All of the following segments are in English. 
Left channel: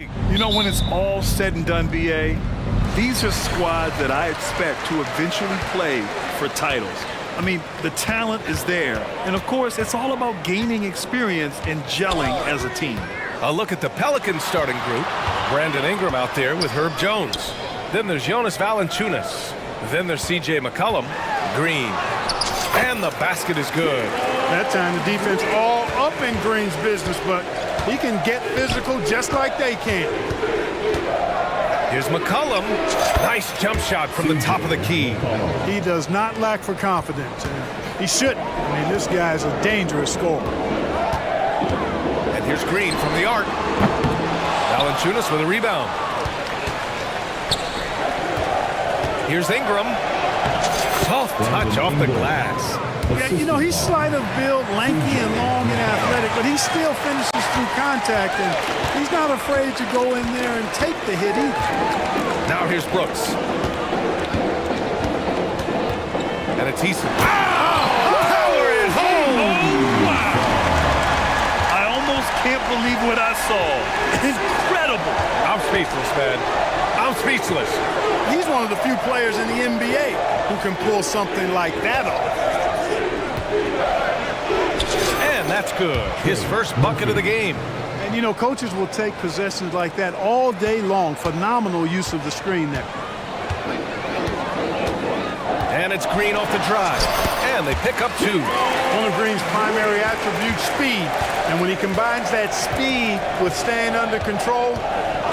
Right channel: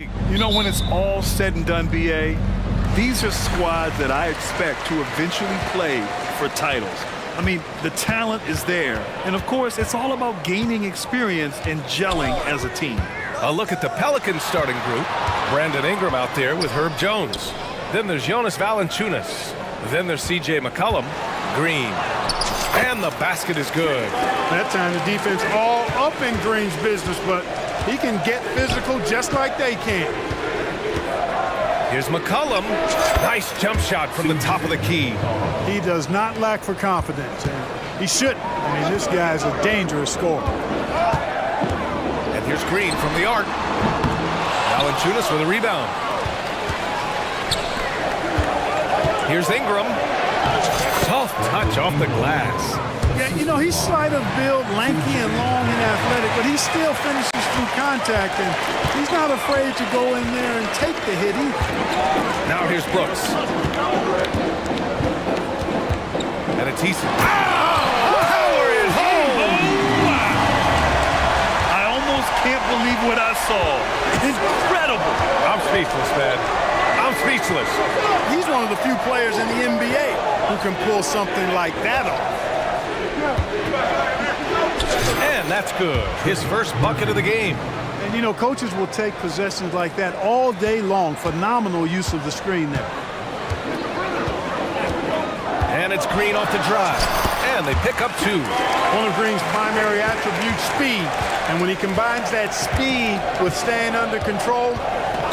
You know, when it's all said and done, BA, these are squads that I expect to eventually play for titles. I mean, the talent is there. And of course, it's all about gaining experience and gelling as a team. A look at the Pelicans starting group. Brandon Ingram out there with Herb Jones. Then there's Jonas Valanciunas. Then there's C.J. McCollum. Green. And the basket is good. That time the defense all up in Green's business, but he can get physical just like they can. Here's McCollum. Nice jump shot from the top of the key. He does not lack for confidence, and he shouldn't. I mean, this guy is a dangerous scorer. And here's Green from the arc. Valanciunas with a rebound. Here's Ingram. Soft touch off the glass. Yeah, you know, he's slight of build, lanky and long and athletic, but he still finishes through contact, and he's not afraid to go in there and take the hit either. Now here's Brooks. And it's Eason. Power it home! Oh, wow! I almost can't believe what I saw. Incredible! I'm speechless, man. I'm speechless. He's one of the few players in the NBA who can pull something like that off. And that's good. His first bucket of the game. And, you know, coaches will take possessions like that all day long. Phenomenal use of the screen there. And it's Green off the drive. And they pick up two. One of Green's primary attributes, speed. And when he combines that speed with staying under control,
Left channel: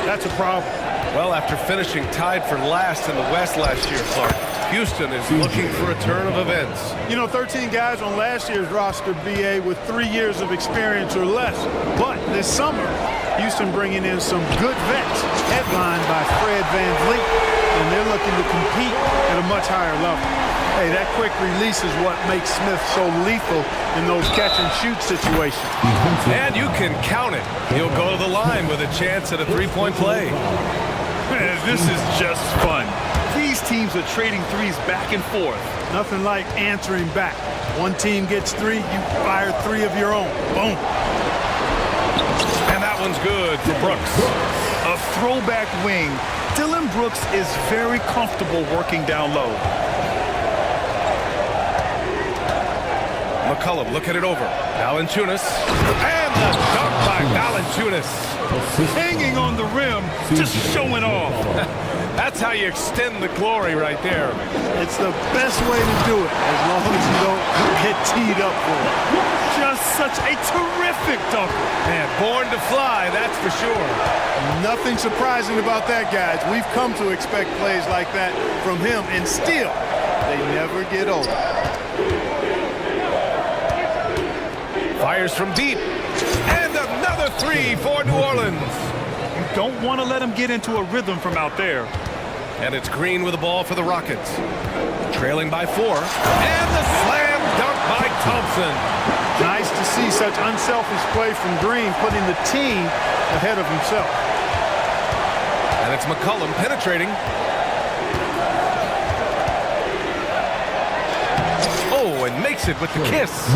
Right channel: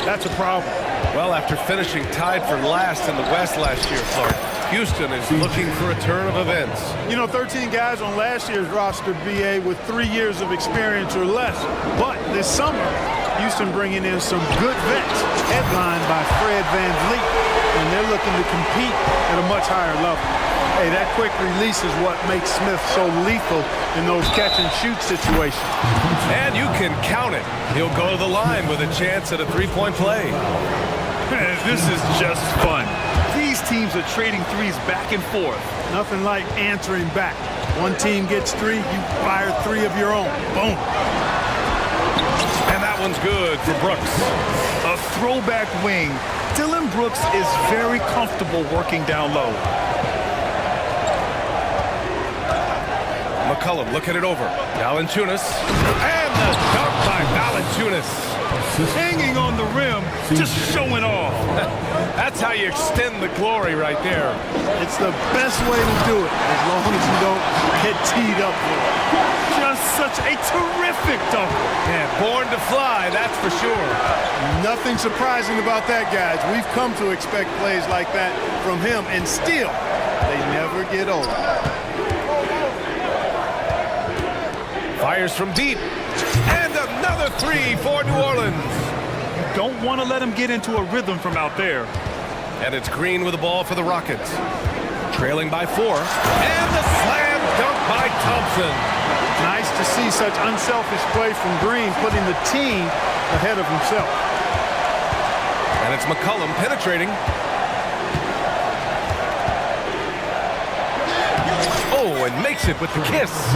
that's a problem. Well, after finishing tied for last in the West last year, Clark, Houston is looking for a turn of events. You know, 13 guys on last year's roster, BA, with 3 years of experience or less. But this summer, Houston bringing in some good vets, headlined by Fred VanVleet, and they're looking to compete at a much higher level. Hey, that quick release is what makes Smith so lethal in those catch-and-shoot situations. And you can count it. He'll go to the line with a chance at a three-point play. This is just fun. These teams are trading threes back and forth. Nothing like answering back. One team gets 3, you fire 3 of your own. Boom. And that one's good for Brooks. A throwback wing. Dillon Brooks is very comfortable working down low. McCollum looking it over. Valanciunas. And the dunk by Valanciunas. Hanging on the rim, just showing off. That's how you extend the glory right there. It's the best way to do it, as long as you don't get teed up for it. Just such a terrific dunker. Man, born to fly, that's for sure. Nothing surprising about that, guys. We've come to expect plays like that from him, and still, they never get old. Fires from deep. And another 3 for New Orleans. You don't want to let him get into a rhythm from out there. And it's Green with the ball for the Rockets. Trailing by 4. And the slam dunk by Thompson. Nice to see such unselfish play from Green, putting the team ahead of himself. And it's McCollum penetrating. Oh, and makes it with the kiss.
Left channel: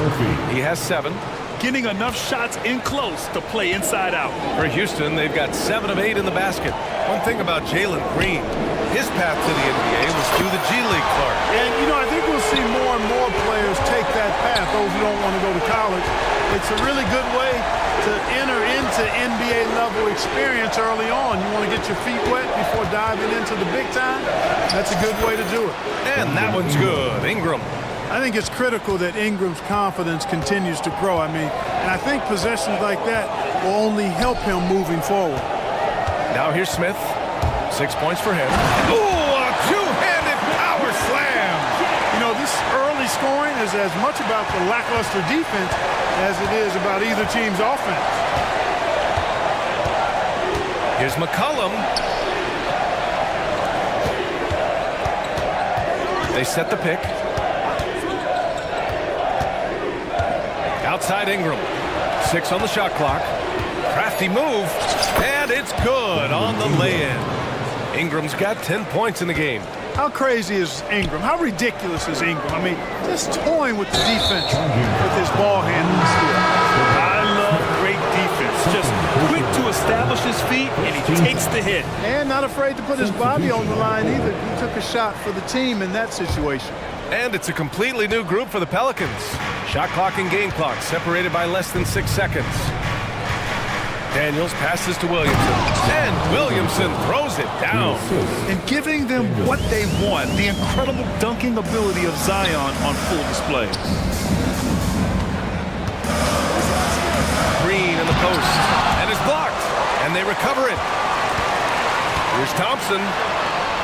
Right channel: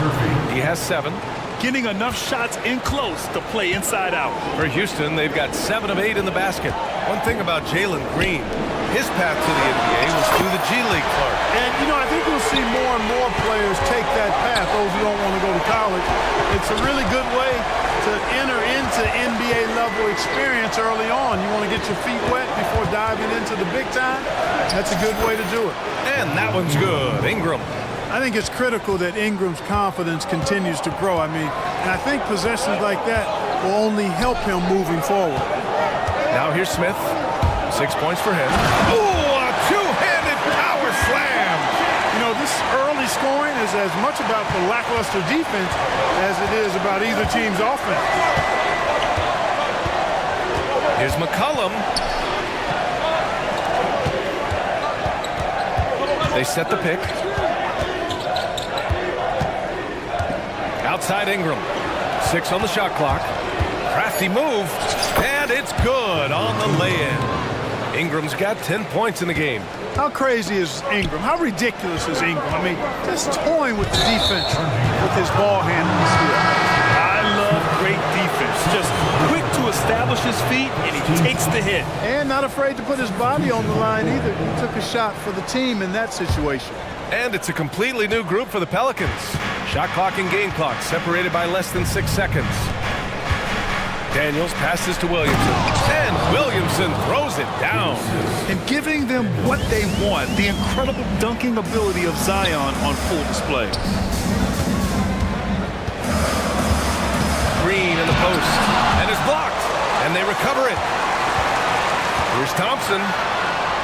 He has 7. Getting enough shots in close to play inside out. For Houston, they've got 7 of 8 in the basket. One thing about Jalen Green, his path to the NBA was through the G League, Clark. And, you know, I think we'll see more and more players take that path, those who don't want to go to college. It's a really good way to enter into NBA-level experience early on. You want to get your feet wet before diving into the big time? That's a good way to do it. And that one's good. Ingram. I think it's critical that Ingram's confidence continues to grow. I mean, and I think possessions like that will only help him moving forward. Now here's Smith. 6 points for him. Ooh, a two-handed power slam. You know, this early scoring is as much about the lackluster defense as it is about either team's offense. Here's McCollum. They set the pick. Outside Ingram. 6 on the shot clock. Crafty move. And it's good on the lay-in. Ingram's got 10 points in the game. How crazy is Ingram? How ridiculous is Ingram? I mean, just toying with the defense with his ball handling skill. I love all great defense. Just quick to establish his feet, and he takes the hit. And not afraid to put his body on the line either. He took a shot for the team in that situation. And it's a completely new group for the Pelicans. Shot clock and game clock separated by less than 6 seconds. Daniels passes to Williamson, and Williamson throws it down. And giving them what they want, the incredible dunking ability of Zion on full display. Green in the post, and is blocked, and they recover it. Here's Thompson,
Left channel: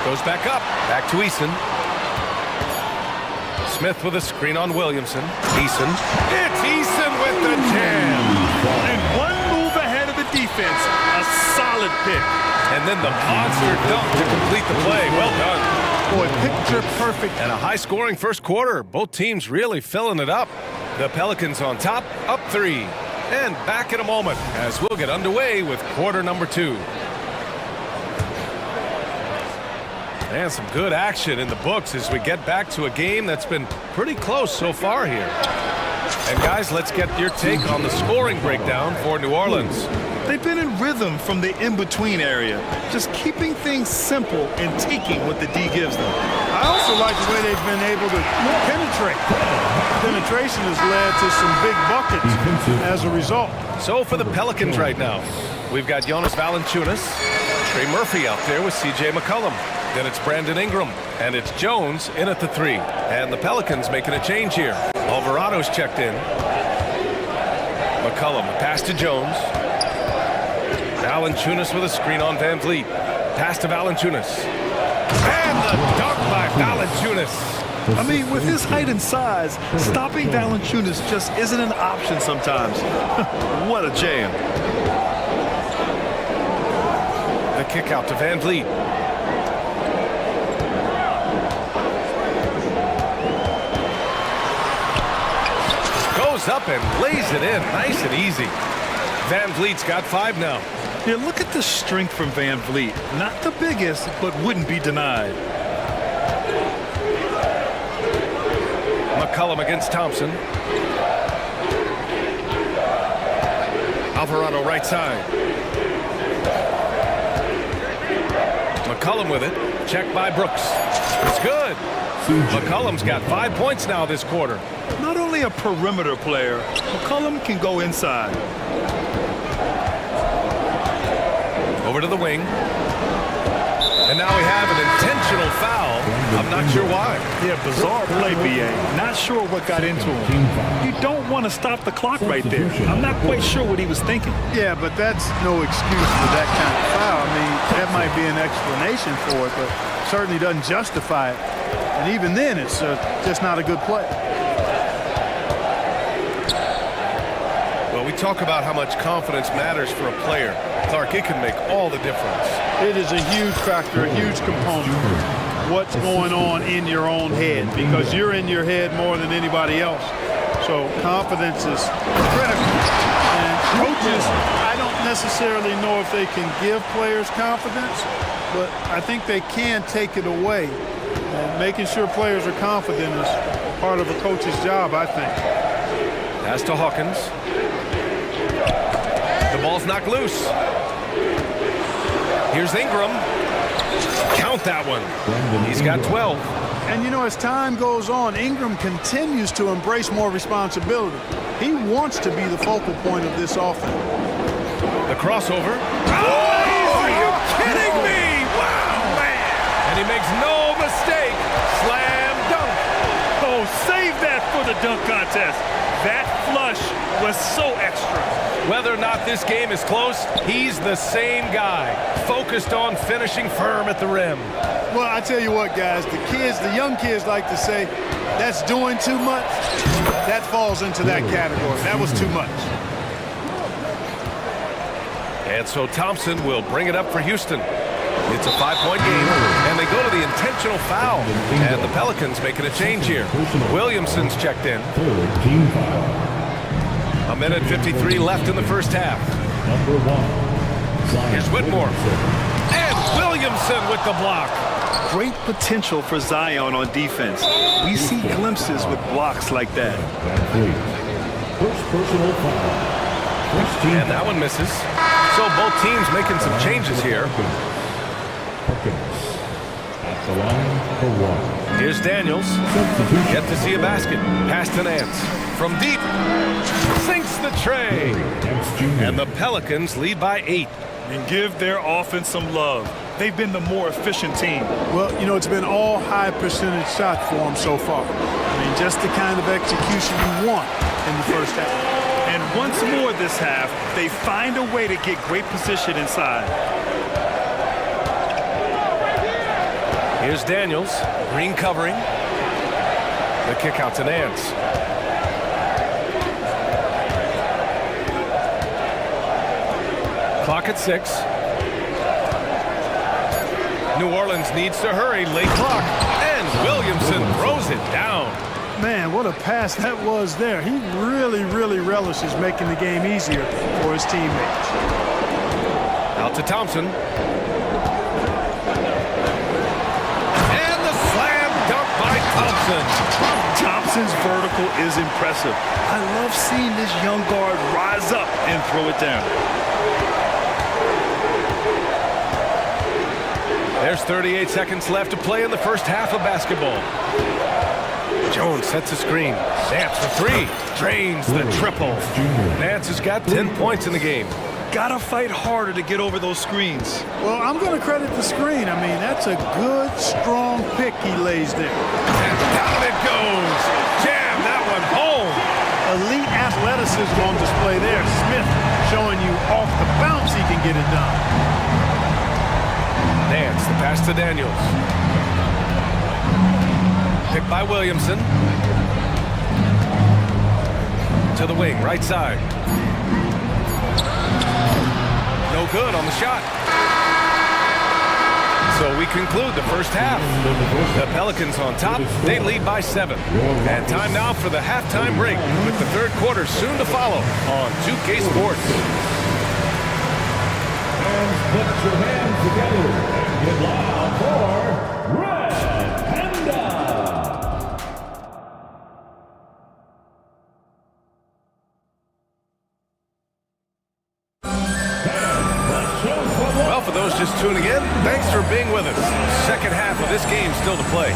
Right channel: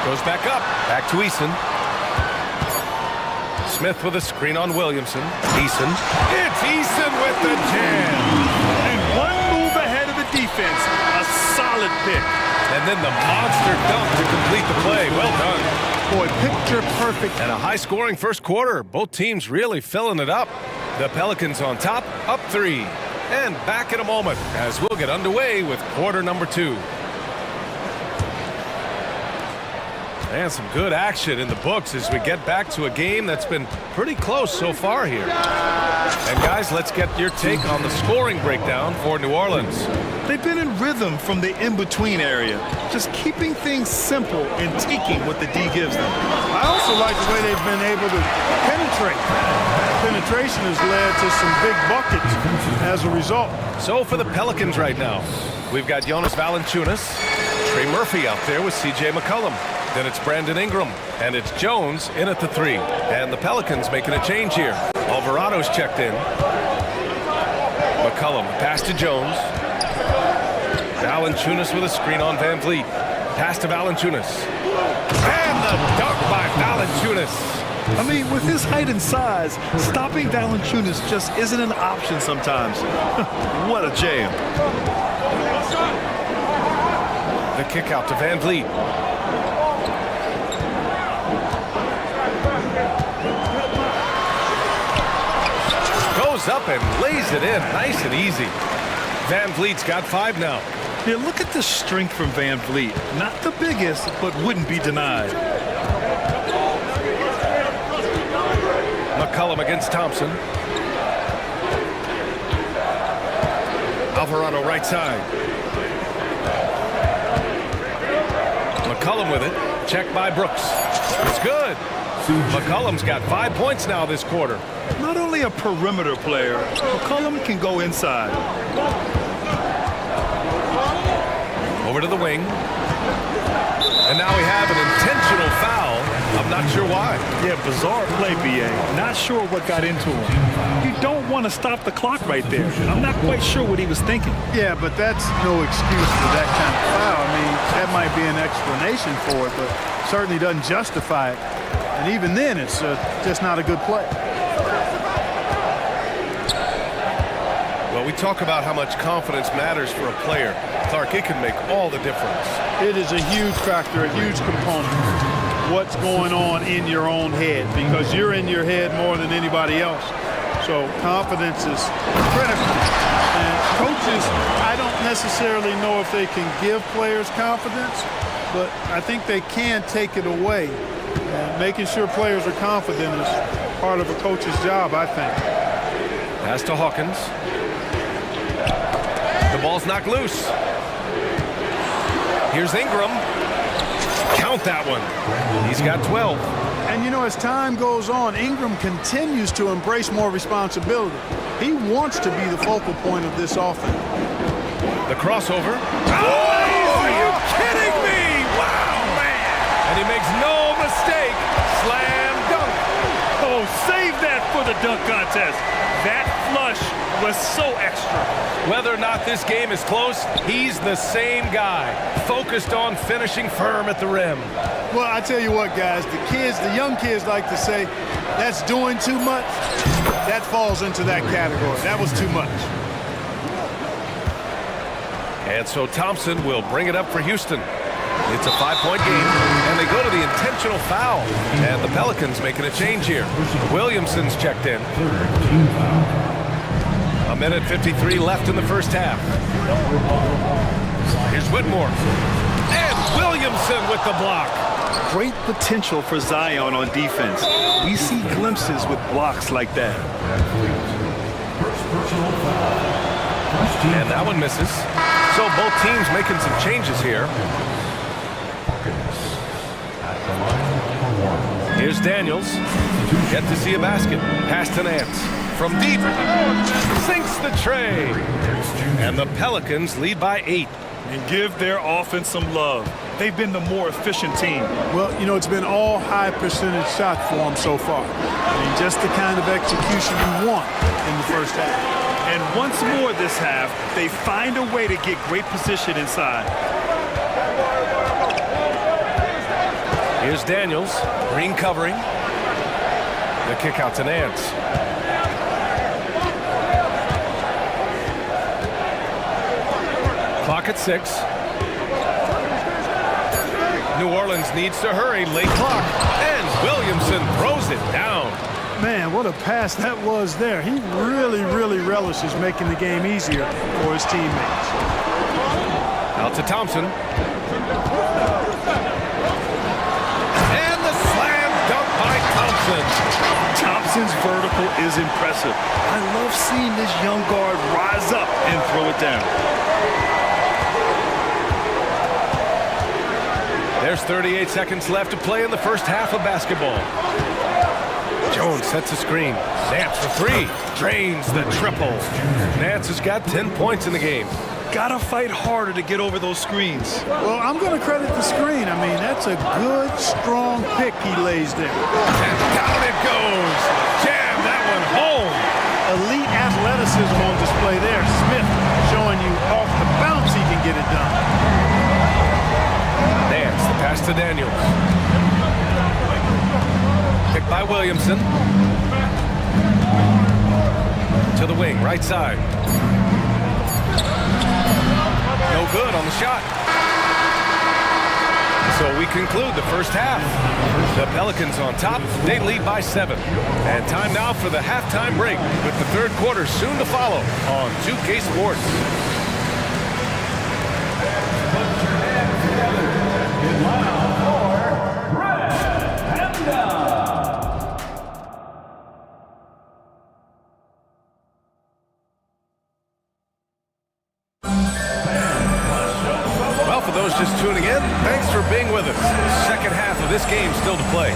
goes back up, back to Eason. Smith with a screen on Williamson. Eason. It's Eason with the jam. And one move ahead of the defense, a solid pick. And then the monster dunk to complete the play. Well done. Boy, picture perfect. And a high-scoring first quarter. Both teams really filling it up. The Pelicans on top, up 3. And back in a moment as we'll get underway with quarter number 2. And some good action in the books as we get back to a game that's been pretty close so far here. And guys, let's get your take on the scoring breakdown for New Orleans. They've been in rhythm from the in-between area, just keeping things simple and taking what the D gives them. I also like the way they've been able to penetrate. Penetration has led to some big buckets as a result. So for the Pelicans right now, we've got Jonas Valanciunas, Trey Murphy out there with C.J. McCollum. Then it's Brandon Ingram, and it's Jones in at the 3. And the Pelicans making a change here. Alvarado's checked in. McCollum, pass to Jones. Valanciunas with a screen on Van Vliet. Pass to Valanciunas. And the dunk by Valanciunas. I mean, with his height and size, stopping Valanciunas just isn't an option sometimes. What a jam. The kick out to Van Vliet. Goes up and lays it in, nice and easy. Van Vliet's got 5 now. Yeah, look at the strength from Van Vliet. Not the biggest, but wouldn't be denied. McCollum against Thompson. Alvarado right side. McCollum with it. Checked by Brooks. It's good. McCollum's got 5 points now this quarter. Not only a perimeter player, McCollum can go inside. Over to the wing. And now we have an intentional foul. I'm not sure why. Yeah, bizarre play, B.A. Not sure what got into him. You don't want to stop the clock right there. I'm not quite sure what he was thinking. Yeah, but that's no excuse for that kind of foul. I mean, that might be an explanation for it, but certainly doesn't justify it. And even then, it's just not a good play. Well, we talk about how much confidence matters for a player. Clark, it can make all the difference. It is a huge factor, a huge component. What's going on in your own head, because you're in your head more than anybody else. So confidence is critical. And coaches, I don't necessarily know if they can give players confidence, but I think they can take it away. And making sure players are confident is part of a coach's job, I think. Pass to Hawkins. The ball's knocked loose. Here's Ingram. Count that one. He's got 12. And you know, as time goes on, Ingram continues to embrace more responsibility. He wants to be the focal point of this offense. The crossover. Oh, are you kidding me? Wow, man. And he makes no mistake. Slam dunk. Oh, save that for the dunk contest. That flush was so extra. Whether or not this game is close, he's the same guy, focused on finishing firm at the rim. Well, I tell you what, guys, the young kids like to say, that's doing too much. That falls into that category. That was too much. And so Thompson will bring it up for Houston. It's a 5-point game, and they go to the intentional foul. And the Pelicans making a change here. Williamson's checked in. A minute 53 left in the first half. Here's Whitmore. And Williamson with the block. Great potential for Zion on defense. We see glimpses with blocks like that. First personal foul. And that one misses. So both teams making some changes here. At the line for one. Here's Daniels. Yet to see a basket. Pass to Nance. From deep. Sinks the tray. And the Pelicans lead by 8. And give their offense some love. They've been the more efficient team. Well, you know, it's been all high percentage shot for them so far. I mean, just the kind of execution you want in the first half. And once more this half, they find a way to get great position inside. Here's Daniels. Green covering. The kick out to Nance. Clock at 6. New Orleans needs to hurry. Late clock. And Williamson throws it down. Man, what a pass that was there. He really relishes making the game easier for his teammates. Out to Thompson. And the slam dunk by Thompson. Thompson's vertical is impressive. I love seeing this young guard rise up and throw it down. There's 38 seconds left to play in the first half of basketball. Jones sets a screen. Nance for 3. Drains the triple. Nance has got 10 points in the game. Gotta fight harder to get over those screens. Well, I'm going to credit the screen. I mean, that's a good, strong pick he lays there. And down it goes. Jam that one home. Elite athleticism on display there. Smith showing you off the bounce he can get it done. Nance, the pass to Daniels. Picked by Williamson. To the wing, right side. No good on the shot. So we conclude the first half. The Pelicans on top. They lead by 7. And time now for the halftime break, with the third quarter soon to follow on 2K Sports. Put your hands together. Get loud for Red Panda. Well, for those just tuning in, thanks for being with us. Second half of this game still to play.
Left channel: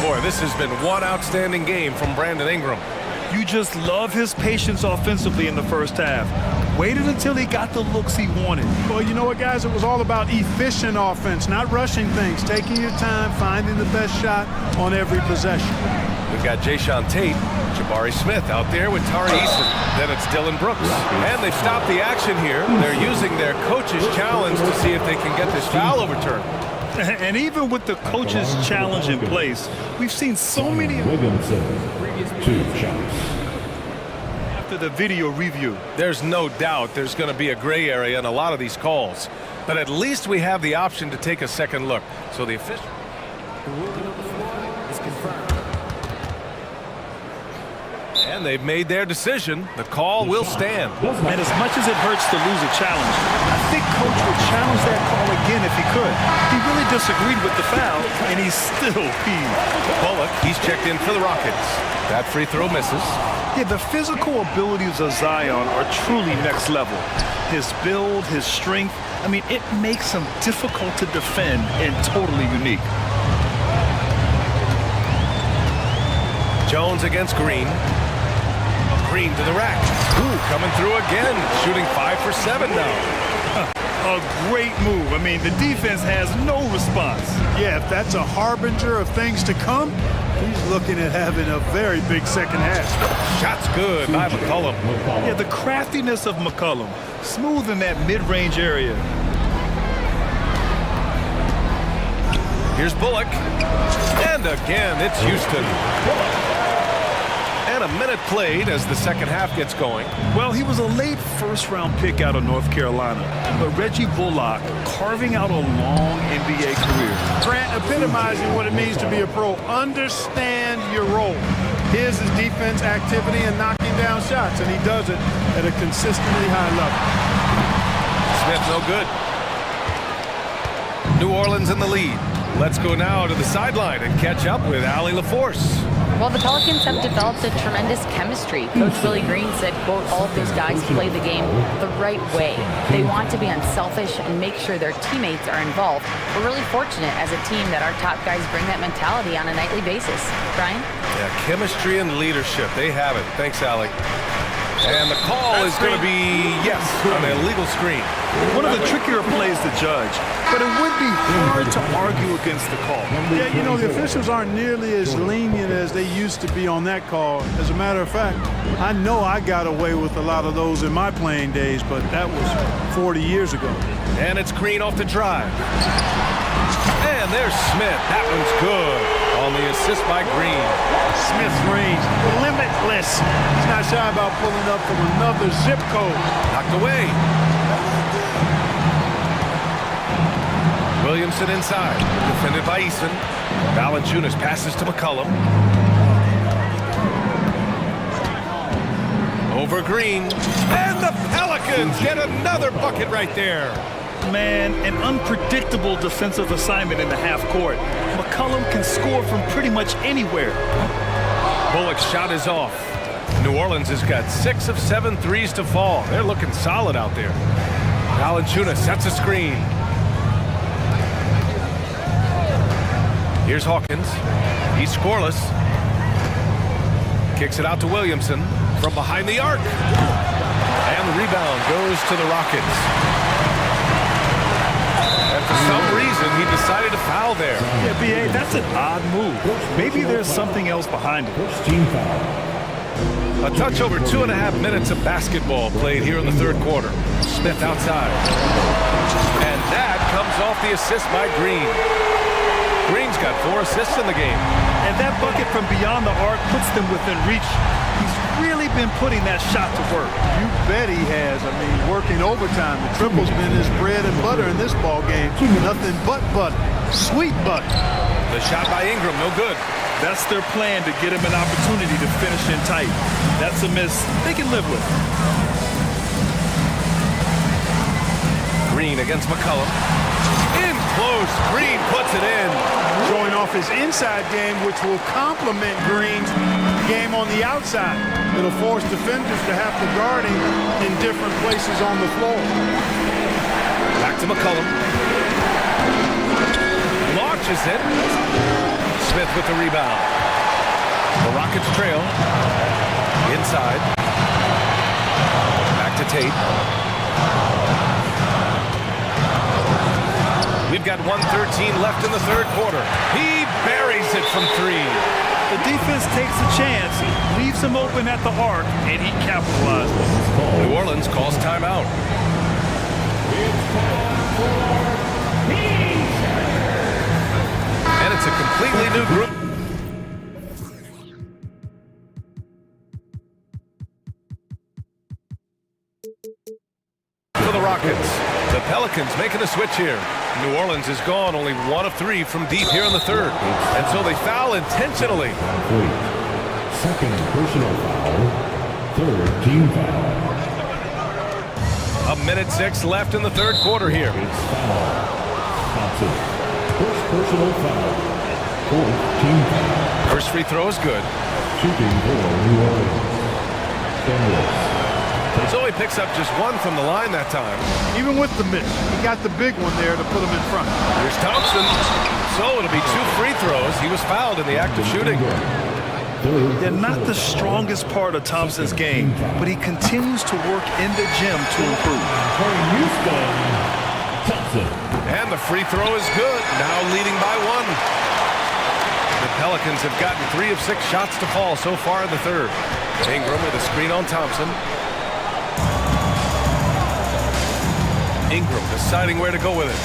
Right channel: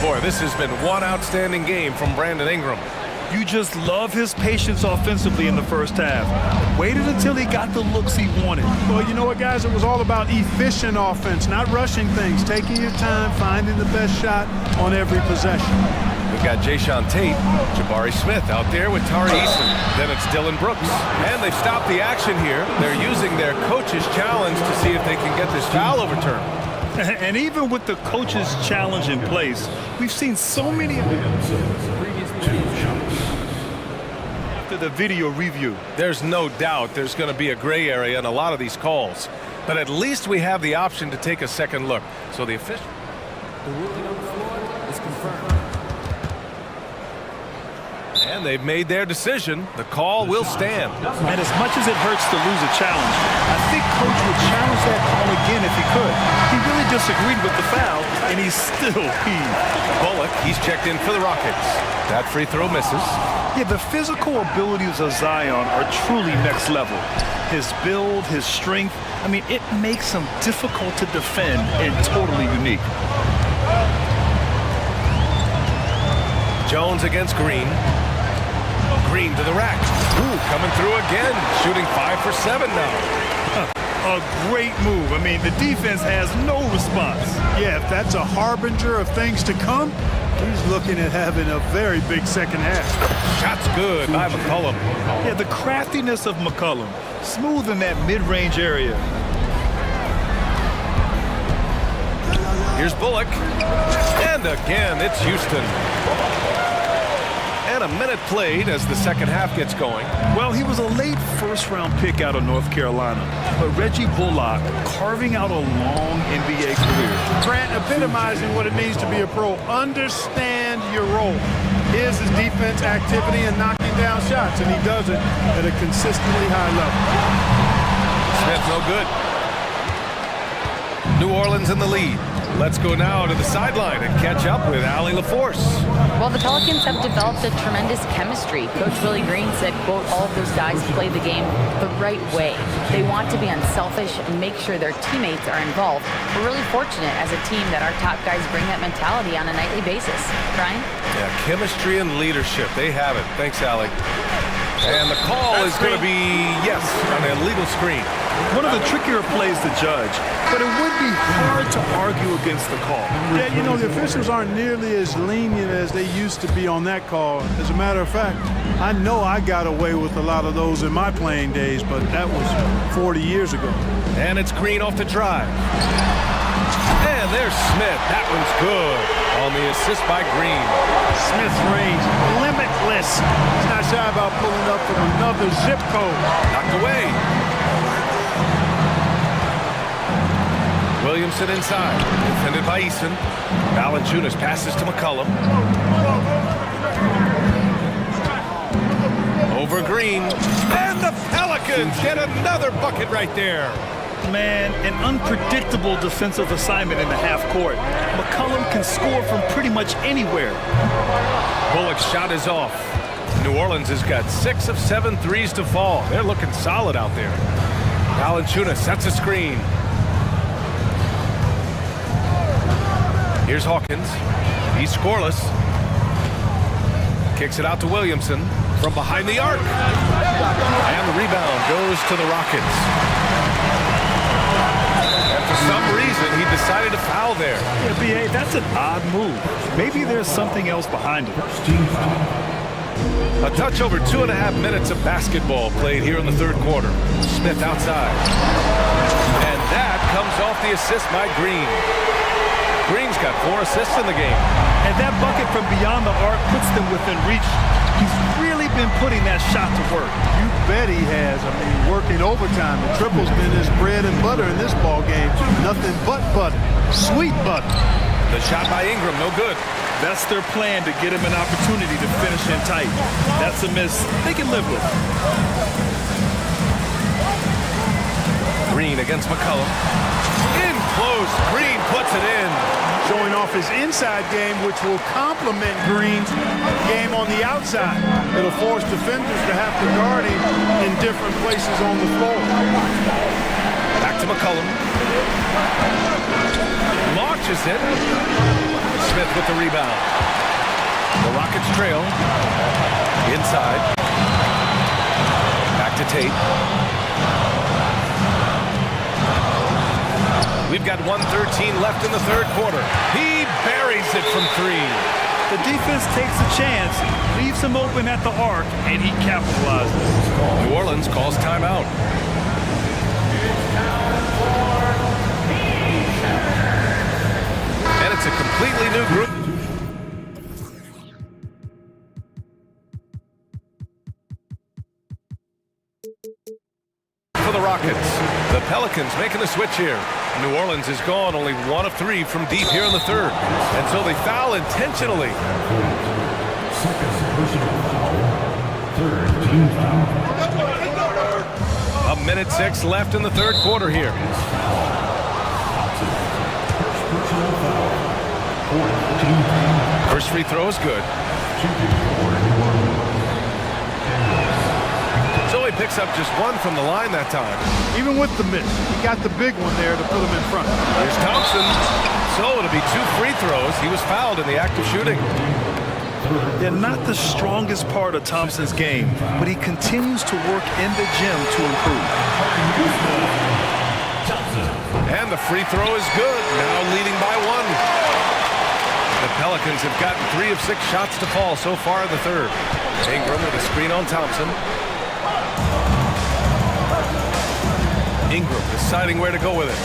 Boy, this has been one outstanding game from Brandon Ingram. You just love his patience offensively in the first half. Waited until he got the looks he wanted. Well, you know what, guys? It was all about efficient offense, not rushing things, taking your time, finding the best shot on every possession. We've got Jayshawn Tate, Jabari Smith out there with Tari Eason. Then it's Dylan Brooks. And they've stopped the action here. They're using their coach's challenge to see if they can get this foul overturned. And even with the coach's challenge in place, we've seen so many Williamson, 2 shots. after the video review. There's no doubt there's going to be a gray area in a lot of these calls. But at least we have the option to take a second look. So the official... The ruling on the floor is confirmed. And they've made their decision. The call will stand. And as much as it hurts to lose a challenge, I think Coach would challenge that call again if he could. He really disagreed with the foul, and he's still peeved. Bullock, he's checked in for the Rockets. That free throw misses. Yeah, the physical abilities of Zion are truly next level. His build, his strength, I mean, it makes him difficult to defend and totally unique. Jones against Green. Green to the rack. Ooh, coming through again. Shooting 5 for 7 now. A great move. I mean, the defense has no response. Yeah, if that's a harbinger of things to come, he's looking at having a very big second half. Shot's good by McCollum. Yeah, the craftiness of McCollum. Smooth in that mid-range area. Here's Bullock. And again, it's Houston. And a minute played as the second half gets going. Well, he was a late first-round pick out of North Carolina. But Reggie Bullock carving out a long NBA career. Grant epitomizing what it means to be a pro. Understand your role. His is defense activity and knocking down shots, and he does it at a consistently high level. Smith no good. New Orleans in the lead. Let's go now to the sideline and catch up with Allie LaForce. Well, the Pelicans have developed a tremendous chemistry. Coach Willie Green said, quote, all of those guys play the game the right way. They want to be unselfish and make sure their teammates are involved. We're really fortunate as a team that our top guys bring that mentality on a nightly basis. Brian? Yeah, chemistry and leadership. They have it. Thanks, Allie. And the call is going to be, yes, on an illegal screen. One of the trickier plays to judge, but it would be hard to argue against the call. Yeah, you know, the officials aren't nearly as lenient as they used to be on that call. As a matter of fact, I know I got away with a lot of those in my playing days, but that was 40 years ago. And it's Green off the drive. And there's Smith. That one's good on the assist by Green. Smith's range, limitless. He's not shy about pulling up from another zip code. Knocked away. Williamson inside, defended by Eason. Valanciunas passes to McCollum. Over Green. And the Pelicans get another bucket right there. Man, an unpredictable defensive assignment in the half court. McCollum can score from pretty much anywhere. Bullock's shot is off. New Orleans has got 6 of 7 threes to fall. They're looking solid out there. Valanciunas sets a screen. Here's Hawkins. He's scoreless. Kicks it out to Williamson from behind the arc. And the rebound goes to the Rockets. And for some reason, he decided to foul there. Yeah, B.A., that's an odd move. Maybe there's something else behind it. First team foul. A touch over 2.5 minutes of basketball played here in the third quarter. Smith outside. And that comes off the assist by Green. Green's got 4 assists in the game. And that bucket from beyond the arc puts them within reach. He's really been putting that shot to work. You bet he has. I mean, working overtime. The triple's been his bread and butter in this ball game. Nothing but butter. Sweet butter. The shot by Ingram, no good. That's their plan, to get him an opportunity to finish in tight. That's a miss they can live with. Green against McCollum. In close, Green puts it in. Showing off his inside game, which will complement Green's game on the outside. It'll force defenders to have to guard him in different places on the floor. Back to McCollum. Launches it. Smith with the rebound. The Rockets trail. Inside. Back to Tate. We've got 1:13 left in the third quarter. He buries it from 3. The defense takes a chance, leaves him open at the arc, and he capitalizes. New Orleans calls timeout. And it's a completely new group. For the Rockets, the Pelicans making a switch here. New Orleans is gone, only 1 of 3 from deep here in the third. And so they foul intentionally. Complete. Second personal foul. Third team foul. 1:06 left in the third quarter here. It's foul. Thompson. First personal foul. Fourth team foul. First free throw is good. Shooting for New Orleans. Daniels. So he picks up just 1 from the line that time. Even with the miss, he got the big one there to put him in front. Here's Thompson. So it'll be 2 free throws. He was fouled in the act of shooting. They're not the strongest part of Thompson's game, but he continues to work in the gym to improve. And the free throw is good. Now leading by 1. The Pelicans have gotten 3 of 6 shots to fall so far in the third. Ingram with a screen on Thompson. Ingram deciding where to go with it.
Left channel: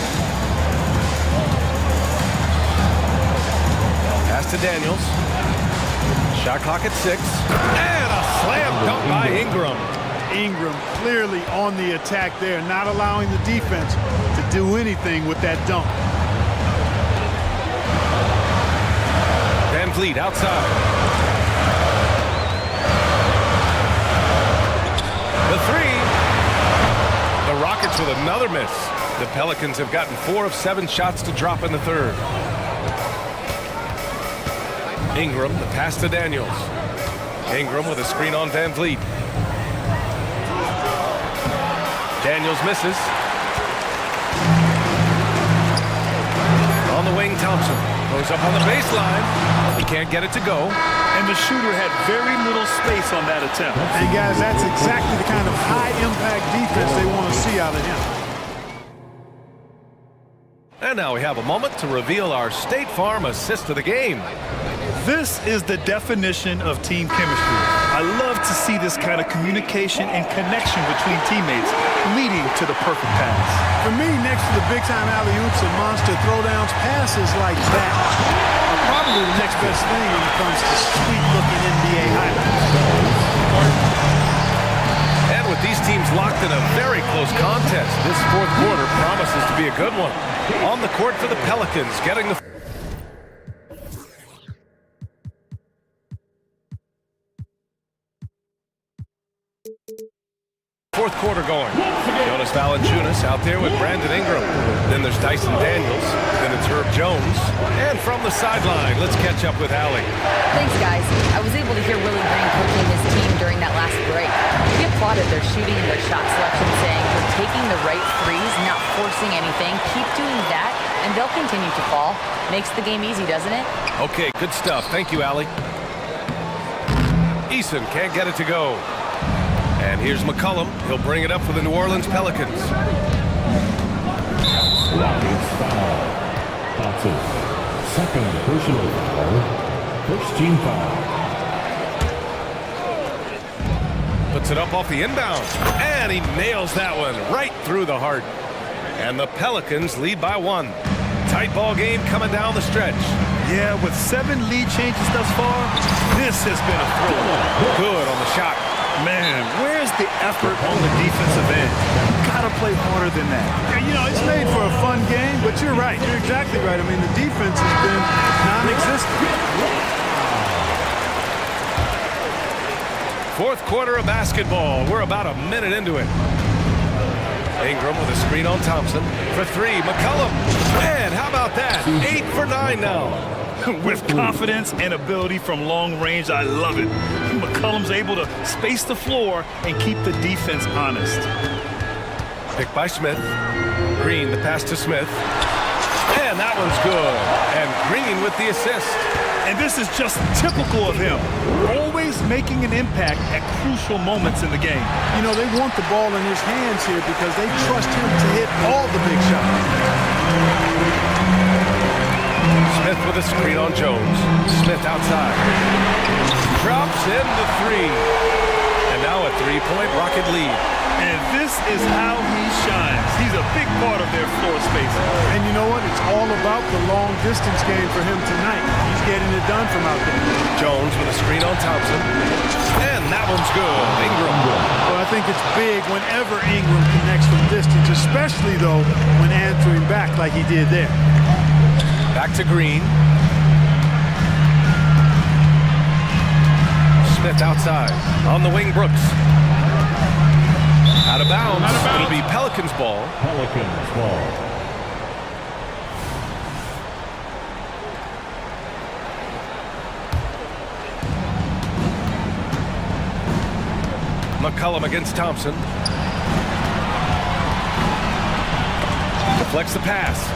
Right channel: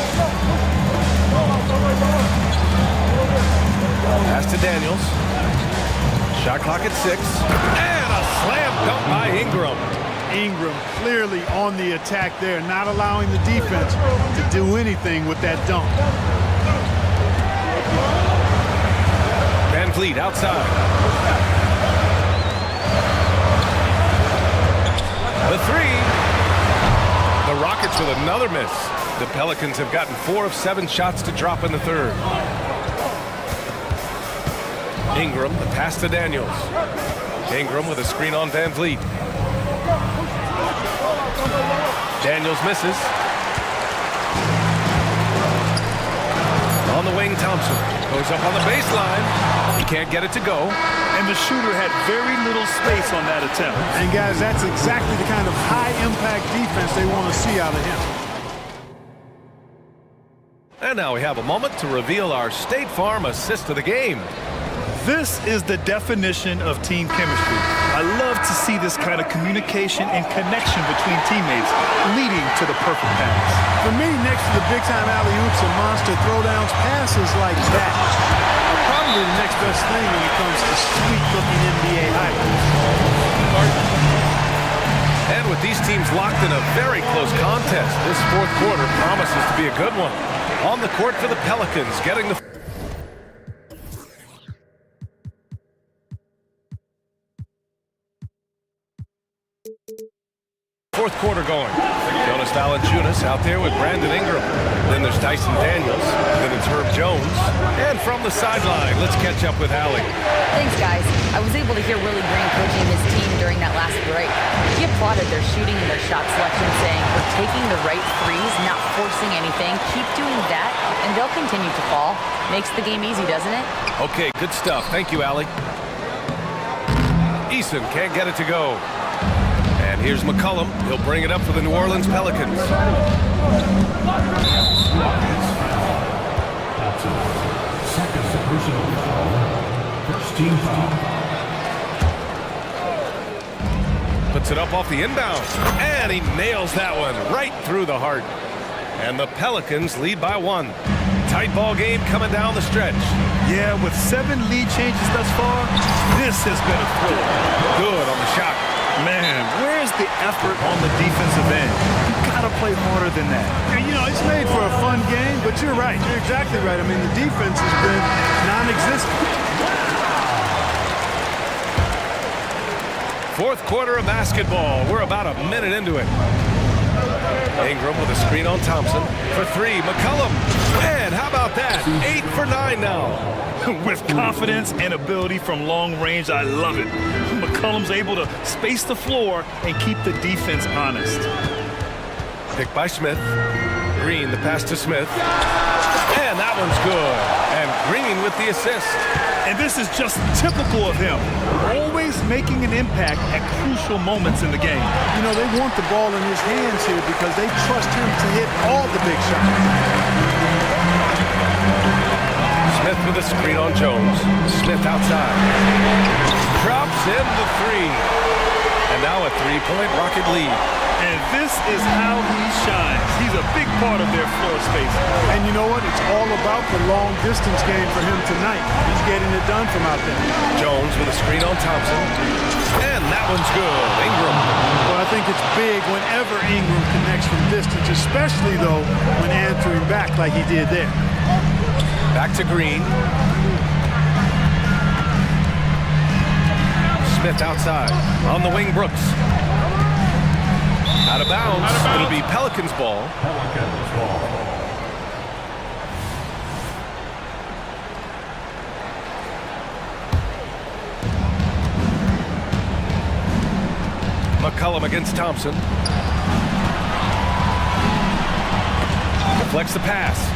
Pass to Daniels. Shot clock at 6. And a slam dunk by Ingram. Ingram clearly on the attack there, not allowing the defense to do anything with that dunk. Van Vliet outside. The 3. The Rockets with another miss. The Pelicans have gotten 4 of 7 shots to drop in the third. Ingram, the pass to Daniels. Ingram with a screen on Van Vliet. Daniels misses. On the wing, Thompson goes up on the baseline. He can't get it to go. And the shooter had very little space on that attempt. And guys, that's exactly the kind of high-impact defense they want to see out of him. And now we have a moment to reveal our State Farm assist of the game. This is the definition of team chemistry. I love to see this kind of communication and connection between teammates leading to the perfect pass. For me, next to the big-time alley-oops and monster throwdowns, passes like that are probably the next best thing when it comes to sweet-looking NBA highlights. And with these teams locked in a very close contest, this fourth quarter promises to be a good one. On the court for the Pelicans, getting the... fourth quarter going. Jonas Valanciunas out there with Brandon Ingram. Then there's Dyson Daniels. Then it's Herb Jones. And from the sideline, let's catch up with Allie. Thanks, guys. I was able to hear Willie Green coaching his team during that last break. He applauded their shooting and their shot selection, saying, "We're taking the right threes, not forcing anything. Keep doing that, and they'll continue to fall." Makes the game easy, doesn't it? Okay, good stuff. Thank you, Allie. Eason can't get it to go. And here's McCollum. He'll bring it up for the New Orleans Pelicans. Rockets foul. Thompson. Second personal foul. First team foul. Puts it up off the inbound. And he nails that one right through the heart. And the Pelicans lead by 1. Tight ball game coming down the stretch. Yeah, with 7 lead changes thus far, this has been a thriller. Good on the shot. Man, where's the effort on the defensive end? You gotta play harder than that. You know, it's made for a fun game, but you're right. You're exactly right. I mean, the defense has been non-existent. Fourth quarter of basketball. We're about a minute into it. Ingram with a screen on Thompson. For 3, McCollum. And how about that? 8 for 9 now. With confidence and ability from long range, I love it. McCollum's able to space the floor and keep the defense honest. Picked by Smith. Green, the pass to Smith. And that one's good. And Green with the assist. And this is just typical of him. Always making an impact at crucial moments in the game. You know, they want the ball in his hands here because they trust him to hit all the big shots. Smith with a screen on Jones. Smith outside. Drops in the 3. And now a 3-point Rocket lead. And this is how he shines. He's a big part of their floor space. And you know what? It's all about the long distance game for him tonight. He's getting it done from out there. Jones with a screen on Thompson. And that one's good. Ingram. Well, I think it's big whenever Ingram connects from distance, especially, though, when answering back like he did there. Back to Green. Smith outside. On the wing, Brooks. Out of bounds. It'll be Pelicans ball. Pelicans ball. McCollum against Thompson. Deflects the pass.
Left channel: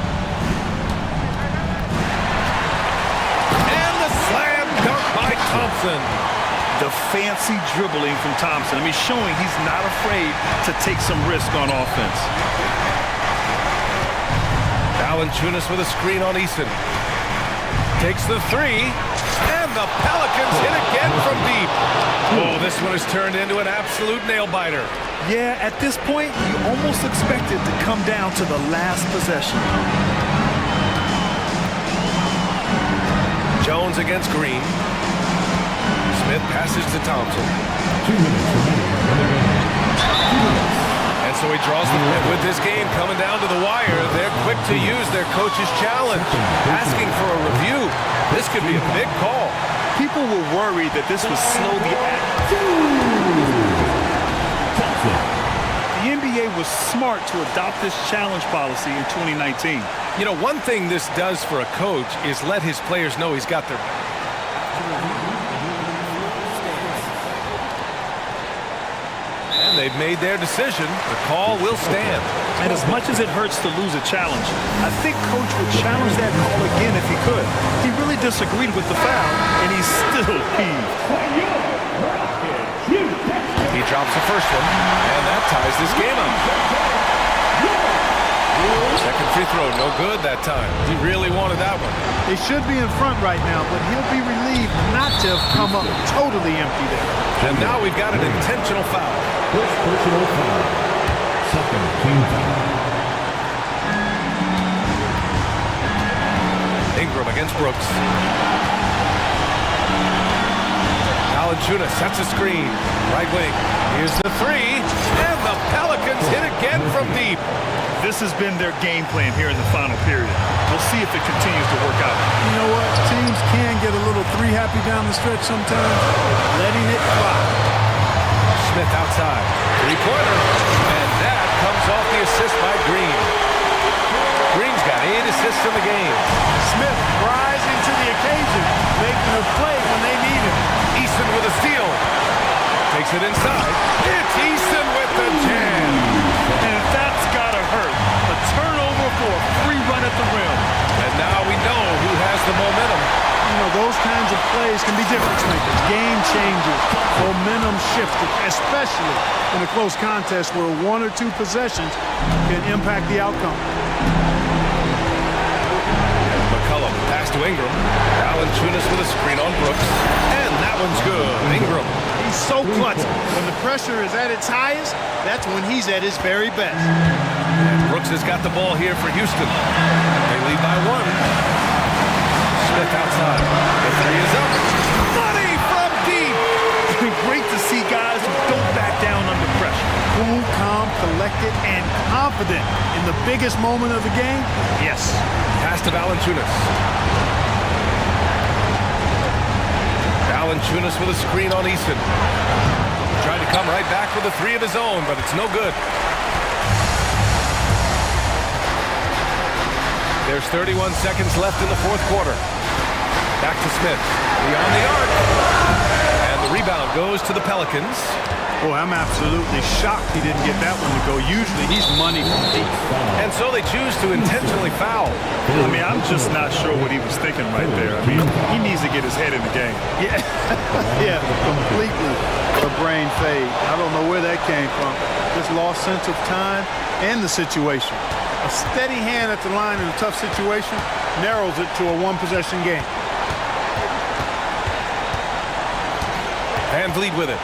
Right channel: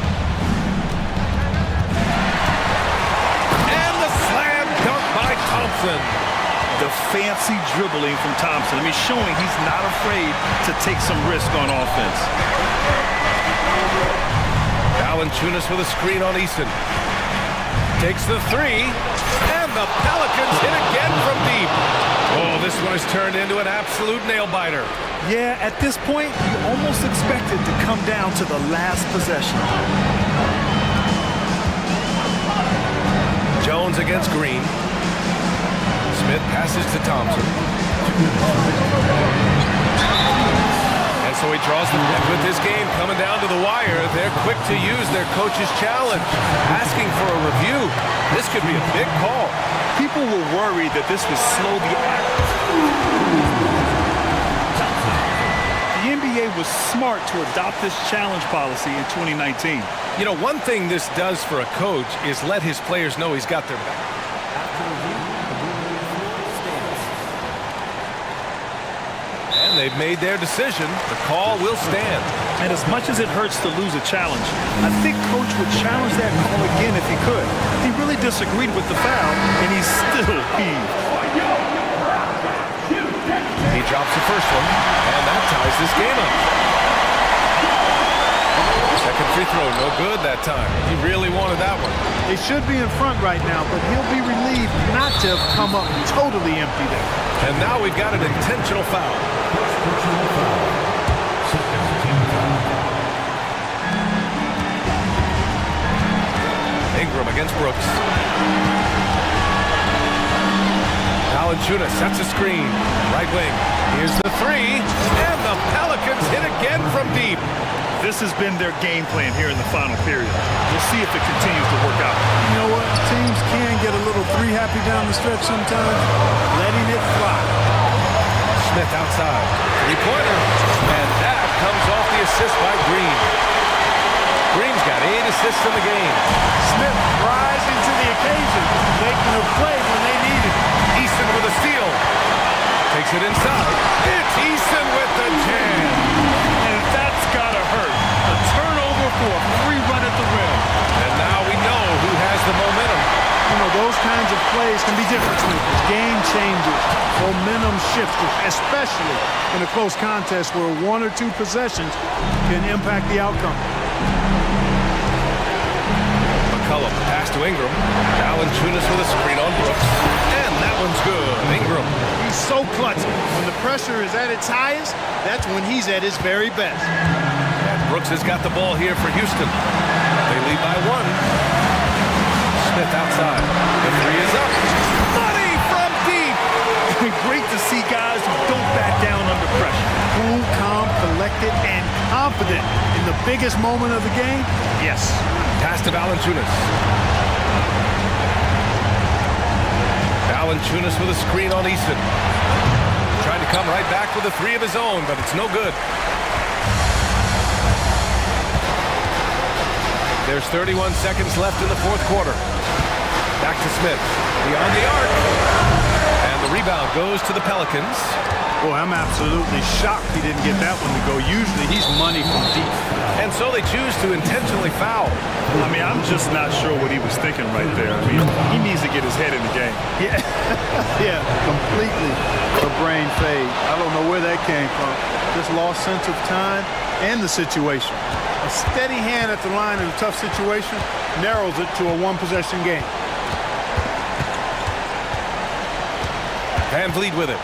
And the slam dunk by Thompson. The fancy dribbling from Thompson. I mean, showing he's not afraid to take some risk on offense. Valanciunas with a screen on Eason. Takes the 3. And the Pelicans hit again from deep. Oh, this one has turned into an absolute nail-biter. Yeah, at this point, you almost expect it to come down to the last possession. Jones against Green. Smith passes to Thompson. And so he draws the... And with this game coming down to the wire, they're quick to use their coach's challenge. Asking for a review. This could be a big call. People were worried that this would slow the The NBA was smart to adopt this challenge policy in 2019. You know, one thing this does for a coach is let his players know he's got their back. After review, the ruling on the floor stands. And they've made their decision. The call will stand. And as much as it hurts to lose a challenge, I think Coach would challenge that call again if he could. He really disagreed with the foul, and he's still peeved. He drops the first one, and that ties this game up. Second free throw, no good that time. He really wanted that one. They should be in front right now, but he'll be relieved not to have come up totally empty there. And now we've got an intentional foul. First personal foul. Second team foul. Ingram against Brooks. Valanciunas sets a screen. Right wing. Here's the three. And the Pelicans hit again from deep. This has been their game plan here in the final period. We'll see if it continues to work out. You know what? Teams can get a little three-happy down the stretch sometimes. Letting it fly. Smith outside. Three-pointer. And that comes off the assist by Green. Green's got 8 assists in the game. Smith rising to the occasion, making a play when they needed it. Easton with a steal. Takes it inside. It's Easton with the jam. And that's gotta hurt. A turnover for a free run at the rim. And now we know who has the momentum. You know, those kinds of plays can be difference makers, game changers, momentum shifters, especially in a close contest where 1 or 2 possessions can impact the outcome. McCollum, pass to Ingram. Valanciunas with a screen on Brooks. And that one's good. Ingram. He's so clutch. When the pressure is at its highest, that's when he's at his very best. And Brooks has got the ball here for Houston. They lead by 1. Smith outside. The three is up. Money from deep. Great to see guys who don't back down under pressure. Cool, calm, collected, and confident in the biggest moment of the game. Yes. Pass to Valanciunas. Valanciunas with a screen on Easton. Tried to come right back with a three of his own, but it's no good. There's 31 seconds left in the fourth quarter. Back to Smith. Beyond the arc. And the rebound goes to the Pelicans. Boy, I'm absolutely shocked he didn't get that one to go. Usually he's money from deep. And so they choose to intentionally foul. I mean, I'm just not sure what he was thinking right there. I mean, he needs to get his head in the game. Yeah, yeah, completely a brain fade. I don't know where that came from. Just lost sense of time and the situation. A steady hand at the line in a tough situation narrows it to a one-possession game. Van Vliet with it.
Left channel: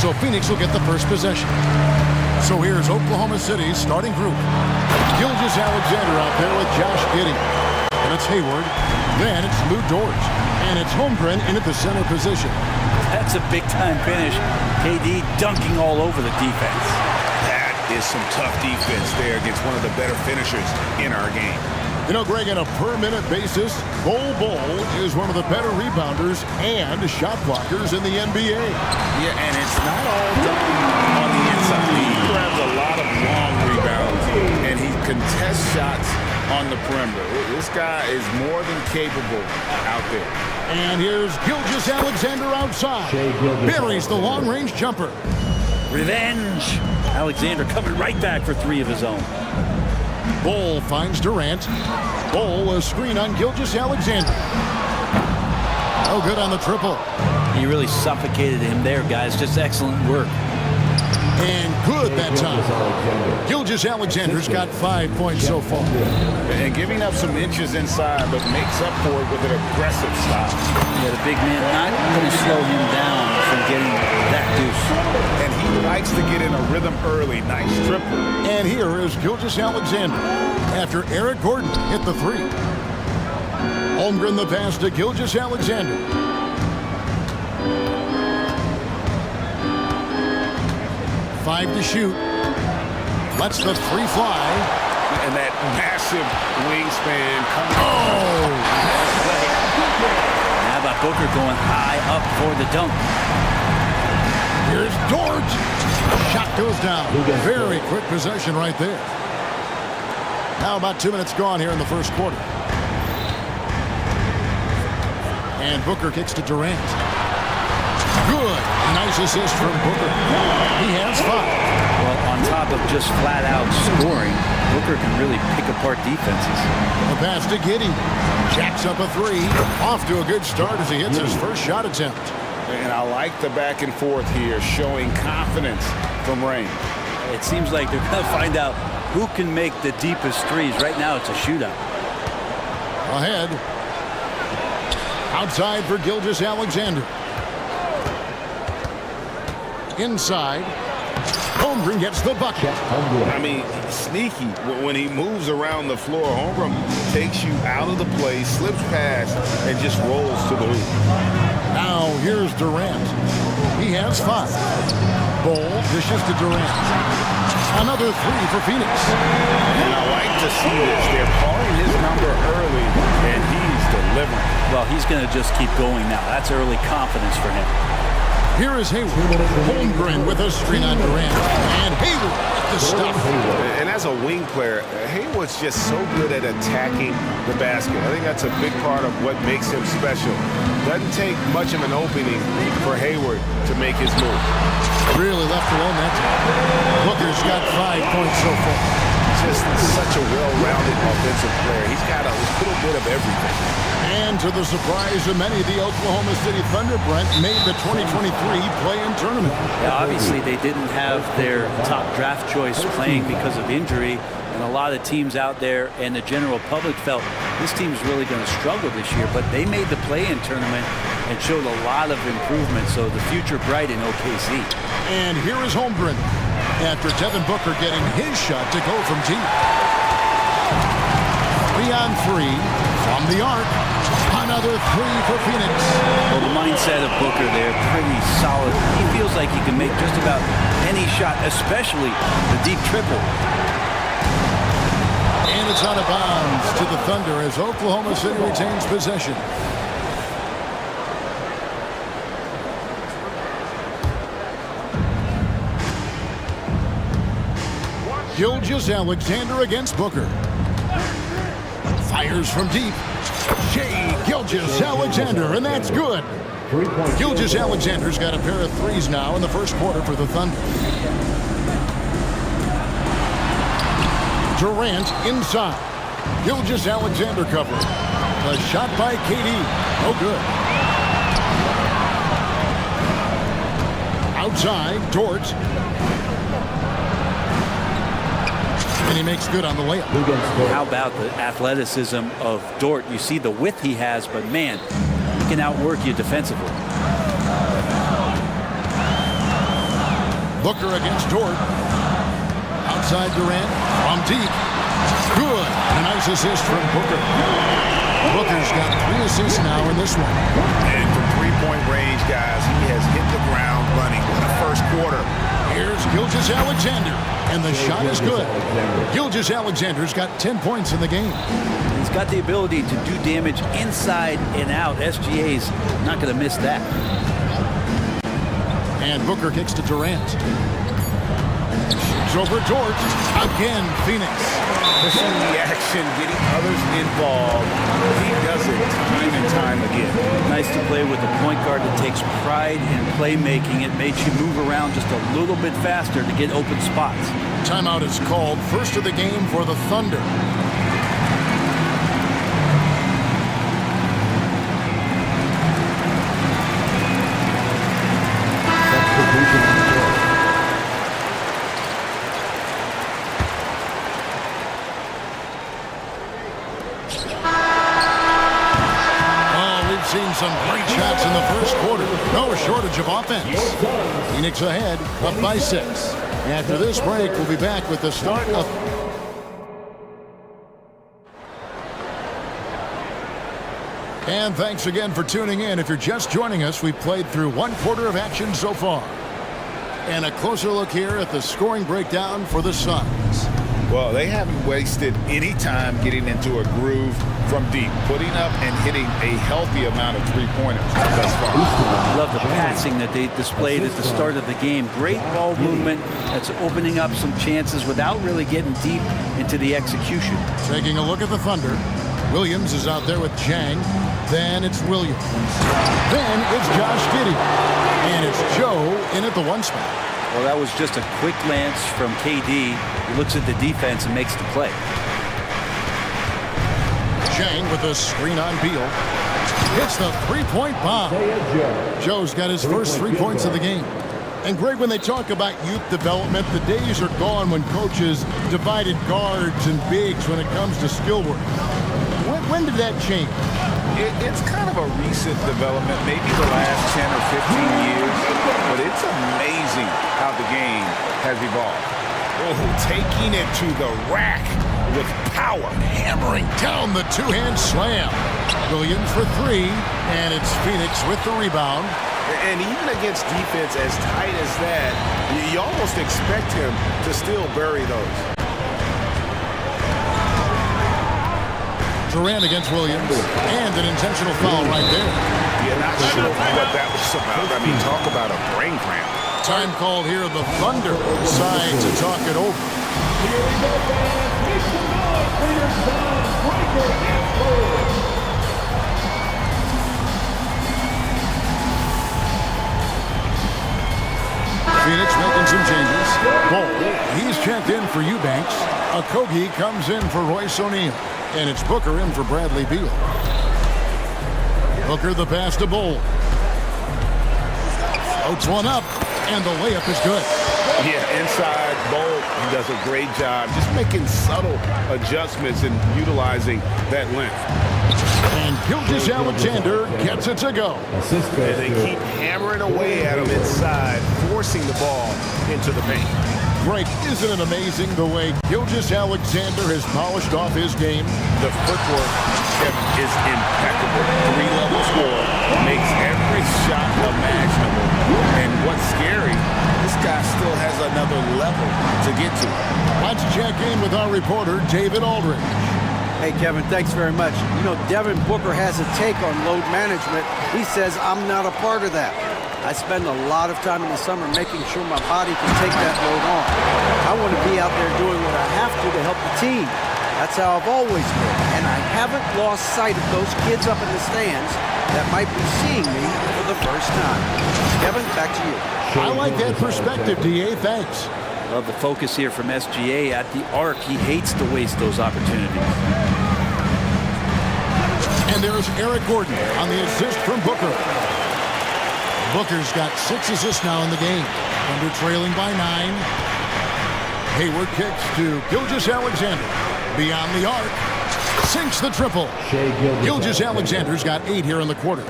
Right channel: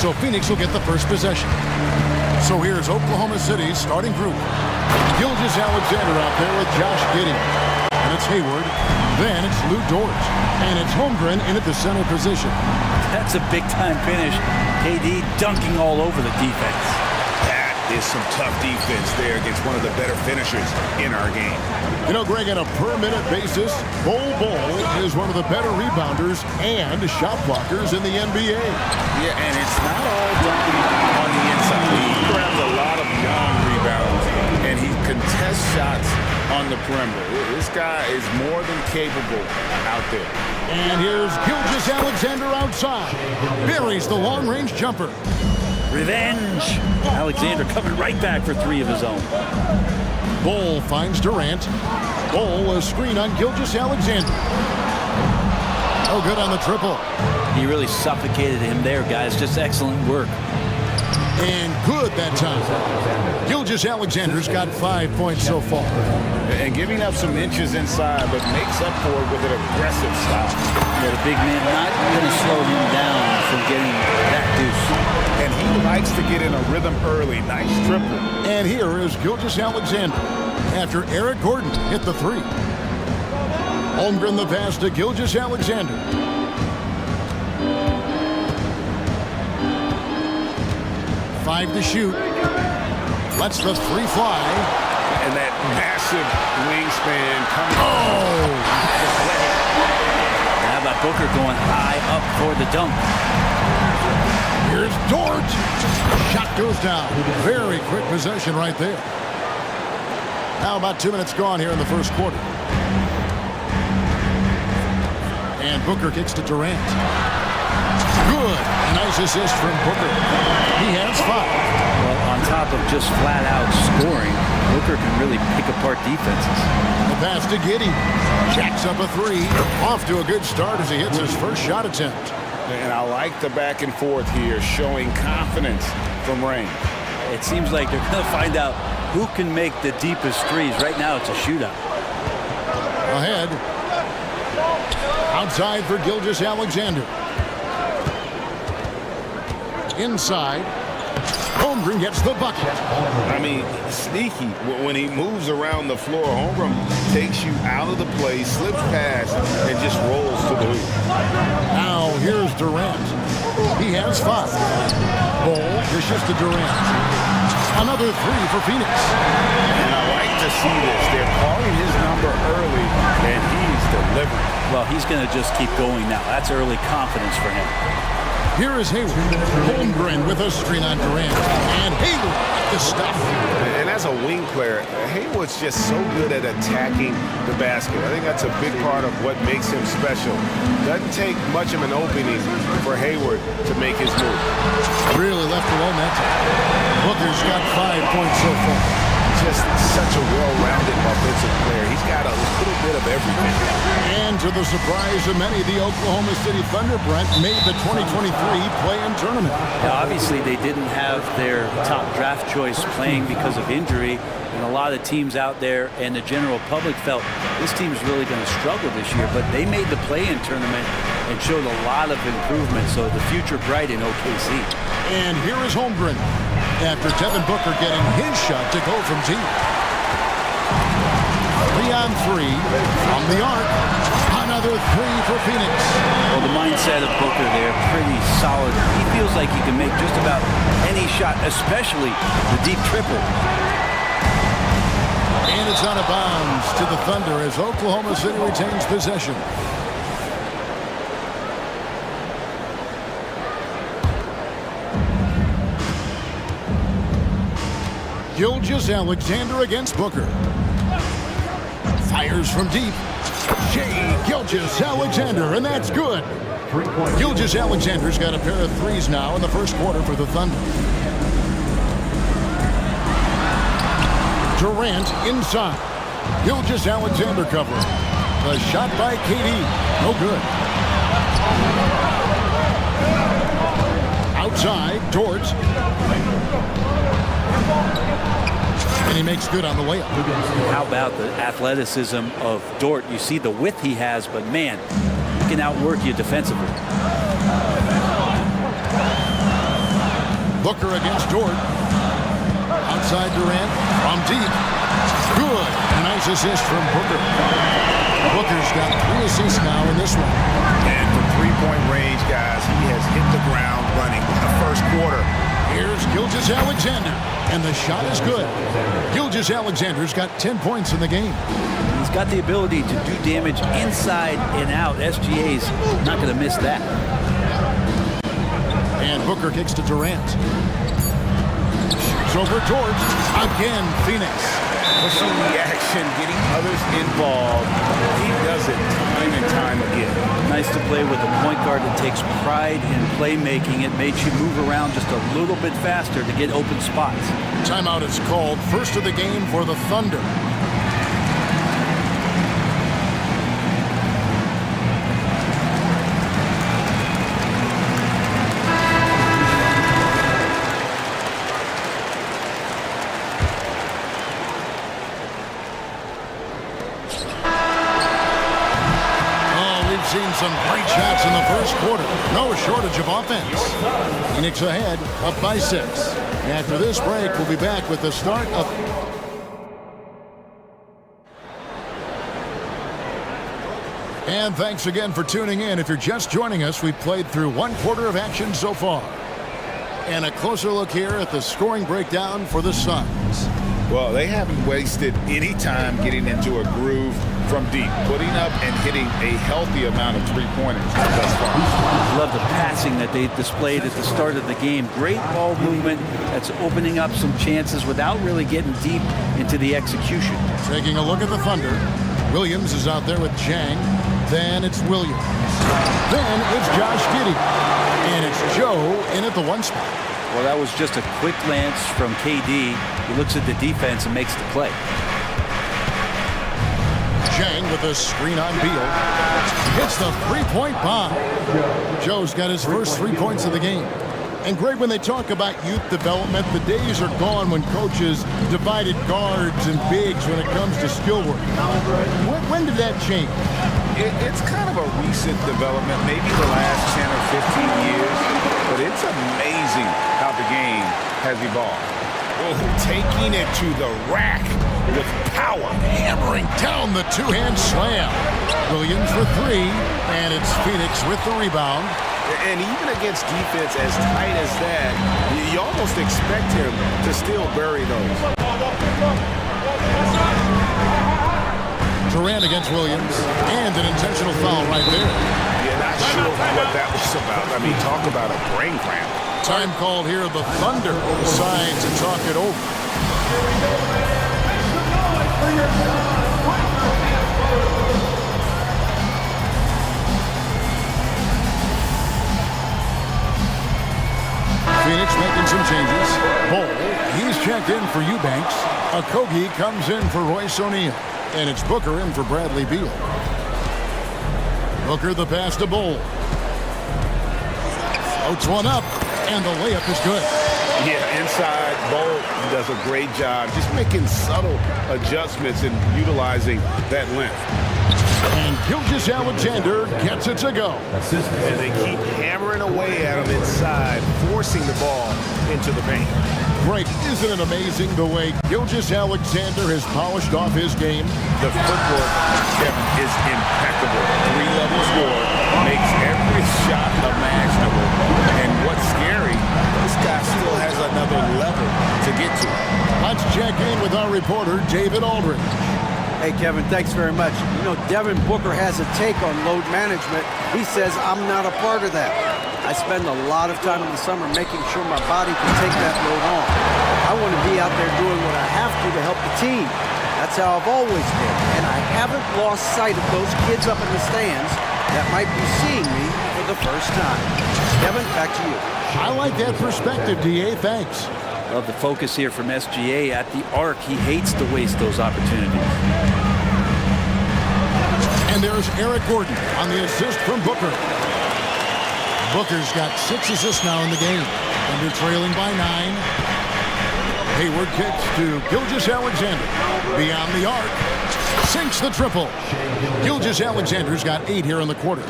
So Phoenix will get the first possession. So here's Oklahoma City's starting group. Gilgeous-Alexander out there with Josh Giddey. And it's Hayward. Then it's Lou Dort. And it's Holmgren in at the center position. That's a big-time finish. KD dunking all over the defense. That is some tough defense there against one of the better finishers in our game. You know, Greg, on a per-minute basis, Bol is one of the better rebounders and shot blockers in the NBA. Yeah, and it's not all done on the inside. He grabs a lot of long rebounds, and he contests shots on the perimeter. This guy is more than capable out there. And here's Gilgeous-Alexander outside. Buries the long-range jumper. Revenge! Alexander coming right back for 3 of his own. Bol finds Durant. Bol a screen on Gilgeous-Alexander. Oh, good on the triple. He really suffocated him there, guys. Just excellent work. And good that time. Gilgeous-Alexander's got 5 points so far. And giving up some inches inside, but makes up for it with an aggressive stop. Yeah, the big man not going to slow him down from getting that deuce. And he likes to get in a rhythm early. Nice triple. And here is Gilgeous-Alexander after Eric Gordon hit the 3. Holmgren the pass to Gilgeous-Alexander. Five to shoot. Lets the 3 fly. And that massive wingspan coming. Oh! How about Booker going high up for the dunk? Here's Dort. Shot goes down. Very quick possession right there. Now about 2 minutes gone here in the first quarter. And Booker kicks to Durant. Good. Nice assist from Booker. He has 5. Well, on top of just flat-out scoring, Booker can really pick apart defenses. The pass to Giddey. Jacks up a 3. Off to a good start as he hits his first shot attempt. And I like the back and forth here, showing confidence from range. It seems like they're going to find out who can make the deepest threes. Right now, it's a shootout. Ahead. Outside for Gilgeous-Alexander. Inside. Holmgren gets the bucket. I mean, sneaky. When he moves around the floor, Holmgren takes you out of the play, slips past, and just rolls to the hoop. Now here's Durant. He has 5. Bol dishes to Durant. Another 3 for Phoenix. And I like to see this. They're calling his number early, and he's delivering. Well, he's going to just keep going now. That's early confidence for him. Here is Hayward. Holmgren with a screen on Durant. And Hayward with the stuff. And as a wing player, Hayward's just so good at attacking the basket. I think that's a big part of what makes him special. Doesn't take much of an opening for Hayward to make his move. Really left alone that time. Booker's got 5 points so far. Just such a well-rounded offensive player. He's got a little bit of everything. And to the surprise of many, the Oklahoma City Thunder, Brent, made the 2023 play-in tournament. Yeah, obviously they didn't have their top draft choice playing because of injury, and a lot of teams out there and the general public felt this team's really going to struggle this year, but they made the play-in tournament and showed a lot of improvement, so the future bright in OKC. And here is Holmgren after Devin Booker getting his shot to go from deep. 3 on 3 from the arc. Another 3 for Phoenix. Well, the mindset of Booker there, pretty solid. He feels like he can make just about any shot, especially the deep triple. And it's out of bounds to the Thunder as Oklahoma City retains possession. Gilgeous-Alexander against Booker. Fires from deep. Shea Gilgeous-Alexander, and that's good. Gilgeous-Alexander's got a pair of 3s now in the first quarter for the Thunder. Durant inside. Gilgeous-Alexander covering. The shot by KD. No good. Outside, Dort. And he makes good on the layup. How about the athleticism of Dort? You see the width he has, but man, he can outwork you defensively. Booker against Dort. Outside Durant from deep. Good. And a nice assist from Booker. Booker's got 3 assists now in this one. And from three-point range, guys, he has hit the ground running. What a first quarter. Here's Gilgeous-Alexander, and the shot is good. Gilgeous-Alexander's got 10 points in the game. He's got the ability to do damage inside and out. SGA's not going to miss that. And Booker kicks to Durant. Shoots over George. Again, Phoenix. Pushing the action, getting others involved. He does it time and time again. Nice to play with a point guard that takes pride in playmaking. It makes you move around just a little bit faster to get open spots. Timeout is called. First of the game for the Thunder. Seen some great shots in the first quarter. No shortage of offense. Phoenix ahead, up by 6. After this break, we'll be back with the start of... And thanks again for tuning in. If you're just joining us, we've played through 1 quarter of action so far. And a closer look here at the scoring breakdown for the Suns. Well, they haven't wasted any time getting into a groove from deep, putting up and hitting a healthy amount of three-pointers thus far. Love the passing that they displayed at the start of the game. Great ball movement that's opening up some chances without really getting deep into the execution. Taking a look at the Thunder. Williams is out there with Chang. Then it's Williams. Then it's Josh Giddey. And it's Joe in at the 1 spot. Well, that was just a quick glance from KD. He looks at the defense and makes the play. Chang with a screen on Beal. Hits the 3-point bomb. Joe's got his first 3 points of the game. And Greg, when they talk about youth development, the days are gone when coaches divided guards and bigs when it comes to skill work. When did that change? It's kind of a recent development, maybe the last 10 or 15 years, but it's amazing how the game has evolved. Oh, taking it to the rack with power, hammering down the 2-hand slam. Williams for 3, and it's Phoenix with the rebound. And even against defense as tight as that, you almost expect him to still bury those. Durant against Williams, and an intentional foul right there. Yeah, not sure what that was about. I mean, talk about a brain cramp. Time called here. The Thunder decide to talk it over. Phoenix making some changes. Bol, he's checked in for Eubanks. Okogie comes in for Royce O'Neal. And it's Booker in for Bradley Beal. Booker the pass to Bol. Floats one up, and the layup is good. Yeah, inside, Bol does a great job just making subtle adjustments and utilizing that length. And Gilgeous-Alexander gets it to go. And they keep hammering away at him inside, forcing the ball into the paint. Greg, isn't it amazing the way Gilgeous-Alexander has polished off his game? The footwork, Kevin, is impeccable. 3-level score, makes every shot imaginable. And what's scary, this guy still has another level to get to. Let's check in with our reporter, David Aldridge. Hey, Kevin, thanks very much. You know, Devin Booker has a take on load management. He says, I'm not a part of that. I spend a lot of time in the summer making sure my body can take that load on. I want to be out there doing what I have to help the team. That's how I've always been. And I haven't lost sight of those kids up in the stands that might be seeing me for the first time. Kevin, back to you. I like that perspective, D.A. Thanks. Love the focus here from SGA at the arc. He hates to waste those opportunities. And there's Eric Gordon on the assist from Booker. Booker's got 6 assists now in the game. Thunder trailing by 9. Hayward kicks to Gilgeous-Alexander. Beyond the arc. Sinks the triple. Gilgeous-Alexander's got 8 here in the quarter.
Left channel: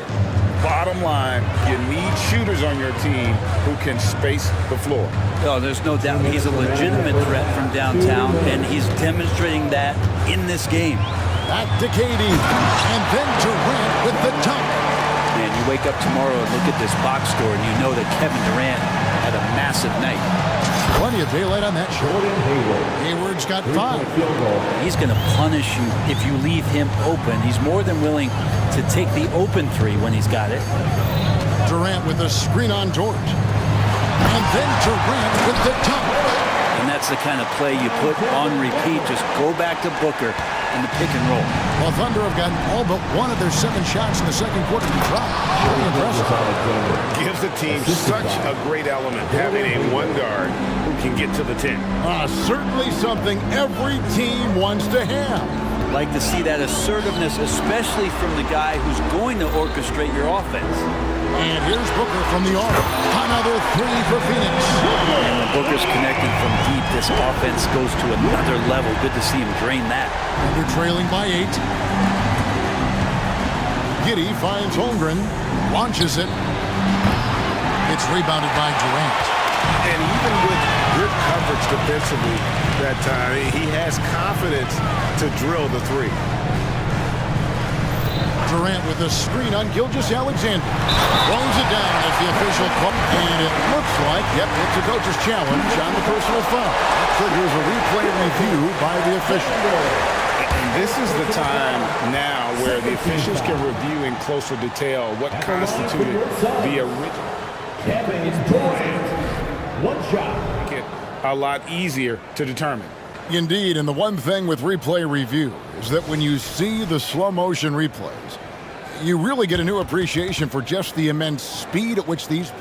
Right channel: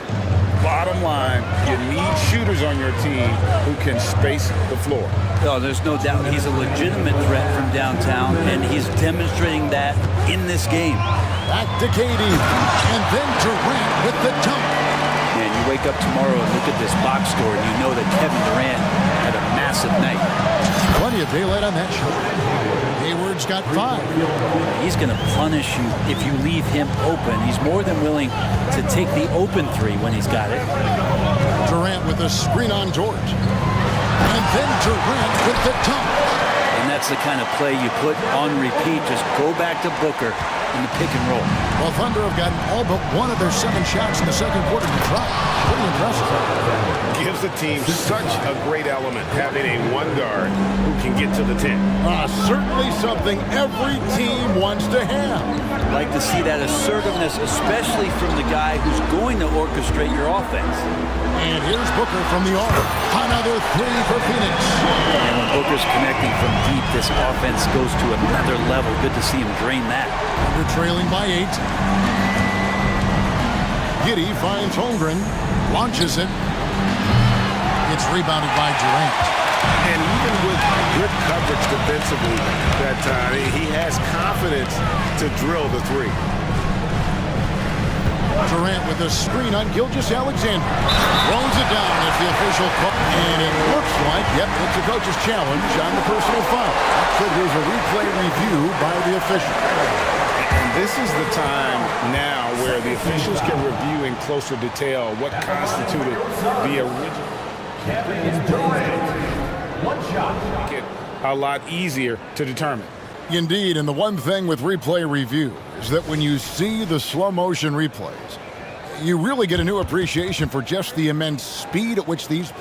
Bottom line, you need shooters on your team who can space the floor. Oh, there's no doubt. He's a legitimate threat from downtown, and he's demonstrating that in this game. Back to Katie, and then Durant with the dunk. Man, you wake up tomorrow and look at this box score, and you know that Kevin Durant had a massive night. Plenty of daylight on that shot. Hayward's got 5. He's going to punish you if you leave him open. He's more than willing to take the open 3 when he's got it. Durant with a screen on George. And then Durant with the dunk. And that's the kind of play you put on repeat. Just go back to Booker in the pick and roll. Well, Thunder have gotten all but 1 of their 7 shots in the second quarter to try. Pretty impressive. Gives the team such a great element, having a 1 guard who can get to the 10. Certainly something every team wants to have. Like to see that assertiveness, especially from the guy who's going to orchestrate your offense. And here's Booker from the arc. Another 3 for Phoenix. And when Booker's connecting from deep, this offense goes to another level. Good to see him drain that. Thunder trailing by 8. Giddey finds Holmgren, launches it. It's rebounded by Durant. And even with good coverage defensively that time, he has confidence to drill the 3. Durant with a screen on Gilgeous-Alexander. Throws it down as the official call. And it looks like, yep, it's a coach's challenge on the personal foul. That triggers a replay review by the official. And this is the time now where the officials can review in closer detail what constituted the original. One shot. Make it a lot easier to determine. Indeed, and the one thing with replay review is that when you see the slow motion replays, you really get a new appreciation for just the immense speed at which these...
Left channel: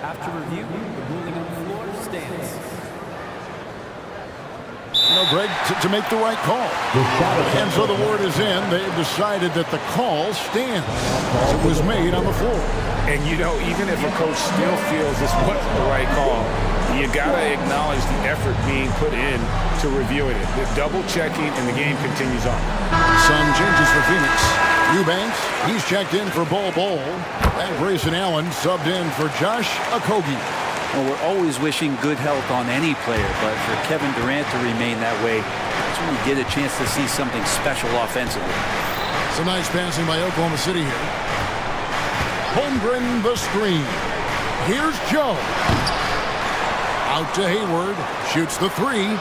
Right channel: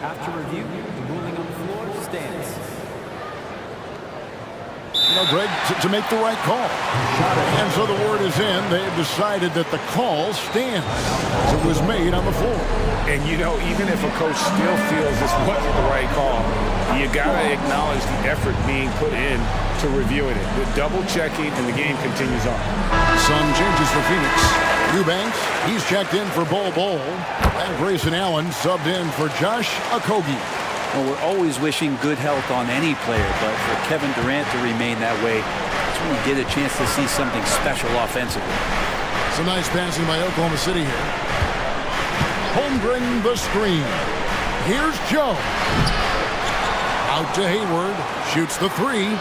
After review, the ruling on the floor stands. You know, Greg, to make the right call. And so the word is in. They've decided that the call stands as it was made on the floor. And, you know, even if a coach still feels this wasn't the right call, you got to acknowledge the effort being put in to reviewing it. The double checking, and the game continues on. Some changes for Phoenix. Eubanks, he's checked in for Bol Bol. And Grayson Allen subbed in for Josh Okogie. Well, we're always wishing good health on any player, but for Kevin Durant to remain that way, that's when you get a chance to see something special offensively. Some nice passing by Oklahoma City here. Holmgren the screen. Here's Joe. Out to Hayward. Shoots the 3.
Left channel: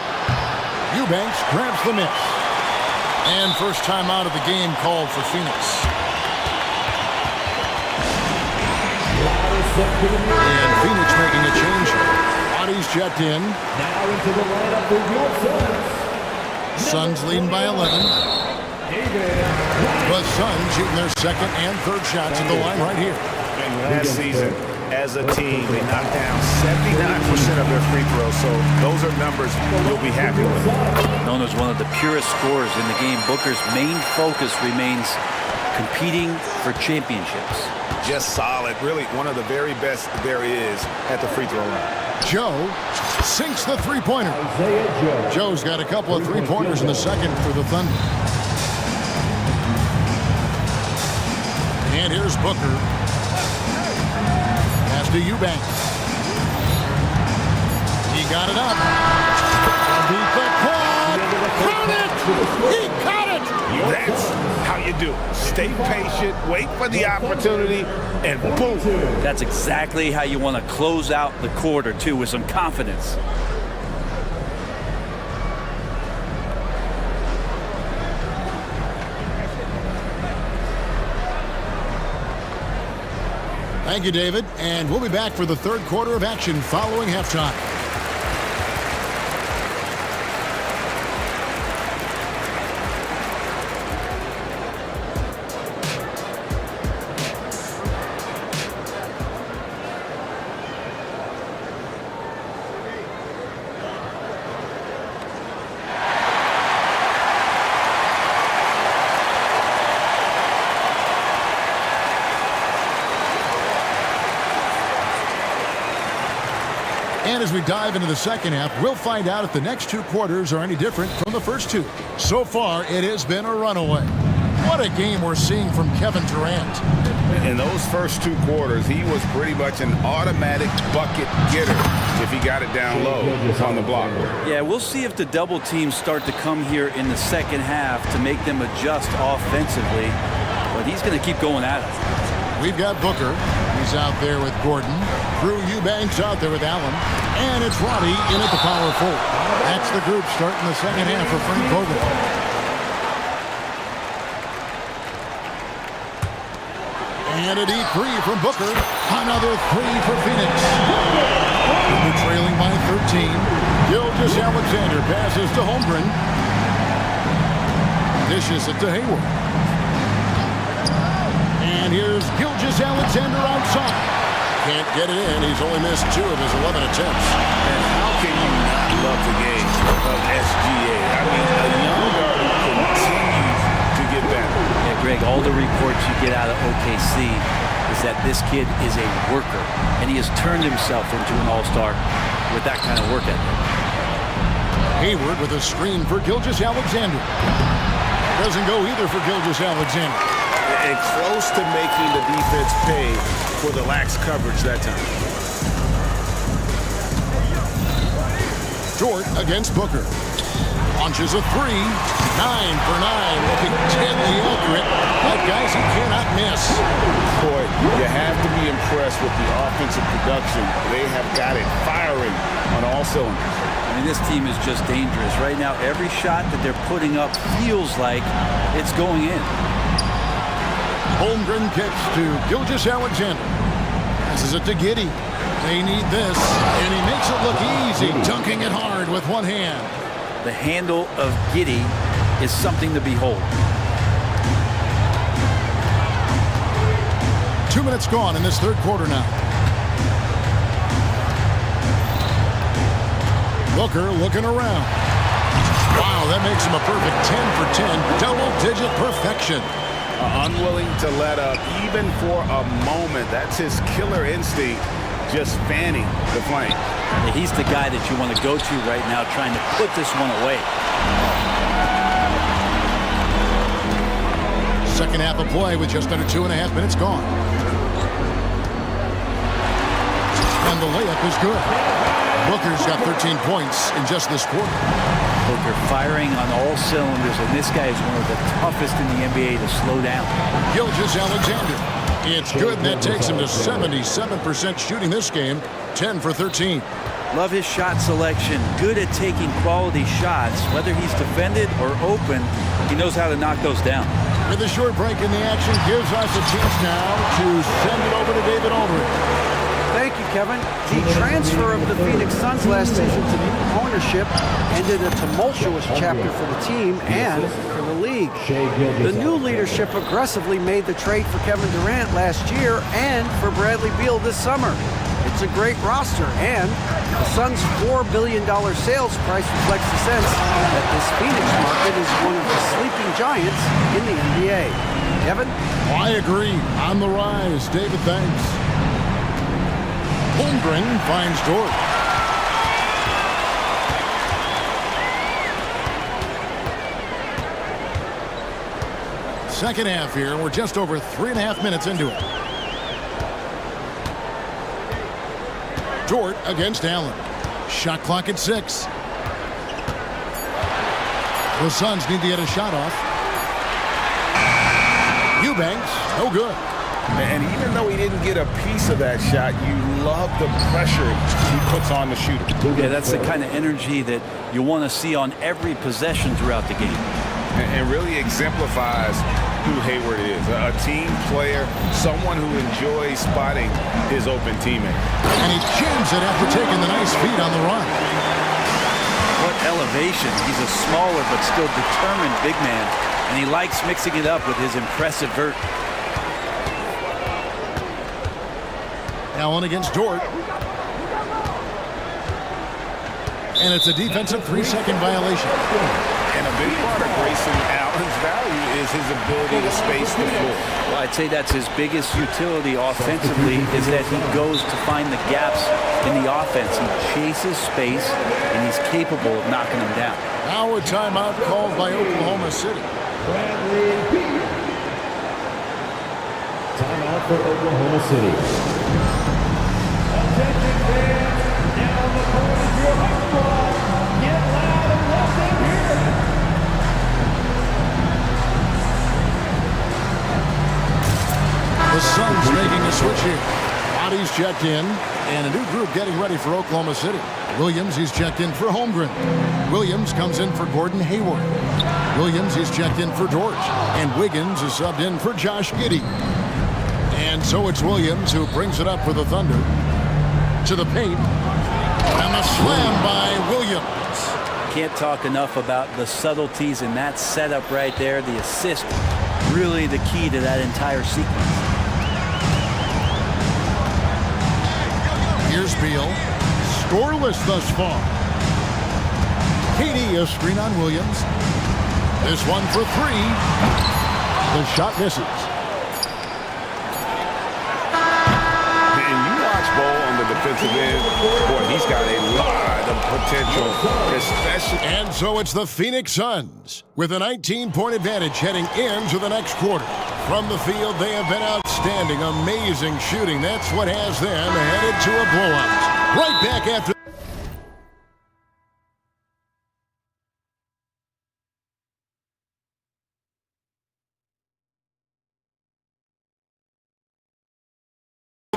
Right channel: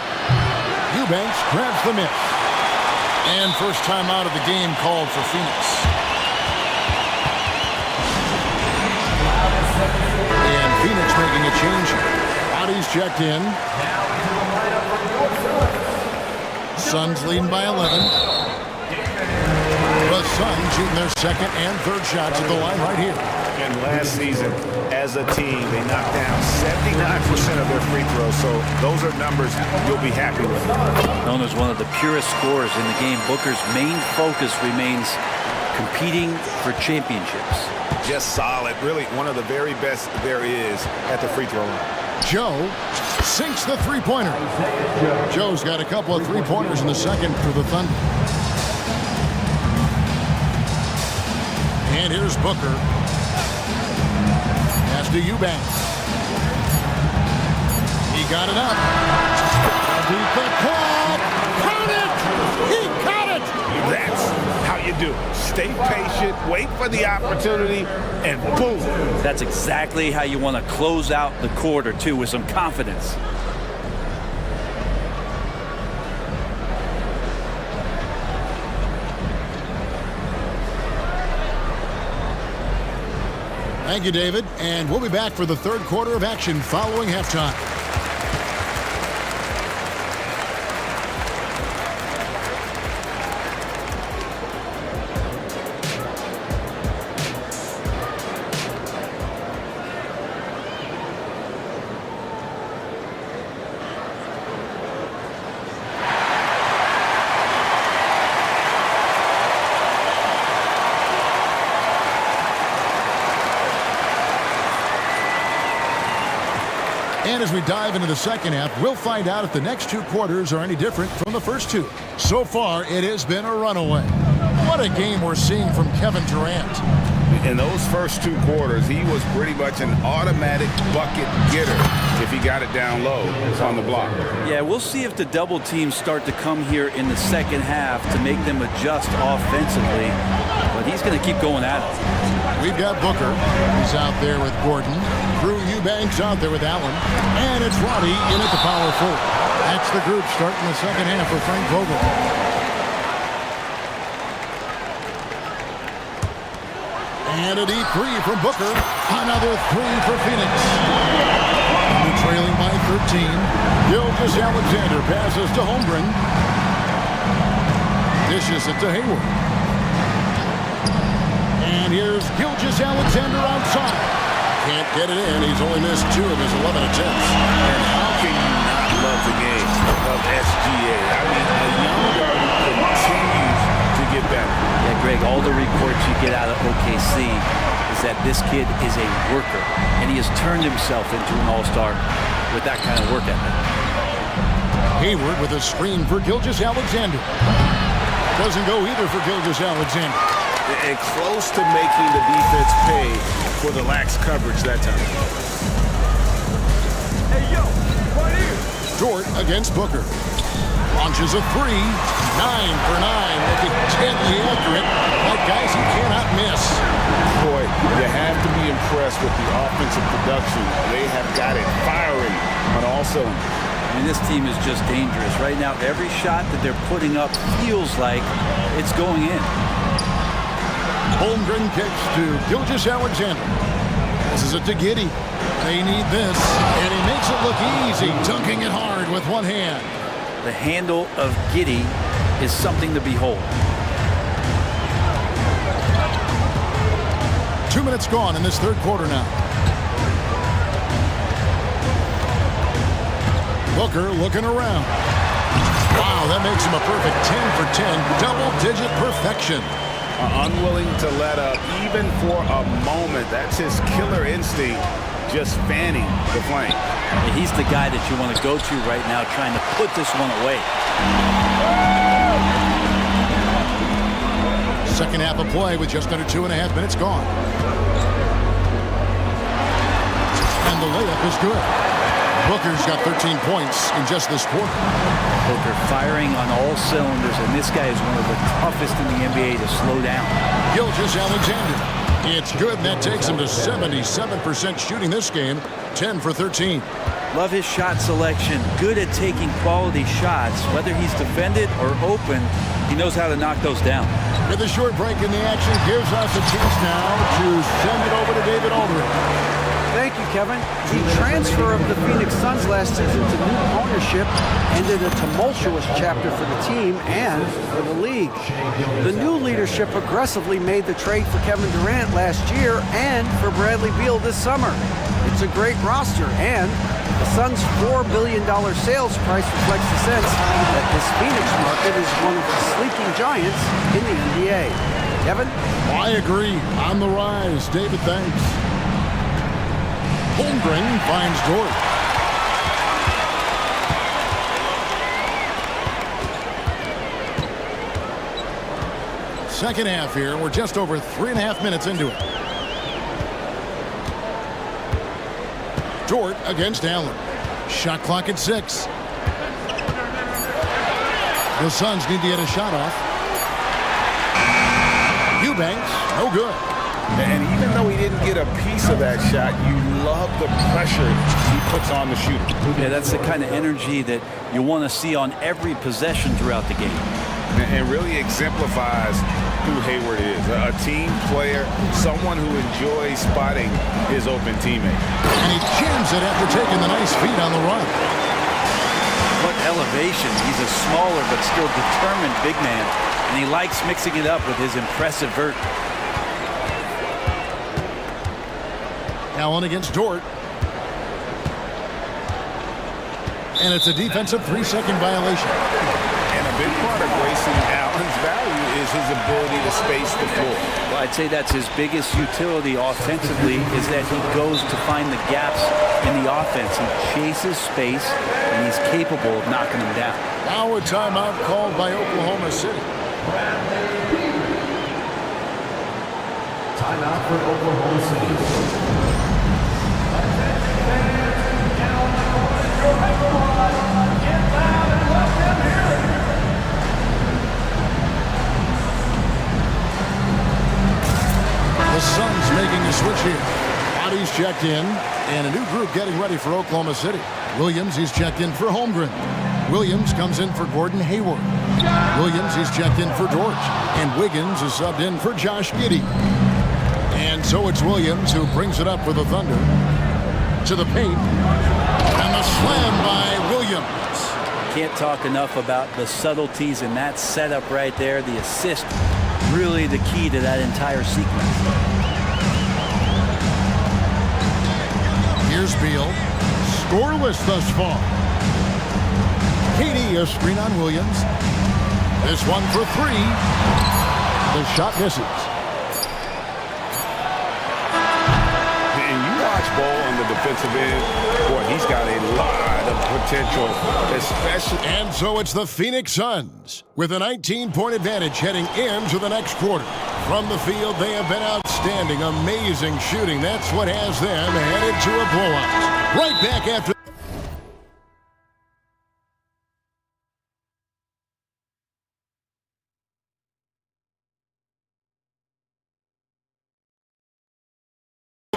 Eubanks grabs the miss. And first time out of the game called for Phoenix. And Phoenix making a change here. Bodies checked in. Now into the lineup for your Suns. Suns leading by 11. The Suns shooting their second and third shots at the line right here. And last season, as a team, they knocked down 79% of their free throws, so those are numbers you'll be happy with. Known as one of the purest scorers in the game, Booker's main focus remains competing for championships. Just solid, really one of the very best there is at the free throw line. Joe sinks the three-pointer. Joe's got a couple of three-pointers in the second for the Thunder. And here's Booker. Pass to Eubanks. He got it up. To beat the quad. Count it! He caught it! That's how you do it. Stay patient, wait for the opportunity, and boom. That's exactly how you want to close out the quarter, too, with some confidence. Thank you, David. And we'll be back for the third quarter of action following halftime. And as we dive into the second half, we'll find out if the next two quarters are any different from the first two. So far, it has been a runaway. What What a game we're seeing from Kevin Durant. In those first 2 quarters, he was pretty much an automatic bucket getter if he got it down low on the block. Yeah, we'll see if the double teams start to come here in the second half to make them adjust offensively. But he's going to keep going at it. We've got Booker. He's out there with Gordon. Drew Eubanks out there with Allen. And it's Roddy in at the power forward. That's the group starting the second half for Frank Vogel. And a deep 3 from Booker. Another 3 for Phoenix. They're trailing by 13. Gilgeous-Alexander passes to Holmgren. Dishes it to Hayward. And here's Gilgeous-Alexander outside. Can't get it in. He's only missed 2 of his 11 attempts. And how can you not love the game of SGA? I mean, a young guard who continues to get better. Yeah, Greg, all the reports you get out of OKC is that this kid is a worker, and he has turned himself into an all-star with that kind of work ethic. Hayward with a screen for Gilgeous-Alexander. Doesn't go either for Gilgeous-Alexander. And close to making the defense pay for the lax coverage that time. Hey, yo, right here. Dort against Booker. Launches a 3. 9 for 9. Looking deadly accurate. Like guys he cannot miss. Boy, you have to be impressed with the offensive production. They have got it firing on all cylinders. I mean, this team is just dangerous. Right now, every shot that they're putting up feels like it's going in. Holmgren kicks to Gilgeous-Alexander. Passes it to Giddey. They need this, and he makes it look easy, dunking it hard with one hand. The handle of Giddey is something to behold. 2 minutes gone in this third quarter now. Booker looking around. Wow, that makes him a perfect 10 for 10, double-digit perfection. Unwilling to let up even for a moment. That's his killer instinct, just fanning the flame. He's the guy that you want to go to right now trying to put this one away. Second half of play with just under 2.5 minutes gone. And the layup is good. Booker's got 13 points in just this quarter. Booker firing on all cylinders, and this guy is one of the toughest in the NBA to slow down. Gilgeous-Alexander. It's good, and that takes him to 77% shooting this game, 10 for 13. Love his shot selection. Good at taking quality shots. Whether he's defended or open, he knows how to knock those down. With a short break in the action, gives us a chance now to send it over to David Aldridge. Thank you, Kevin. The transfer of the Phoenix Suns last season to new ownership ended a tumultuous chapter for the team and for the league. The new leadership aggressively made the trade for Kevin Durant last year and for Bradley Beal this summer. It's a great roster, and the Suns' $4 billion sales price reflects the sense that this Phoenix market is one of the sleeping giants in the NBA. Kevin? I agree. On the rise. David, thanks. Holmgren finds Dort. Second half here. We're just over 3.5 minutes into it. Dort against Allen. Shot clock at 6. The Suns need to get a shot off. Eubanks, no good. And even though he didn't get a piece of that shot, you love the pressure he puts on the shooter. Yeah, that's the kind of energy that you want to see on every possession throughout the game. And really exemplifies who Hayward is. A team player, someone who enjoys spotting his open teammate. And he jams it after taking the nice feed on the run. What elevation. He's a smaller but still determined big man, and he likes mixing it up with his impressive vert. Allen against Dort. And it's a defensive 3-second violation. And a big part of Grayson Allen's value is his ability to space the floor. Well, I'd say that's his biggest utility offensively, is that he goes to find the gaps in the offense. He chases space, and he's capable of knocking them down. Now a timeout called by Oklahoma City. Timeout for Oklahoma City. The Suns making a switch here. Bodies checked in, and a new group getting ready for Oklahoma City. Williams, he's checked in for Holmgren. Williams comes in for Gordon Hayward. Williams, he's checked in for George. And Wiggins is subbed in for Josh Giddey. And so it's Williams who brings it up for the Thunder. To the paint. And the slam by Williams. Can't talk enough about the subtleties in that setup right there. The assist, really the key to that entire sequence. Here's Beal. Scoreless thus far. KD, a screen on Williams. This one for three. The shot misses. And you watch Ball on the defensive end. Boy, he's got a lot of potential, especially. And so it's the Phoenix Suns with a 19-point advantage heading into the next quarter. From the field, they have been outstanding. Amazing shooting. That's what has them headed to a blowout. Right back after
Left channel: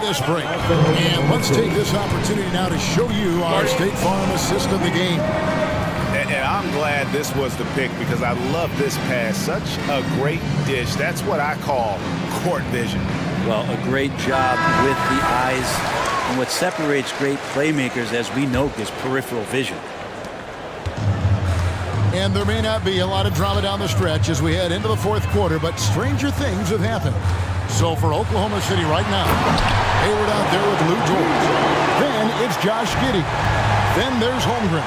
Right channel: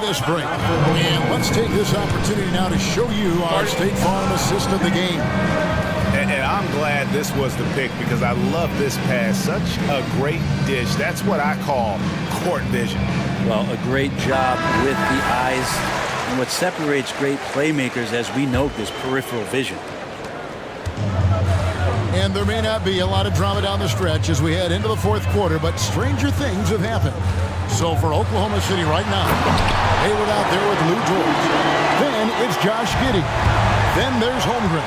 this break. And let's take this opportunity now to show you our State Farm assist of the game. And I'm glad this was the pick because I love this pass. Such a great dish. That's what I call court vision. Well, a great job with the eyes. And what separates great playmakers, as we know, is peripheral vision. And there may not be a lot of drama down the stretch as we head into the fourth quarter, but stranger things have happened. So for Oklahoma City right now, Hayward out there with Lou George. Then it's Josh Giddey. Then there's Holmgren.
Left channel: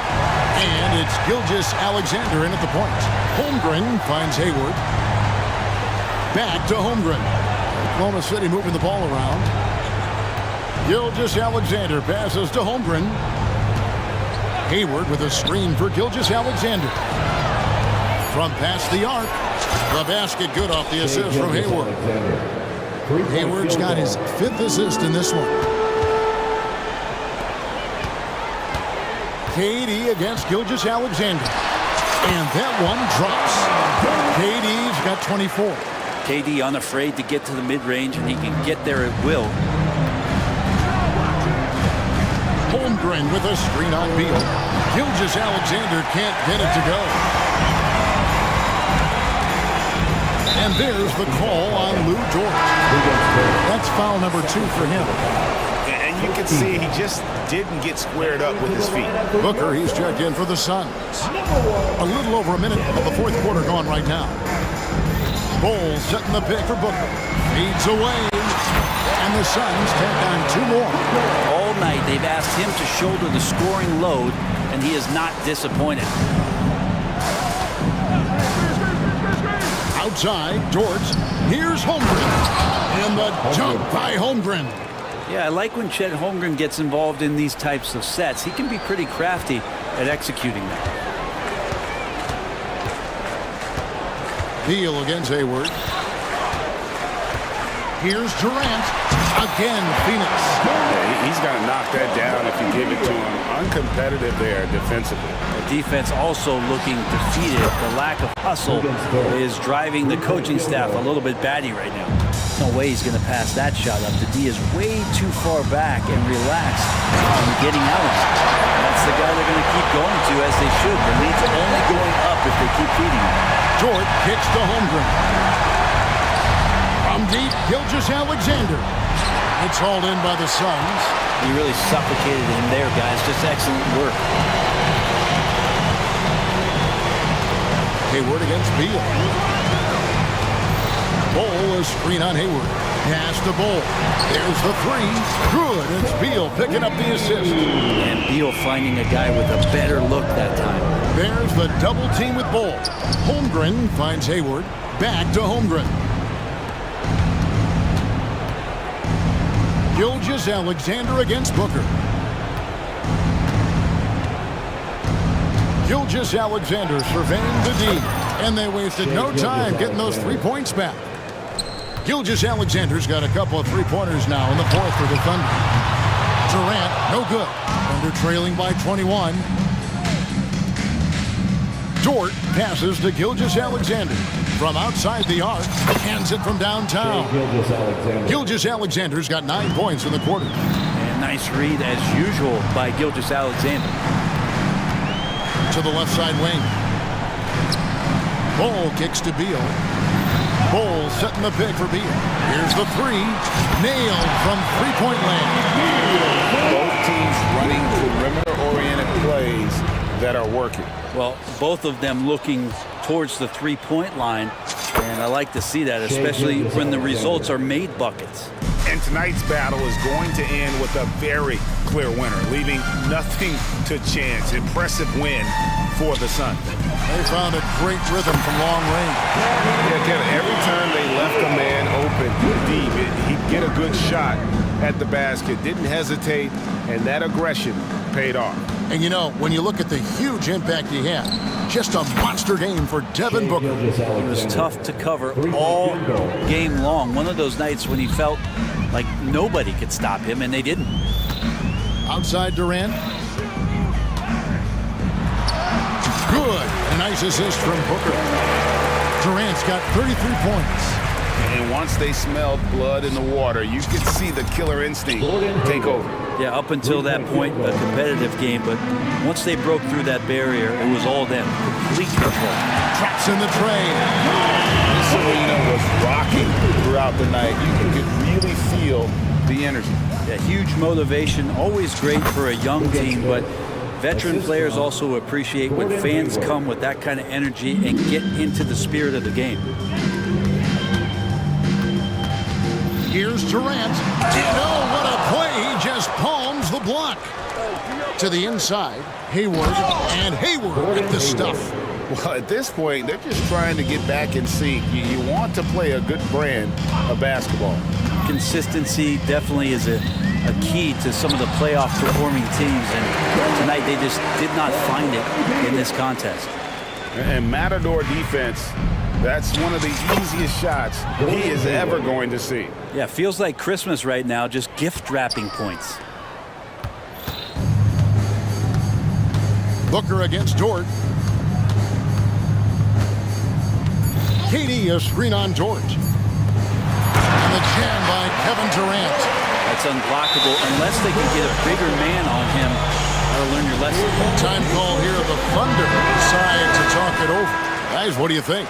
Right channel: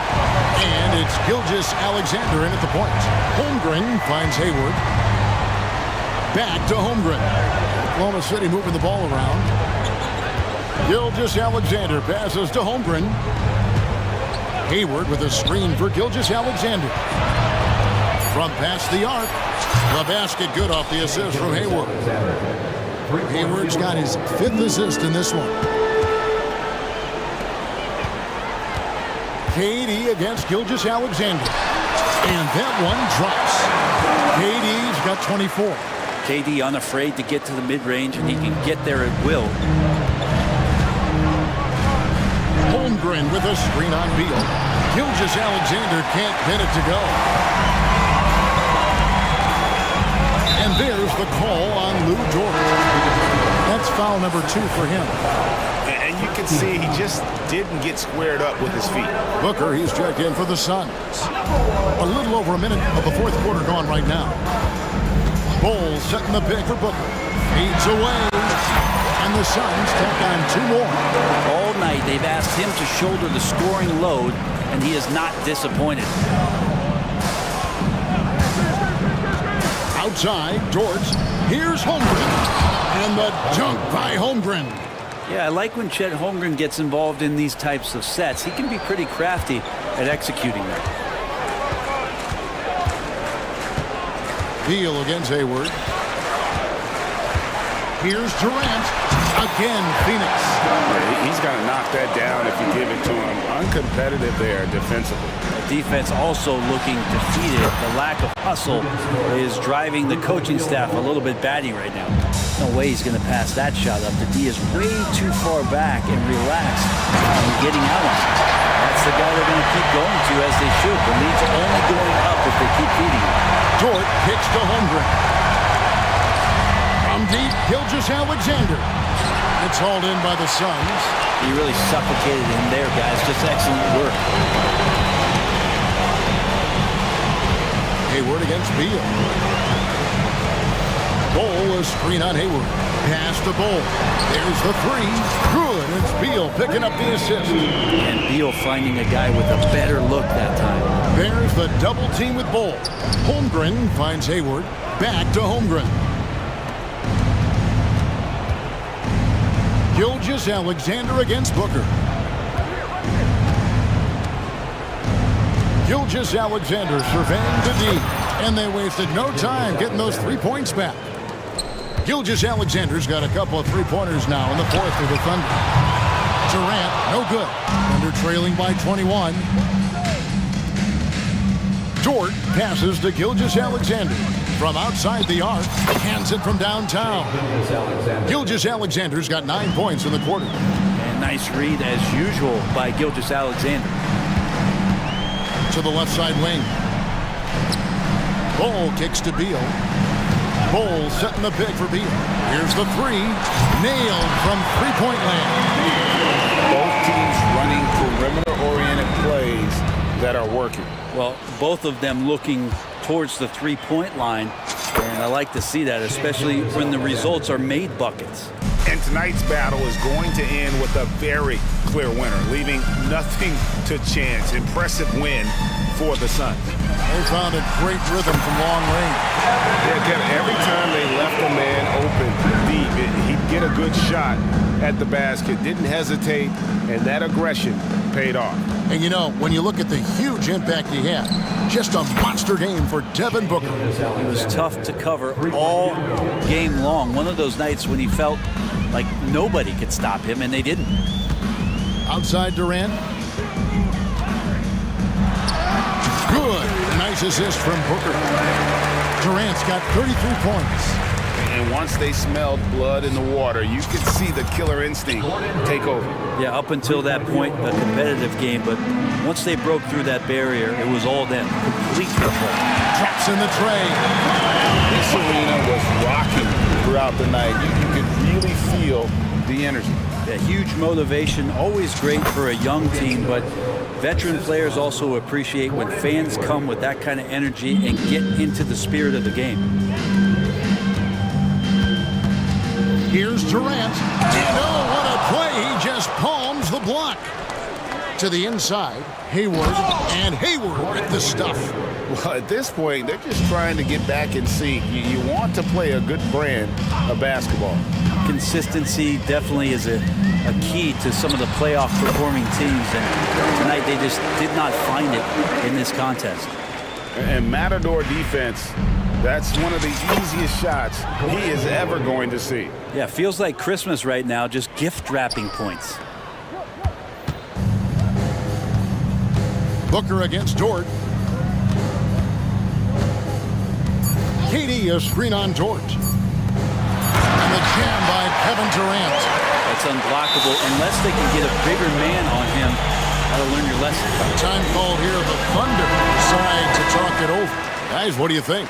And it's Gilgeous Alexander in at the point. Holmgren finds Hayward. Back to Holmgren. Oklahoma City moving the ball around. Gilgeous Alexander passes to Holmgren. Hayward with a screen for Gilgeous Alexander. From past the arc. The basket good off the assist from Hayward. Hayward's got his 5th assist in this one. KD against Gilgeous Alexander. And that one drops. KD's got 24. KD unafraid to get to the mid-range, and he can get there at will. Holmgren with a screen on Beal. Gilgeous Alexander can't get it to go. And there's the call on Lou George. That's foul number 2 for him. And you can see he just didn't get squared up with his feet. Booker, he's checked in for the Suns. A little over a minute of the fourth quarter gone right now. Bowles setting the pick for Booker. Fades away. And the Suns tack on 2 more. All night they've asked him to shoulder the scoring load, and he is not disappointed. Outside, George. Here's Holmgren. And the dunk by Holmgren. Yeah, I like when Chet Holmgren gets involved in these types of sets. He can be pretty crafty at executing them. Beal against Hayward. Here's Durant. Again, Phoenix. Yeah, he's got to knock that down if you give it to him. Uncompetitive there defensively. The defense also looking defeated. The lack of hustle is driving the coaching staff a little bit batty right now. No way he's going to pass that shot up. The D is way too far back and relaxed and getting out on him. That's the guy they're going to keep going to, as they should. The lead's only going up if they keep feeding him. Dort kicks to Holmgren. From deep, Gilgeous Alexander. It's hauled in by the Suns. He really suffocated him there, guys. Just excellent work. Hayward against Beal. Bol, a screen on Hayward. Pass to Bol. There's the 3. Good. It's Beal picking up the assist. And Beal finding a guy with a better look that time. There's the double team with Bol. Holmgren finds Hayward. Back to Holmgren. Gilgeous Alexander against Booker. Gilgeous Alexander surveying the D. And they wasted no time getting those 3 points back. Gilgeous-Alexander's got a couple of three-pointers now in the fourth for the Thunder. Durant, no good. Thunder trailing by 21. Dort passes to Gilgeous-Alexander. From outside the arc, hands it from downtown. Gilgeous-Alexander's got 9 points in the quarter. And nice read, as usual, by Gilgeous-Alexander. To the left side wing. Bol kicks to Beal. Bol setting the pick for Beal. Here's the three. Nailed from three-point land. Both teams running perimeter-oriented plays that are working. Well, both of them looking towards the three-point line, and I like to see that, especially when the results are made buckets. And tonight's battle is going to end with a very clear winner, leaving nothing to chance. Impressive win for the Sun. They found a great rhythm from long range. Yeah, Kevin, every time they left a man open deep, he'd get a good shot at the basket, didn't hesitate, and that aggression paid off. And you know, when you look at the huge impact he had, just a monster game for Devin Booker. He was tough to cover all game long. One of those nights when he felt like nobody could stop him, and they didn't. Outside Durant. Good. A nice assist from Booker. Durant's got 33 points. And once they smelled blood in the water, you could see the killer instinct take over. Yeah, up until that point, a competitive game, but once they broke through that barrier, it was all them. Complete control. Drops in the tray. This arena was rocking throughout the night. You could really feel the energy. Yeah, huge motivation, always great for a young team, but veteran players also appreciate when fans come with that kind of energy and get into the spirit of the game. Here's Durant. And oh, what a play. He just palms the block. To the inside, Hayward. And Hayward with the stuff. Well, at this point, they're just trying to get back in sync. You want to play a good brand of basketball. Consistency definitely is a key to some of the playoff performing teams, and tonight they just did not find it in this contest. And Matador defense, that's one of the easiest shots he is ever going to see. Yeah, feels like Christmas right now, just gift wrapping points. Booker against Dort. KD, a screen on Dort. And the jam by Kevin Durant. That's unblockable unless they can get a bigger man on him. Gotta learn your lesson. Time call here. The Thunder decide to talk it over. Guys, what do you think?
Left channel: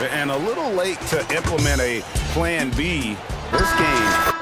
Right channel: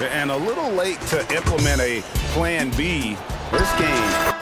And a little late to implement a plan B. This game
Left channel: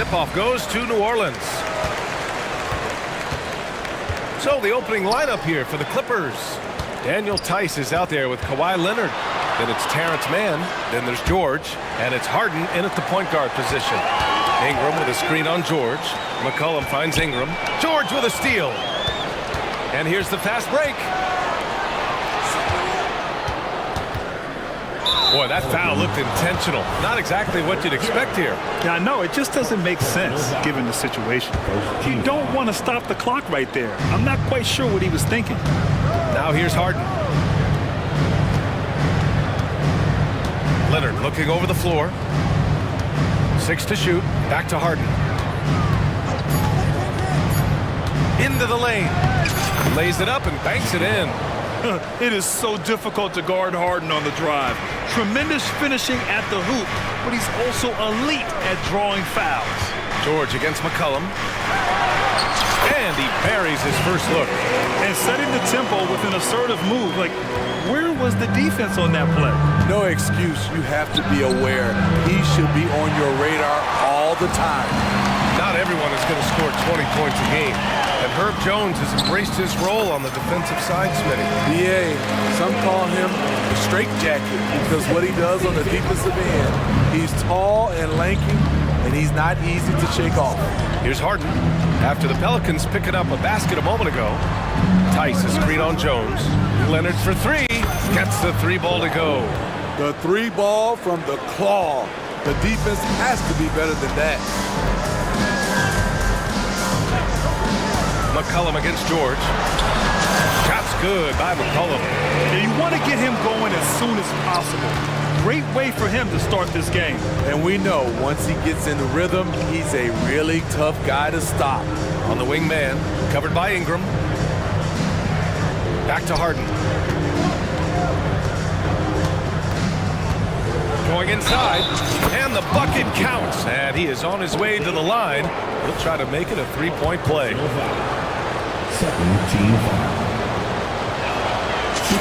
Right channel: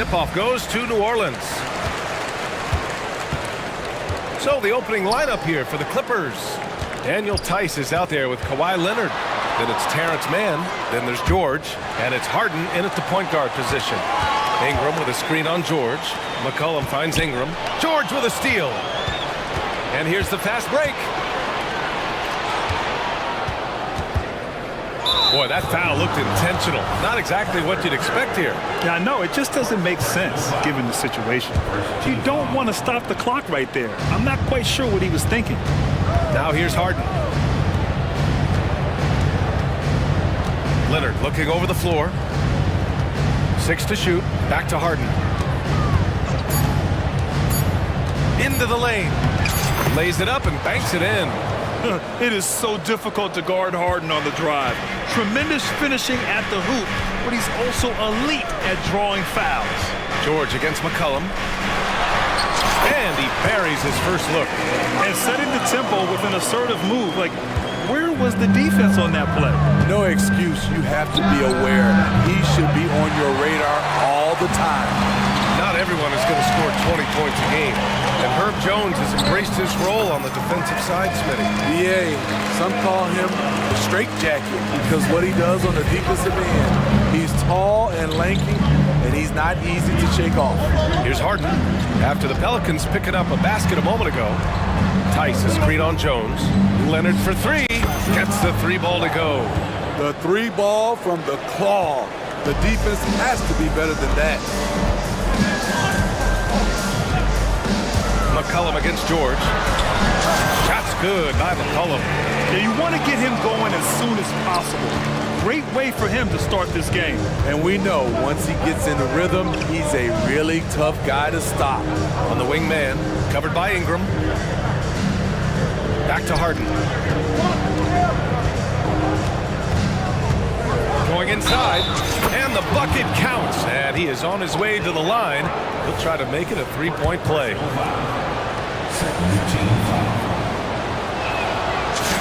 Tip-off goes to New Orleans. So the opening lineup here for the Clippers. Daniel Tice is out there with Kawhi Leonard. Then it's Terrence Mann. Then there's George. And it's Harden in at the point guard position. Ingram with a screen on George. McCollum finds Ingram. George with a steal. And here's the fast break. Boy, that foul looked intentional. Not exactly what you'd expect here. Yeah, I know. It just doesn't make sense given the situation. You don't want to stop the clock right there. I'm not quite sure what he was thinking. Now here's Harden. Leonard looking over the floor. 6 to shoot. Back to Harden. Into the lane. Lays it up and banks it in. It is so difficult to guard Harden on the drive. Tremendous finishing at the hoop, but he's also elite at drawing fouls. George against McCollum. And he buries his first look. And setting the tempo with an assertive move. Like, where was the defense on that play? No excuse. You have to be aware. He should be on your radar all the time. Not everyone is going to score 20 points a game. And Herb Jones has embraced his role on the defensive side, Smitty. BA, some call him the straitjacket because what he does on the defensive end, he's tall and lanky, and he's not easy to shake off. Here's Harden. After the Pelicans picking up a basket a moment ago, Tice is screen on Jones. Leonard for three. Gets the three ball to go. The three ball from the claw. The defense has to be better than that. McCollum against George. Shot's good by McCollum. Yeah, you want to get him going as soon as possible. Great way for him to start this game. And we know once he gets in the rhythm, he's a really tough guy to stop. On the wing man, covered by Ingram. Back to Harden. Going inside, and the bucket counts. And he is on his way to the line. He'll try to make it a three-point play.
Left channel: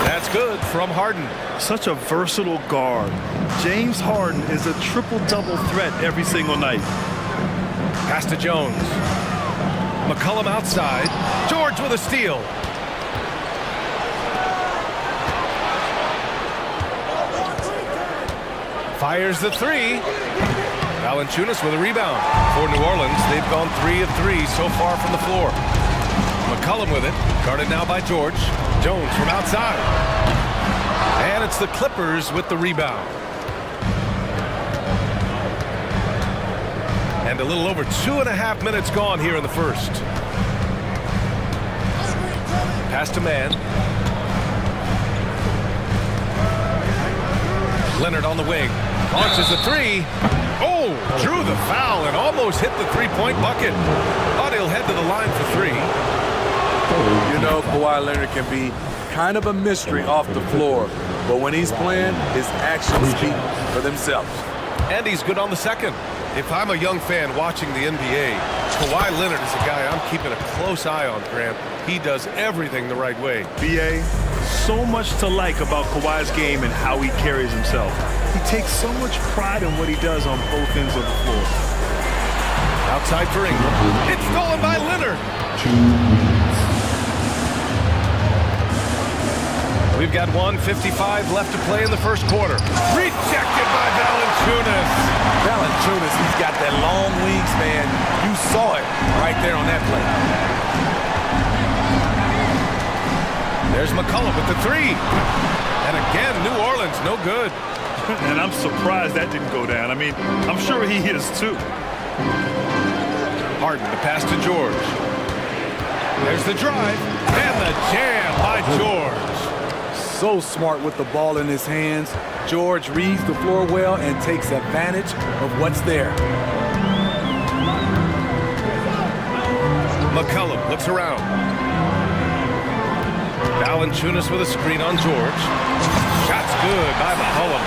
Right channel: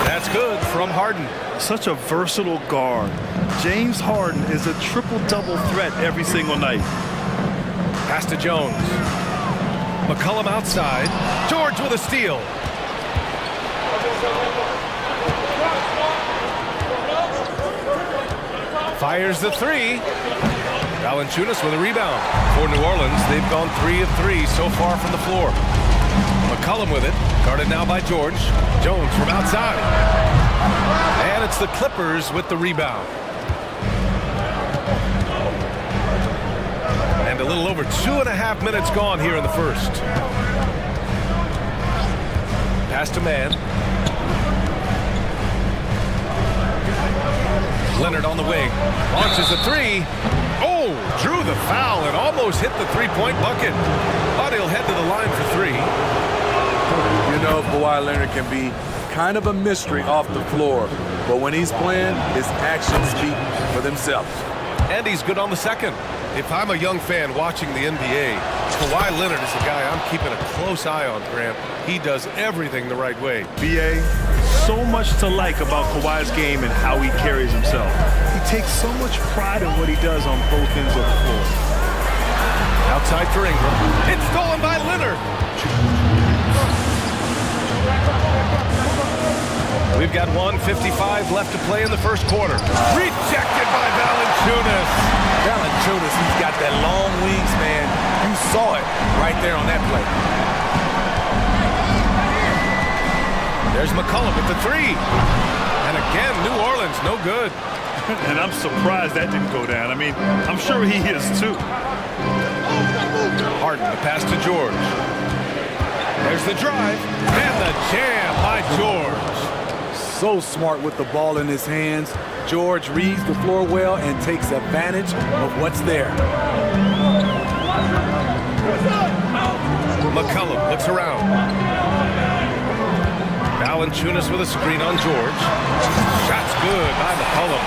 That's good from Harden. Such a versatile guard. James Harden is a triple-double threat every single night. Pass to Jones. McCollum outside. George with a steal. Fires the three. Valanciunas with a rebound. For New Orleans, they've gone 3 of 3 so far from the floor. McCollum with it. Guarded now by George. Jones from outside. And it's the Clippers with the rebound. And a little over 2.5 minutes gone here in the first. Pass to Mann. Leonard on the wing. Launches a three. Oh, drew the foul and almost hit the three-point bucket. But he'll head to the line for three. You know, Kawhi Leonard can be kind of a mystery off the floor. But when he's playing, his actions speak for themselves. And he's good on the second. If I'm a young fan watching the NBA, Kawhi Leonard is a guy I'm keeping a close eye on, Grant. He does everything the right way. BA, so much to like about Kawhi's game and how he carries himself. He takes so much pride in what he does on both ends of the floor. Outside for Ingram. It's stolen by Leonard. We've got 1:55 left to play in the first quarter. Rejected by Valanciunas. Valanciunas, he's got that long wingspan. You saw it right there on that play. There's McCollum with the three. And again, New Orleans, no good. And I'm surprised that didn't go down. I mean, I'm sure he is too. Harden, the pass to George. There's the drive. And the jam by George. So smart with the ball in his hands. George reads the floor well and takes advantage of what's there. McCollum looks around. Valanciunas with a screen on George. Shot's good by McCollum.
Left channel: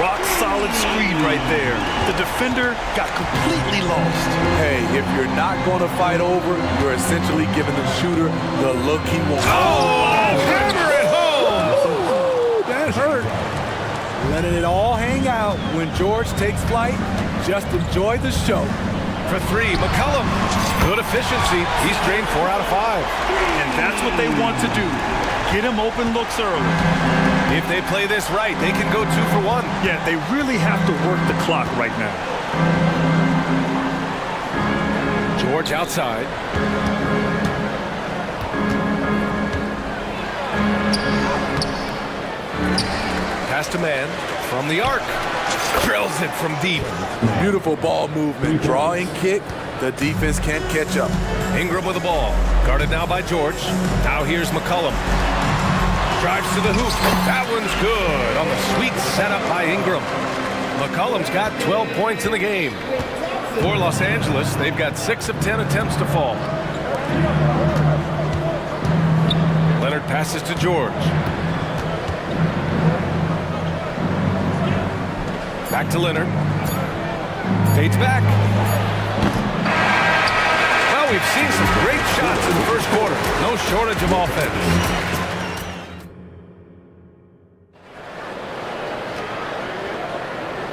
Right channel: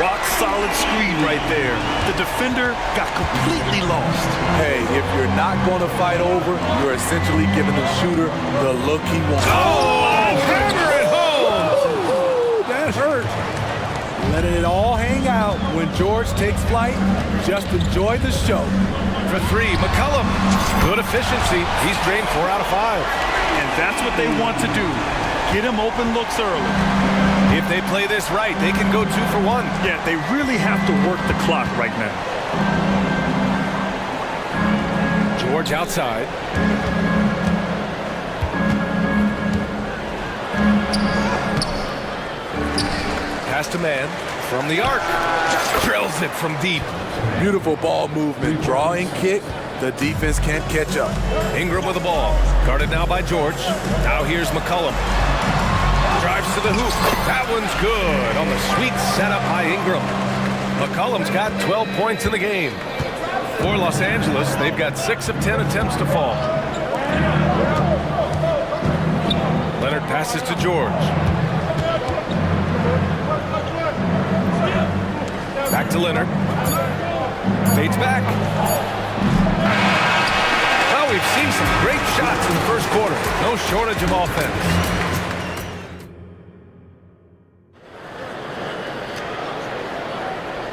Rock solid screen right there. The defender got completely lost. Hey, if you're not going to fight over, you're essentially giving the shooter the look he wants. Oh, hammer it home! Ooh, that hurt. Letting it all hang out when George takes flight. Just enjoy the show. for three. McCollum, good efficiency. He's drained 4 out of 5. And that's what they want to do. Get him open looks early. If they play this right, they can go 2 for 1. Yeah, they really have to work the clock right now. George outside. Pass to man from the arc. Drills it from deep. Beautiful ball movement. Draw and kick. The defense can't catch up. Ingram with the ball. Guarded now by George. Now here's McCollum. Drives to the hoop. That one's good on the sweet setup by Ingram. McCollum's got 12 points in the game. For Los Angeles, they've got 6 of 10 attempts to fall. Leonard passes to George. Back to Leonard. Fades back. Well, we've seen some great shots in the first quarter. No shortage of offense.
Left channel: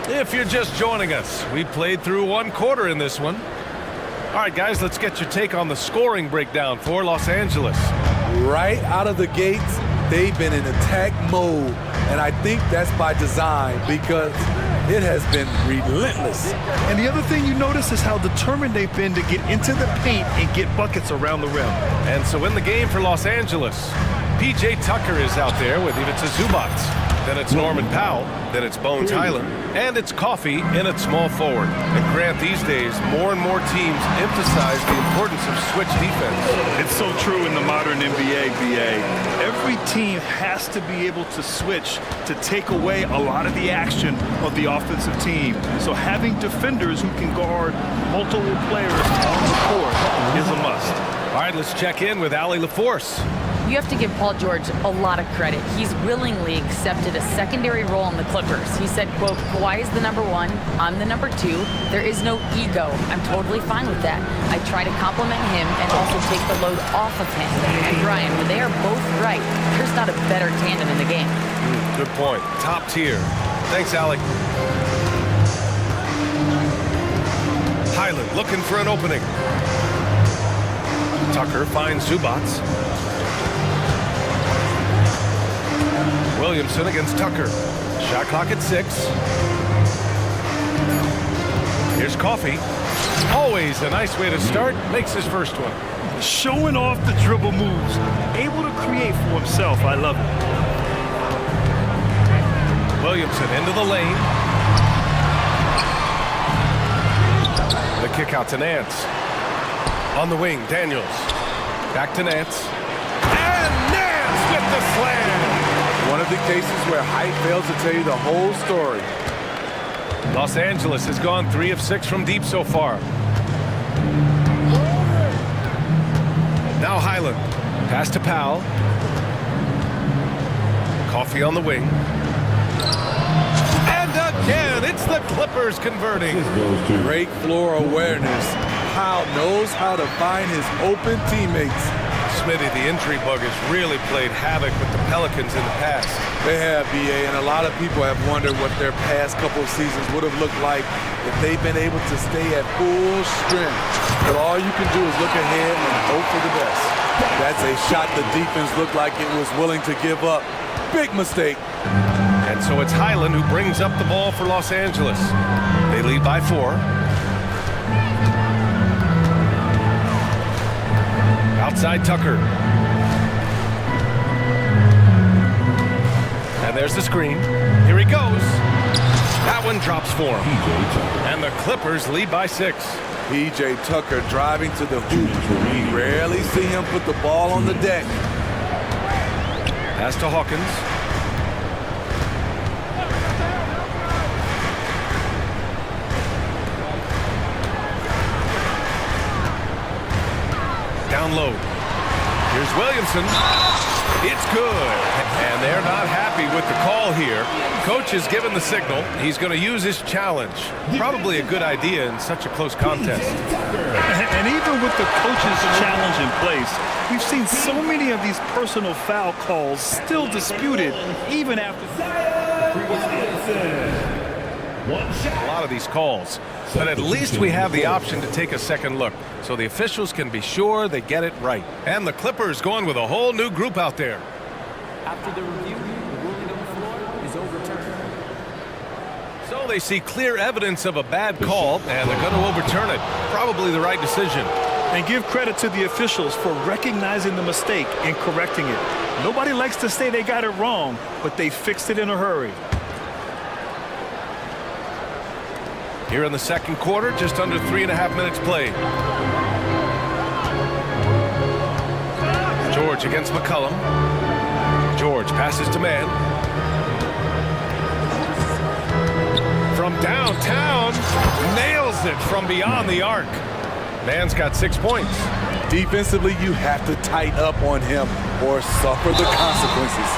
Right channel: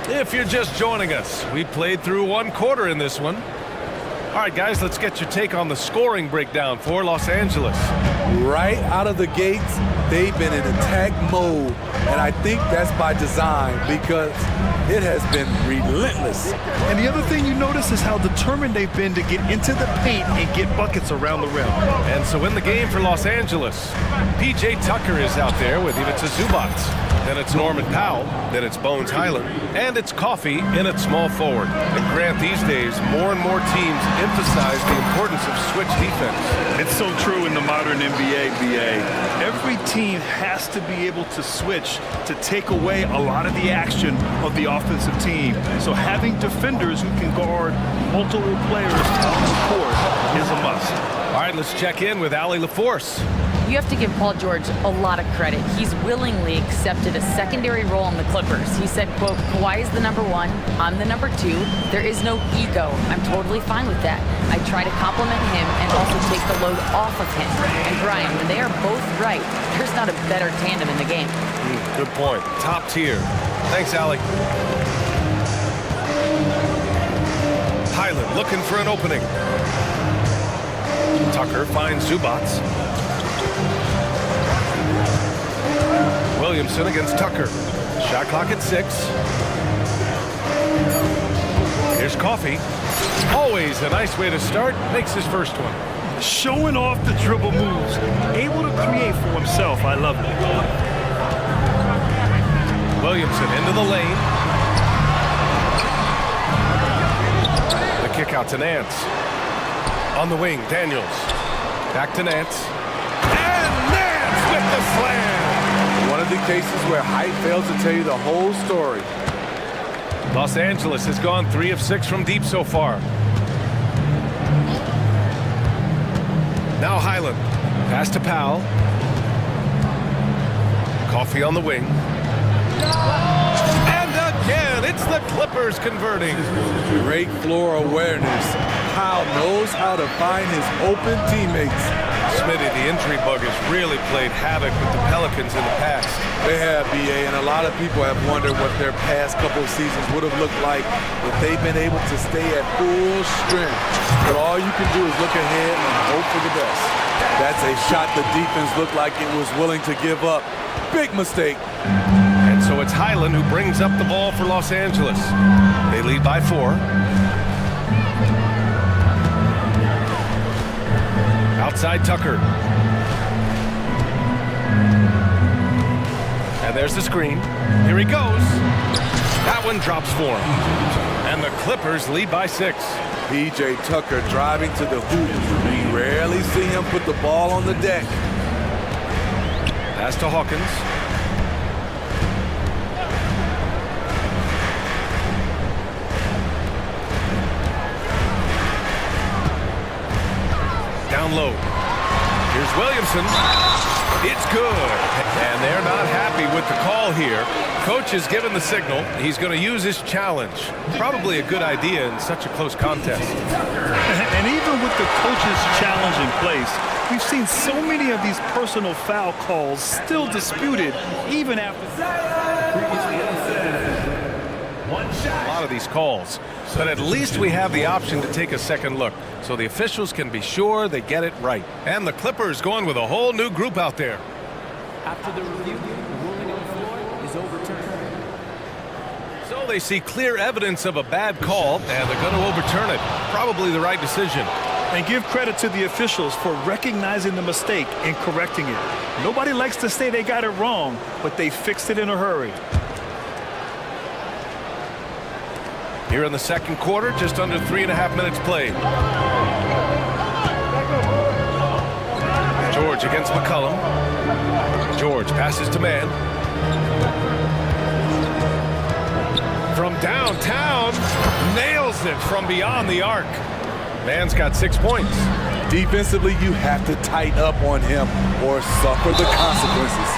If you're just joining us, we played through 1 quarter in this one. All right, guys, let's get your take on the scoring breakdown for Los Angeles. Right out of the gates, they've been in attack mode. And I think that's by design because it has been relentless. And the other thing you notice is how determined they've been to get into the paint and get buckets around the rim. And so in the game for Los Angeles, P.J. Tucker is out there with Ivica Zubac. Then it's Norman Powell. Then it's Bones Highland. And it's Coffey in at small forward. And Grant, these days, more and more teams emphasize the importance of switch defense. It's so true in the modern NBA, BA. Every team has to be able to switch to take away a lot of the action of the offensive team. So having defenders who can guard multiple players on the court is a must. All right, let's check in with Allie LaForce. You have to give Paul George a lot of credit. He's willingly accepted a secondary role on the Clippers. He said, quote, Kawhi is the number 1, I'm the number 2. There is no ego. I'm totally fine with that. I try to compliment him and also take the load off of him. And Brian, when they are both right, there's not a better tandem in the game. Good point. Top tier. Thanks, Allie. Highland looking for an opening. Tucker finds Zubac. Williamson against Tucker. Shot clock at 6. Here's Coffey. Always a nice way to start. Makes his first one. Showing off the dribble moves. Able to create for himself. I love it. Williamson into the lane. The kick out to Nance. On the wing, Daniels. Back to Nance. And Nance with the slam. One of the cases where height fails to tell you the whole story. Los Angeles has gone 3 of 6 from deep so far. Now Highland. Pass to Powell. Coffey on the wing. And again, it's the Clippers converting. Great floor awareness. Powell knows how to find his open teammates. Smitty, the injury bug has really played havoc with the Pelicans in the past. They have, BA, and a lot of people have wondered what their past couple of seasons would have looked like if they've been able to stay at full strength. But all you can do is look ahead and hope for the best. That's a shot the defense looked like it was willing to give up. Big mistake. And so it's Highland who brings up the ball for Los Angeles. They lead by 4. Outside Tucker. And there's the screen. Here he goes. That one drops for him. And the Clippers lead by 6. P.J. Tucker driving to the hoop. We rarely see him put the ball on the deck. Pass to Hawkins. Down low. Here's Williamson. It's good. And they're not happy with the call here. Coach has given the signal. He's going to use his challenge. Probably a good idea in such a close contest. And even with the coach's challenge in place, we've seen so many of these personal foul calls still disputed even after. A lot of these calls, but at least we have the option to take a second look, so the officials can be sure they get it right. And the Clippers going with a whole new group out there. After the review, the ruling on the floor is overturned. So they see clear evidence of a bad call, and they're going to overturn it. Probably the right decision. And give credit to the officials for recognizing the mistake and correcting it. Nobody likes to say they got it wrong, but they fixed it in a hurry. Here in the second quarter, just under 3.5 minutes played. George against McCollum. George passes to man. From downtown, nails it from beyond the arc. Man's got 6 points. Defensively, you have to tighten up on him or suffer the consequences.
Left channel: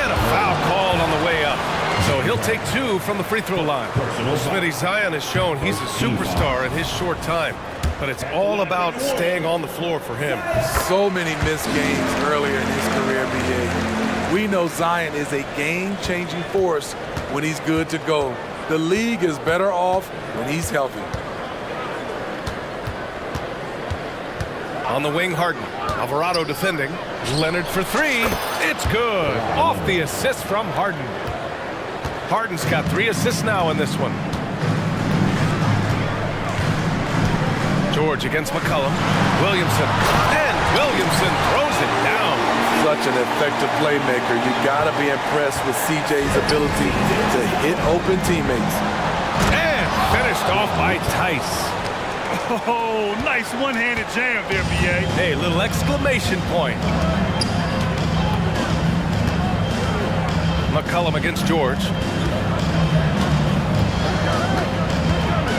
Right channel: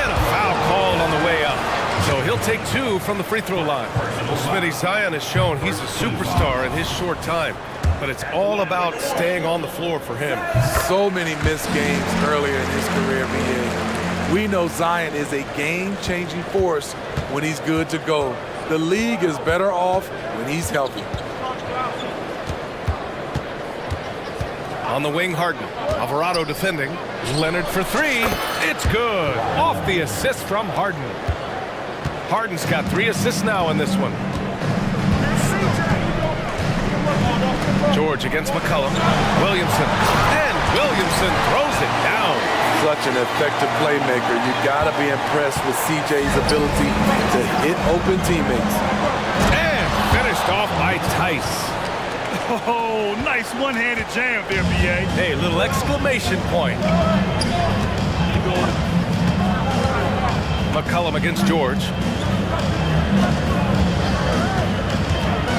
And a foul called on the way up. So he'll take 2 from the free throw line. Well, Smitty, Zion has shown he's a superstar in his short time, but it's all about staying on the floor for him. So many missed games earlier in his career, BA. We know Zion is a game-changing force when he's good to go. The league is better off when he's healthy. On the wing, Harden. Alvarado defending. Leonard for 3. It's good. Off the assist from Harden. Harden's got 3 assists now in this one. George against McCollum. Williamson. And Williamson throws it down. Such an effective playmaker. You gotta be impressed with CJ's ability to hit open teammates. And finished off by Tice. Oh, nice one-handed jam there, BA. Hey, little exclamation point. McCollum against George.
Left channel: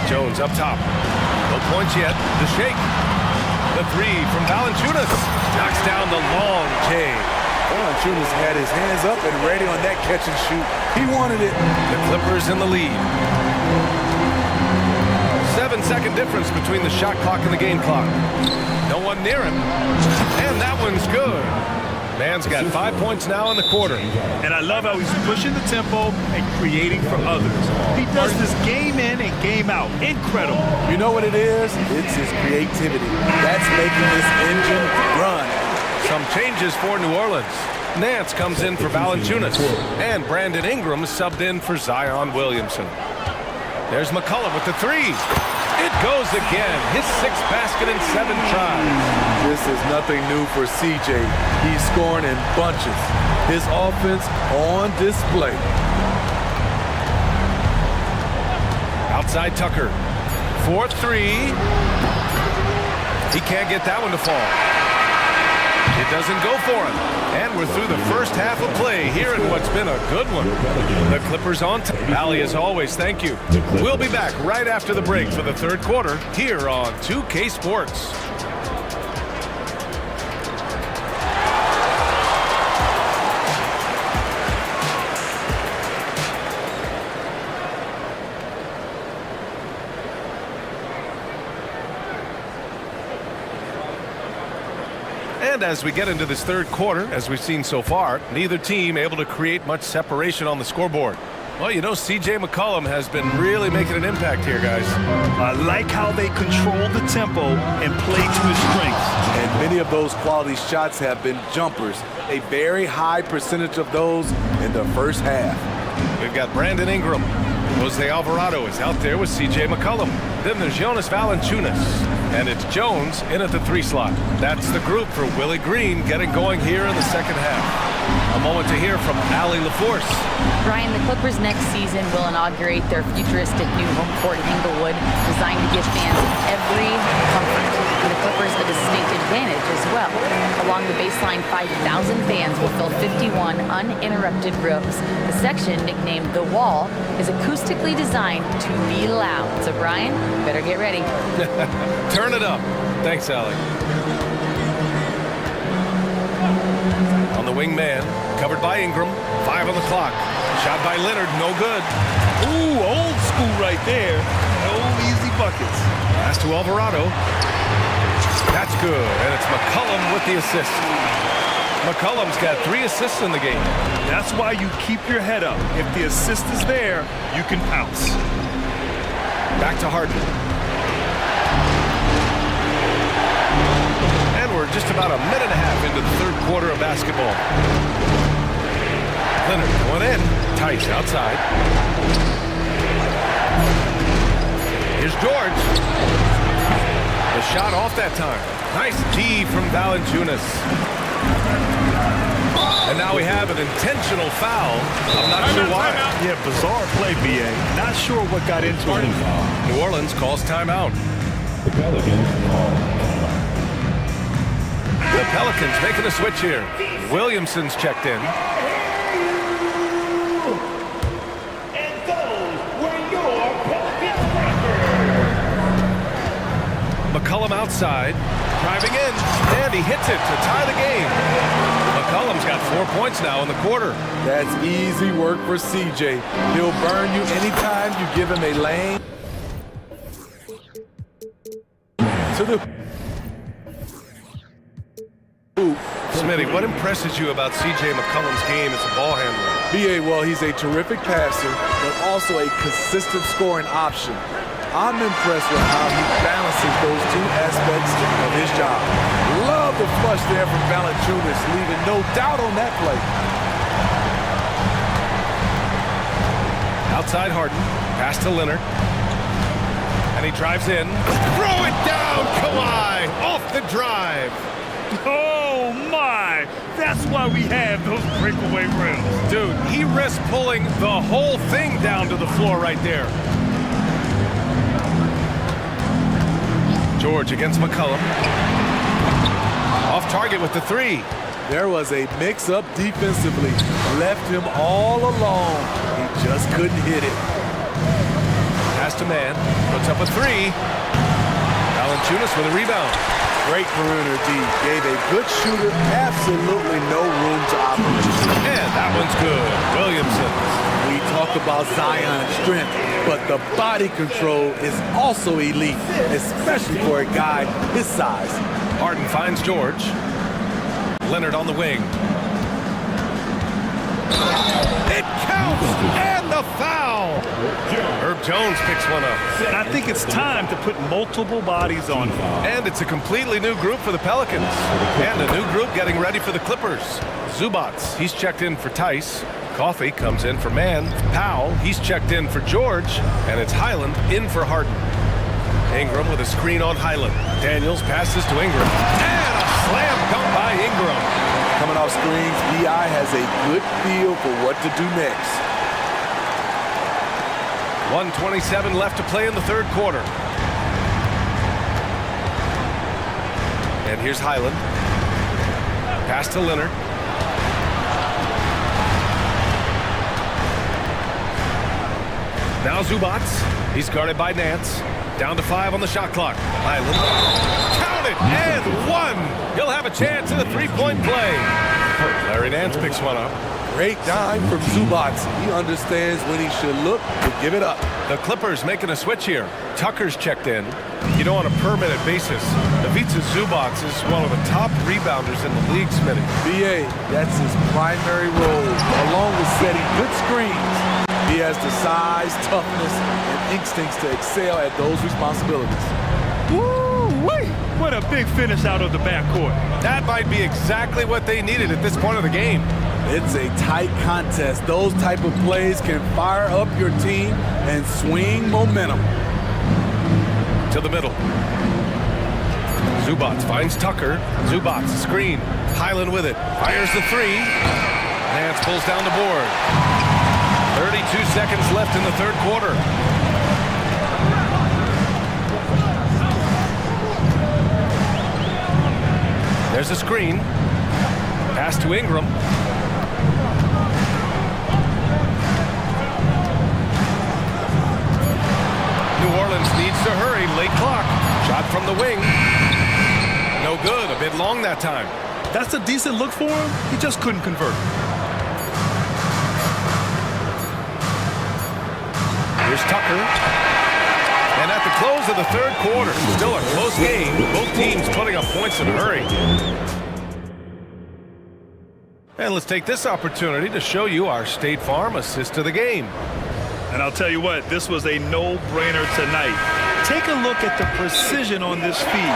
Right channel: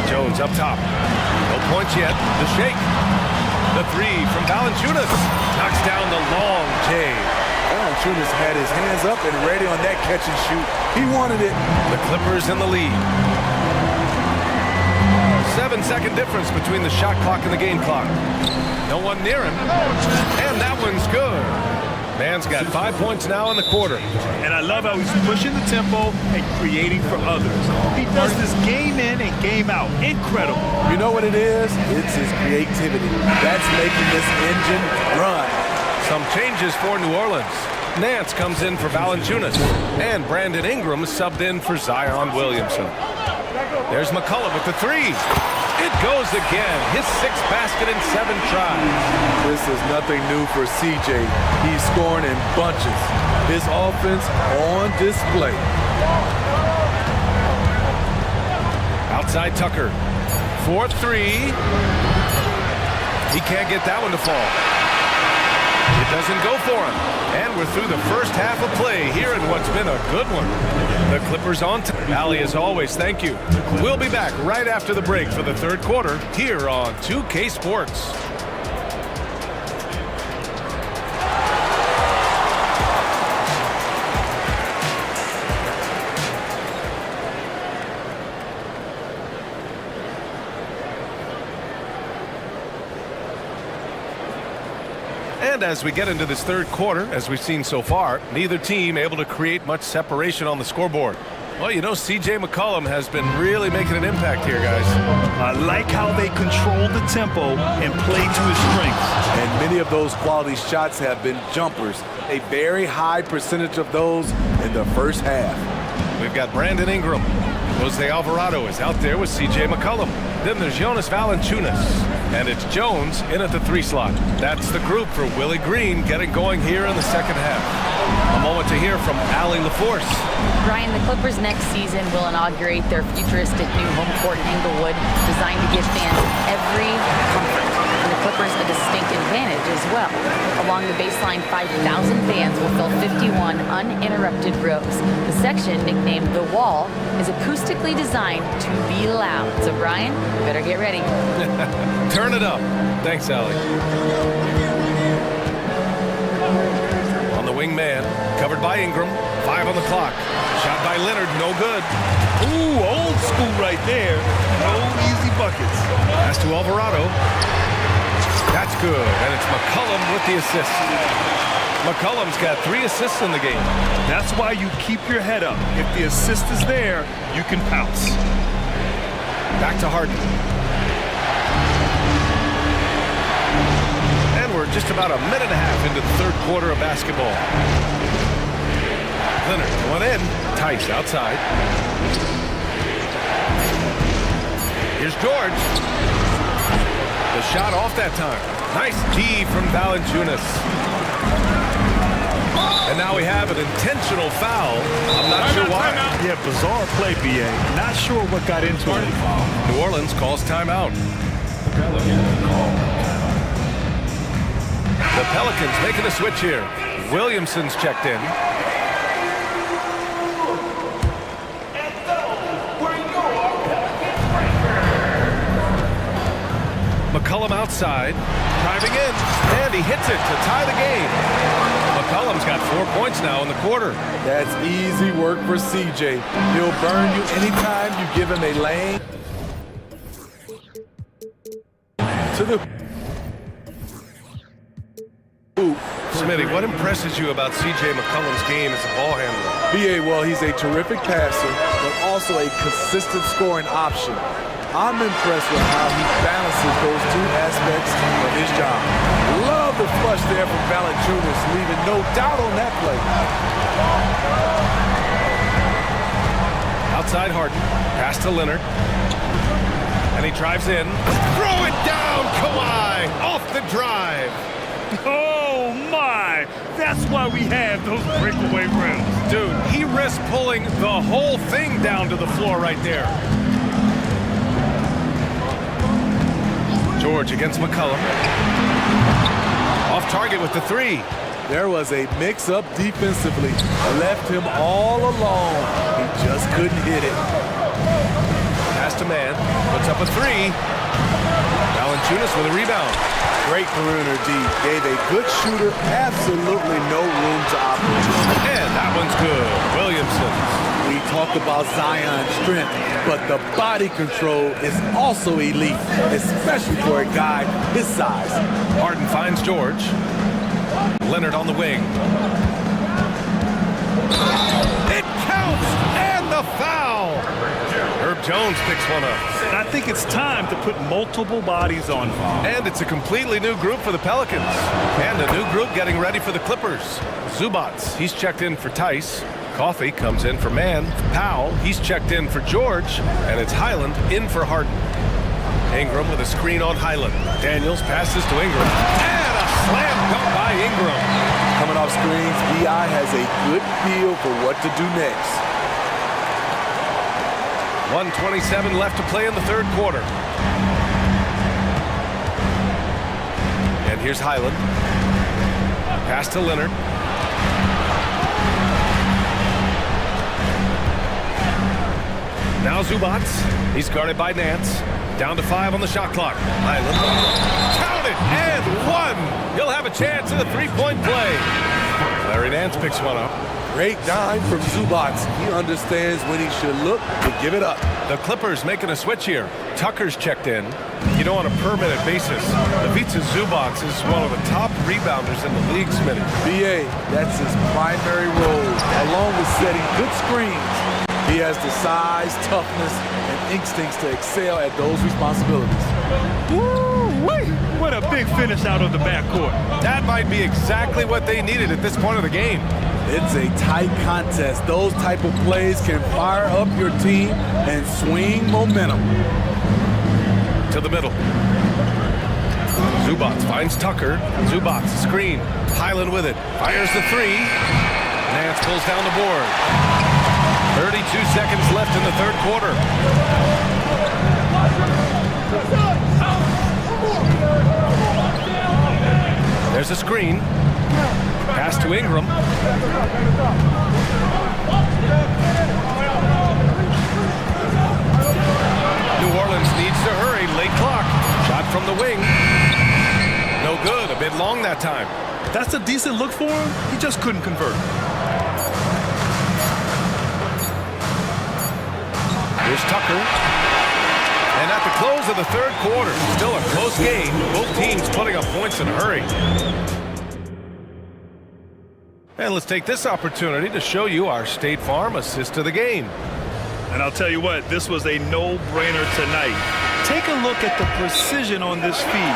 Jones up top. No points yet. The shake. The 3 from Valanciunas. Knocks down the long J. Valanciunas had his hands up and ready on that catch and shoot. He wanted it. The Clippers in the lead. 7-second difference between the shot clock and the game clock. No one near him. And that one's good. Man's got 5 points now in the quarter. And I love how he's pushing the tempo and creating for others. He does this game in and game out. Incredible. You know what it is? It's his creativity. That's making this engine run. Some changes for New Orleans. Nance comes in for Valanciunas. And Brandon Ingram is subbed in for Zion Williamson. There's McCollum with the 3. It goes again. His 6th basket in 7 tries. This is nothing new for CJ. He's scoring in bunches. His offense on display. Outside Tucker. 4-3. He can't get that one to fall. It doesn't go for him. And we're through the first half of play here in what's been a good one. The Clippers on top. Ali, as always, thank you. We'll be back right after the break for the third quarter here on 2K Sports. And as we get into this third quarter, as we've seen so far, neither team able to create much separation on the scoreboard. Well, you know, CJ McCollum has been really making an impact here, guys. I like how they control the tempo and play to his strengths. And many of those quality shots have been jumpers. A very high percentage of those in the first half. We've got Brandon Ingram. Jose Alvarado is out there with CJ McCollum. Then there's Jonas Valanciunas. And it's Jones in at the 3 slot. That's the group for Willie Green getting going here in the second half. A moment to hear from Allie LaForce. Brian, the Clippers next season will inaugurate their futuristic new home court in Inglewood, designed to give fans every comfort. And the Clippers a distinct advantage as well. Along the baseline, 5,000 fans will fill 51 uninterrupted rows. The section, nicknamed The Wall, is acoustically designed to be loud. So, Brian, you better get ready. Turn it up. Thanks, Allie. On the wing man, covered by Ingram. 5 on the clock. Shot by Leonard, no good. Ooh, old school right there. No easy buckets. Pass to Alvarado. That's good, and it's McCollum with the assist. McCollum's got 3 assists in the game. That's why you keep your head up. If the assist is there, you can pounce. Back to Harden. And we're just about a minute and a half into the third quarter of basketball. Leonard going in. Tice outside. Here's George. The shot off that time. Nice D from Valanciunas. And now we have an intentional foul. I'm not sure why. Yeah, bizarre play, BA. Not sure what got into him. New Orleans calls timeout. The Pelicans call timeout. The Pelicans making a switch here. Williamson's checked in. McCollum outside, driving in, and he hits it to tie the game. McCollum's got 4 points now in the quarter. That's easy work for CJ. He'll burn you anytime you give him a lane. To the hoop. Smitty, what impresses you about CJ McCollum's game as a ball handler? BA, well, he's a terrific passer, but also a consistent scoring option. I'm impressed with how he balances those two aspects of his job. Love the flush there from Valanciunas, leaving no doubt on that play. Outside Harden, pass to Leonard. And he drives in. Throw it down, Kawhi, off the drive. Oh, my. That's why we have those breakaway rims. Dude, he risks pulling the whole thing down to the floor right there. George against McCollum. Off target with the three. There was a mix-up defensively. Left him all alone. He just couldn't hit it. Pass to man. Puts up a three. Valanciunas with a rebound. Great perimeter D. Gave a good shooter absolutely no room to operate. And that one's good. Williamson. We talk about Zion's strength, but the body control is also elite, especially for a guy his size. Harden finds George. Leonard on the wing. It counts! And the foul! Herb Jones picks one up. I think it's time to put multiple bodies on him. And it's a completely new group for the Pelicans. And a new group getting ready for the Clippers. Zubats, he's checked in for Tice. Coffee comes in for Man. Powell, he's checked in for George. And it's Highland in for Harden. Ingram with a screen on Highland. Daniels passes to Ingram. And a slam dunk by Ingram. Coming off screens, BI has a good feel for what to do next. 1:27 left to play in the third quarter. And here's Highland. Pass to Leonard. Now Zubats. He's guarded by Nance. Down to 5 on the shot clock. Highland. Count it! And one! He'll have a chance at a three-point play. Larry Nance picks one up. Great dime from Zubats. He understands when he should look to give it up. The Clippers making a switch here. Tucker's checked in. You know, on a per-minute basis, Ivica Zubats is one of the top rebounders in the league, Smitty. BA, that's his primary role, along with setting good screens. He has the size, toughness, and instincts to excel at those responsibilities. Woo-wee! What a big finish out of the backcourt. That might be exactly what they needed at this point of the game. It's a tight contest. Those type of plays can fire up your team and swing momentum. To the middle. Zubats finds Tucker. Zubats screen. Highland with it. Fires the three. Nance pulls down the board. 32 seconds left in the third quarter. There's a screen. Pass to Ingram. New Orleans needs to hurry. Late clock. Shot from the wing. No good. A bit long that time. That's a decent look for him. He just couldn't convert. Here's Tucker. And at the close of the third quarter, still a close game. Both teams putting up points in a hurry. And let's take this opportunity to show you our State Farm assist to the game. And I'll tell you what, this was a no-brainer tonight. Take a look at the precision on this feed.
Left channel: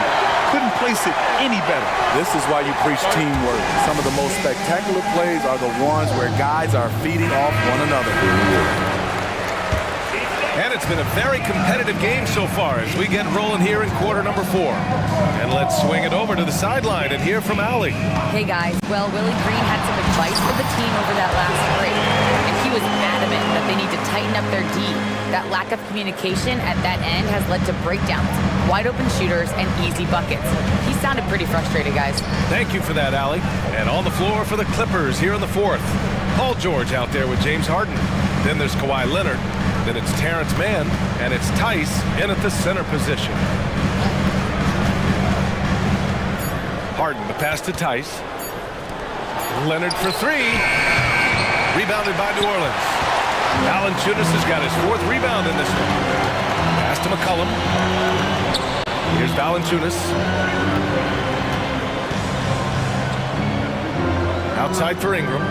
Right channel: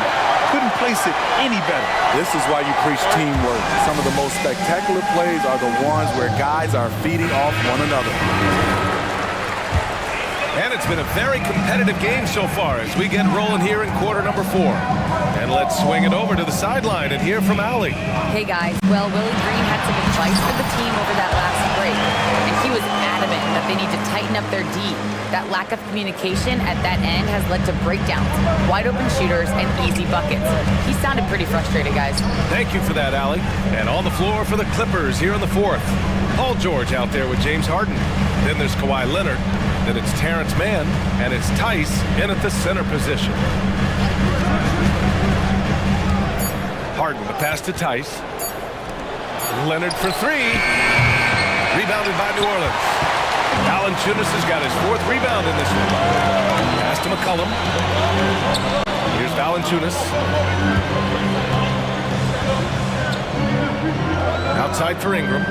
Couldn't place it any better. This is why you preach teamwork. Some of the most spectacular plays are the ones where guys are feeding off one another. And it's been a very competitive game so far as we get rolling here in quarter number 4. And let's swing it over to the sideline and hear from Allie. Hey guys, well, Willie Green had some advice for the team over that last break, and he was adamant that they need to tighten up their D. That lack of communication at that end has led to breakdowns, wide open shooters, and easy buckets. He sounded pretty frustrated, guys. Thank you for that, Allie. And on the floor for the Clippers here in the 4th. Paul George out there with James Harden. Then there's Kawhi Leonard. Then it's Terrence Mann, and it's Tice in at the center position. Harden, the pass to Tice. Leonard for 3. Rebounded by New Orleans. Valanciunas has got his 4th rebound in this one. Pass to McCollum. Here's Valanciunas. Outside for Ingram.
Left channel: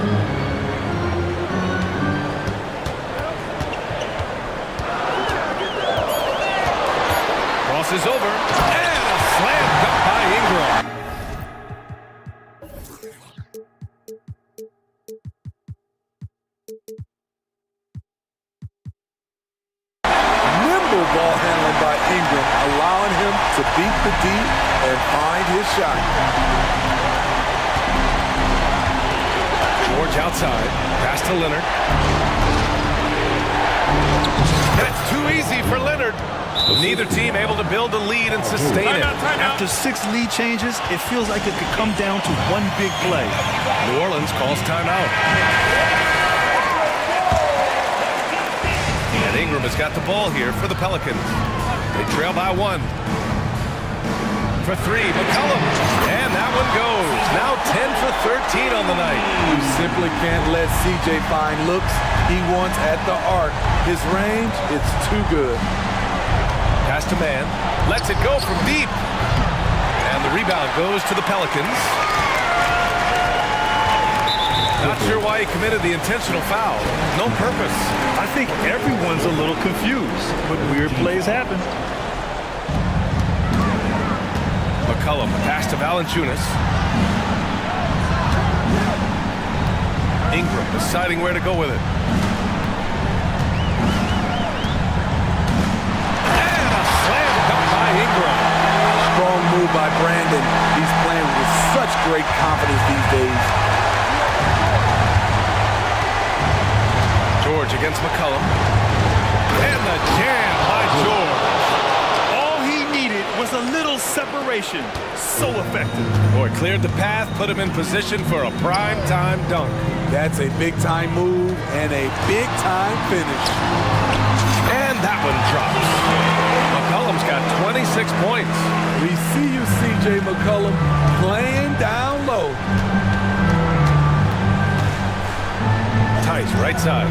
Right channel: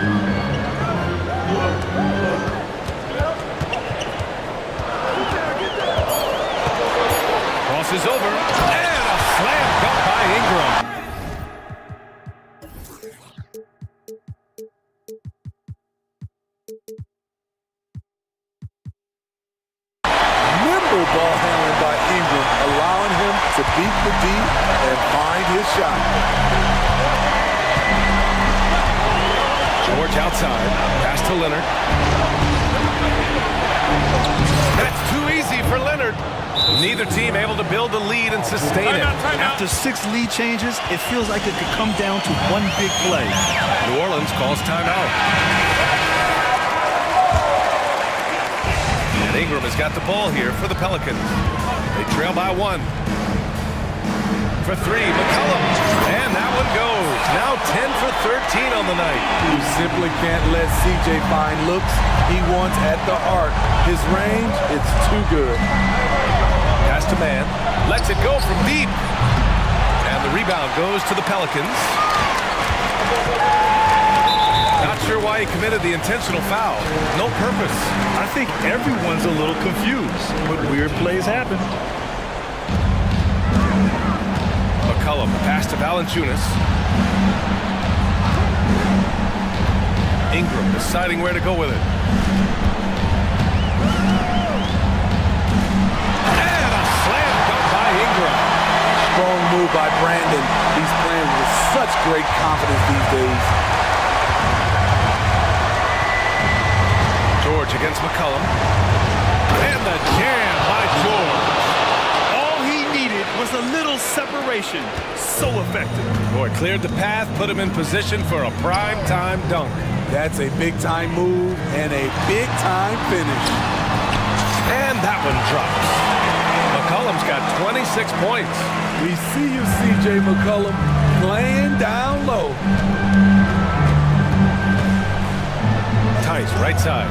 Crosses over, and a slam dunk by Ingram. Nimble ball handling by Ingram, allowing him to beat the D and find his shot. George outside, pass to Leonard. That's too easy for Leonard. Neither team able to build a lead and sustain it. After 6 lead changes, it feels like it could come down to one big play. New Orleans calls timeout. And Ingram has got the ball here for the Pelicans. They trail by 1. For 3, McCollum. And that one goes. Now 10 for 13 on the night. You simply can't let CJ find looks he wants at the arc. His range, it's too good. Pass to Mann. Lets it go from deep. And the rebound goes to the Pelicans. Not sure why he committed the intentional foul. No purpose. I think everyone's a little confused, but weird plays happen. McCollum, the pass to Valanciunas. Ingram deciding where to go with it. And a slam dunk by Ingram. Strong move by Brandon. He's playing with such great confidence these days. George against McCollum. And the jam by George. All he needed was a little separation. So effective. Boy, cleared the path, put him in position for a prime-time dunk. That's a big-time move and a big-time finish. And that one drops. McCollum's got 26 points. We see you, CJ McCollum, playing down low. Tice, right side.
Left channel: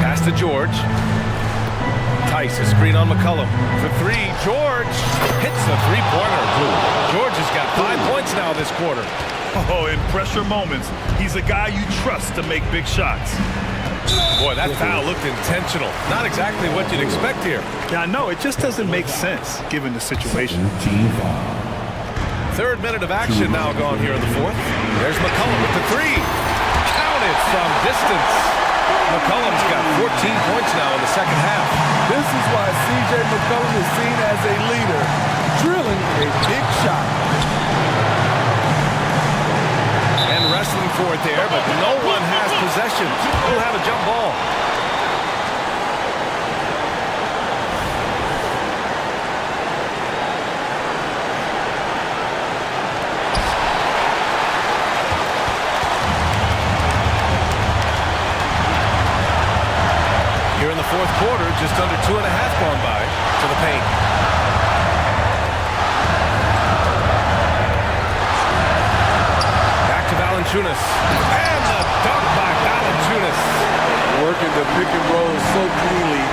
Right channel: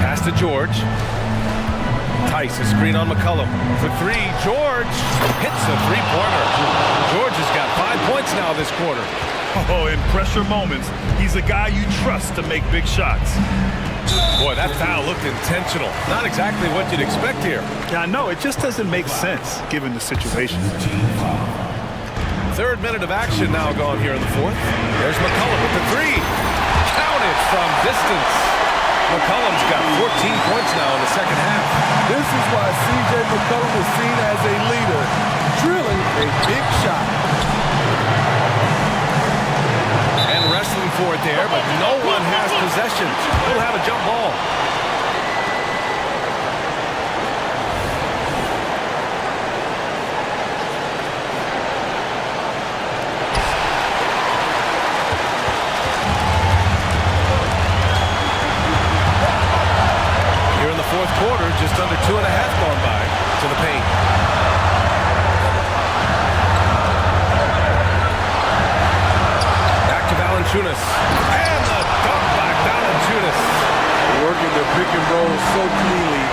Pass to George. Tice, a screen on McCollum. For 3, George hits a 3-pointer. George has got 5 points now this quarter. Oh, in pressure moments, he's a guy you trust to make big shots. Boy, that foul looked intentional. Not exactly what you'd expect here. Yeah, I know. It just doesn't make sense, given the situation. 3rd minute of action now gone here in the 4th. There's McCollum with the 3. Counted from distance. McCollum's got 14 points now in the second half. This is why CJ McCollum is seen as a leader, drilling a big shot. And wrestling for it there, but no one has possession. We'll have a jump ball. Here in the 4th quarter, just under 2.5 gone by to the paint. Back to Valanciunas. And the dunk by Valanciunas. Working the pick and roll so cleanly,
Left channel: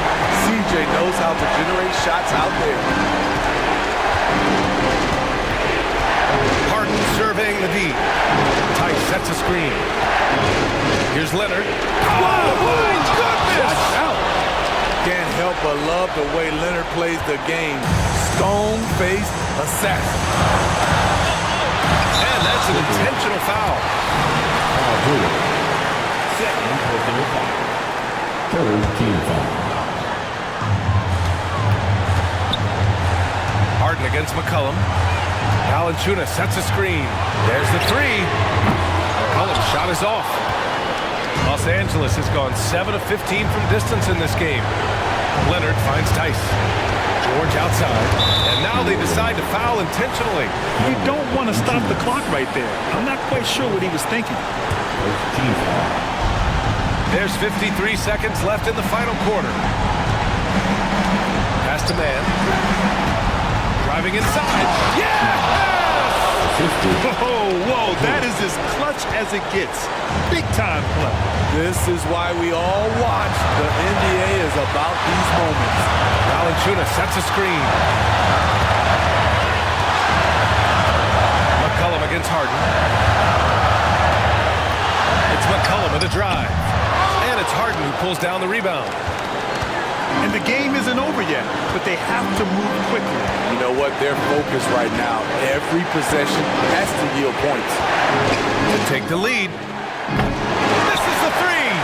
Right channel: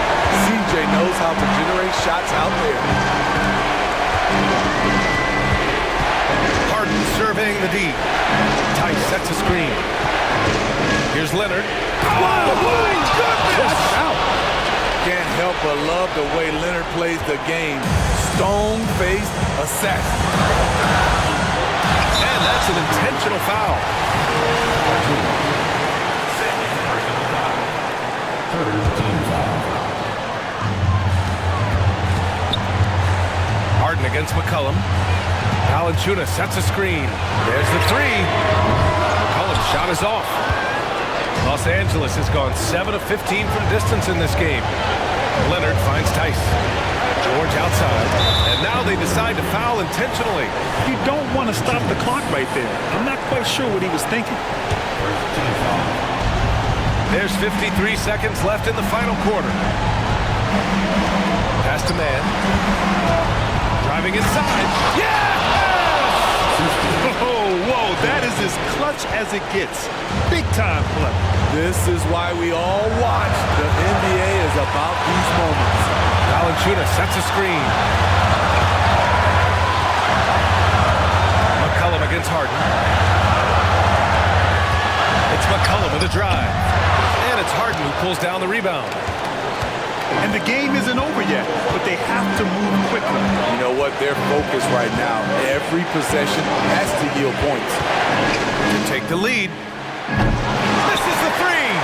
CJ knows how to generate shots out there. Harden surveying the D. Tice sets a screen. Here's Leonard. Oh, my goodness! Watch out. Can't help but love the way Leonard plays the game. Stone-faced assassin. And that's an intentional foul. Third team foul. Harden against McCollum. Valanciunas sets a screen. There's the three. McCollum's shot is off. Los Angeles has gone 7 of 15 from distance in this game. Leonard finds Tice. George outside. And now they decide to foul intentionally. You don't want to stop the clock right there. I'm not quite sure what he was thinking. First team foul. There's 53 seconds left in the final quarter. Pass to man. Driving inside. Yes! Oh, whoa, that is as clutch as it gets. Big time play. This is why we all watch. The NBA is about these moments. Valanciunas sets a screen. McCollum against Harden. It's McCollum with a drive. And it's Harden who pulls down the rebound. And the game isn't over yet, but they have to move quickly. You know what? They're focused right now. Every possession has to yield points. To take the lead. This is the three.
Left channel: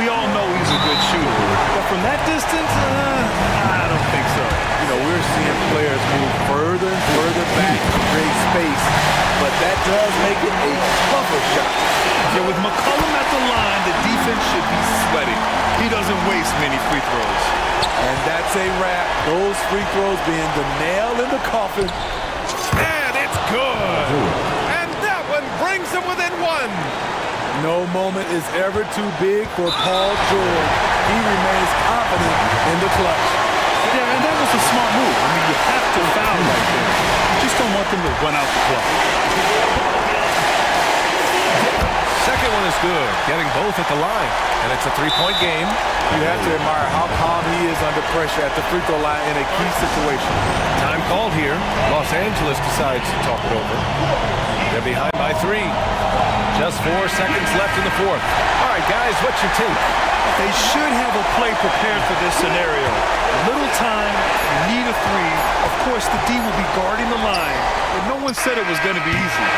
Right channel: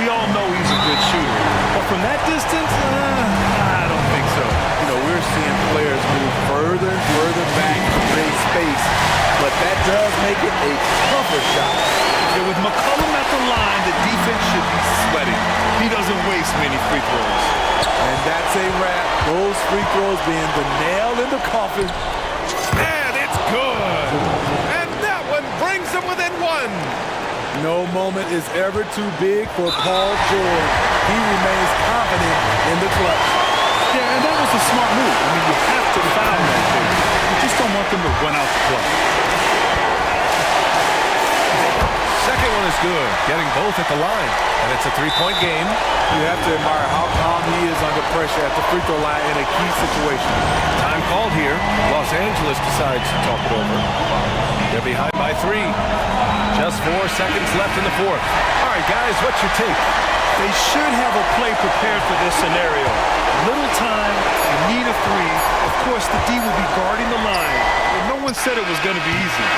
We all know he's a good shooter, but from that distance, I don't think so. You know, we're seeing players move further and further back to create space, but that does make it a tougher shot. Yeah, with McCollum at the line, the defense should be sweating. He doesn't waste many free throws. And that's a wrap. Those free throws being the nail in the coffin. And it's good. And that one brings them within one. No moment is ever too big for Paul George. He remains confident in the clutch. Yeah, and that was a smart move. I mean, you have to foul right there. You just don't want them to run out the clock. Second one is good, getting both at the line. And it's a three-point game. You have to admire how calm he is under pressure at the free throw line in a key situation. Time called here. Los Angeles decides to talk it over. They're behind by 3. Just 4 seconds left in the fourth. All right, guys, what's your take? They should have a play prepared for this scenario. Little time, you need a three. Of course, the D will be guarding the line, but no one said it was going to be easy.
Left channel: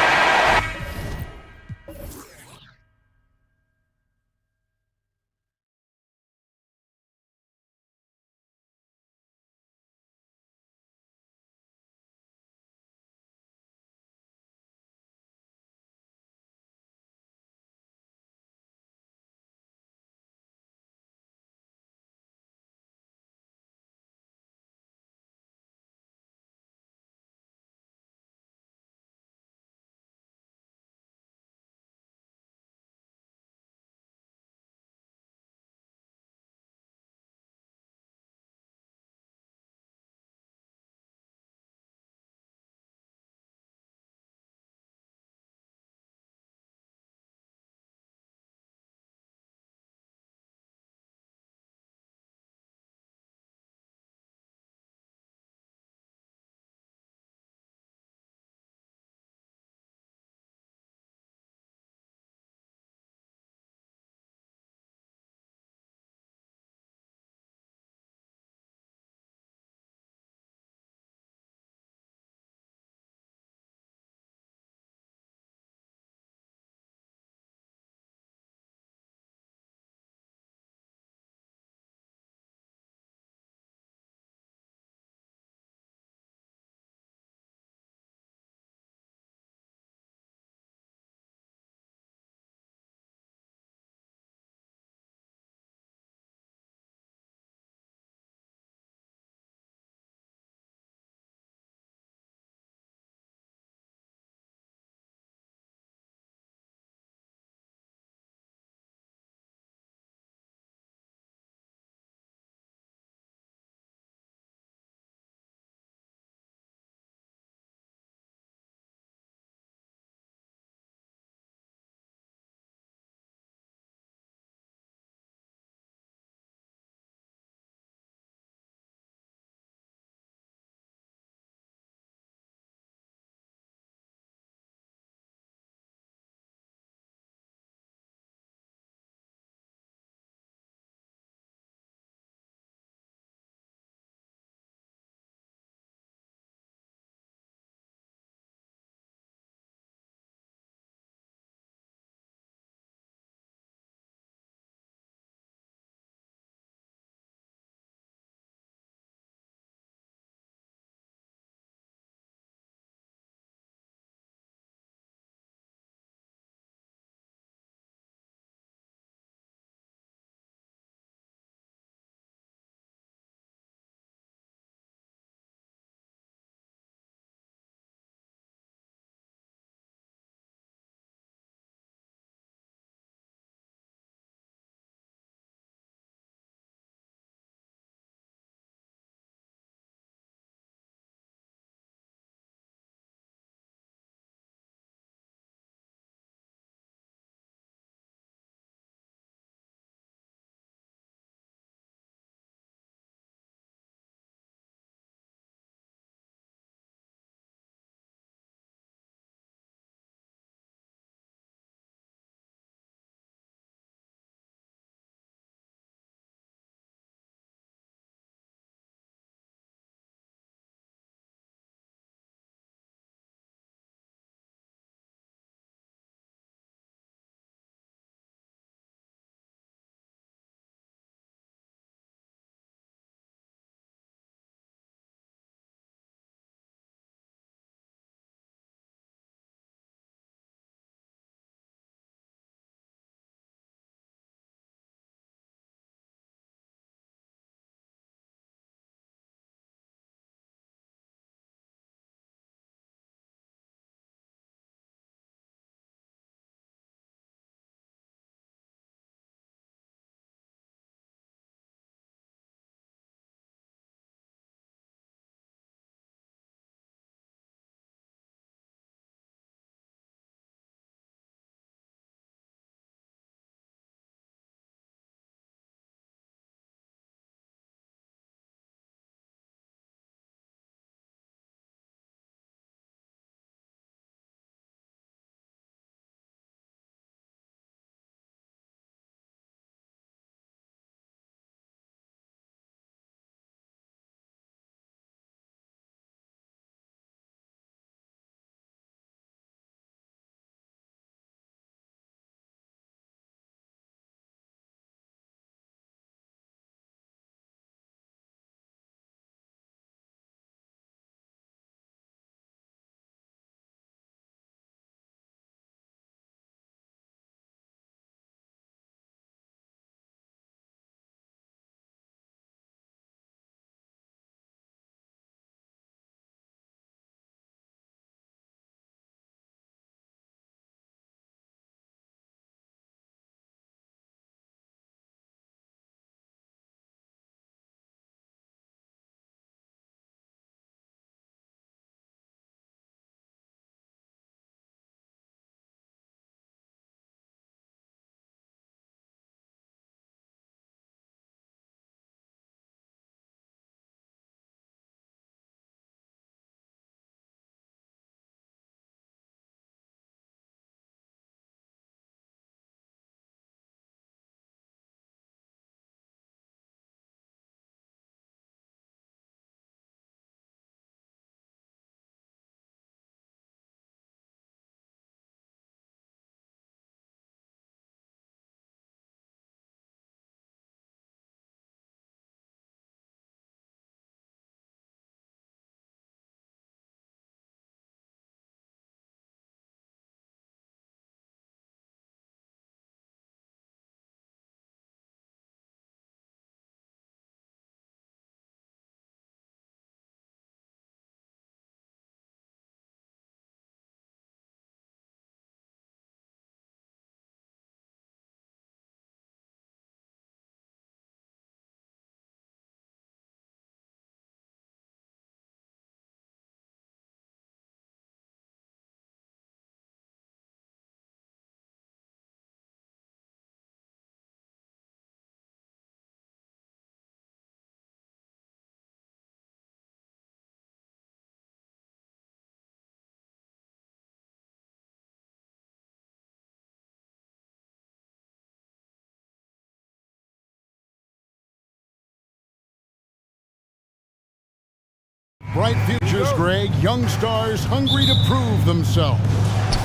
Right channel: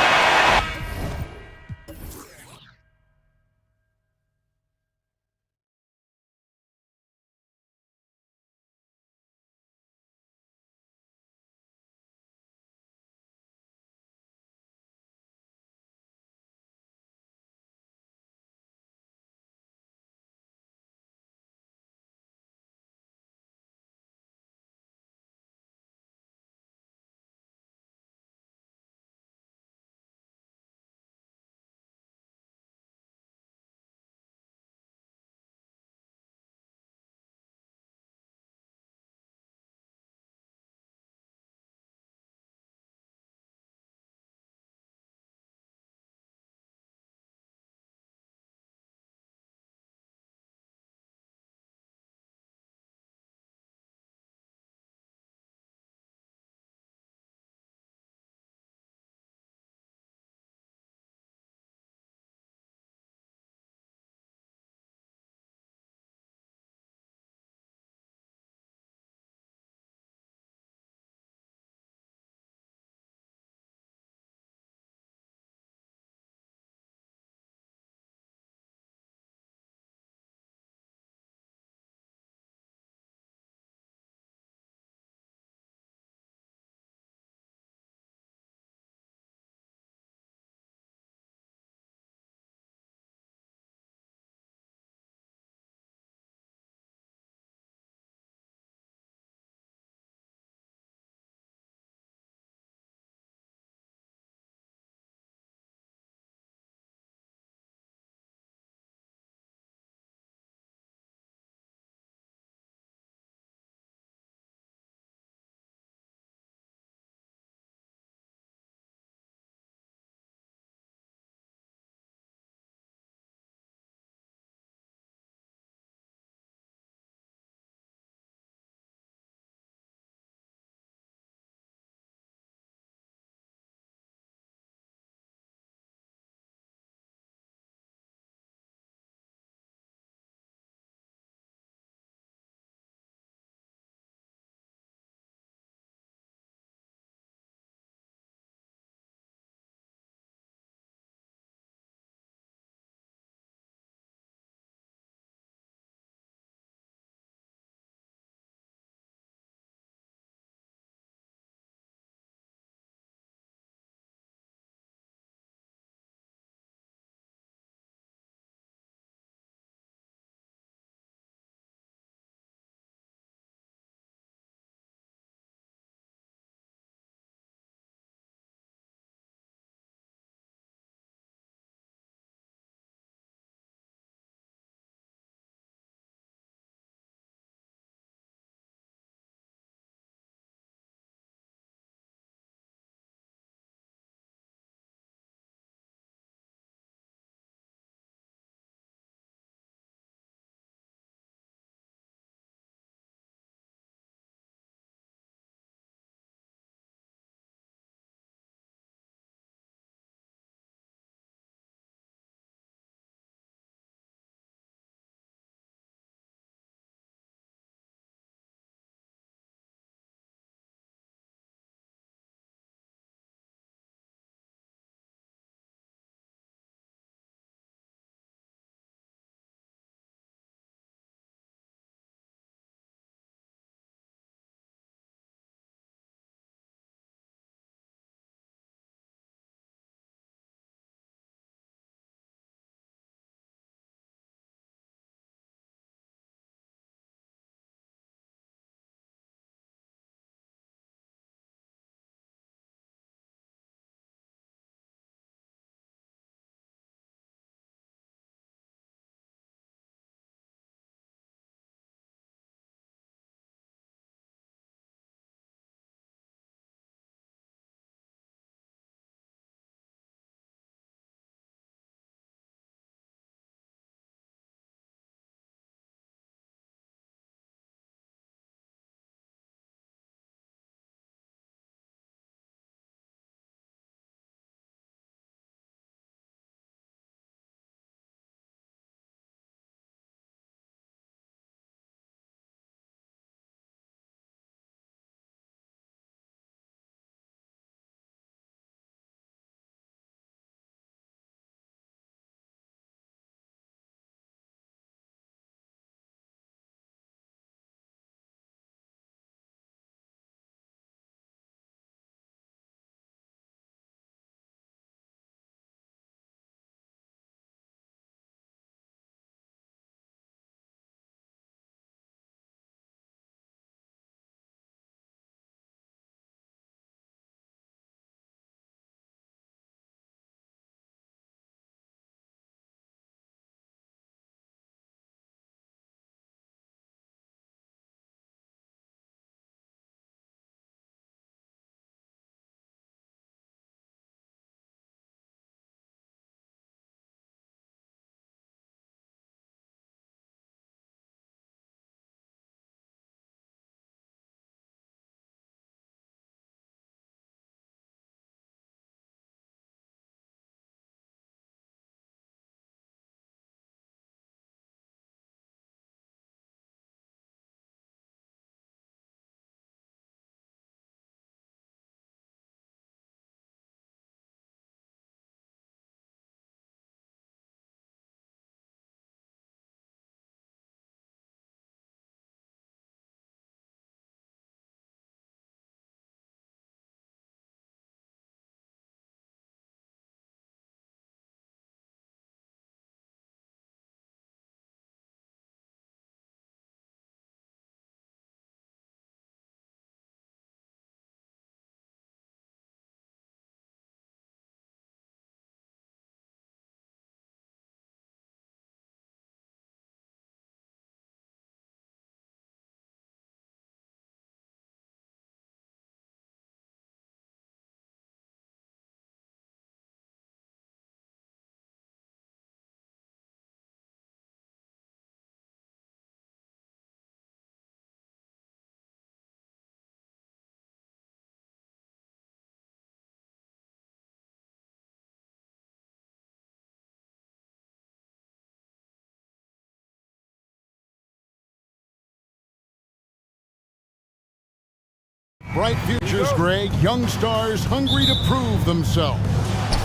Bright futures, Greg. Young stars hungry to prove themselves.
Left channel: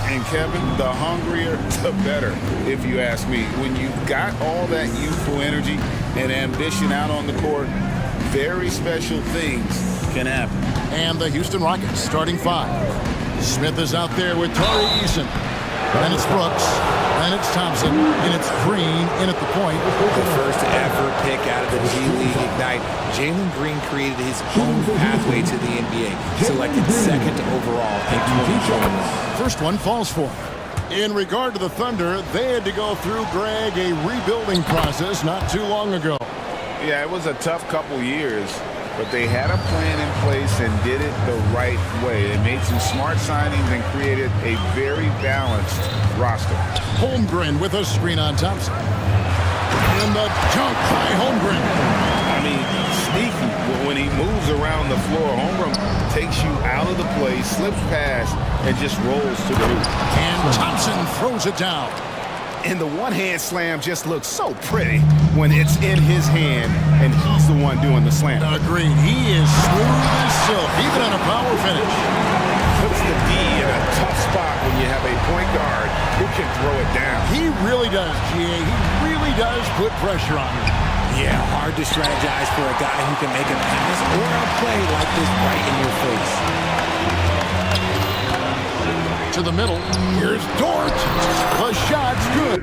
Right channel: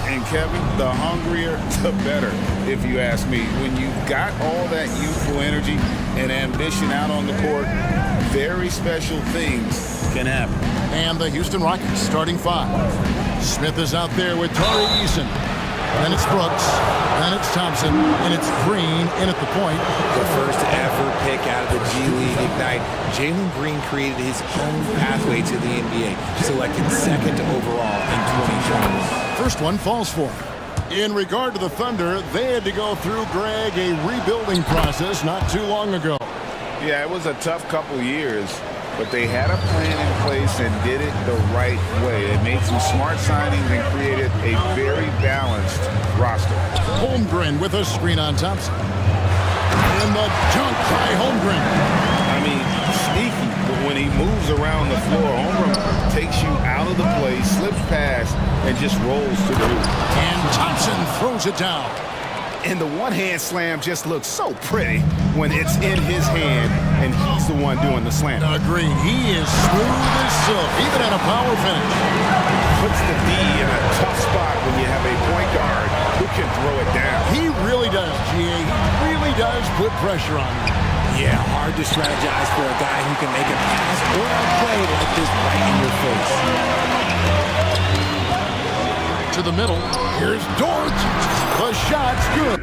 And Kevin, the hungrier, the better, if you ask me. When you've got all that youthful energy and ambition out on the court, very special things can happen. And the Houston Rockets starting 5. Smith is out there with Tari Eason. Then it's Brooks. Then it's Thompson. And it's Green in at the point. The first ever pick out of the G League Ignite. Jalen Green created his own pathway to the NBA. Selected second overall in 2021. First one falls for him. In regard to the Thunder, they had to go through, Greg, a rebuilding process not too long ago. Yeah, it was a tough couple years, but they had a plan in place and did it the right way. They made some smart signings and created a very balanced roster. Holmgren with a screen on Thompson. And the dunk by Holmgren. I mean, sneaky. When he moves around the floor, Holmgren takes you out of the play, slips past, and just rolls to the hoop. And Thompson throws it down. And the one-hand slam just looks so pretty when it's in his hand and he's the one doing the slam. Agreed. He is smooth as silk, even on a power finish. Puts the D in a tough spot when you have a point guard who can throw it down. He really does, GA. He really does put pressure on him. Yeah, hard to strategize for a guy who can make a pass or a play like this right in your face. To the middle. Here's Dort. The shot's good.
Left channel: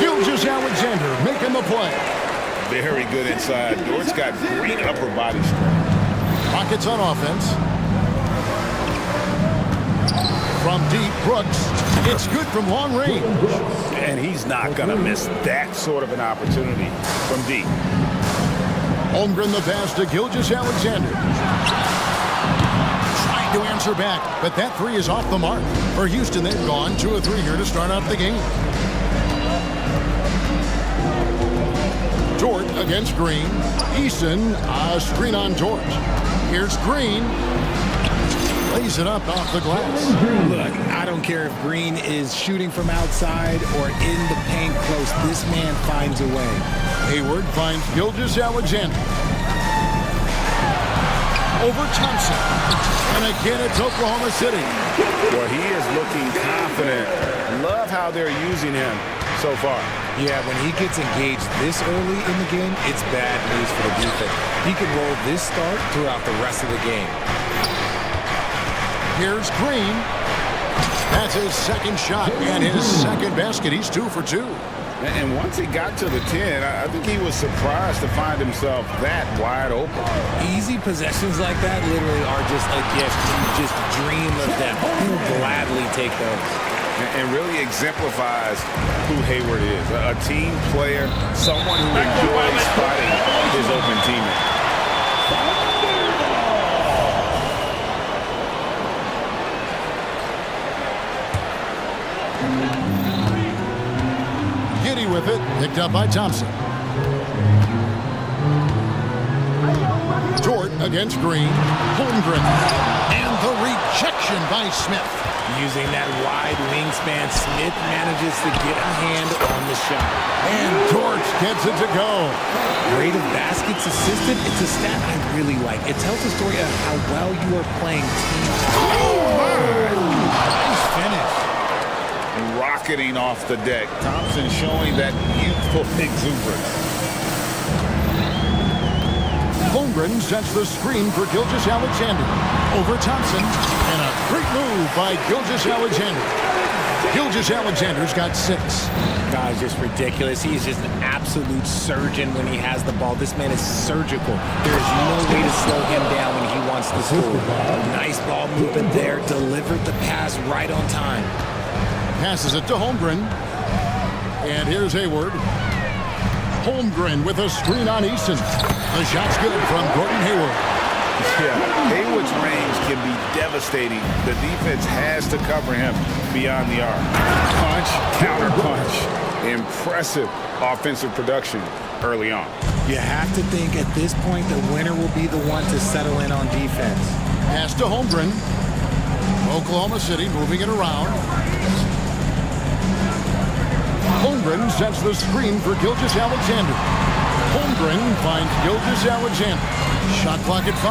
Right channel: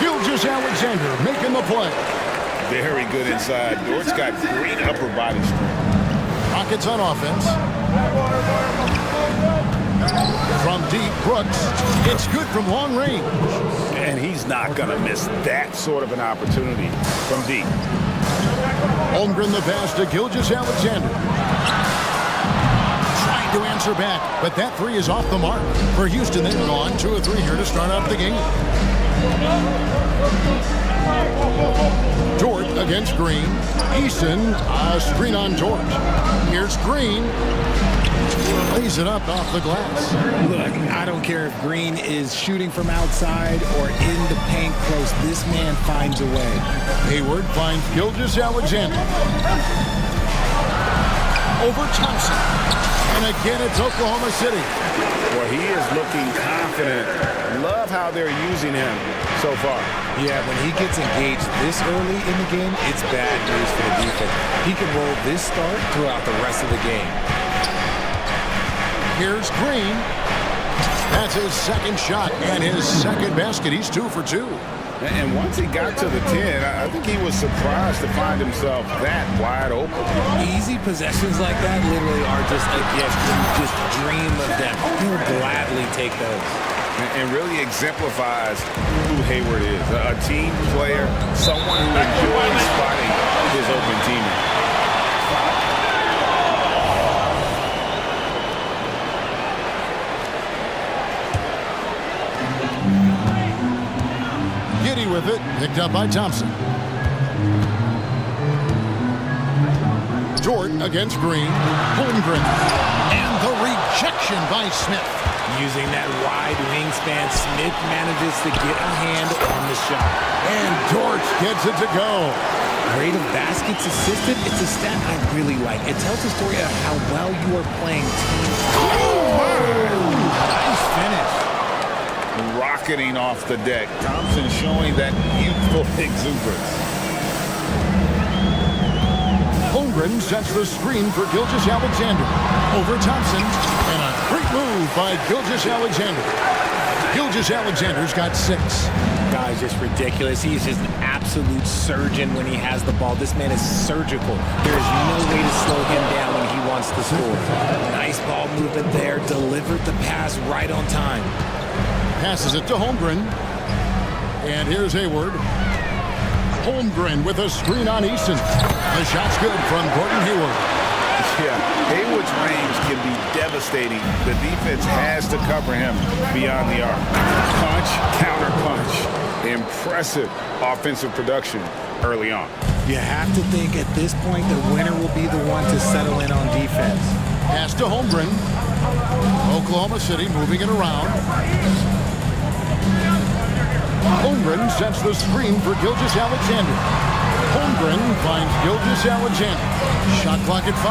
Gilgeous-Alexander making the play. Very good inside. Dort's got great upper body strength. Rockets on offense. From deep, Brooks. It's good from long range. And he's not going to miss that sort of an opportunity from deep. Holmgren the pass to Gilgeous-Alexander. Trying to answer back, but that three is off the mark. For Houston, they've gone 2 of 3 here to start off the game. Dort against Green. Eason, a screen on Dort. Here's Green. Lays it up off the glass. Look, I don't care if Green is shooting from outside or in the paint close. This man finds a way. Hayward finds Gilgeous-Alexander. Over Thompson. And again, it's Oklahoma City. Well, he is looking confident. Love how they're using him so far. Yeah, when he gets engaged this early in the game, it's bad news for the defense. He can roll this start throughout the rest of the game. Here's Green. That's his second shot and his second basket. He's 2 for 2. And once he got to the 10, I think he was surprised to find himself that wide open. Easy possessions like that literally are just a gift. You just dream of them. He'll gladly take those. And really exemplifies who Hayward is. A team player, someone who enjoys spotting his open teammate. Giddy with it, picked up by Thompson. Dort against Green. Holmgren. And the rejection by Smith. Using that wide wingspan, Smith manages to get a hand on the shot. And Dort gets it to go. Rate of baskets assisted, it's a stat I really like. It tells a story of how well you are playing team. Oh, my! Nice finish. Rocketing off the deck. Thompson showing that youthful exuberance. Holmgren sets the screen for Gilgeous-Alexander. Over Thompson. And a great move by Gilgeous-Alexander. Gilgeous-Alexander's got 6. Guy's just ridiculous. He's just an absolute surgeon when he has the ball. This man is surgical. There is no way to slow him down when he wants to score. Nice ball movement there. Delivered the pass right on time. Passes it to Holmgren. And here's Hayward. Holmgren with a screen on Easton. The shot's good from Gordon Hayward. Yeah, Hayward's range can be devastating. The defense has to cover him beyond the arc. Punch, counter punch. Impressive offensive production early on. You have to think at this point the winner will be the one to settle in on defense. Pass to Holmgren. Oklahoma City moving it around. Holmgren sets the screen for Gilgeous-Alexander. Holmgren finds Gilgeous-Alexander. Shot clock at 5.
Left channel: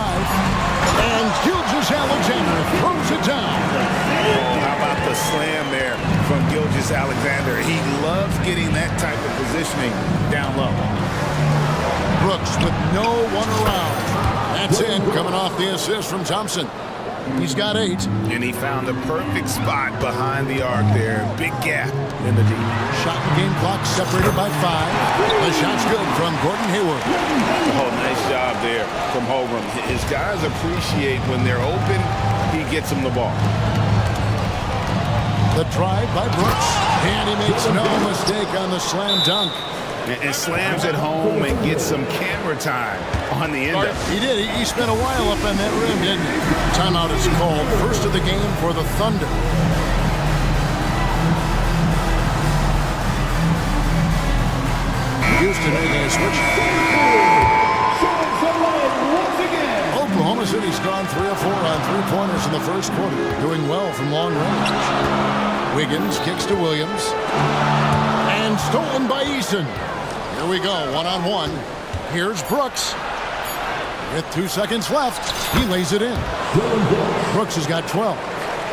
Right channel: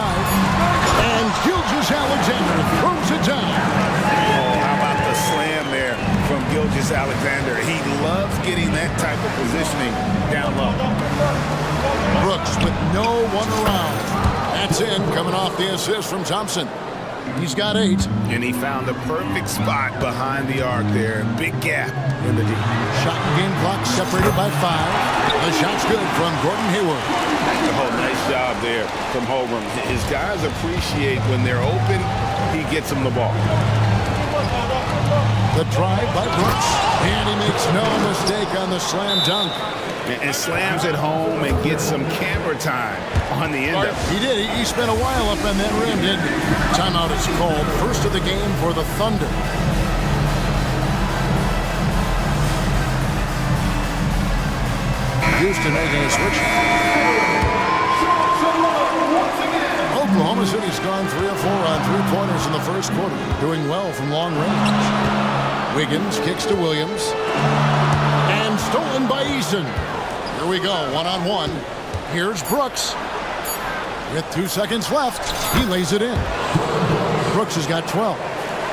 And Gilgeous-Alexander throws it down. Oh, how about the slam there from Gilgeous-Alexander? He loves getting that type of positioning down low. Brooks with no one around. That's in, coming off the assist from Thompson. He's got 8. And he found the perfect spot behind the arc there. Big gap in the D. Shot and game clock separated by 5. The shot's good from Gordon Hayward. Oh, nice job there from Holmgren. His guys appreciate when they're open, he gets them the ball. The drive by Brooks. And he makes no mistake on the slam dunk. And slams it home and gets some camera time on the end of it. He did. He spent a while up on that rim, didn't he? Timeout is called. First of the game for the Thunder. Houston making a switch. Oklahoma City's gone 3 of 4 on three-pointers in the first quarter, doing well from long range. Wiggins kicks to Williams. And stolen by Eason. Here we go, one-on-one. Here's Brooks. With 2 seconds left, he lays it in. Brooks has got 12.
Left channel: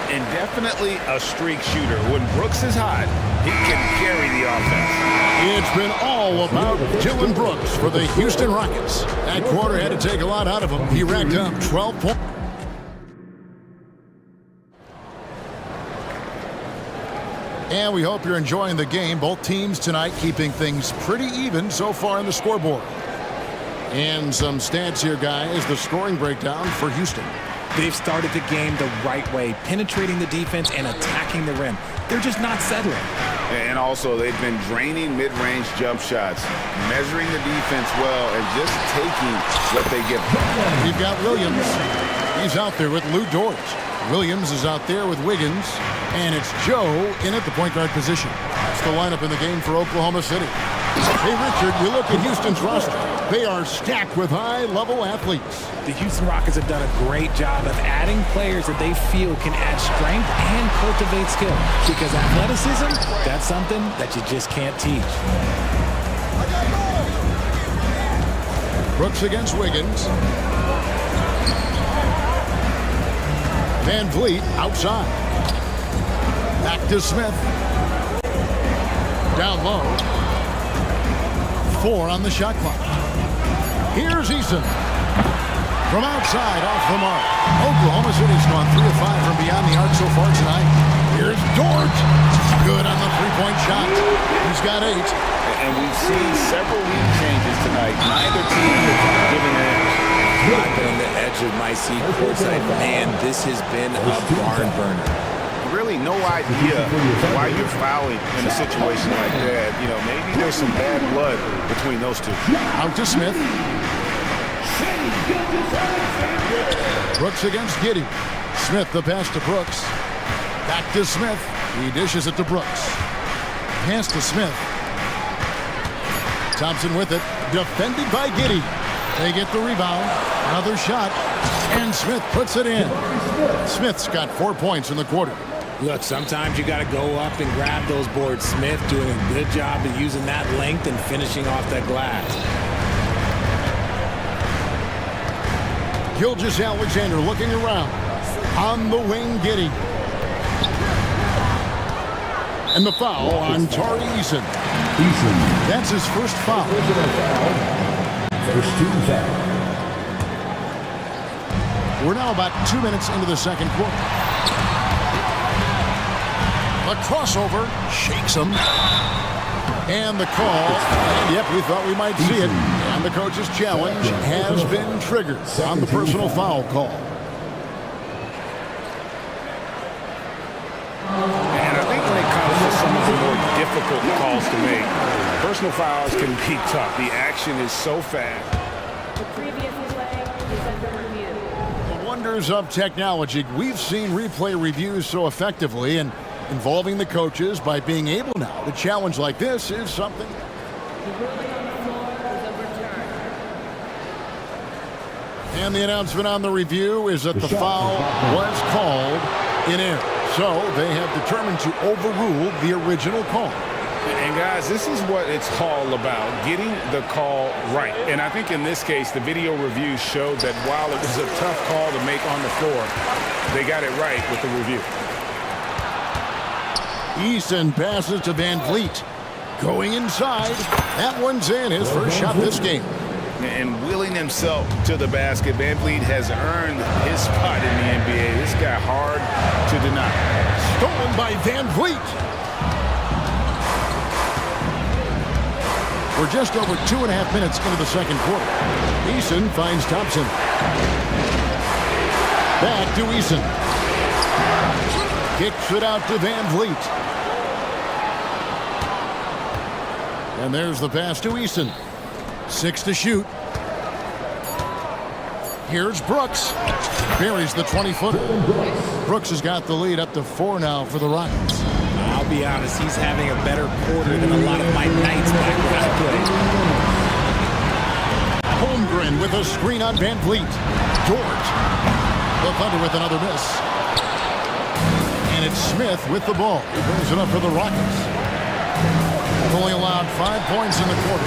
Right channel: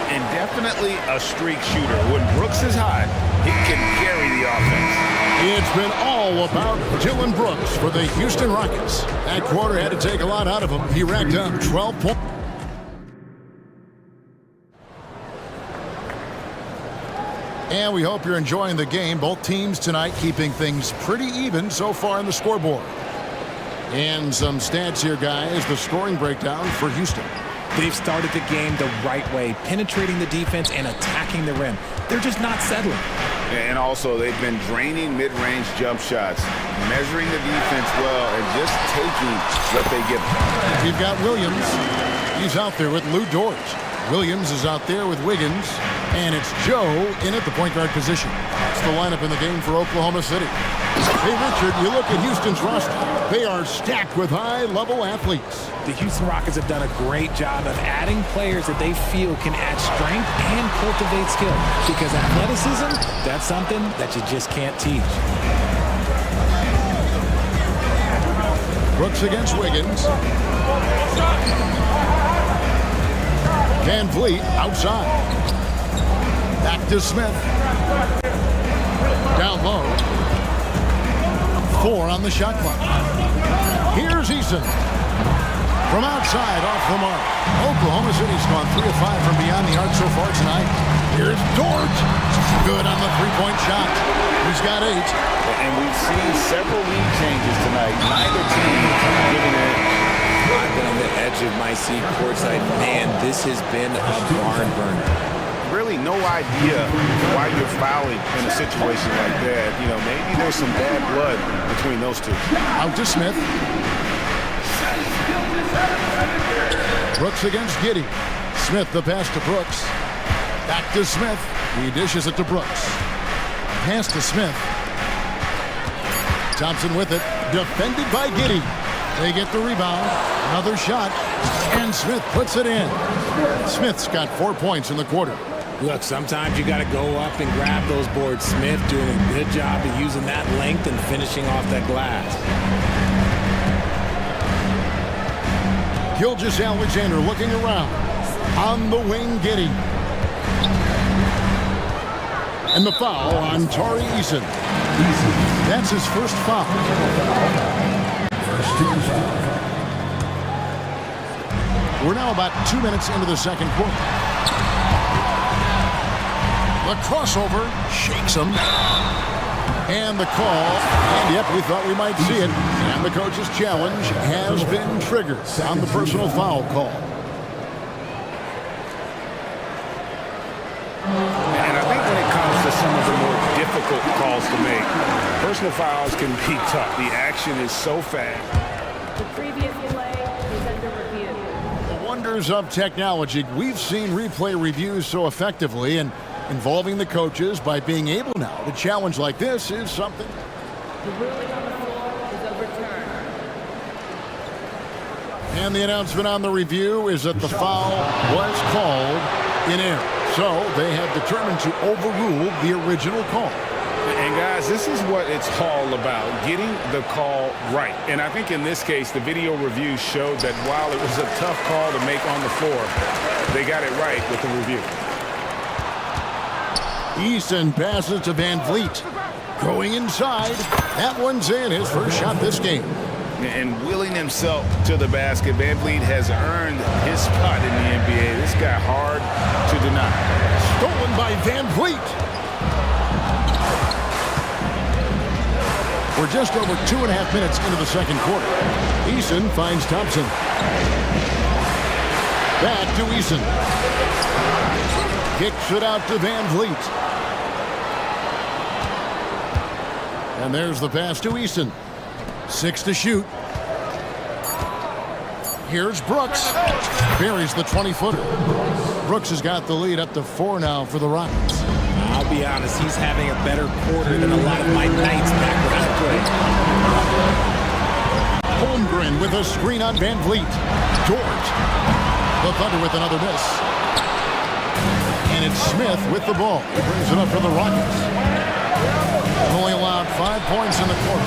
And definitely a streak shooter. When Brooks is hot, he can carry the offense. It's been all about Dylan Brooks for the Houston Rockets. That quarter had to take a lot out of him. He racked up 12 points. And we hope you're enjoying the game. Both teams tonight keeping things pretty even so far in the scoreboard. And some stats here, guys. The scoring breakdown for Houston. They've started the game the right way, penetrating the defense and attacking the rim. They're just not settling. And also, they've been draining mid-range jump shots, measuring the defense well, and just taking what they give them. We've got Williams. He's out there with Lou Dort. Williams is out there with Wiggins. And it's Joe in at the point guard position. That's the lineup in the game for Oklahoma City. Hey, Richard, you look at Houston's roster. They are stacked with high-level athletes. The Houston Rockets have done a great job of adding players that they feel can add strength and cultivate skill. Because athleticism, that's something that you just can't teach. Brooks against Wiggins. Van Vliet outside. Back to Smith. Down low. 4 on the shot clock. Here's Eason. From outside, off the mark. Oklahoma City's gone 3 of 5 from beyond the arc so far tonight. Here's Dort. Good on the three-point shot. He's got 8. And we've seen several lead changes tonight. Neither team giving an edge. I've been on the edge of my seat courtside. Man, this has been a barn burner. Really no idea why you're fouling in a situation like that. You know, maybe there's some bad blood between those two. Out to Smith. Brooks against Giddey. Smith the pass to Brooks. Back to Smith. He dishes it to Brooks. Pass to Smith. Thompson with it. Defended by Giddey. They get the rebound. Another shot. And Smith puts it in. Smith's got 4 points in the quarter. Look, sometimes you got to go up and grab those boards. Smith doing a good job of using that length and finishing off that glass. Gilgeous-Alexander looking around. On the wing, Giddey. And the foul on Tari Eason. That's his first foul. First team foul. We're now about 2 minutes into the second quarter. The crossover shakes him. And the call. And yep, we thought we might see it. And the coach's challenge has been triggered on the personal foul call. And I think when it comes to some of the more difficult calls to make, personal fouls can be tough. The action is so fast. The previous play is under review. The wonders of technology. We've seen replay reviews so effectively, and involving the coaches by being able now to challenge like this is something. The ruling on the floor is overturned. And the announcement on the review is that the foul was called in error. So they have determined to overrule the original call. And guys, this is what it's all about, getting the call right. And I think in this case, the video review showed that while it was a tough call to make on the floor, they got it right with the review. Easton passes to Van Vliet. Going inside. That one's in, his first shot this game. And willing himself to the basket, Van Vliet has earned his spot in the NBA. This guy hard to deny. Stolen by Van Vliet. We're just over 2.5 minutes into the second quarter. Eason finds Thompson. Back to Eason. Kicks it out to Van Vliet. And there's the pass to Eason. 6 to shoot. Here's Brooks. Buries the 20-footer. Brooks has got the lead up to 4 now for the Rockets. I'll be honest, he's having a better quarter than a lot of my nights back when I played. Holmgren with a screen on Van Vliet. George. The Thunder with another miss. And it's Smith with the ball. He brings it up for the Rockets. Only allowed 5 points in the quarter.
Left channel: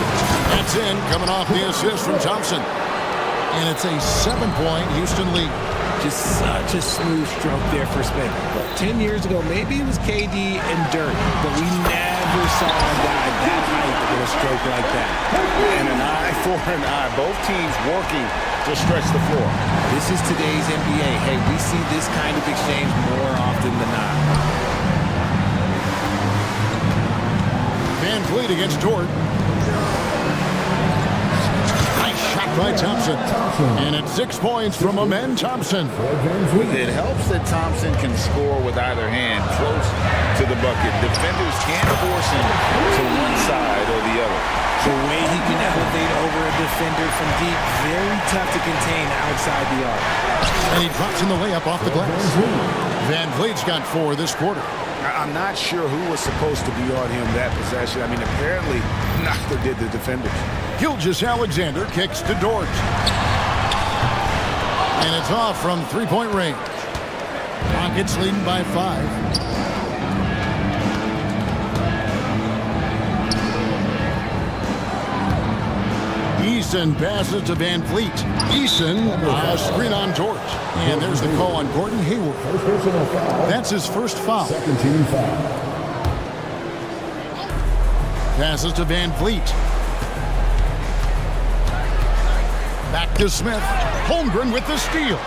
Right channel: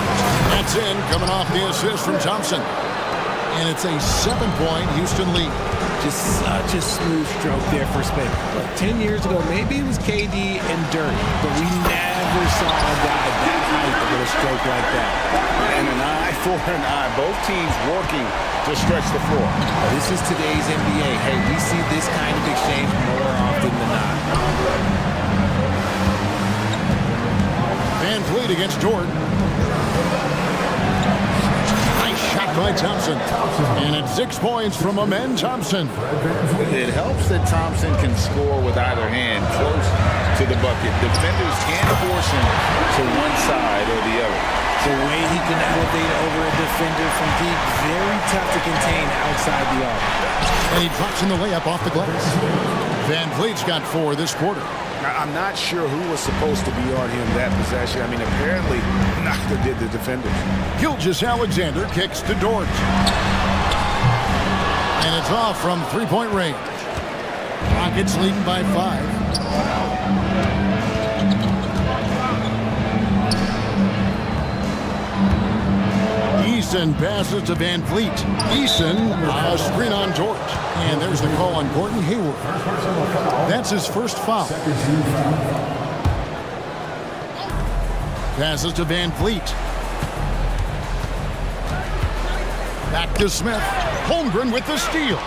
That's in, coming off the assist from Thompson. And it's a 7-point Houston lead. Just such a smooth stroke there for Smith. Look, 10 years ago, maybe it was KD and Dirk, but we never saw a guy that height with a stroke like that. And an eye for an eye. Both teams working to stretch the floor. This is today's NBA. Hey, we see this kind of exchange more often than not. Van Vliet against Jordan. Nice shot by Thompson. And it's 6 points from Amen Thompson. It helps that Thompson can score with either hand close to the bucket. Defenders can't force him to one side or the other. The way he can elevate over a defender from deep, very tough to contain outside the arc. And he drops in the layup off the glass. Van Vliet's got 4 this quarter. I'm not sure who was supposed to be on him that possession. I mean, apparently neither did the defenders. Gilgeous-Alexander kicks to Dort. And it's off from 3-point range. Rockets leading by 5. Eason passes to Van Vliet. Eason, a screen on George. And there's the call on Gordon Hayward. First personal foul. That's his first foul. Second team foul. Passes to Van Vliet. Back to Smith. Holmgren with the steal.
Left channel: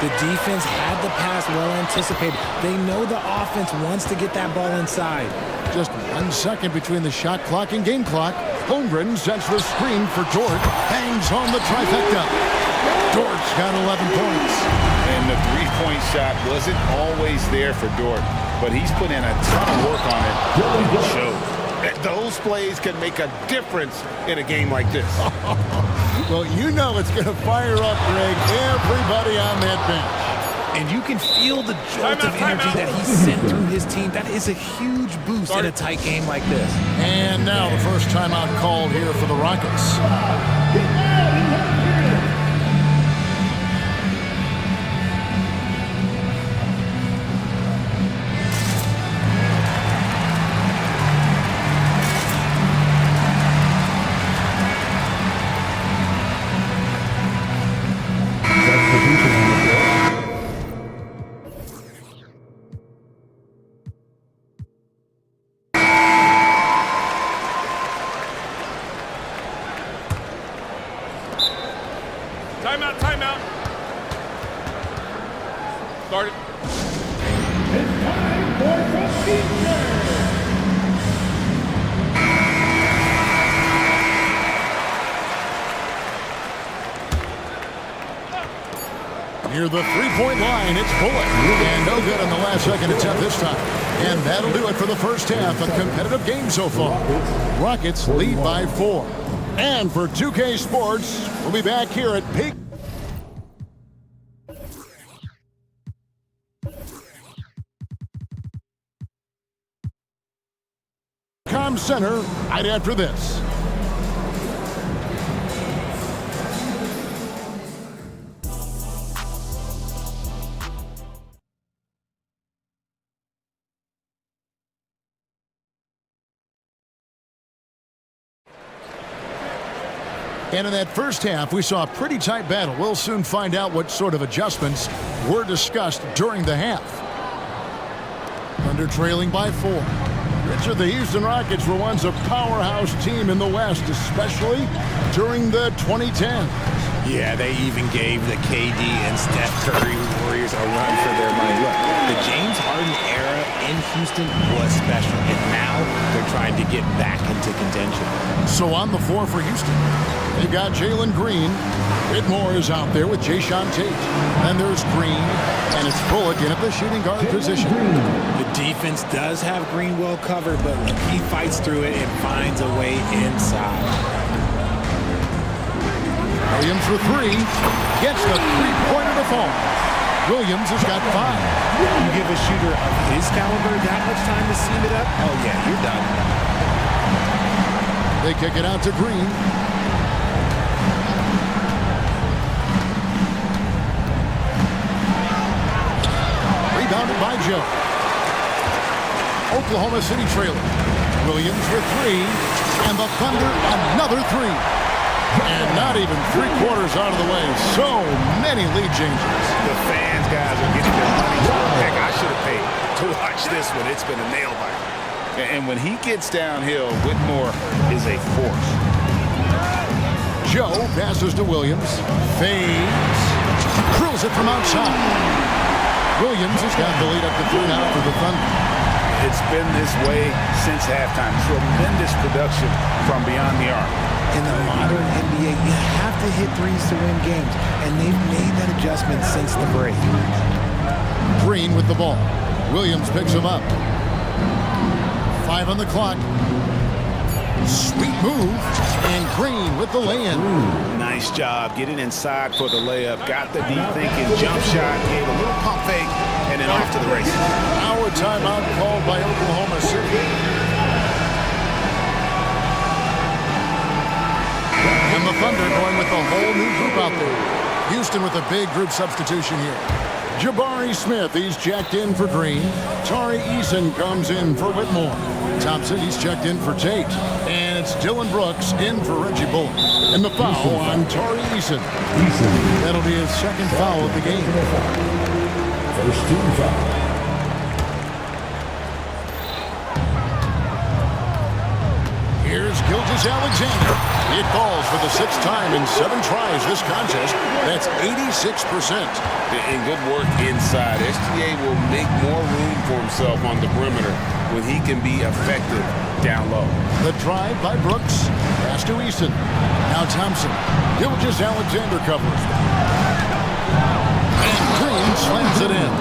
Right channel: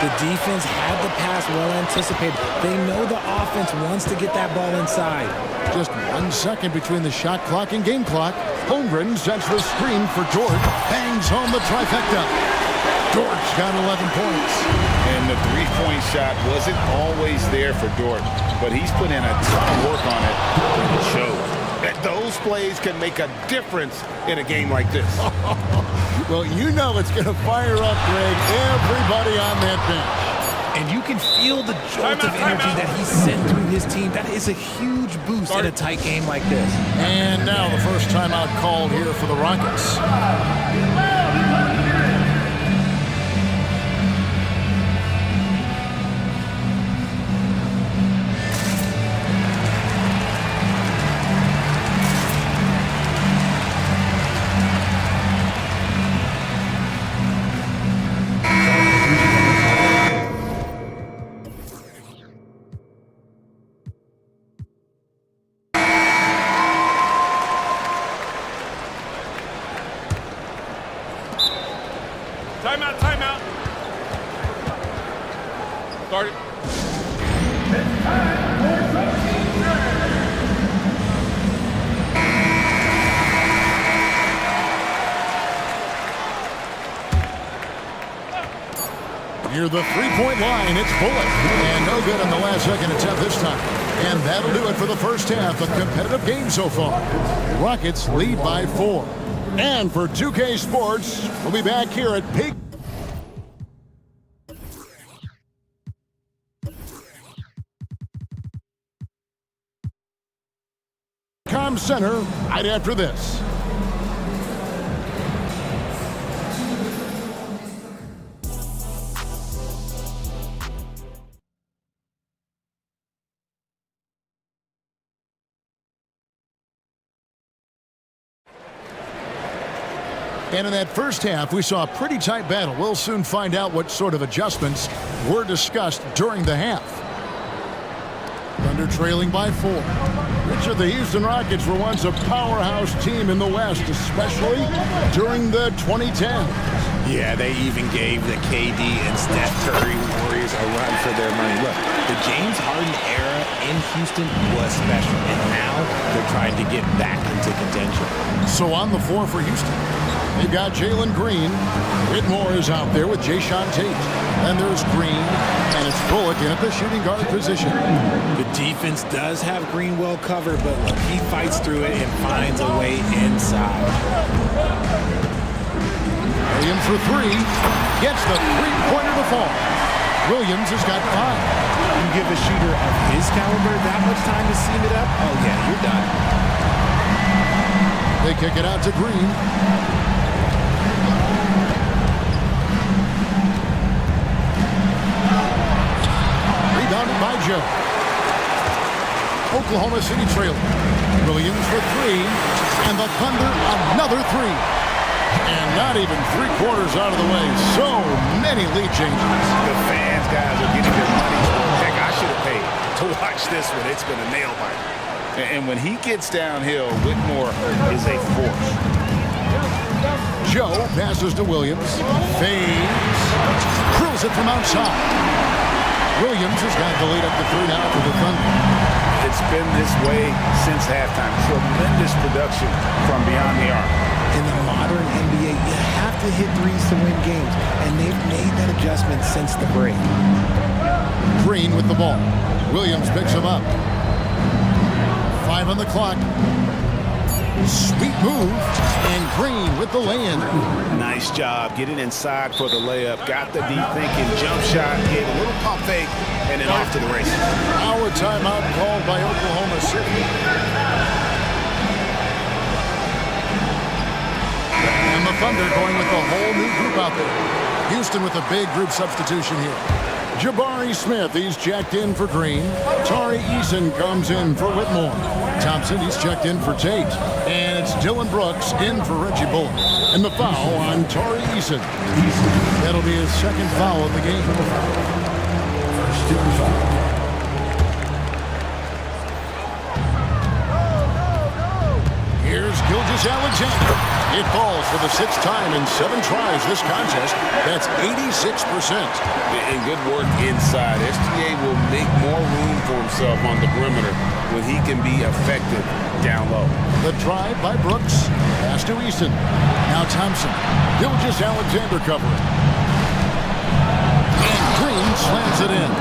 The defense had the pass well anticipated. They know the offense wants to get that ball inside. Just 1 second between the shot clock and game clock. Holmgren sets the screen for Dort. Bangs home the trifecta. Dort's got 11 points. And the three-point shot wasn't always there for Dort, but he's put in a ton of work on it, and it shows. Those plays can make a difference in a game like this. Well, you know it's going to fire up, Greg, everybody on that bench. And you can feel the jolt of energy that he sent through his team. That is a huge boost in a tight game like this. And now the first timeout called here for the Rockets. Timeout, timeout. Start it. It's time for the Near the three-point line, it's Bullock. And no good on the last second attempt this time. And that'll do it for the first half. A competitive game so far. Rockets lead by 4. And for 2K Sports, we'll be back here at Pig Center right after this. And in that first half, we saw a pretty tight battle. We'll soon find out what sort of adjustments were discussed during the half. Thunder trailing by 4. Richard, the Houston Rockets were once a powerhouse team in the West, especially during the 2010s. Yeah, they even gave the KD and Steph Curry Warriors a run for their money. Look, the James Harden era in Houston was special, and now they're trying to get back into contention. So on the floor for Houston, they've got Jalen Green. Whitmore is out there with Jayshawn Tate. Then there's Green, and it's Bullock in at the shooting guard position. The defense does have Green well covered, but look, he fights through it and finds a way inside. Williams for 3, gets the three-pointer to fall. Williams has got 5. You give a shooter of his caliber that much time to seam it up, oh yeah, you're done. They kick it out to Green. Rebounded by Joe. Oklahoma City trailing. Williams for 3, and the Thunder another 3. And not even 3/4 out of the way. So many lead changes. The fans, guys, are getting their money's worth. Heck, I should have paid to watch this one. It's been a nail biter. And when he gets downhill, Whitmore is a force. Joe passes to Williams. Fades. Drills it from outside. Williams has got the lead up to 3 now for the Thunder. It's been this way since halftime. Tremendous production from beyond the arc. In the modern NBA, you have to hit threes to win games, and they've made that adjustment since the break. Green with the ball. Williams picks him up. 5 on the clock. Sweet move, and Green with the lay-in. Nice job getting inside for the layup. Got the deep thinking jump shot, gave a little pump fake, and then off to the races. Our timeout called by Oklahoma City. And the Thunder going with the whole new group out there. Houston with a big group substitution here. Jabari Smith, he's checked in for Green. Tari Eason comes in for Whitmore. Thompson, he's checked in for Tate. And it's Dylan Brooks in for Reggie Bullock. And the foul on Tari Eason. That'll be his second foul of the game. First team foul. Here's Gilgeous-Alexander. It falls for the 6th time in 7 tries this contest. That's 86%. And good work inside. SGA will make more room for himself on the perimeter when he can be effective down low. The drive by Brooks. Pass to Eason. Now Thompson. Gilgeous-Alexander covering. And Green slams it in.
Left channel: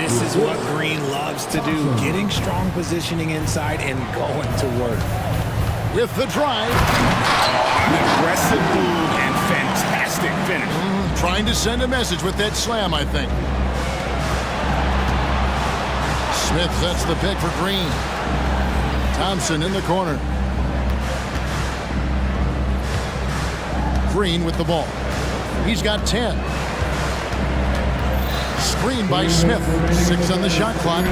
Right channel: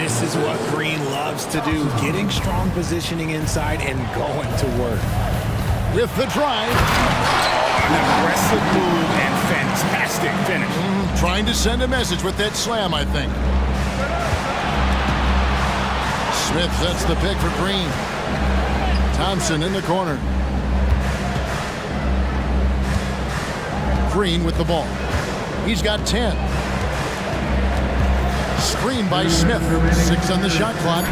This is what Green loves to do, getting strong positioning inside and going to work. With the drive. Oh, an aggressive move and fantastic finish. Trying to send a message with that slam, I think. Smith sets the pick for Green. Thompson in the corner. Green with the ball. He's got 10. Screen by Smith. 6 on the shot clock.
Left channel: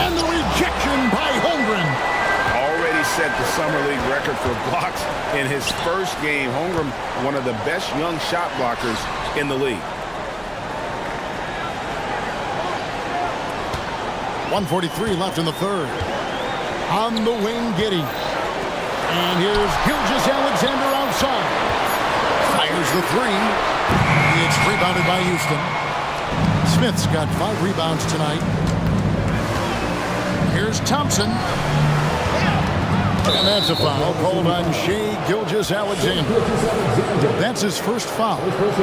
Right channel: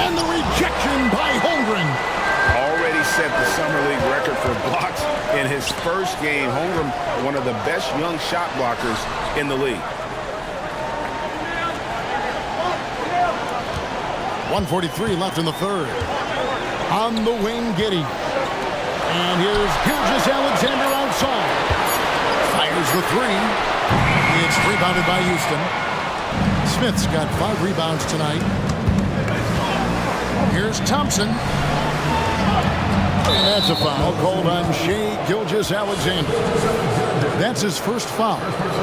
And the rejection by Holmgren. Already set the Summer League record for blocks in his first game. Holmgren, one of the best young shot blockers in the league. 1:43 left in the third. On the wing, Giddey. And here's Gilgeous-Alexander outside. Fires the 3. It's rebounded by Houston. Smith's got 5 rebounds tonight. Here's Thompson. And that's a foul called on Shai Gilgeous-Alexander. That's his first foul. First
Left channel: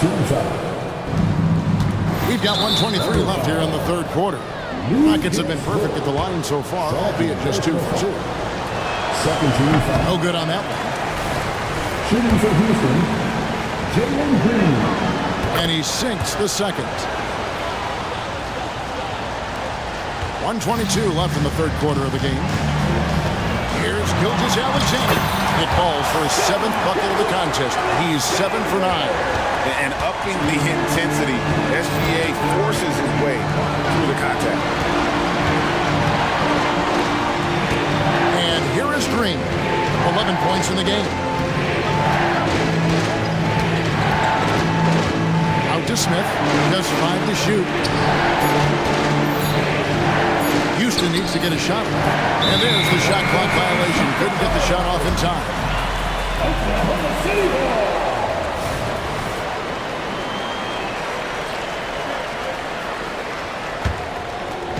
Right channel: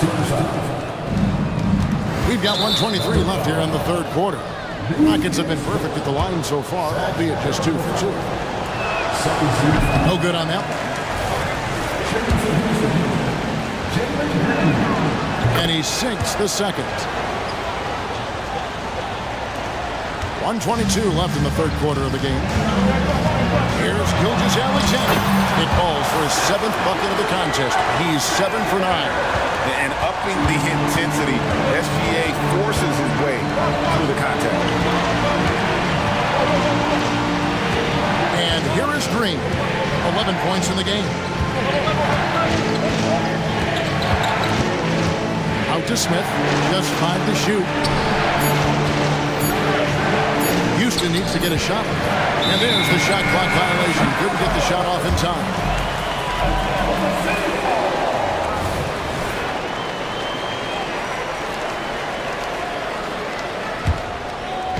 team foul. We've got 1:23 left here in the third quarter. Rockets have been perfect at the line so far, albeit just 2 for 2. Second team foul. No good on that one. Shooting for Houston, Jalen Green. And he sinks the second. 1:22 left in the third quarter of the game. Here's Gilgeous-Alexander. It falls for his 7th bucket of the contest. He's 7 for 9. And upping the intensity, SGA forces his way through the contact. And here is Green. 11 points in the game. Out to Smith, just 5 to shoot. Houston needs to get a shot off. And there's the shot clock violation. Couldn't get the shot off in time.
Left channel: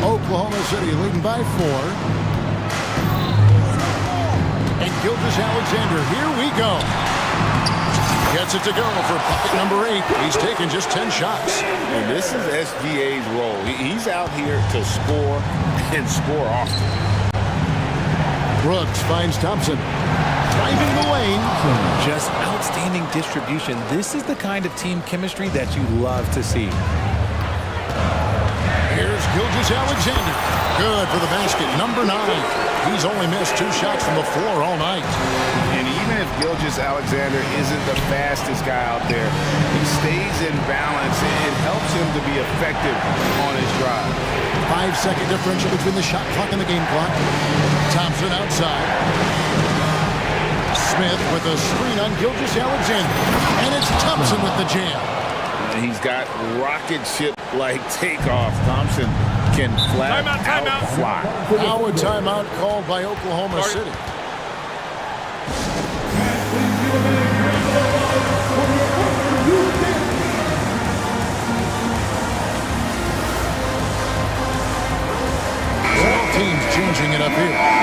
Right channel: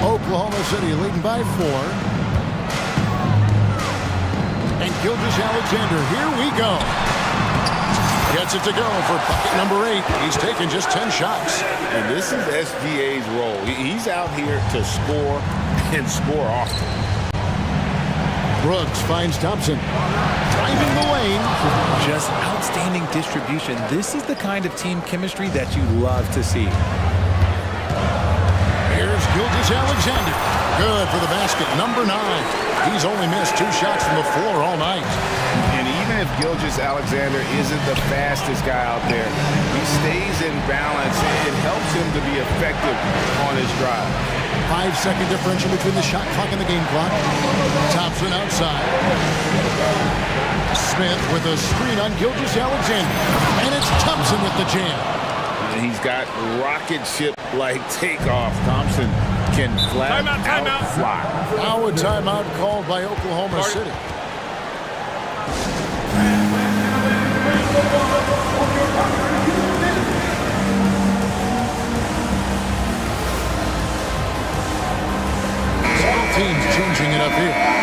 Oklahoma City leading by 4. And Gilgeous-Alexander, here we go. Gets it to go for bucket number 8. He's taken just 10 shots. And this is SGA's role. He's out here to score and score often. Brooks finds Thompson. Driving the lane. Just outstanding distribution. This is the kind of team chemistry that you love to see. Here's Gilgeous-Alexander. Good for the basket, number 9. He's only missed 2 shots from the floor all night. And even if Gilgeous-Alexander isn't the fastest guy out there, he stays in balance. It helps him to be effective on his drive. 5-second differential between the shot clock and the game clock. Thompson outside. Smith with a screen on Gilgeous-Alexander. And it's Thompson with the jam. He's got rocket ship-like takeoff. Thompson can flat out fly. Now a timeout called by Oklahoma City. Several teams changing it up here.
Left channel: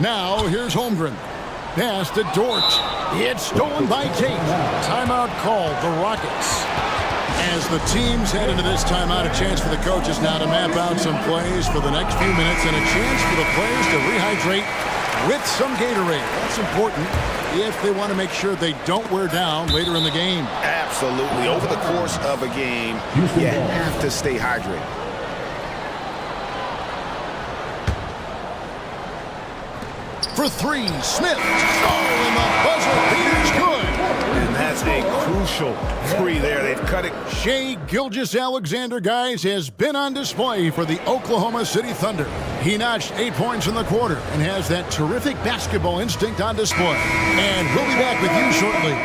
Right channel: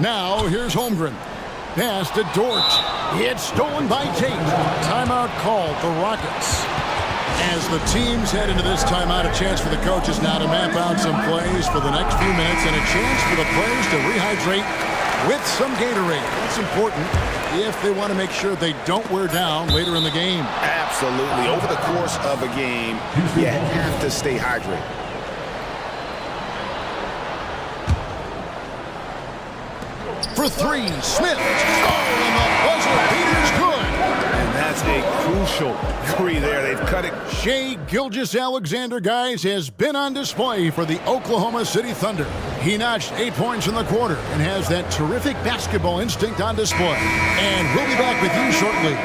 Now here's Holmgren. Pass to Dort. It's stolen by Tate. Timeout called the Rockets. As the teams head into this timeout, a chance for the coaches now to map out some plays for the next few minutes and a chance for the players to rehydrate with some Gatorade. That's important if they want to make sure they don't wear down later in the game. Absolutely. Over the course of a game, you have to stay hydrated. For 3, Smith. Oh, and the buzzer beater's good. And that's a crucial 3 there. They've cut it. Shai Gilgeous-Alexander, guys, has been on display for the Oklahoma City Thunder. He notched 8 points in the quarter and has that terrific basketball instinct on display. And we'll be back with you shortly.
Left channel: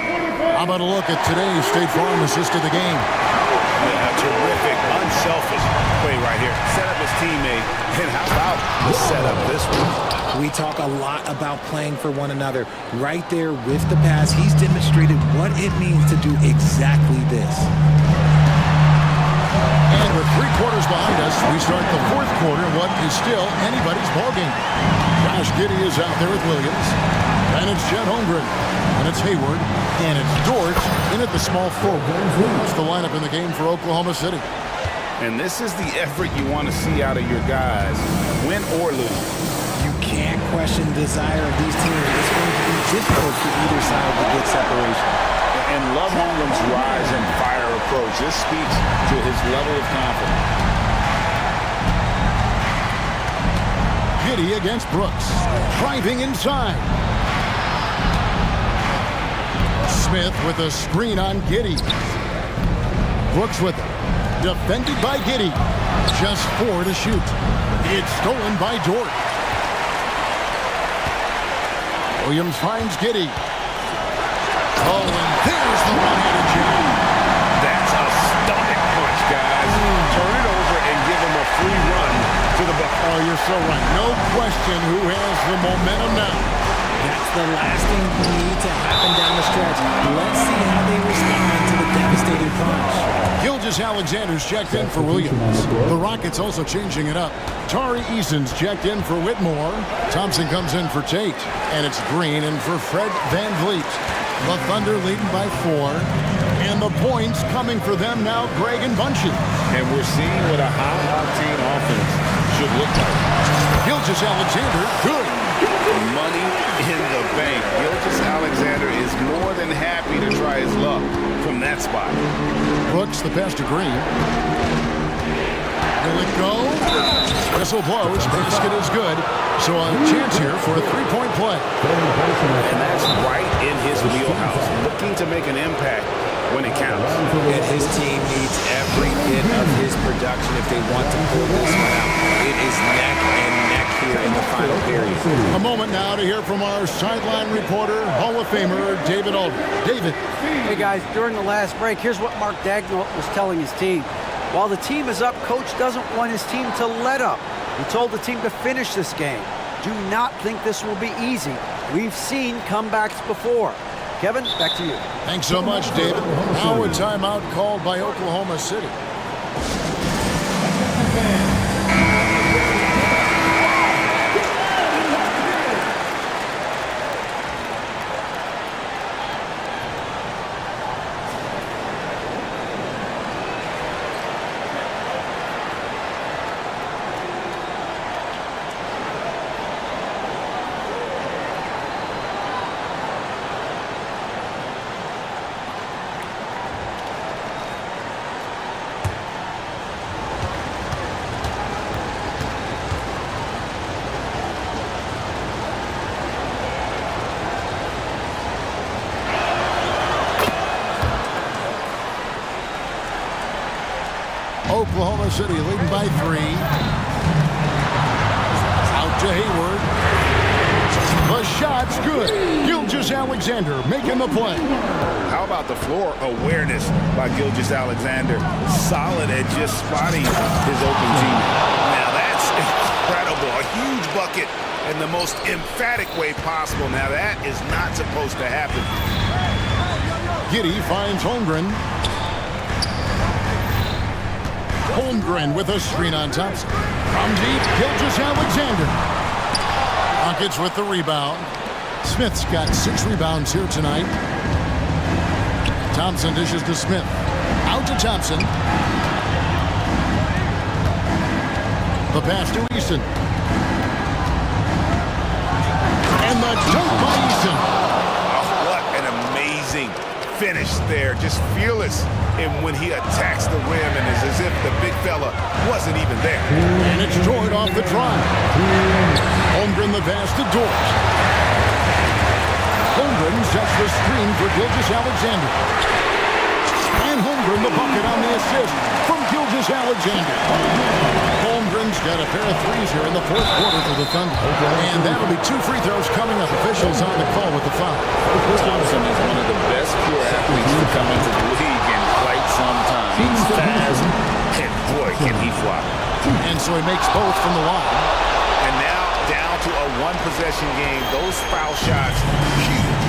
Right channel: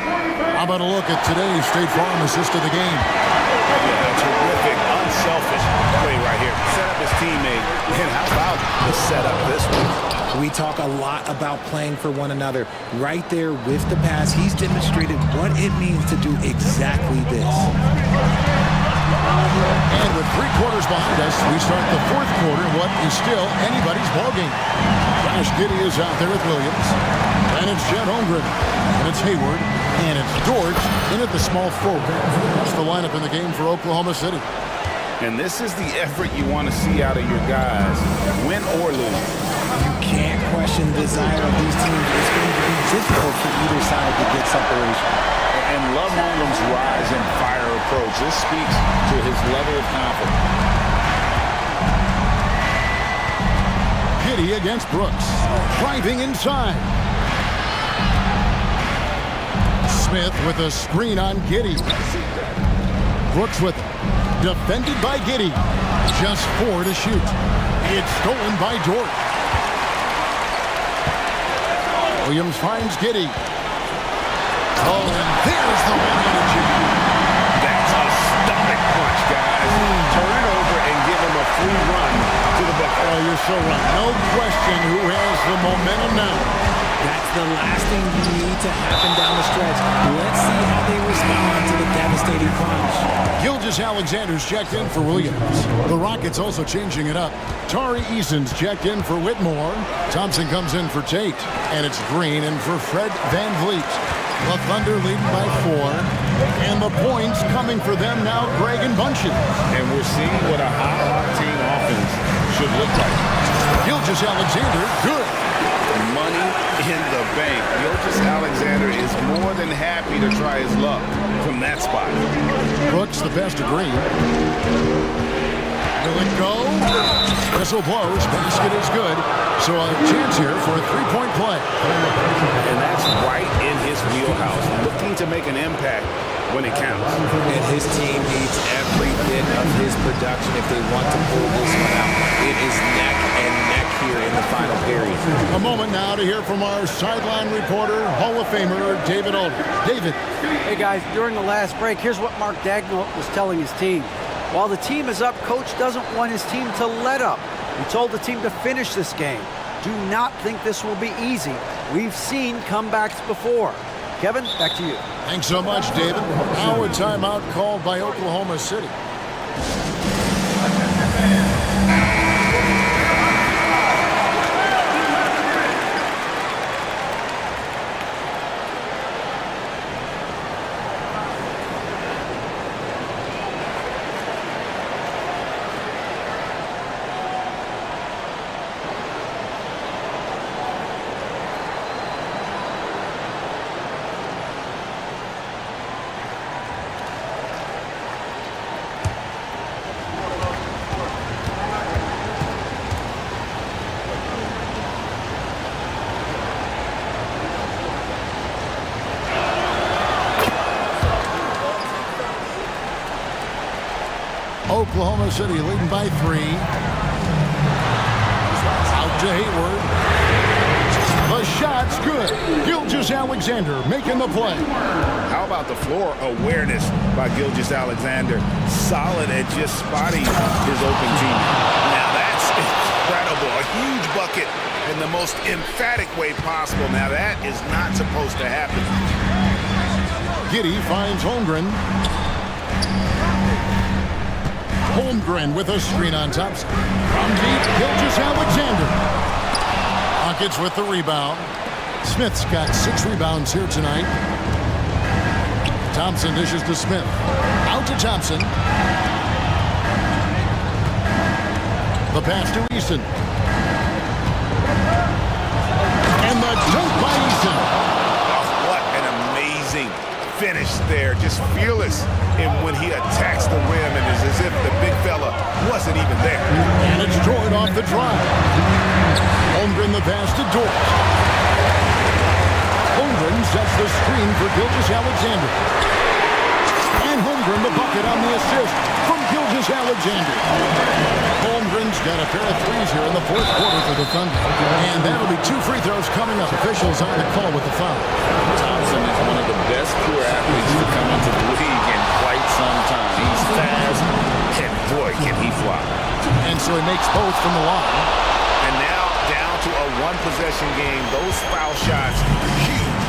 How about a look at today's State Farm assist of the game? Yeah, a terrific, unselfish play right here. Set up his teammate. And how about the setup this one? We talk a lot about playing for one another. Right there with the pass, he's demonstrated what it means to do exactly this. And with 3 quarters behind us, we start the 4th quarter in what is still anybody's ballgame. Josh Giddey is out there with Williams. And it's Chet Holmgren. And it's Hayward. And it's Dort in at the small forward. That's the lineup in the game for Oklahoma City. And this is the effort you want to see out of your guys, win or lose. You can't question the desire of these teams. It's going to be difficult for either side to get separation. And love Holmgren's rise and fire approach. This speaks to his level of confidence. Giddey against Brooks. Driving inside. Smith with a screen on Giddey. Brooks with it. Defended by Giddey. Just 4 to shoot. It's stolen by Dort. Williams finds Giddey. Oh, and there's the one-handed jam. That's a stomach punch, guys. Turn it over and give him a free run to the bucket. Oh, you're so right. No question who has the momentum now. That's the last thing you need to happen down the stretch. Let's see how they respond to the devastating punch. Gilgeous-Alexander's checked in for Williams. The Rockets also changing it up. Tari Eason's checked in for Whitmore. Thompson comes in for Tate. And it's Green in for Fred Van Vliet. The Thunder leading by 4. And the points coming for them now, Greg and Bunches. And we're seeing what a high-octane offense should look like. Gilgeous-Alexander, good. Money in the bank. Gilgeous-Alexander is more than happy to try his luck from that spot. Brooks, the pass to Green. Will it go? Whistle blows. Basket is good. So a chance here for a 3-point play. And that's right in his wheelhouse. Looking to make an impact when it counts. And his team needs every bit of his production if they want to pull this one out. It is neck and neck here in the final period. A moment now to hear from our sideline reporter, Hall of Famer David Aldridge. David. Hey guys, during the last break, here's what Mark Daigneault was telling his team. While the team is up, coach doesn't want his team to let up. He told the team to finish this game. Do not think this will be easy. We've seen comebacks before. Kevin, back to you. Thanks so much, David. Now a timeout called by Oklahoma City. Oklahoma City leading by 3. Out to Hayward. The shot's good. Gilgeous-Alexander making the play. How about the floor awareness by Gilgeous-Alexander? Solid at just spotting his open teammate. Now that's incredible. A huge bucket in the most emphatic way possible. Now that is not supposed to happen. Giddey finds Holmgren. Holmgren with a screen on Thompson. From deep, Gilgeous-Alexander. Rockets with the rebound. Smith's got 6 rebounds here tonight. Thompson dishes to Smith. Out to Thompson. The pass to Eason. And the dunk by Eason. Oh, what an amazing finish there. Just fearless and when he attacks the rim and is as if the big fella wasn't even there. And it's Jordan off the drive. Holmgren the pass to Dort. Holmgren sets the screen for Gilgeous-Alexander. And Holmgren the bucket on the assist from Gilgeous-Alexander. Holmgren's got a pair of threes here in the 4th quarter for the Thunder. And that'll be 2 free throws coming up. Officials on the call with the foul. Thompson is one of the best pure athletes to come into the league in quite some time. He's fast, and boy, can he fly. And so he makes both from the line. And now down to a 1-possession game. Those foul shots, huge.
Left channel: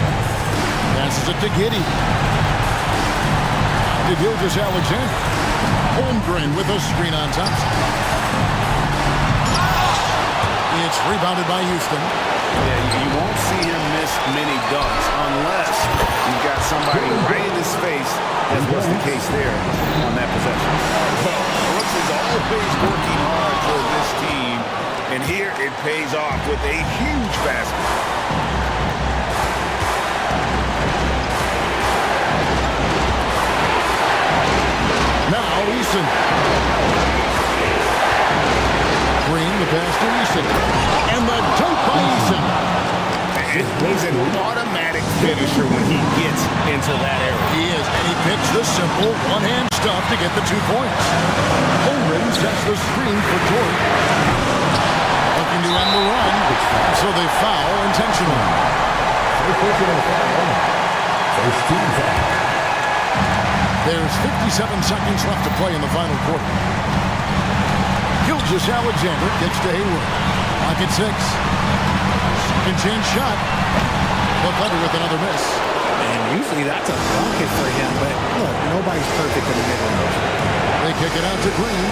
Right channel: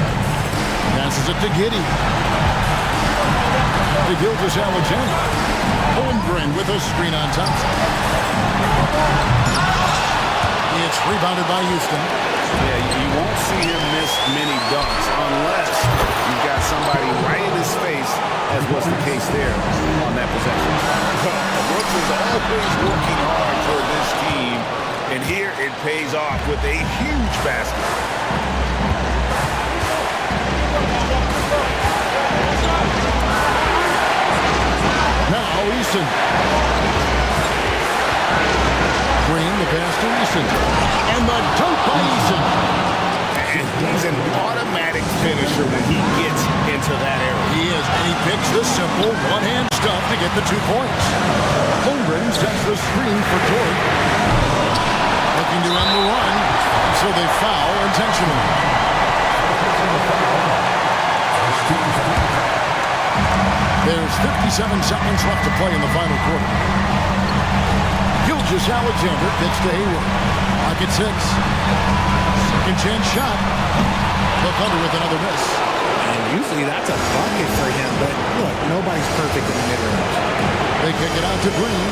Passes it to Giddey. To Gilgeous-Alexander. Holmgren with a screen on Thompson. It's rebounded by Houston. Yeah, you won't see him miss many dunks unless you've got somebody right in his face, as was the case there on that possession. Well, Brooks is always working hard for this team, and here it pays off with a huge basket. Now Eason. Green, the pass to Eason. And the dunk by Eason. And he's an automatic finisher when he gets into that area. He is, and he picks the simple one-hand stuff to get the 2 points. Holmgren sets the screen for Dort. Looking to end the run, so they foul intentionally. There's 57 seconds left to play in the final quarter. Gilgeous-Alexander gets to Hayward. Lock at 6. Second chance shot. The Thunder with another miss. And usually that's a bucket for him, but look, nobody's perfect in the mid-range. They kick it out to Green.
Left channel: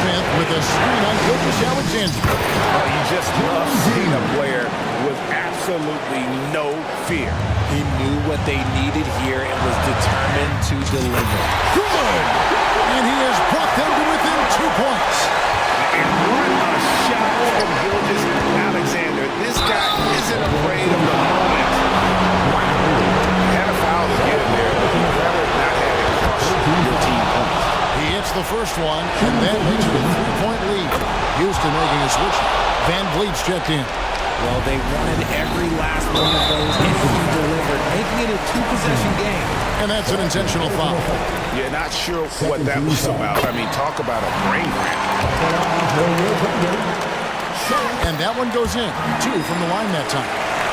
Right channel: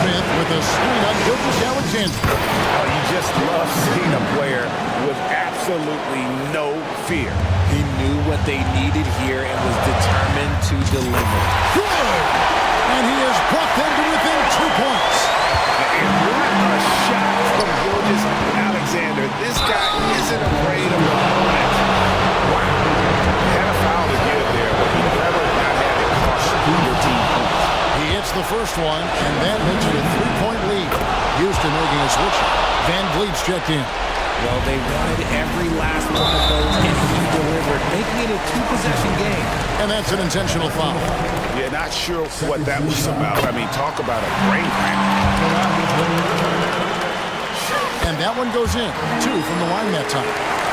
Smith with a screen on Gilgeous-Alexander. Oh, you just love seeing a player with absolutely no fear. He knew what they needed here and was determined to deliver. Good! And he has brought them to within 2 points. And what a shot from Gilgeous-Alexander. This guy isn't afraid of the moment. Wow. Had a foul to give there, but he'd rather not have it cost your team points. He hits the first one, and that makes it a 3-point lead. Houston making a switch. Van Vliet's checked in. Well, they wanted every last one of those, and he delivered, making it a two-possession game. And that's an intentional foul. Yeah, not sure what that was about. I mean, talk about a brain cramp. And that one goes in. 2 from the line that time.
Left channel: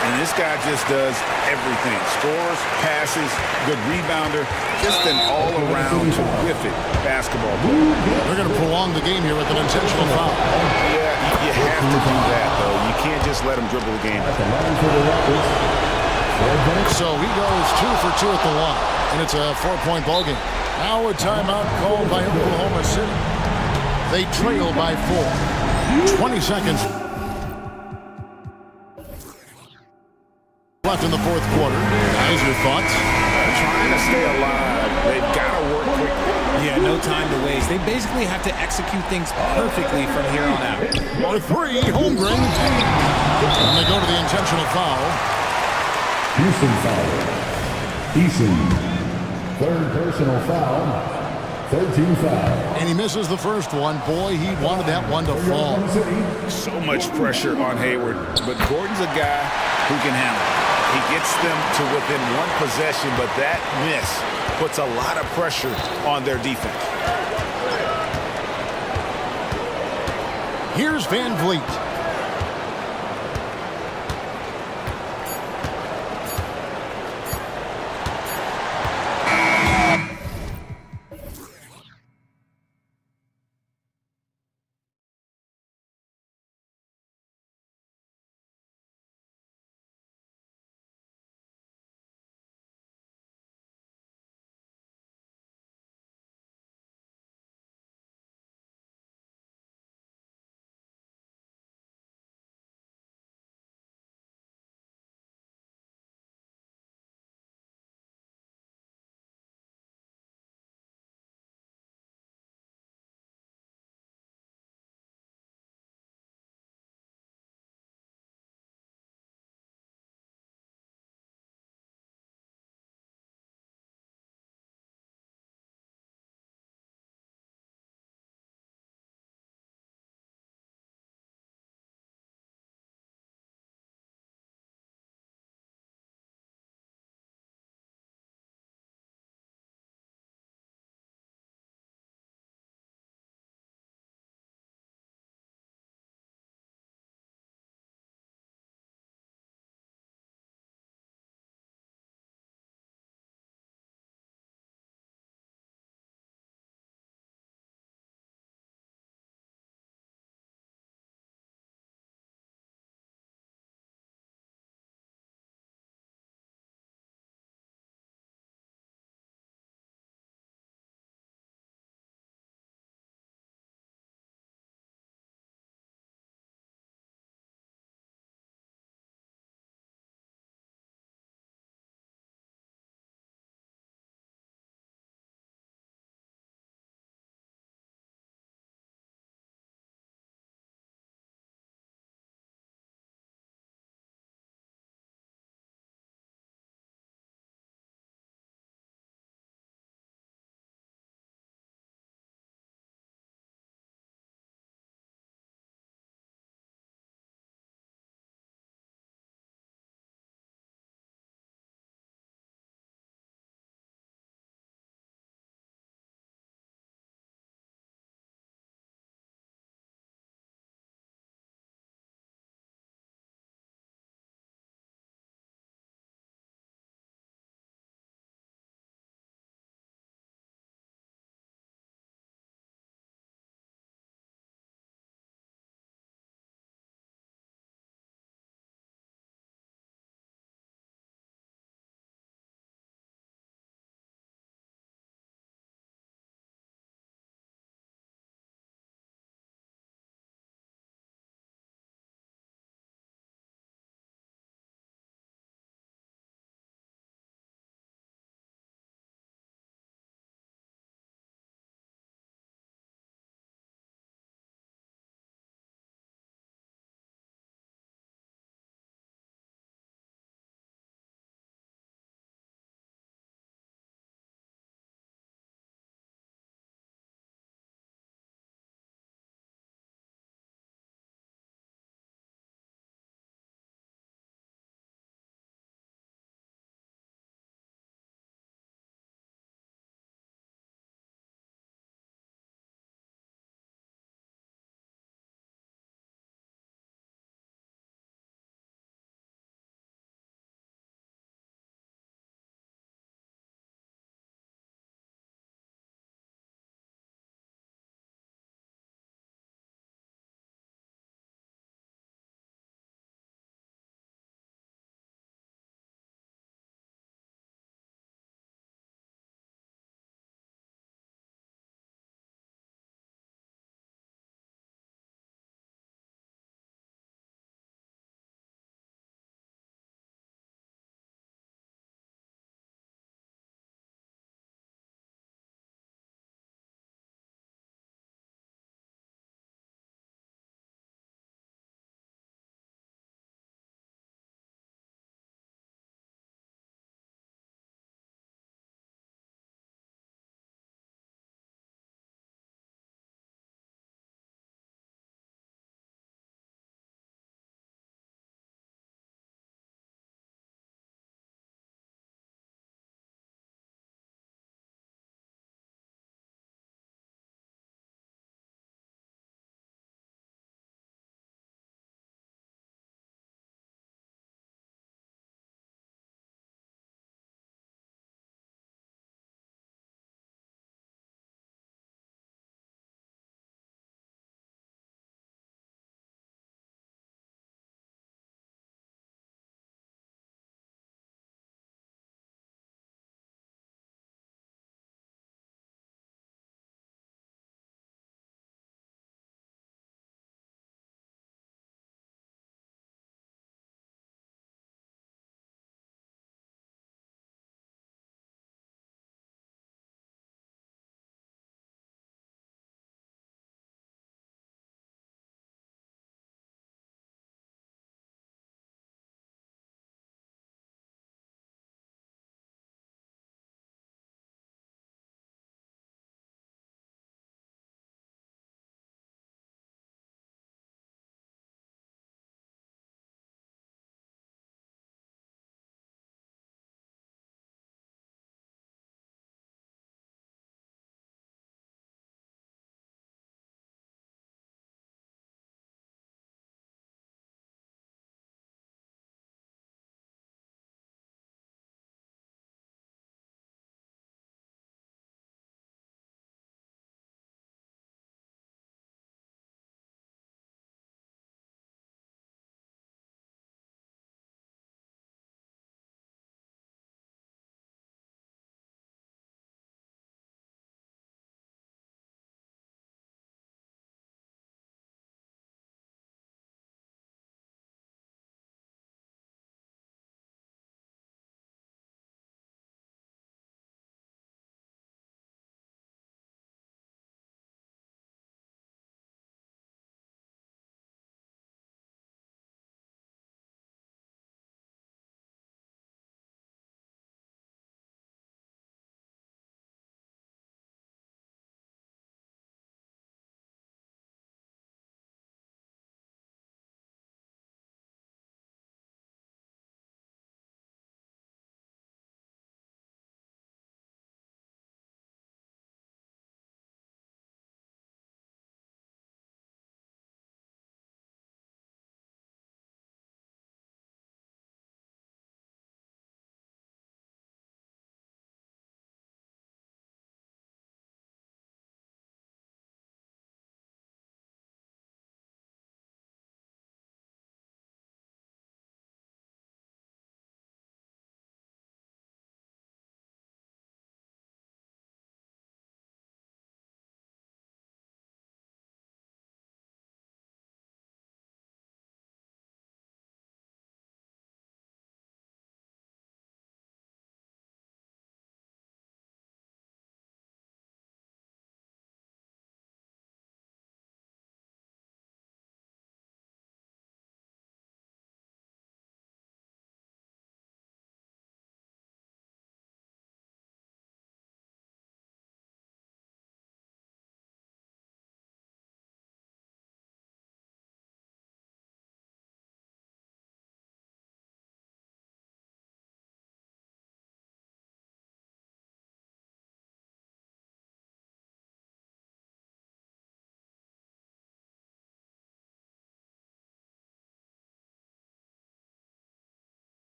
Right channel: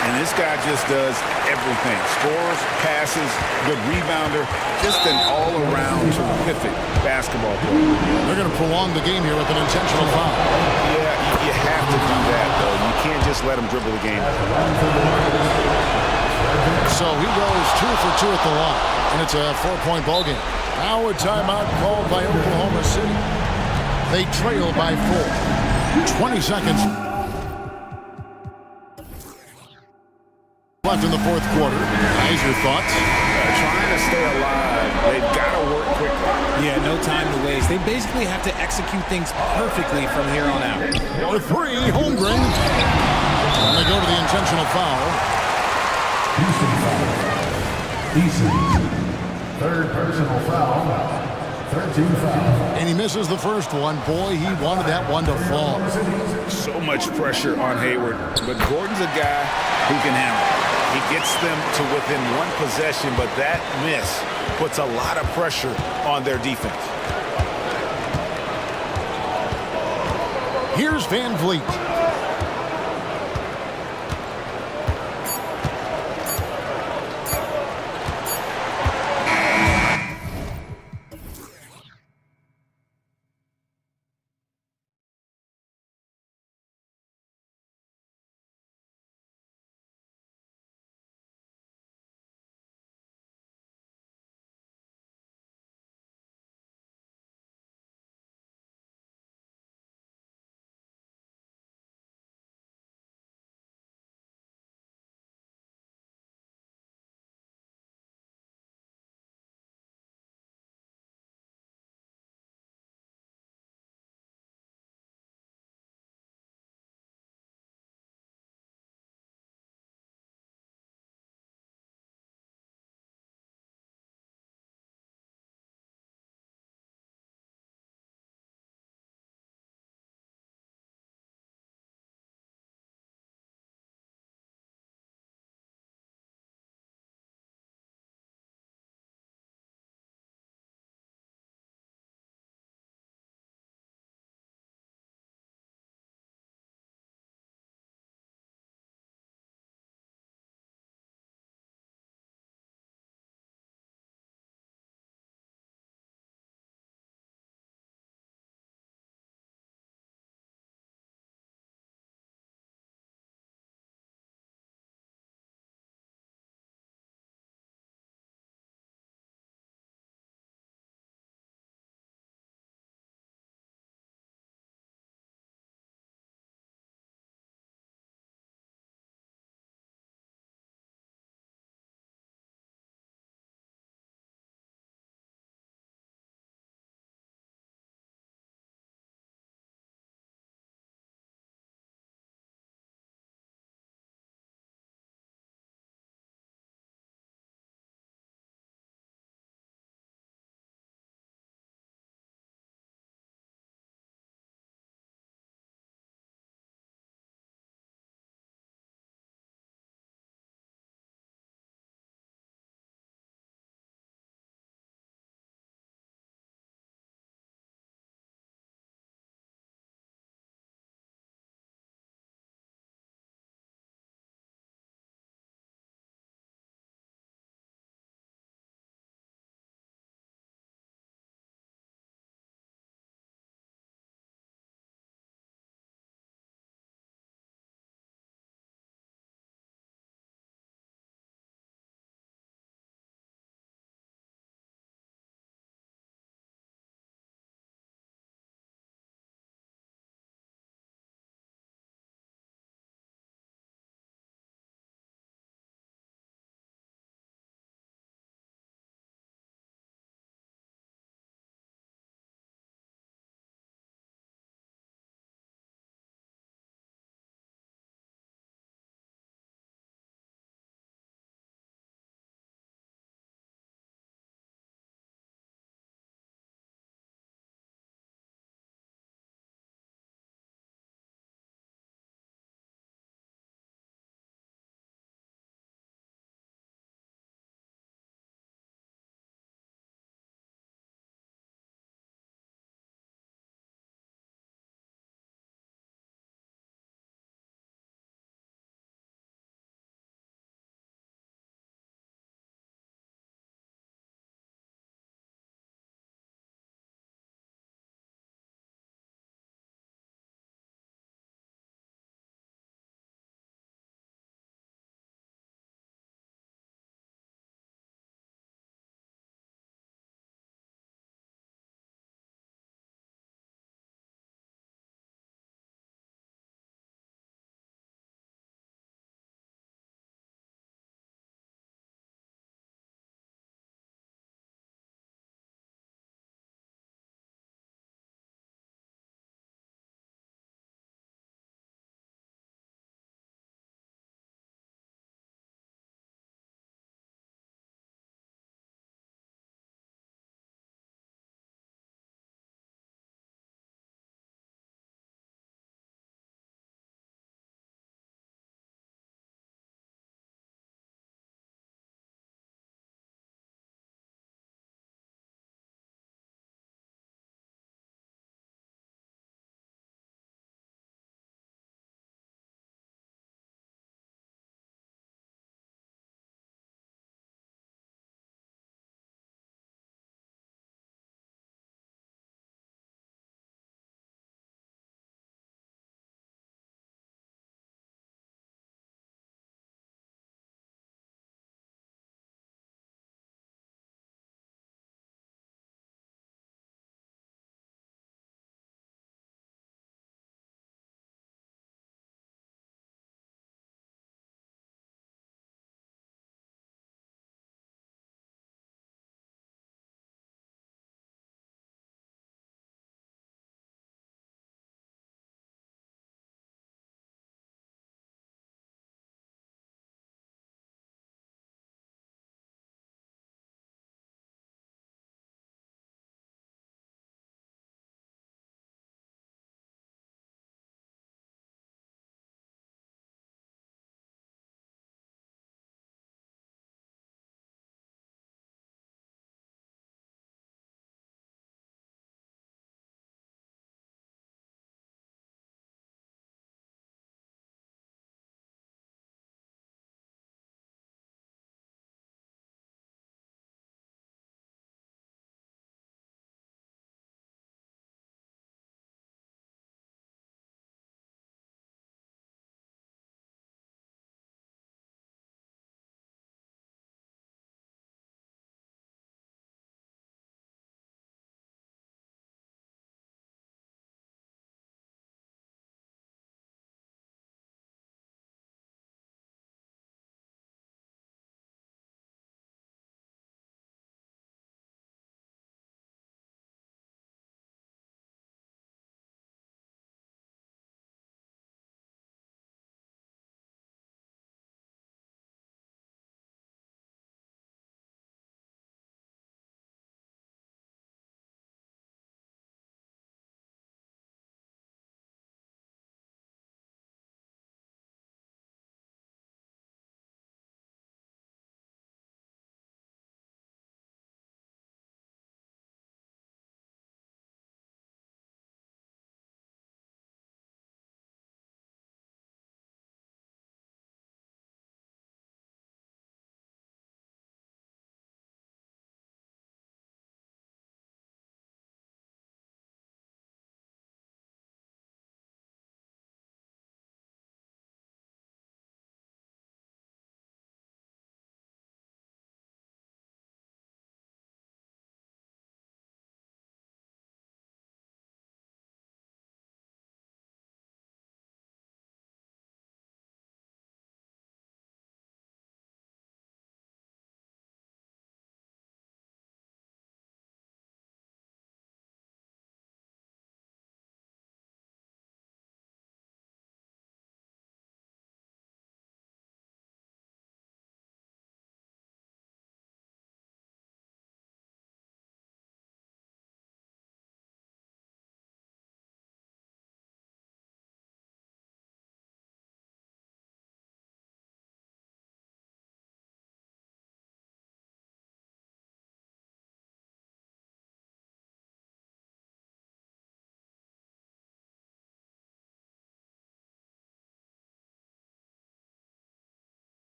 And this guy just does everything. Scores, passes, good rebounder, just an all-around terrific basketball player. They're going to prolong the game here with an intentional foul. Yeah, you have to do that, though. You can't just let him dribble the game. So he goes 2 for 2 at the line, and it's a 4-point ball game. Now a timeout called by Oklahoma City. They trail by 4. 20 seconds left in the fourth quarter. Guys, your thoughts? Trying to stay alive. They've got to work quickly. Yeah, no time to waste. They basically have to execute things perfectly from here on out. For 3, Holmgren. And they go to the intentional foul. Houston foul. Eason. Third personal foul. 13 foul. And he misses the first one. Boy, he wanted that one to fall. So much pressure on Hayward, but Gordon's a guy who can handle it. He gets them to within one possession, but that miss puts a lot of pressure on their defense. Here's Van Vliet.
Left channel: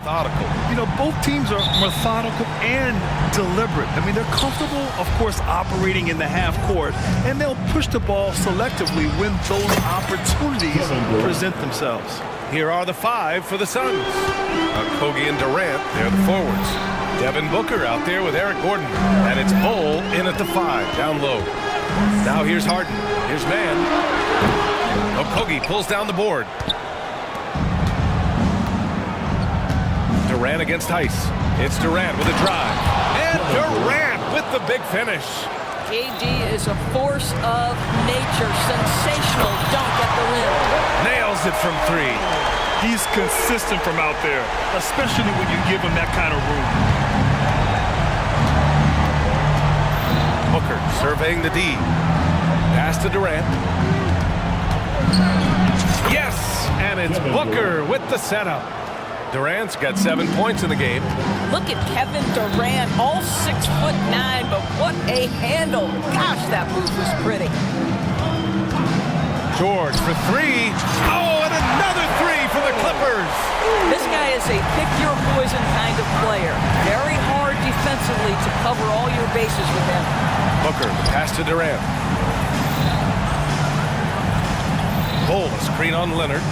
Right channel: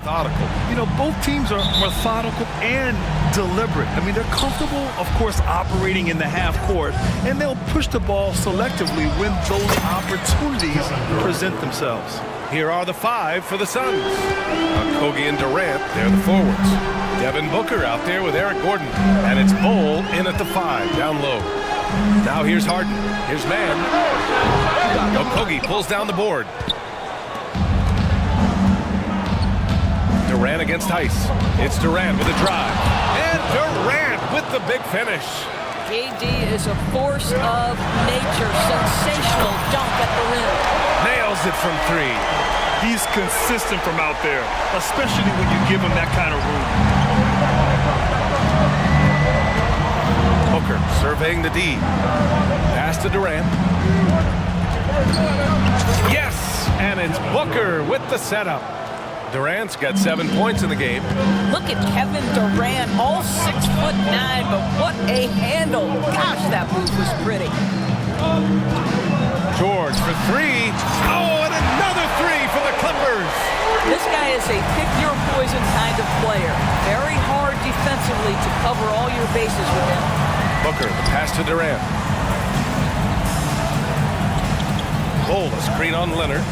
Methodical. You know, both teams are methodical and deliberate. I mean, they're comfortable, of course, operating in the half court, and they'll push the ball selectively when those opportunities present themselves. Here are the 5 for the Suns. Kogi and Durant, they're the forwards. Devin Booker out there with Eric Gordon. And it's Bull in at the 5, down low. Now here's Harden. Here's man. Kogi pulls down the board. Durant against Heiss. It's Durant with a drive. And Durant with the big finish. KD is a force of nature. Sensational dunk at the rim. Nails it from 3. He's consistent from out there, especially when you give him that kind of room. Booker surveying the D. Pass to Durant. Yes! And it's Booker with the setup. Durant's got 7 points in the game. Look at Kevin Durant, all 6'9", but what a handle. Gosh, that move was pretty. George for 3. Oh, and another 3 for the Clippers. This guy is a pick-your-poison kind of player. Very hard defensively to cover all your bases with him. Booker, the pass to Durant. Bull, a screen on Leonard.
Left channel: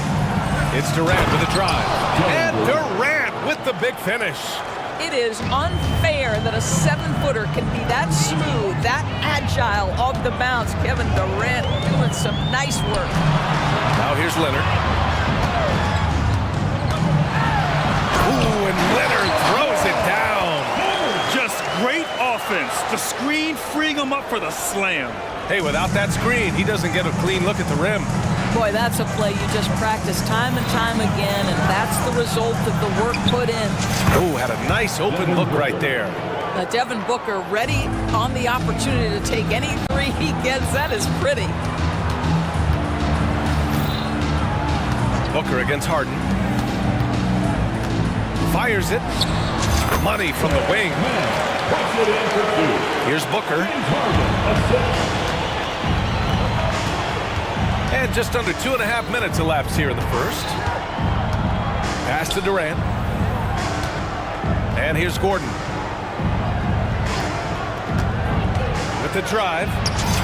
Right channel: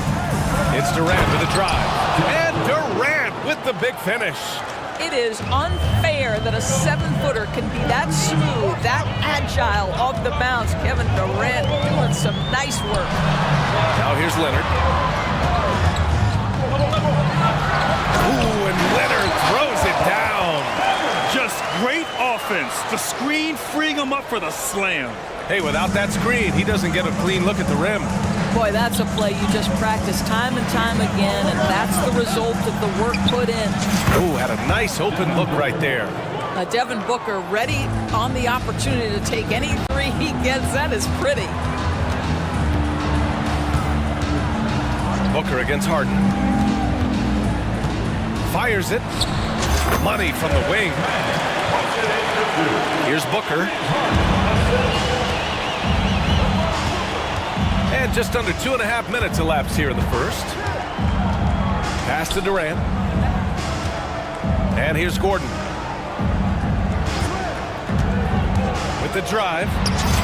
It's Durant with a drive. And Durant with the big finish. It is unfair that a 7-footer can be that smooth, that agile off the bounce. Kevin Durant doing some nice work. Now here's Leonard. Ooh, and Leonard throws it down. Just great offense. The screen freeing him up for the slam. Hey, without that screen, he doesn't get a clean look at the rim. Boy, that's a play you just practice time and time again, and that's the result of the work put in. Ooh, had a nice open look right there. Devin Booker ready on the opportunity to take any 3 he gets. That is pretty. Booker against Harden. Fires it. Money from the wing. Here's Booker. And just under 2.5 minutes elapsed here in the first. Pass to Durant. And here's Gordon. With the drive.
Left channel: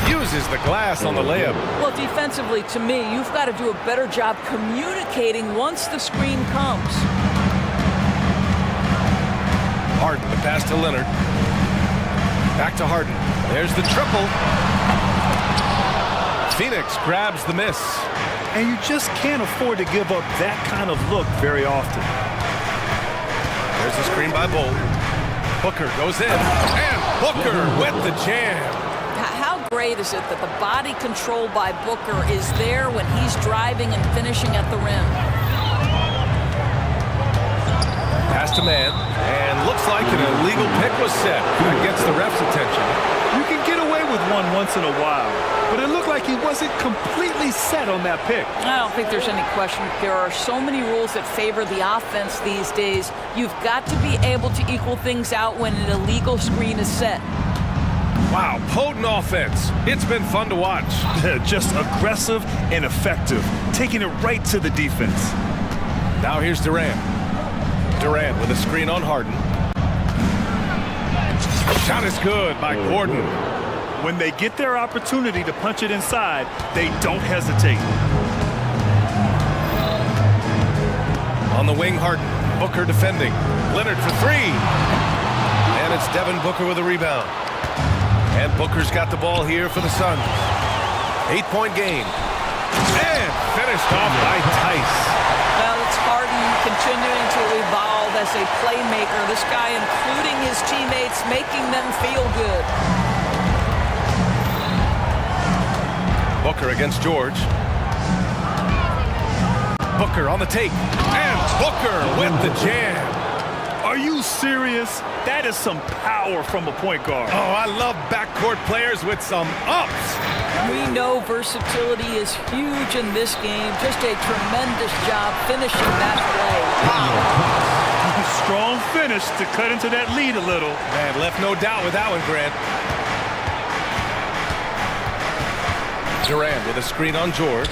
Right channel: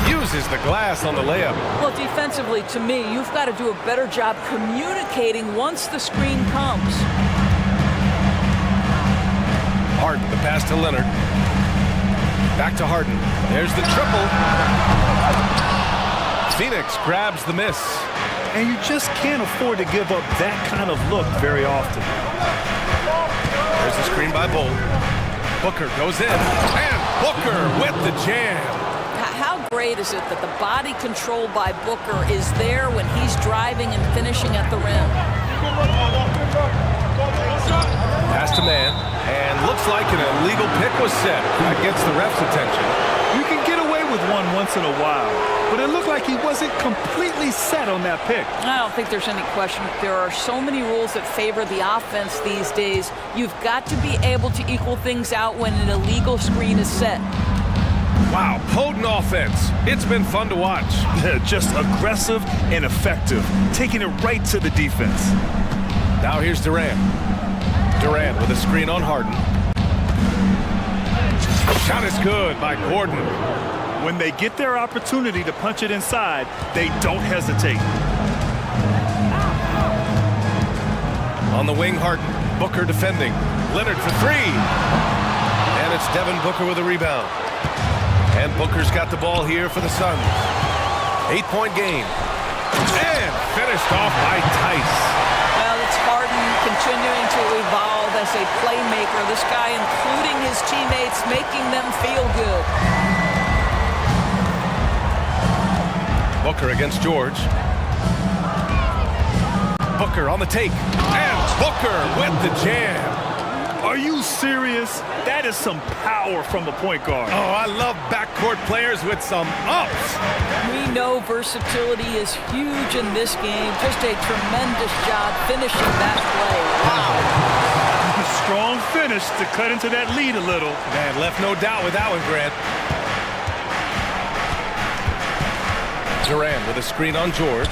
Uses the glass on the layup. Well, defensively, to me, you've got to do a better job communicating once the screen comes. Harden, the pass to Leonard. Back to Harden. There's the triple. Phoenix grabs the miss. And you just can't afford to give up that kind of look very often. There's the screen by Bull. Booker goes in. And Booker with the jam. How great is it that the body control by Booker is there when he's driving and finishing at the rim? Pass to man. And looks like an illegal pick was set. That gets the ref's attention. You can get away with one once in a while, but it looked like he wasn't completely set on that pick. I don't think there's any question. There are so many rules that favor the offense these days. You've got to be able to equal things out when an illegal screen is set. Wow, potent offense. It's been fun to watch. Just aggressive and effective, taking it right to the defense. Now here's Durant. Durant with a screen on Harden. Shot is good by Gordon. When they get their opportunity to punch it inside, they don't hesitate. On the wing, Harden. Booker defending. Leonard for 3. And it's Devin Booker with a rebound. And Booker's got the ball here for the Suns. 8-point game. And finished off by Tice. Well, it's Harden continuing to evolve as a playmaker. This guy, including his teammates, making them feel good. Booker against George. Booker on the take. And Booker with the jam. Are you serious? That is some power from a point guard. Oh, I love backcourt players with some ups. We know versatility is huge in this game. Just a tremendous job finishing that play. Wow. Strong finish to cut into that lead a little. Man, left no doubt with that one, Grant. Durant with a screen on George.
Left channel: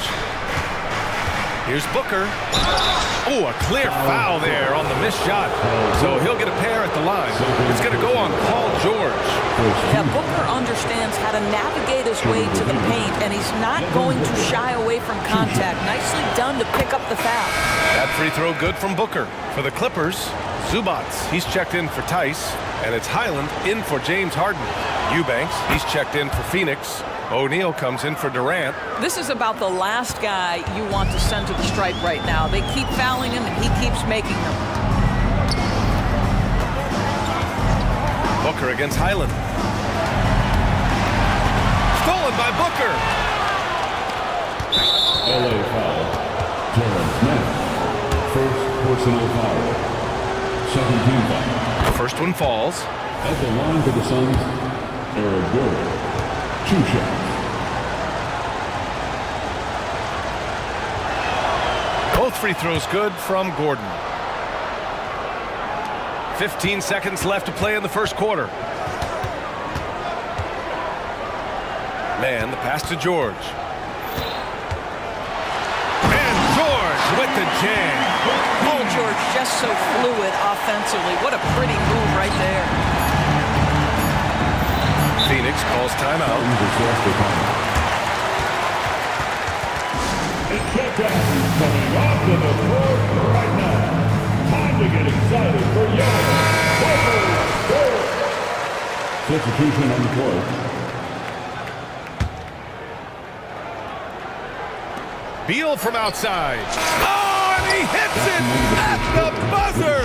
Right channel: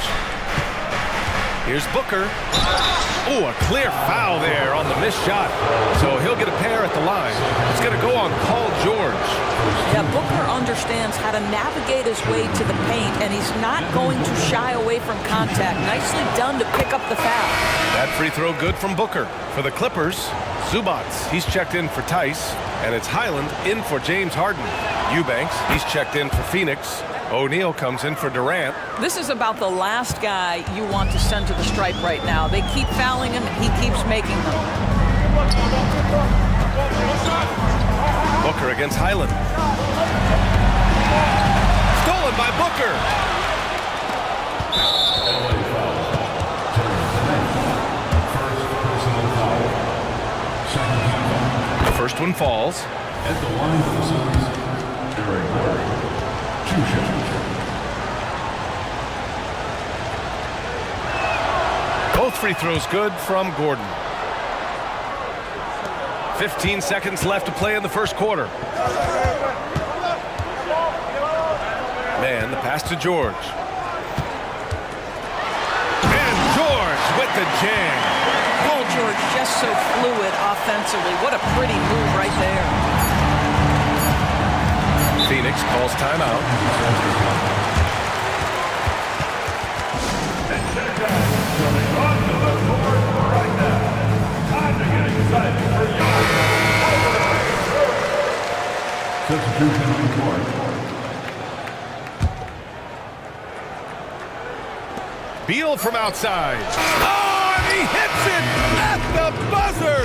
Here's Booker. Oh, a clear foul there on the missed shot. So he'll get a pair at the line. It's going to go on Paul George. Yeah, Booker understands how to navigate his way to the paint, and he's not going to shy away from contact. Nicely done to pick up the foul. That free throw good from Booker. For the Clippers, Zubats, he's checked in for Tice. And it's Highland in for James Harden. Eubanks, he's checked in for Phoenix. O'Neal comes in for Durant. This is about the last guy you want to send to the stripe right now. They keep fouling him, and he keeps making them. Booker against Highland. Stolen by Booker. LA foul. Terrence Mann. First personal foul. Second team foul. The first one falls. At the line for the Suns, Eric Gordon. 2 shots. Both free throws good from Gordon. 15 seconds left to play in the first quarter. Man, the pass to George. And George with the jam. Paul George just so fluid offensively. What a pretty move right there. Phoenix calls timeout. And check out who's coming onto the court right now. Time to get excited for your substitution on the court. Beal from outside. Oh, and he hits it at the buzzer.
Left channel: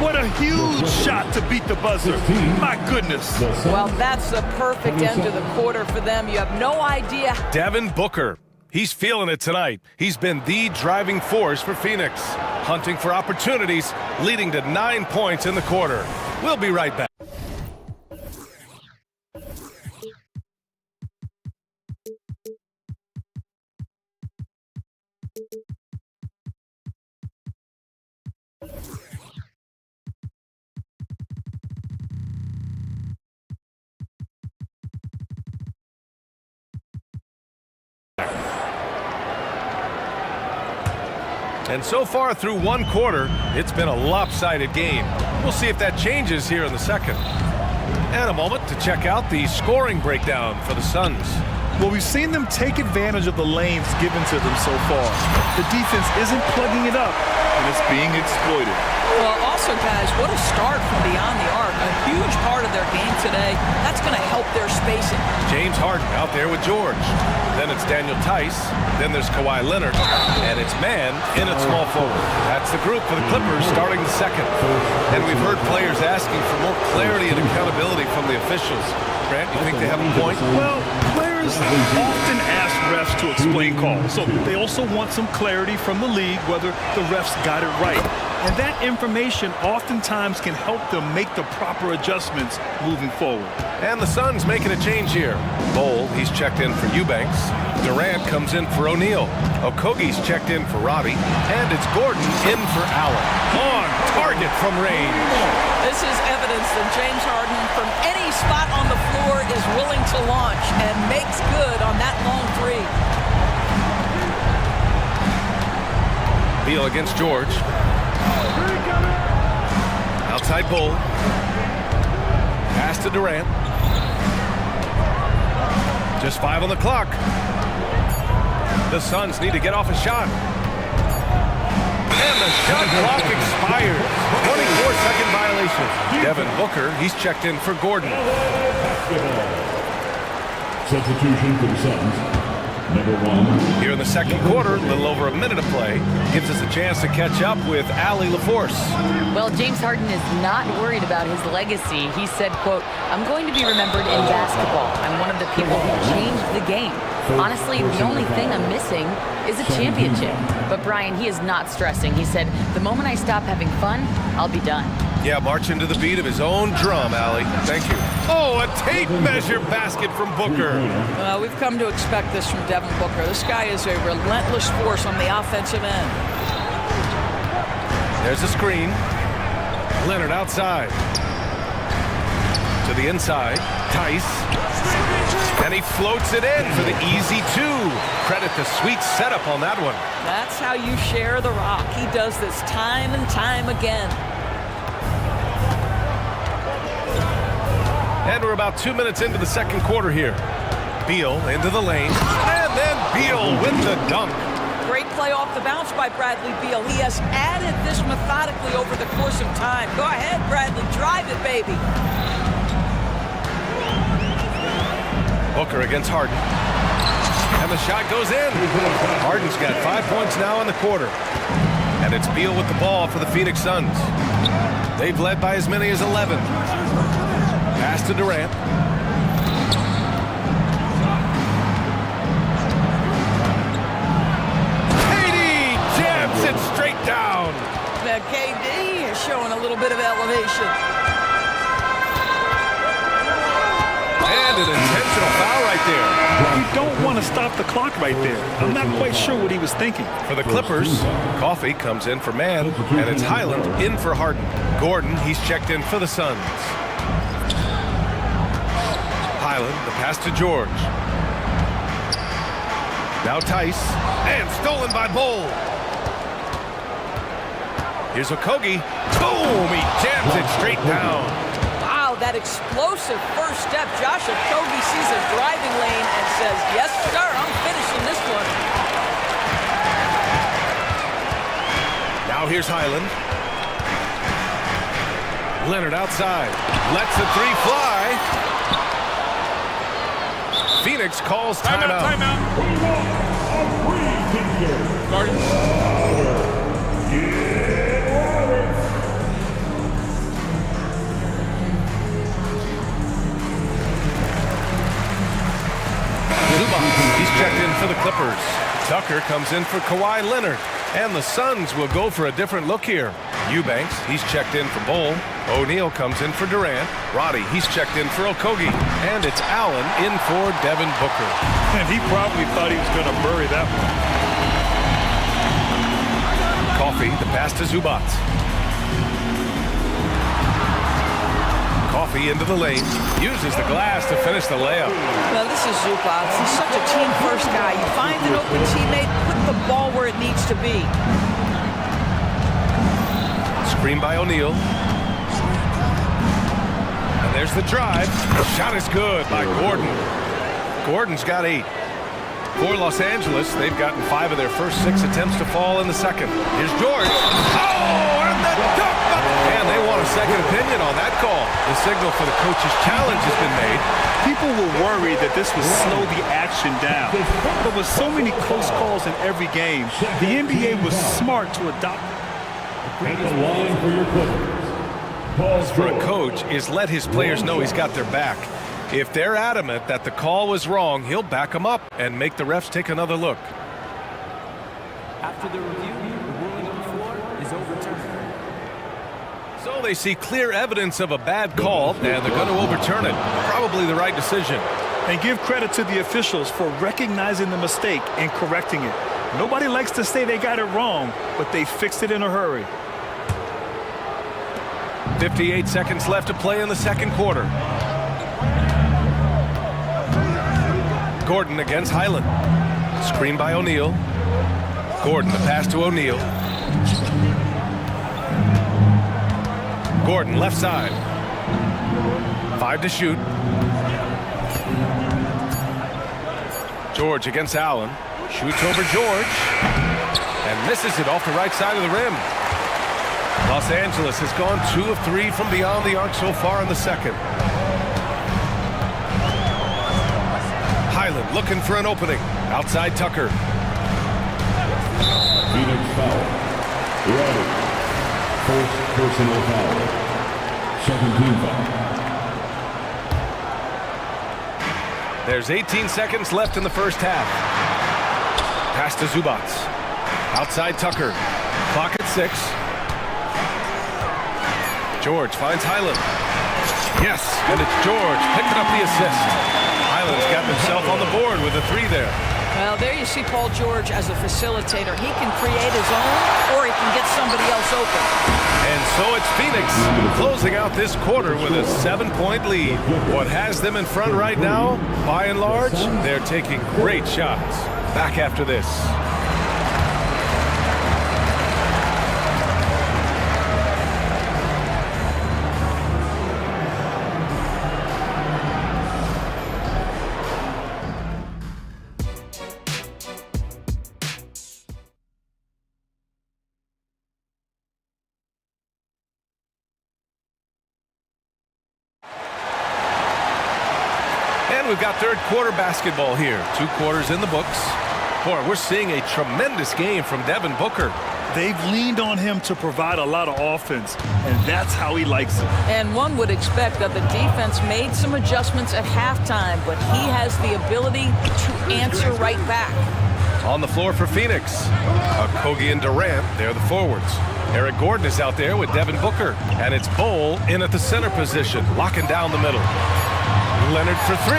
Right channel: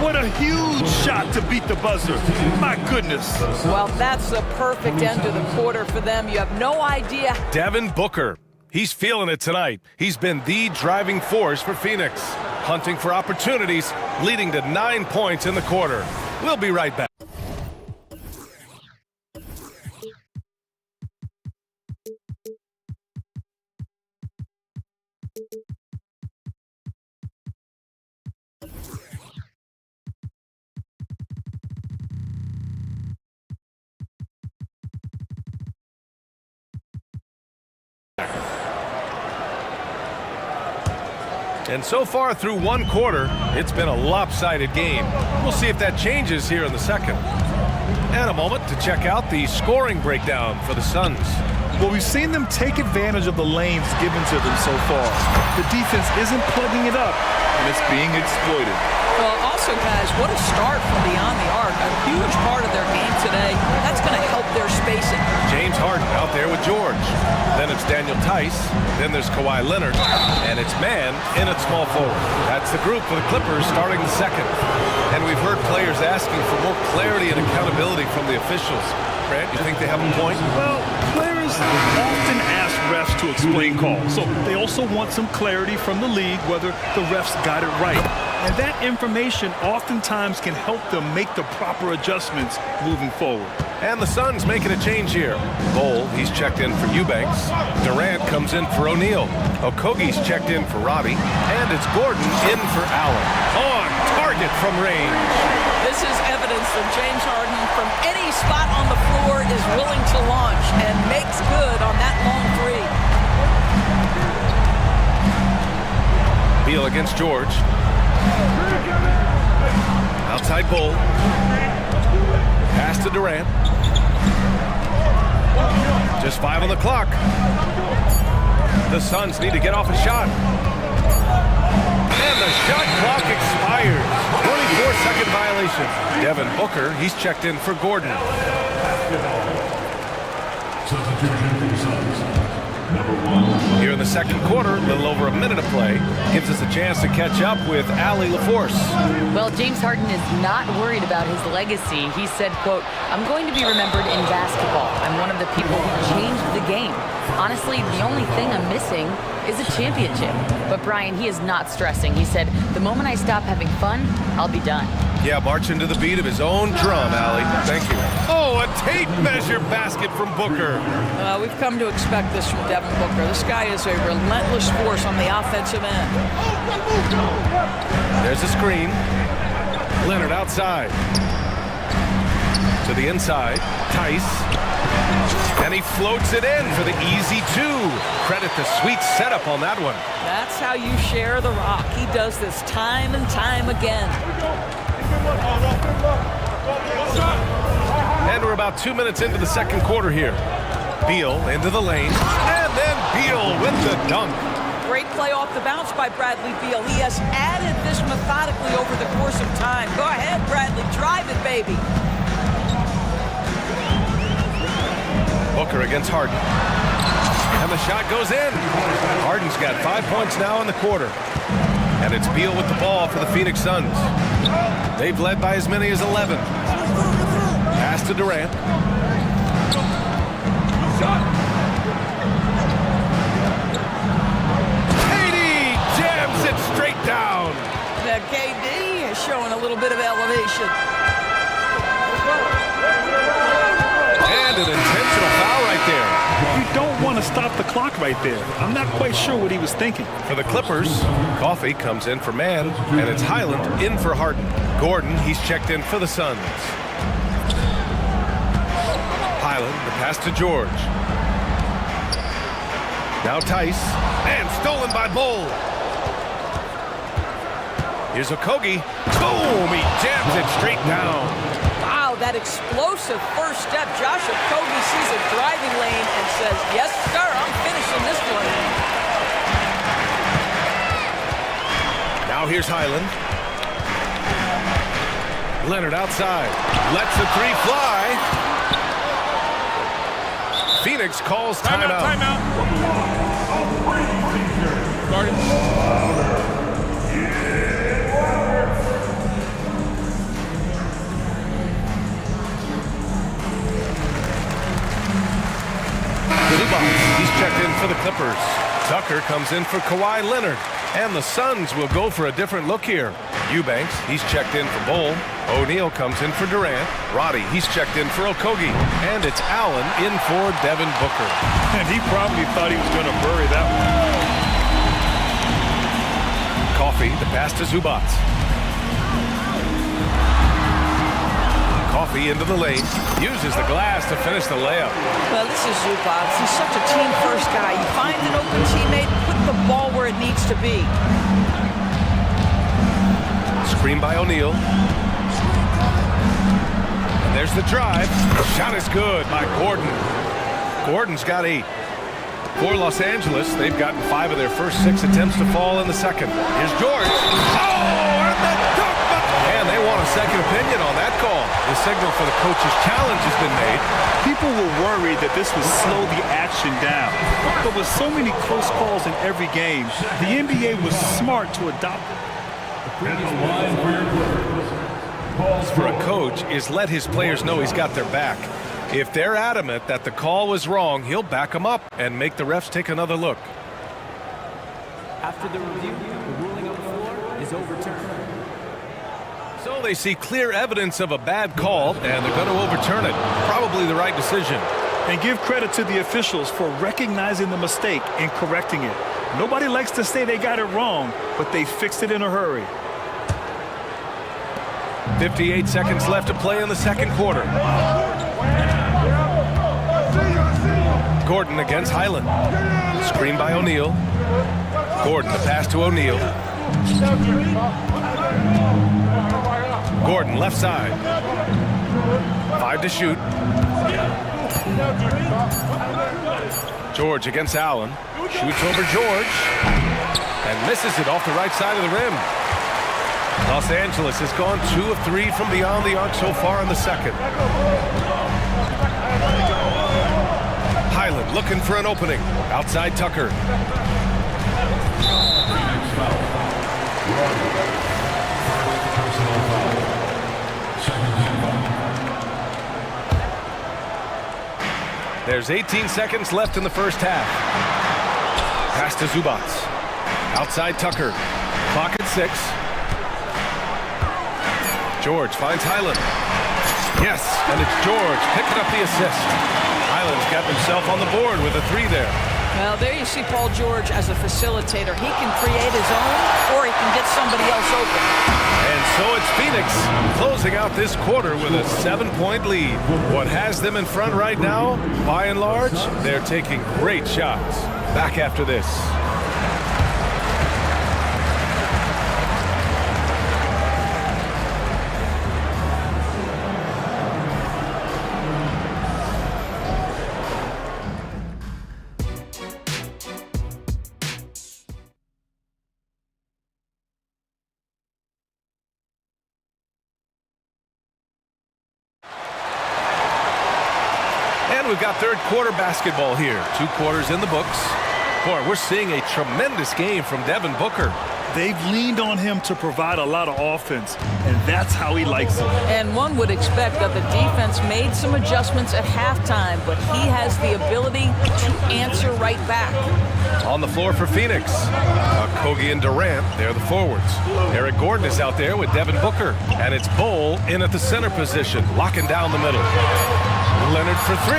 What a huge shot to beat the buzzer. My goodness. Well, that's the perfect end to the quarter for them. You have no idea. Devin Booker. He's feeling it tonight. He's been the driving force for Phoenix. Hunting for opportunities, leading to 9 points in the quarter. We'll be right back. And so far through one quarter, it's been a lopsided game. We'll see if that changes here in the second. And a moment to check out the scoring breakdown for the Suns. Well, we've seen them take advantage of the lanes given to them so far. The defense isn't plugging it up, and it's being exploited. Well, also, guys, what a start from beyond the arc. A huge part of their game today. That's going to help their spacing. James Harden out there with George. Then it's Daniel Tice. Then there's Kawhi Leonard. And it's man in at small forward. That's the group for the Clippers starting the second. And we've heard players asking for more clarity and accountability from the officials. Grant, you think they have a point? Well, players often ask refs to explain calls. So they also want some clarity from the league whether the refs got it right. And that information oftentimes can help them make the proper adjustments moving forward. And the Suns making a change here. Bol, he's checked in for Eubanks. Durant comes in for O'Neal. Okogie's checked in for Robbie. And it's Gordon in for Allen. On target from range. This is evidence that James Harden, from any spot on the floor, is willing to launch and makes good on that long three. Beal against George. Outside Bol. Pass to Durant. Just 5 on the clock. The Suns need to get off a shot. And the shot clock expires. 24-second violation. Devin Booker, he's checked in for Gordon. Substitution for the Suns. Number 1. Here in the second quarter, a little over a minute of play, gives us a chance to catch up with Allie LaForce. Well, James Harden is not worried about his legacy. He said, quote, "I'm going to be remembered in basketball. I'm one of the people who changed the game. Honestly, the only thing I'm missing is a championship." But Brian, he is not stressing. He said, "The moment I stop having fun, I'll be done." Yeah, marching to the beat of his own drum, Allie. Thank you. Oh, a tape measure basket from Booker. We've come to expect this from Devin Booker. This guy is a relentless force on the offensive end. There's a screen. Leonard outside. To the inside. Tice. And he floats it in for the easy two. Credit the sweet setup on that one. That's how you share the rock. He does this time and time again. And we're about 2 minutes into the second quarter here. Beal into the lane. And then Beal with the dunk. Great play off the bounce by Bradley Beal. He has added this methodically over the course of time. Go ahead, Bradley. Drive it, baby. Booker against Harden. And the shot goes in. Harden's got 5 points now in the quarter. And it's Beal with the ball for the Phoenix Suns. They've led by as many as 11. Pass to Durant. KD jams it straight down. Now KD is showing a little bit of elevation. And an intentional foul right there. You don't want to stop the clock right there. I'm not quite sure what he was thinking. For the Clippers, Coffey comes in for Mann, and it's Highland in for Harden. Gordon, he's checked in for the Suns. Highland, the pass to George. Now Tice, and stolen by Bull. Here's Okogie. Boom! He jams it straight down. Wow, that explosive first step. Josh Okogie sees a driving lane and says, yes, sir, I'm finishing this one. Now here's Highland. Leonard outside. Lets the three fly. Phoenix calls timeout. Timeout. Zubac, he's checked in for the Clippers. Tucker comes in for Kawhi Leonard. And the Suns will go for a different look here. Eubanks, he's checked in for Bull. O'Neal comes in for Durant. Roddy, he's checked in for Okogie. And it's Allen in for Devin Booker. And he probably thought he was going to bury that one. Coffey, the pass to Zubac. Coffey into the lane. Uses the glass to finish the layup. Well, this is Zubac. He's such a team-first guy. You find an open teammate, put the ball where it needs to be. Screen by O'Neal. And there's the drive. Shot is good by Gordon. Gordon's got 8. For Los Angeles, they've gotten 5 of their first 6 attempts to fall in the second. Here's George. Oh, and the dunk! And they want a second opinion on that call. The signal for the coach's challenge has been made. People were worried that this would slow the action down. But with so many close calls in every game, the NBA was smart to adopt it. The line for your players. For a coach is let his players know he's got their back. If they're adamant that the call was wrong, he'll back them up and make the refs take another look. After the review, the ruling on the floor is overturned. So they see clear evidence of a bad call, and they're going to overturn it. Probably the right decision. And give credit to the officials for recognizing the mistake and correcting it. Nobody likes to say they got it wrong, but they fixed it in a hurry. 58 seconds left to play in the second quarter. Gordon against Highland. Screen by O'Neal. Gordon, the pass to O'Neal. Gordon, left side. 5 to shoot. George against Allen. Shoots over George. And misses it off the right side of the rim. Los Angeles has gone 2 of 3 from beyond the arc so far in the second. Highland looking for an opening. Outside Tucker. Phoenix foul. Roddy. First personal foul. Second team foul. There's 18 seconds left in the first half. Pass to Zubac. Outside Tucker. Clock at 6. George finds Highland. Yes, and it's George picking up the assist. Highland's got himself on the board with a 3 there. Well, there you see Paul George as a facilitator. He can create his own, or he can get somebody else open. And so it's Phoenix closing out this quarter with a 7-point lead. What has them in front right now, by and large, they're taking great shots. Back after this. And we've got third quarter basketball here. 2 quarters in the books. Boy, we're seeing a tremendous game from Devin Booker. They've leaned on him to provide a lot of offense, and that's how he likes it. And one would expect that the defense made some adjustments at halftime, but he has the ability to answer right back. On the floor for Phoenix, Kogi and Durant, they're the forwards. Eric Gordon is out there with Devin Booker, and it's Bol in at the center position, locking down the middle. Leonard for 3.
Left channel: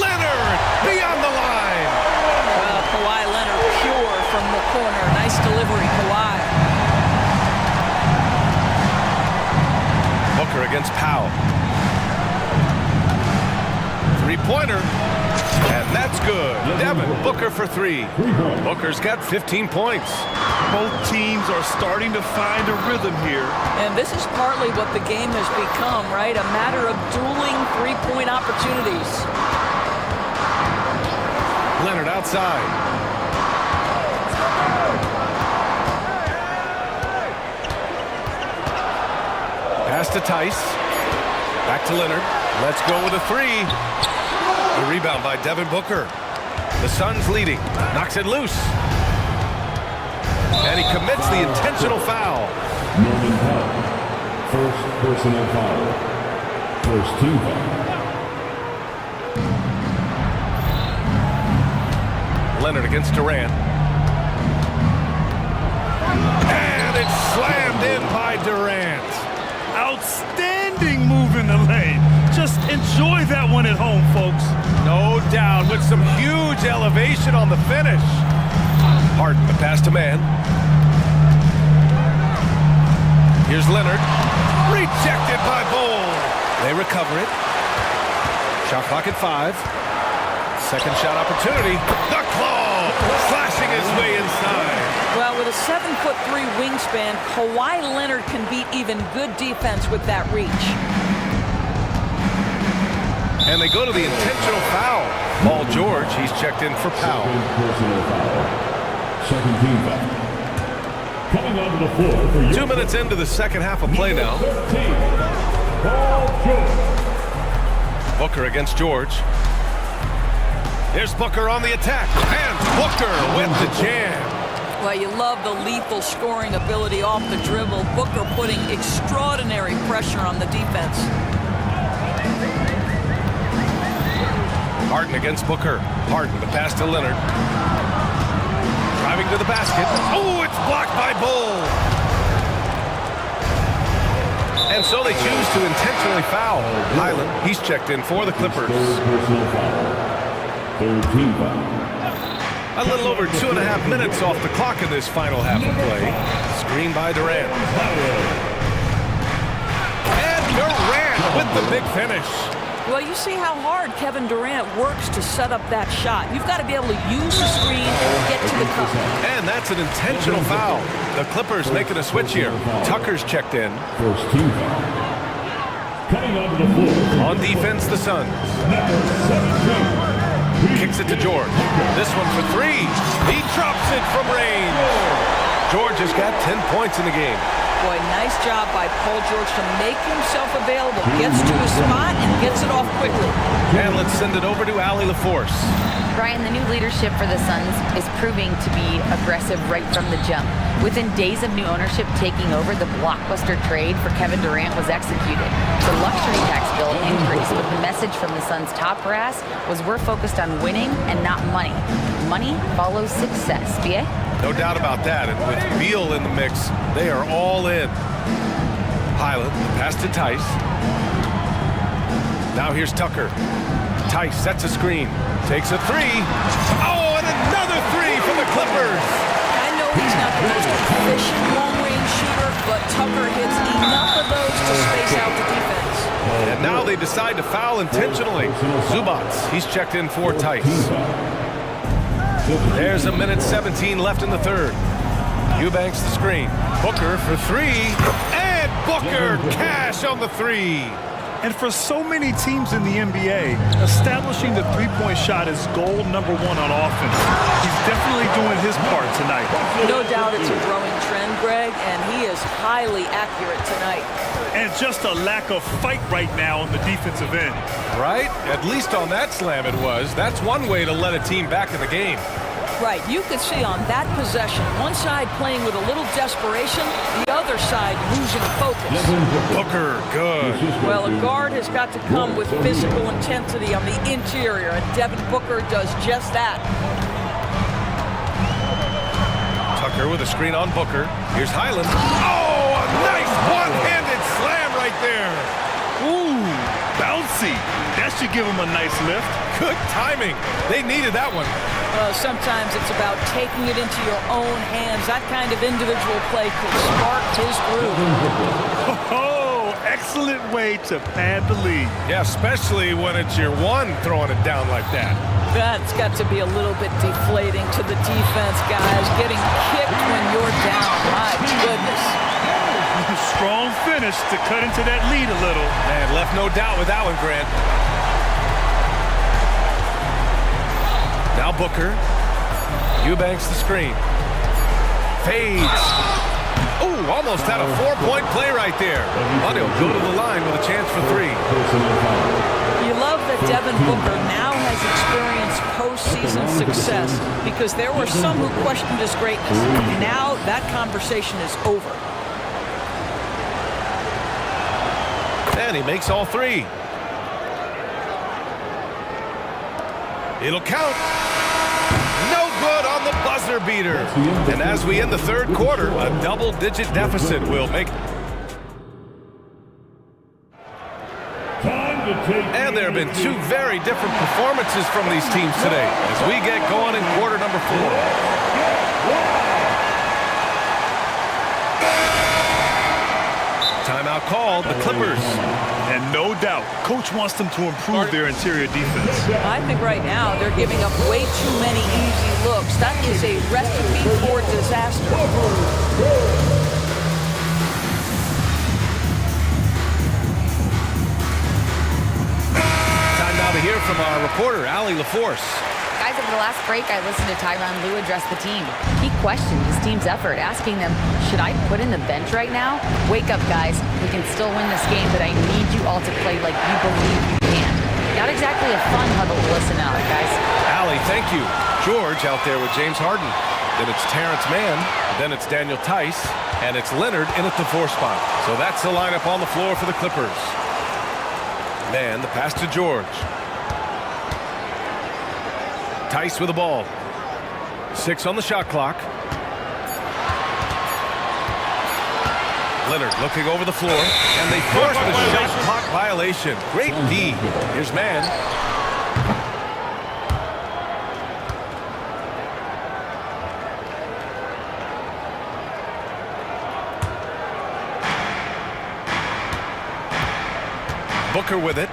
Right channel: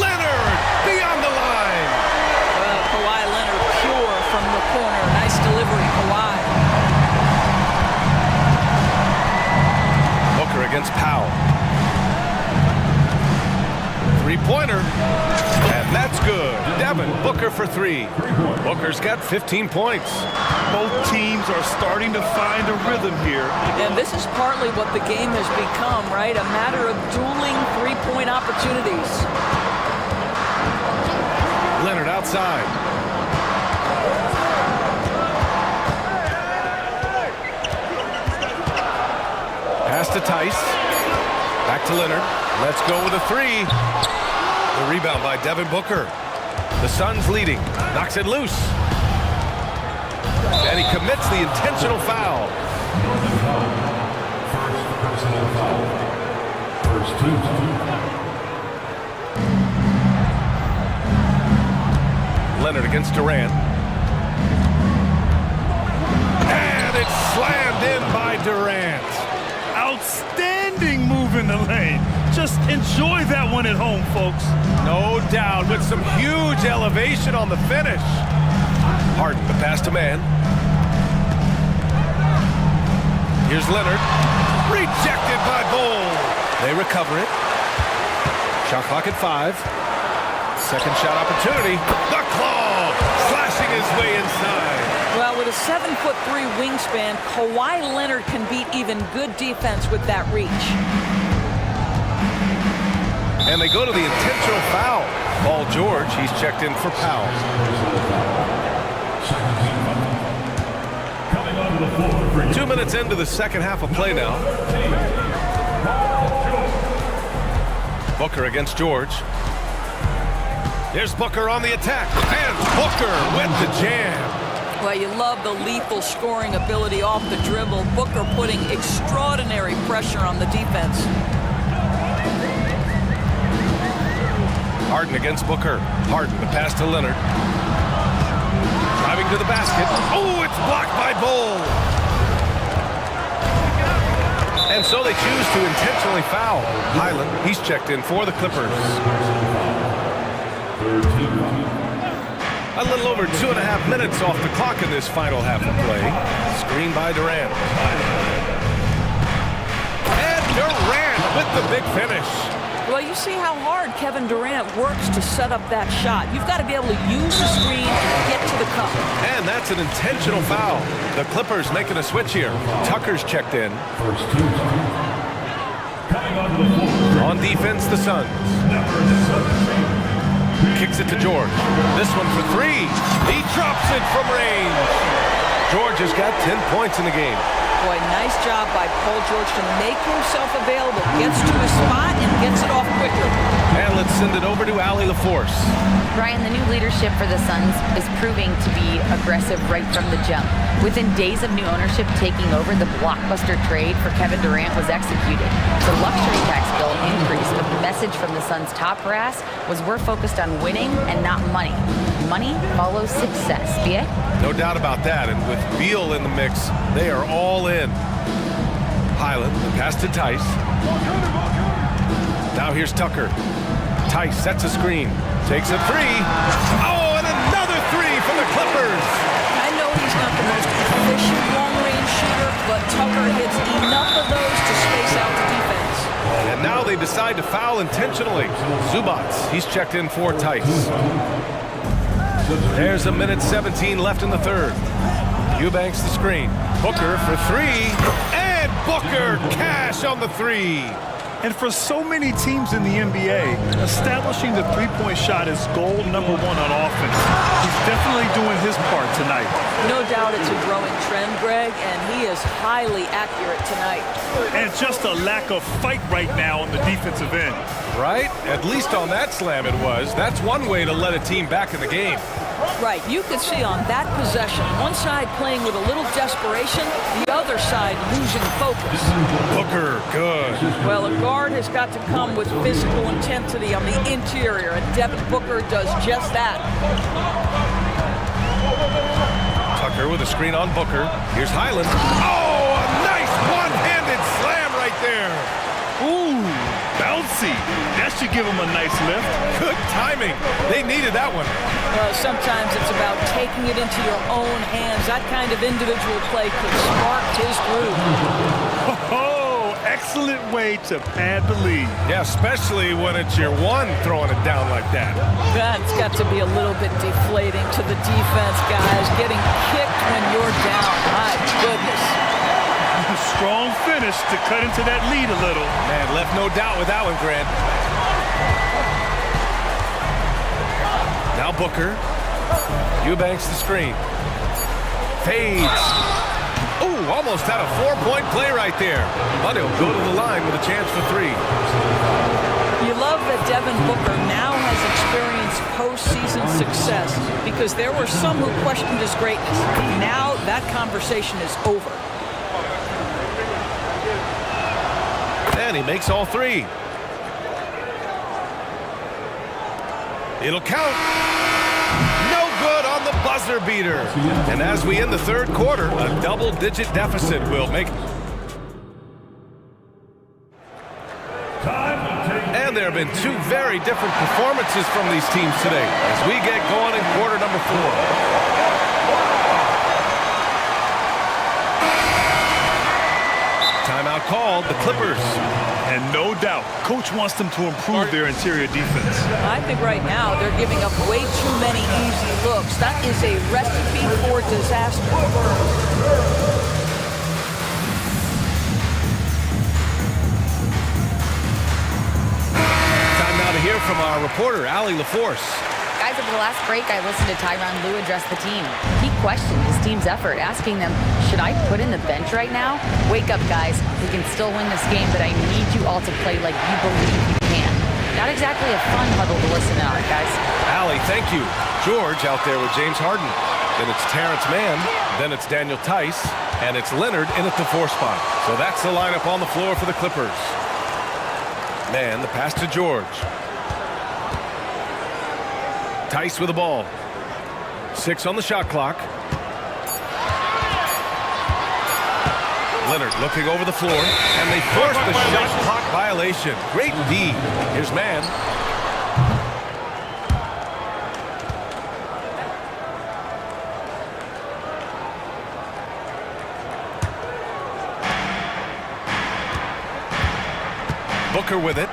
Leonard beyond the line. Well, Kawhi Leonard pure from the corner. Nice delivery, Kawhi. Booker against Powell. 3-pointer. And that's good. Devin Booker for 3. Booker's got 15 points. Both teams are starting to find a rhythm here. And this is partly what the game has become, right? A matter of dueling 3-point opportunities. Leonard outside. Pass to Tice. Back to Leonard. Let's go with a 3. The rebound by Devin Booker. The Suns leading. Knocks it loose. And he commits the intentional foul. Non-foul. First personal foul. First team foul. Leonard against Durant. And it's slammed in by Durant. Outstanding move in the lane. Just enjoy that one at home, folks. No doubt, with some huge elevation on the finish. Harden, the pass to man. Here's Leonard. Rejected by Bol. They recover it. Shot clock at 5. Second shot opportunity. The claw slashing his way inside. Well, with a 7'3" wingspan, Kawhi Leonard can beat even good defense with that reach. And they go to the intentional foul. Paul George, he's checked in for Powell. Second team foul. Coming onto the floor for 2 minutes into the second half of play now. Booker against George. Here's Booker on the attack. And Booker with the jam. Well, you love the lethal scoring ability off the dribble. Booker putting extraordinary pressure on the defense. Harden against Booker. Harden, the pass to Leonard. Driving to the basket. Oh, it's blocked by Bol. And so they choose to intentionally foul. Highland, he's checked in for the Clippers. Third team foul. A little over 2.5 minutes off the clock in this final half of play. Screen by Durant. And Durant with the big finish. Well, you see how hard Kevin Durant works to set up that shot. You've got to be able to use the screen and get to the cup. And that's an intentional foul. The Clippers making a switch here. Tucker's checked in. First team foul. Coming onto the floor. On defense, the Suns. Kicks it to George. This one for 3. He drops it from range. George has got 10 points in the game. Boy, nice job by Paul George to make himself available. Gets to his spot and gets it off quickly. And let's send it over to Allie LaForce. Brian, the new leadership for the Suns is proving to be aggressive right from the jump. Within days of new ownership taking over, the blockbuster trade for Kevin Durant was executed. The luxury tax bill increased, but the message from the Suns' top brass was we're focused on winning and not money. Money follows success. BA? No doubt about that, and with Beal in the mix, they are all in. Highland, the pass to Tice. Now here's Tucker. Tice sets a screen. Takes a three. Oh, and another three for the Clippers. I know he's not the most efficient long-range shooter, but Tucker hits enough of those to space out the defense. And now they decide to foul intentionally. Zubats, he's checked in for Tice. There's a minute 17 left in the third. Eubanks the screen. Booker for three. And Booker cash on the three. And for so many teams in the NBA, establishing the three-point shot is goal number one on offense. He's definitely doing his part tonight. No doubt it's a growing trend, Greg, and he is highly accurate tonight. And just a lack of fight right now on the defensive end. Right? At least on that slam it was. That's one way to let a team back in the game. Right, you could see on that possession, one side playing with a little desperation, the other side losing focus. Booker, good. Well, a guard has got to come with physical intensity on the interior, and Devin Booker does just that. Tucker with a screen on Booker. Here's Highland. Oh, a nice one-handed slam right there. Ooh, bouncy. That should give him a nice lift. Good timing. They needed that one. Sometimes it's about taking it into your own hands. That kind of individual play could spark his groove. Oh, excellent way to pad the lead. Yeah, especially when it's your one throwing it down like that. That's got to be a little bit deflating to the defense, guys. Getting kicked when you're down. My goodness. Strong finish to cut into that lead a little. Man, left no doubt with that one, Grant. Now Booker. Eubanks the screen. Fades. Ooh, almost had a four-point play right there. But he'll go to the line with a chance for three. You love that Devin Booker now has experienced postseason success because there were some who questioned his greatness. Now that conversation is over. And he makes all three. It'll count. No good on the buzzer beater. And as we end the third quarter, a double-digit deficit will make. And there have been two very different performances from these teams today as we get going in quarter number 4. Timeout called, the Clippers. And no doubt, coach wants them to improve their interior defense. I think right now they're giving up way too many easy looks. That is a recipe for disaster. Time now to hear from our reporter, Allie LaForce. Guys, over the last break, I listened to Tyronn Lue address the team. He questioned his team's effort, asking them, should I put in the bench right now? Wake up, guys. We can still win this game, but I need you all to play like you believe you can. Not exactly a fun huddle to listen on, guys. Allie, thank you. George out there with James Harden. Then it's Terrence Mann. Then it's Daniel Tice. And it's Leonard in at the 4 spot. So that's the lineup on the floor for the Clippers. Mann, the pass to George. Tice with the ball. 6 on the shot clock. Leonard looking over the floor, and they force the shot clock violation. Great D. Here's Mann. Booker with it.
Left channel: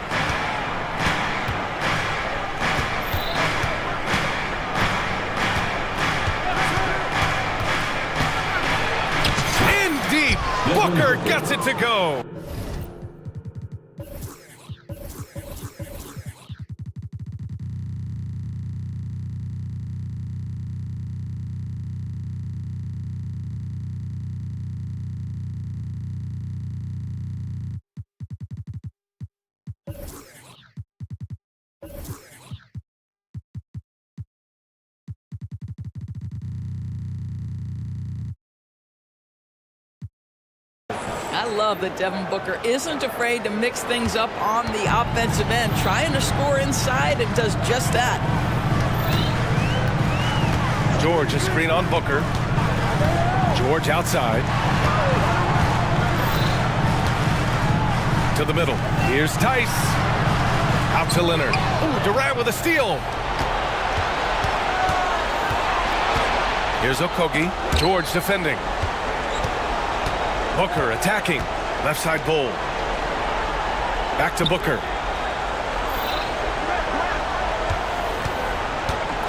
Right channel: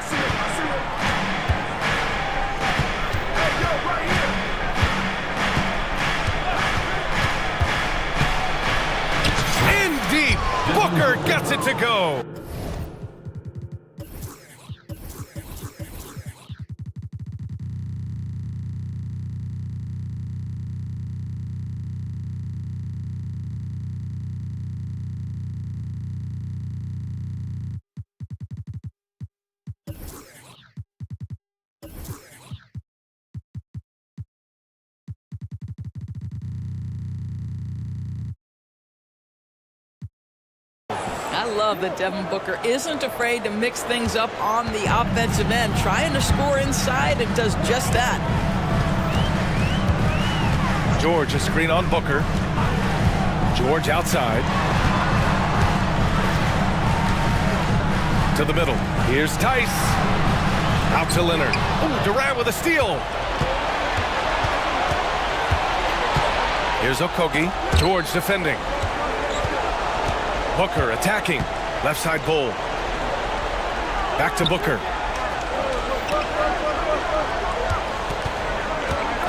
Deep. Booker gets it to go. I love that Devin Booker isn't afraid to mix things up on the offensive end, trying to score inside, and does just that. George, a screen on Booker. George outside. To the middle. Here's Tice. Out to Leonard. Ooh, Durant with a steal. Here's Okogie. George defending. Booker attacking. Left side Bull. Back to Booker.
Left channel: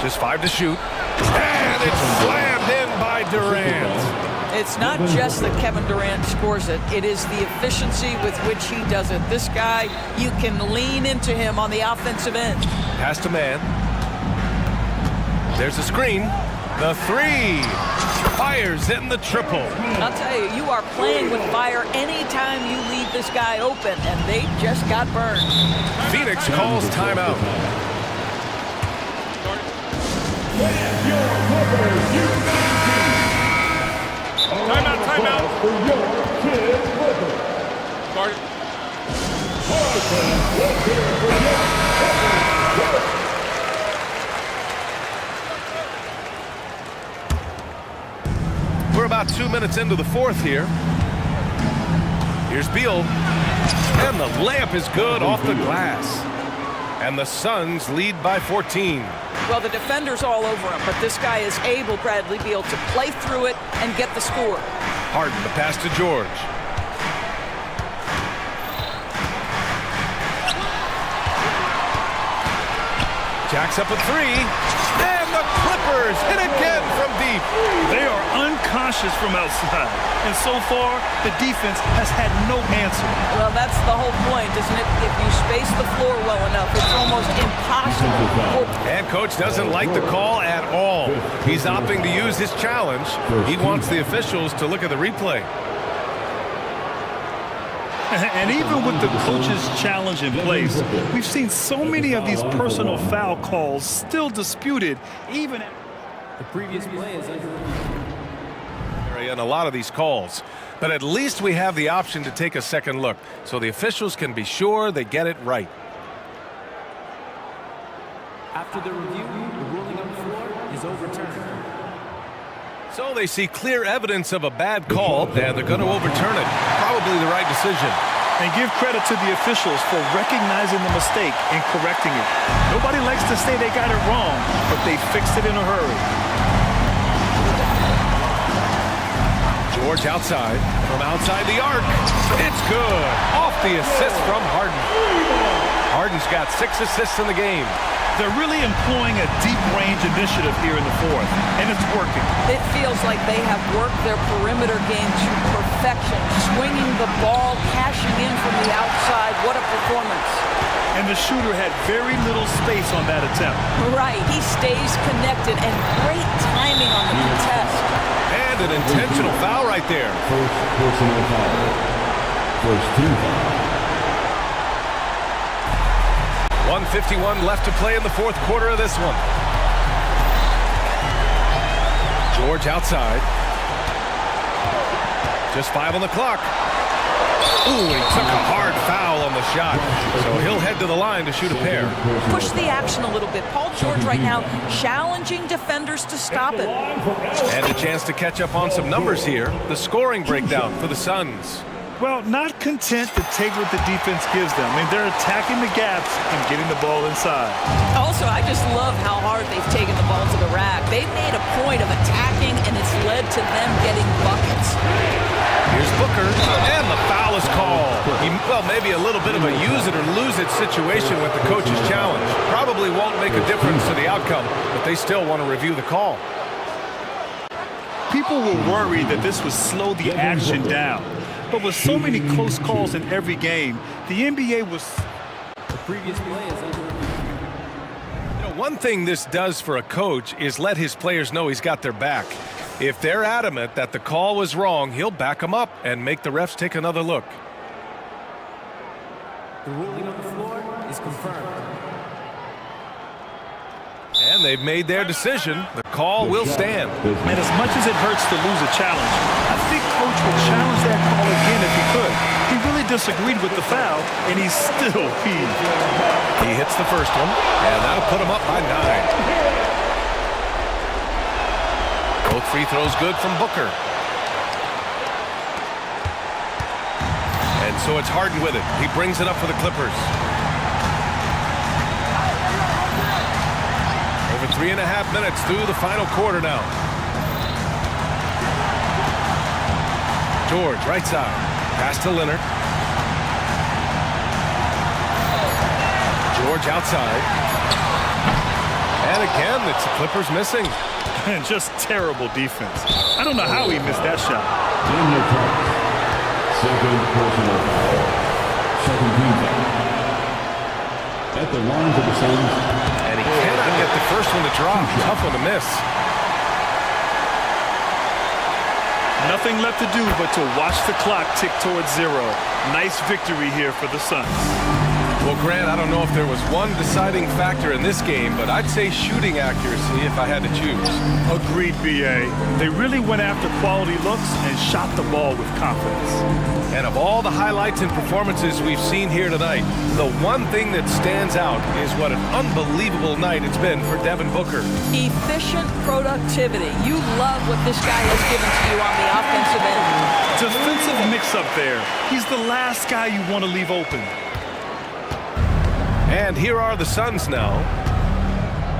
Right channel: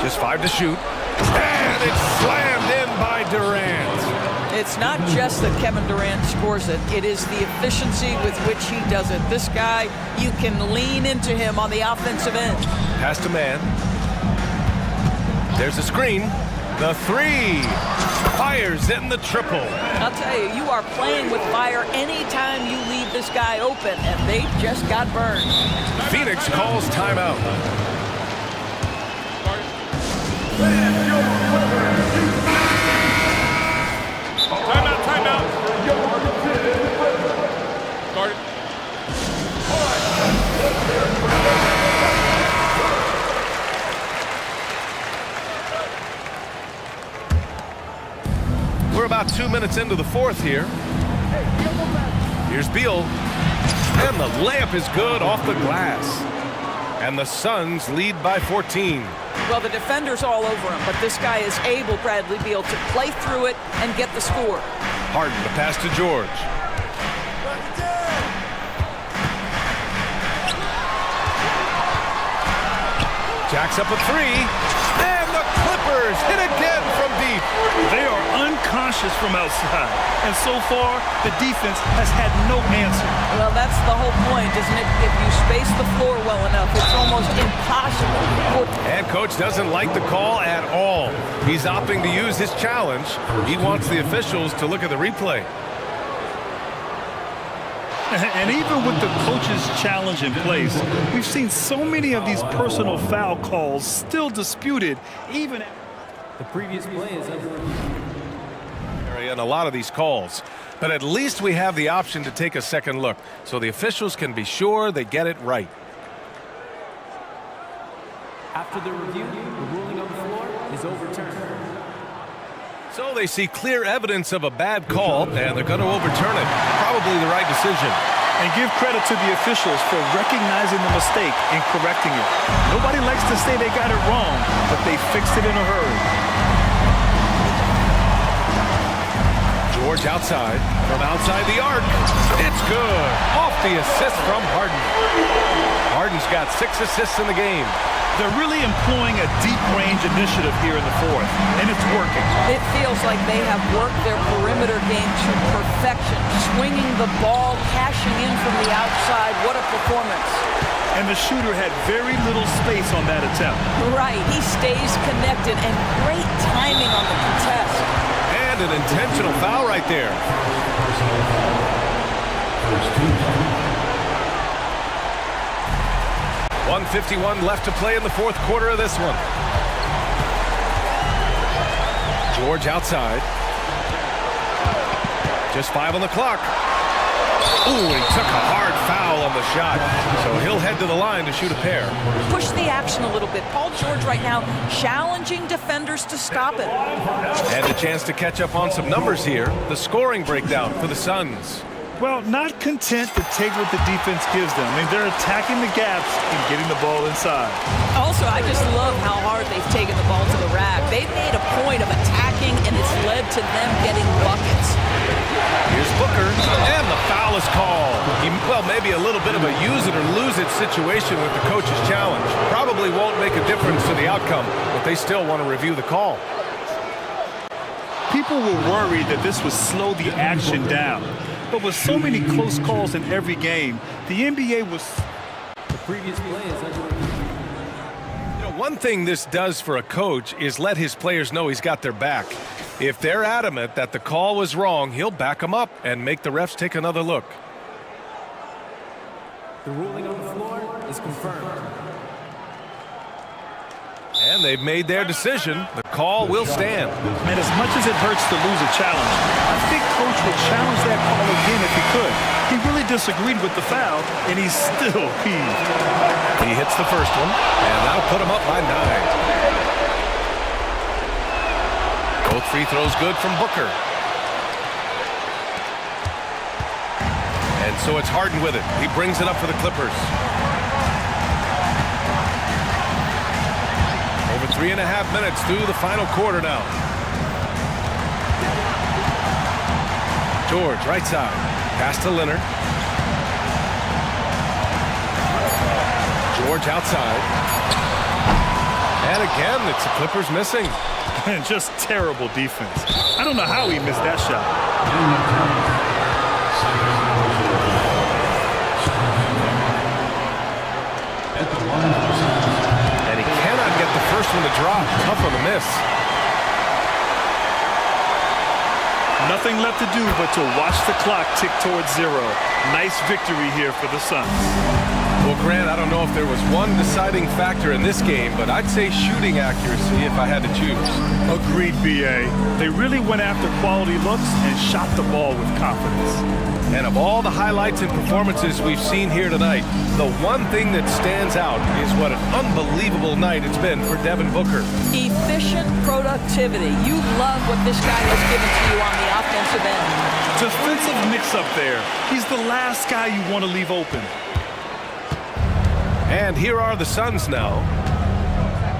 Just 5 to shoot. And it's slammed in by Durant. It's not just that Kevin Durant scores it. It is the efficiency with which he does it. This guy, you can lean into him on the offensive end. Pass to man. There's a screen. The 3. Fires in the triple. I'll tell you, you are playing with fire anytime you leave this guy open, and they just got burned. Phoenix calls timeout. Timeout. Guard it. We're about 2 minutes into the fourth here. Here's Beal. And the layup is good off the glass. And the Suns lead by 14. Well, the defender's all over him, but this guy is able, Bradley Beal, to play through it and get the score. Harden, the pass to George. Jacks up a 3. And the Clippers hit again from deep. They are unconscious from outside. And so far, the defense has had no answer. Well, that's the whole point, isn't it? If you space the floor well enough, it's almost impossible. And coach doesn't like the call at all. He's opting to use his challenge. He wants the officials to look at the replay. And even with the coach's challenge in place, we've seen so many of these personal foul calls still disputed, even after the previous play is under review. And a lot of these calls, but at least we have the option to take a second look so the officials can be sure they get it right. After the review, the ruling on the floor is overturned. So they see clear evidence of a bad call, and they're going to overturn it. Probably the right decision. And give credit to the officials for recognizing the mistake and correcting it. Nobody likes to say they got it wrong, but they fixed it in a hurry. George outside, from outside the arc. It's good. Off the assist from Harden. Harden's got 6 assists in the game. They're really employing a deep-range initiative here in the fourth, and it's working. It feels like they have worked their perimeter game to perfection, swinging the ball, cashing in from the outside. What a performance. And the shooter had very little space on that attempt. Right, he stays connected, and great timing on the contest. And an intentional foul right there. First personal foul. First team foul. 1:51 left to play in the fourth quarter of this one. George outside. Just 5 on the clock. Ooh, he took a hard foul on the shot. So he'll head to the line to shoot a pair. Push the action a little bit. Paul George right now challenging defenders to stop it. And a chance to catch up on some numbers here. The scoring breakdown for the Suns. Well, not content to take what the defense gives them. I mean, they're attacking the gaps and getting the ball inside. Also, I just love how hard they've taken the ball to the rack. They've made a point of attacking, and it's led to them getting buckets. Here's Booker, and the foul is called. Well, maybe a little bit of a use it or lose it situation with the coach's challenge. Probably won't make a difference to the outcome, but they still want to review the call. People were worried that this would slow the action down. But with so many close calls in every game, the NBA was... The previous play is under review. You know, one thing this does for a coach is let his players know he's got their back. If they're adamant that the call was wrong, he'll back them up and make the refs take another look. The ruling on the floor is confirmed. And they've made their decision. The call will stand. And as much as it hurts to lose a challenge, I think Coach would challenge that call again if he could. He really disagreed with the foul, and he's still peeved. He hits the first one, and that'll put him up by 9. Both free throws good from Booker. And so it's Harden with it. He brings it up for the Clippers. Over 3.5 minutes through the final quarter now. George, right side. Pass to Leonard. George outside. And again, it's the Clippers missing. And just terrible defense. I don't know how he missed that shot. Second personal foul. Second team. At the line for the Suns. And he cannot get the first one to drop. Tough one to miss. Nothing left to do but to watch the clock tick towards 0. Nice victory here for the Suns. Well, Grant, I don't know if there was one deciding factor in this game, but I'd say shooting accuracy if I had to choose. Agreed, BA. They really went after quality looks and shot the ball with confidence. And of all the highlights and performances we've seen here tonight, the one thing that stands out is what an unbelievable night it's been for Devin Booker. Efficient productivity. You love what this guy has given to you on the offensive end. Defensive mix-up there. He's the last guy you want to leave open. And here are the Suns now.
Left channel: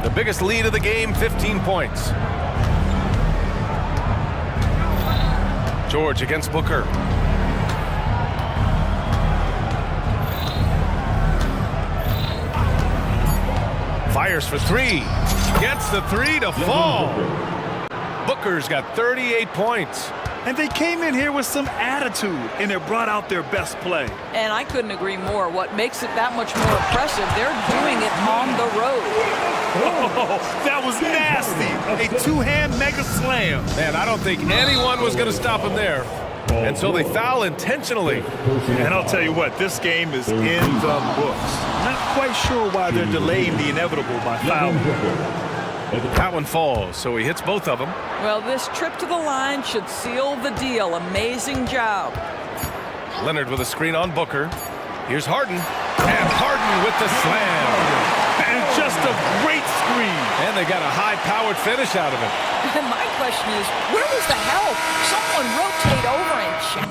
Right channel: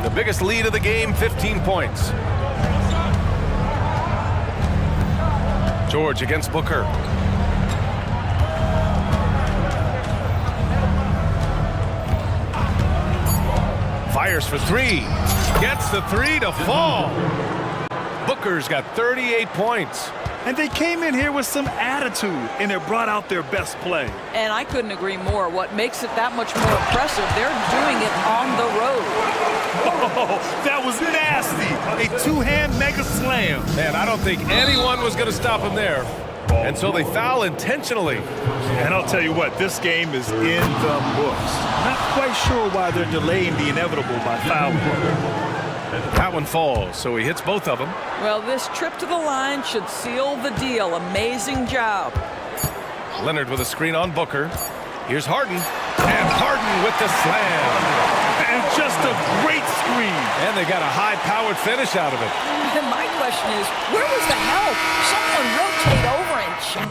The biggest lead of the game, 15 points. George against Booker. Fires for three. Gets the three to fall. Booker's got 38 points. And they came in here with some attitude, and it brought out their best play. And I couldn't agree more. What makes it that much more impressive, they're doing it on the road. Oh, that was nasty. A two-hand mega slam. Man, I don't think anyone was going to stop him there. And so they foul intentionally. And I'll tell you what, this game is in the books. Not quite sure why they're delaying the inevitable by fouling. That one falls, so he hits both of them. Well, this trip to the line should seal the deal. Amazing job. Leonard with a screen on Booker. Here's Harden. And Harden with the slam. And just a great screen. And they got a high-powered finish out of it. And my question is, where was the help? Someone rotate over and check.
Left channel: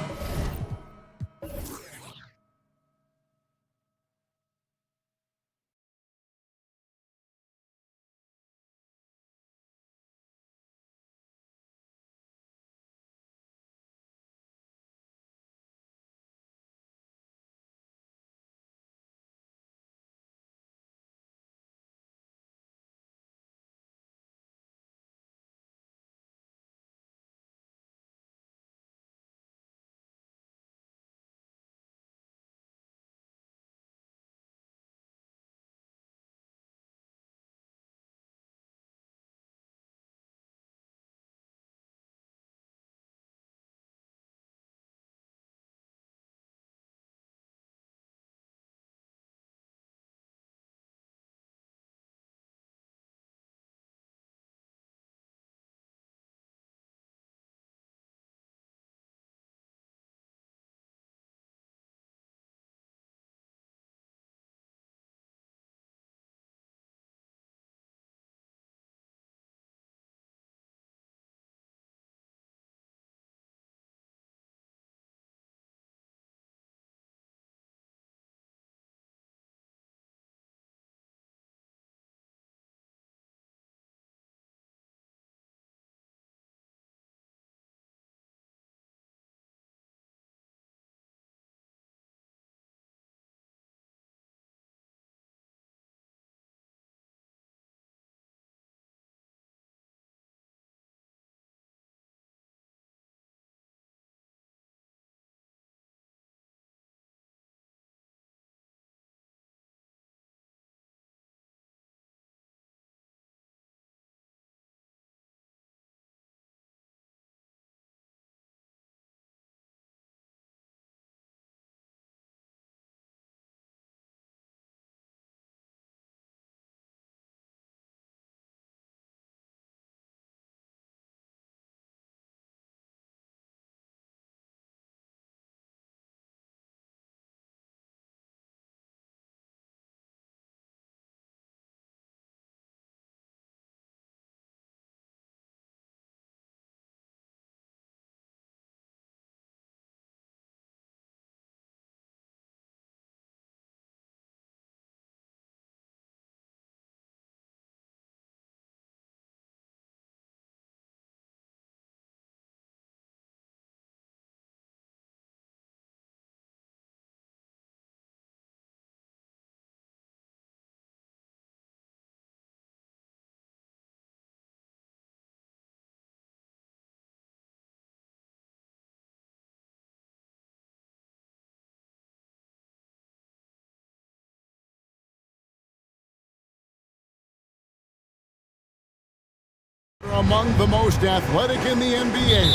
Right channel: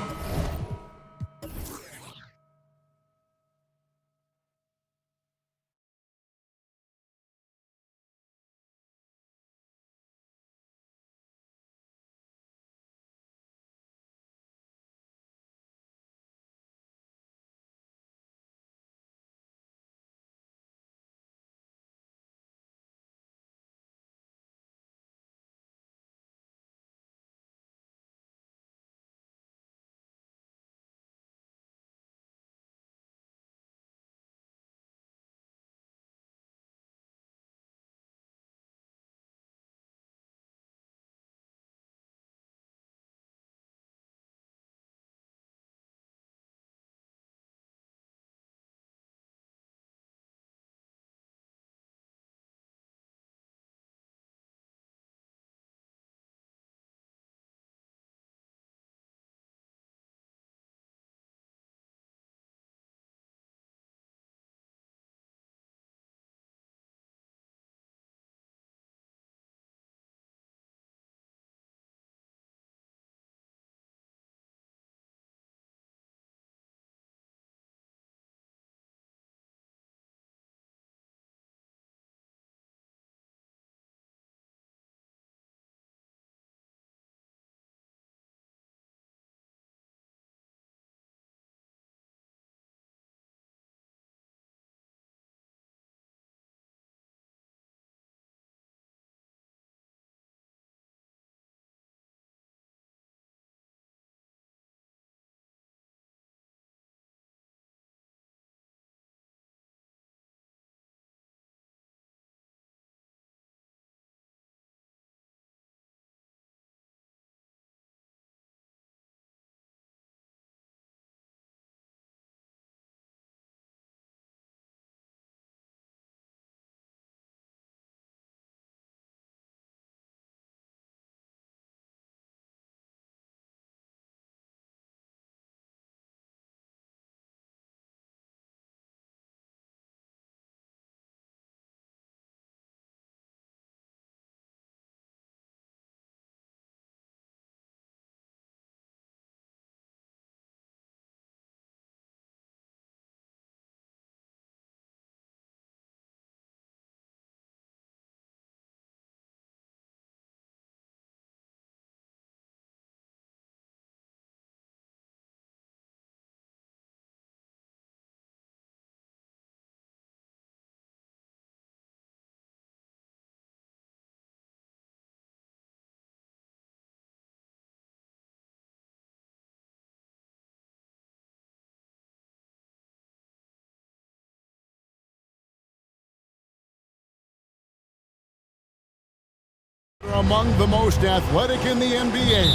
Among the most athletic in the NBA.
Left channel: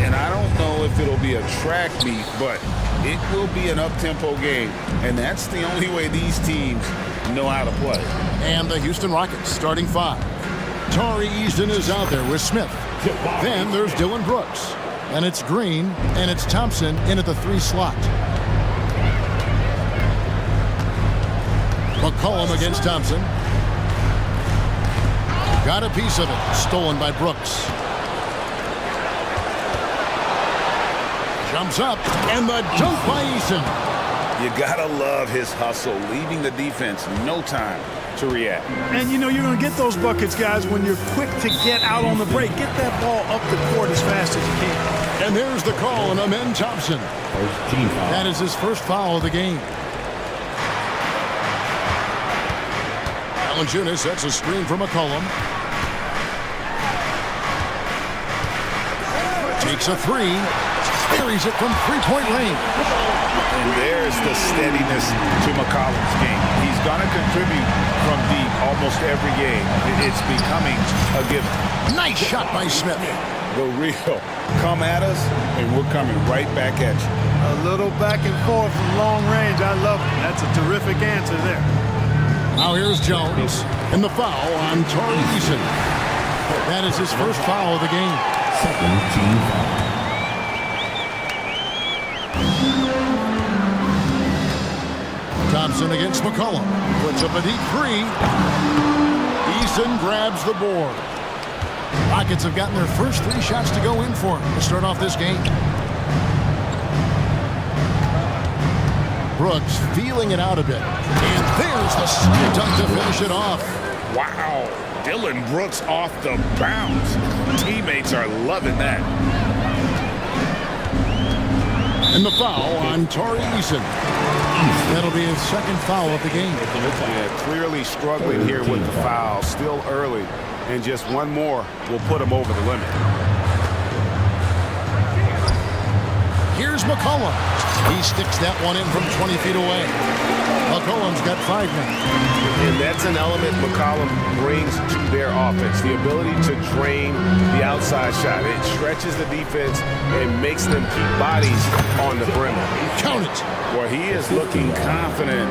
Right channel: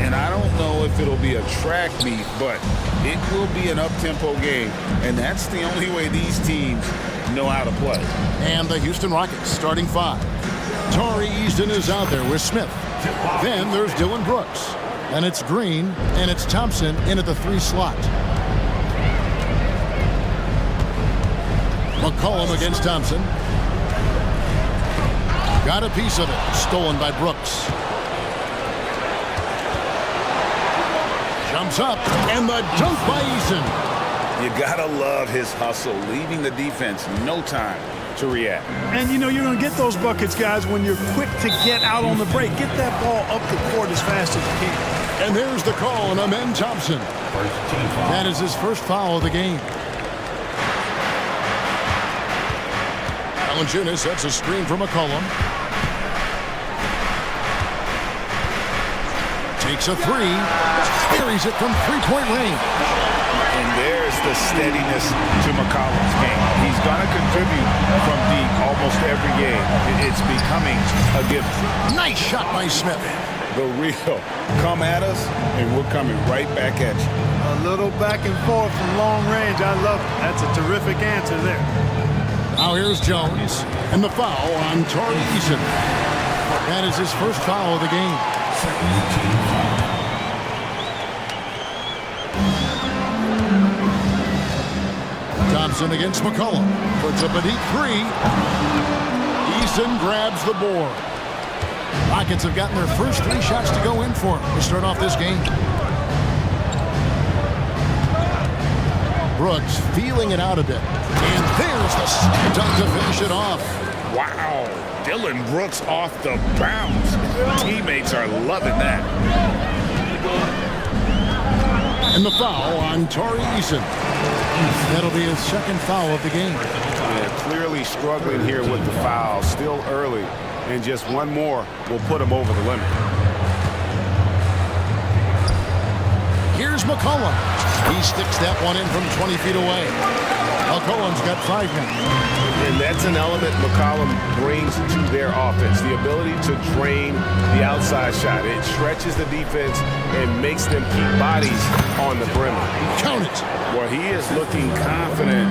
And I don't know if it'll be a track meet, but it will be an up-tempo game. And that's the only way these teams know how to play. And the Houston Rockets starting 5. Tari Easton is out there with Smith. Then there's Dylan Brooks. And it's Green, and it's Thompson in at the 3 slot. McCollum against Thompson. Got a piece of it. Stolen by Brooks. Jumps up, and the dunk by Eason. You gotta love his hustle, leaving the defense no time to react. And you know you're going to get those buckets, guys, when you're quick to get out on the break. Get that ball up the court as fast as you can. And there's the call on Amen Thompson. That is his first foul of the game. Valanciunas sets a screen for McCollum. Takes a 3. Carries it from 3-point range. And there's the steadiness to McCollum's game. He's going to contribute from deep almost every game. It's becoming a given. Nice shot by Smith. The real come at us, and we're coming right back at you. A little back and forth from long range. I love it. That's a terrific answer there. Now here's Jones. And the foul on Tari Eason. That is his first foul of the game. Thompson against McCollum. Puts up a deep 3. Eason grabs the board. Rockets have gotten their first 3 shots to go in for him to start off this game. Brooks feeling it out a bit. And there's the slam dunk to finish it off. Wow. Dylan Brooks off the bounce. Teammates are loving that. And the foul on Tari Eason. That'll be his second foul of the game. Yeah, clearly struggling here with the foul. Still early. And just one more will put him over the limit. Here's McCollum. He sticks that one in from 20 feet away. McCollum's got 5 now. And that's an element McCollum brings to their offense. The ability to drain the outside shot. It stretches the defense and makes them keep bodies on the perimeter. Count it. Well, he is looking confident.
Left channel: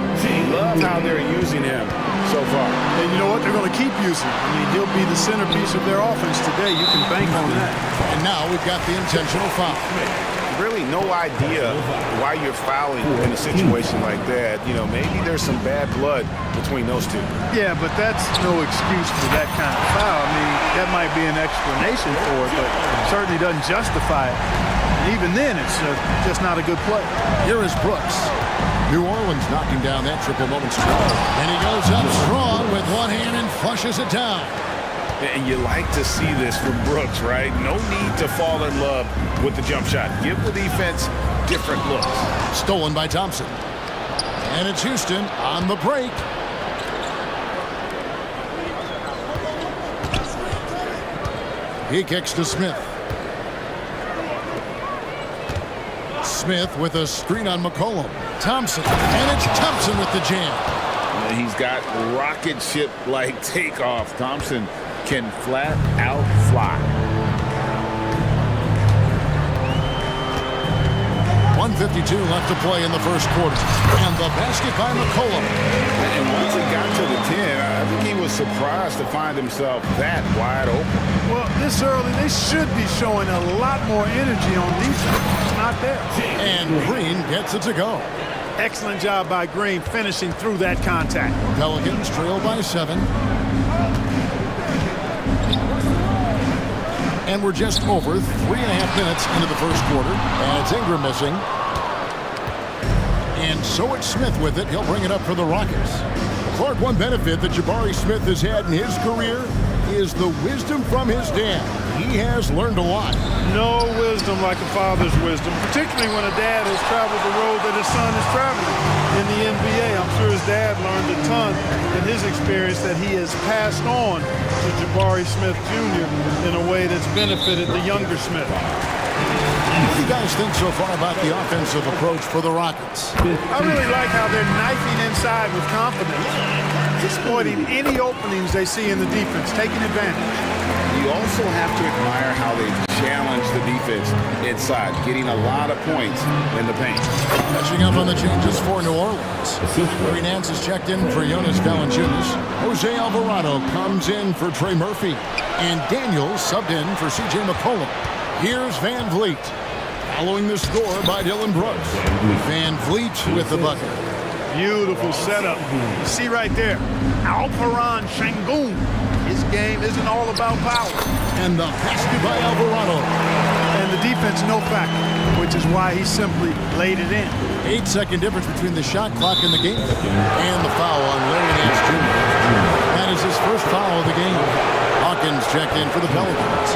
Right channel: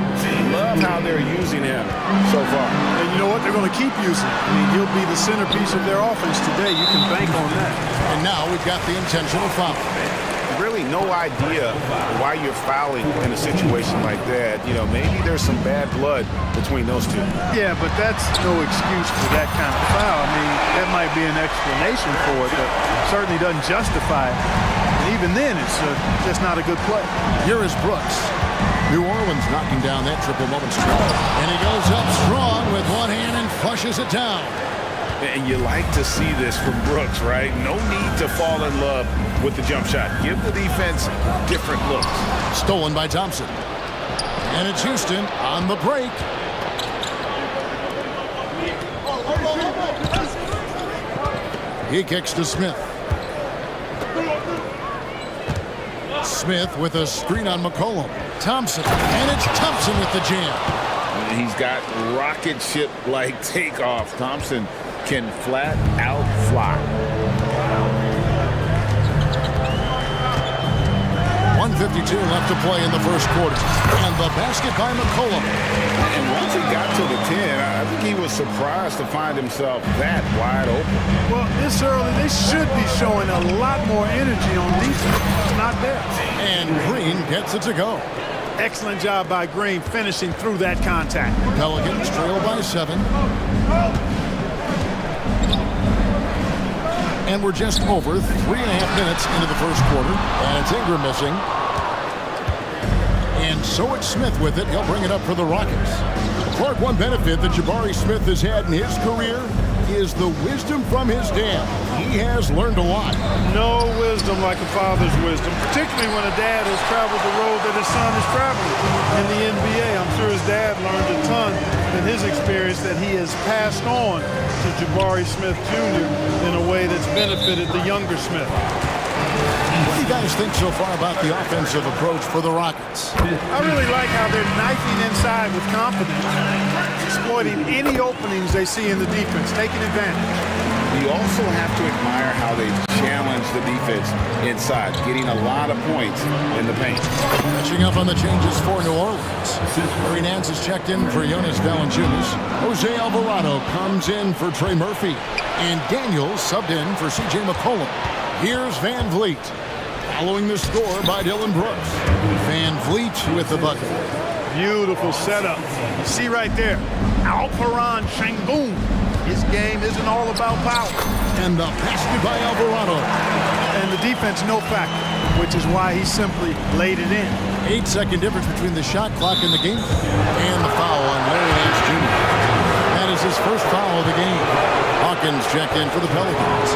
Love how they're using him so far. And you know what? They're going to keep using him. I mean, he'll be the centerpiece of their offense today. You can bank on that. And now we've got the intentional foul. Really no idea why you're fouling in a situation like that. You know, maybe there's some bad blood between those two. Yeah, but that's no excuse for that kind of foul. I mean, that might be an explanation for it, but certainly doesn't justify it. And even then, it's just not a good play. Here is Brooks. New Orleans knocking down that triple momentarily. And he goes up strong with one hand and flushes it down. And you like to see this from Brooks, right? No need to fall in love with the jump shot. Give the defense different looks. Stolen by Thompson. And it's Houston on the break. He kicks to Smith. Smith with a screen on McCollum. Thompson. And it's Thompson with the jam. He's got rocket ship-like takeoff. Thompson can flat out fly. 1:52 left to play in the first quarter. And the basket by McCollum. And once he got to the 10, I think he was surprised to find himself that wide open. Well, this early, they should be showing a lot more energy on defense. It's not there. And Green gets it to go. Excellent job by Green finishing through that contact. Pelicans trail by 7. And we're just over 3.5 minutes into the first quarter. And it's Ingram missing. And so it's Smith with it. He'll bring it up for the Rockets. Clark, one benefit that Jabari Smith has had in his career is the wisdom from his dad. He has learned a lot. No wisdom like a father's wisdom, particularly when a dad has traveled the road that his son is traveling in the NBA. I'm sure his dad learned a ton in his experience that he has passed on to Jabari Smith Jr. in a way that's benefited the younger Smith. What do you guys think so far about the offensive approach for the Rockets? I really like how they're knifing inside with confidence, exploiting any openings they see in the defense, taking advantage. you also have to admire how they've challenged the defense inside, getting a lot of points in the paint. Catching up on the changes for New Orleans. Larry Nance is checked in for Jonas Valanciunas. Jose Alvarado comes in for Trey Murphy. And Daniels subbed in for C.J. McCollum. Here's Van Vliet. Following the score by Dylan Brooks. Van Vliet with the bucket. Beautiful setup. You see right there, Alperon Şengün. His game isn't all about power. And the basket by Alvarado. And the defense no factor, which is why he simply laid it in. 8-second difference between the shot clock and the game clock. And the foul on Larry Nance Jr. That is his first foul of the game. Hawkins checked in for the Pelicans.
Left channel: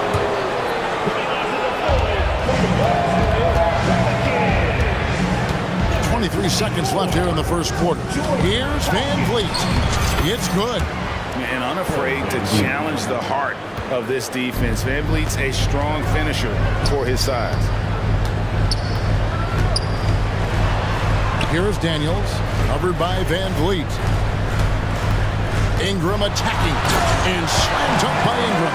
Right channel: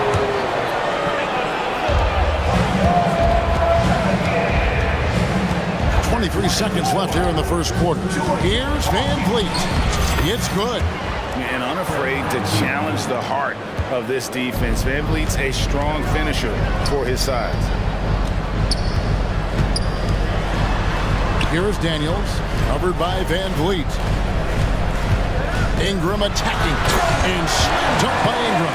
.23 seconds left here in the first quarter. Here's Van Vliet. It's good. And unafraid to challenge the heart of this defense. Van Vliet's a strong finisher for his size. Here is Daniels, covered by Van Vliet. Ingram attacking, and slam dunk by Ingram.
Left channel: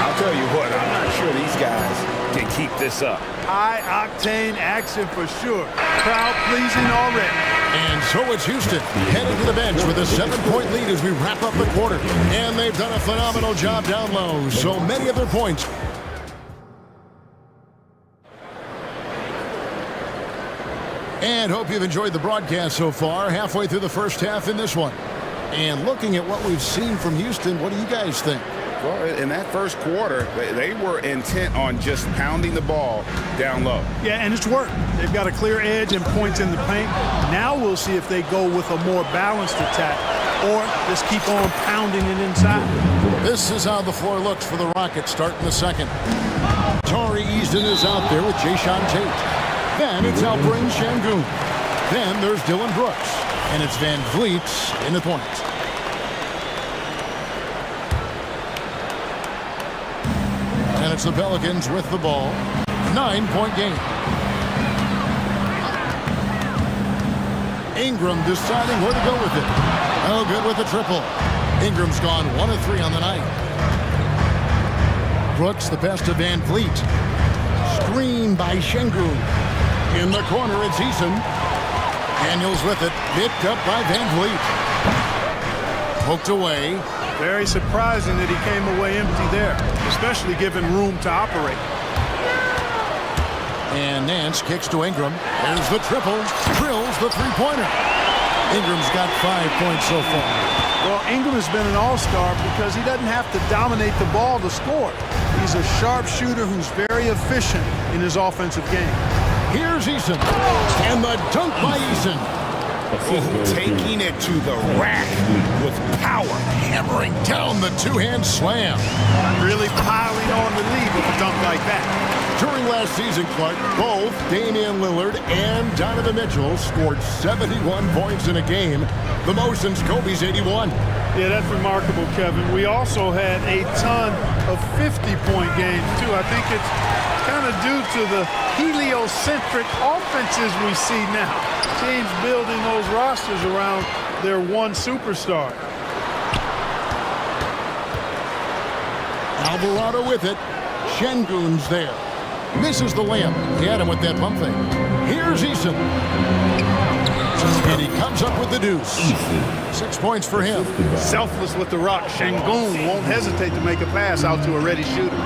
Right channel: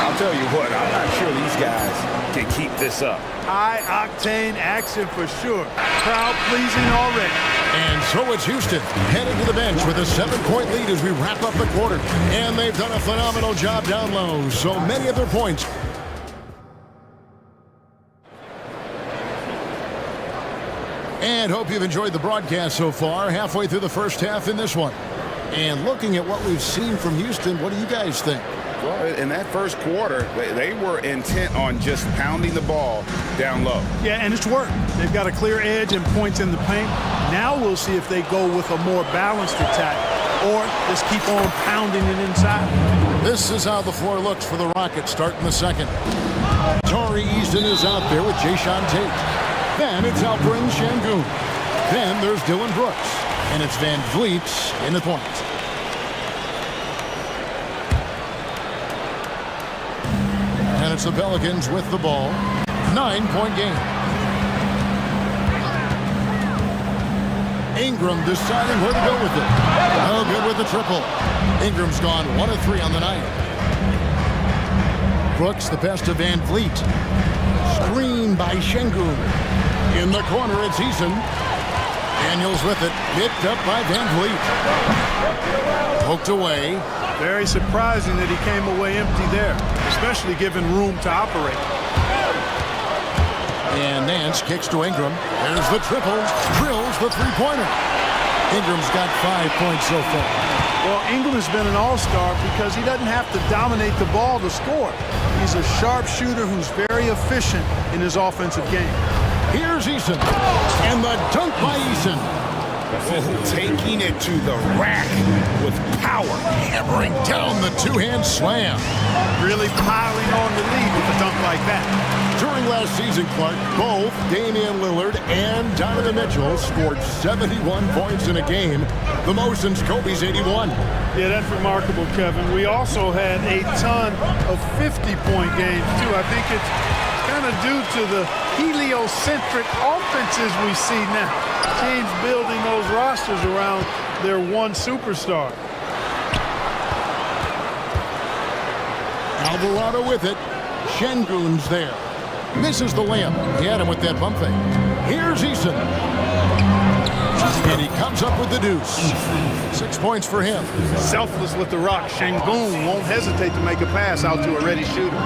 I'll tell you what, I'm not sure these guys can keep this up. High-octane action for sure. Crowd-pleasing already. And so it's Houston heading to the bench with a 7-point lead as we wrap up the quarter. And they've done a phenomenal job down low. So many of their points. And hope you've enjoyed the broadcast so far. Halfway through the first half in this one. And looking at what we've seen from Houston, what do you guys think? Well, in that first quarter, they were intent on just pounding the ball down low. Yeah, and it's worked. They've got a clear edge and points in the paint. Now we'll see if they go with a more balanced attack or just keep on pounding it inside. This is how the floor looks for the Rockets starting the second. Tari Easton is out there with Jayshawn Tate. Then it's Alperon Şengün. Then there's Dylan Brooks. And it's Van Vliet in the point. And it's the Pelicans with the ball. 9-point game. Ingram deciding where to go with it. Oh, good with the triple. Ingram's gone 1 of 3 on the night. Brooks the pass to Van Vliet. Screen by Şengün. In the corner, it's Eason. Daniels with it. Picked up by Van Vliet. Poked away. Very surprising that he came away empty there, especially given room to operate. And Nance kicks to Ingram. There's the triple. Drills the three-pointer. Ingram's got 5 points so far. Well, Ingram has been an all-star because he doesn't have to dominate the ball to score. He's a sharp shooter who's very efficient in his offensive game. Here's Eason. And the dunk by Eason. Oh, taking it to the rack with power. Hammering down the two-hand slam. Really piling on the lead with a dunk like that. During last season, Clark, both Damian Lillard and Donovan Mitchell scored 71 points in a game, the most since Kobe's 81. Yeah, that's remarkable, Kevin. We also had a ton of 50-point games, too. I think it's kind of due to the heliocentric offenses we see now. Teams building those rosters around their one superstar. Alvarado with it. Şengün's there. Misses the layup. He had him with that pump fake. Here's Eason. And he comes up with the deuce. 6 points for him. Selfless with the rock. Şengün won't hesitate to make a pass out to a ready shooter.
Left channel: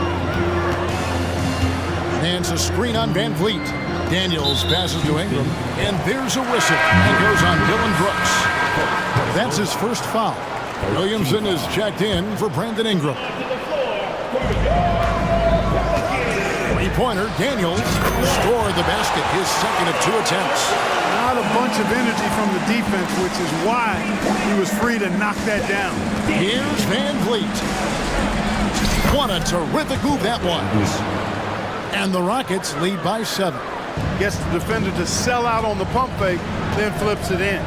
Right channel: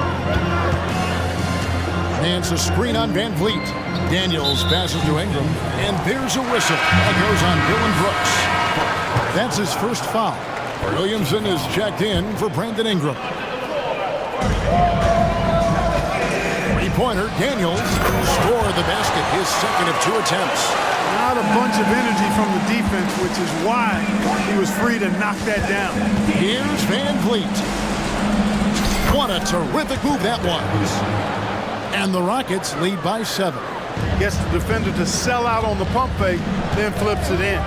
Nance a screen on Van Vliet. Daniels passes to Ingram. And there's a whistle. That goes on Dylan Brooks. That's his first foul. Williamson is checked in for Brandon Ingram. Three-pointer, Daniels scored the basket, his second of 2 attempts. Not a bunch of energy from the defense, which is why he was free to knock that down. Here's Van Vliet. What a terrific move that was. And the Rockets lead by 7. Gets the defender to sell out on the pump fake, then flips it in.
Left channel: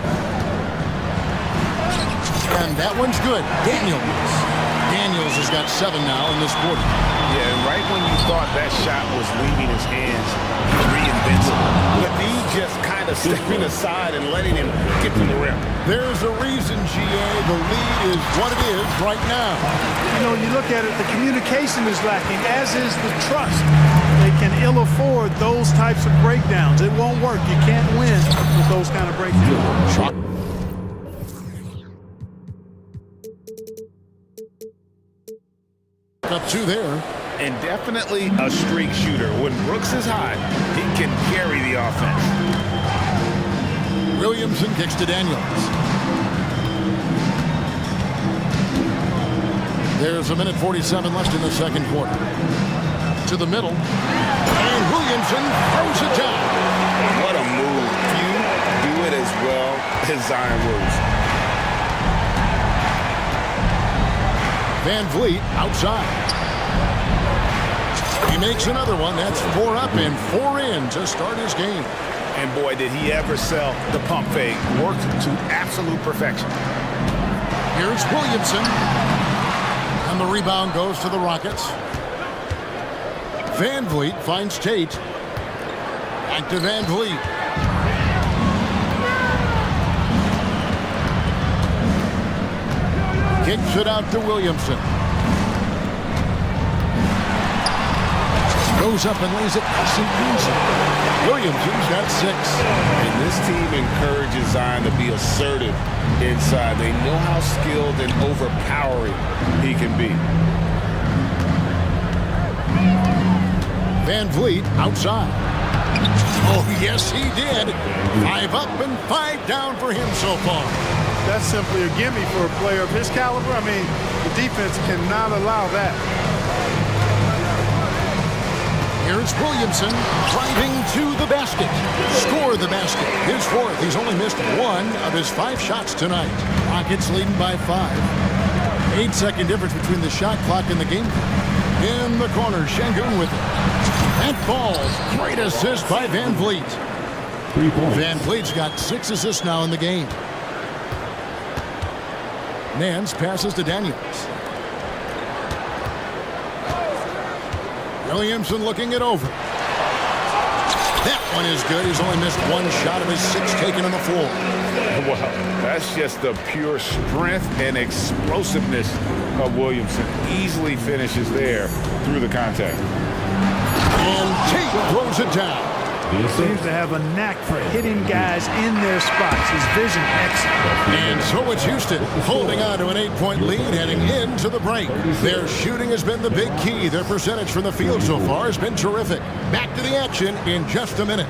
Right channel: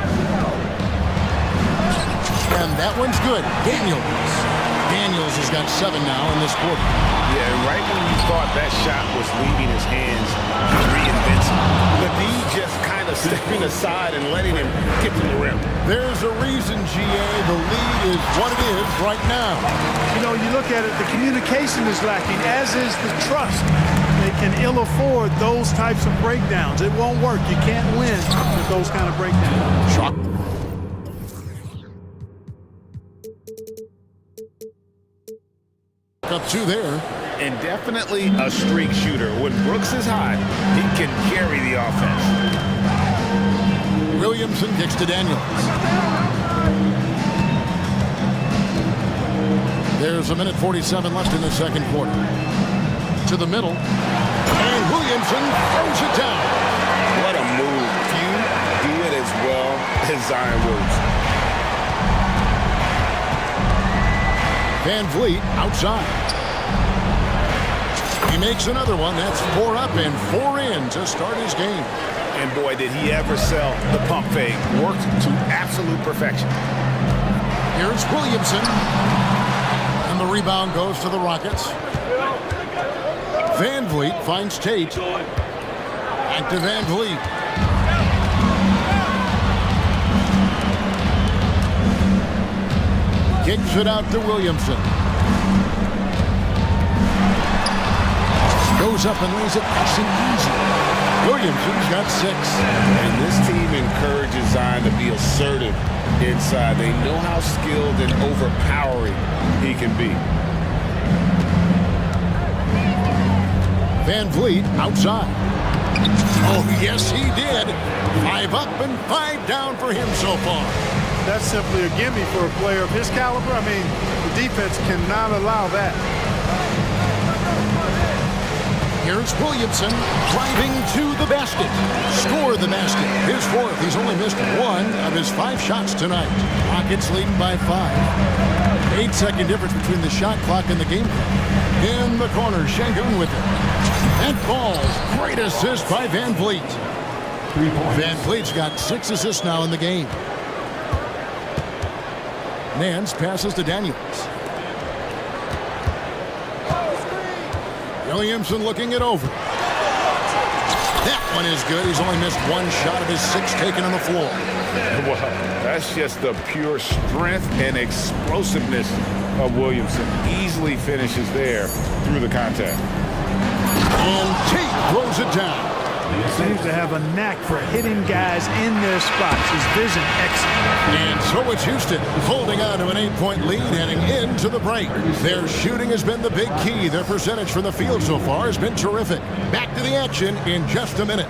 And that one's good. Daniels has got 7 now in this quarter. Yeah, and right when you thought that shot was leaving his hands, he reinvents it. Ledee just kind of stepping aside and letting him get to the rim. There's a reason, GA, the lead is what it is right now. you know, you look at it, the communication is lacking, as is the trust. They can ill afford those types of breakdowns. It won't work. You can't win with those kind of breakdowns. Shot. Up two there. And definitely a streak shooter. When Brooks is hot, he can carry the offense. Williamson kicks to Daniels. There's 1:47 left in the second quarter. To the middle. And Williamson throws it down. What a move. Few do it as well as Zion Williamson. Van Vliet outside. He makes another one. That's 4 up and 4 in to start his game. And boy, did he ever sell the pump fake. Worked to absolute perfection. Here's Williamson. And the rebound goes to the Rockets. Van Vliet finds Tate. Back to Van Vliet. Kicks it out to Williamson. Goes up and lays it nice and easy. Williamson's got 6. And this team encourages Zion to be assertive inside. They know how skilled and overpowering he can be. Van Vliet outside. Oh, yes, he did. 5 up and 5 down for him so far. That's simply a gimme for a player of his caliber. I mean, the defense cannot allow that. Here's Williamson driving to the basket. Score the basket. His 4th. He's only missed 1 of his 5 shots tonight. Rockets leading by 5. 8-second difference between the shot clock and the game clock. In the corner, Şengün with it. That falls. Great assist by Van Vliet. Van Vliet's got 6 assists now in the game. Nance passes to Daniels. Williamson looking it over. That one is good. He's only missed 1 shot of his 6 taken on the floor. Well, that's just the pure strength and explosiveness of Williamson. Easily finishes there through the contact. And Tate throws it down. He seems to have a knack for hitting guys in their spots. His vision excellent. And so it's Houston holding on to an 8-point lead heading into the break. Their shooting has been the big key. Their percentage from the field so far has been terrific. Back to the action in just a minute.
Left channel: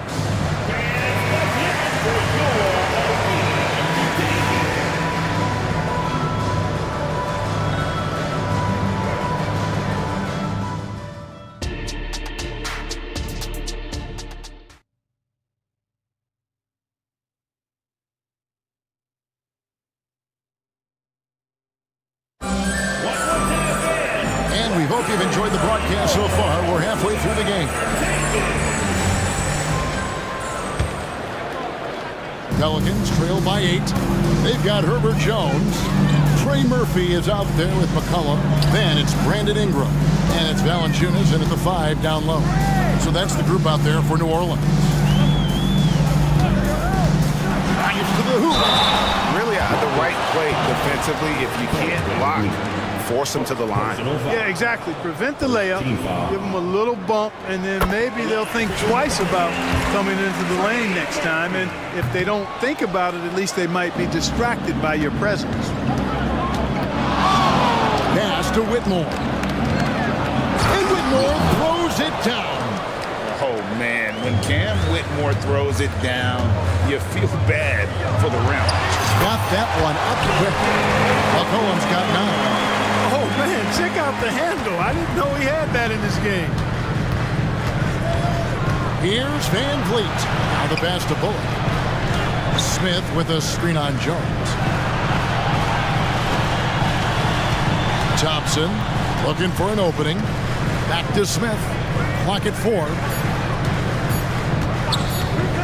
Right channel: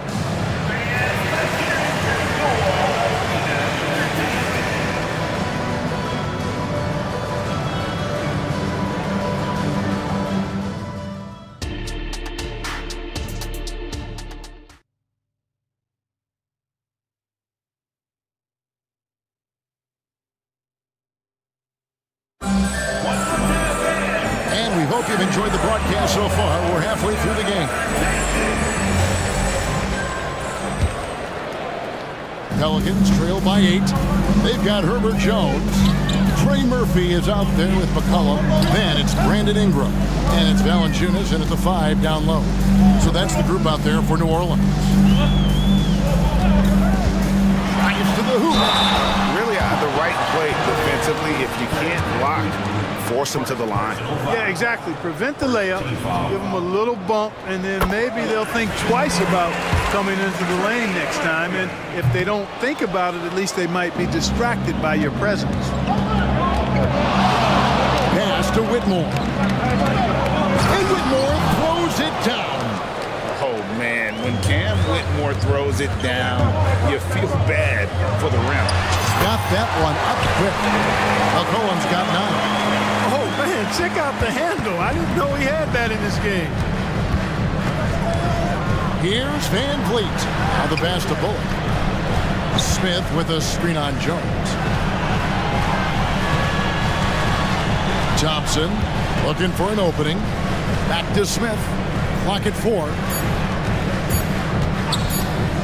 And we hope you've enjoyed the broadcast so far. We're halfway through the game. Pelicans trail by 8. They've got Herbert Jones. Trey Murphy is out there with McCollum. Then it's Brandon Ingram. And it's Valanciunas in at the 5 down low. So that's the group out there for New Orleans. Drives to the hoop. Really the right play defensively. If you can't block, force them to the line. Yeah, exactly. Prevent the layup, give them a little bump, and then maybe they'll think twice about coming into the lane next time. And if they don't think about it, at least they might be distracted by your presence. Pass to Whitmore. And Whitmore throws it down. Oh, man, when Cam Whitmore throws it down, you feel bad for the rim. Got that one up quick. McCollum's got 9. Oh, man, check out the handle. I didn't know he had that in this game. Here's Van Vliet. Now the pass to Bullock. Smith with a screen on Jones. Thompson looking for an opening. Back to Smith. Clock at 4.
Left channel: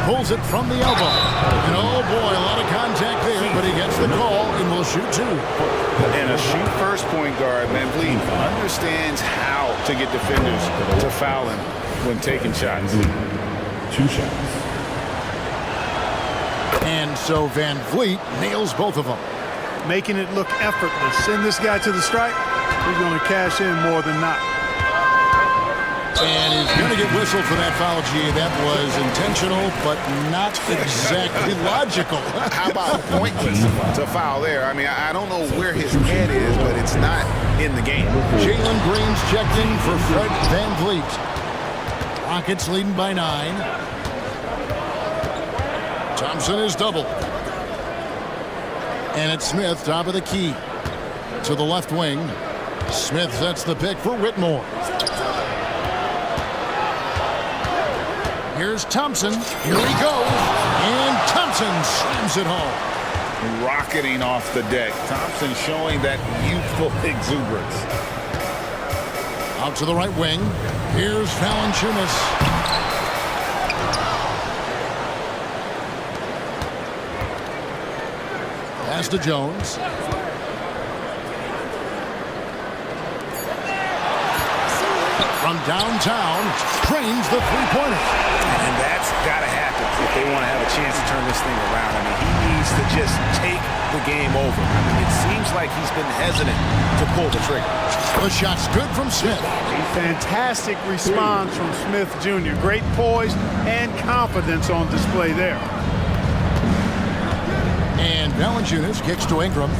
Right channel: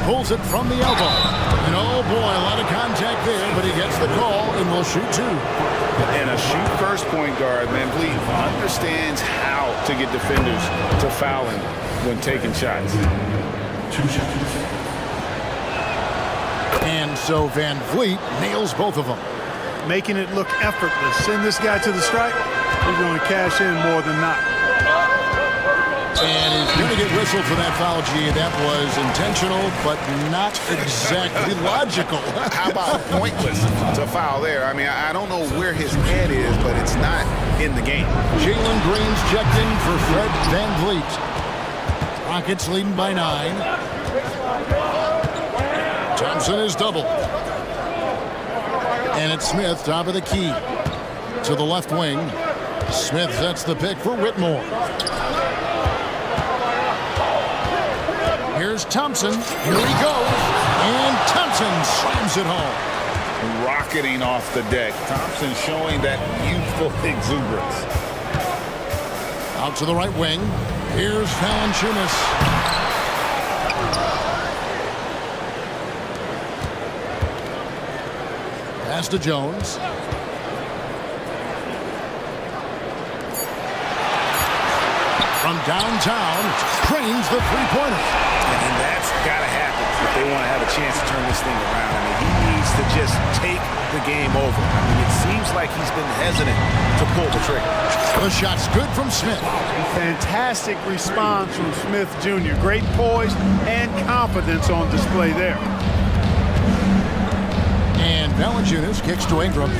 Pulls it from the elbow. And oh boy, a lot of contact there, but he gets the call and will shoot 2. And a shoot-first point guard, Van Vliet, understands how to get defenders to foul him when taking shots. 2 shots. And so Van Vliet nails both of them. Making it look effortless. Send this guy to the stripe. he's going to cash in more than not. And he's going to get whistled for that foul, G. That was intentional, but not exactly logical. How about pointless to foul there? I mean, I don't know where his head is, but it's not in the game. Jalen Green's checked in for Fred Van Vliet. Rockets leading by 9. Thompson is doubled. And it's Smith, top of the key. To the left wing. Smith sets the pick for Whitmore. Here's Thompson. Here he goes. And Thompson slams it home. Rocketing off the deck. Thompson showing that youthful exuberance. Out to the right wing. Here's Valanciunas. Pass to Jones. From downtown, trains the three-pointer. And that's got to happen if they want to have a chance to turn this thing around. I mean, he needs to just take the game over. I mean, it seems like he's been hesitant to pull the trigger. The shot's good from Smith. Fantastic response from Smith Jr. Great poise and confidence on display there. And Valanciunas kicks to Ingram.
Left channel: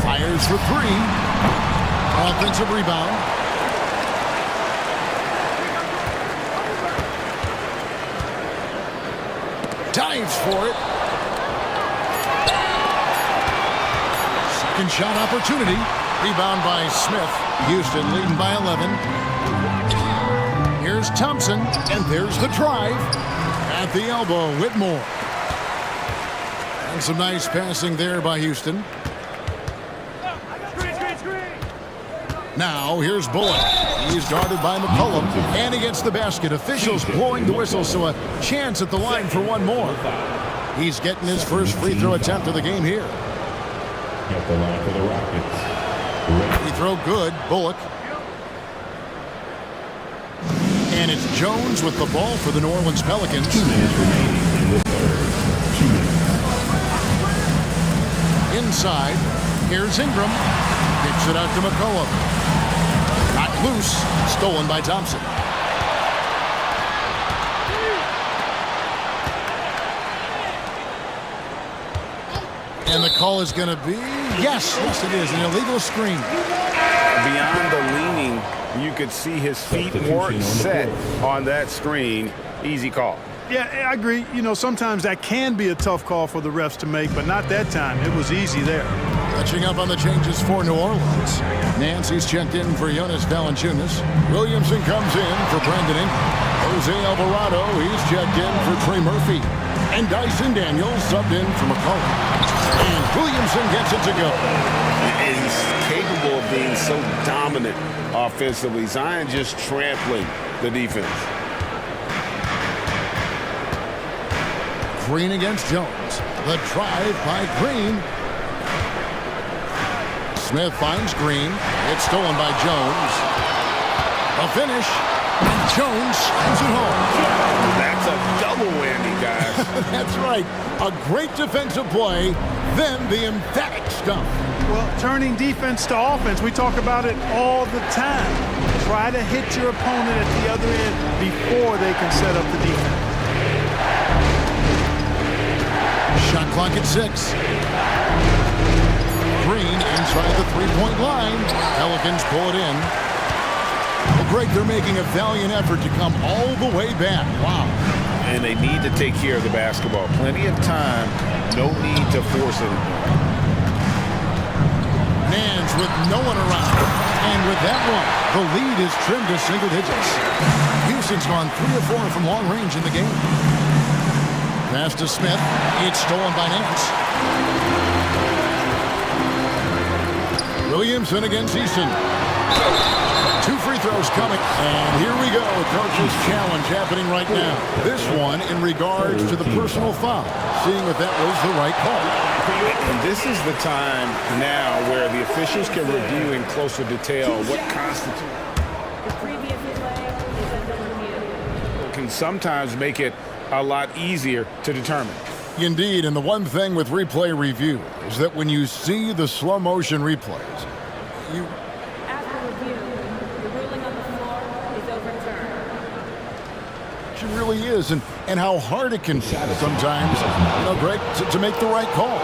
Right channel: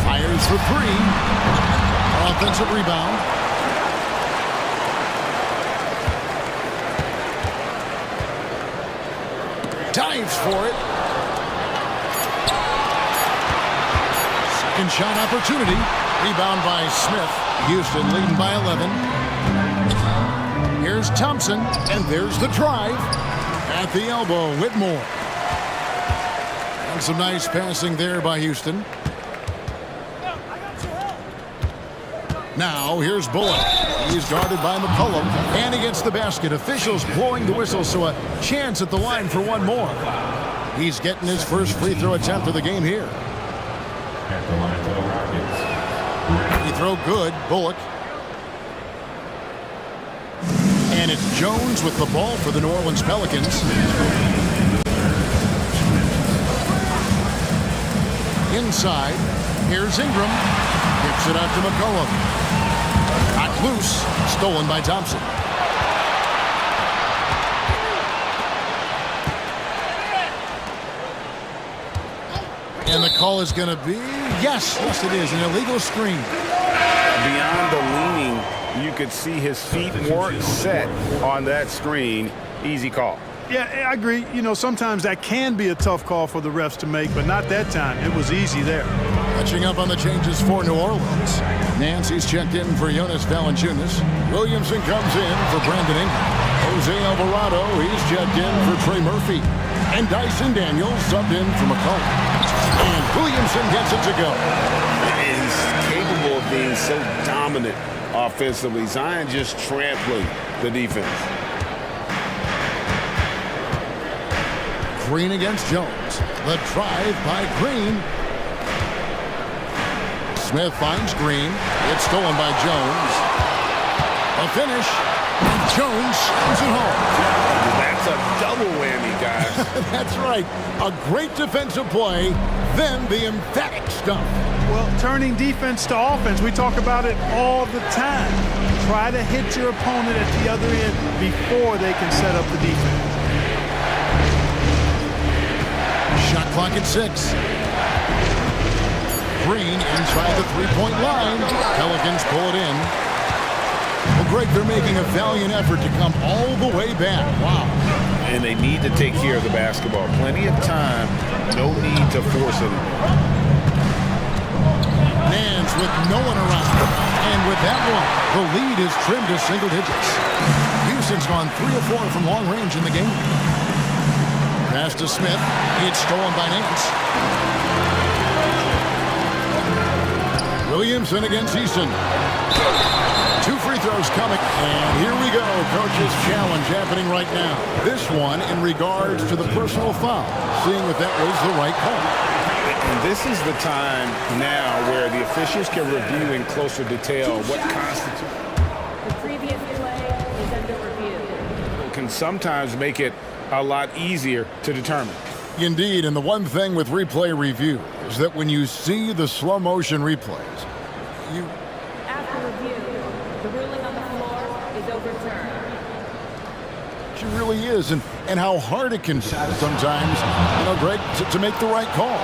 Fires for 3. Offensive rebound. Dives for it. Second shot opportunity. Rebound by Smith. Houston leading by 11. Here's Thompson, and there's the drive. At the elbow, Whitmore. And some nice passing there by Houston. Now, here's Bullock. He's guarded by McCollum. And he gets the basket. Officials blowing the whistle, so a chance at the line for one more. He's getting his first free throw attempt of the game here. At the line for the Rockets. Free throw good. Bullock. And it's Jones with the ball for the New Orleans Pelicans. Inside. Here's Ingram. Kicks it out to McCollum. Not loose. Stolen by Thompson. And the call is going to be, yes, it is, an illegal screen. Beyond the leaning, you could see his feet weren't set on that screen. Easy call. Yeah, I agree. You know, sometimes that can be a tough call for the refs to make, but not that time. It was easy there. Catching up on the changes for New Orleans. Nancy's checked in for Jonas Valanciunas. Williamson comes in for Brandon Ingram. Jose Alvarado, he's checked in for Trey Murphy. And Dyson Daniels subbed in for McCollum. And Williamson gets it to go. And he's capable of being so dominant offensively. Zion just trampling the defense. Green against Jones. The drive by Green. Smith finds Green. It's stolen by Jones. A finish. And Jones slams it home. That's a double whammy, guys. That's right. A great defensive play, then the emphatic stuff. Well, turning defense to offense, we talk about it all the time. Try to hit your opponent at the other end before they can set up the defense. Shot clock at 6. Green inside the three-point line. Pelicans pull it in. Well, Greg, they're making a valiant effort to come all the way back. Wow. And they need to take care of the basketball. Plenty of time. No need to force it. Nance with no one around. And with that one, the lead is trimmed to single digits. Houston's gone 3 of 4 from long range in the game. Pass to Smith. It's stolen by Nance. Williamson against Easton. 2 free throws coming. And here we go. Coach's challenge happening right now. This one in regards to the personal foul. Seeing if that was the right call. And this is the time now where the officials can review in closer detail what constitutes. The previous play is under review. Can sometimes make it a lot easier to determine. Indeed, and the one thing with replay review is that when you see the slow motion replays, you... After review, the ruling on the floor is overturned. It really is, and how hard it can be sometimes, Greg, to make the right call.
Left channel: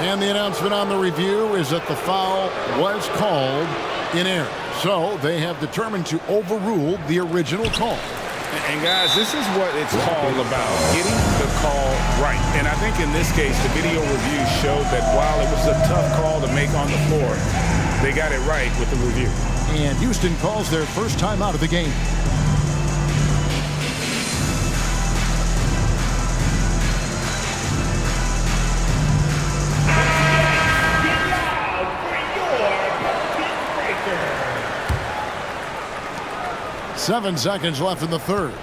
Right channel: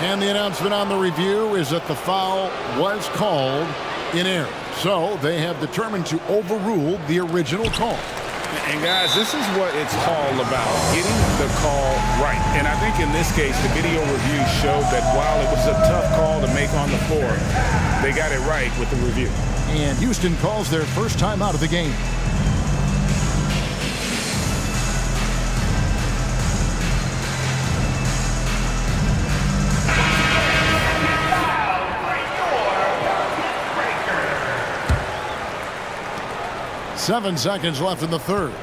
And the announcement on the review is that the foul was called in error. So they have determined to overrule the original call. And guys, this is what it's all about, getting the call right. And I think in this case, the video review showed that while it was a tough call to make on the floor, they got it right with the review. And Houston calls their first time out of the game. Seven seconds left in the third.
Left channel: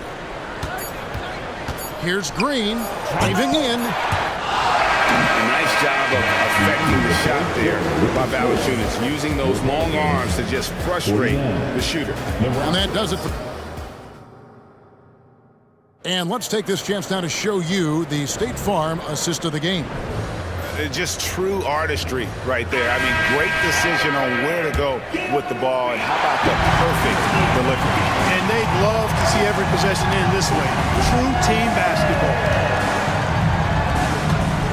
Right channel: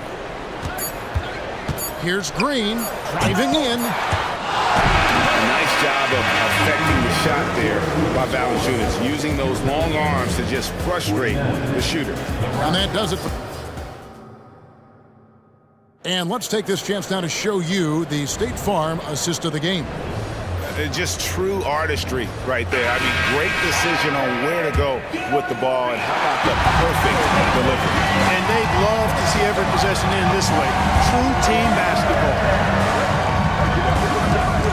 Here's Green driving in. Nice job of affecting the shot there by Valanciunas, using those long arms to just frustrate the shooter. And that does it for... And let's take this chance now to show you the State Farm assist of the game. Just true artistry right there. I mean, great decision on where to go with the ball, and how about the perfect delivery. And they'd love to see every possession end this way. True team basketball.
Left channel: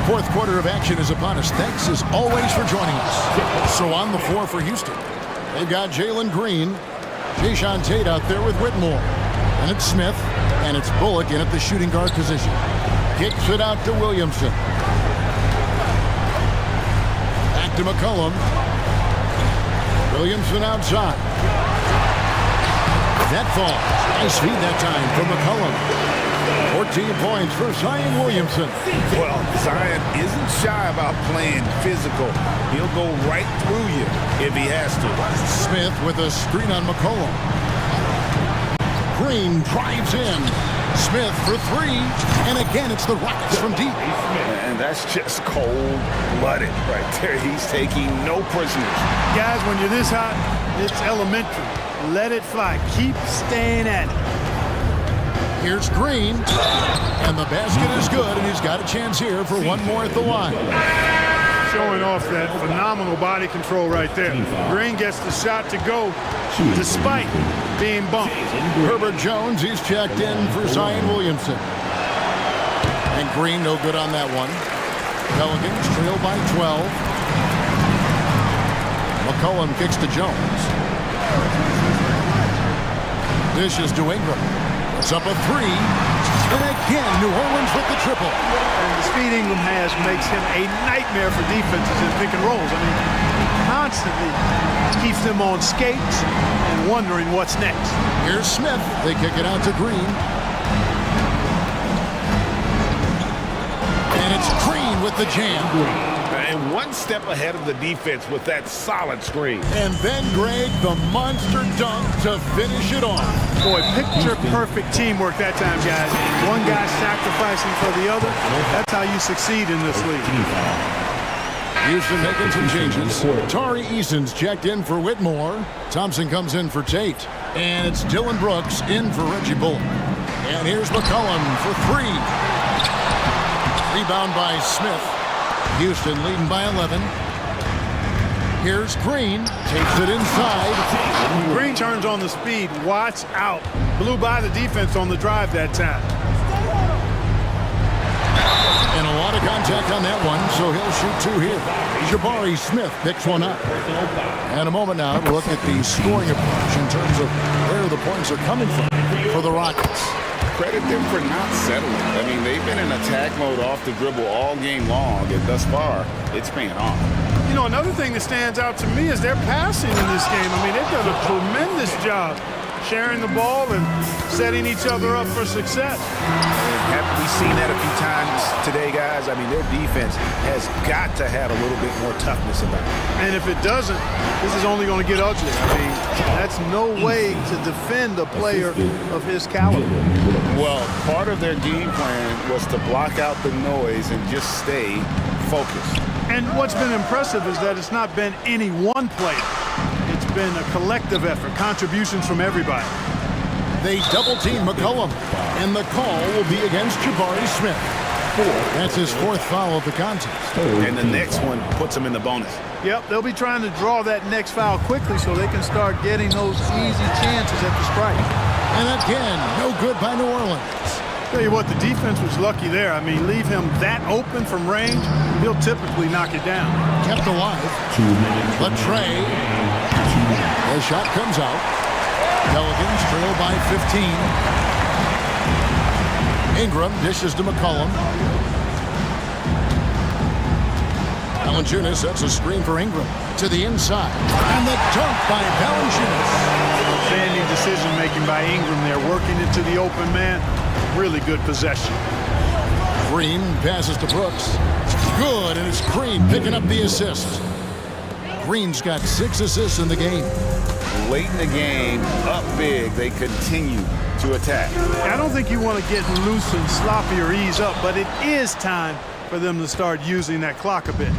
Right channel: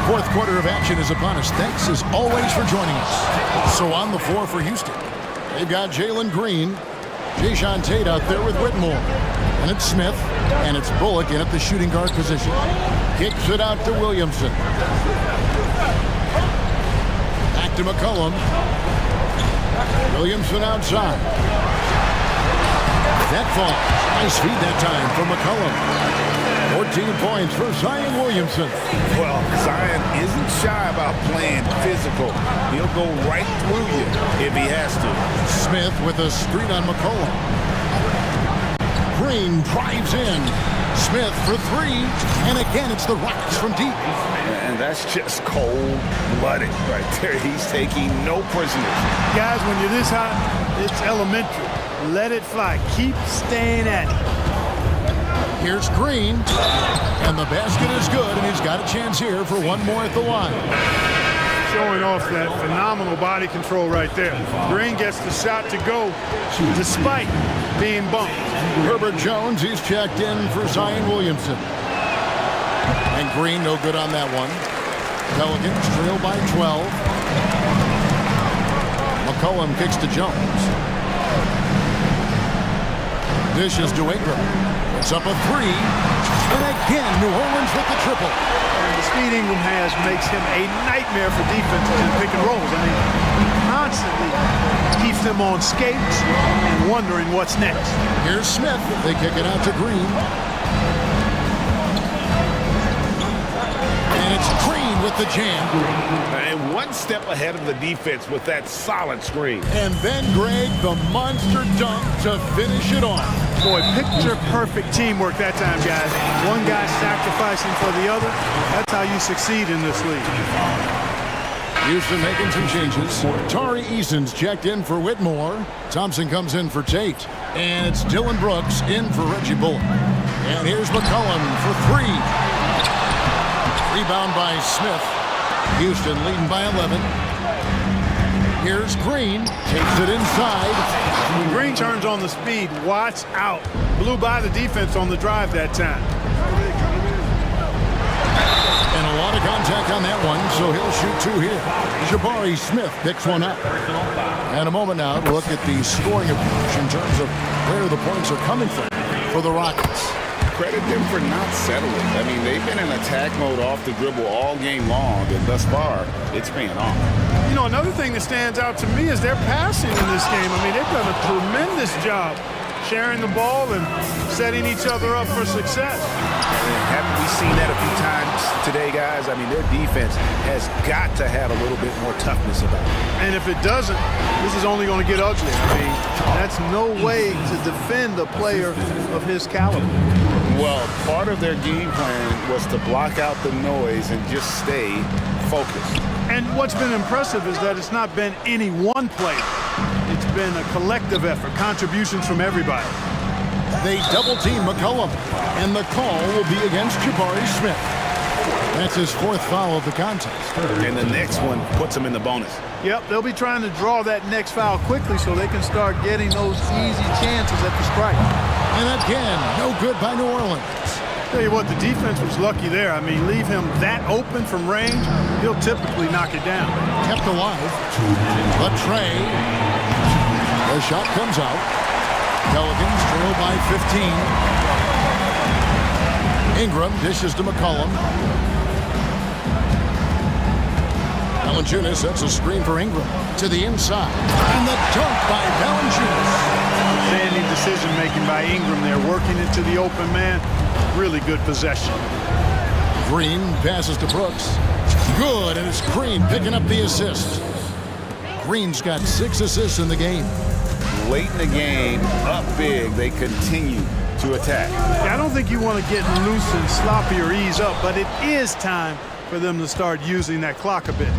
Fourth quarter of action is upon us. Thanks as always for joining us. So on the floor for Houston, they've got Jalen Green, Jayshawn Tate out there with Whitmore. And it's Smith, and it's Bullock in at the shooting guard position. Kicks it out to Williamson. Back to McCollum. Williamson outside. That falls. Nice feed that time from McCollum. 14 points for Zion Williamson. Well, Zion isn't shy about playing physical. He'll go right through you if he has to. Smith with a screen on McCollum. Green drives in. Smith for three. And again, it's the Rockets from deep. And that's just cold-blooded right there. He's taking no prisoners. Guys, when you're this hot, it's elementary. Let it fly. Keep staying at it. Here's Green. And the basket is good, and he's got a chance here for one more at the line. Showing off that phenomenal body control right there. Green gets the shot to go despite being bumped. Herbert Jones, he's checked in for Zion Williamson. And Green no good on that one. Pelicans trail by 12. McCollum kicks to Jones. Dishes to Ingram. Puts up a three. And again, New Orleans with the triple. And the speed Ingram has makes him a nightmare for defenses in pick and rolls. I mean, he constantly keeps them on skates and wondering what's next. Here's Smith. They kick it out to Green. And it's Green with the jam. And one step ahead of the defense with that solid screen. And then, Greg, the monster dunk to finish it off. Boy, picture-perfect teamwork that time, guys. One guy sacrificing for the other. That's how you succeed in this league. Houston making some changes. Tari Eason's checked in for Whitmore. Thompson comes in for Tate. And it's Dylan Brooks in for Reggie Bullock. And here's McCollum for three. Rebound by Smith. Houston leading by 11. Here's Green. Takes it inside. When Green turns on the speed, watch out. Blew by the defense on the drive that time. And a lot of contact on that one, so he'll shoot two here. Jabari Smith picks one up. And a moment now to look at the scoring approach in terms of where the points are coming from for the Rockets. Credit them for not settling. I mean, they've been in attack mode off the dribble all game long, and thus far, it's paying off. You know, another thing that stands out to me is their passing in this game. I mean, they've done a tremendous job sharing the ball and setting each other up for success. And haven't we seen that a few times today, guys? I mean, their defense has got to have a little bit more toughness about it. And if it doesn't, this is only going to get ugly. I mean, that's no way to defend a player of his caliber. Well, part of their game plan was to block out the noise and just stay focused. And what's been impressive is that it's not been any one player. It's been a collective effort, contributions from everybody. They double-team McCollum, and the call will be against Jabari Smith. That's his fourth foul of the contest. And the next one puts him in the bonus. Yep, they'll be trying to draw that next foul quickly so they can start getting those easy chances at the strike. And again, no good by New Orleans. Tell you what, the defense was lucky there. I mean, leave him that open from range, he'll typically knock it down. Kept alive. The tray. The shot comes out. Pelicans trail by 15. Ingram dishes to McCollum. Valanciunas sets a screen for Ingram to the inside. And the dunk by Valanciunas. Outstanding decision-making by Ingram there, working it to the open man. Really good possession. Green passes to Brooks. Good, and it's Green picking up the assist. Green's got 6 assists in the game. Late in the game, up big, they continue to attack. I don't think you want to get loose and sloppy or ease up, but it is time for them to start using that clock a bit.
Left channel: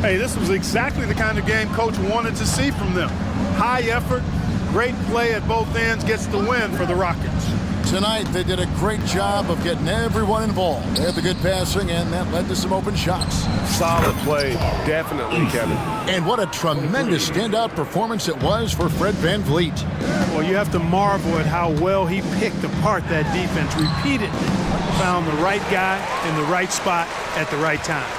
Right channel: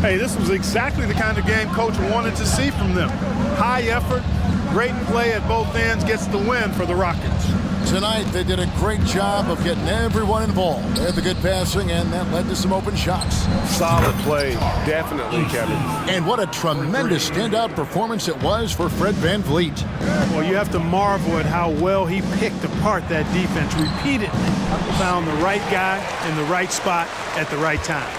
Hey, this was exactly the kind of game Coach wanted to see from them. High effort, great play at both ends, gets the win for the Rockets. Tonight, they did a great job of getting everyone involved. They had the good passing, and that led to some open shots. Solid play, definitely, Kevin. And what a tremendous standout performance it was for Fred VanVleet. Well, you have to marvel at how well he picked apart that defense repeatedly. Found the right guy in the right spot at the right time.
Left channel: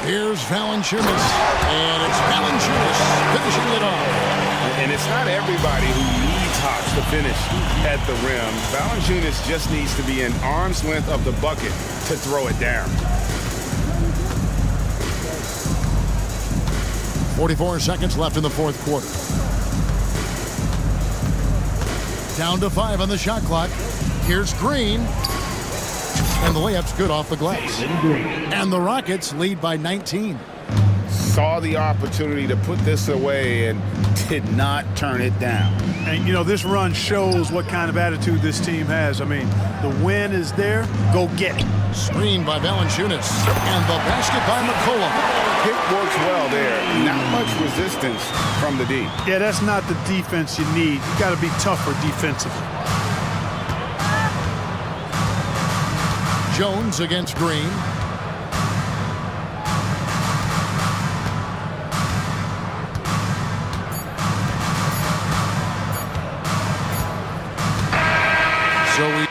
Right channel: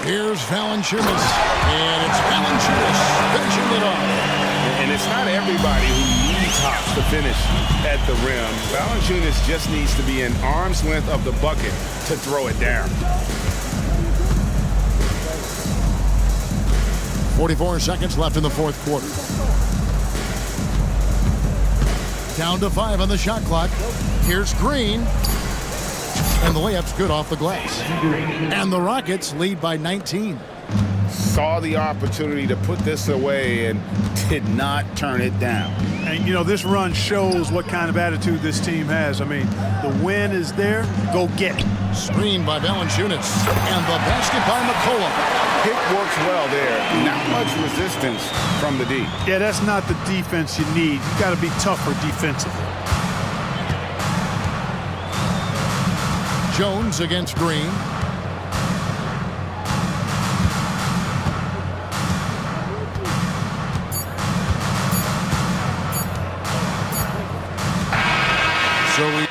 Here's Valanciunas, and it's Valanciunas finishing it off. And it's not everybody who needs hops to finish at the rim. Valanciunas just needs to be an arm's length of the bucket to throw it down. 44 seconds left in the fourth quarter. Down to 5 on the shot clock. Here's Green. And the layup's good off the glass. And the Rockets lead by 19. Saw the opportunity to put this away and did not turn it down. And, you know, this run shows what kind of attitude this team has. I mean, the win is there. Go get it. Screen by Valanciunas. And the basket by McCollum. Pick works well there. Not much resistance from the D. Yeah, that's not the defense you need. You got to be tougher defensively. Jones against Green. So we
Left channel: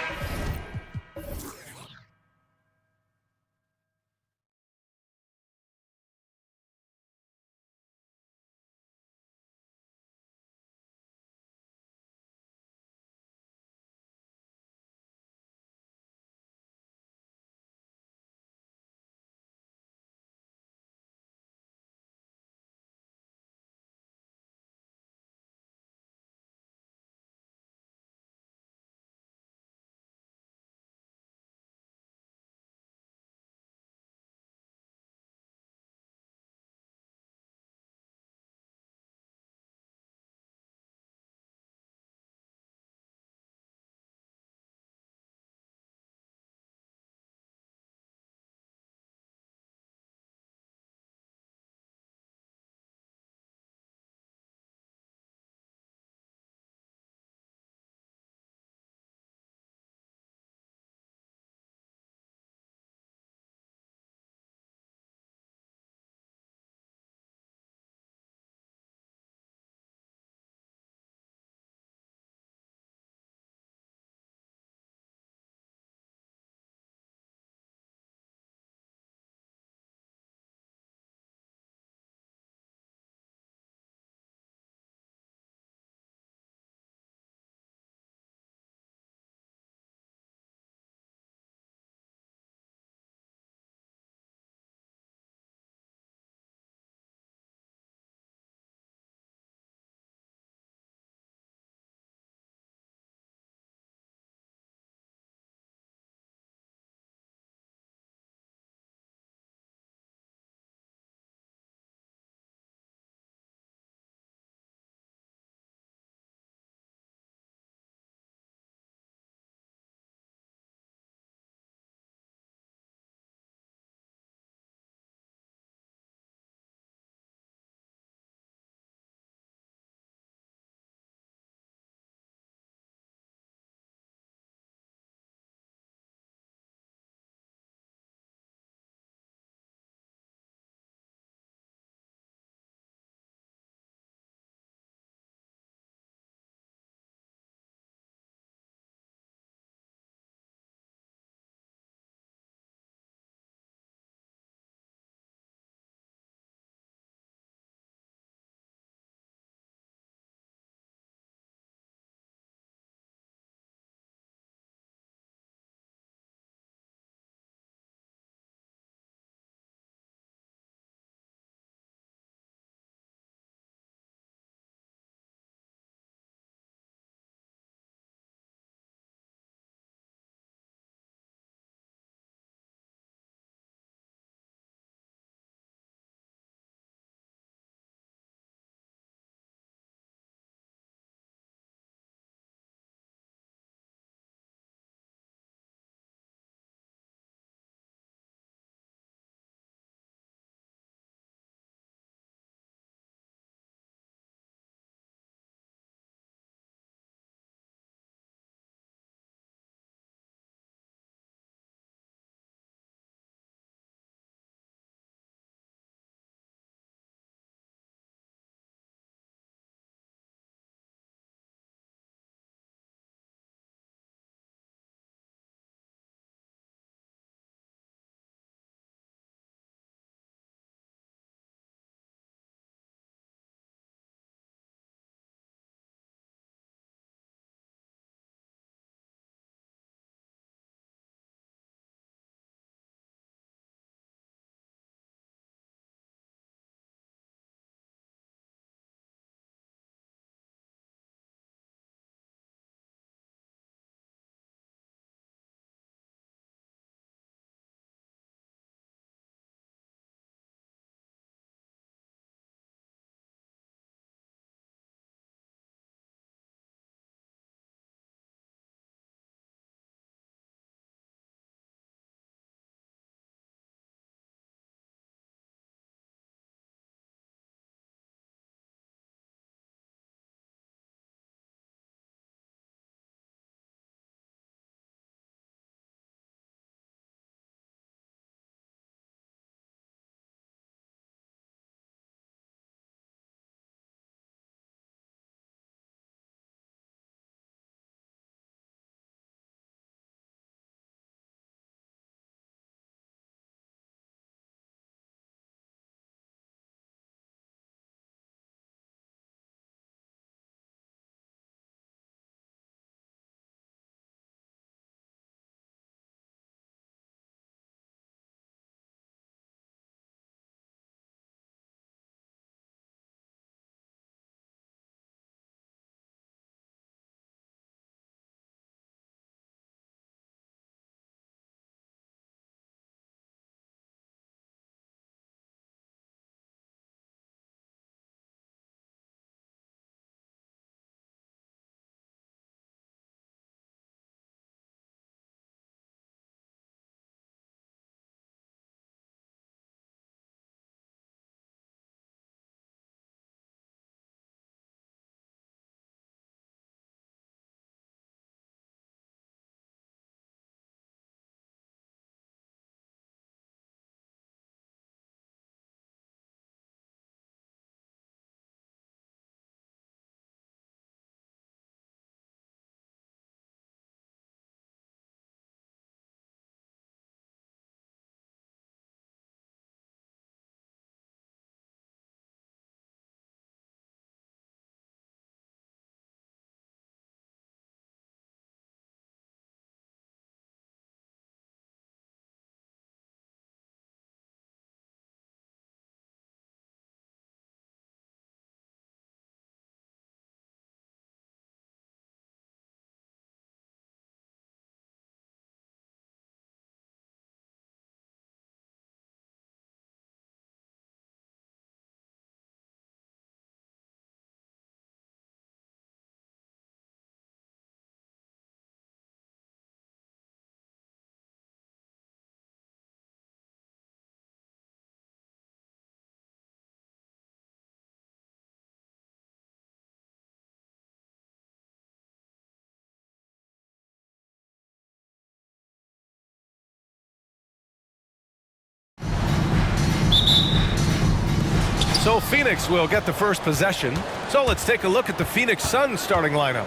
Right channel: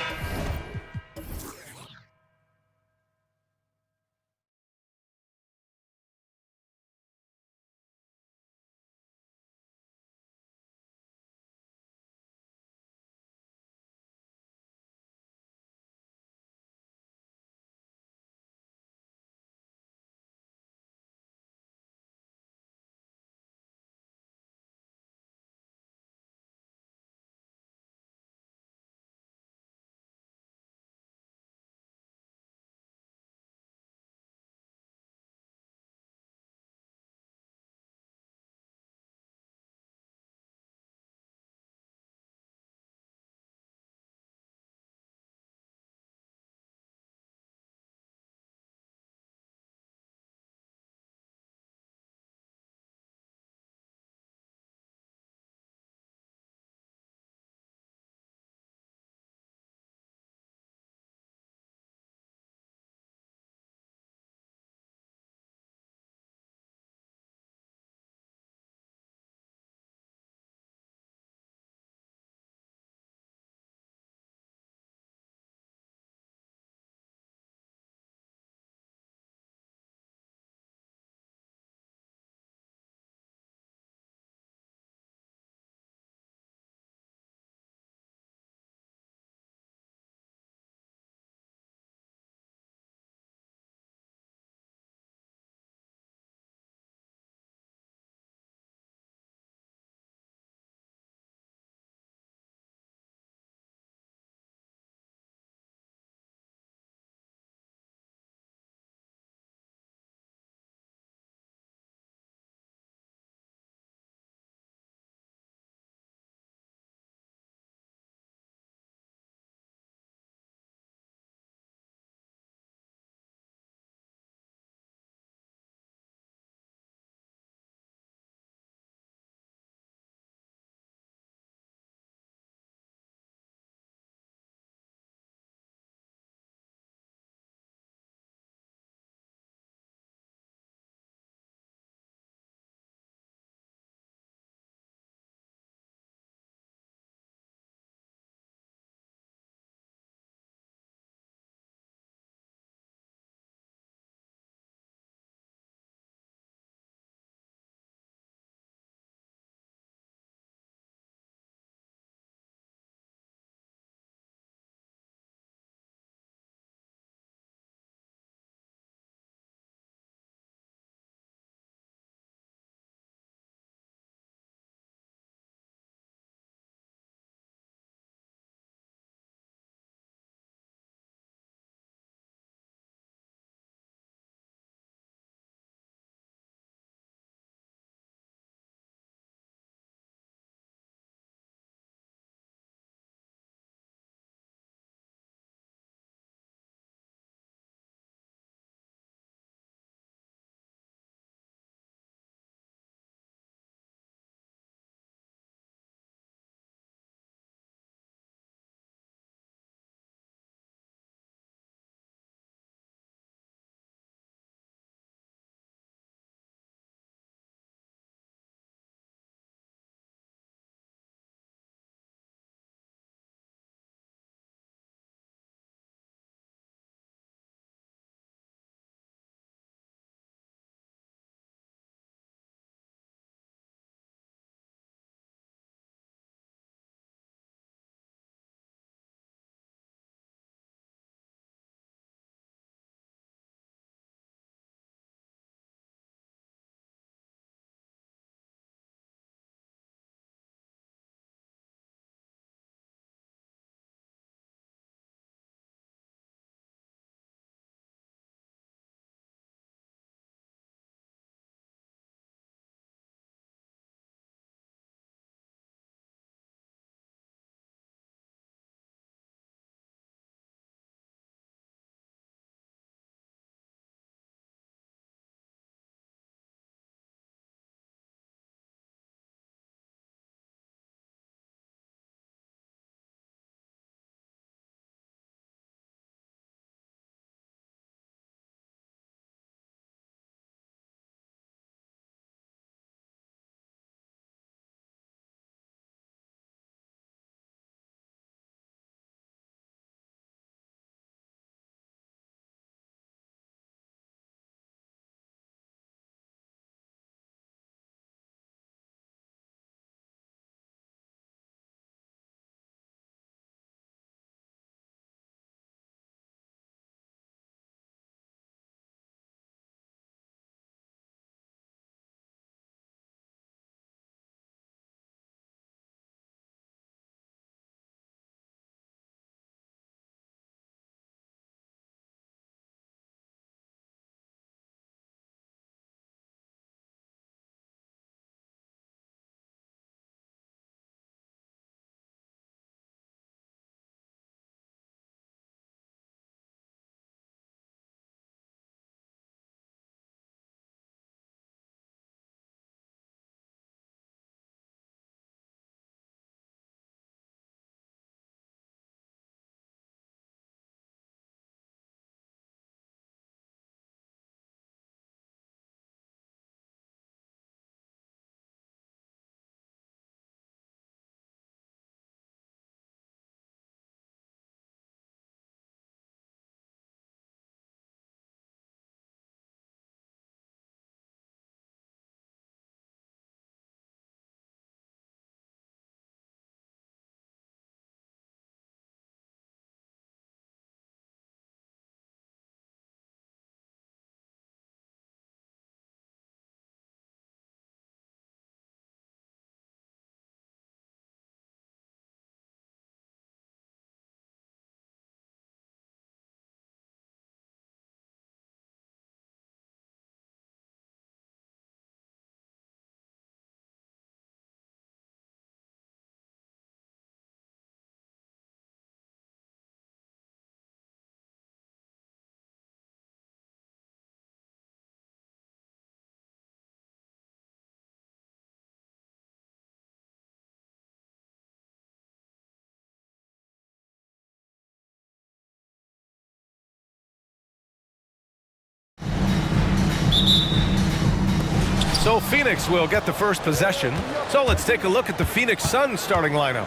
So Phoenix will get the first possession. So let's take a look at the Phoenix Suns starting lineup.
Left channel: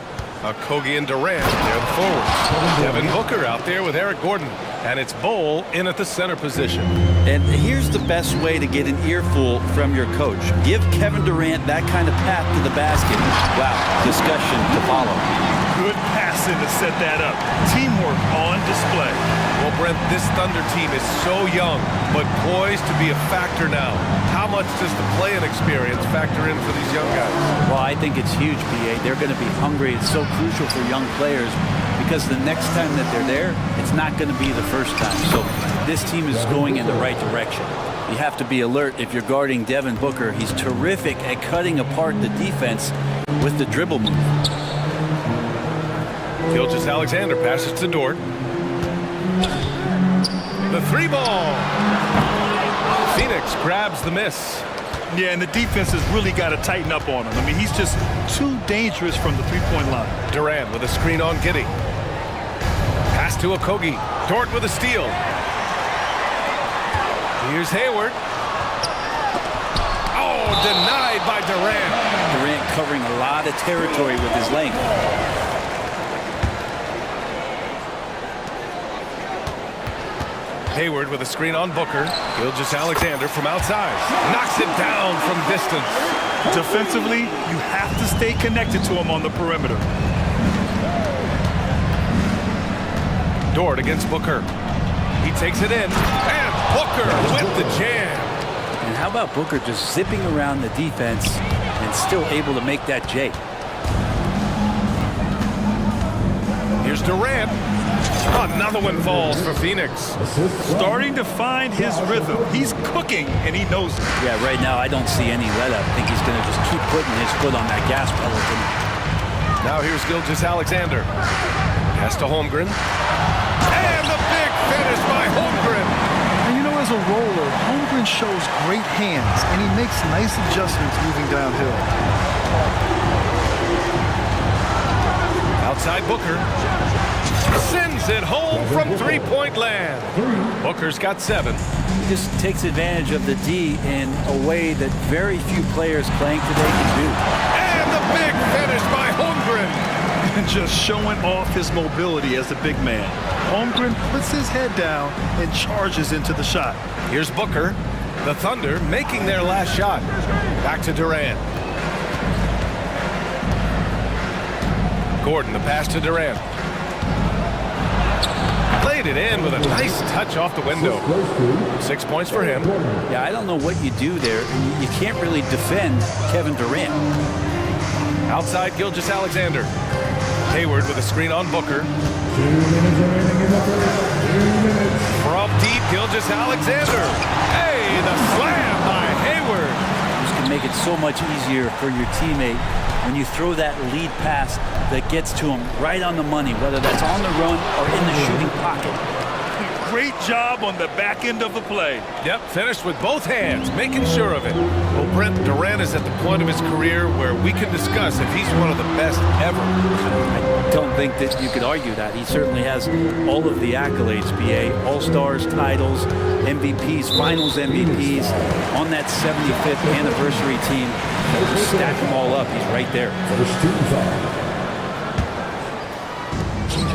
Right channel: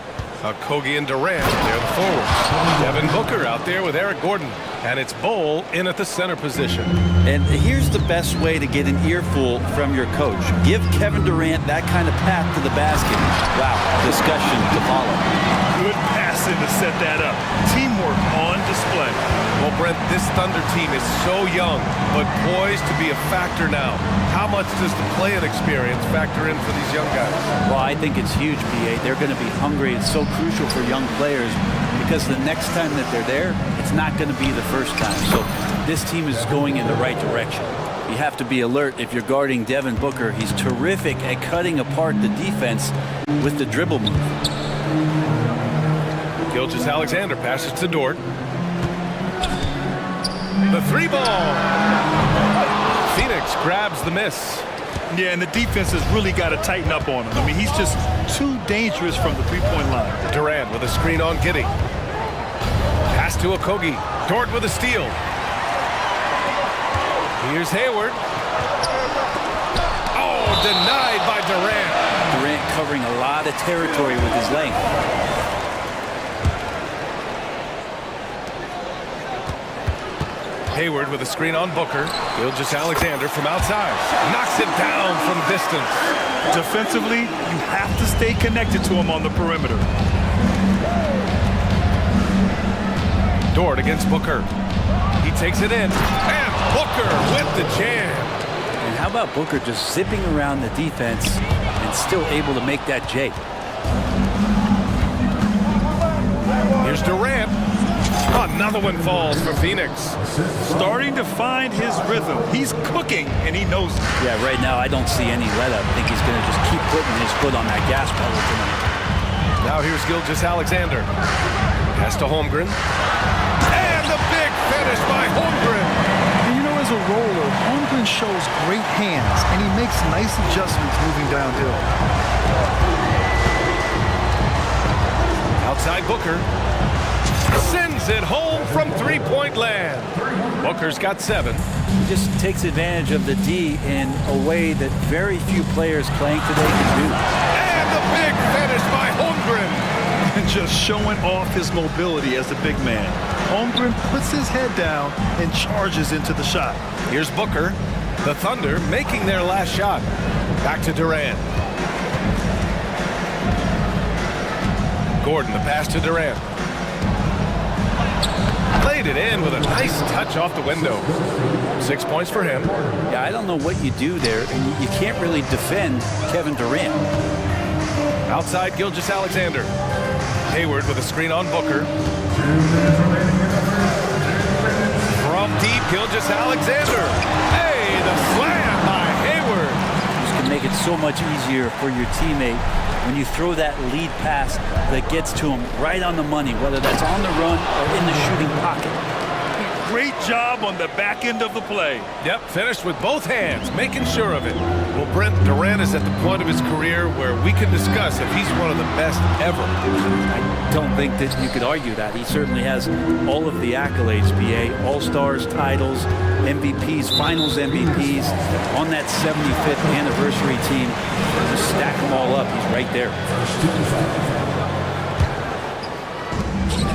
Kogi and Durant, they're the forwards. Devin Booker out there with Eric Gordon. And it's Bol in at the center position. And here's the best way to get an earful from your coach. Give Kevin Durant that kind of path to the basket. Wow, discussion to follow. Good passing to set that up. Teamwork on display. Well, Brent, this Thunder team is so young, but poised to be a factor now. How much does the play-in experience factor in for these young guys? Well, I think it's huge, BA. They're going to be hungry. It's so crucial for young players because the next time that they're there, it's not going to be the first time. So this team is going in the right direction. You have to be alert if you're guarding Devin Booker. He's terrific at cutting apart the defense with the dribble move. Gilgeous-Alexander passes to Dort. The three ball. Phoenix grabs the miss. Yeah, and the defense has really got to tighten up on him. I mean, he's just too dangerous from the three-point line. Durant with a screen on Giddey. Pass to Okogie. Dort with a steal. Here's Hayward. Oh, denied by Durant. Durant covering a lot of territory with his length. Hayward with a screen on Booker. Gilgeous-Alexander from outside. Knocks it down from distance. Defensively, you have to stay connected to him on the perimeter. Dort against Booker. He takes it in. And Booker with the jam. And how about Booker just zipping around the defense and still able to make that J? Here's Durant. Another one falls for Phoenix. Starting to find his rhythm. He's cooking, and he knows it. Yeah, right now I don't see any let-up. I think he's going to just keep putting his foot on that gas pedal tonight. Now here's Gilgeous-Alexander. Pass to Holmgren. And the big finish by Holmgren. And you know, as a roller, Holmgren shows great hands, and he makes nice adjustments moving downhill. Outside Booker. Sends it home from three-point land. Booker's got 7. He just takes advantage of the D in a way that very few players playing today can do. And the big finish by Holmgren. And just showing off his mobility as a big man. Holmgren puts his head down and charges into the shot. Here's Booker. The Thunder making their last shot. Back to Durant. Gordon, the pass to Durant. Played it in with a nice touch off the window. 6 points for him. Yeah, I don't know what you do there, and you can't really defend Kevin Durant. Outside Gilgeous-Alexander. Hayward with a screen on Booker. From deep, Gilgeous-Alexander. Hey, the slam by Hayward. This can make it so much easier for your teammate when you throw that lead pass that gets to him right on the money, whether that's on the run or in the shooting pocket. Great job on the back end of the play. Yep, finished with both hands, making sure of it. Well, Brent, Durant is at the point of his career where we can discuss if he's one of the best ever. I don't think that you could argue that. He certainly has all of the accolades, BA. All-Stars, titles, MVPs, Finals MVPs. On that 75th anniversary team, just stack them all up. He's right there.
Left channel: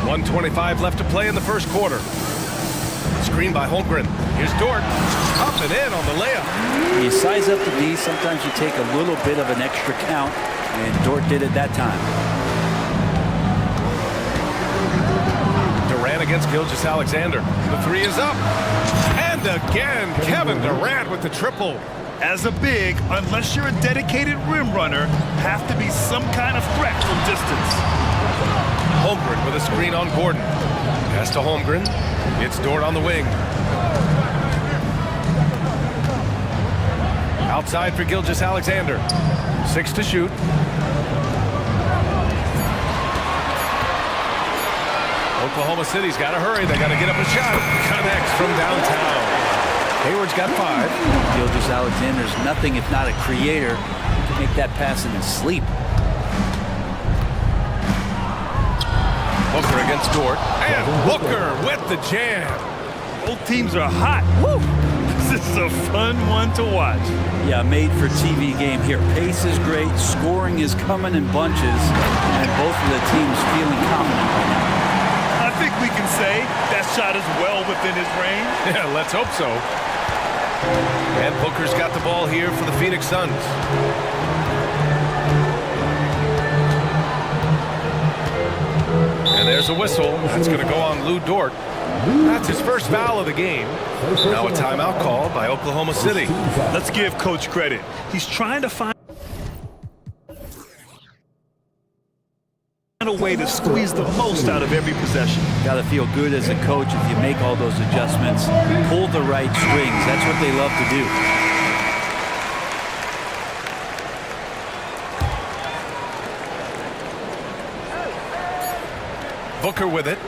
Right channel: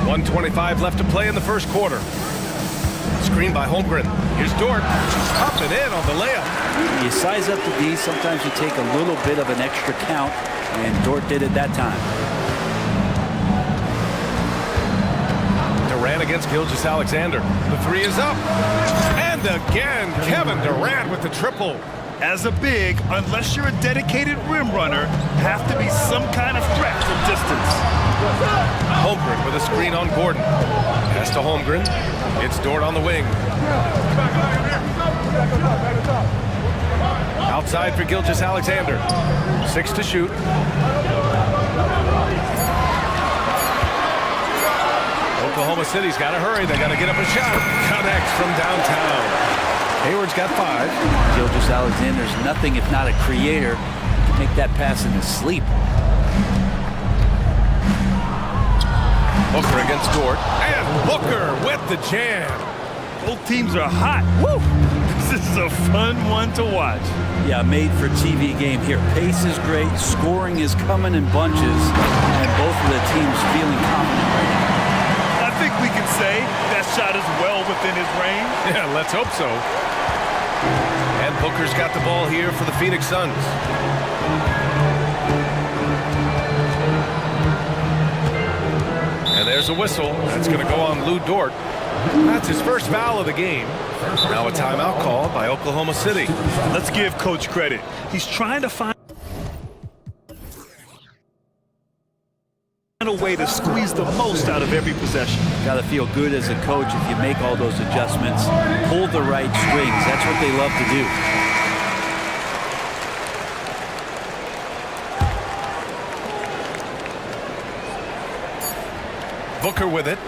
1:25 left to play in the first quarter. Screen by Holmgren. Here's Dort. Up and in on the layup. You size up the D. Sometimes you take a little bit of an extra count, and Dort did it that time. Durant against Gilgeous-Alexander. The three is up. And again, Kevin Durant with the triple. As a big, unless you're a dedicated rim runner, have to be some kind of threat from distance. Holmgren with a screen on Gordon. Pass to Holmgren. It's Dort on the wing. Outside for Gilgeous-Alexander. 6 to shoot. Oklahoma City's got to hurry. They got to get up a shot. Connects from downtown. Hayward's got 5. Gilgeous-Alexander's nothing if not a creator. He can make that pass in his sleep. Booker against Dort. And Booker with the jam. Both teams are hot. Woo! This is a fun one to watch. Yeah, made for TV game here. Pace is great, scoring is coming in bunches, and both of the teams feeling confident right now. I think we can say that shot is well within his range. Yeah, let's hope so. And Booker's got the ball here for the Phoenix Suns. And there's a whistle. That's going to go on Lou Dort. That's his first foul of the game. Now a timeout called by Oklahoma City. Let's give Coach credit. He's trying to find a way to squeeze the most out of every possession. Got to feel good as a coach if you make all those adjustments, pull the right strings. That's what they love to do. Booker with it.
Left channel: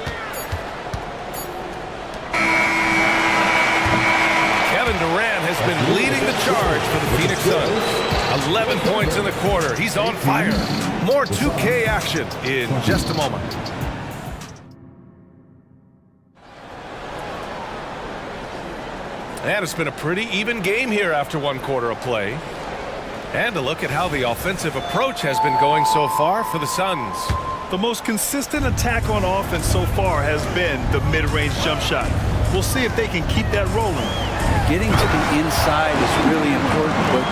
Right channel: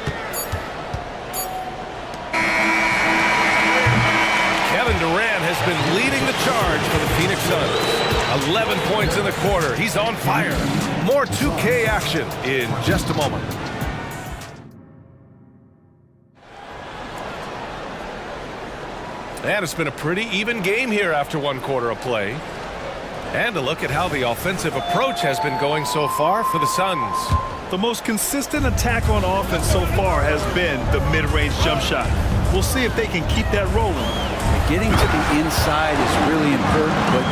Kevin Durant has been leading the charge for the Phoenix Suns. 11 points in the quarter. He's on fire. More 2K action in just a moment. And it's been a pretty even game here after one quarter of play. And a look at how the offensive approach has been going so far for the Suns. The most consistent attack on offense so far has been the mid-range jump shot. We'll see if they can keep that rolling. Getting to the inside is really important, but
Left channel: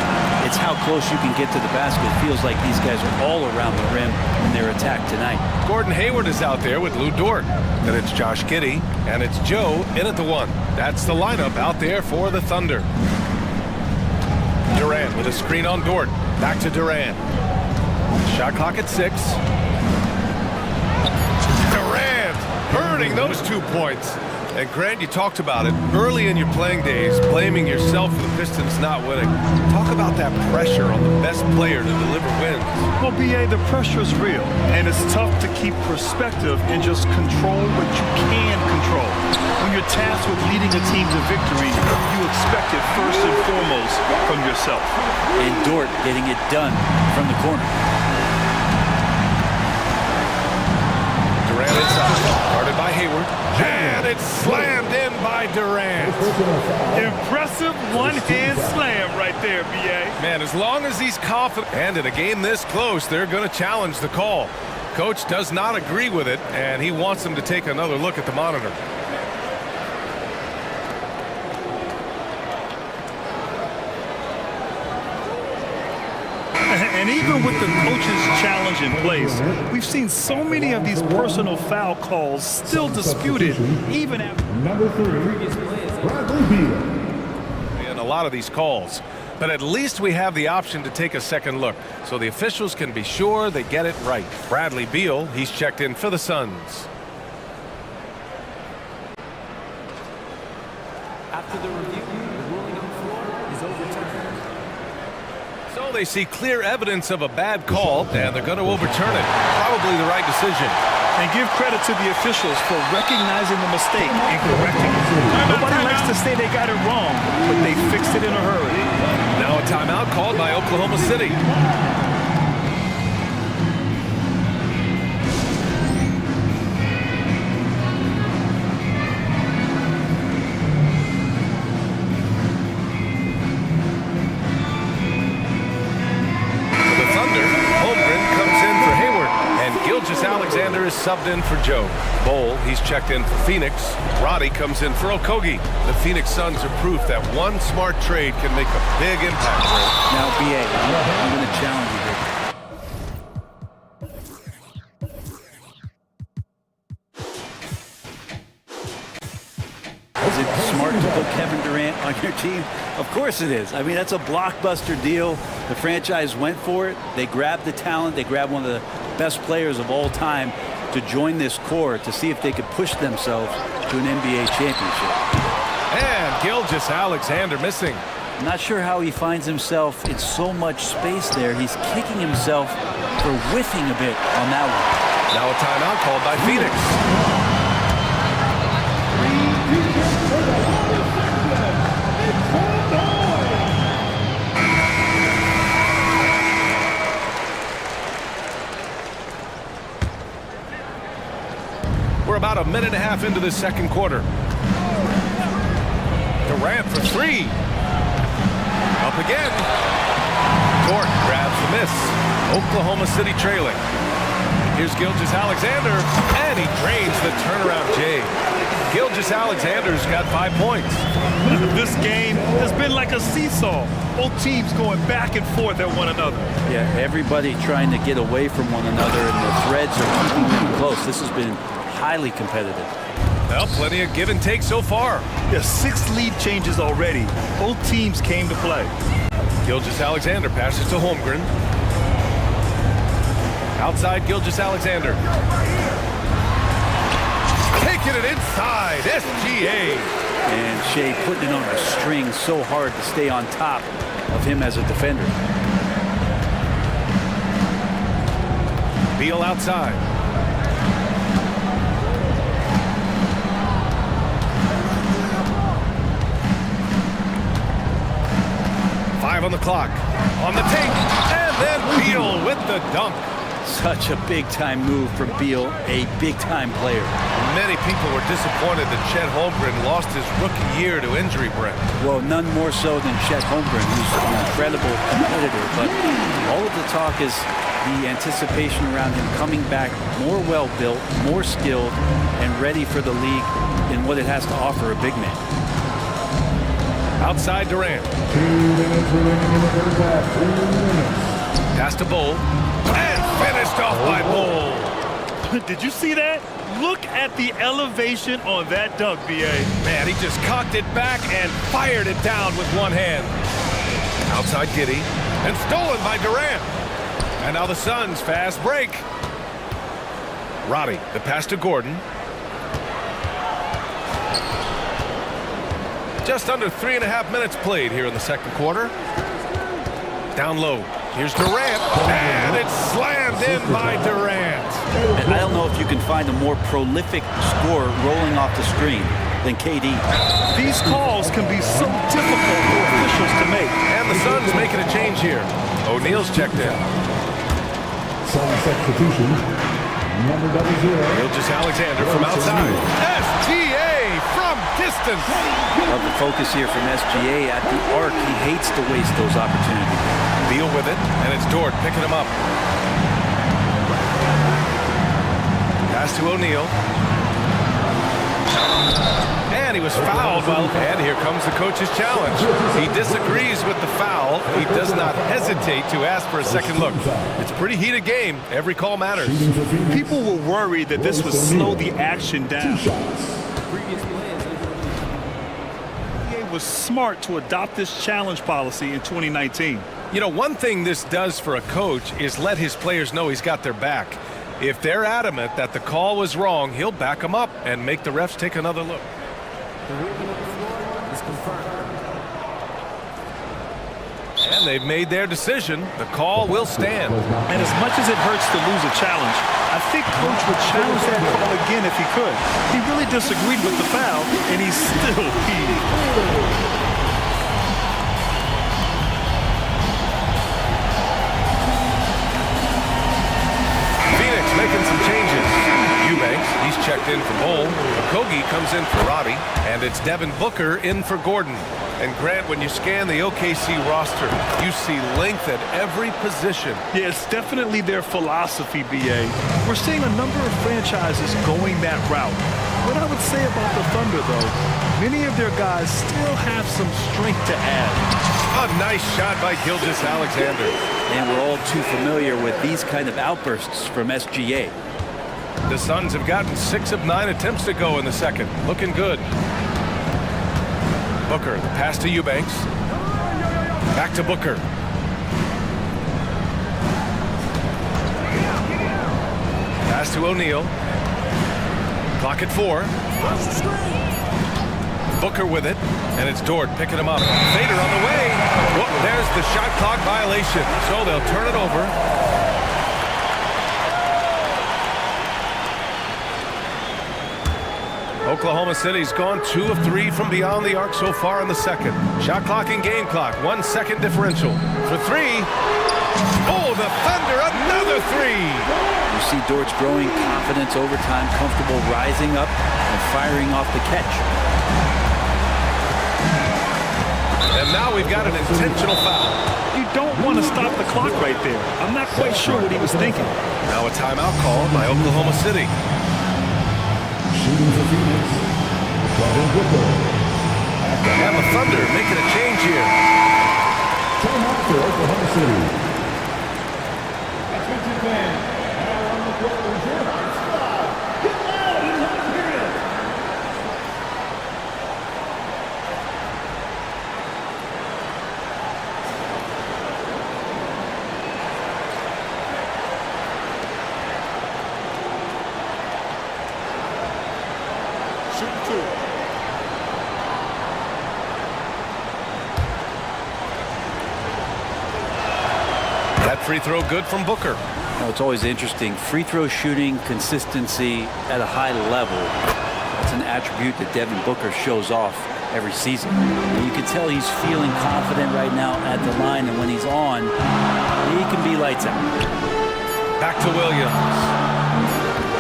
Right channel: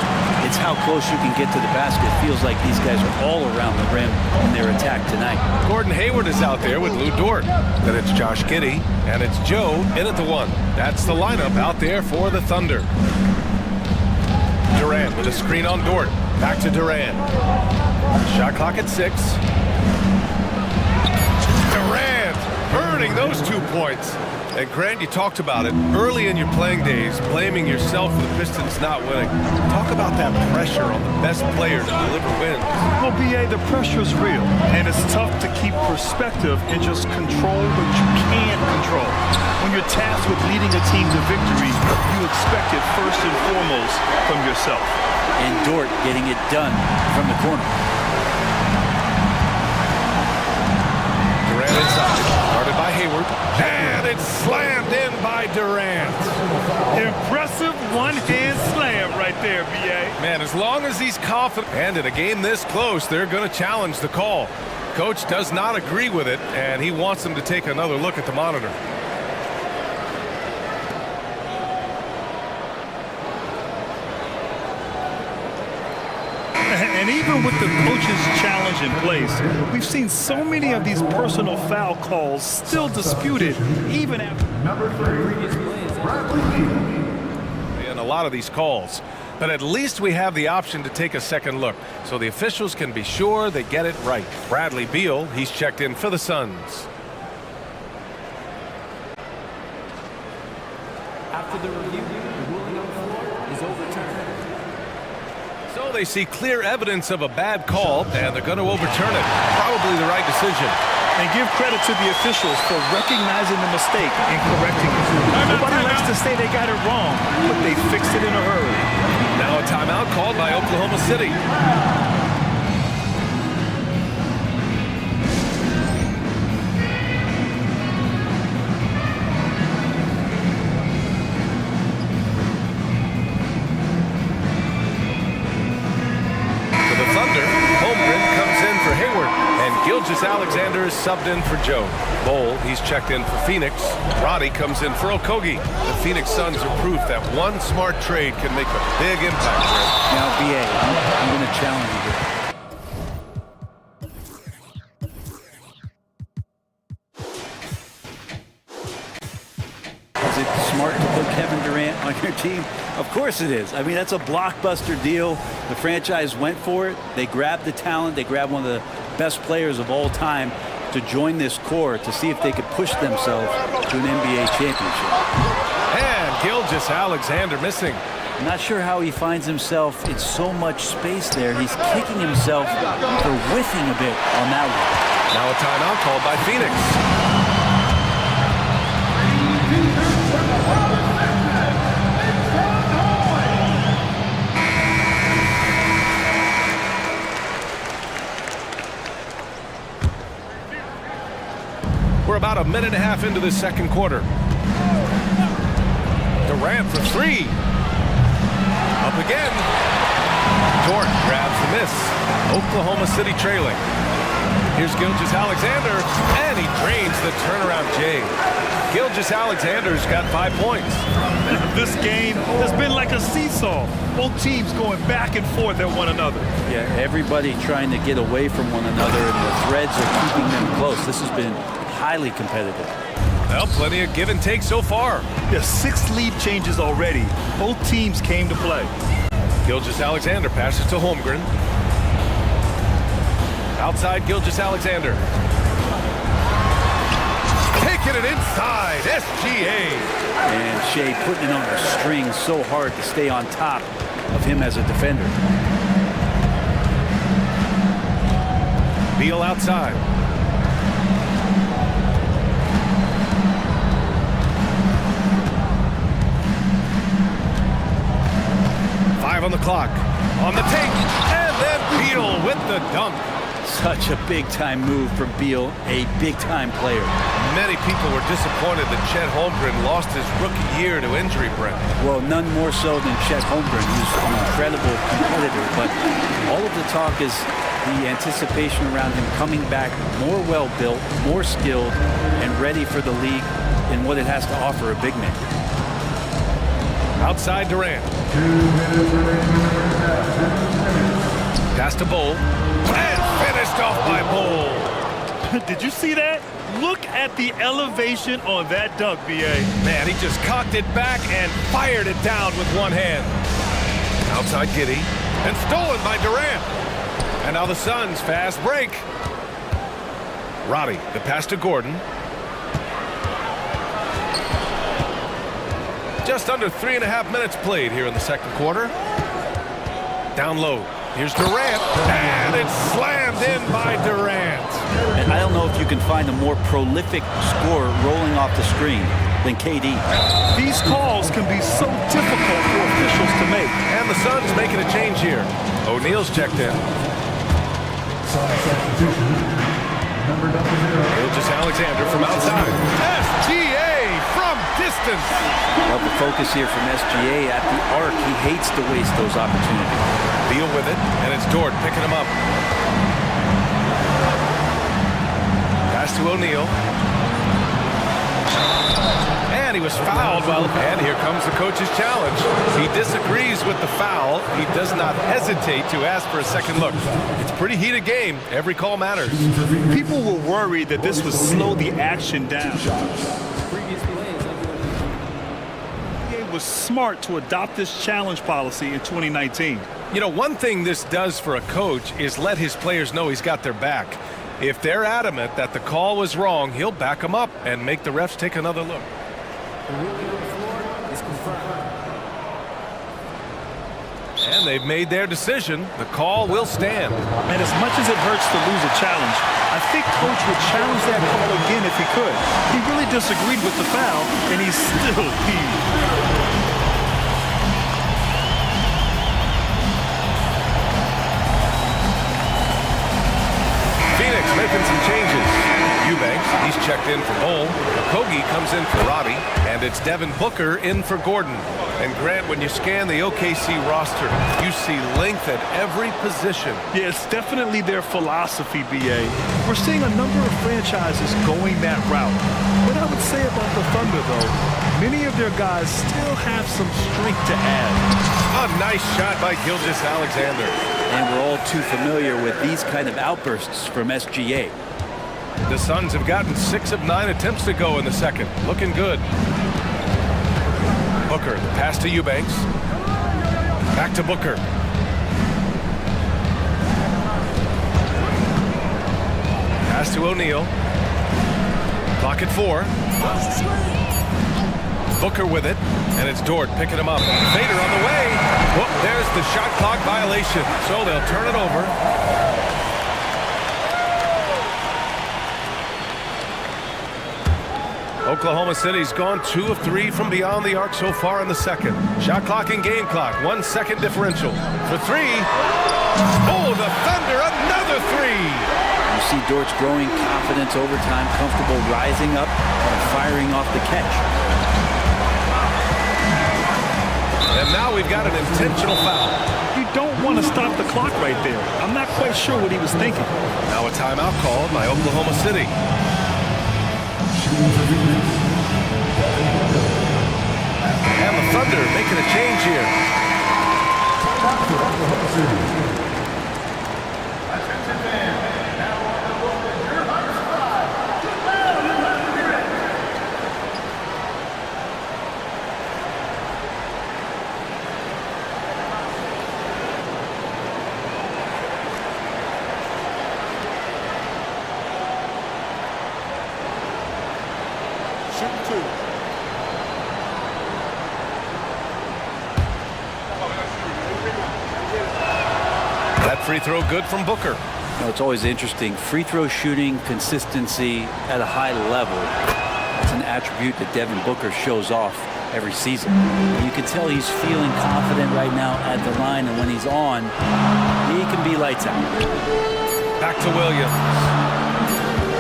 it's how close you can get to the basket. It feels like these guys are all around the rim in their attack tonight. Gordon Hayward is out there with Lou Dort. Then it's Josh Giddey, and it's Joe in at the one. That's the lineup out there for the Thunder. Durant with a screen on Dort. Back to Durant. Shot clock at 6. Durant earning those 2 points. And Grant, you talked about it early in your playing days, blaming yourself for the Pistons not winning. Talk about that pressure on the best player to deliver wins. Well, B.A., the pressure is real, and it's tough to keep perspective and just control what you can control. When you're tasked with leading a team to victory, you expect it first and foremost from yourself. And Dort getting it done from the corner. Durant inside, guarded by Hayward, and it's slammed in by Durant. Impressive one-hand slam right there, B.A. Man, as long as he's confident, and in a game this close, they're going to challenge the call. Coach does not agree with it, and he wants them to take another look at the monitor. And even with the coach's challenge in place, we've seen so many of these personal foul calls still disputed, even after Number 3, Bradley Beal. And a lot of these calls. But at least we have the option to take a second look, so the officials can be sure they get it right. Bradley Beal, he's checked in for the Suns. After the review, the ruling on the floor is overturned. So they see clear evidence of a bad call, and they're going to overturn it. Probably the right decision. And give credit to the officials for recognizing the mistake and correcting it. Nobody likes to say they got it wrong, but they fixed it in a hurry. Now a timeout called by Oklahoma City. Gilgeous-Alexander is subbed in for Joe. Bowl, he's checked in for Phoenix. Roddy comes in for Okogie. The Phoenix Suns are proof that one smart trade can make a big impact. Now, B.A., I'm going to challenge you here. Is it smart to put Kevin Durant on your team? Of course it is. I mean, that's a blockbuster deal. The franchise went for it. They grabbed the talent. They grabbed one of the best players of all time to join this core to see if they could push themselves to an NBA championship. And Gilgeous-Alexander missing. I'm not sure how he finds himself in so much space there. He's kicking himself for whiffing a bit on that one. Now a timeout called by Phoenix. We're about a minute and a half into the second quarter. Durant for three. Up again. Dort grabs the miss. Oklahoma City trailing. Here's Gilgeous-Alexander, and he drains the turnaround J. Gilgeous-Alexander's got 5 points. This game has been like a seesaw. Both teams going back and forth at one another. Yeah, everybody trying to get away from one another, and the threads are keeping them close. This has been highly competitive. Well, plenty of give and take so far. Yeah, 6 lead changes already. Both teams came to play. Gilgeous-Alexander passes to Holmgren. Outside Gilgeous-Alexander. Taking it inside, SGA. And Shea putting it on a string so hard to stay on top of him as a defender. Beal outside. Five on the clock. On the take. And then Beal with the dunk. Such a big-time move from Beal, a big-time player. Many people were disappointed that Chet Holmgren lost his rookie year to injury, Brent. Well, none more so than Chet Holmgren, who's an incredible competitor. But all of the talk is the anticipation around him coming back more well-built, more skilled, and ready for the league in what it has to offer a big man. Outside Durant. 2 minutes remaining in the first half. 2 minutes. Pass to Bull. And finished off by Bull. Did you see that? Look at the elevation on that dunk, B.A. Man, he just cocked it back and fired it down with one hand. Outside Giddey. And stolen by Durant. And now the Suns fast break. Roddy, the pass to Gordon. Just under 3.5 minutes played here in the second quarter. Down low. Here's Durant, and it's slammed in by Durant. And I don't know if you can find a more prolific scorer rolling off the screen than KD. These calls can be so difficult for officials to make. And the Suns making a change here. O'Neal's checked in. Sun substitution. Number 0. Gilgeous-Alexander from outside. SGA from distance. Love the focus here from SGA at the arc. He hates to waste those opportunities. Beal with it, and it's Dort picking him up. Pass to O'Neal. And he was fouled and here comes the coach's challenge. He disagrees with the foul. He does not hesitate to ask for a second look. It's a pretty heated game. Every call matters. People were worried that this would slow the action down. Previous play is under review. NBA was smart to adopt this challenge policy in 2019. You know, one thing this does for a coach is let his players know he's got their back. If they're adamant that the call was wrong, he'll back them up and make the refs take another look. The ruling on the floor is confirmed. And they've made their decision. The call will stand. And as much as it hurts to lose a challenge, I think Coach would challenge that call again if he could. He really disagreed with the foul, and he's still peeved. Phoenix making some changes. Eubanks, he's checked in for Bull. Okogie comes in for Roddy. And it's Devin Booker in for Gordon. And Grant, when you scan the OKC roster, you see length at every position. Yeah, it's definitely their philosophy, B.A. We're seeing a number of franchises going that route. What I would say about the Thunder, though, many of their guys still have some strength to add. A nice shot by Gilgeous-Alexander. And we're all too familiar with these kind of outbursts from SGA. The Suns have gotten 6 of 9 attempts to go in the second. Looking good. Booker, the pass to Eubanks. Back to Booker. Pass to O'Neal. Clock at 4. Booker with it, and it's Dort picking him up. Fader on the way. Whoop, there's the shot clock violation, so they'll turn it over. Oklahoma City's gone 2 of 3 from beyond the arc so far in the second. Shot clock and game clock, 1 second differential. For 3. Oh, the Thunder, another 3. You see Dort's growing confidence over time, comfortable rising up and firing off the catch. And now we've got an intentional foul. You don't want to stop the clock right there. I'm not quite sure what he was thinking. Now a timeout called by Oklahoma City. Shooting for Phoenix, Devin Booker. And the Thunder making a change here. Timeout for Oklahoma City. Shooting two. That free throw good from Booker. You know, it's always interesting. Free throw shooting, consistency at a high level. That's an attribute that Devin Booker shows off every season. And you can tell he's feeling confident right now at the line, and when he's on, he can be lights out. Back to Williams.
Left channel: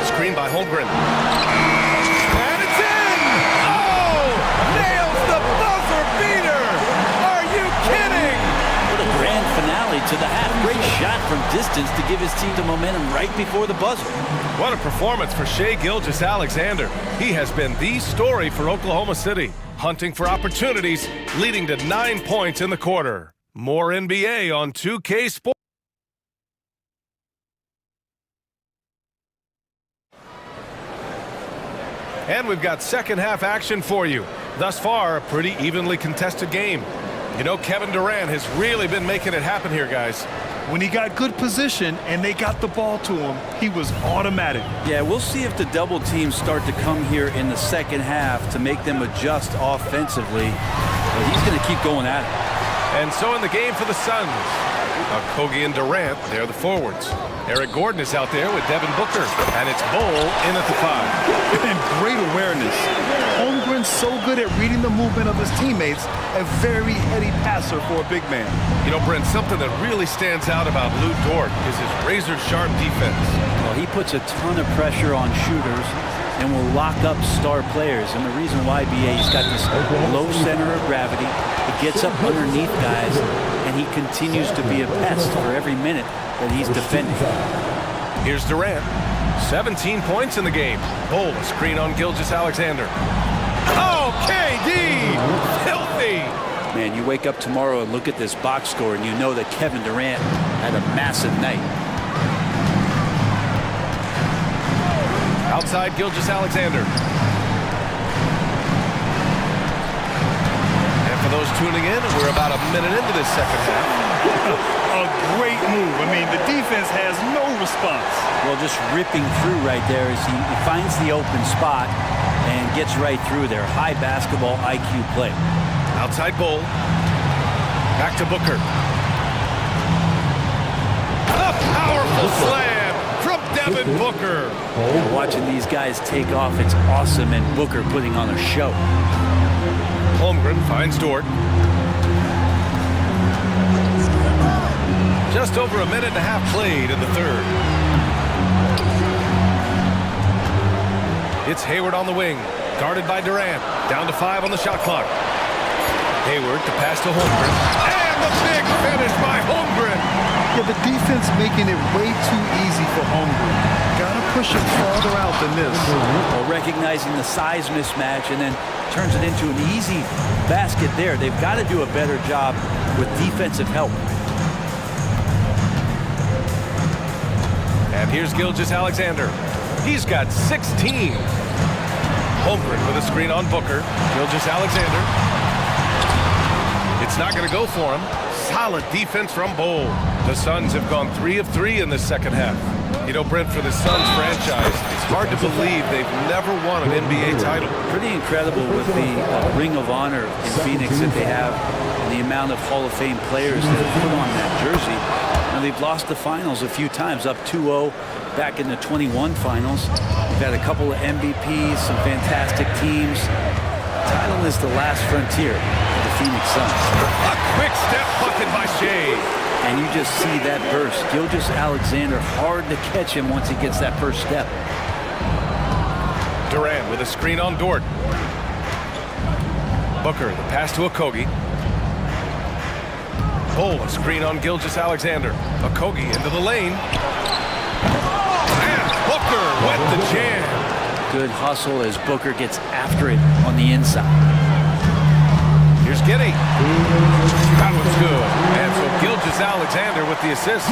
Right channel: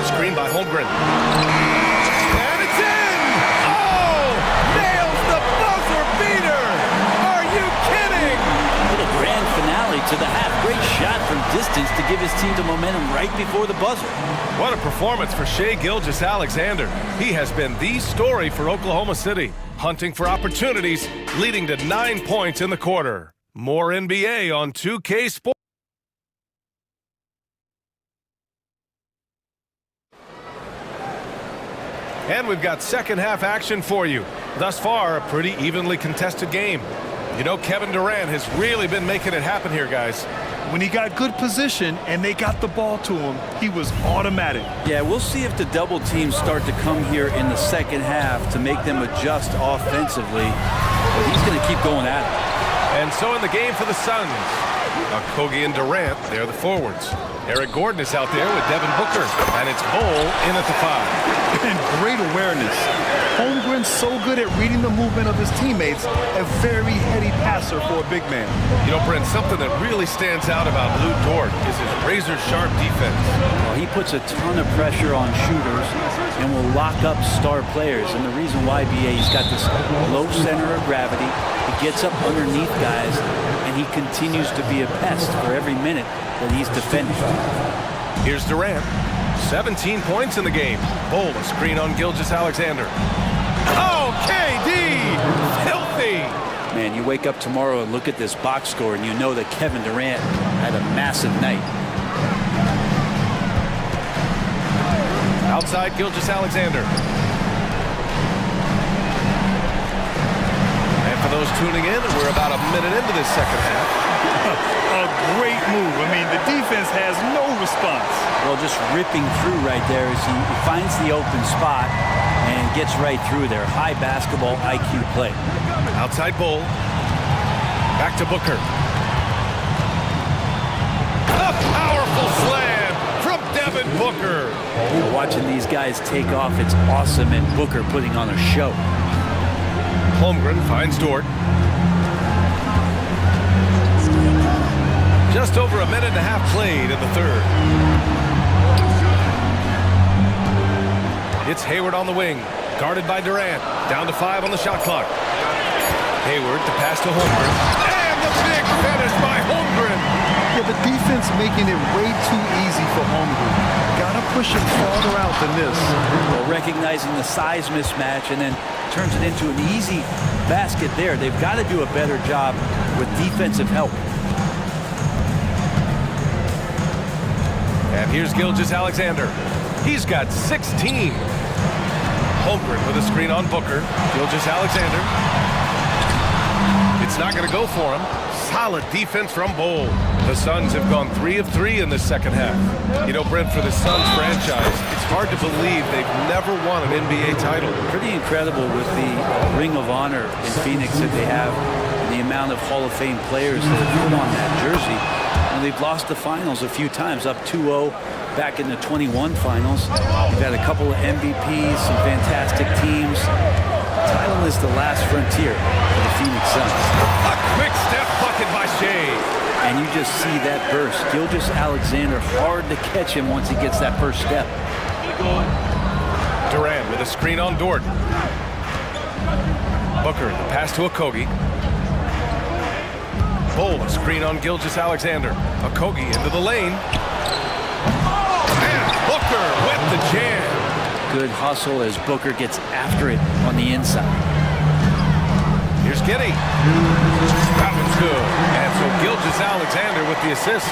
Screen by Holmgren. And it's in! Oh! Nails the buzzer beater! Are you kidding? What a grand finale to the half. Great shot from distance to give his team the momentum right before the buzzer. What a performance for Shai Gilgeous-Alexander. He has been the story for Oklahoma City, hunting for opportunities, leading to 9 points in the quarter. More NBA on 2K Sports. And we've got second half action for you. Thus far, a pretty evenly contested game. You know, Kevin Durant has really been making it happen here, guys. When he got good position and they got the ball to him, he was automatic. Yeah, we'll see if the double teams start to come here in the second half to make them adjust offensively. But he's going to keep going at it. And so in the game for the Suns, Kogi and Durant, they're the forwards. Eric Gordon is out there with Devin Booker, and it's Bol in at the 5. And great awareness. Holmgren's so good at reading the movement of his teammates, a very heady passer for a big man. You know, Brent, something that really stands out about Lou Dort is his razor-sharp defense. Well, he puts a ton of pressure on shooters and will lock up star players. And the reason why, BA, he's got this low center of gravity. He gets up underneath guys, and he continues to be a pest for every minute that he's defending. Here's Durant. 17 points in the game. Bol, a screen on Gilgeous-Alexander. Oh, KD! Filthy! Man, you wake up tomorrow and look at this box score, and you know that Kevin Durant had a massive night. Outside Gilgeous-Alexander. And for those tuning in, we're about a minute into this second half. A great move. I mean, the defense has no response. Well, just ripping through right there as he finds the open spot and gets right through there. High basketball IQ play. Outside Bol. Back to Booker. A powerful slam from Devin Booker. You know, watching these guys take off, it's awesome, and Booker putting on a show. Holmgren finds Dort. Just over a minute and a half played in the third. It's Hayward on the wing, guarded by Durant. Down to 5 on the shot clock. Hayward to pass to Holmgren. And the big finish by Holmgren. Yeah, the defense making it way too easy for Holmgren. Gotta push him farther out than this. Well, recognizing the size mismatch and then turns it into an easy basket there. They've got to do a better job with defensive help. And here's Gilgeous-Alexander. He's got 16. Holmgren with a screen on Booker. Gilgeous-Alexander. It's not going to go for him. Solid defense from Bol. The Suns have gone 3 of 3 in the second half. You know, Brent, for the Suns franchise, it's hard to believe they've never won an NBA title. Pretty incredible with the Ring of Honor in Phoenix that they have and the amount of Hall of Fame players that have put on that jersey. And they've lost the finals a few times, up 2-0 back in the 21 finals. They've had a couple of MVPs, some fantastic teams. The title is the last frontier for the Phoenix Suns. A quick step bucket by Shai. And you just see that burst. Gilgeous-Alexander, hard to catch him once he gets that first step. Durant with a screen on Dort. Booker, the pass to Okogie. Pull a screen on Gilgeous-Alexander. Okogie into the lane. And Booker with the jam. Good hustle as Booker gets after it on the inside. Here's Giddey. That one's good. And so Gilgeous-Alexander with the assist.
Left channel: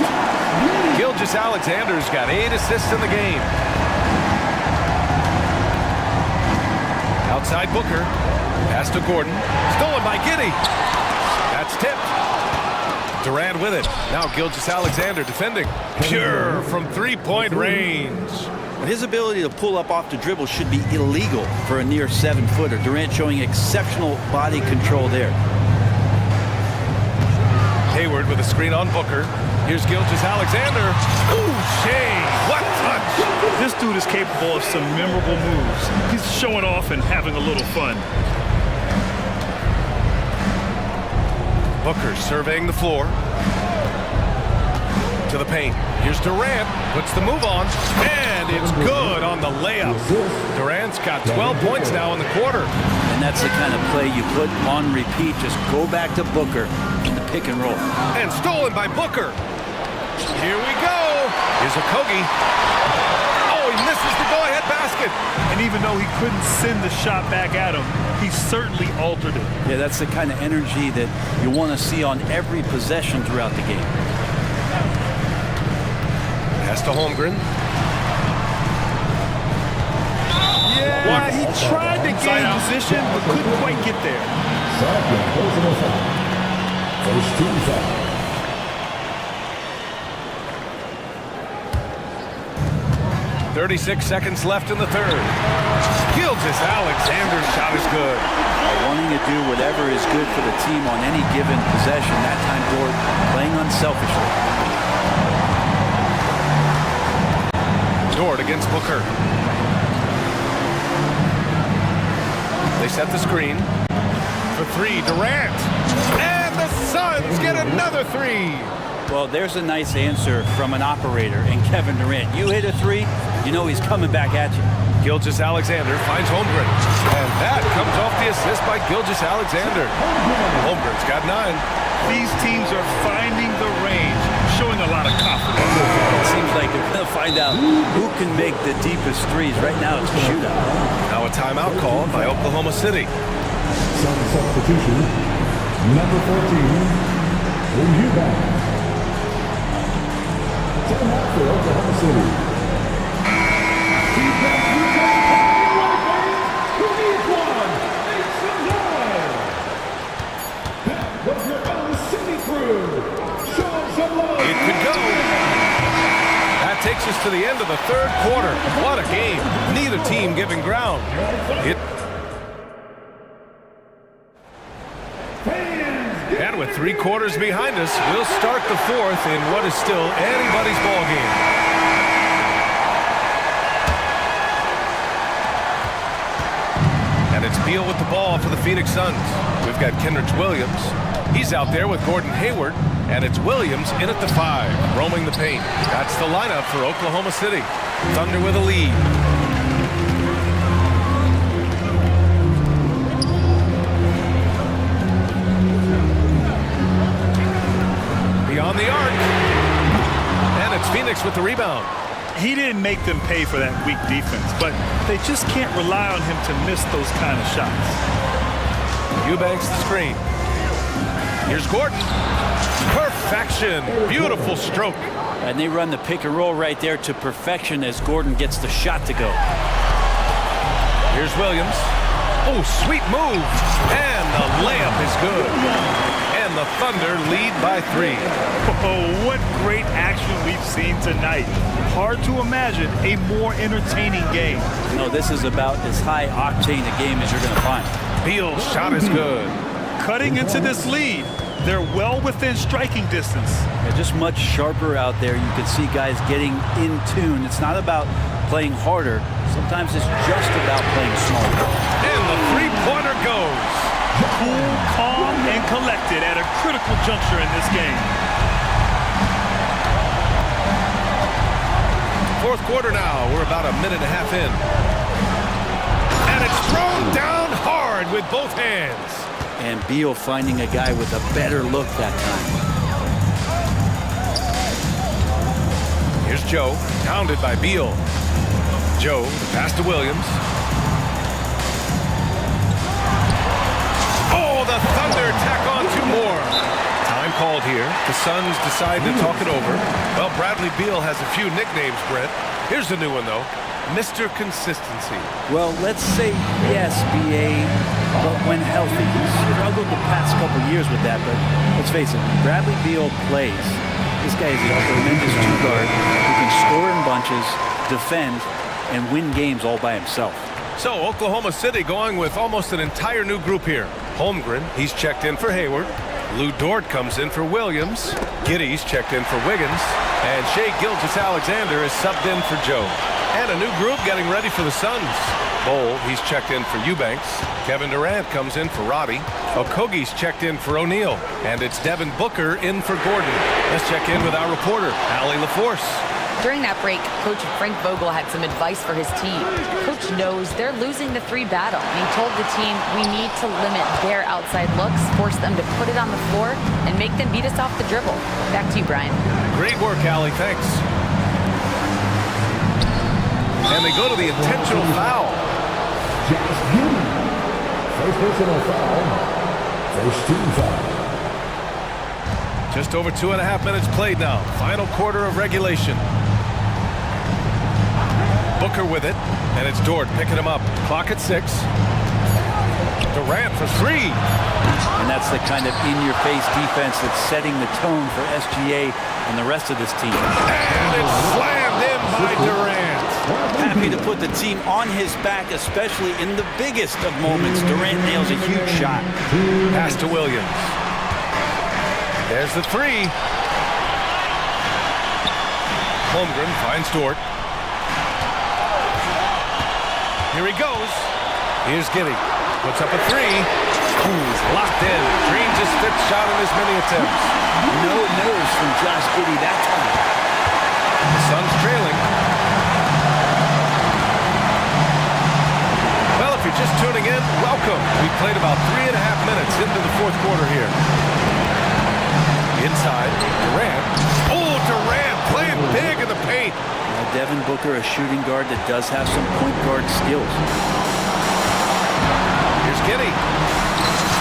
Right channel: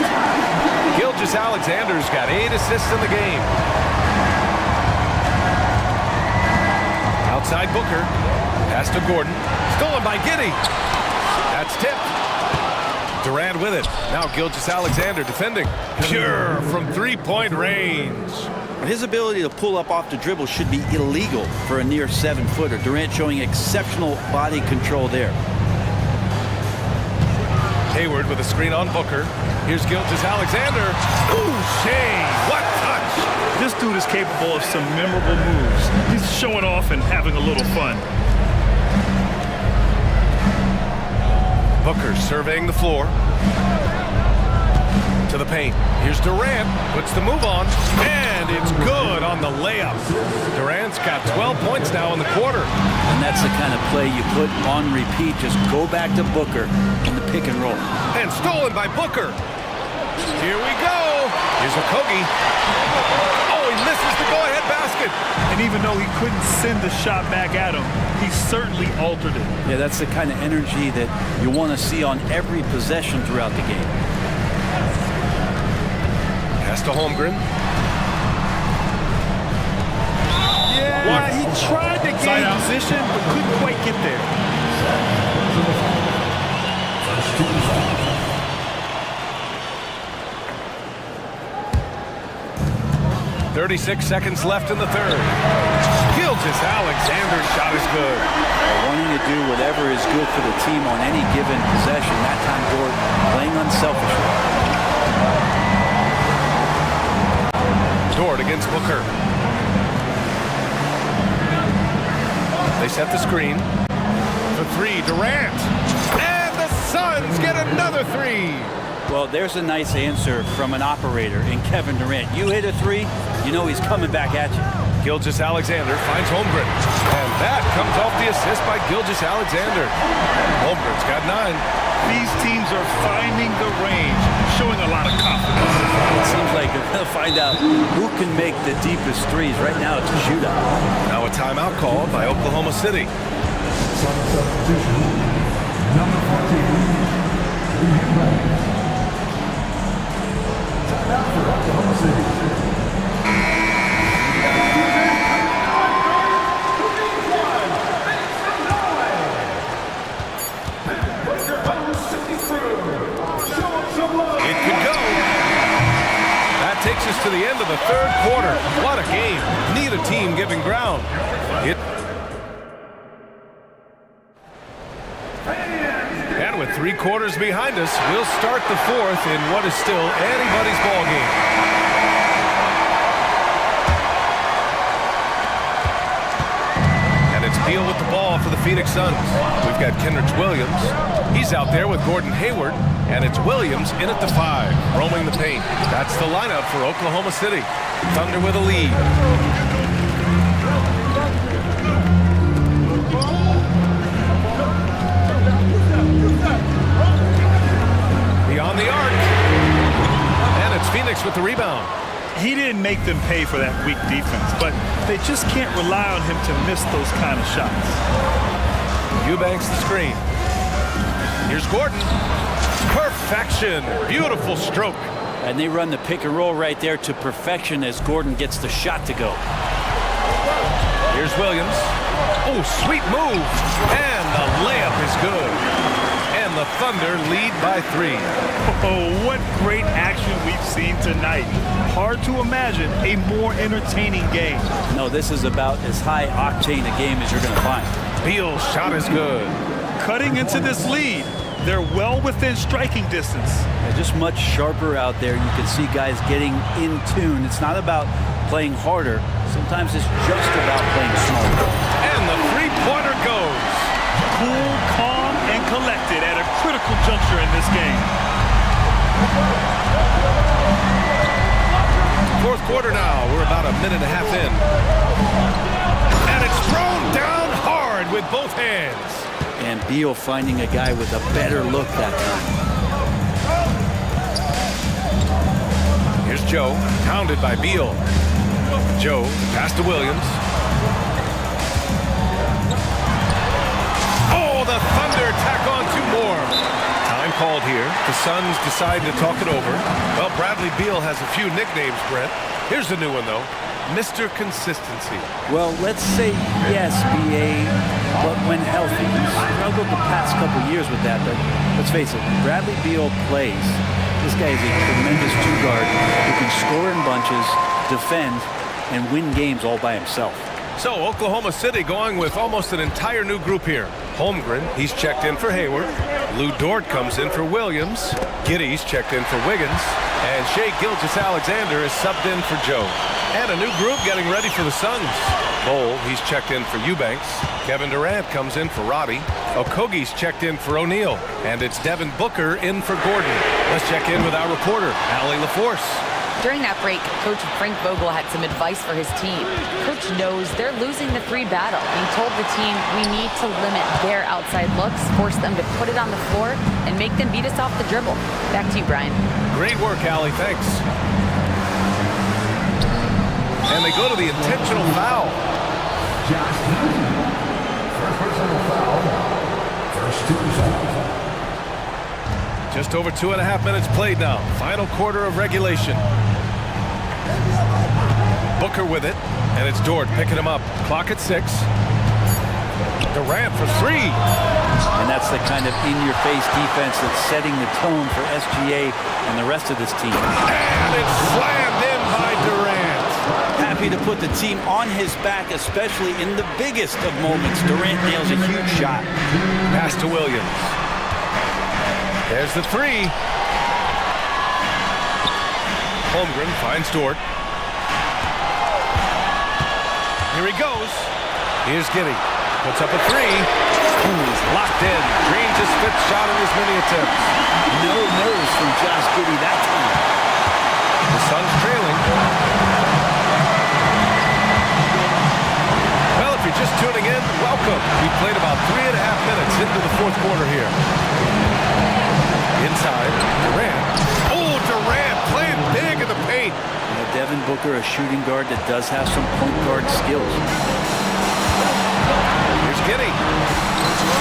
Gilgeous-Alexander's got 8 assists in the game. Outside Booker. Pass to Gordon. Stolen by Giddey. That's tipped. Durant with it. Now Gilgeous-Alexander defending. Pure from three-point range. His ability to pull up off the dribble should be illegal for a near 7-footer. Durant showing exceptional body control there. Hayward with a screen on Booker. Here's Gilgeous-Alexander. Ooh, Shea, what touch! This dude is capable of some memorable moves. He's showing off and having a little fun. Booker surveying the floor. To the paint. Here's Durant. Puts the move on. And it's good on the layup. Durant's got 12 points now in the quarter. And that's the kind of play you put on repeat. Just go back to Booker in the pick and roll. And stolen by Booker. Here we go. Here's Okogie. Oh, he misses the go-ahead basket. And even though he couldn't send the shot back at him, he certainly altered it. Yeah, that's the kind of energy that you want to see on every possession throughout the game. Pass to Holmgren. Yeah, he tried to gain position, but couldn't quite get there. 36 seconds left in the third. Gilgeous-Alexander's shot is good. Wanting to do whatever is good for the team on any given possession. That time, Gordon playing unselfishly. Dort against Booker. They set the screen. For 3, Durant. And the Suns get another 3. Well, there's a nice answer from an operator in Kevin Durant. You hit a 3, you know he's coming back at you. Gilgeous-Alexander finds Holmgren. And that comes off the assist by Gilgeous-Alexander. Holmgren's got 9. These teams are finding the range, showing a lot of confidence. It seems like they're going to find out who can make the deepest threes. Right now, it's a shootout. Now a timeout called by Oklahoma City. Substitution, number 14, Eubanks. Timeout for Oklahoma City. It could go. That takes us to the end of the third quarter. What a game. Neither team giving ground. And with 3 quarters behind us, we'll start the fourth in what is still anybody's ball game. And it's Beal with the ball for the Phoenix Suns. We've got Kenrich Williams. He's out there with Gordon Hayward. And it's Williams in at the 5, roaming the paint. That's the lineup for Oklahoma City. Thunder with a lead. Beyond the arc. And it's Phoenix with the rebound. He didn't make them pay for that weak defense, but they just can't rely on him to miss those kind of shots. Eubanks the screen. Here's Gordon. Perfection. Beautiful stroke. And they run the pick and roll right there to perfection as Gordon gets the shot to go. Here's Williams. Oh, sweet move. And the layup is good. And the Thunder lead by 3. Oh, what great action we've seen tonight. Hard to imagine a more entertaining game. No, this is about as high octane a game as you're going to find. Beal's shot is good. Cutting into this lead. They're well within striking distance. Yeah, just much sharper out there. You can see guys getting in tune. It's not about playing harder. Sometimes it's just about playing smarter. And the three-pointer goes. Cool, calm, and collected at a critical juncture in this game. Fourth quarter now. We're about a minute and a half in. And it's thrown down hard with both hands. And Beal finding a guy with a better look that time. Joe, pounded by Beal. Joe, the pass to Williams. Oh, the Thunder tack on 2 more. Time called here. The Suns decide to talk it over. Well, Bradley Beal has a few nicknames, Brent. Here's a new one, though. Mr. Consistency. Well, let's say yes, BA, but when healthy. He's struggled the past couple years with that, but let's face it, when Bradley Beal plays, this guy is a tremendous two-guard who can score in bunches, defend, and win games all by himself. So, Oklahoma City going with almost an entire new group here. Holmgren, he's checked in for Hayward. Lou Dort comes in for Williams. Giddy's checked in for Wiggins. And Shai Gilgeous-Alexander is subbed in for Joe. And a new group getting ready for the Suns. Bol, he's checked in for Eubanks. Kevin Durant comes in for Roddy. Okogie's checked in for O'Neal. And it's Devin Booker in for Gordon. Let's check in with our reporter, Allie LaForce. During that break, Coach Frank Vogel had some advice for his team. Coach knows they're losing the 3 battle, and he told the team, we need to limit their outside looks, force them to put it on the floor, and make them beat us off the dribble. Back to you, Brian. Great work, Allie. Thanks. And they go to the intentional foul. First personal foul. First 2 fouls. Just over 2.5 minutes played now. Final quarter of regulation. Booker with it, and it's Dort picking him up. Clock at 6. Durant for 3. And that's the kind of in-your-face defense that's setting the tone for SGA and the rest of this team. And it's slammed in by Durant. Happy to put the team on his back, especially in the biggest of moments. Durant nails a huge shot. Pass to Williams. There's the 3. Holmgren finds Dort. Here he goes. Here's Giddey. Puts up a 3. He's locked in. Dreams his 5th shot in as many attempts. No nerves from Josh Giddey that time. The Suns trailing. Well, if you're just tuning in, welcome. We played about 3.5 minutes into the 4th quarter here. Inside, Durant. Oh, Durant playing big in the paint. Now, Devin Booker, a shooting guard that does have some point guard skills. Here's Giddey.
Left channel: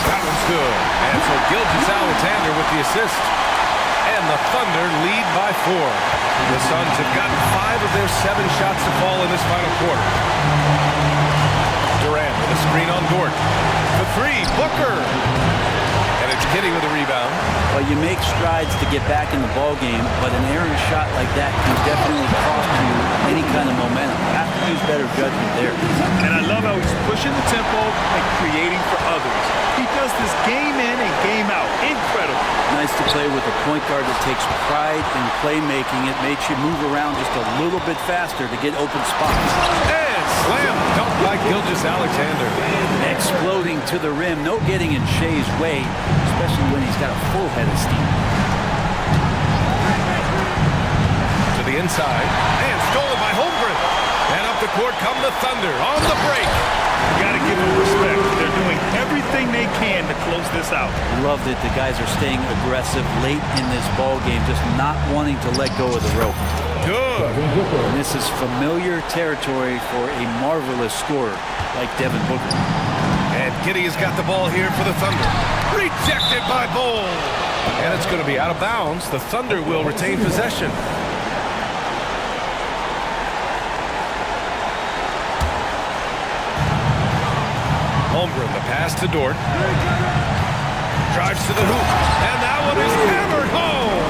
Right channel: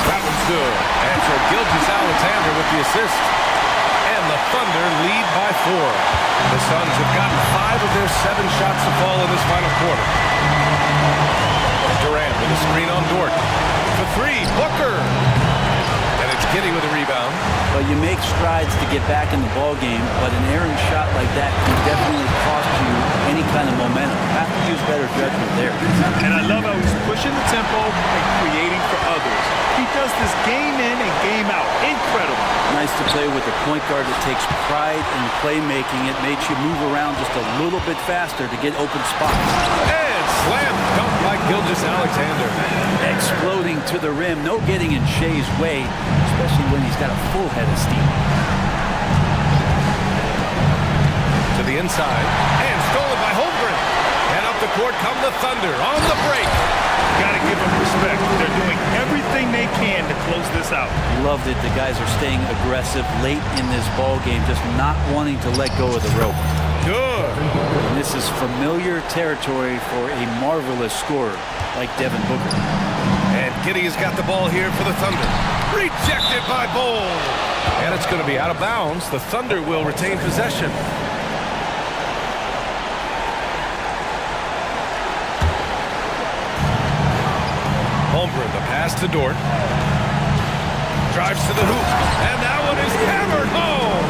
That one's good. And so Gilgeous-Alexander with the assist. And the Thunder lead by 4. The Suns have gotten 5 of their 7 shots to fall in this final quarter. Durant with a screen on Dort. For 3, Booker. And it's Giddey with a rebound. Well, you make strides to get back in the ball game, but an errant shot like that can definitely cost you any kind of momentum. Have to use better judgment there. And I love how he's pushing the tempo and creating for others. He does this game in and game out. Incredible. Nice to play with a point guard that takes pride in playmaking. It makes you move around just a little bit faster to get open spots. And slam dunk by Gilgeous-Alexander. Exploding to the rim. No getting in Shai's way, especially when he's got a full head of steam. To the inside. And stolen by Holmgren. And up the court come the Thunder on the break. You got to give them respect. They're doing everything they can to close this out. Love that the guys are staying aggressive late in this ball game, just not wanting to let go of the rope. Good. And this is familiar territory for a marvelous scorer like Devin Booker. And Giddey has got the ball here for the Thunder. Rejected by Bol. And it's going to be out of bounds. The Thunder will retain possession. Holmgren, the pass to Dort. Drives to the hoop. And that one is hammered home.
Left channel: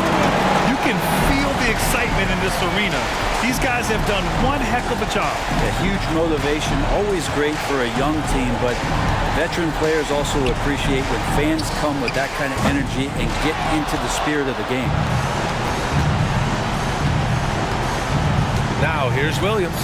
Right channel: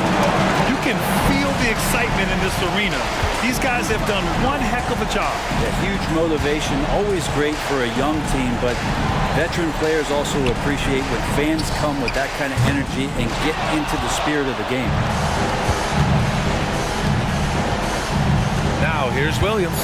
You can feel the excitement in this arena. These guys have done one heck of a job. A huge motivation, always great for a young team, but veteran players also appreciate when fans come with that kind of energy and get into the spirit of the game. Now here's Williams.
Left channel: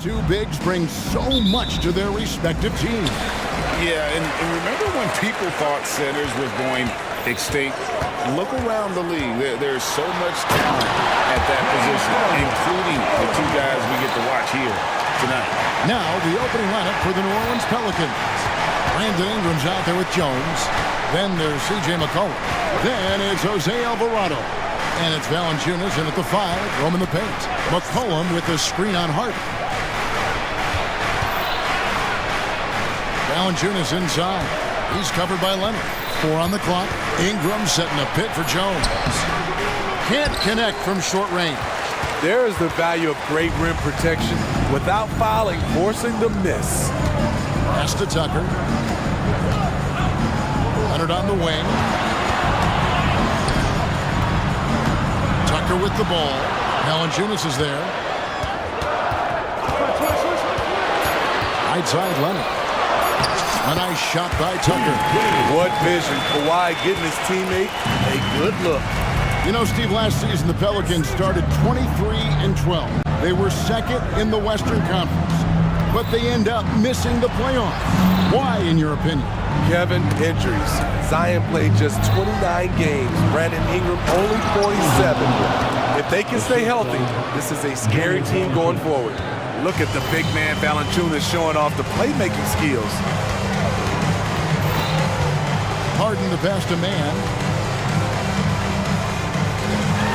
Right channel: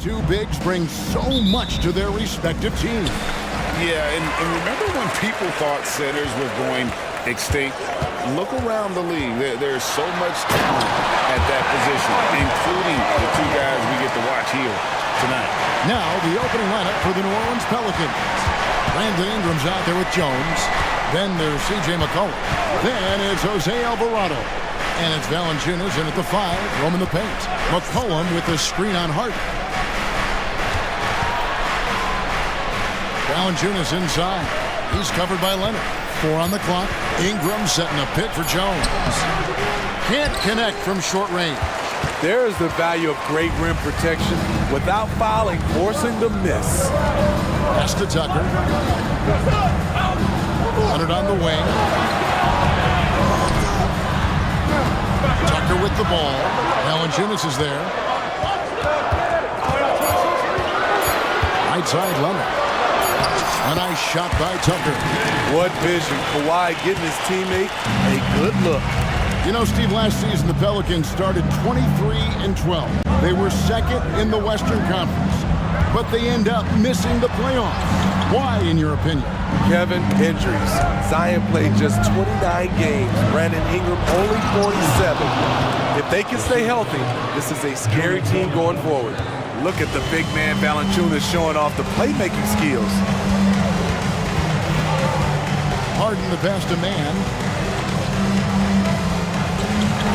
Two bigs bring so much to their respective teams. Yeah, and remember when people thought centers were going extinct? Look around the league. There's so much talent at that position, including the two guys we get to watch here tonight. Now the opening lineup for the New Orleans Pelicans. Brandon Ingram's out there with Jones. Then there's C.J. McCollum. Then it's Jose Alvarado. And it's Valanciunas in at the 5, roaming the paint. McCollum with the screen on Harden. Valanciunas inside. He's covered by Leonard. 4 on the clock. Ingram setting a pick for Jones. Can't connect from short range. There is the value of great rim protection without fouling, forcing the miss. Pass to Tucker. Leonard on the wing. Tucker with the ball. Valanciunas is there. Right side, Leonard. A nice shot by Tucker. What vision. Kawhi getting his teammate a good look. You know, Steve, last season the Pelicans started 23-12. They were second in the Western Conference, but they end up missing the playoffs. Why, in your opinion? Kevin, injuries. Zion played just 29 games. Brandon Ingram only 47. If they can stay healthy, this is a scary team going forward. Look at the big man Valanciunas showing off the playmaking skills. Harden the pass to man.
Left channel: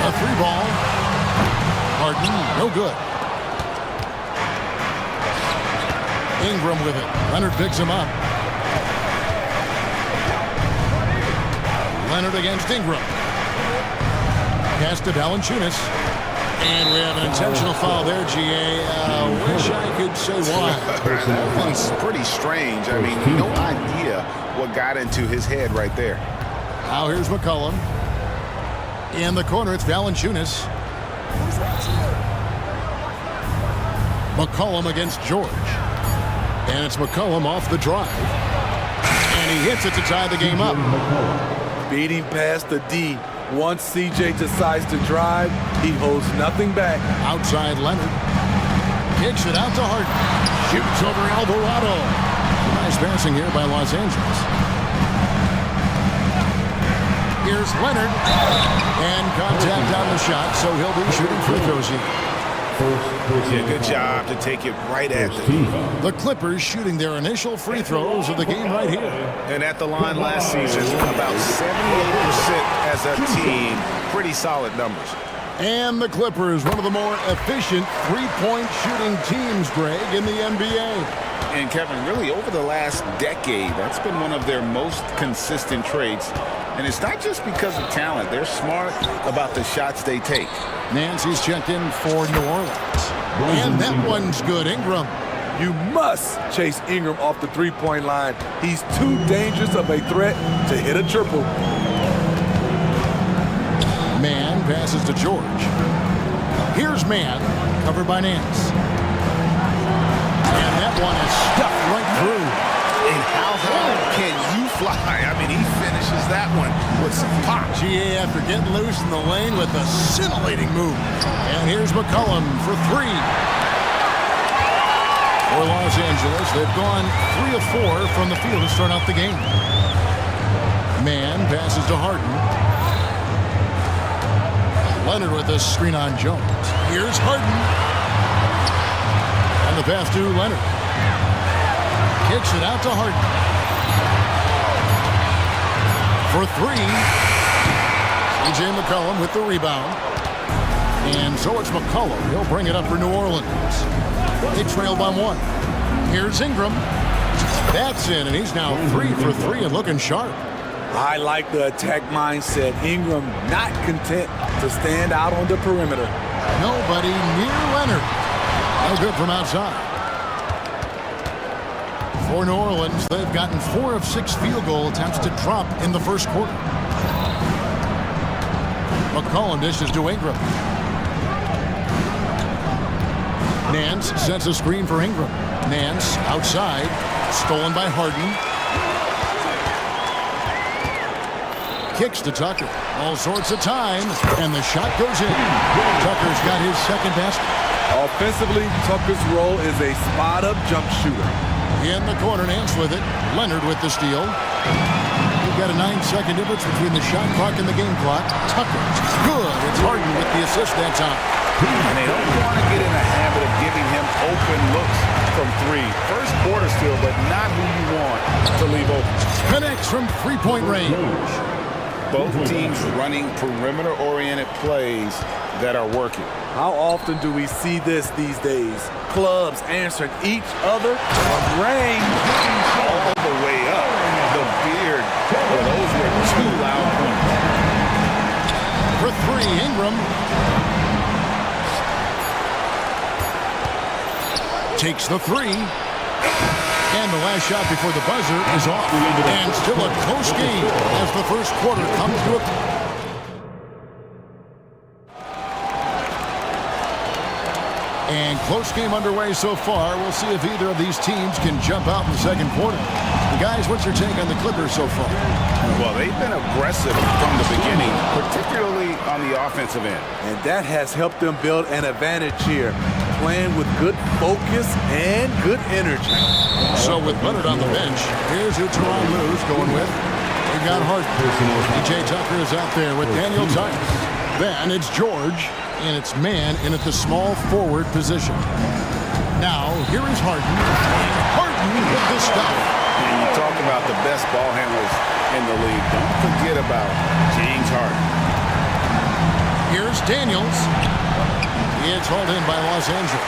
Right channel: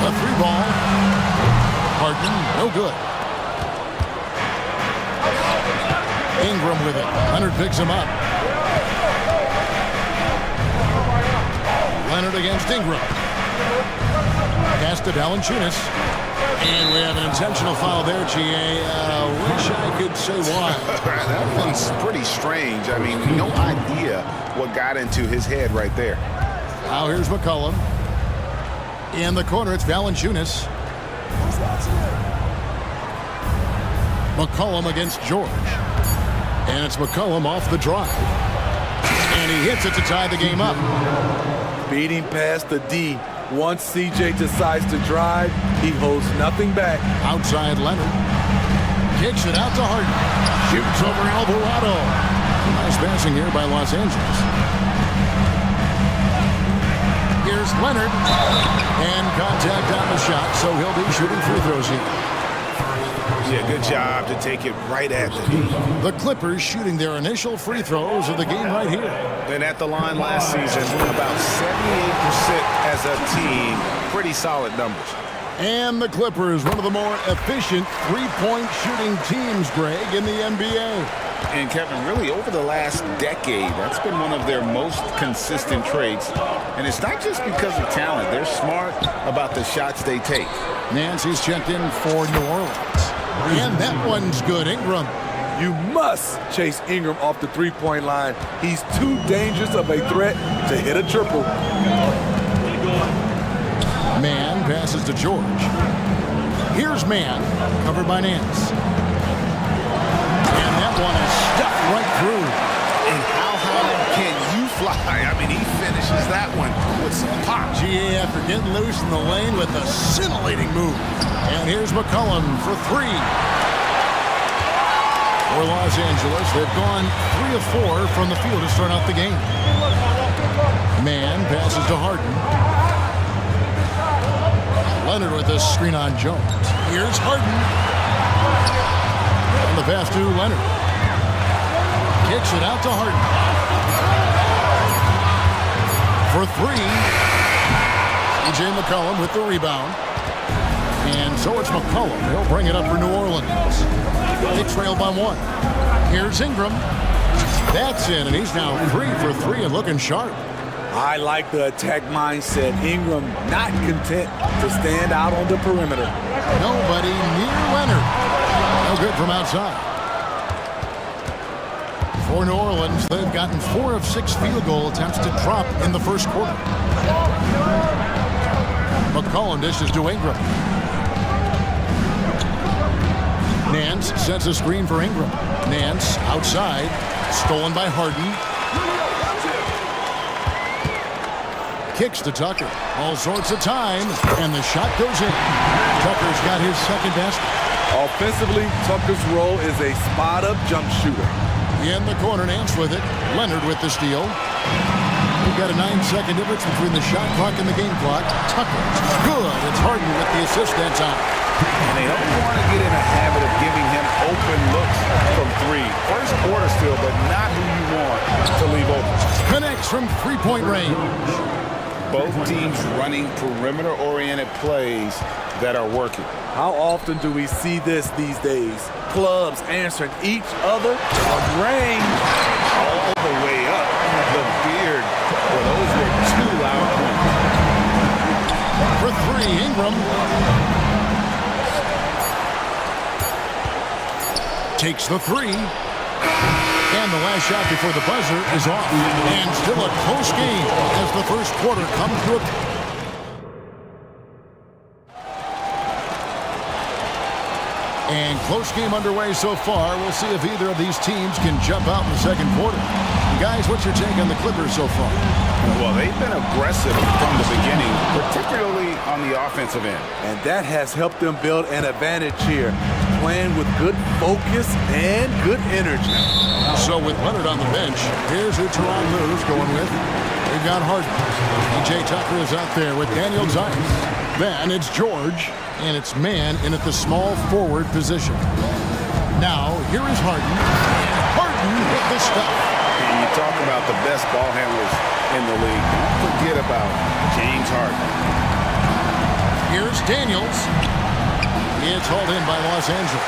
A 3-ball. Harden, no good. Ingram with it. Leonard picks him up. Leonard against Ingram. Pass to Valanciunas. And we have an intentional foul there, G.A. Wish I could say why. That one's pretty strange. I mean, no idea what got into his head right there. Now here's McCollum. In the corner, it's Valanciunas. McCollum against George. And it's McCollum off the drive. And he hits it to tie the game up. Beating past the D. Once CJ decides to drive, he holds nothing back. Outside Leonard. Kicks it out to Harden. Shoots over Alvarado. Nice passing here by Los Angeles. Here's Leonard. And contact on the shot, so he'll be shooting free throws here. Yeah, good job to take it right at the D. The Clippers shooting their initial free throws of the game right here. And at the line last season, about 78% as a team. Pretty solid numbers. And the Clippers, one of the more efficient three-point shooting teams, Greg, in the NBA. And Kevin, really over the last decade, that's been one of their most consistent traits. And it's not just because of talent. They're smart about the shots they take. Nancy's checked in for New Orleans. And that one's good. Ingram. You must chase Ingram off the three-point line. He's too dangerous of a threat to hit a triple. Man passes to George. Here's Man, covered by Nance. And that one is stuffed right through. And how high can you fly? I mean, he finishes that one with some pop. GA after getting loose in the lane with a scintillating move. And here's McCollum for 3. For Los Angeles, they've gone 3 of 4 from the field to start out the game. Man passes to Harden. Leonard with a screen on Jones. Here's Harden. And the pass to Leonard. Kicks it out to Harden. For 3. C.J. McCollum with the rebound. And so it's McCollum. He'll bring it up for New Orleans. They trail by 1. Here's Ingram. That's in, and he's now 3 for 3 and looking sharp. I like the attack mindset. Ingram not content to stand out on the perimeter. Nobody near Leonard. No good from outside. For New Orleans, they've gotten 4 of 6 field goal attempts to drop in the first quarter. McCollum dishes to Ingram. Nance sets a screen for Ingram. Nance outside, stolen by Harden. Kicks to Tucker. All sorts of time, and the shot goes in. Tucker's got his second basket. Offensively, Tucker's role is a spot-up jump shooter. In the corner, Nance with it. Leonard with the steal. We've got a 9-second difference between the shot clock and the game clock. Tucker, good. It's Harden with the assist that time. And they don't want to get in a habit of giving him open looks from three. First quarter still, but not who you want to leave open. Connects from three-point range. Both teams running perimeter-oriented plays that are working. How often do we see this these days? Clubs answering each other from range. All the way up. The beard. Well, those were two loud points. For three, Ingram. Takes the three. And the last shot before the buzzer is off. And still a close game as the first quarter comes to a... And close game underway so far. We'll see if either of these teams can jump out in the second quarter. And guys, what's your take on the Clippers so far? Well, they've been aggressive from the beginning, particularly on the offensive end. And that has helped them build an advantage here, playing with good focus and good energy. So with Leonard on the bench, here's who Tyronn Lue's going with. We've got Harden. PJ Tucker is out there with Daniel Tice. Then it's George, and it's man in at the small forward position. Now, here is Harden, and Harden with the stuff. And you talk about the best ball handlers in the league. Don't forget about James Harden. Here's Daniels. It's hauled in by Los Angeles.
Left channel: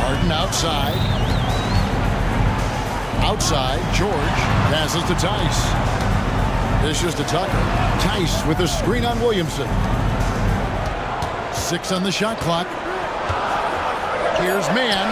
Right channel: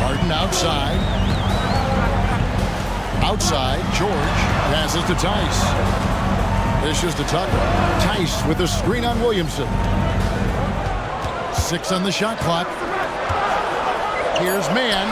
Harden outside. Outside, George passes to Tice. Dishes to Tucker. Tice with a screen on Williamson. 6 on the shot clock. Here's man.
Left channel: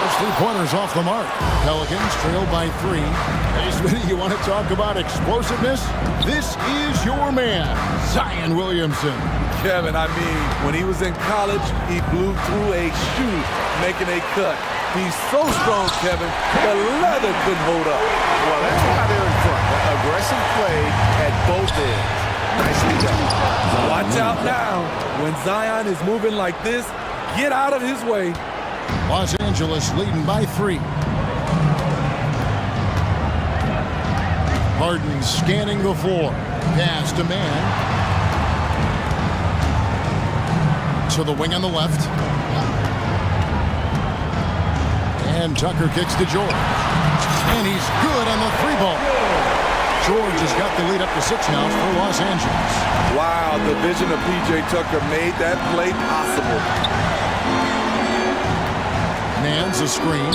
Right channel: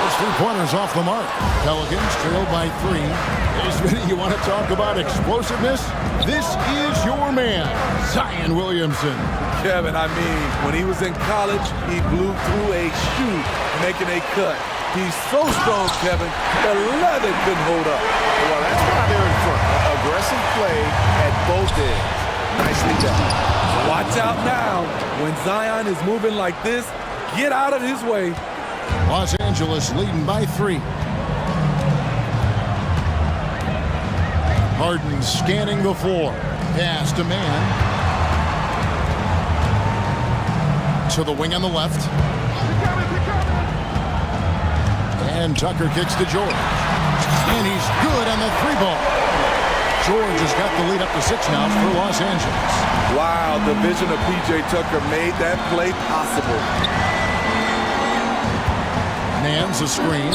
Those three-pointers off the mark. Pelicans trail by 3. Hey, Smitty, you want to talk about explosiveness? This is your man, Zion Williamson. Kevin, I mean, when he was in college, he blew through a shoe, making a cut. He's so strong, Kevin, the leather couldn't hold up. Well, that's why they're in front. Aggressive play at both ends. Nicely done. Watch out now. When Zion is moving like this, get out of his way. Los Angeles leading by 3. Harden scanning the floor. Pass to man. To the wing on the left. And Tucker kicks to George. And he's good on the 3-ball. George has got the lead up to 6 now for Los Angeles. Wow, the vision of P.J. Tucker made that play possible. Nance a screen.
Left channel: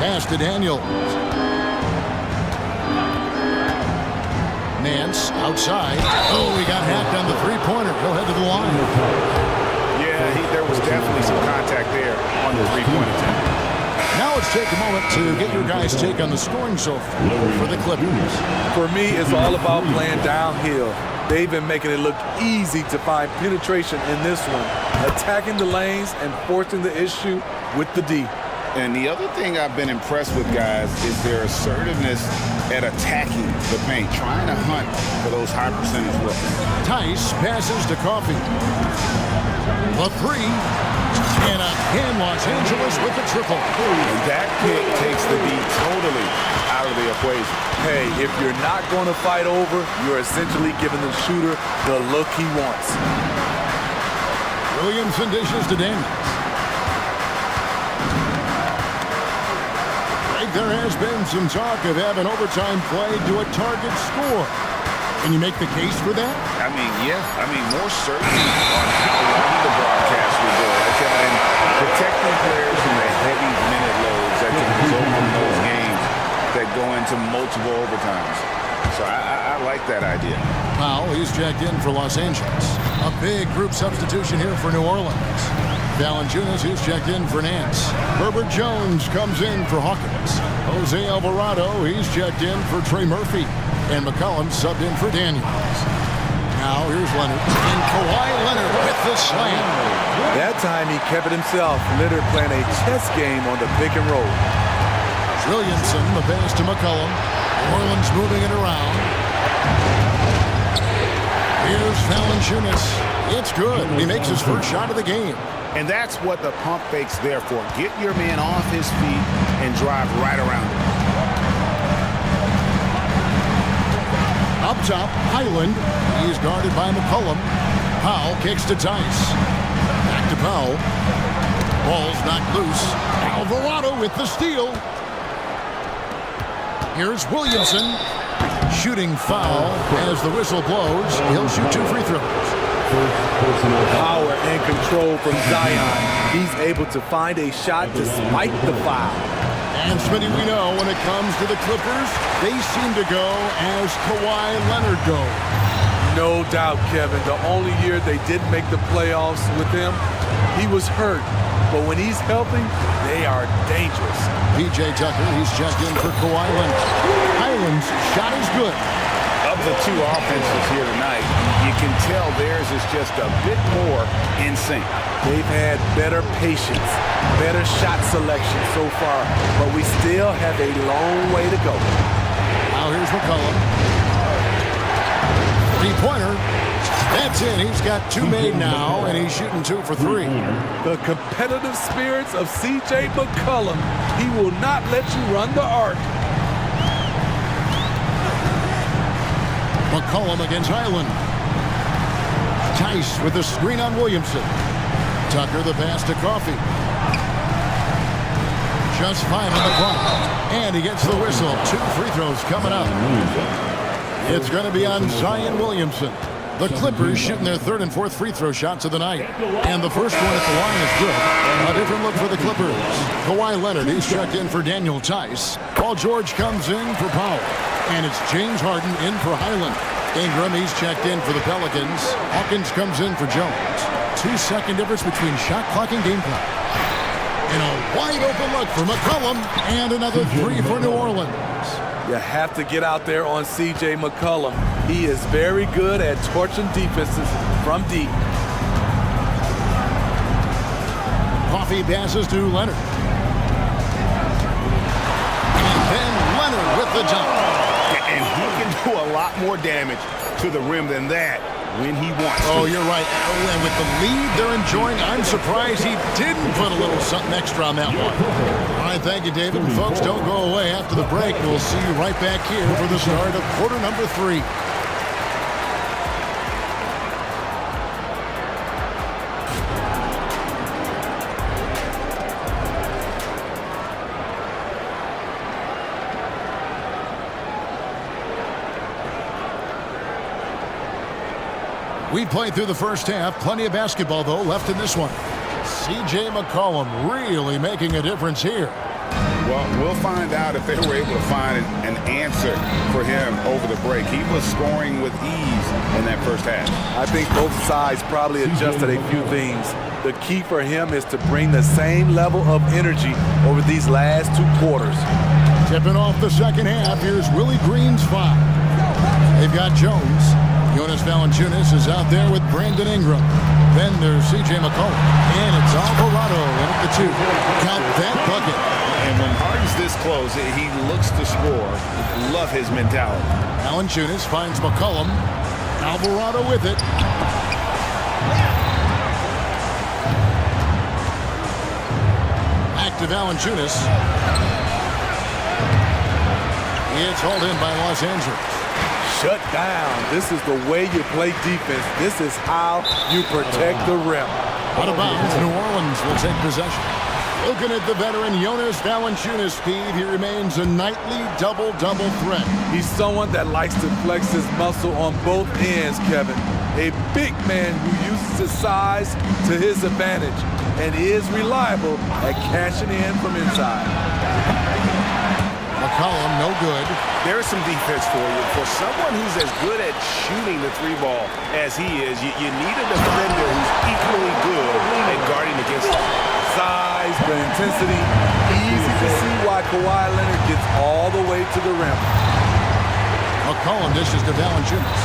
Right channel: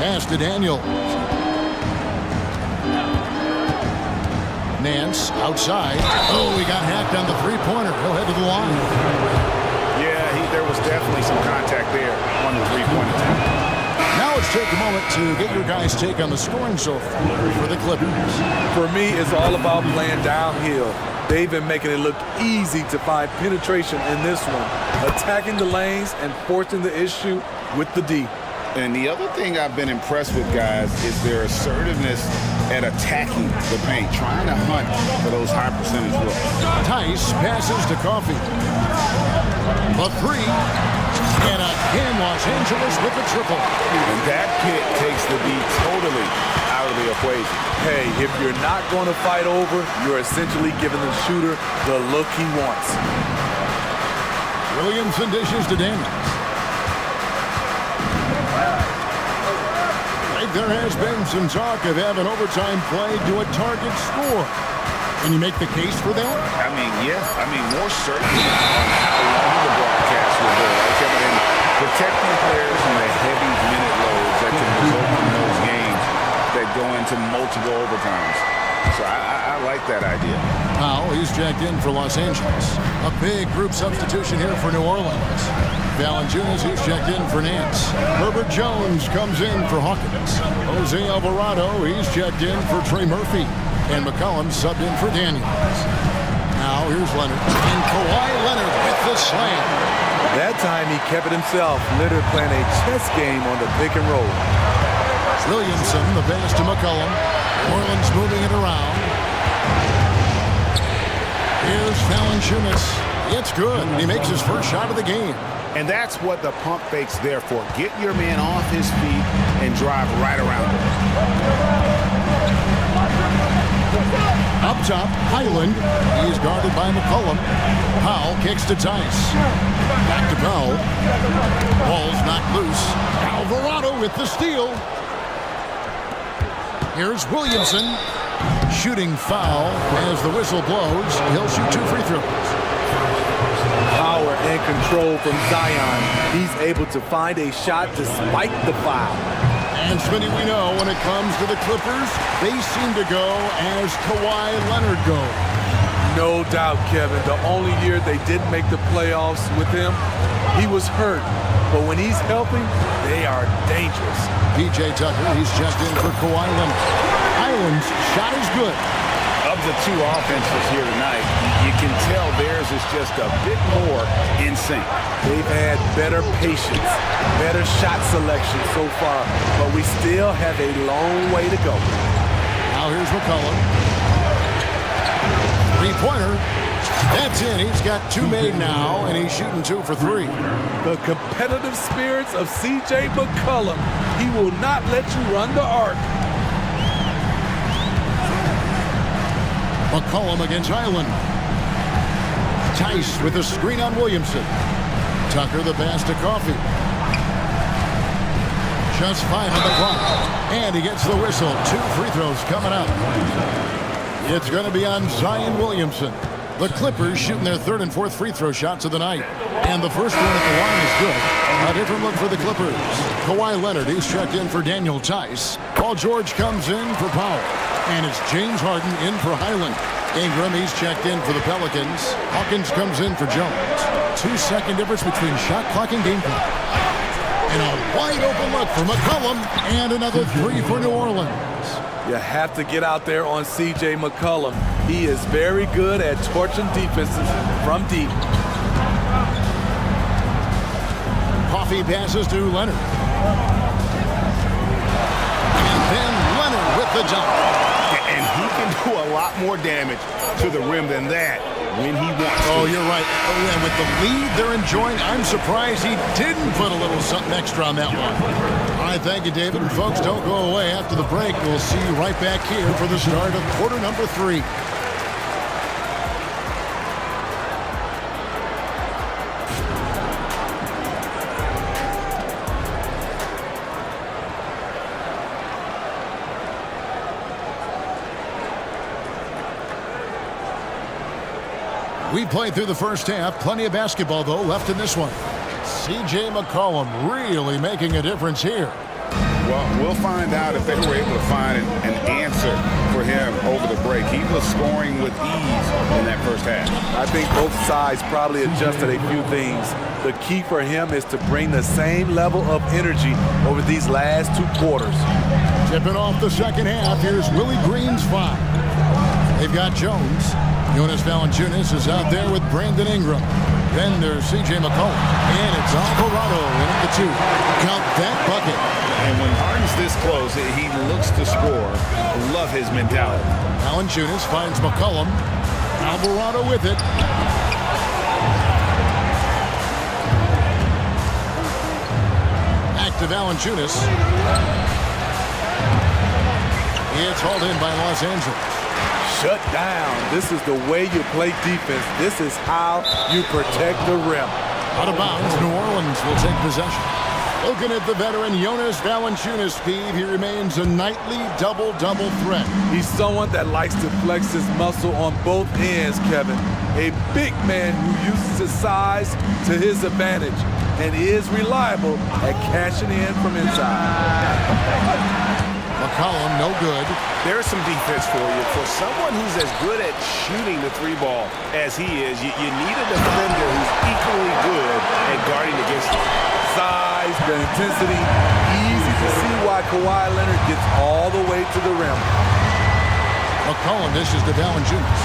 Pass to Daniels. Nance outside. Oh, he got hacked on the 3-pointer. He'll head to the line. Yeah, there was definitely some contact there on the 3-point attempt. Now let's take a moment to get your guys' take on the scoring so far for the Clippers. For me, it's all about playing downhill. They've been making it look easy to find penetration in this one, attacking the lanes and forcing the issue with the D. And the other thing I've been impressed with, guys, is their assertiveness at attacking the paint, trying to hunt for those high percentage looks. Tice passes to Coffee. The 3. And again, Los Angeles with the triple. And that pick takes the D totally out of the equation. Hey, if you're not going to fight over, you're essentially giving the shooter the look he wants. Williamson dishes to Daniels. There has been some talk of having overtime played to a target score. Can you make the case for that? I mean, yeah. I mean, more certainty on how long the broadcast will go, right, Kevin? And protecting players from the heavy minute loads that can result from those games that go into multiple overtimes. So I like that idea. Powell, he's checked in for Los Angeles. A big group substitution here for New Orleans. Valanciunas, who's checked in for Nance. Herbert Jones comes in for Hawkins. Jose Alvarado, he's checked in for Trey Murphy. And McCollum subbed in for Daniels. Now here's Leonard. And Kawhi Leonard with the slam. That time he kept it himself. Leonard playing a chess game on the pick and roll. Williamson, the pass to McCollum. New Orleans moving it around. Here's Valanciunas. It's good. He makes his first shot of the game. And that's what the pump fake's there for. Get your man off his feet and drive right around him. Up top, Highland. He's guarded by McCollum. Powell kicks to Tice. Back to Powell. Ball's knocked loose. Alvarado with the steal. Here's Williamson. Shooting foul as the whistle blows. He'll shoot 2 free throws. Power and control from Zion. He's able to find a shot despite the foul. And Smitty, we know when it comes to the Clippers, they seem to go as Kawhi Leonard goes. No doubt, Kevin. The only year they didn't make the playoffs with him, he was hurt. But when he's healthy, they are dangerous. P.J. Tucker, he's checked in for Kawhi Leonard. Highland's shot is good. Of the two offenses here tonight, you can tell theirs is just a bit more in sync. They've had better patience, better shot selection so far, but we still have a long way to go. Now here's McCollum. Three-pointer. That's in. He's got 2 made now, and he's shooting 2 for 3. The competitive spirits of C.J. McCollum. He will not let you run the arc. McCollum against Highland. Tice with a screen on Williamson. Tucker the pass to Coffey. Just 5 on the clock. And he gets the whistle. 2 free throws coming up. It's going to be on Zion Williamson. The Clippers shooting their 3rd and 4th free throw shots of the night. And the first one at the line is good. A different look for the Clippers. Kawhi Leonard, he's checked in for Daniel Tice. Paul George comes in for Powell. And it's James Harden in for Highland. Ingram, he's checked in for the Pelicans. Hawkins comes in for Jones. 2-second difference between shot clock and game clock. And a wide open look for McCollum. And another 3 for New Orleans. You have to get out there on C.J. McCollum. He is very good at torching defenses from deep. Coffey passes to Leonard. And then Leonard with the dunk. And he can do a lot more damage to the rim than that when he wants to. Oh, you're right. Oh, and with the lead they're enjoying, I'm surprised he didn't put a little something extra on that one. All right, thank you, David. And folks, don't go away after the break. We'll see you right back here for the start of quarter number 3. We played through the first half. Plenty of basketball, though, left in this one. C.J. McCollum really making a difference here. Well, we'll find out if they were able to find an answer for him over the break. He was scoring with ease in that first half. I think both sides probably adjusted a few things. The key for him is to bring the same level of energy over these last 2 quarters. Tipping off the second half, here's Willie Green's 5. They've got Jones. Jonas Valanciunas is out there with Brandon Ingram. Then there's C.J. McCollum. And it's Alvarado in at the 2. Count that bucket. And when Harden's this close, he looks to score. Love his mentality. Valanciunas finds McCollum. Alvarado with it. Back to Valanciunas. It's hauled in by Los Angeles. Shut down. This is the way you play defense. This is how you protect the rim. Out of bounds, New Orleans will take possession. Looking at the veteran Jonas Valanciunas, Steve, he remains a nightly double-double threat. He's someone that likes to flex his muscle on both ends, Kevin. A big man who uses his size to his advantage and is reliable at cashing in from inside. McCollum, no good. There's some defense for you. For someone who's as good at shooting the 3-ball as he is, you need a defender who's equally good at guarding against him. Size, the intensity, easy to see why Kawhi Leonard gets all the way to the rim. McCollum dishes to Valanciunas.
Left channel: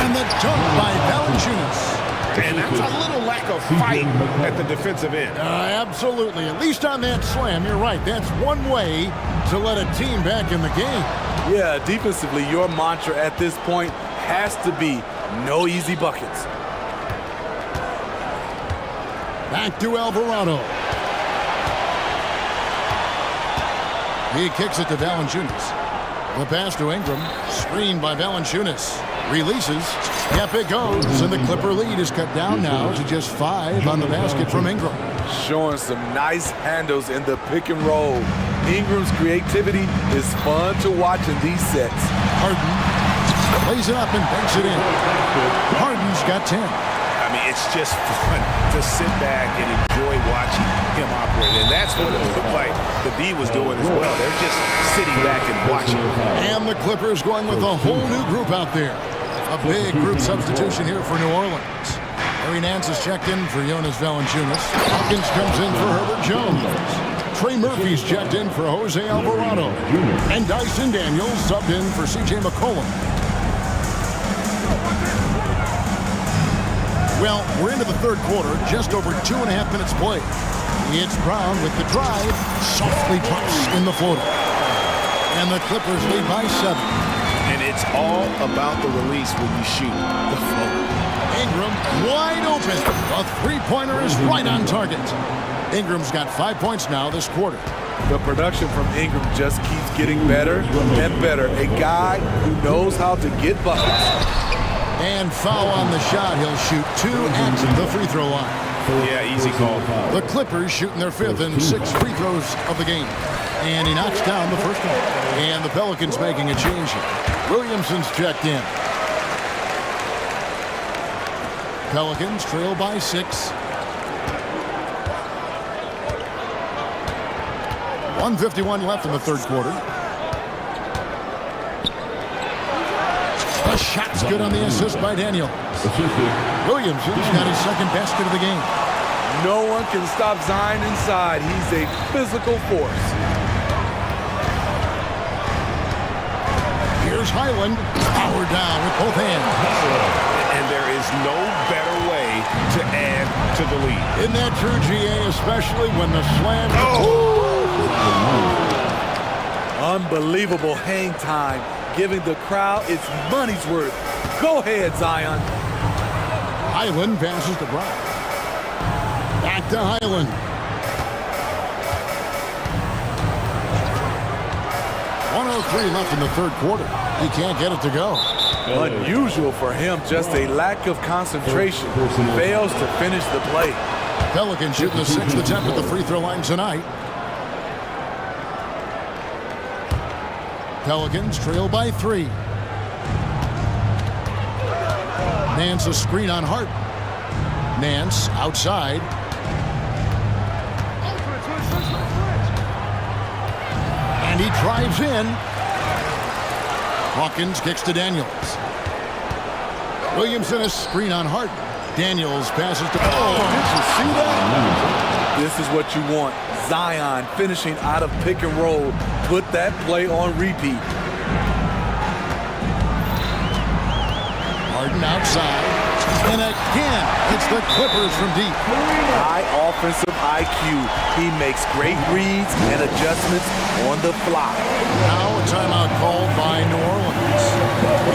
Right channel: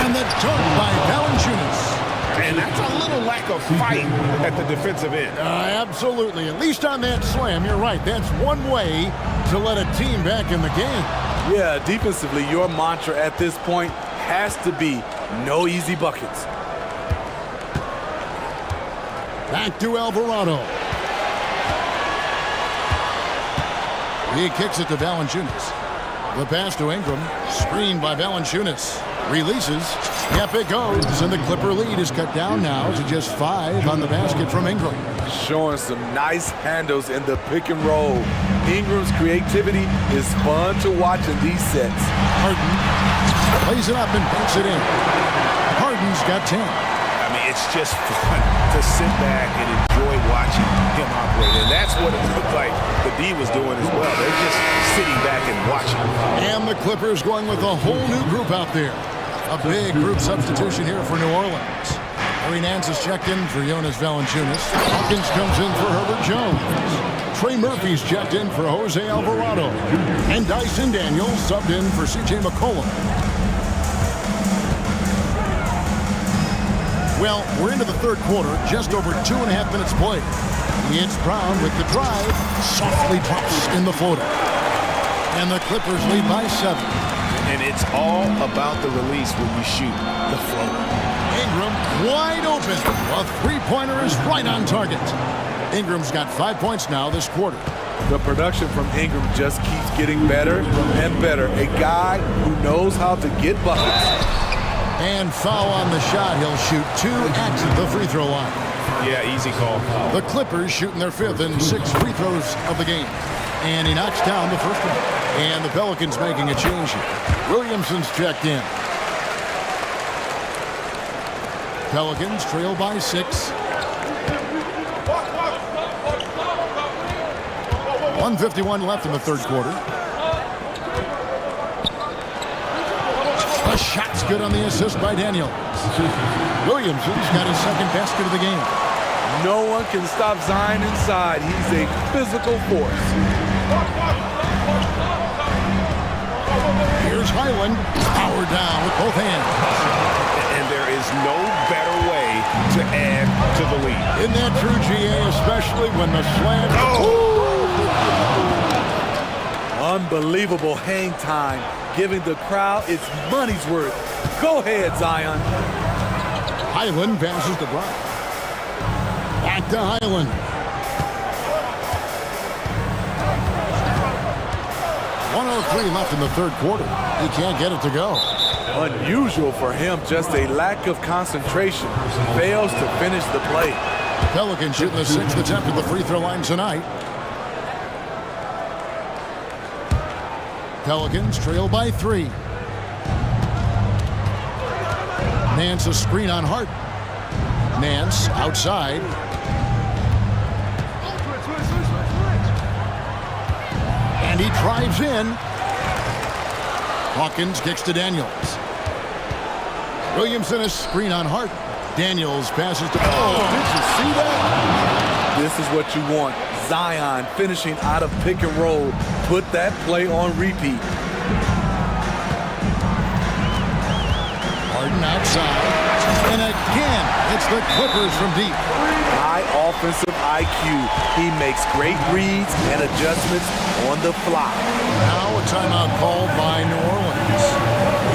And the dunk by Valanciunas. And that's a little lack of fight at the defensive end. Absolutely. At least on that slam, you're right. That's one way to let a team back in the game. Yeah, defensively, your mantra at this point has to be no easy buckets. Back to Alvarado. He kicks it to Valanciunas. The pass to Ingram. Screened by Valanciunas. Releases. Yep, it goes. And the Clipper lead is cut down now to just 5 on the basket from Ingram. Showing some nice handles in the pick and roll. Ingram's creativity is fun to watch in these sets. Harden plays it up and banks it in. Harden's got 10. I mean, it's just fun to sit back and enjoy watching him operate. And that's what it looked like the D was doing as well. They're just sitting back and watching. And the Clippers going with a whole new group out there. A big group substitution here for New Orleans. Harry Nance has checked in for Jonas Valanciunas. Hawkins comes in for Herbert Jones. Trey Murphy's checked in for Jose Alvarado. And Dyson Daniels subbed in for C.J. McCollum. Well, we're into the third quarter, just over 2.5 minutes played. It's Brown with the drive, softly drops in the floater. And the Clippers lead by 7. And it's all about the release when you shoot the floater. Ingram wide open. A three-pointer is right on target. Ingram's got 5 points now this quarter. The production from Ingram just keeps getting better and better. A guy who knows how to get buckets. And foul on the shot. He'll shoot 2 at the free throw line. Yeah, easy call. The Clippers shooting their 5th and 6th free throws of the game. And he knocks down the first one. And the Pelicans making a change here. Williamson's checked in. Pelicans trail by 6. 1:51 left in the third quarter. The shot's good on the assist by Daniels. Williamson's got his second basket of the game. No one can stop Zion inside. He's a physical force. Here's Highland, powered down with both hands. And there is no better way to add to the lead. Isn't that true, GA, especially when the slam... Unbelievable hang time, giving the crowd its money's worth. Go ahead, Zion. Highland passes to Brown. Back to Highland. 1:03 left in the third quarter. He can't get it to go. Unusual for him, just a lack of concentration. Fails to finish the play. Pelicans shooting the 6th attempt at the free throw line tonight. Pelicans trail by 3. Nance a screen on Hart. Nance outside. And he drives in. Hawkins kicks to Daniels. Williamson a screen on Hart. Daniels passes to... Oh, did you see that? This is what you want. Zion finishing out of pick and roll. Put that play on repeat. Harden outside. And again, it's the Clippers from deep. High offensive IQ. He makes great reads and adjustments on the fly. Now a timeout called by New Orleans.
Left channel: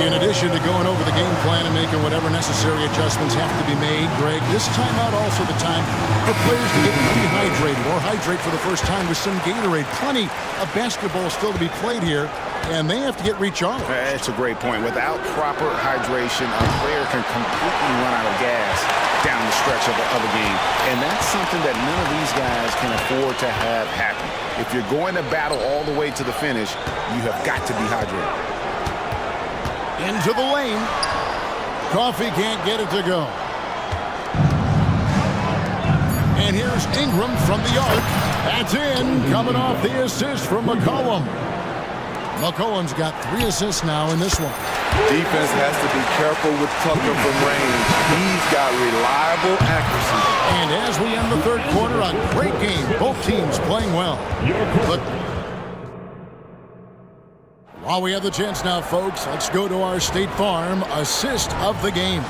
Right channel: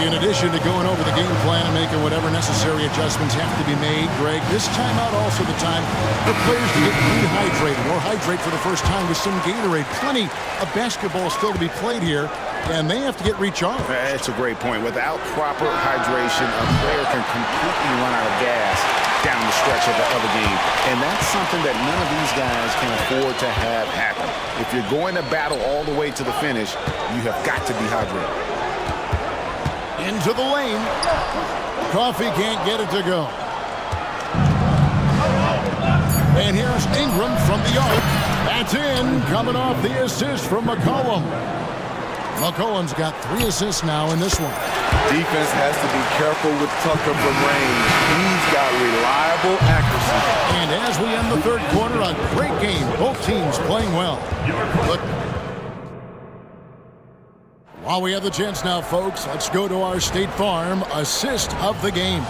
In addition to going over the game plan and making whatever necessary adjustments have to be made, Greg, this timeout also the time for players to get rehydrated or hydrate for the first time with some Gatorade. Plenty of basketball still to be played here, and they have to get recharged. That's a great point. Without proper hydration, a player can completely run out of gas down the stretch of the game. And that's something that none of these guys can afford to have happen. If you're going to battle all the way to the finish, you have got to be hydrated. Into the lane. Coffee can't get it to go. And here's Ingram from the arc. That's in, coming off the assist from McCollum. McCollum's got 3 assists now in this one. Defense has to be careful with Tucker from range. He's got reliable accuracy. And as we end the third quarter, a great game. Both teams playing well. But while we have the chance now, folks, let's go to our State Farm assist of the game.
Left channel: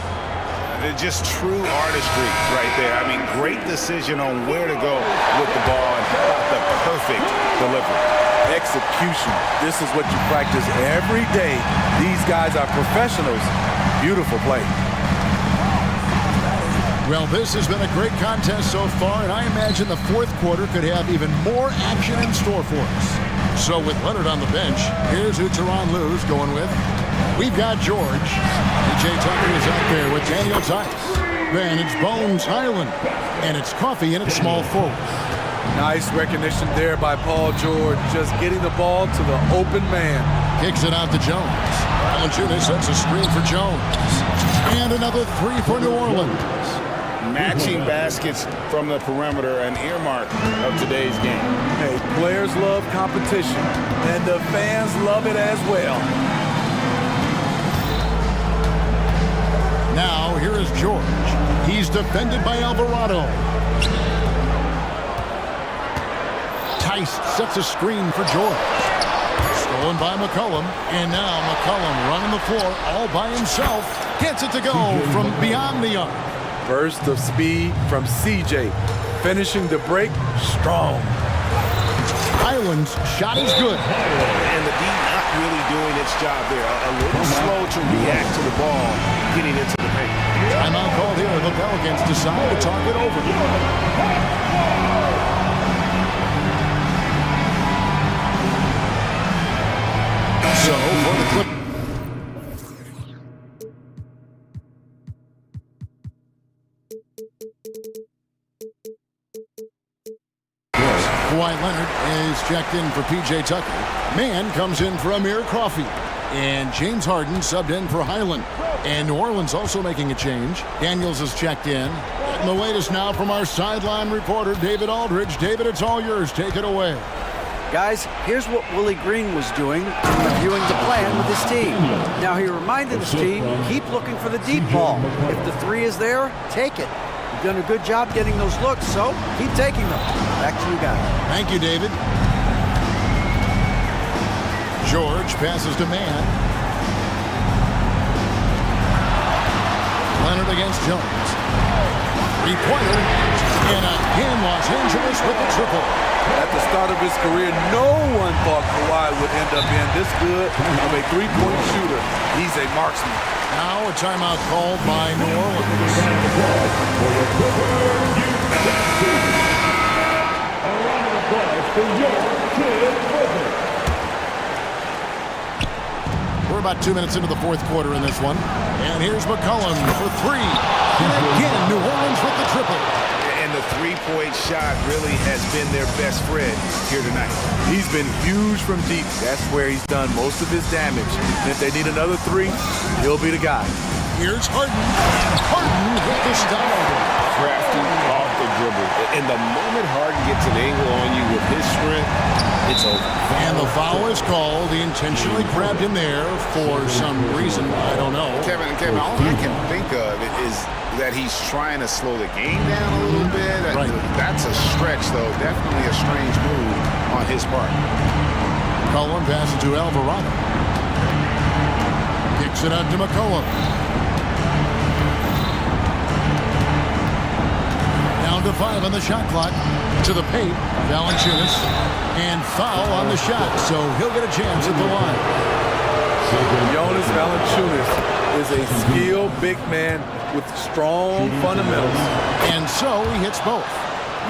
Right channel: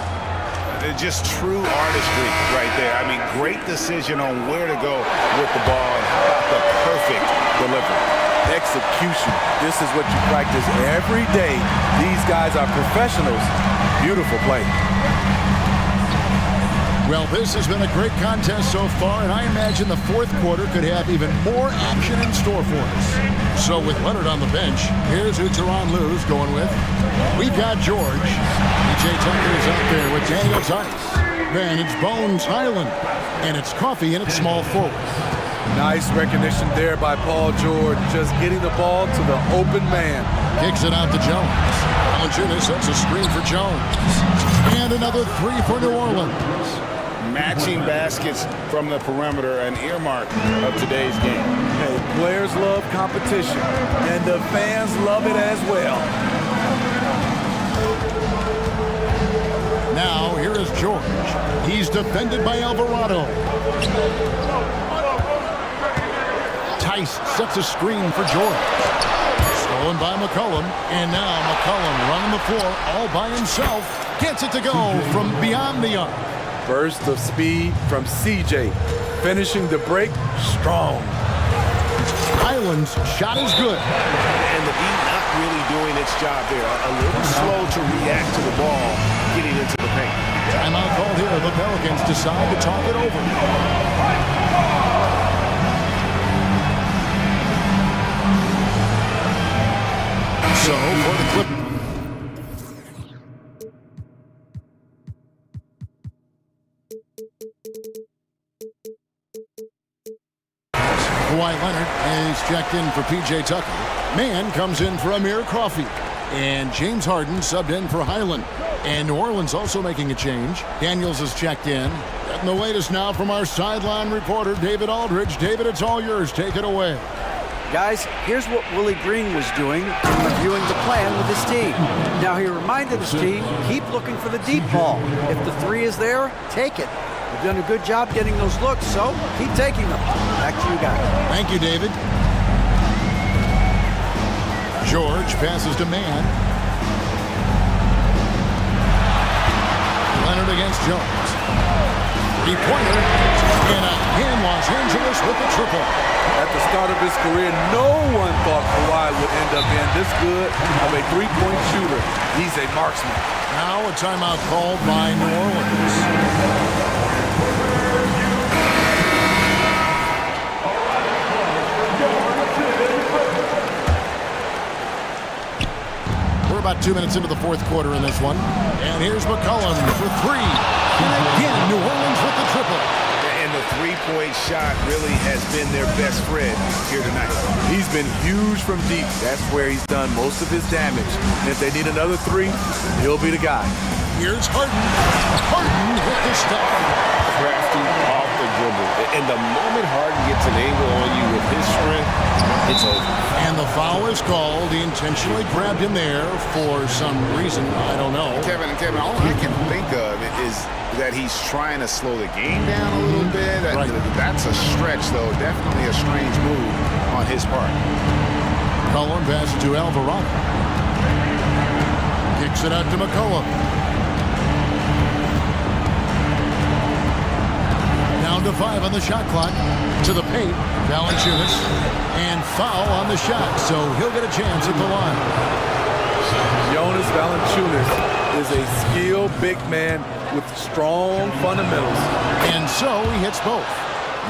Just true artistry right there. I mean, great decision on where to go with the ball, and how about the perfect delivery. Execution. This is what you practice every day. These guys are professionals. Beautiful play. Well, this has been a great contest so far, and I imagine the fourth quarter could have even more action in store for us. So with Leonard on the bench, here's who Teron Lou's going with. We've got George. PJ Tucker is out there with Daniel Tice. Then it's Bones Highland, and it's Coffee in at small forward. Nice recognition there by Paul George, just getting the ball to the open man. Kicks it out to Jones. Valanciunas sets a screen for Jones. And another three for New Orleans. Matching baskets from the perimeter, an earmark of today's game. Hey, players love competition, and the fans love it as well. Now, here is George. He's defended by Alvarado. Tice sets a screen for George. Stolen by McCollum, and now McCollum running the floor all by himself. Gets it to go from beyond the arc. Burst of speed from CJ, finishing the break strong. Highland's shot is good. And the D not really doing its job there. A little slow to react to the ball getting into the paint. Timeout called here. The Pelicans decide to talk it over. So for the Clippers. Kawhi Leonard is checked in for PJ Tucker. Mann comes in for Amir Coffey. And James Harden subbed in for Highland. And New Orleans also making a change. Daniels is checked in. And the latest now from our sideline reporter, David Aldridge. David, it's all yours. Take it away. Guys, here's what Willie Green was doing in reviewing the plan with his team. Now, he reminded his team, keep looking for the deep ball. If the three is there, take it. You've done a good job getting those looks, so keep taking them. Back to you guys. Thank you, David. George passes to Mann. Leonard against Jones. Three-pointer. And again, Los Angeles with the triple. At the start of his career, no one thought Kawhi would end up being this good of a three-point shooter. He's a marksman. Now a timeout called by New Orleans. We're about 2 minutes into the fourth quarter in this one. And here's McCollum for three. And again, New Orleans with the triple. And the three-point shot really has been their best friend here tonight. He's been huge from deep. That's where he's done most of his damage. And if they need another three, he'll be the guy. Here's Harden. And Harden with the stuff. Crafty off the dribble. And the moment Harden gets an angle on you with his strength, it's over. And the foul is called. He intentionally grabbed him there for some reason. I don't know. Kevin, all I can think of is that he's trying to slow the game down a little bit. Right. That's a stretch, though. Definitely a strange move on his part. McCollum passes to Alvarado. Kicks it out to McCollum. Down to 5 on the shot clock. To the paint. Valanciunas. And foul on the shot, so he'll get a chance at the line. Jonas Valanciunas is a skilled big man with strong fundamentals. And so he hits both.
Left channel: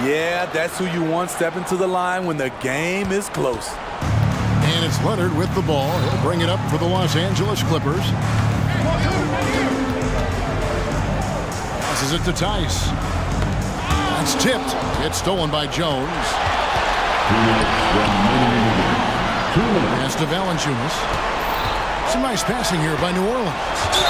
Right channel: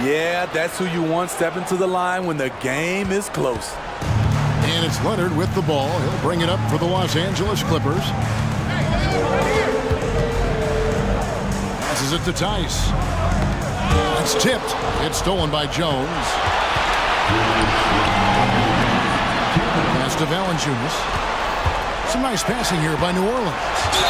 Yeah, that's who you want stepping to the line when the game is close. And it's Leonard with the ball. He'll bring it up for the Los Angeles Clippers. Passes it to Tice. That's tipped. It's stolen by Jones. Pass to Valanciunas. Some nice passing here by New Orleans.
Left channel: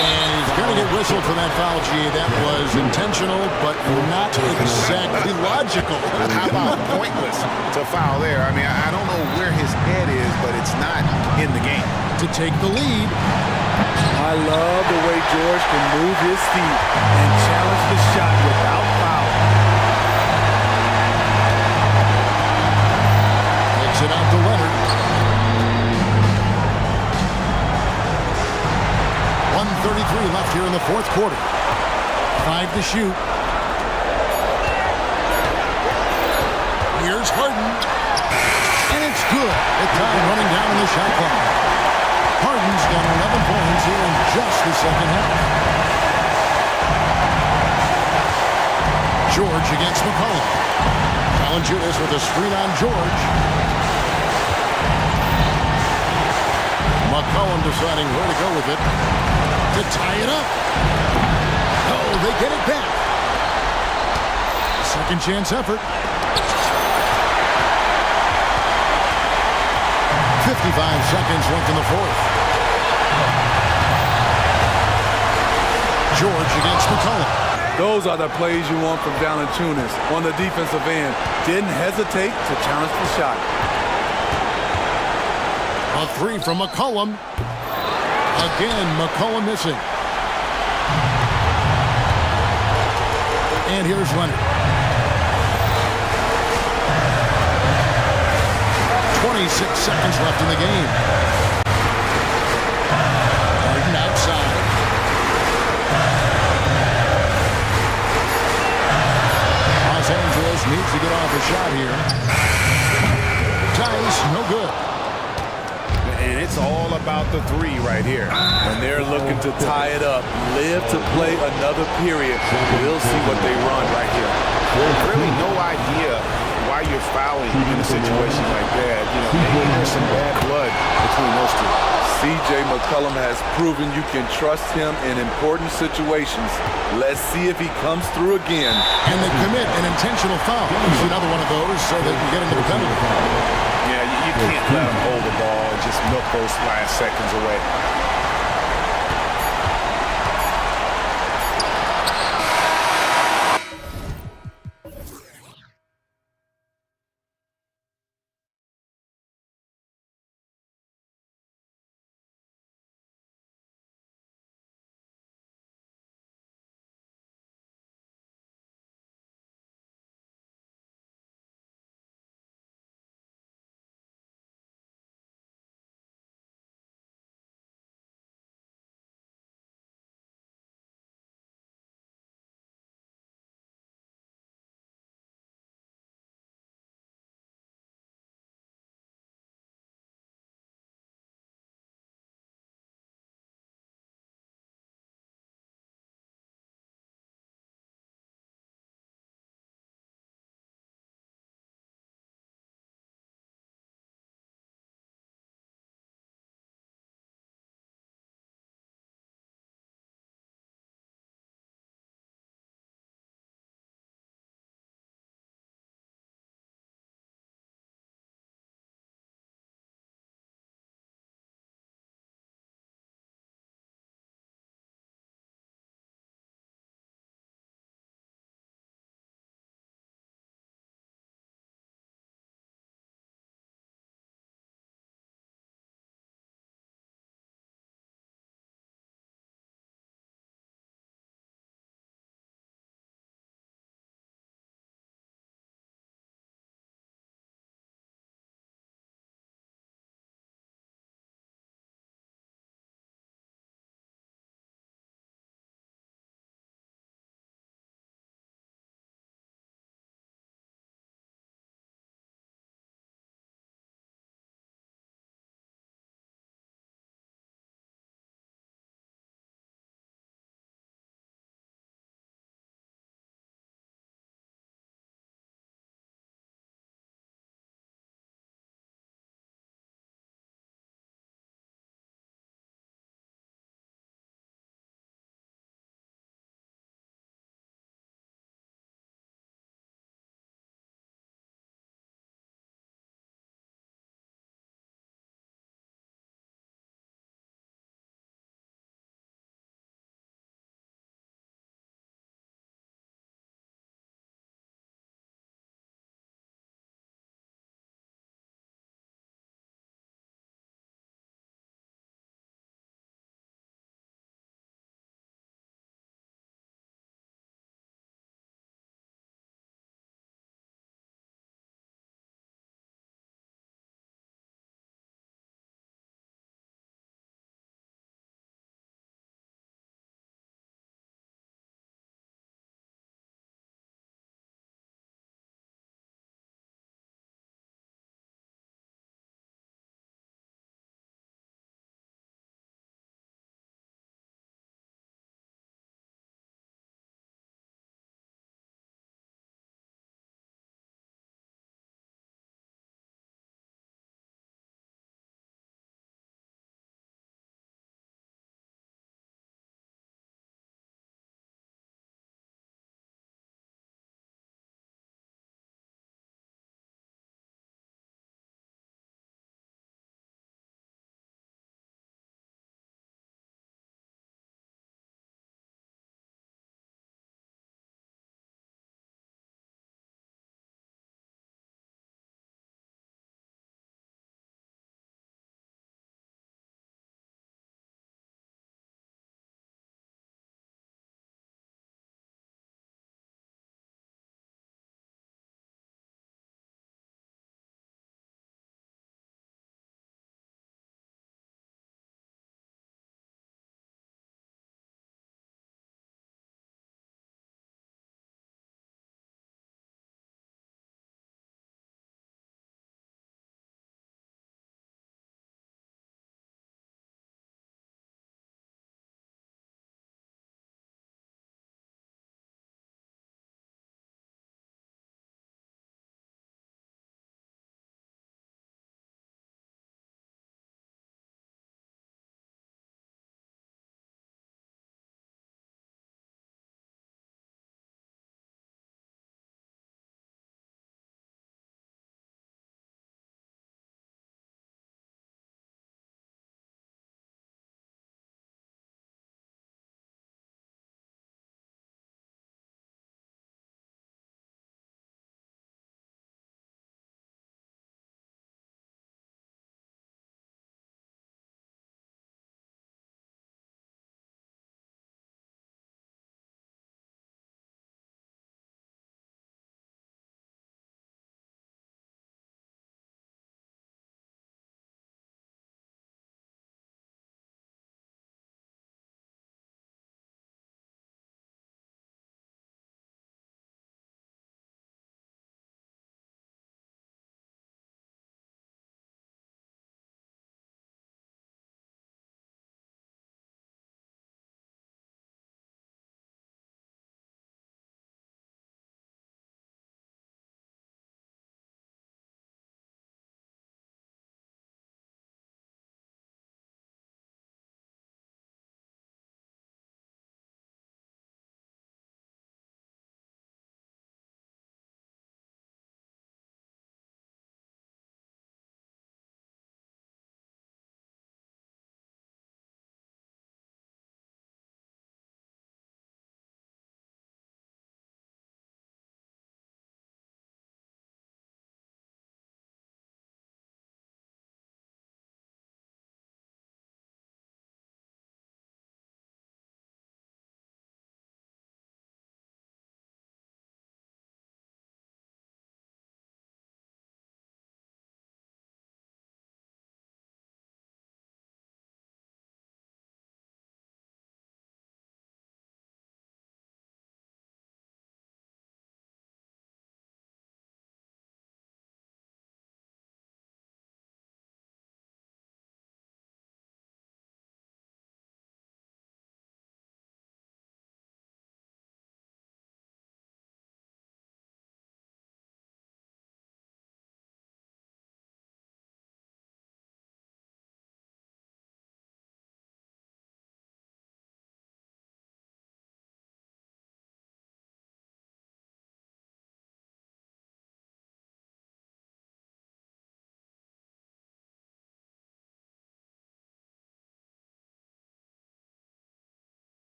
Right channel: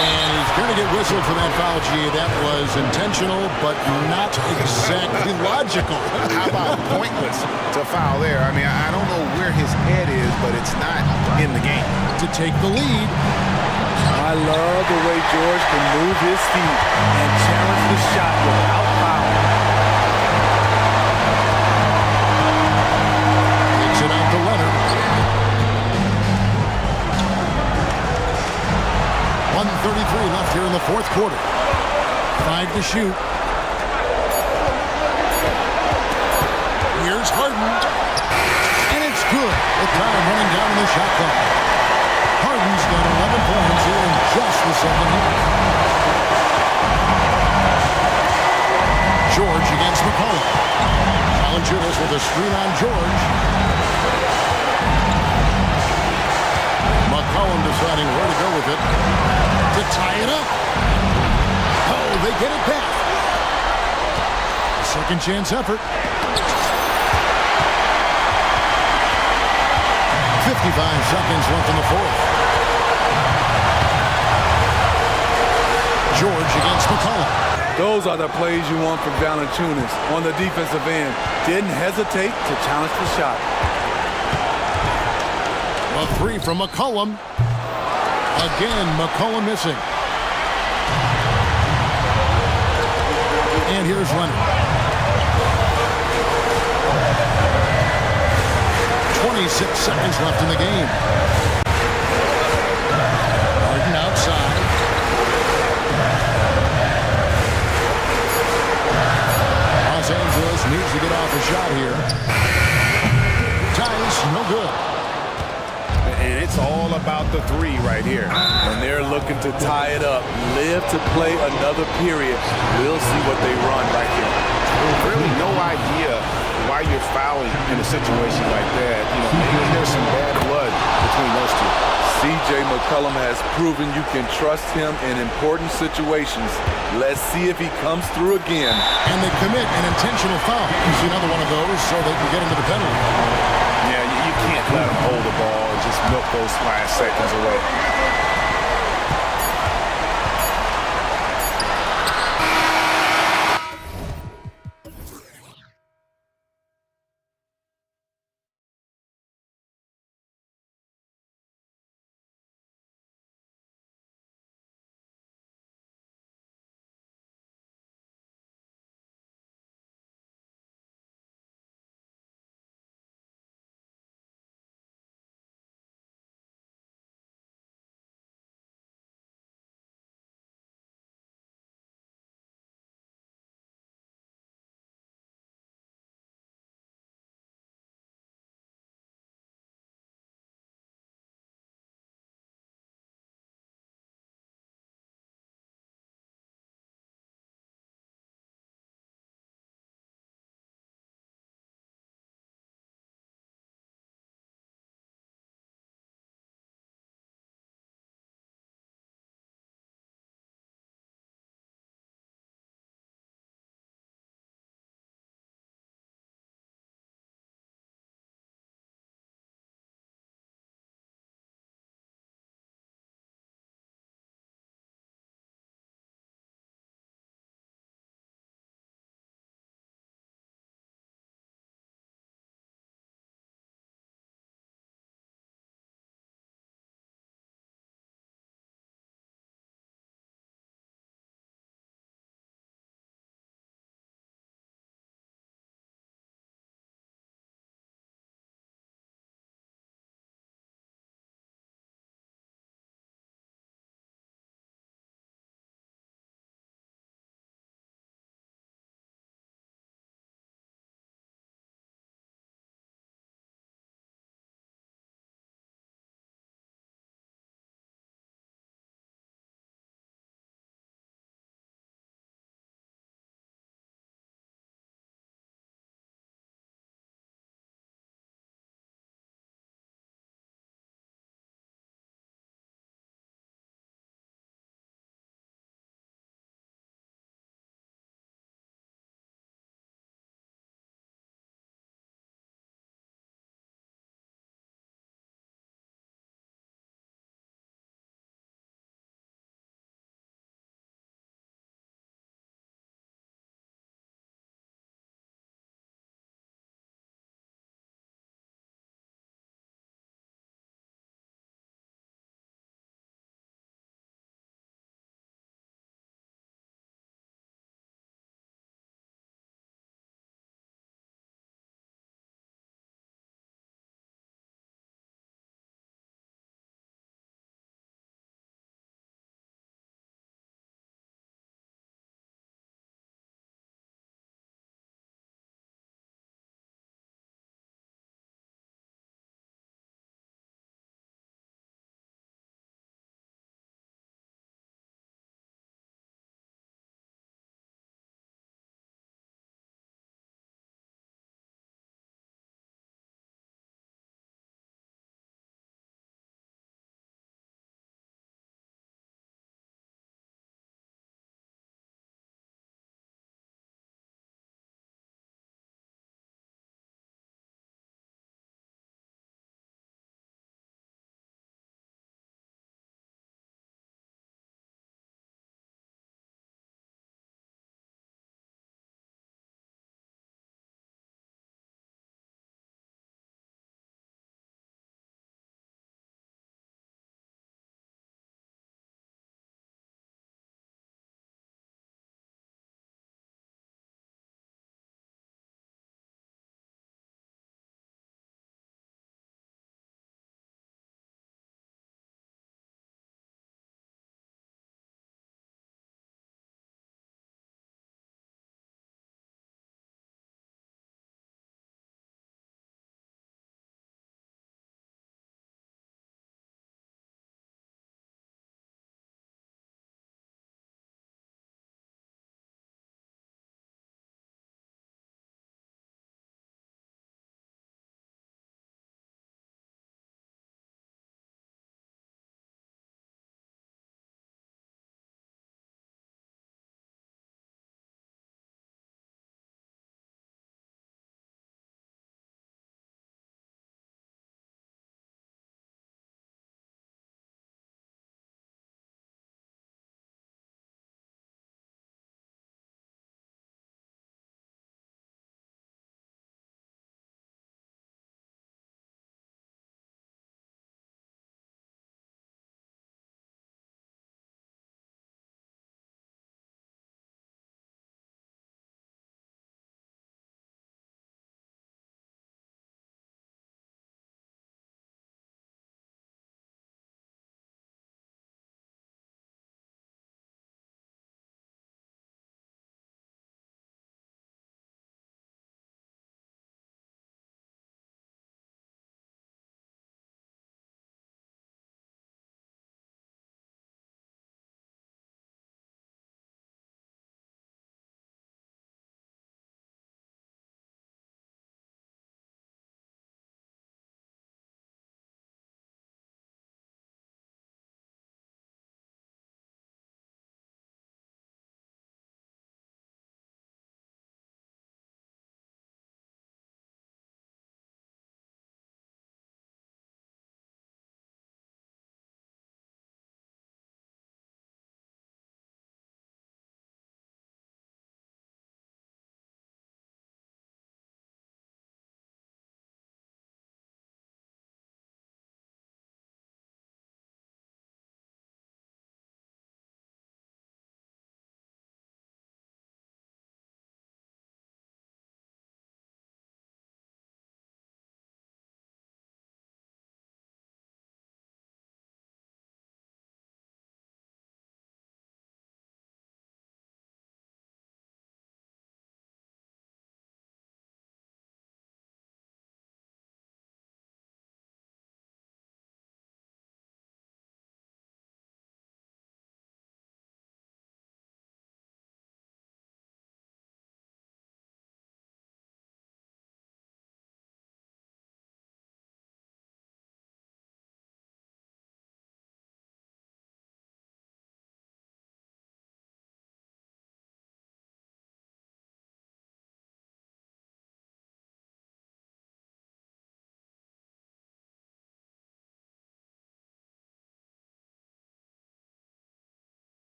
And he's going to get whistled for that foul, G. That was intentional, but not exactly logical. How about pointless to foul there? I mean, I don't know where his head is, but it's not in the game. To take the lead. I love the way George can move his feet and challenge the shot without fouling. Kicks it out to Leonard. 1:33 left here in the fourth quarter. 5 to shoot. Here's Harden. And it's good with time running down in the shot clock. Harden's got 11 points here in just the second half. George against McCollum. Valanciunas with a screen on George. McCollum deciding where to go with it to tie it up. Oh, they get it back. A second chance effort. 55 seconds left in the fourth. George against McCollum. Those are the plays you want from Valanciunas on the defensive end. Didn't hesitate to challenge the shot. A three from McCollum. Again, McCollum missing. And here's Leonard. 26 seconds left in the game. Harden outside. Los Angeles needs to get off a shot here. Tice, no good. And it's all about the three right here. And they're looking to tie it up, live to play another period. We'll see what they run right here. Really no idea why you're fouling in a situation like that. You know, maybe there's some bad blood between those two. C.J. McCollum has proven you can trust him in important situations. Let's see if he comes through again. And they commit an intentional foul. Use another one of those so they can get into the penalty. Yeah, you can't let them hold the ball and just milk those last seconds away.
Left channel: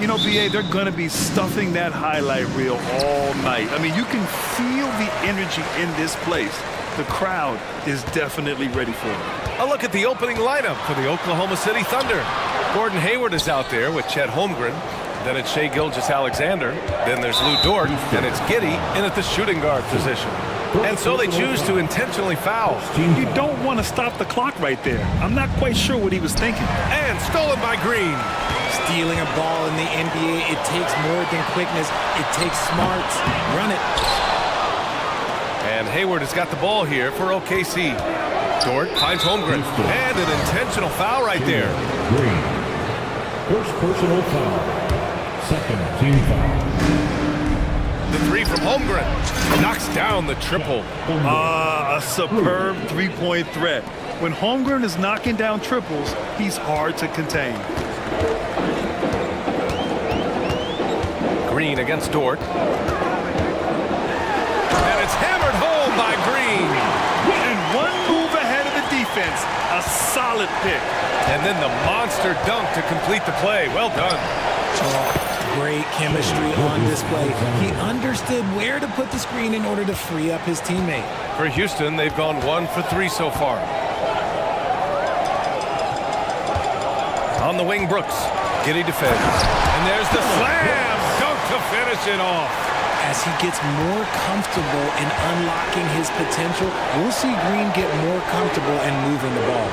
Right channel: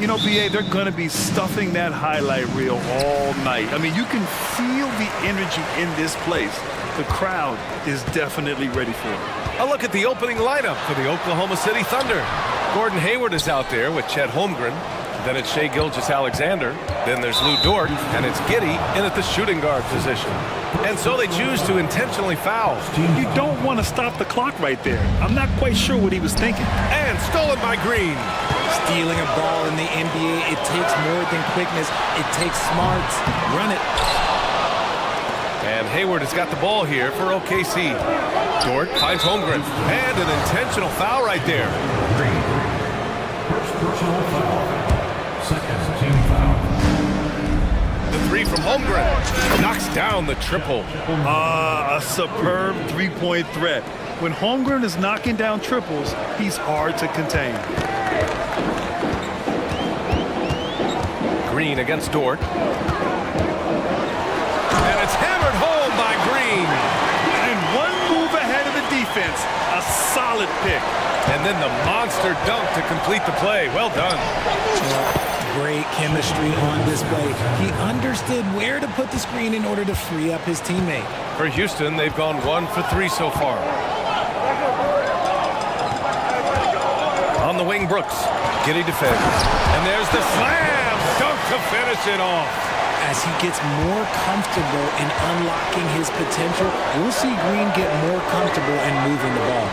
You know, BA, they're going to be stuffing that highlight reel all night. I mean, you can feel the energy in this place. The crowd is definitely ready for it. A look at the opening lineup for the Oklahoma City Thunder. Gordon Hayward is out there with Chet Holmgren. Then it's Shai Gilgeous-Alexander. Then there's Lou Dort, and it's Giddey in at the shooting guard position. And so they choose to intentionally foul. You don't want to stop the clock right there. I'm not quite sure what he was thinking. And stolen by Green. Stealing a ball in the NBA, it takes more than quickness. It takes smarts. Run it. And Hayward has got the ball here for OKC. Dort finds Holmgren. And an intentional foul right there. Green. First personal foul. Second team foul. The three from Holmgren knocks down the triple. A superb three-point threat. When Holmgren is knocking down triples, he's hard to contain. Green against Dort. And it's hammered home by Green. And one move ahead of the defense. A solid pick. And then the monster dunk to complete the play. Well done. Great chemistry on display. He understood where to put the screen in order to free up his teammate. For Houston, they've gone 1 for 3 so far. On the wing, Brooks. Giddey defends. And there's the slam dunk to finish it off. As he gets more comfortable in unlocking his potential, we'll see Green get more comfortable in moving the ball.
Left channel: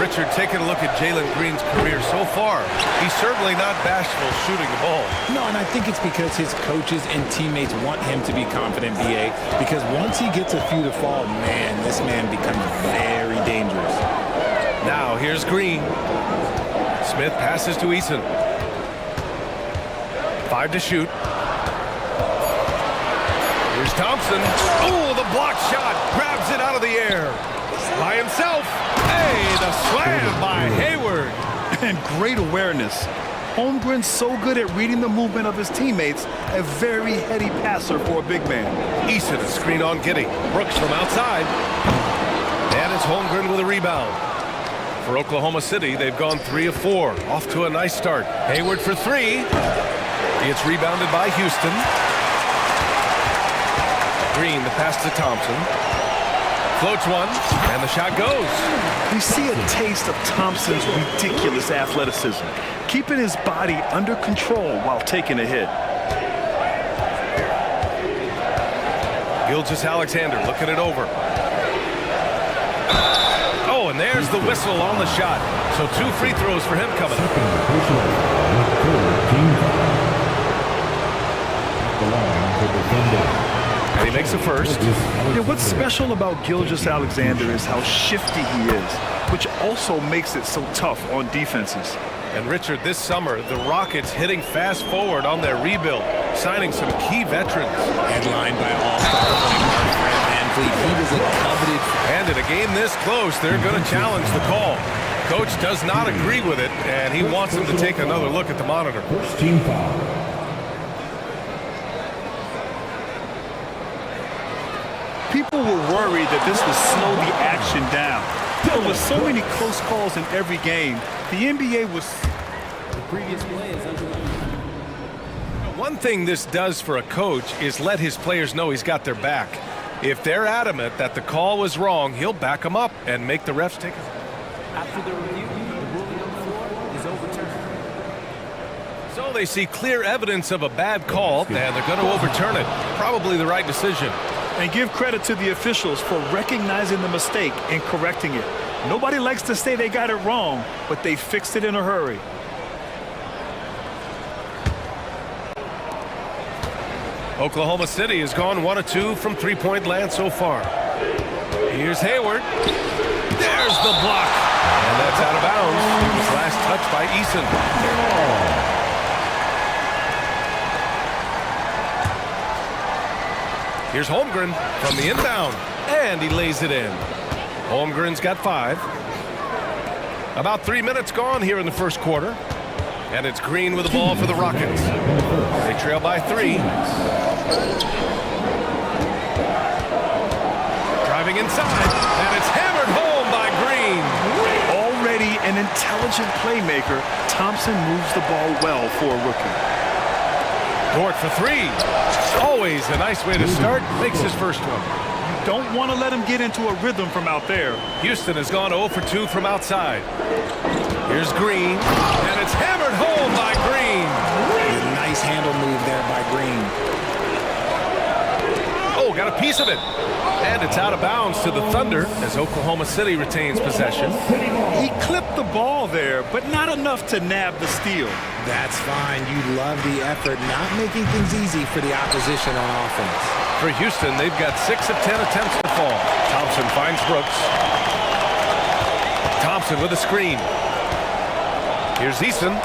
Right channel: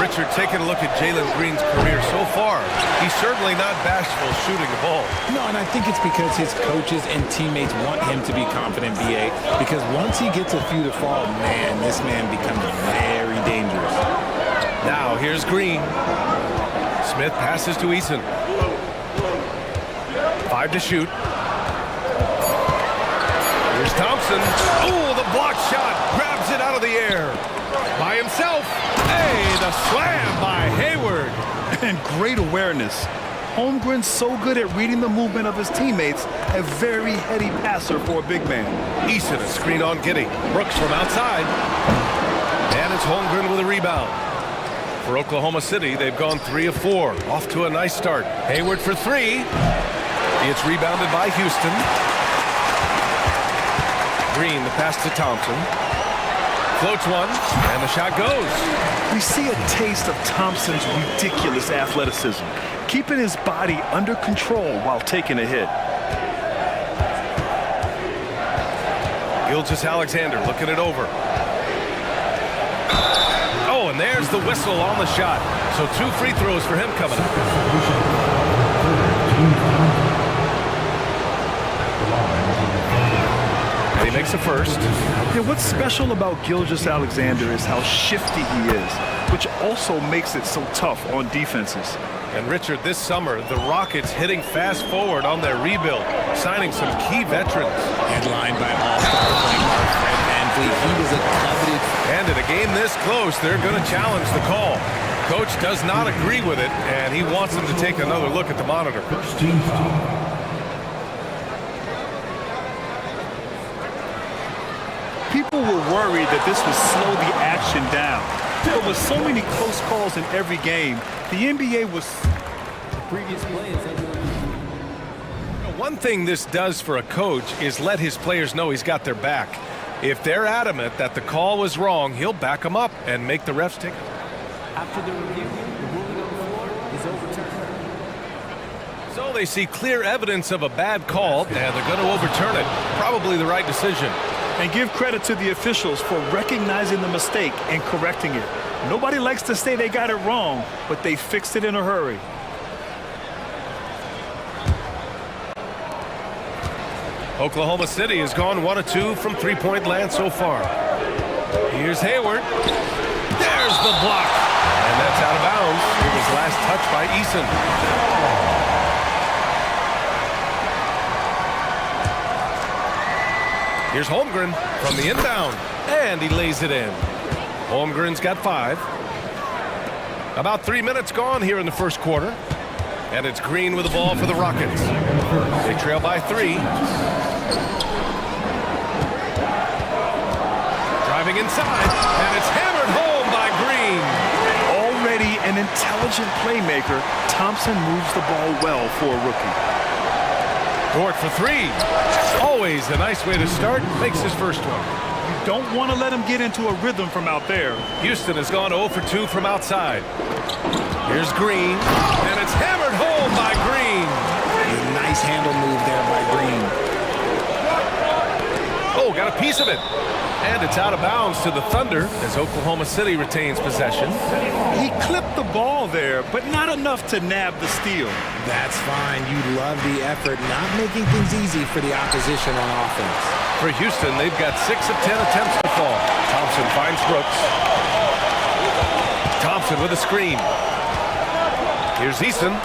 Richard, taking a look at Jalen Green's career so far, he's certainly not bashful shooting the ball. No, and I think it's because his coaches and teammates want him to be confident, BA, because once he gets a few to fall, man, this man becomes very dangerous. Now, here's Green. Smith passes to Eason. 5 to shoot. Here's Thompson. Oh, the block shot. Grabs it out of the air. By himself. Hey, the slam by Hayward. And great awareness. Holmgren's so good at reading the movement of his teammates. A very heady passer for a big man. Eason, a screen on Giddey. Brooks from outside. And it's Holmgren with a rebound. For Oklahoma City, they've gone 3 of 4. Off to a nice start. Hayward for 3. It's rebounded by Houston. Green, the pass to Thompson. Floats one, and the shot goes. We see a taste of Thompson's ridiculous athleticism, keeping his body under control while taking a hit. Gilgeous-Alexander looking it over. Oh, and there's the whistle on the shot. So 2 free throws for him coming up. And he makes a first. Yeah, what's special about Gilgeous-Alexander is how shifty he is, which also makes it so tough on defenses. And Richard, this summer, the Rockets hitting fast forward on their rebuild, signing some key veterans. Headlined by all-star point guard Fred VanVleet. He was a coveted. And in a game this close, they're going to challenge the call. Coach does not agree with it, and he wants them to take another look at the monitor. First team foul. People were worried that this would slow the action down. But with so many close calls in every game, the NBA was... The previous play is under review. One thing this does for a coach is let his players know he's got their back. If they're adamant that the call was wrong, he'll back them up and make the refs take it. After the review, the ruling on the floor is overturned. So they see clear evidence of a bad call, and they're going to overturn it. Probably the right decision. And give credit to the officials for recognizing the mistake and correcting it. Nobody likes to say they got it wrong, but they fixed it in a hurry. Oklahoma City has gone 1 of 2 from three-point land so far. Here's Hayward. There's the block. And that's out of bounds. It was last touched by Eason. Here's Holmgren from the inbound. And he lays it in. Holmgren's got 5. About 3 minutes gone here in the first quarter. And it's Green with the ball for the Rockets. They trail by 3. Driving inside, and it's hammered home by Green. Already steady and intelligent playmaker, Thompson moves the ball well for a rookie. Dort for three. Always a nice way to start. Makes his first one. You don't want to let him get into a rhythm from out there. Houston has gone 0 for 2 from outside. Here's Green, and it's hammered home by Green. A nice handle move there by Green. Oh, got a piece of it. And it's out of bounds to the Thunder as Oklahoma City retains possession. He clipped the ball there, but not enough to nab the steal. That's fine. You love the effort, not making things easy for the opposition on offense. For Houston, they've got 6 of 10 attempts to fall. Thompson finds Brooks. Thompson with a screen. Here's Eason.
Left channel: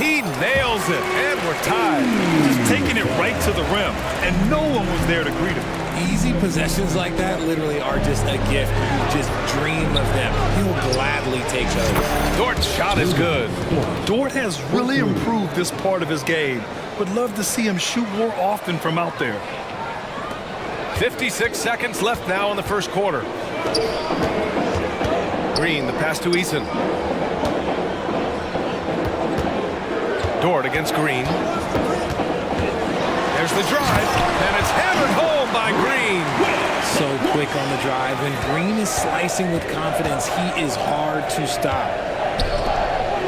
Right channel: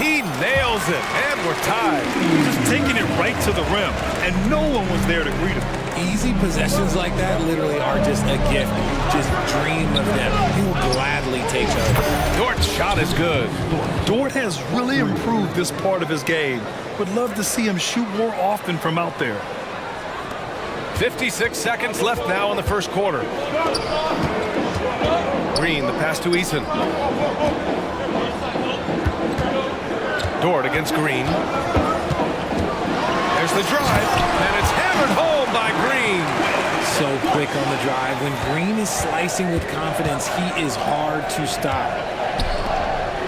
He nails it, and we're tied. Just taking it right to the rim, and no one was there to greet him. Easy possessions like that literally are just a gift. You just dream of them. He'll gladly take those. Dort's shot is good. Dort has really improved this part of his game. Would love to see him shoot more often from out there. 56 seconds left now in the first quarter. Green, the pass to Eason. Dort against Green. There's the drive, and it's hammered home by Green. So quick on the drive. When Green is slicing with confidence, he is hard to stop.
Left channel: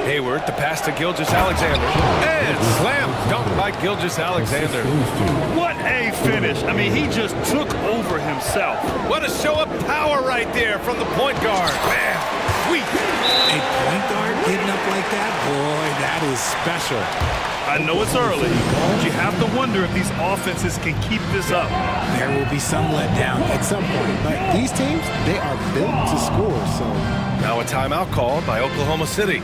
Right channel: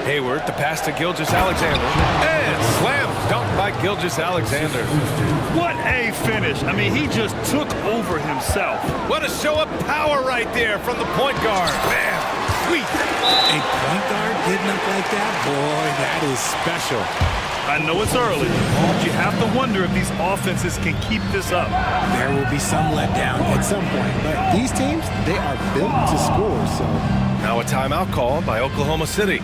Hayward, the pass to Gilgeous-Alexander. And slam dunk by Gilgeous-Alexander. What a finish. I mean, he just took over himself. What a show of power right there from the point guard. Man, sweet. A point guard getting up like that? Boy, that is special. I know it's early, but you have to wonder if these offenses can keep this up. There will be some letdown at some point, but these teams, they are built to score, so. Now a timeout called by Oklahoma City.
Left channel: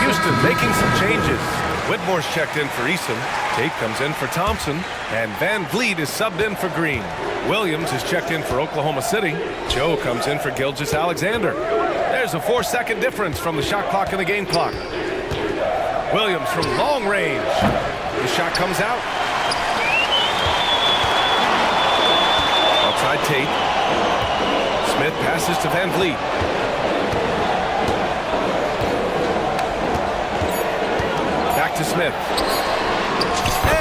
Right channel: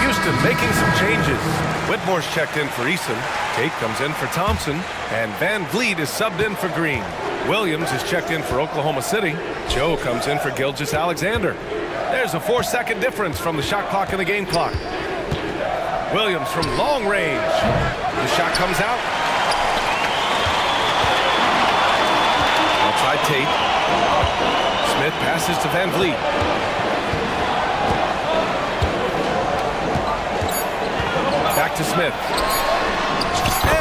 Houston making some changes. Whitmore's checked in for Eason. Tate comes in for Thompson. And Van Vliet is subbed in for Green. Williams is checked in for Oklahoma City. Joe comes in for Gilgeous-Alexander. There's a 4-second difference from the shot clock and the game clock. Williams from long range. The shot comes out. Outside Tate. Smith passes to Van Vliet. Back to Smith.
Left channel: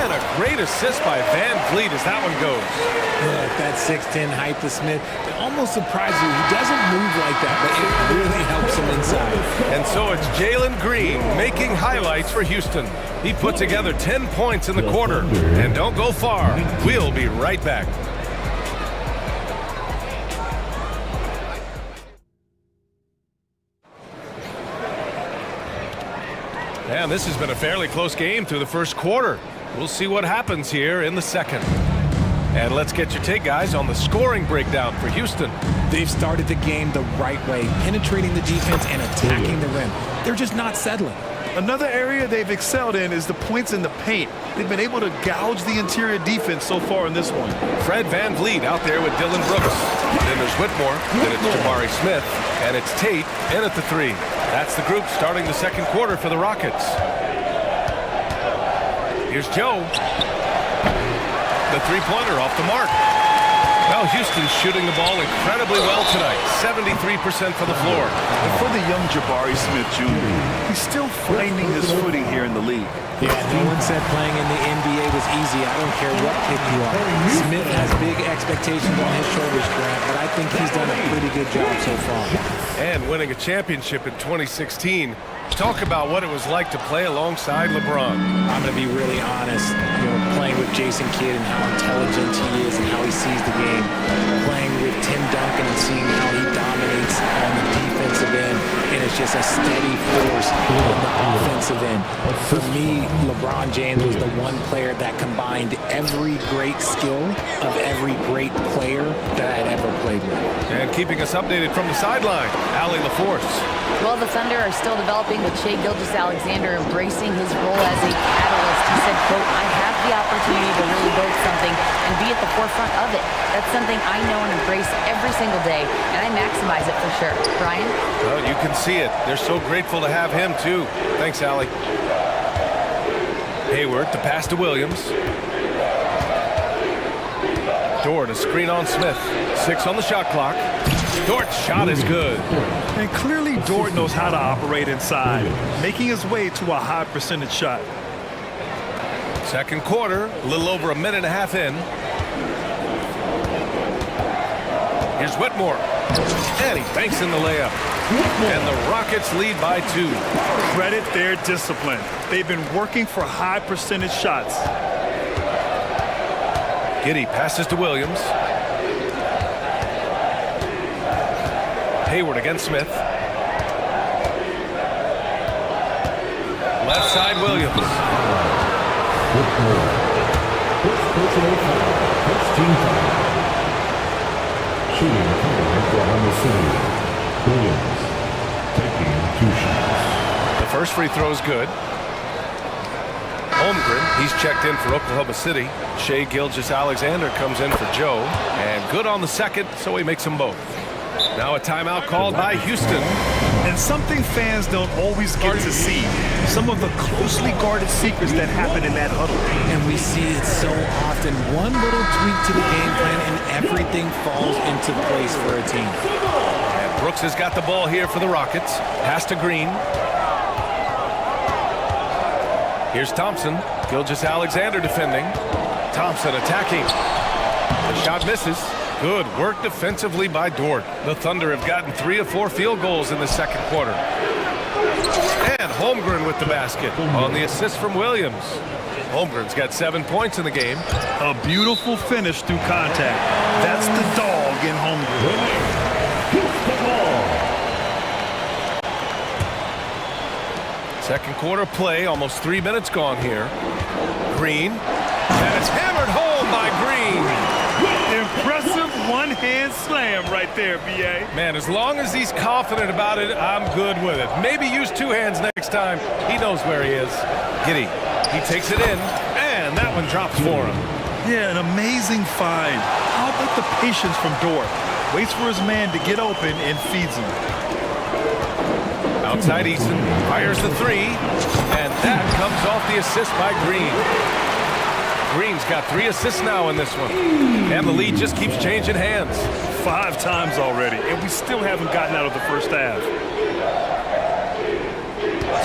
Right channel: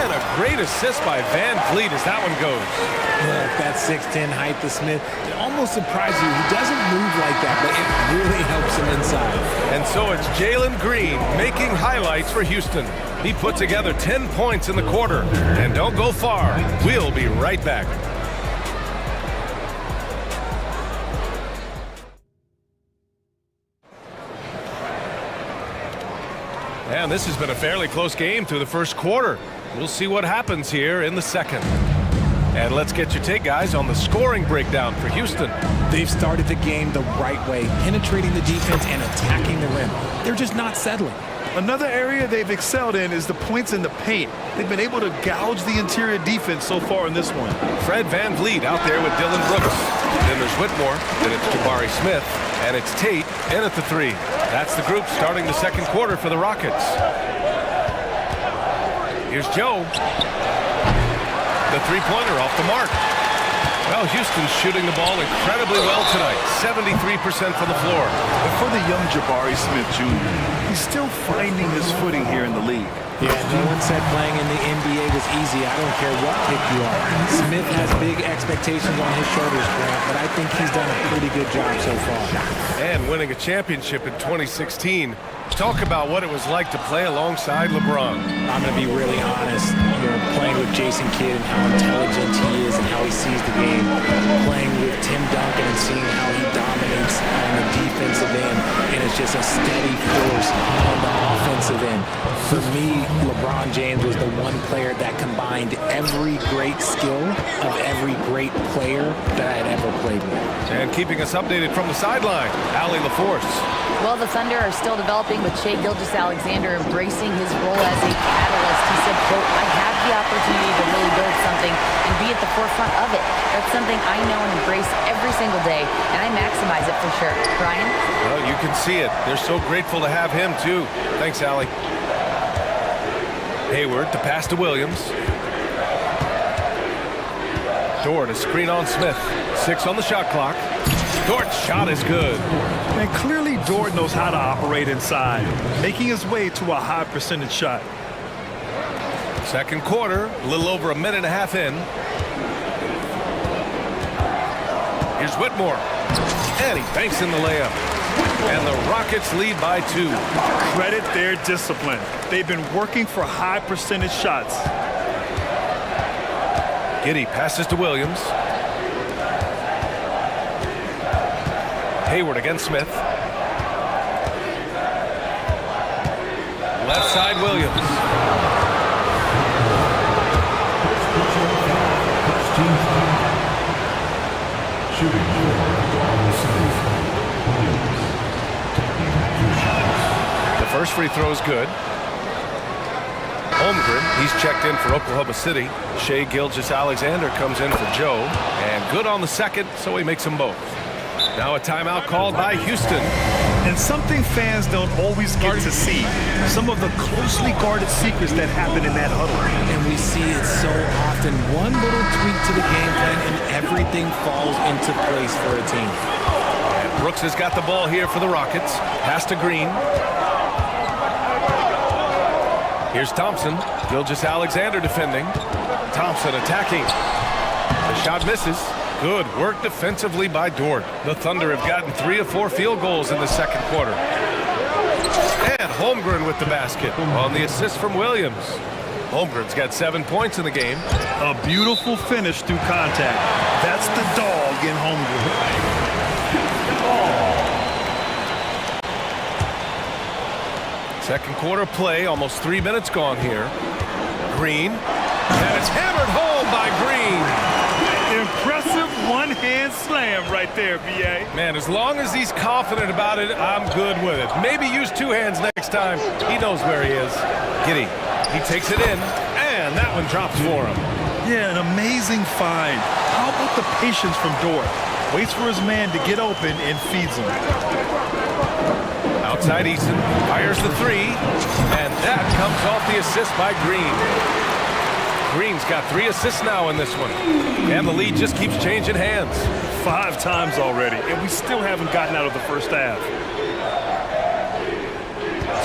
And a great assist by Van Vliet as that one goes. Look, that 6'10" height to Smith, it almost surprised you. He doesn't move like that, but it really helps him inside. And so it's Jalen Green making highlights for Houston. He put together 10 points in the quarter. And don't go far. We'll be right back. And this has been a fairly close game through the first quarter. We'll see what happens here in the second. And let's get your take, guys, on the scoring breakdown for Houston. They've started the game the right way, penetrating the defense and attacking the rim. They're just not settling. Another area they've excelled in is the points in the paint. They've been able to gouge the interior defense so far in this one. Fred Van Vliet out there with Dylan Brooks. Then there's Whitmore. Then it's Jabari Smith. And it's Tate in at the 3. That's the group starting the second quarter for the Rockets. Here's Joe. The three-pointer off the mark. Well, Houston's shooting the ball incredibly well tonight. 73% from the floor. But for the young Jabari Smith Jr., he's still finding his footing here in the league. Yeah, no one said playing in the NBA was easy. I don't care what pick you are. Smith has big expectations on his shoulders, Grant, but I think he's done a pretty good job so far. And winning a championship in 2016. Talk about what it was like to play alongside LeBron. I'm going to be really honest, playing with Jason Kidd and how intelligent he is and how he sees the game. Playing with Tim Duncan and seeing how he dominates on the defensive end, and it's just a steady force on the offensive end. For me, LeBron James was the one player that combined every great skill of every great player that I had ever played with. And keeping us updated from the sideline, Allie LaForce. Well, the Thunder are still developing with Shai Gilgeous-Alexander embracing his role as a catalyst. He said, quote, "I have the opportunity to really build something and be at the forefront of it. That's something I know and embrace every single day, and I maximize it for sure." Brian? Well, you can see it. They're so grateful to have him, too. Thanks, Allie. Hayward to pass to Williams. Dort a screen on Smith. 6 on the shot clock. Dort's shot is good. And clearly Dort knows how to operate inside, making his way to a high percentage shot. Second quarter, a little over a minute and a half in. Here's Whitmore. And he banks in the layup. And the Rockets lead by 2. Credit their discipline. They've been working for high percentage shots. Giddey passes to Williams. Hayward against Smith. Left side, Williams. First personal foul. First team foul. Shooting for Oklahoma City. Williams taking 2 shots. The first free throw is good. Holmgren, he's checked in for Oklahoma City. Shai Gilgeous-Alexander comes in for Joe. And good on the second, so he makes them both. Now a timeout called by Houston. And something fans don't always get to see. Some of the closely guarded secrets that happen in that huddle. And we see it so often. One little tweak to the game plan and everything falls into place for a team. And Brooks has got the ball here for the Rockets. Pass to Green. Here's Thompson. Gilgeous-Alexander defending. Thompson attacking. The shot misses. Good work defensively by Dort. The Thunder have gotten 3 of 4 field goals in the second quarter. And Holmgren with the basket on the assist from Williams. Holmgren's got 7 points in the game. A beautiful finish through contact. That's the dog in Holmgren. Second quarter play, almost 3 minutes gone here. Green. And it's hammered home by Green. Impressive one-hand slam right there, B.A. Man, as long as he's confident about it, I'm good with it. Maybe use 2 hands next time. He knows where he is. Giddey, he takes it in, and that one drops for him. Yeah, an amazing find. How about the patience from Dort? Waits for his man to get open and feeds him. Outside Easton, fires the 3, and that comes off the assist by Green. Green's got 3 assists now in this one. And the lead just keeps changing hands. 5 times already, and we still haven't gotten out of the first half.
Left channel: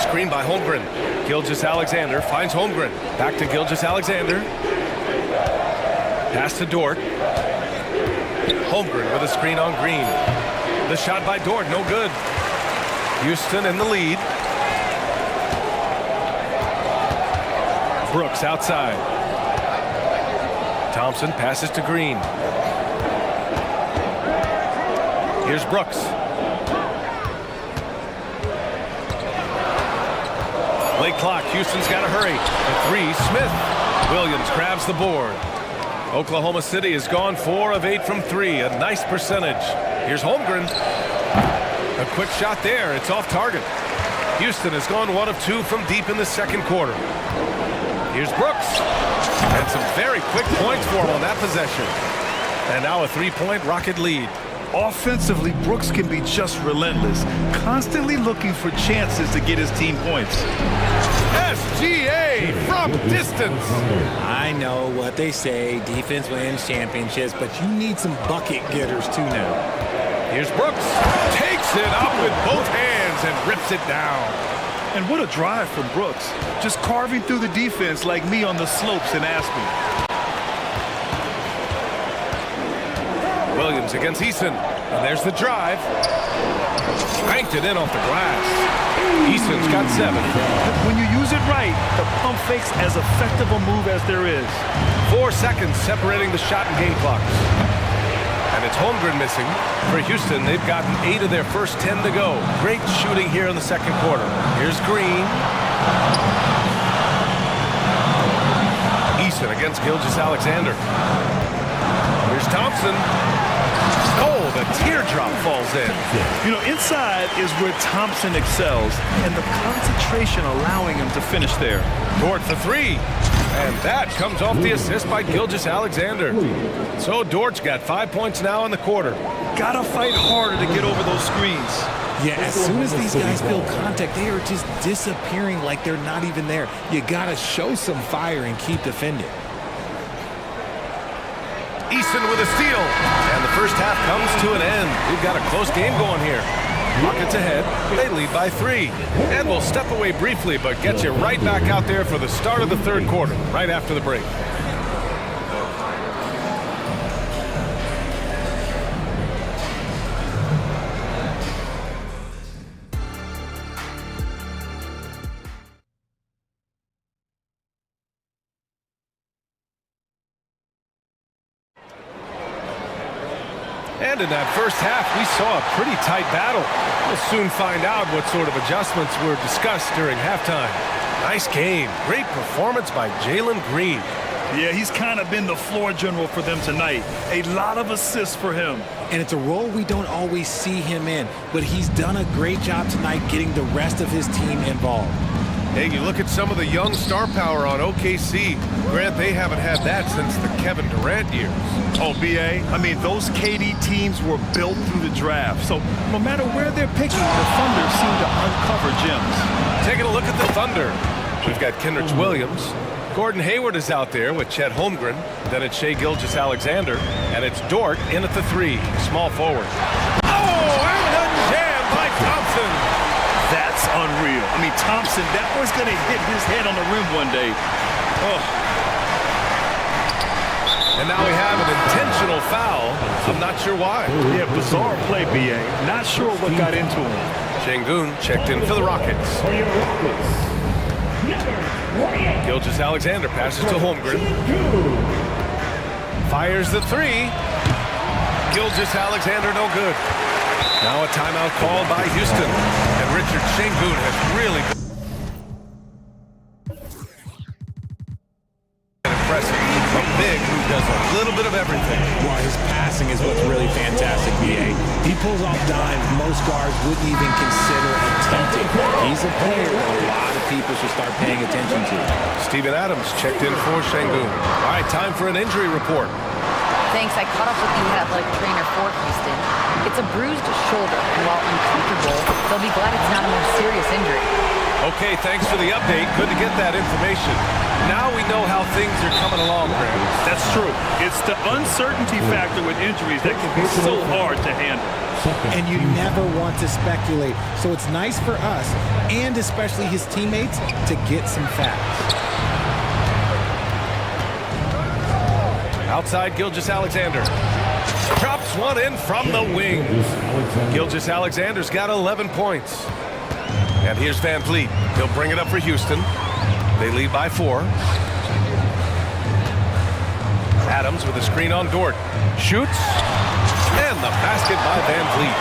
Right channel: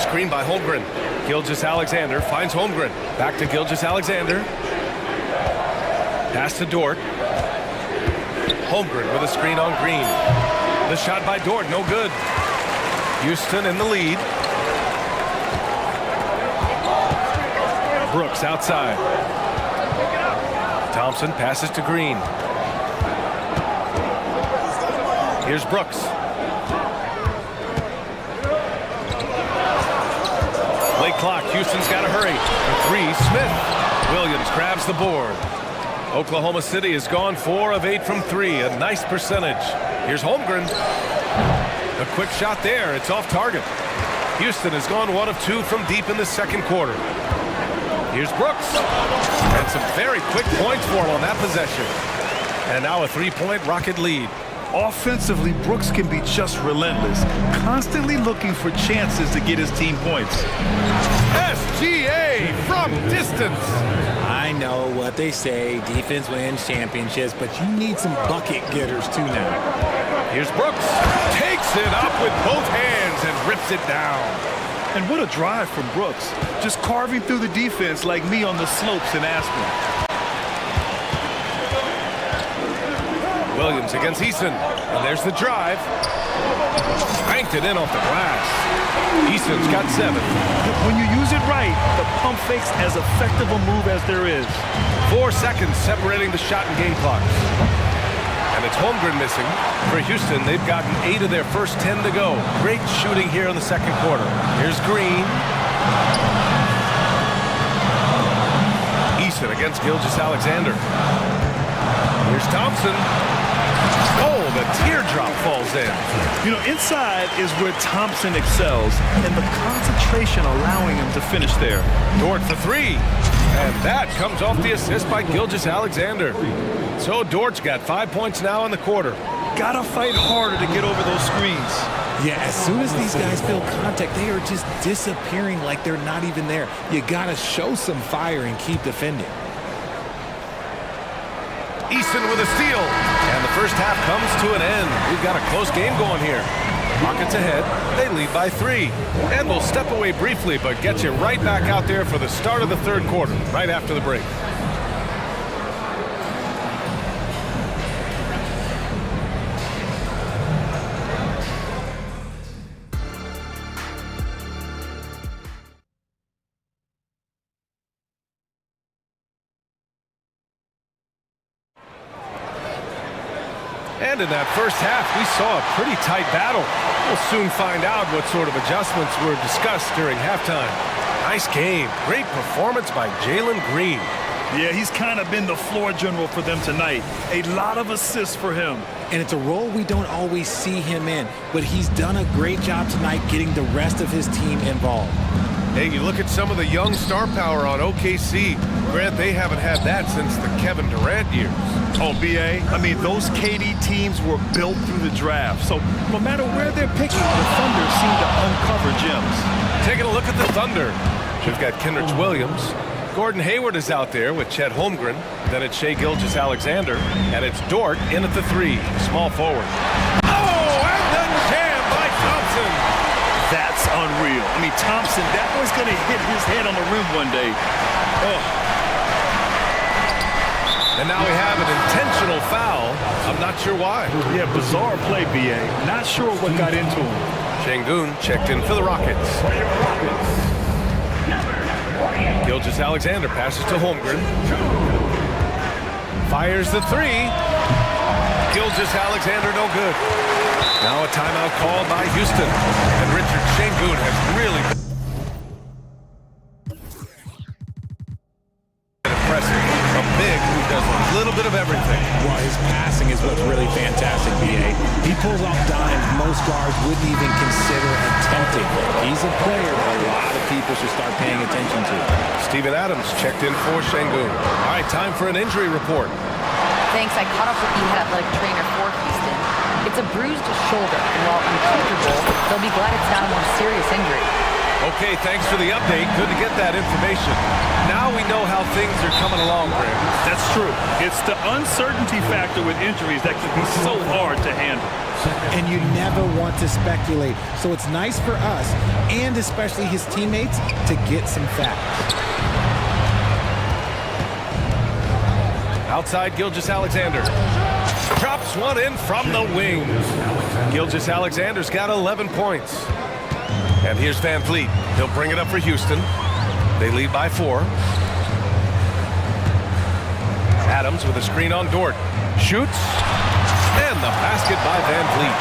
Screen by Holmgren. Gilgeous-Alexander finds Holmgren. Back to Gilgeous-Alexander. Pass to Dort. Holmgren with a screen on Green. The shot by Dort, no good. Houston in the lead. Brooks outside. Thompson passes to Green. Here's Brooks. Late clock. Houston's got to hurry. For 3, Smith. Williams grabs the board. Oklahoma City has gone 4 of 8 from 3. A nice percentage. Here's Holmgren. A quick shot there. It's off target. Houston has gone 1 of 2 from deep in the second quarter. Here's Brooks. And some very quick points for him on that possession. And now a 3-point Rocket lead. Offensively, Brooks can be just relentless, constantly looking for chances to get his team points. SGA from distance. I know what they say, defense wins championships, but you need some bucket getters too now. Here's Brooks. Takes it up with both hands and rips it down. And what a drive from Brooks. Just carving through the defense like me on the slopes in Aspen. Williams against Easton. And there's the drive. Cranked it in off the glass. Easton's got 7. When you use it right, the pump fake's as effective a move as there is. 4 seconds separating the shot and game clocks. And it's Holmgren missing. For Houston, they've gotten 8 of their first 10 to go. Great shooting here in the second quarter. Here's Green. Easton against Gilgeous-Alexander. Here's Thompson. Oh, the teardrop falls in. You know, inside is where Thompson excels, and the concentration allowing him to finish there. Dort for 3. And that comes off the assist by Gilgeous-Alexander. So Dort's got 5 points now in the quarter. Gotta fight harder to get over those screens. Yeah, as soon as these guys feel contact, they are just disappearing like they're not even there. You got to show some fire and keep defending. Easton with a steal. And the first half comes to an end. We've got a close game going here. Rockets ahead. They lead by 3. And we'll step away briefly, but get you right back out there for the start of the third quarter, right after the break. And in that first half, we saw a pretty tight battle. We'll soon find out what sort of adjustments were discussed during halftime. Nice game. Great performance by Jalen Green. Yeah, he's kind of been the floor general for them tonight. A lot of assists for him. And it's a role we don't always see him in, but he's done a great job tonight getting the rest of his team involved. Hey, you look at some of the young star power on OKC. Grant, they haven't had that since the Kevin Durant years. Oh, B.A., I mean, those KD teams were built through the draft. So no matter where they're picking, the Thunder seem to uncover gems. Taking a look at the Thunder. We've got Kendrick Williams. Gordon Hayward is out there with Chet Holmgren. Then it's Shai Gilgeous-Alexander. And it's Dort in at the 3, small forward. Oh, and the jam by Thompson. That's unreal. I mean, Thompson, that boy's going to hit his head on the rim one day. Oh. And now we have an intentional foul. I'm not sure why. Yeah, bizarre play, B.A. Not sure what got into him. Şengün checked in for the Rockets. Gilgeous-Alexander passes to Holmgren. Fires the 3. Gilgeous-Alexander no good. Now a timeout called by Houston. And Richard Şengün has really been impressive. A big who does a little bit of everything. Well, his passing is what's really fantastic, B.A. He pulls off dimes most guards wouldn't even consider attempting. He's a player that a lot of people should start paying attention to. Steven Adams checked in for Şengün. All right, time for an injury report. Thanks. I caught up with the head athletic trainer for Houston. It's a bruised shoulder, and while uncomfortable, they'll be glad it's not a more serious injury. Okay, thanks for the update. Good to get that information. Now we know how things are coming along, Graham. That's true. It's the uncertainty factor with injuries that can be so hard to handle. And you never want to speculate. So it's nice for us, and especially his teammates, to get some facts. Outside, Gilgeous-Alexander. Chops one in from the wing. Gilgeous-Alexander's got 11 points. And here's Van Vliet. He'll bring it up for Houston. They lead by 4. Adams with a screen on Dort. Shoots. And the basket by Van Vliet.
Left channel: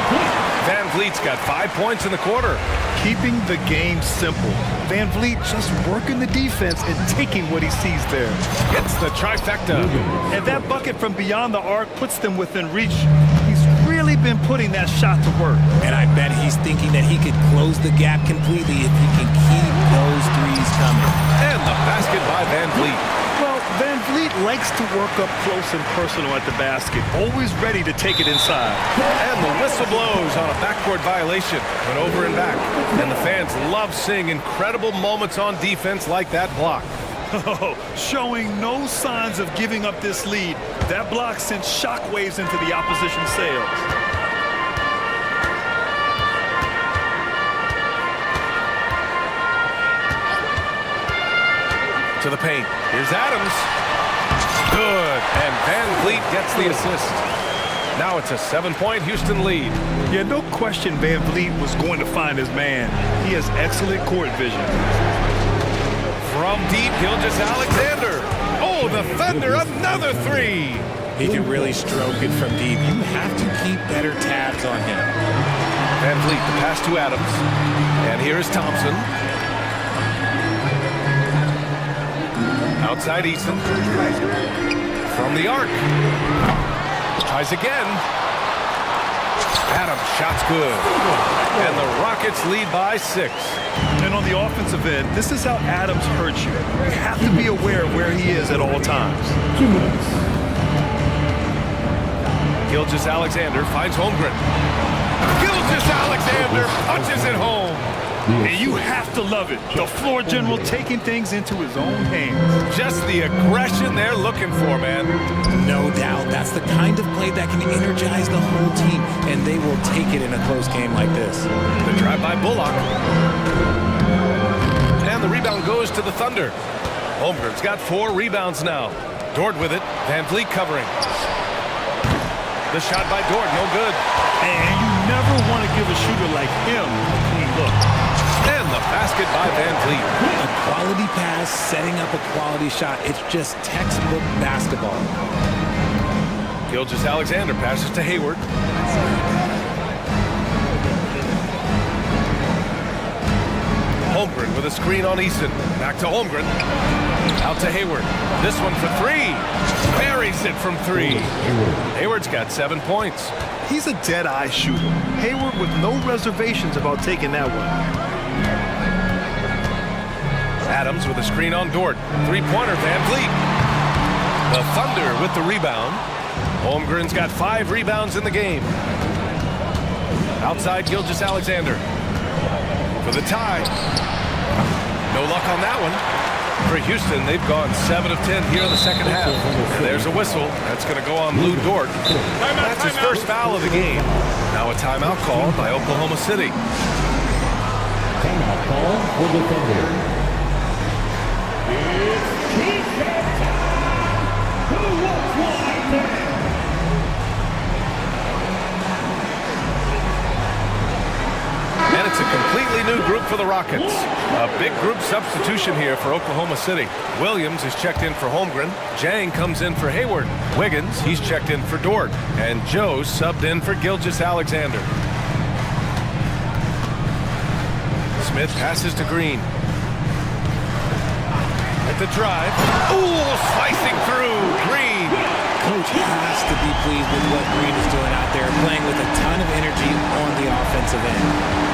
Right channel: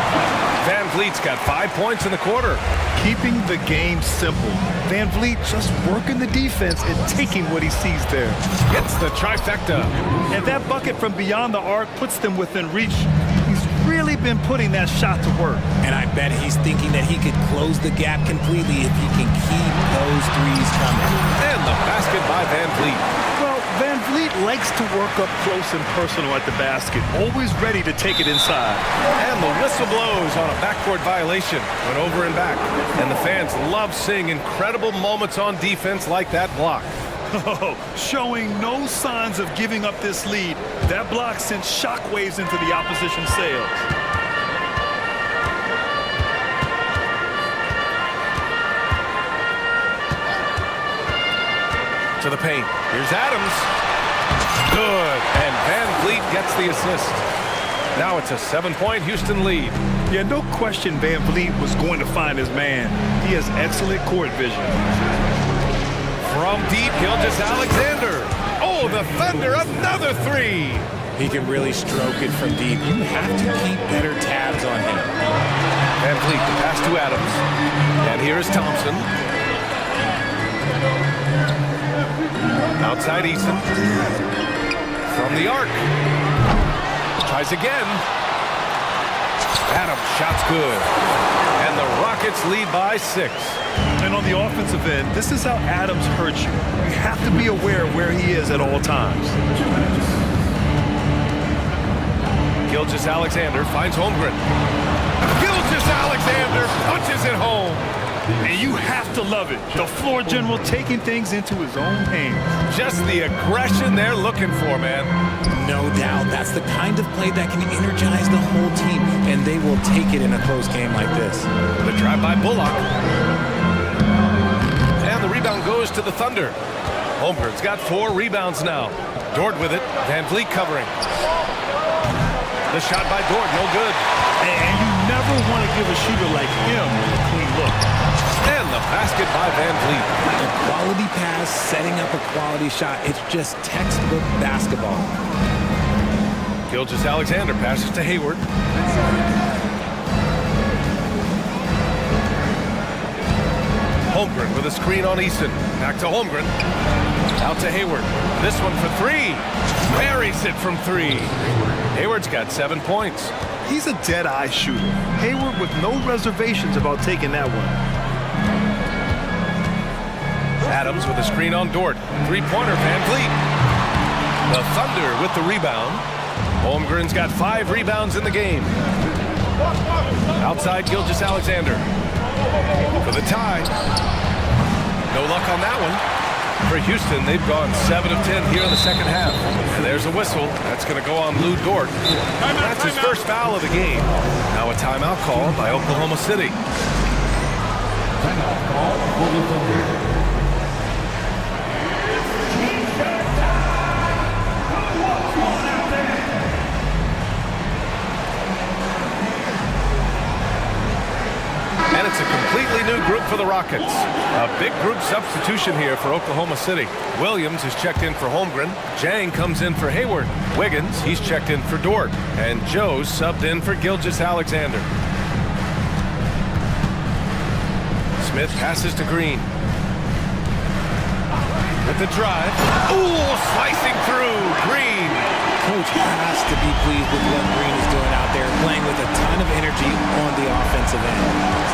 Van Vliet's got 5 points in the quarter. Keeping the game simple. Van Vliet just working the defense and taking what he sees there. Gets the trifecta. And that bucket from beyond the arc puts them within reach. He's really been putting that shot to work. And I bet he's thinking that he could close the gap completely if he can keep those threes coming. And the basket by Van Vliet. Well, Van Vliet likes to work up close and personal at the basket, always ready to take it inside. And the whistle blows on a backcourt violation. Went over and back. And the fans love seeing incredible moments on defense like that block. Oh, showing no signs of giving up this lead. That block sent shockwaves into the opposition sails. To the paint. Here's Adams. Good. And Van Vliet gets the assist. Now it's a 7-point Houston lead. Yeah, no question Van Vliet was going to find his man. He has excellent court vision. From deep, Gilgeous-Alexander. Oh, the Thunder, another 3. He can really stroke it from deep. You have to keep better tabs on him. Van Vliet, the pass to Adams. And here's Thompson. Outside Easton. From the arc. Tries again. Adams, shot's good. And the Rockets lead by 6. And on the offensive end, this is how Adams hurts you. You have to be aware of where he is at all times. 2 minutes. Gilgeous-Alexander finds Holmgren. Gilgeous Gilgeous-Alexander punches it home. And you have to love it. The floor general taking things into his own hands. Just the aggression they're looking for, man. No doubt. That's the kind of play that can energize the whole team, and they will take it in a close game like this. The drive by Bullock. And the rebound goes to the Thunder. Holmgren's got 4 rebounds now. Dort with it. Van Vliet covering. The shot by Dort, no good. And you never want to give a shooter like him a clean look. And the basket by Van Vliet. A quality pass, setting up a quality shot. It's just textbook basketball. Gilgeous-Alexander passes to Hayward. Holmgren with a screen on Easton. Back to Holmgren. Out to Hayward. This one for 3. Buries it from 3. Hayward's got 7 points. He's a dead-eye shooter. Hayward with no reservations about taking that one. Adams with a screen on Dort. 3-pointer, Van Vliet. The Thunder with the rebound. Holmgren's got 5 rebounds in the game. Outside Gilgeous-Alexander. For the tie. No luck on that one. For Houston, they've gone 7 of 10 here in the second half. And there's a whistle. That's going to go on Lou Dort. That's his first foul of the game. Now a timeout called by Oklahoma City. Timeout call for the Thunder. And it's a completely new group for the Rockets. A big group substitution here for Oklahoma City. Williams is checked in for Holmgren. Jang comes in for Hayward. Wiggins, he's checked in for Dort. And Joe's subbed in for Gilgeous-Alexander. Smith passes to Green. At the drive. Ooh, slicing through. Green. Coach has to be pleased with what Green is doing out there, playing with a ton of energy on the offensive end.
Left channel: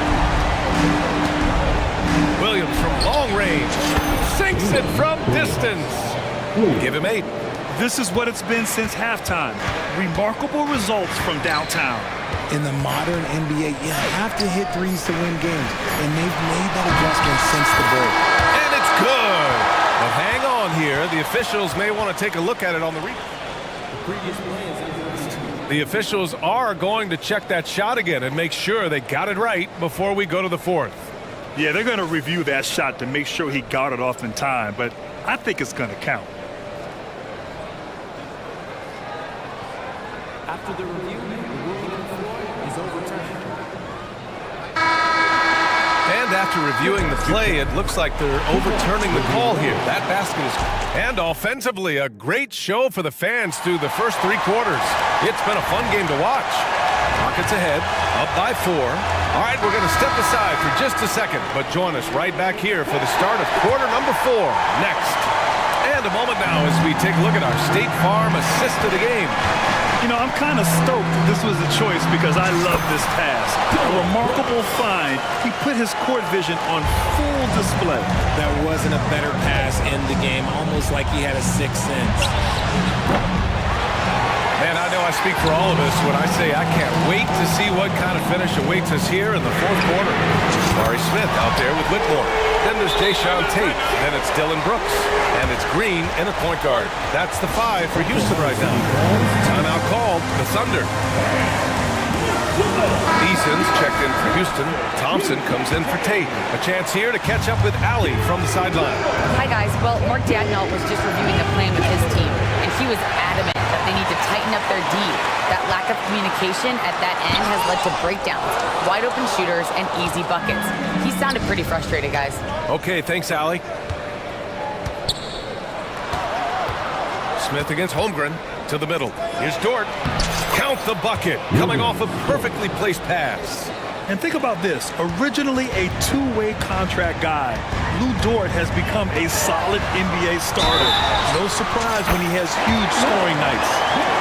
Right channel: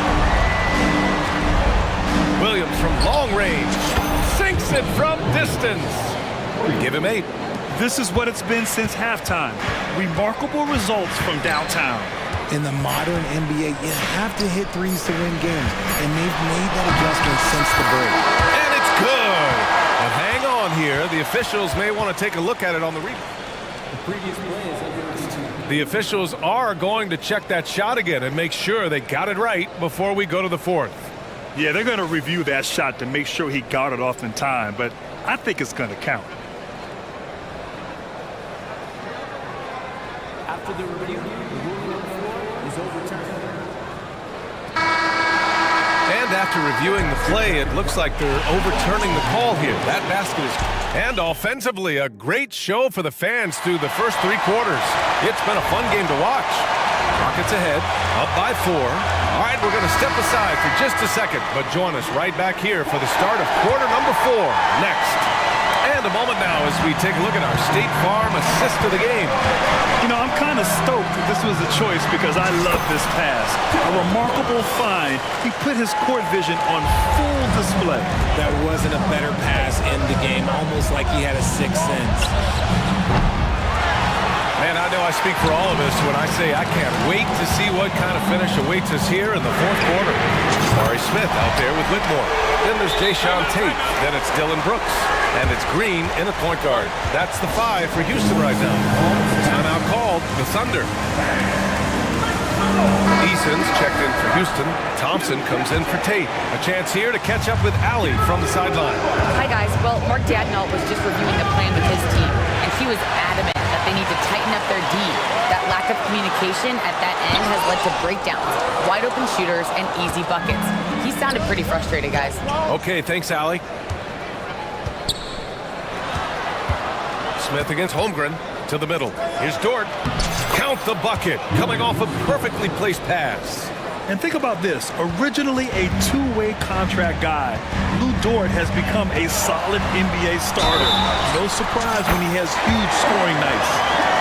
Williams from long range. Sinks it from distance. Give him 8. This is what it's been since halftime. Remarkable results from downtown. In the modern NBA, you have to hit threes to win games, and they've made that adjustment since the break. And it's good. But hang on here. The officials may want to take a look at it on the replay. The previous play is under review. The officials are going to check that shot again and make sure they got it right before we go to the 4th. Yeah, they're going to review that shot to make sure he got it off in time, but I think it's going to count. After the review, the ruling on the floor is overturned. And after reviewing the play, it looks like they're overturning the call here. That basket is... And offensively, a great show for the fans through the first 3 quarters. It's been a fun game to watch. Rockets ahead, up by 4. All right, we're going to step aside for just a second, but join us right back here for the start of quarter number 4 next. And a moment now as we take a look at our State Farm assist of the game. You know, I'm kind of stoked that this was a choice because I love this pass. A remarkable find. He put his court vision on full display. That wasn't a better pass in the game, almost like he had a 6th sense. Man, I know I speak for all of us when I say I can't wait to see what kind of finish awaits us here in the 4th quarter. Mari Smith out there with Whitmore. Then there's Jayshawn Tate. Then it's Dylan Brooks. And it's Green in at point guard. That's the 5 for Houston right now. Timeout called, the Thunder. Eason's checked in for Houston. Thompson comes in for Tate. A chance here to catch up with Allie from the sideline. Hi, guys. Well, Mark Dadnault was just reviewing the plan with his team, and he was adamant that they need to tighten up their D. That lack of communication at that end has led to breakdowns, wide open shooters, and easy buckets. He sounded pretty frustrated, guys. Okay, thanks, Allie. Smith against Holmgren to the middle. Here's Dort. Count the bucket, coming off a perfectly placed pass. And think about this. Originally a 2-way contract guy, Lou Dort has become a solid NBA starter. No surprise when he has huge scoring nights.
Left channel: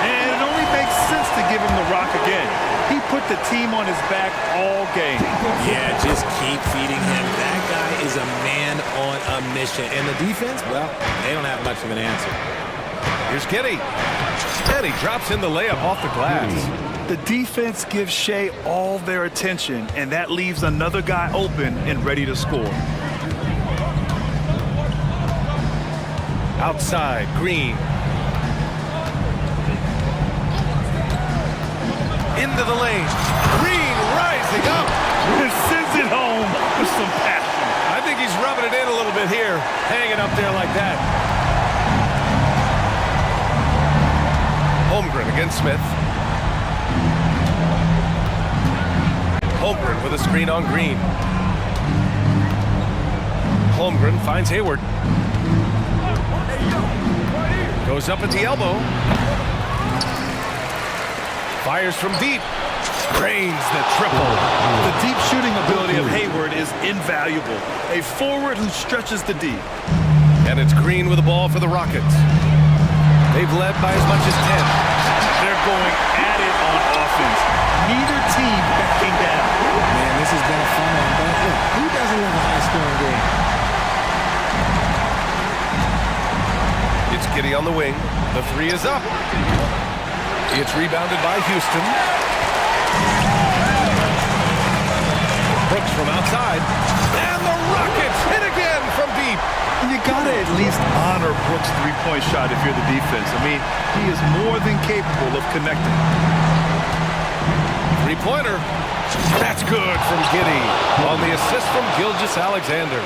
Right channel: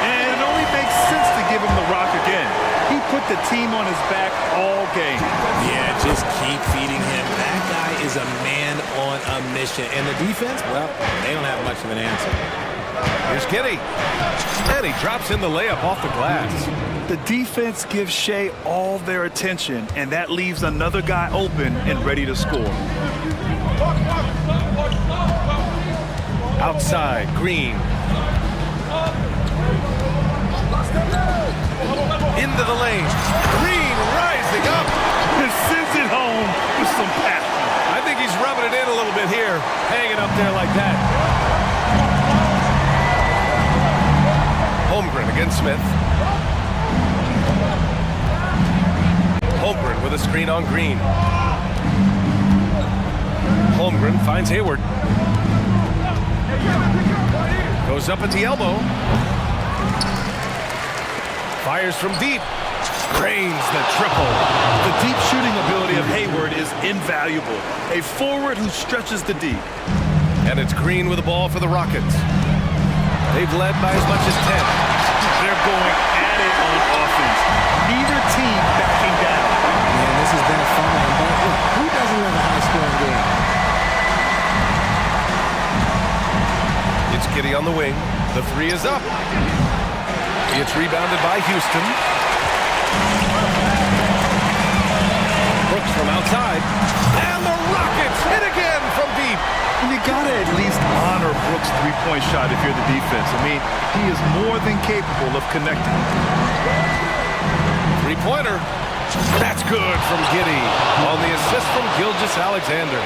And it only makes sense to give him the rock again. He put the team on his back all game. Yeah, just keep feeding him. That guy is a man on a mission. And the defense, well, they don't have much of an answer. Here's Giddy. And he drops in the layup off the glass. The defense gives Shea all their attention, and that leaves another guy open and ready to score. Outside, Green. Into the lane. Green rising up. And sends it home with some passion. I think he's rubbing it in a little bit here, hanging up there like that. Holmgren against Smith. Holmgren with a screen on Green. Holmgren finds Hayward. Goes up at the elbow. Fires from deep. Drains the triple. The deep shooting ability of Hayward is invaluable. A forward who stretches the D. And it's Green with the ball for the Rockets. They've led by as much as 10. They're going at it on offense. Neither team backing down. Man, this has been a fun one, but look, who doesn't love a high-scoring game? It's Giddey on the wing. The three is up. It's rebounded by Houston. Brooks from outside. And the Rockets hit again from deep. And you gotta at least honor Brooks' three-point shot if you're the defense. I mean, he is more than capable of connecting. Three-pointer. That's good from Giddey on the assist from Gilgeous-Alexander.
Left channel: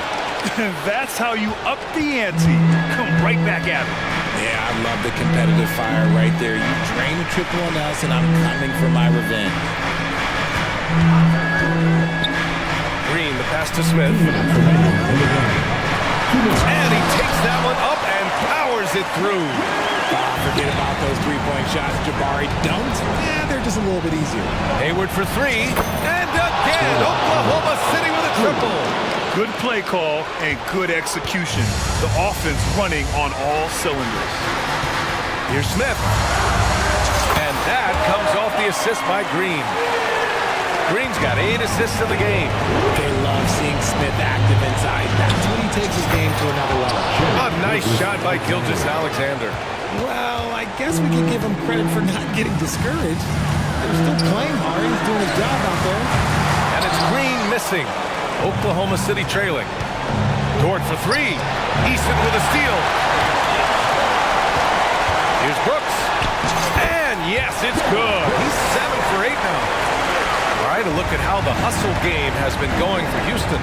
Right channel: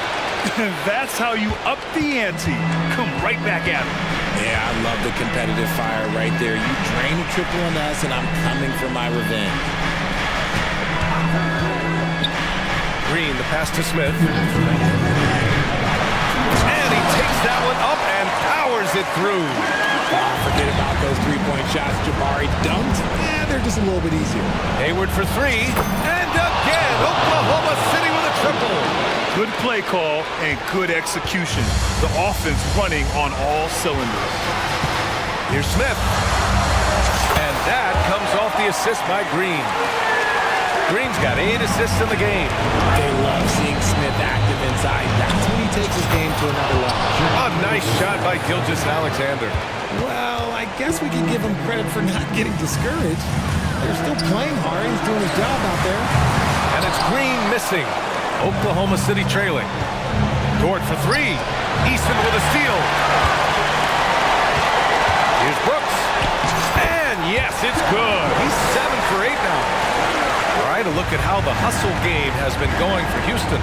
That's how you up the ante. Come right back at it. Yeah, I love the competitive fire right there. You drain a triple on us, and I'm coming for my revenge. Green, the pass to Smith. And he takes that one up and powers it through. Forget about those three-point shots. Jabari dunks. They're just a little bit easier. Hayward for three. And again, Oklahoma City with a triple. Good play call and good execution. The offense running on all cylinders. Here's Smith. And that comes off the assist by Green. Green's got 8 assists in the game. They love seeing Smith active inside. That's when he takes his game to another level. A nice shot by Gilgeous-Alexander. Well, I guess we can give him credit for not getting discouraged. They're still playing hard. He's doing his job out there. And it's Green missing. Oklahoma City trailing. Dort for three. Easton with a steal. Here's Brooks. And yes, it's good. He's 7 for 8 now. All right, a look at how the hustle game has been going for Houston.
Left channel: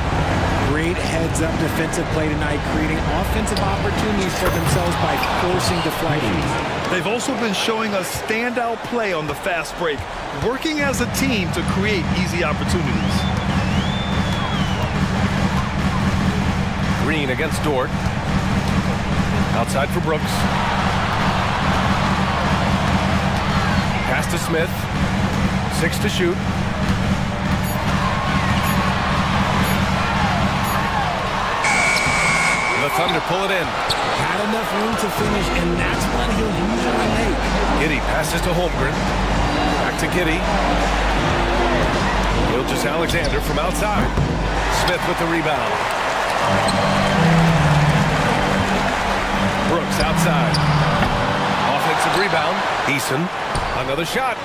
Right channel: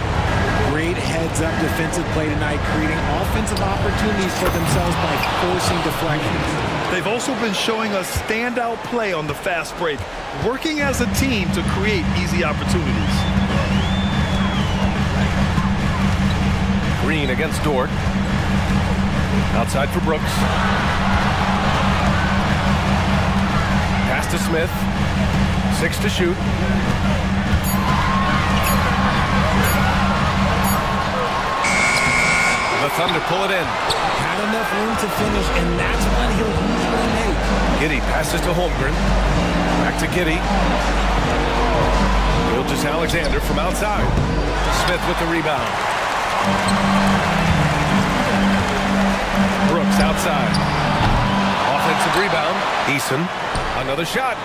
Great heads-up defensive play tonight, creating offensive opportunities for themselves by forcing deflections. They've also been showing us standout play on the fast break, working as a team to create easy opportunities. Green against Dort. Outside for Brooks. Pass to Smith. 6 to shoot. The Thunder pull it in. Had enough room to finish, and that's one he'll usually make. Giddey passes to Holmgren. Back to Giddey. Gilgeous-Alexander from outside. Smith with the rebound. Brooks outside. Offensive rebound. Eason. Another shot.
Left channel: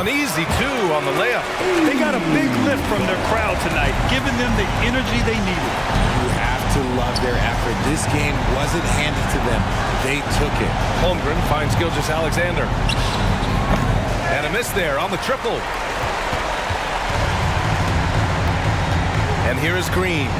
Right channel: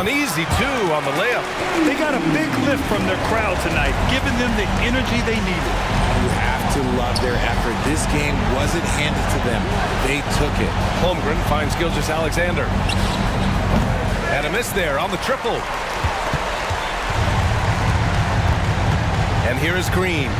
Uneasy, too, on the layup. They got a big lift from their crowd tonight, giving them the energy they needed. You have to love their effort. This game wasn't handed to them. They took it. Holmgren finds Gilgeous-Alexander. And a miss there on the triple. And here is Green.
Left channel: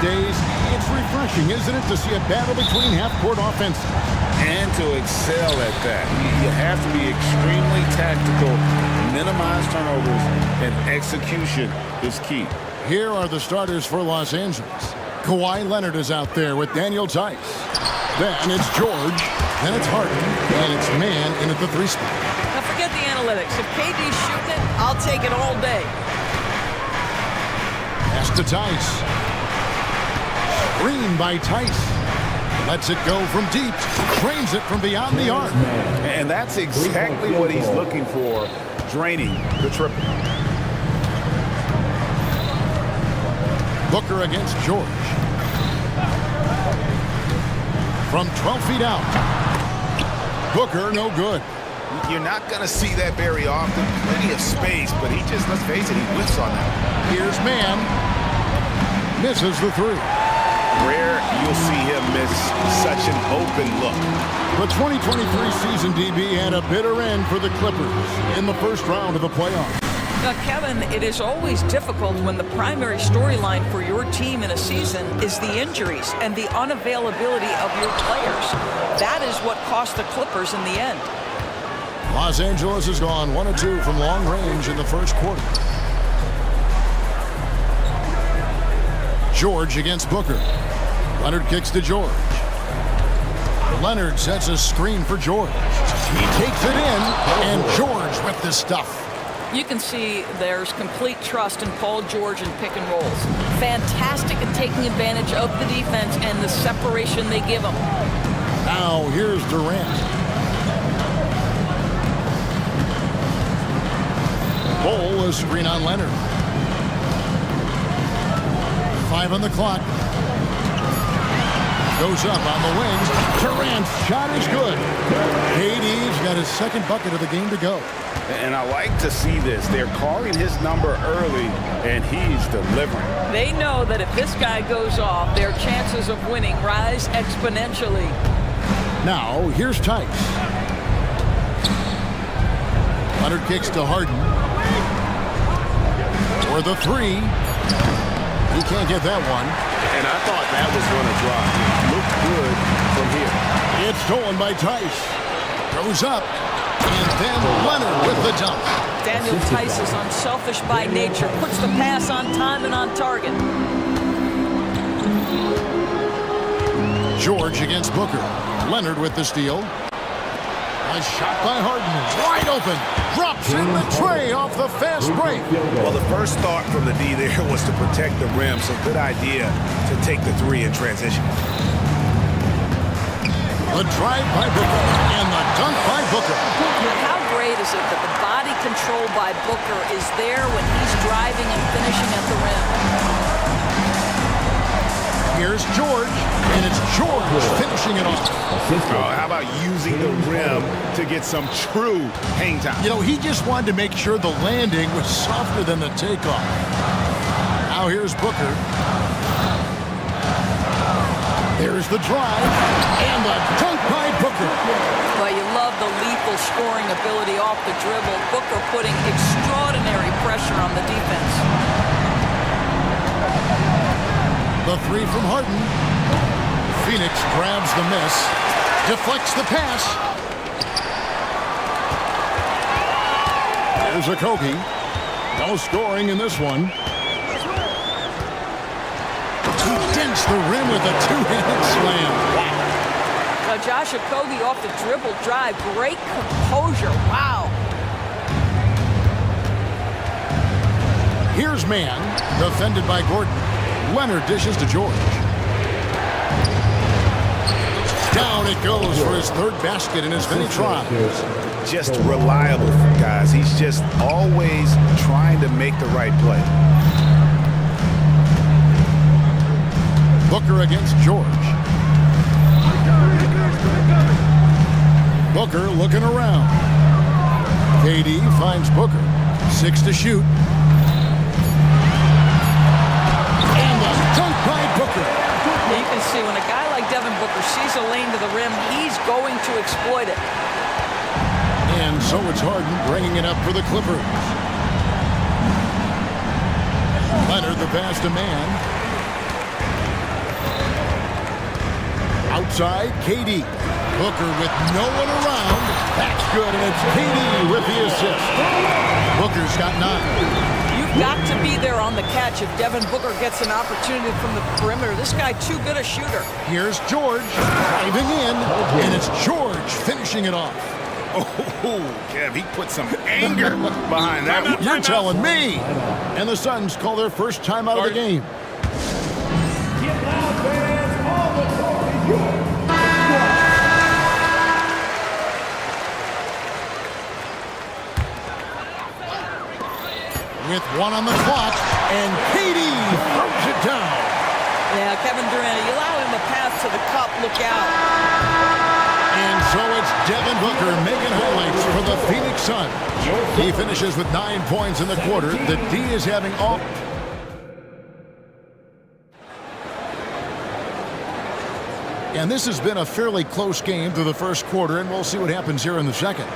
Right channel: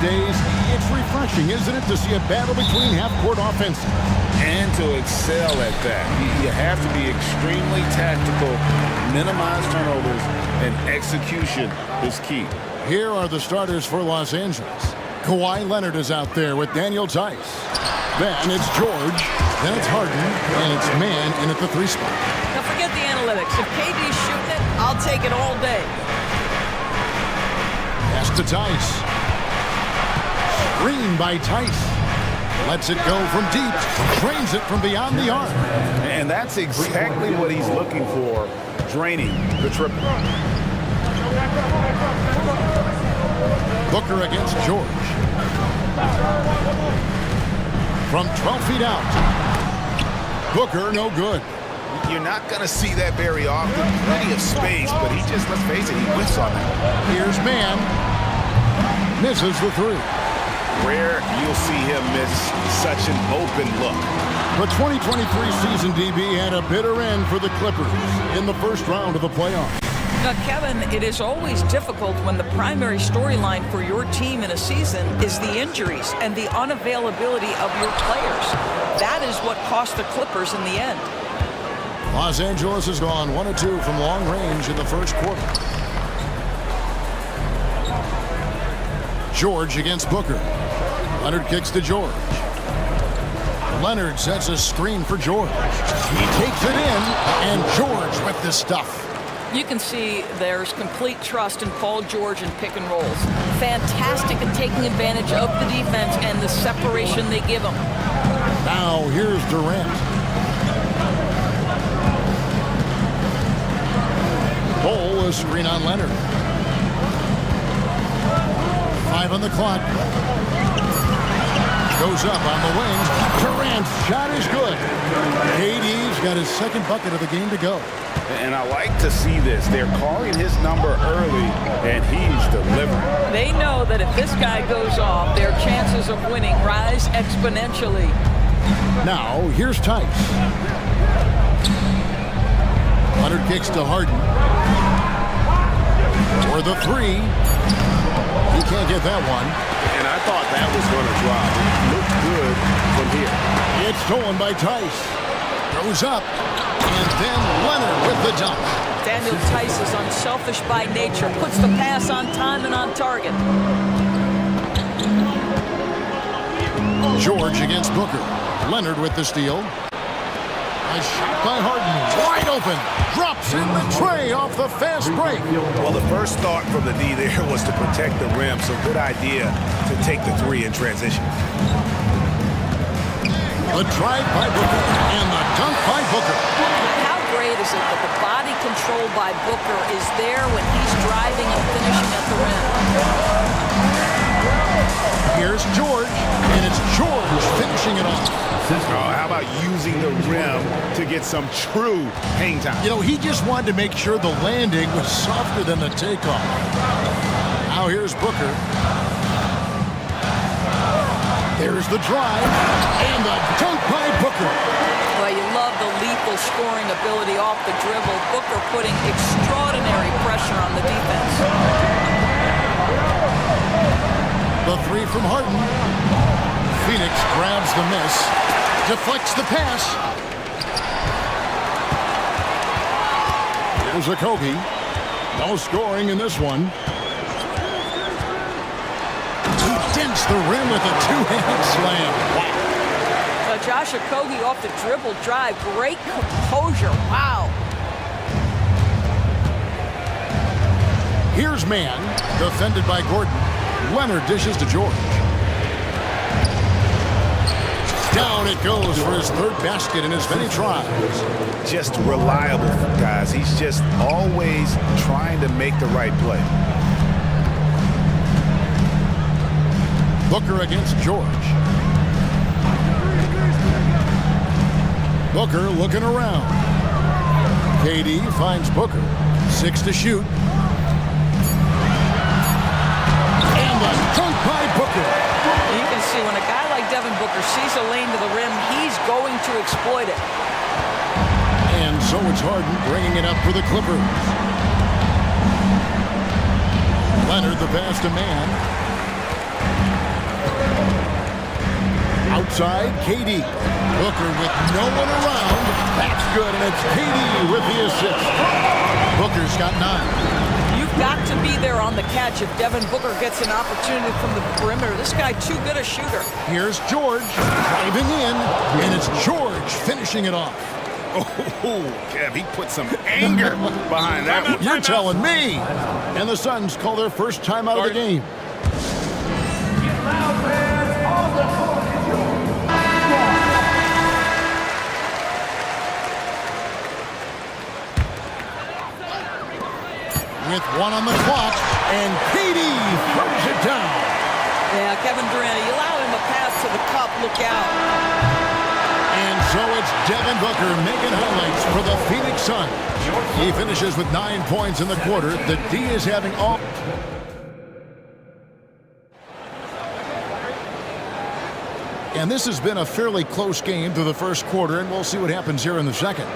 these days, it's refreshing, isn't it, to see a battle between half-court offenses? And to excel at that. You have to be extremely tactical, minimize turnovers, and execution is key. Here are the starters for Los Angeles. Kawhi Leonard is out there with Daniel Tice. Then it's George. Then it's Harden. And it's Mann in at the 3 spot. Now forget the analytics. If KD's shooting it, I'll take it all day. Pass to Tice. Screen by Tice. Lets it go from deep. Drains it from beyond the arc. And that's exactly what he's looking for, draining the triple. Booker against George. From 12 feet out. Booker, no good. You're not going to see that very often. Plenty of space, but he just, let's face it, he whiffs on that. Here's Mann. Misses the 3. Rare you'll see him miss such an open look. The 2023 season, DB, had a bitter end for the Clippers in the first round of the playoffs. Now, Kevin, it is always difficult when the primary storyline for your team in a season is the injuries and the unavailability of your players. That is what cost the Clippers in the end. Los Angeles has gone 1 of 2 from long range in the first quarter. George against Booker. Leonard kicks to George. Leonard sets a screen for George. He takes it in, and George with the stuff. You can see there's complete trust in Paul George in pick and rolls. Fantastic at taking advantage of the defense and the separation they give him. Now here's Durant. Cole, a screen on Leonard. 5 on the clock. Goes up on the wings. Durant's shot is good. KD's got his second bucket of the game to go. And I like to see this. They're calling his number early, and he's delivering. They know that if this guy goes off, their chances of winning rise exponentially. Now, here's Tice. Leonard kicks to Harden. For the 3. He can't get that one. And I thought that was going to drop. It looked good from here. It's stolen by Tice. Goes up. And then Leonard with the dunk. Daniel Tice is unselfish by nature. Puts the pass on time and on target. George against Booker. Leonard with the steal. A shot by Harden. Wide open. Drops in the tray off the fast break. Well, the first thought from the D there was to protect the rim, so good idea to take the 3 in transition. The drive by Booker and the dunk by Booker. How great is it that the body control by Booker is there when he's driving and finishing at the rim? Here's George, and it's George finishing it off. Oh, how about using the rim to get some true hang time? You know, he just wanted to make sure the landing was softer than the takeoff. Now here's Booker. There's the drive, and the dunk by Booker. Well, you love the lethal scoring ability off the dribble. Booker putting extraordinary pressure on the defense. The 3 from Harden. Phoenix grabs the miss, deflects the pass. Here's a Kobe. No scoring in this one. He dents the rim with a 2-handed slam. Wow. Josh Okogie off the dribble drive. Great composure. Wow. Here's Mann, defended by Gordon. Leonard dishes to George. Down it goes for his 3rd basket in as many tries. Just reliable, guys. He's just always trying to make the right play. Booker against George. Booker looking around. KD finds Booker. 6 to shoot. And the dunk by Booker. You can see when a guy like Devin Booker sees a lane to the rim, he's going to exploit it. And so it's Harden bringing it up for the Clippers. Leonard the pass to Mann. Outside, KD. Booker with no one around. That's good, and it's KD with the assist. Booker's got 9. You've got to be there on the catch if Devin Booker gets an opportunity from the perimeter. This guy too good a shooter. Here's George driving in, and it's George finishing it off. Oh, Kev, he put some anger behind that one. You're telling me. And the Suns call their first time out of the game. Get loud, fans. All the court is yours. With 1 on the clock, and KD throws it down. Yeah, Kevin Durant, you allow him a pass to the cup, look out. And so it's Devin Booker making highlights for the Phoenix Suns. He finishes with 9 points in the quarter. The D is having all... And this has been a fairly close game through the first quarter, and we'll see what happens here in the second.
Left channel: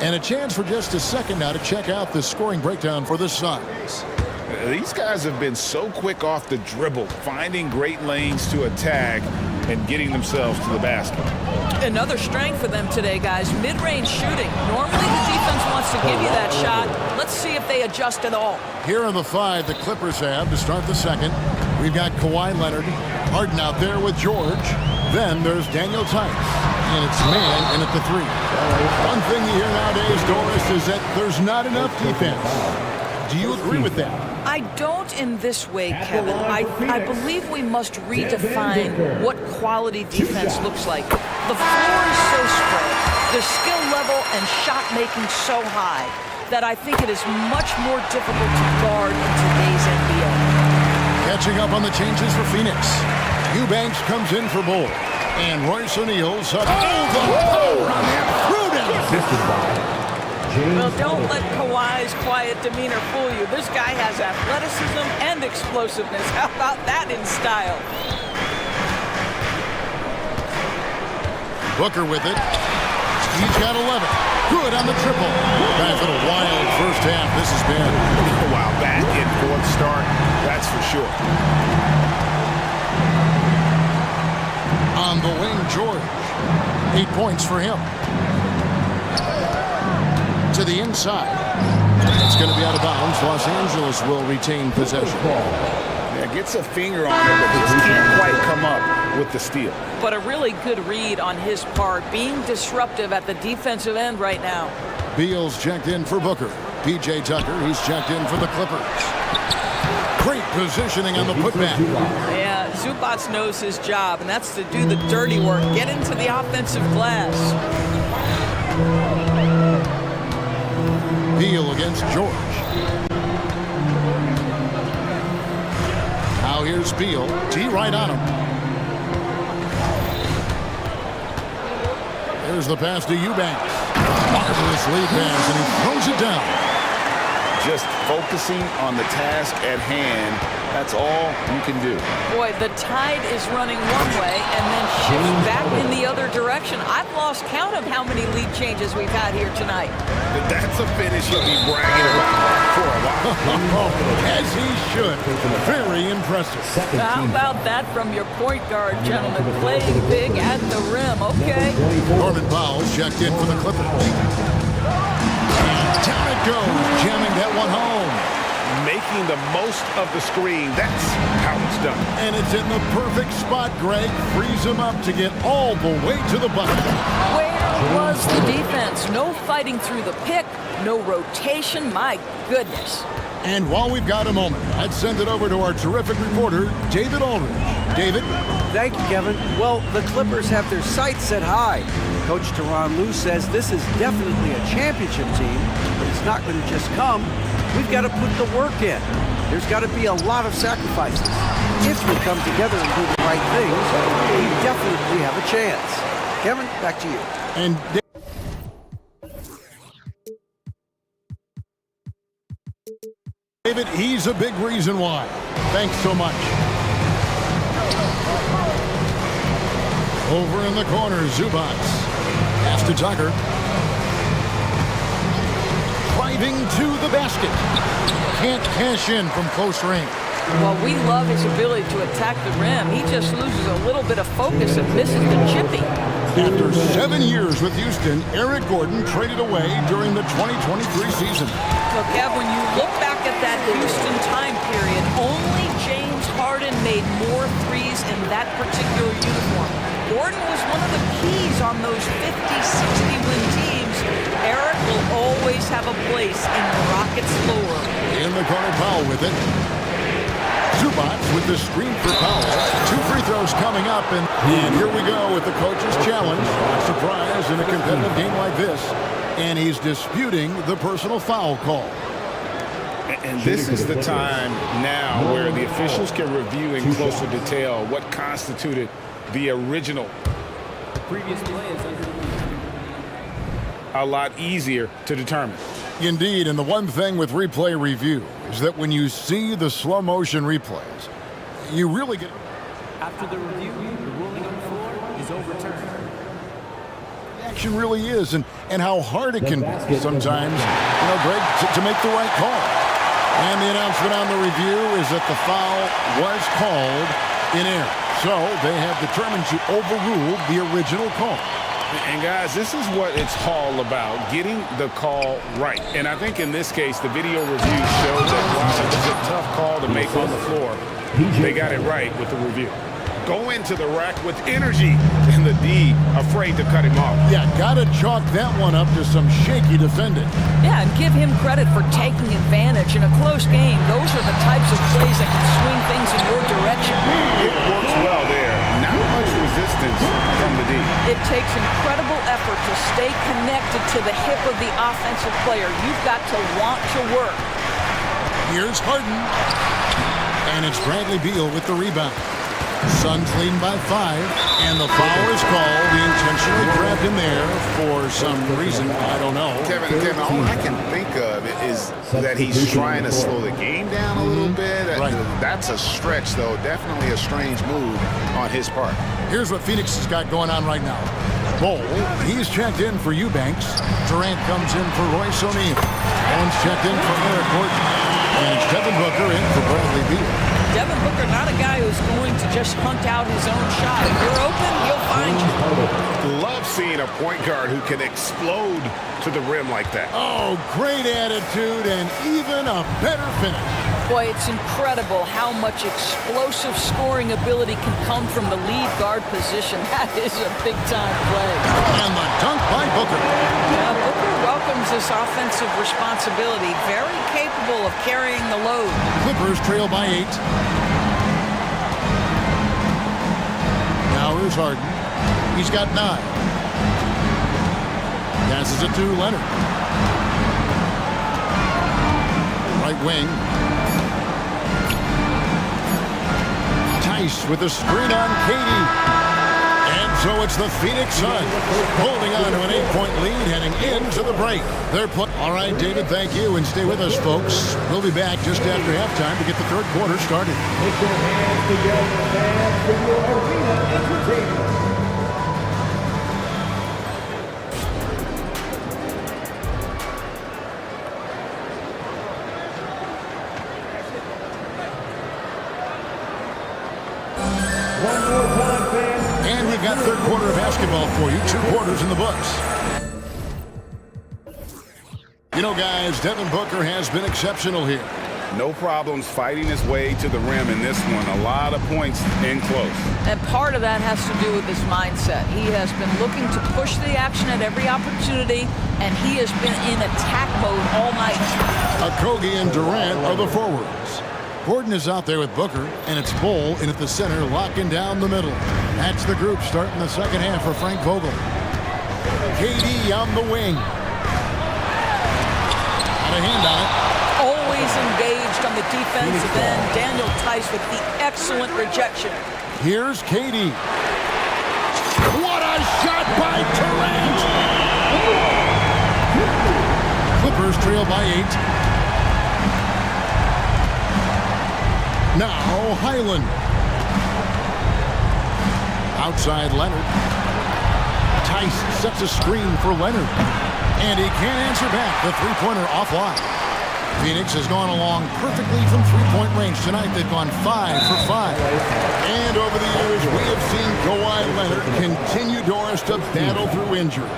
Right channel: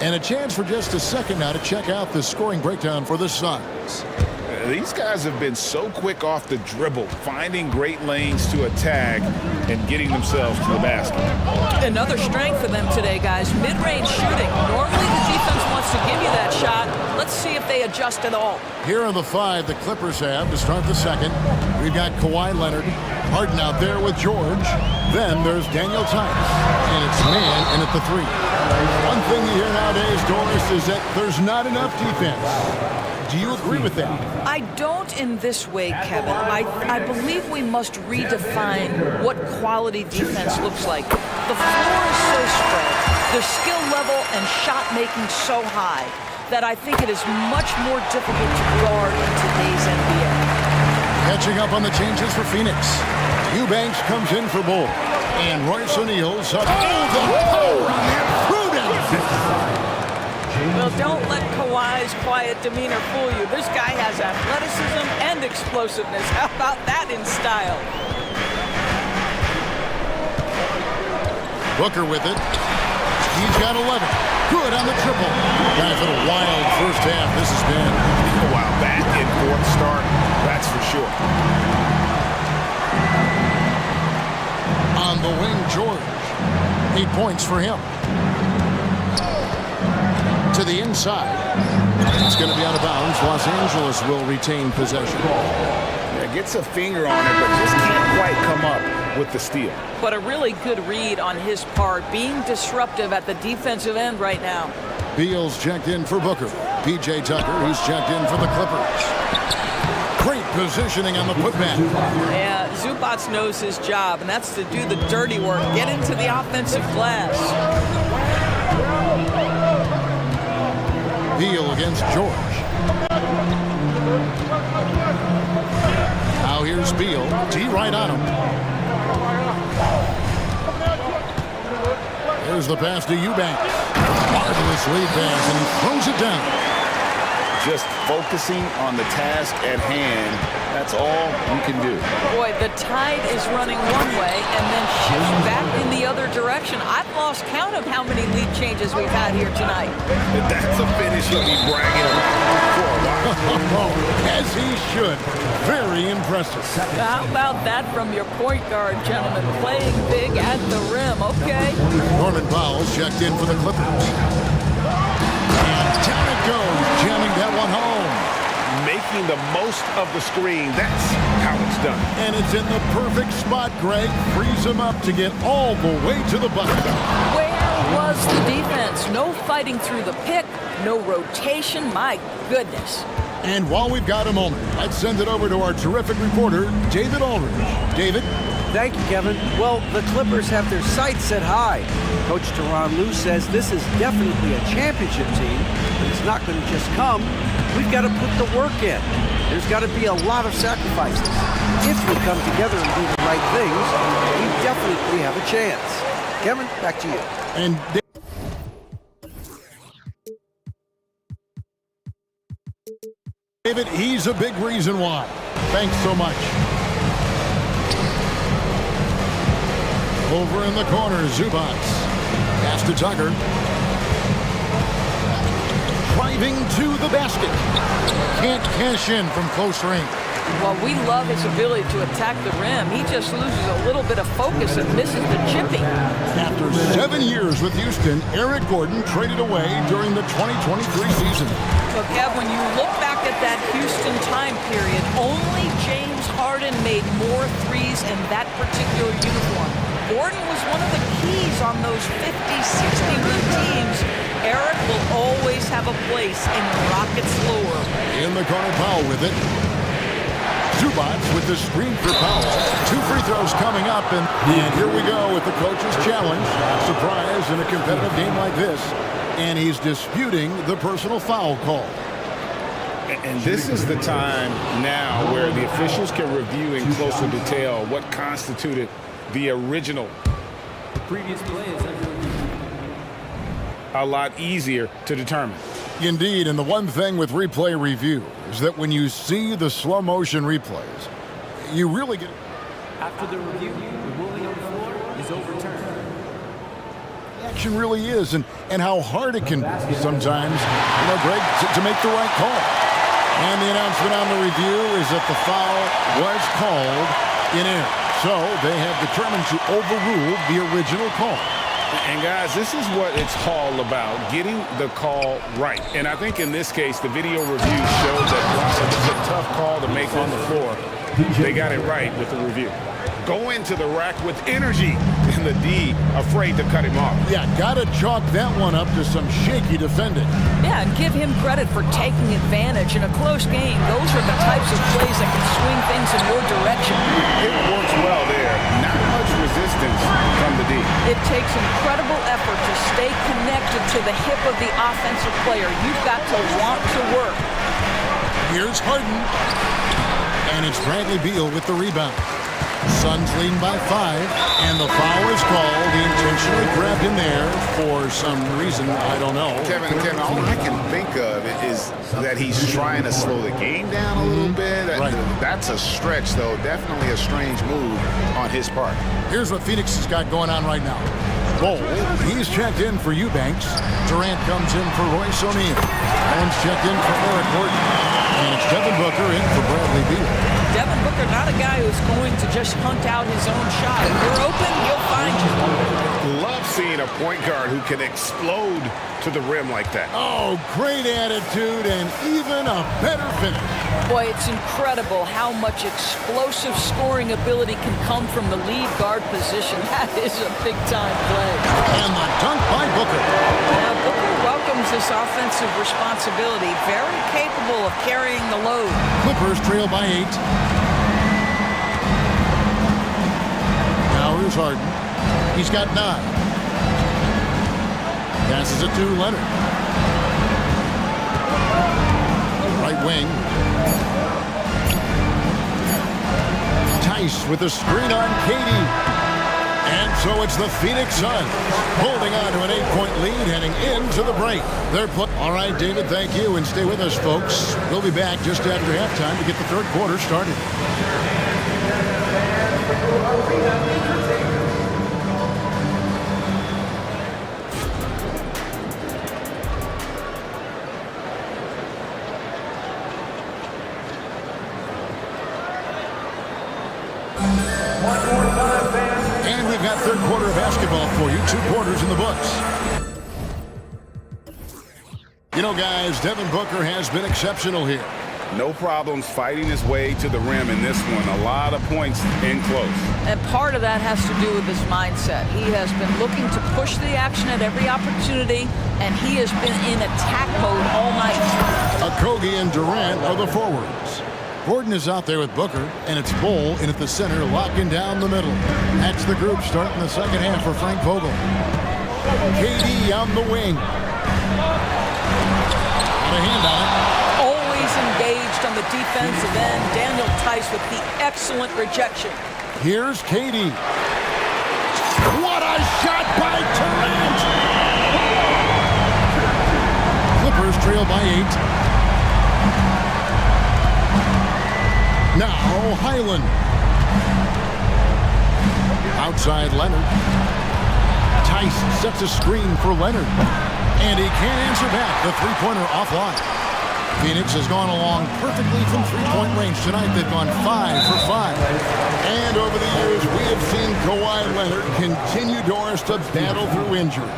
And a chance for just a second now to check out the scoring breakdown for the Suns. These guys have been so quick off the dribble, finding great lanes to attack and getting themselves to the basket. Another strength for them today, guys. Mid-range shooting. Normally the defense wants to give you that shot. Let's see if they adjust at all. Here are the 5 the Clippers have to start the second. We've got Kawhi Leonard, Harden out there with George. Then there's Daniel Tice, and it's man in at the 3. One thing you hear nowadays, Doris, is that there's not enough defense. Do you agree with that? I don't in this way, Kevin. I believe we must redefine what quality defense looks like. The floor is so spread, the skill level and shot making so high that I think it is much more difficult to guard in today's NBA. Catching up on the changes for Phoenix. Eubanks comes in for Bull. And Royce O'Neal's up. Oh, the power on that prudence! Well, don't let Kawhi's quiet demeanor fool you. This guy has athleticism and explosiveness. How about that in style? Booker with it. He's got 11. Good on the triple. Guys, what a wild first half this has been. Wow, back and forth start, that's for sure. On the wing, George. 8 points for him. To the inside. It's going to be out of bounds. Los Angeles will retain possession. Yeah, gets a finger on it, but just can't quite come up with the steal. But a really good read on his part, being disruptive at the defensive end right now. Beal's checked in for Booker. P.J. Tucker, he's checked in for the Clippers. Great positioning on the putback. Yeah, Zubac knows his job, and that's to do the dirty work, get into the offensive glass. Beal against George. Now here's Beal. T right on him. There's the pass to Eubanks. Marvelous lead pass, and he throws it down. Just focusing on the task at hand, that's all you can do. Boy, the tide is running one way and then shifts back in the other direction. I've lost count of how many lead changes we've had here tonight. That's a finish he'll be bragging about for a while. As he should. Very impressive. How about that from your point guard, gentlemen? Playing big at the rim, okay? Norman Powell's checked in for the Clippers. And down it goes, jamming that one home. Making the most of the screen, that's how it's done. And it's in the perfect spot, Greg. Frees him up to get all the way to the bucket. Where was the defense? No fighting through the pick, no rotation, my goodness. And while we've got a moment, let's send it over to our terrific reporter, David Aldridge. David? Thank you, Kevin. Well, the Clippers have their sights set high. Coach Tyronn Lue says this is definitely a championship team, but it's not going to just come. We've got to put the work in. There's got to be a lot of sacrifices. If we come together and do the right things, we definitely have a chance. Kevin, back to you. And David, he's a big reason why. Thanks so much. Over in the corner, Zubac. Pass to Tucker. Driving to the basket. Can't cash in from close range. Well, we love his ability to attack the rim. He just loses a little bit of focus and misses the chipping. After 7 years with Houston, Eric Gordon traded away during the 2023 season. Look, Ev, when you look back at that Houston time period, only James Harden made more threes in that particular uniform. Gordon was one of the keys on those 50-60 win teams. Eric will always have a place in the Rockets' lore. In the corner, Powell with it. Zubac with the screen for Powell. 2 free throws coming up, and here we go with the coach's challenge. Not surprised in a competitive game like this. And he's disputing the personal foul call. And this is the time now where the officials can review in closer detail what constituted the original. The previous play is under review. A lot easier to determine. Indeed, and the one thing with replay review is that when you see the slow motion replays, you really get... After the review, the ruling on the floor is overturned. Action really is, and how hard it can be sometimes, Greg, to make the right call. And the announcement on the review is that the foul was called in error. So they have determined to overrule the original call. And guys, this is what it's all about, getting the call right. And I think in this case, the video review showed that while it was a tough call to make on the floor, they got it right with the review. Go into the rack with energy, and the D afraid to cut him off. Yeah, gotta chalk that one up to some shaky defending. Yeah, and give him credit for taking advantage. In a close game, those are the types of plays that can swing things in your direction. It works well there. Not much resistance from the D. It takes incredible effort to stay connected to the hip of the offensive player. You've got to want to work. Here's Harden. And it's Bradley Beal with the rebound. Suns leading by 5, and the foul is called. He intentionally grabbed him there for some reason, I don't know. Kevin, all I can think of is that he's trying to slow the game down a little bit. Right. That's a stretch, though. Definitely a strange move on his part. Here's what Phoenix has got going on right now. Bol, he's checked in for Eubanks. Durant comes in for Royce O'Neal. Allen's checked in for Eric Gordon. And it's Devin Booker in for Bradley Beal. Devin Booker, not a guy who's going to just hunt out his own shot. If you're open, he'll find you. Love seeing a point guard who can explode to the rim like that. Oh, great attitude and even a better finish. Boy, it's incredible how much explosive scoring ability can come from the lead guard position. That is a big-time play. And the dunk by Booker. Now, Booker welcomes this offensive responsibility. Very capable of carrying the load. Clippers trail by 8. Now here's Harden. He's got 9. Passes it to Leonard. Right wing. Tice with a screen on Katie. And so it's the Phoenix Suns holding on to an 8-point lead heading into the break. All right, David, thank you. And stay with us, folks. We'll be back just after halftime to get the third quarter started. Put your hands together, fans, for your arena entertainment. And we've got third quarter of basketball for you. 2 quarters in the books. Guys, Devin Booker has been exceptional here. No problems fighting his way to the rim in this one. A lot of points in close. And part of that has to do with his mindset. He has been looking to push the action at every opportunity, and he has been in attack mode all night. Okogie and Durant are the forwards. Gordon is out there with Booker, and it's Bol in at the center, locking down the middle. That's the group starting the second half for Frank Vogel. KD on the wing. Got a hand on it. Always engaged on the defensive end. Daniel Tice with the excellent rejection. Here's KD. What a shot by Durant! Clippers trail by 8. Now Highland. Outside Leonard. Tice sets a screen for Leonard. And he can't answer back. The three-pointer offline. Phoenix has gone along perfectly from three-point range tonight. They've gone 5 for 5. And over the years, we have seen Kawhi Leonard continue, Doris, to battle through injuries.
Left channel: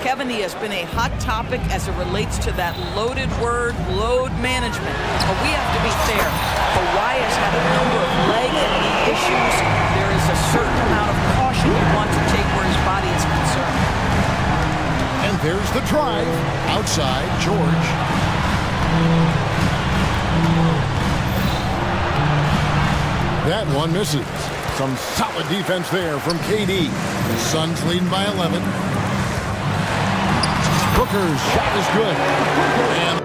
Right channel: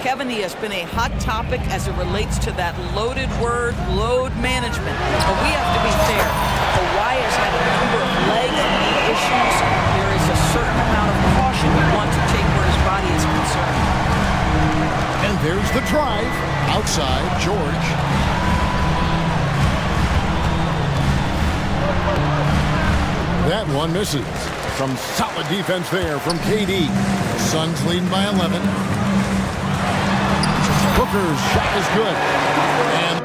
Kevin, he has been a hot topic as it relates to that loaded word, load management. But we have to be fair. Kawhi has had a number of leg and knee issues. There is a certain amount of caution you want to take where his body is concerned. And there's the drive. Outside, George. That one misses. Some solid defense there from KD. The Suns leading by 11. Booker's shot is good. And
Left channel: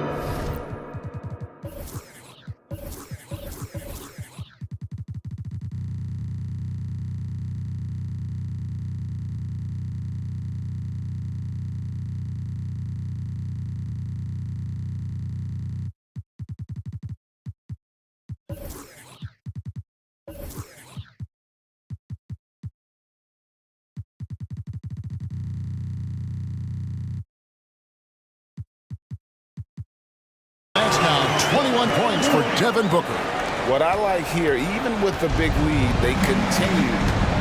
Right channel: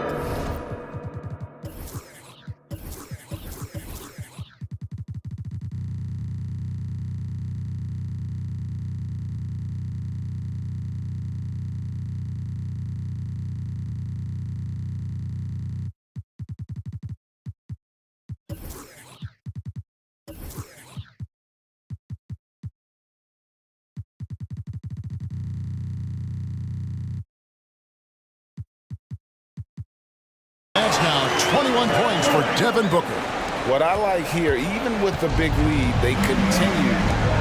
that's now 21 points for Devin Booker. What I like here, even with the big lead, they continue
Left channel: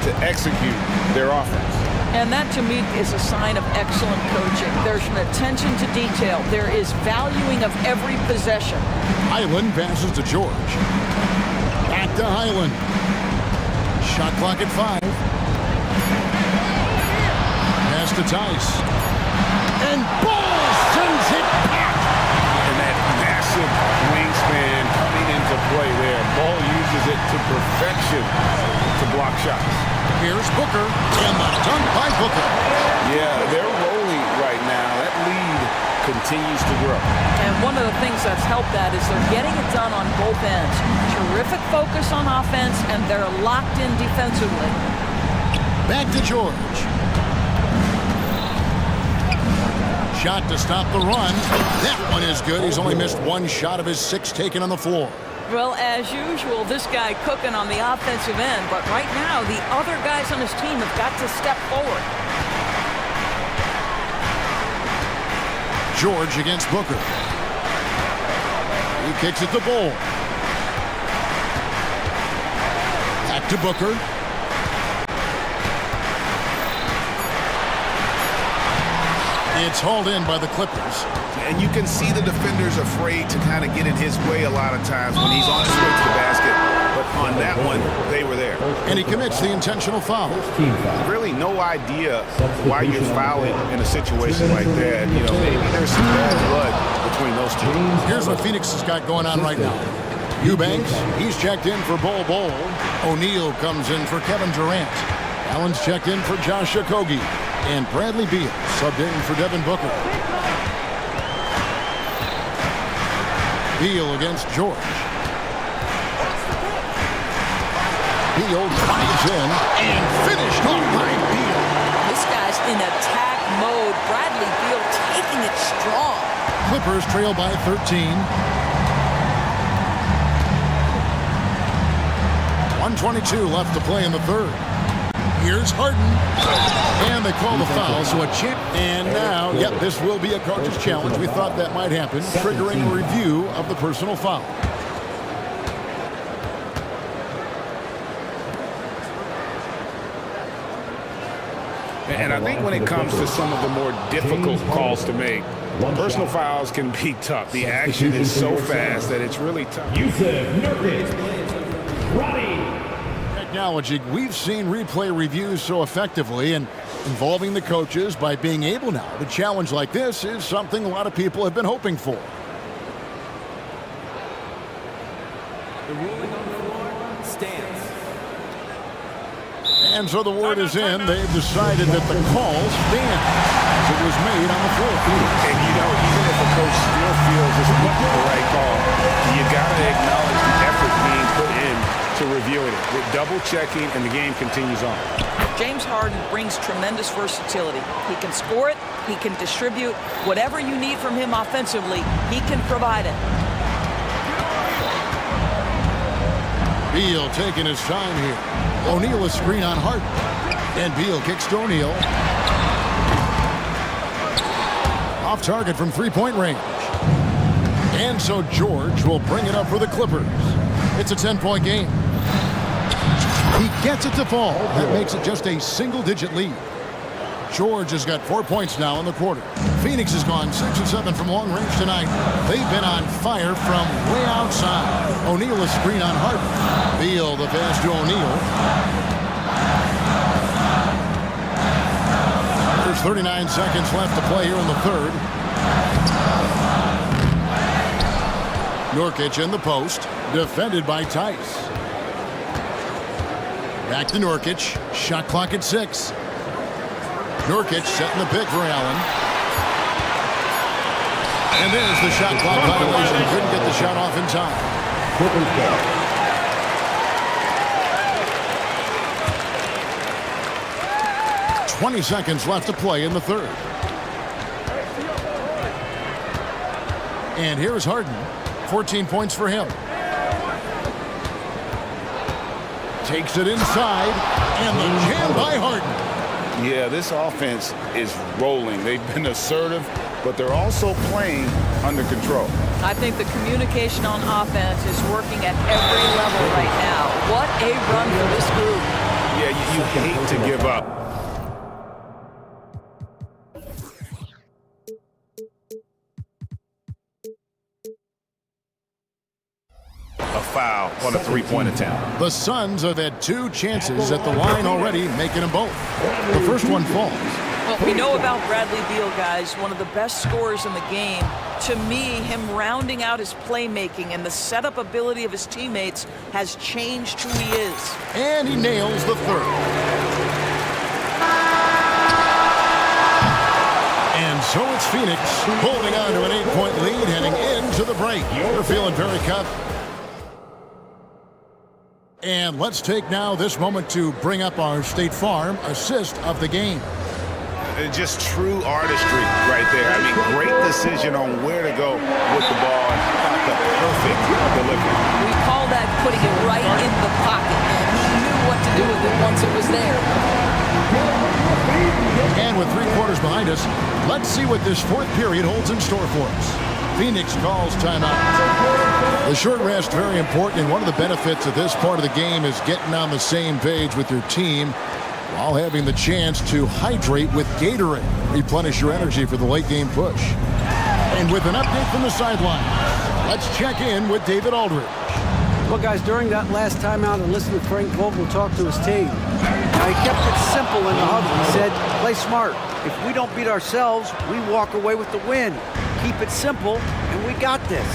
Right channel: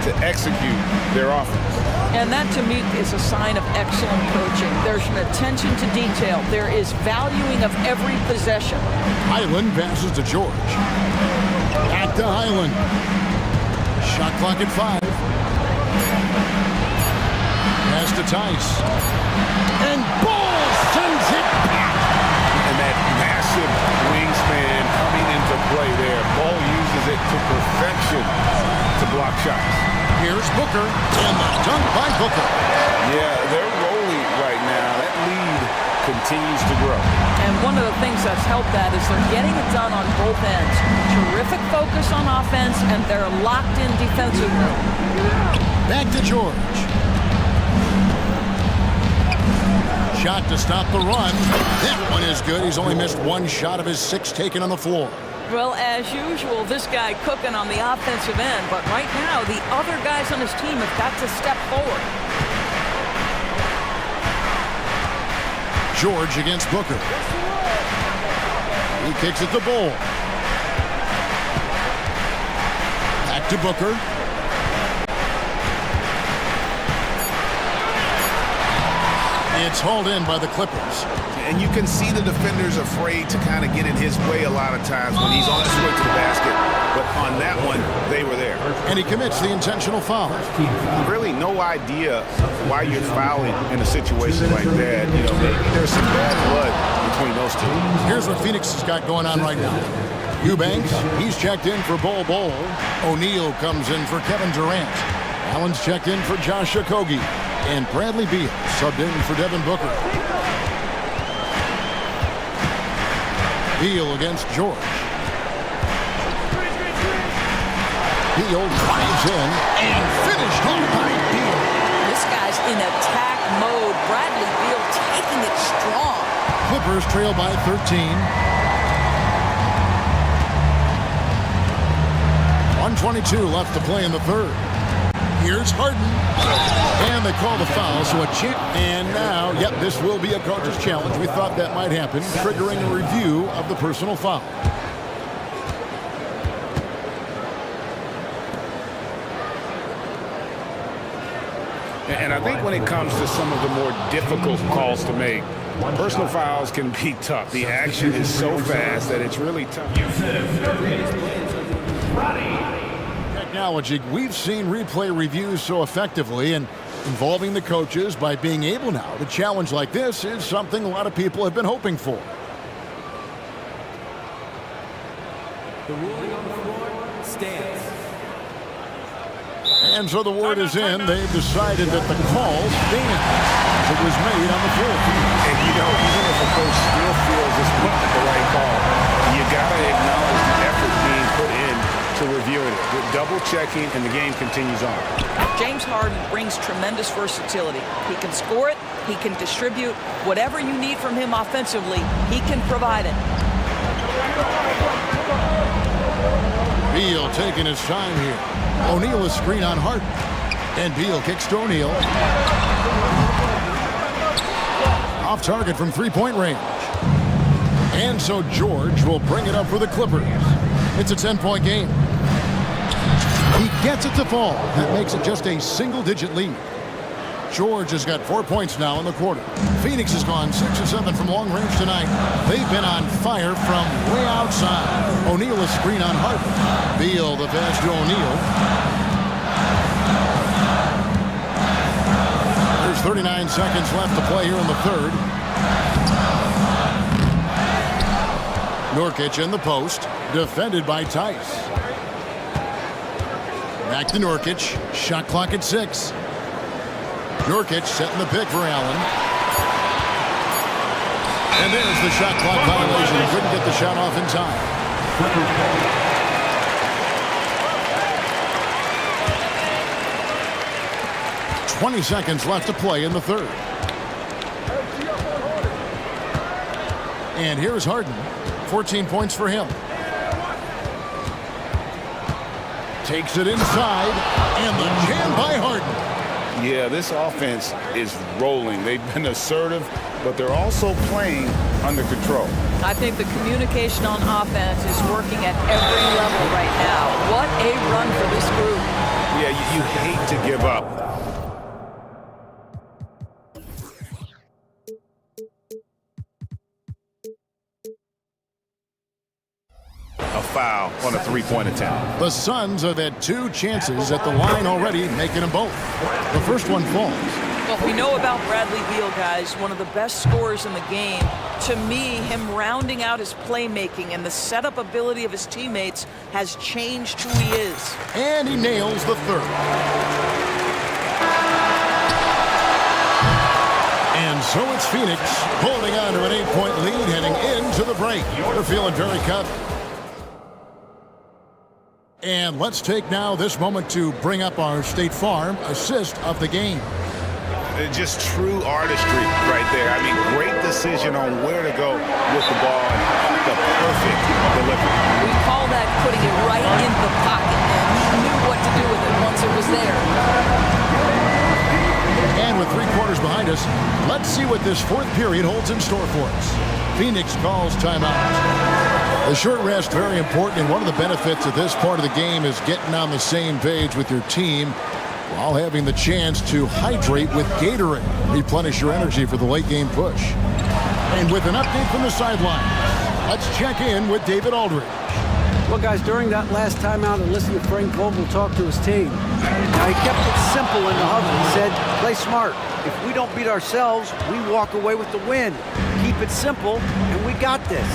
to execute their offense. And that, to me, is a sign of excellent coaching. There's an attention to detail. There is valuing of every possession. Highland passes to George. Back to Highland. Shot clock at 5. Pass to Tice. And Ball sends it back. And that massive wingspan coming into play there. Ball uses it to perfection to block shots. Here's Booker, and the dunk by Booker. Yeah, they're rolling right now. That lead continues to grow. And one of the things that's helped that is they're getting it done on both ends. Terrific focus on offense, and they're locked in defensively. Back to George. Shot to stop the run. That one is good. He's only missed one shot of his 6 taken on the floor. Well, as usual, this guy cooking on the offensive end, but right now the other guys on his team have got to step forward. George against Booker. He kicks it to Ball. Back to Booker. It's hauled in by the Clippers. And you can see the defenders afraid to kind of get in his way a lot of times when he's on his way to the basket. But on that one, they were there. And he commits the intentional foul. Really no idea why you're fouling in a situation like that. You know, maybe there's some bad blood between those two. Here's what Phoenix has got going on right now. Eubanks, he's checked in for Bol Bol. O'Neal comes in for Kevin Durant. Allen's checked in for Josh Okogie. And Bradley Beal subbed in for Devin Booker. Beal against George. Beal drives in and finished off by Beal. This guy's in attack mode. Bradley Beal taking it strong. Clippers trail by 13. 1:22 left to play in the third. Here's Harden. And they call the foul, so a chip. And now, yep, this will be a coach's challenge. We thought that might happen, triggering a review of the personal foul. And I think when it comes to some of the more difficult calls to make, personal fouls can be tough. The action is so fast that it's really tough. Technology, we've seen replay reviews so effectively, and involving the coaches by being able now to challenge like this is something a lot of people have been hoping for. The ruling on the floor stands. And so the word is in. They've decided that the call stands as it was made on the floor. And you know, even if a coach still feels this wasn't the right call, you got to acknowledge the effort being put in to reviewing it, with double checking, and the game continues on. James Harden brings tremendous versatility. He can score it, he can distribute. Whatever you need from him offensively, he can provide it. Beal taking his time here. O'Neal is screen on Harden. And Beal kicks to O'Neal. Off target from three-point range. And so George will bring it up for the Clippers. It's a 10-point game. He gets it to fall. That makes it just a single-digit lead. George has got 4 points now in the quarter. Phoenix has gone 6 of 7 from long range tonight. They've been on fire from way outside. O'Neal a screen on Harden. Beal the pass to O'Neal. There's 39 seconds left to play here in the third. Nurkic in the post, defended by Tice. Back to Nurkic, shot clock at 6. Nurkic setting the pick for Allen. And there's the shot clock violation. Couldn't get the shot off in time. 20 seconds left to play in the third. And here's Harden. 14 points for him. Takes it inside, and the jam by Harden. Yeah, this offense is rolling. They've been assertive, but they're also playing under control. I think the communication on offense is working at every level right now. What a run for this group. Yeah, you hate to give up. A foul on a three-point attempt. The Suns have had 2 chances at the line already, making them both. The first one falls. Well, we know about Bradley Beal, guys, one of the best scorers in the game. To me, him rounding out his playmaking and the setup ability of his teammates has changed who he is. And he nails the third. And so it's Phoenix holding on to an 8-point lead heading into the break. They're feeling very confident. And let's take now this moment to bring up our State Farm assist of the game. Just true artistry right there. I mean, great decision on where to go with the ball, and how about the perfect delivery. We call that putting it right in the pocket, and he knew what to do with it once it was there. And with 3 quarters behind us, let's see what this fourth period holds in store for us. Phoenix calls timeout. The short rest, very important, and one of the benefits of this part of the game is getting on the same page with your team while having the chance to hydrate with Gatorade. Replenish your energy for the late game push. And with an update from the sidelines, let's check in with David Aldridge. Well, guys, during that last timeout and listening to Frank Vogel talk to his team, he kept it simple in the huddle. He said, play smart. If we don't beat ourselves, we walk away with the win. Keep it simple, and we got this.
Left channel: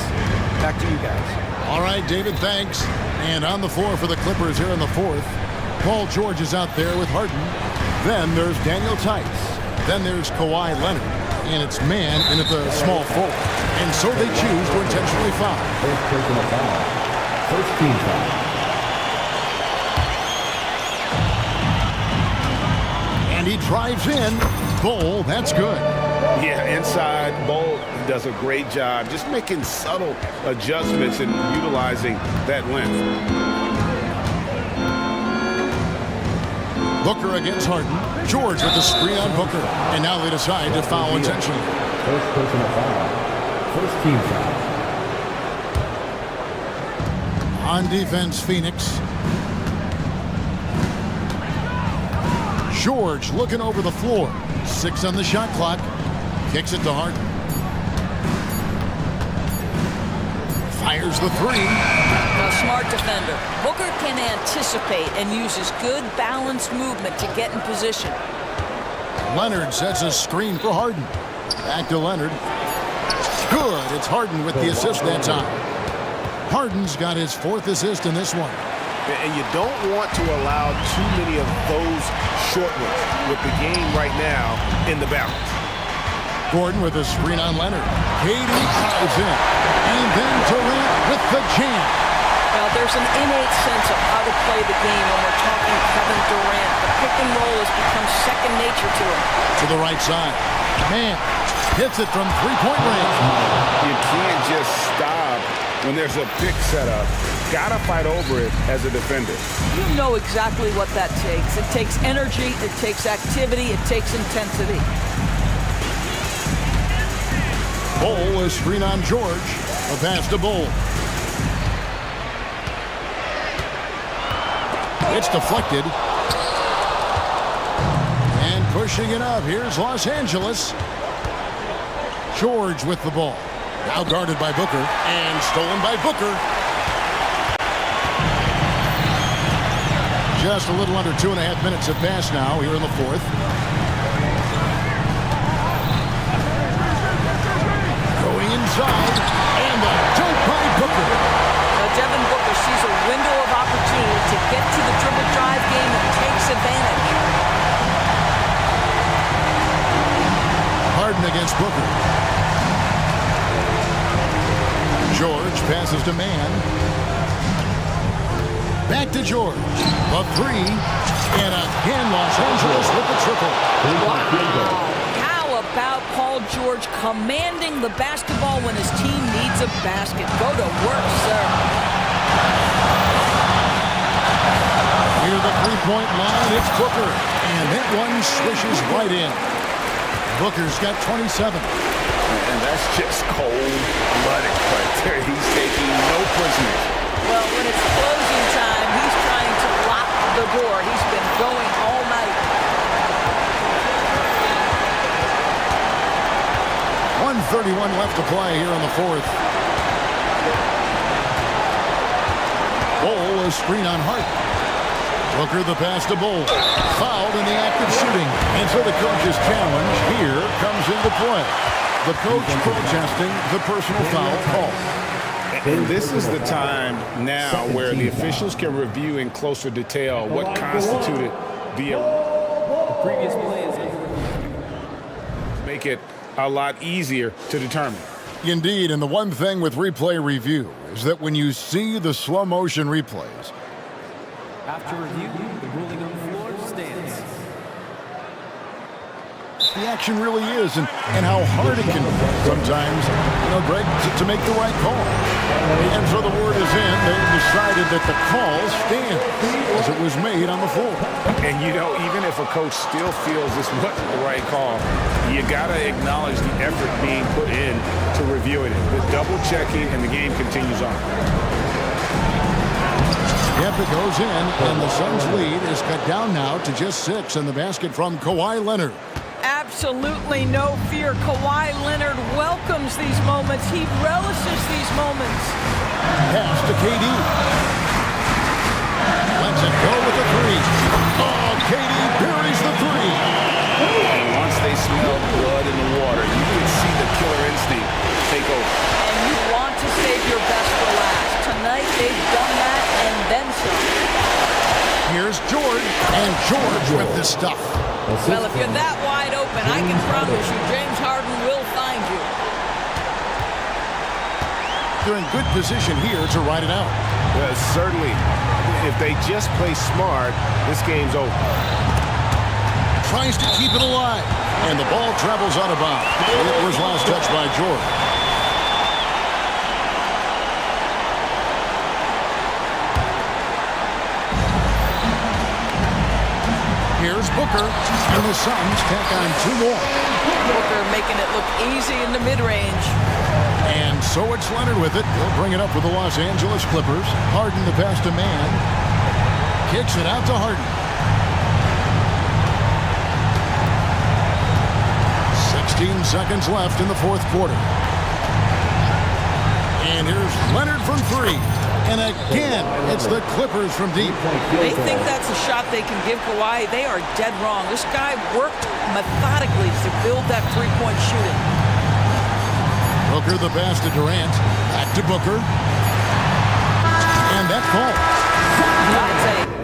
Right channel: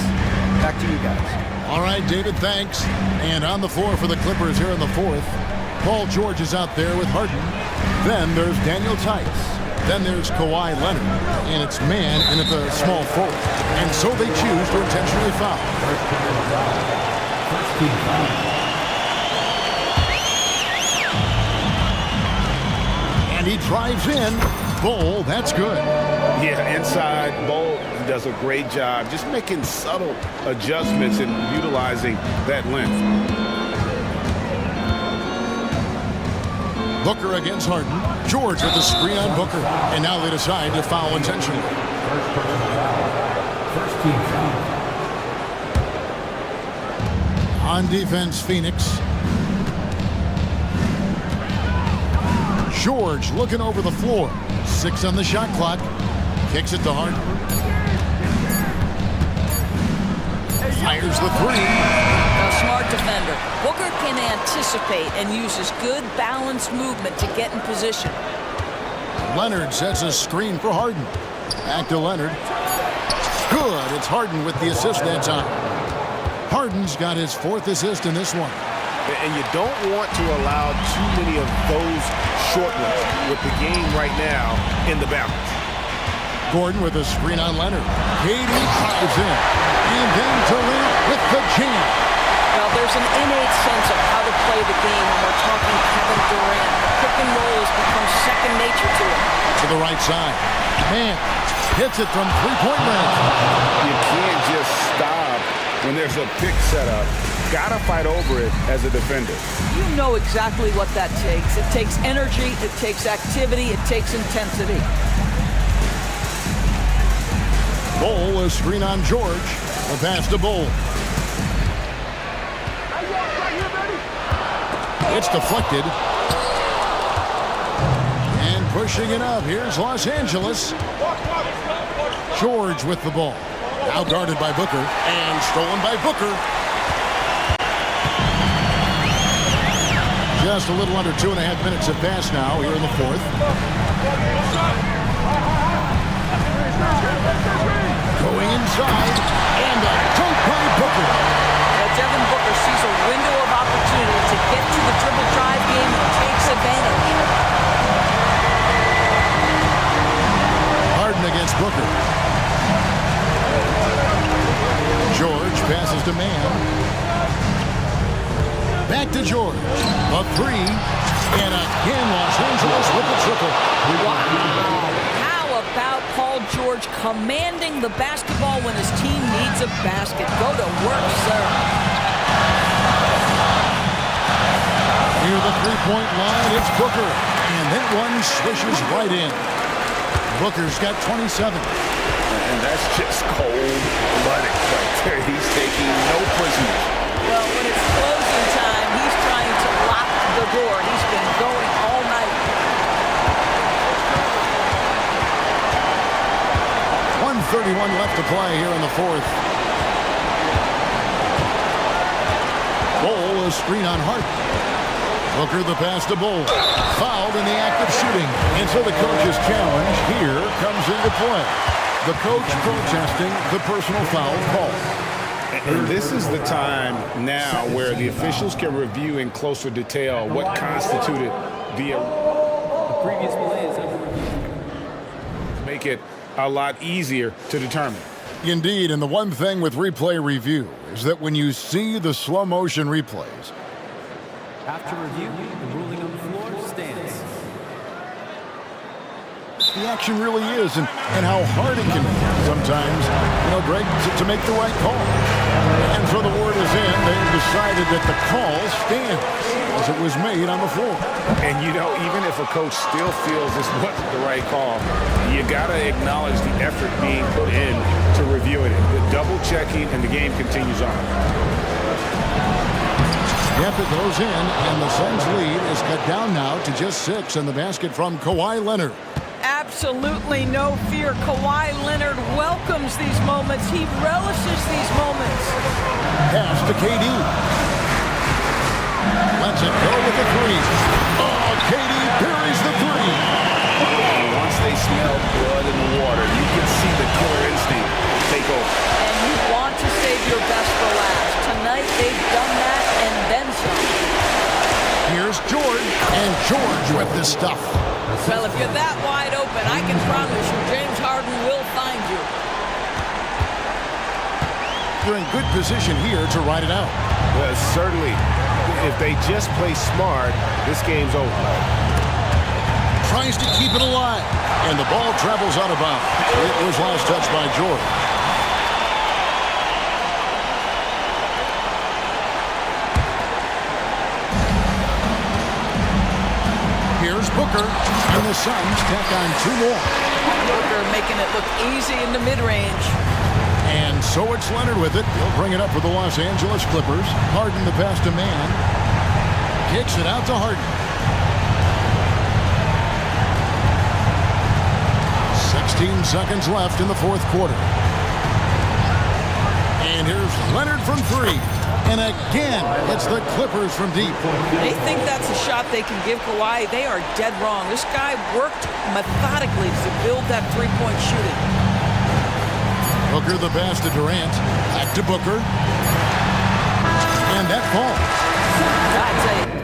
Back to you guys. All right, David, thanks. And on the floor for the Clippers here in the fourth, Paul George is out there with Harden. Then there's Daniel Tice. Then there's Kawhi Leonard. And it's man in at the small forward. And so they choose to intentionally foul. First personal foul. First team foul. And he drives in. Bull, that's good. Yeah, inside, Bull does a great job just making subtle adjustments and utilizing that length. Booker against Harden. George with the screen on Booker. And now they decide to foul intentionally. First personal foul. First team foul. On defense, Phoenix. George looking over the floor. 6 on the shot clock. Kicks it to Harden. Fires the 3. A smart defender. Booker can anticipate and uses good balanced movement to get in position. Leonard sets a screen for Harden. Back to Leonard. Good. It's Harden with the assist that time. Harden's got his 4th assist in this one. And you don't want to allow too many of those short ones with the game right now in the balance. Gordon with a screen on Leonard. KD drives in. And then Durant with the jam. Now, there's an innate sense of how to play the game when we're talking Kevin Durant. The pick and roll has become second nature to him. To the right side. Man hits it from 3-point range. You can't just stop when there's a pick set up. Gotta fight over it as a defender. You know exactly what that takes. It takes energy, it takes activity, it takes intensity. Bull, a screen on George. The pass to Bull. It's deflected. And pushing it up. Here's Los Angeles. George with the ball. Now guarded by Booker. And stolen by Booker. Just a little under 2.5 minutes have passed now here in the fourth. Going inside, and the dunk by Booker. Devin Booker sees a window of opportunity to get to the dribble drive game and takes advantage. Harden against Booker. George passes to Mann. Back to George. The three. And again, Los Angeles with the triple. Wow. How about Paul George commanding the basketball when his team needs a basket? Go to work, sir. Near the three-point line, it's Booker. And that one swishes right in. Booker's got 27. And that's just cold-blooded right there. He's taking no prisoners. Well, when it's closing time, he's trying to lock the door. He's been going all night. 1:31 left to play here in the fourth. Bull, a screen on Hart. Booker the pass to Bull. Fouled in the act of shooting. And so the coach's challenge here comes into play. The coach protesting the personal foul call. And this is the time now where the officials can review in closer detail what constituted the previous play is under review. Make it a lot easier to determine. Indeed, and the one thing with replay review is that when you see the slow motion replays, after review, the ruling on the floor stands. the action really is and how hard it can be sometimes, Greg, to make the right call. And so the word is in. They've decided that the call stands as it was made on the floor. And, even if a coach still feels this wasn't the right call, you got to acknowledge the effort being put in to reviewing it. The double checking, and the game continues on. Yep, it goes in, and the Suns' lead is cut down now to just 6, and the basket from Kawhi Leonard. Absolutely no fear. Kawhi Leonard welcomes these moments. He relishes these moments. Pass to KD. Lets it go with the three. Oh, KD buries the three. And once they smelled blood in the water, you can see the killer instinct take over. And you want to save your best for last. Tonight, they've done that and then some. Here's George, and George with the stuff. Well, if you're that wide open, I can promise you James Harden will find you. They're in good position here to ride it out. Certainly. If they just play smart, this game's over. Tries to keep it alive, and the ball travels out of bounds. It was last touched by George. Here's Booker, and the Suns tack on 2 more. Booker making it look easy in the mid-range. And so it's Leonard with it. He'll bring it up for the Los Angeles Clippers. Harden the pass to Mann. Kicks it out to Harden. 16 seconds left in the fourth quarter. And here's Leonard from 3. And again, it's the Clippers from deep. They think that's a shot they can give Kawhi. They are dead wrong. This guy worked methodically to build that three-point shooting. Booker the pass to Durant. Back to Booker. And that falls. I'd say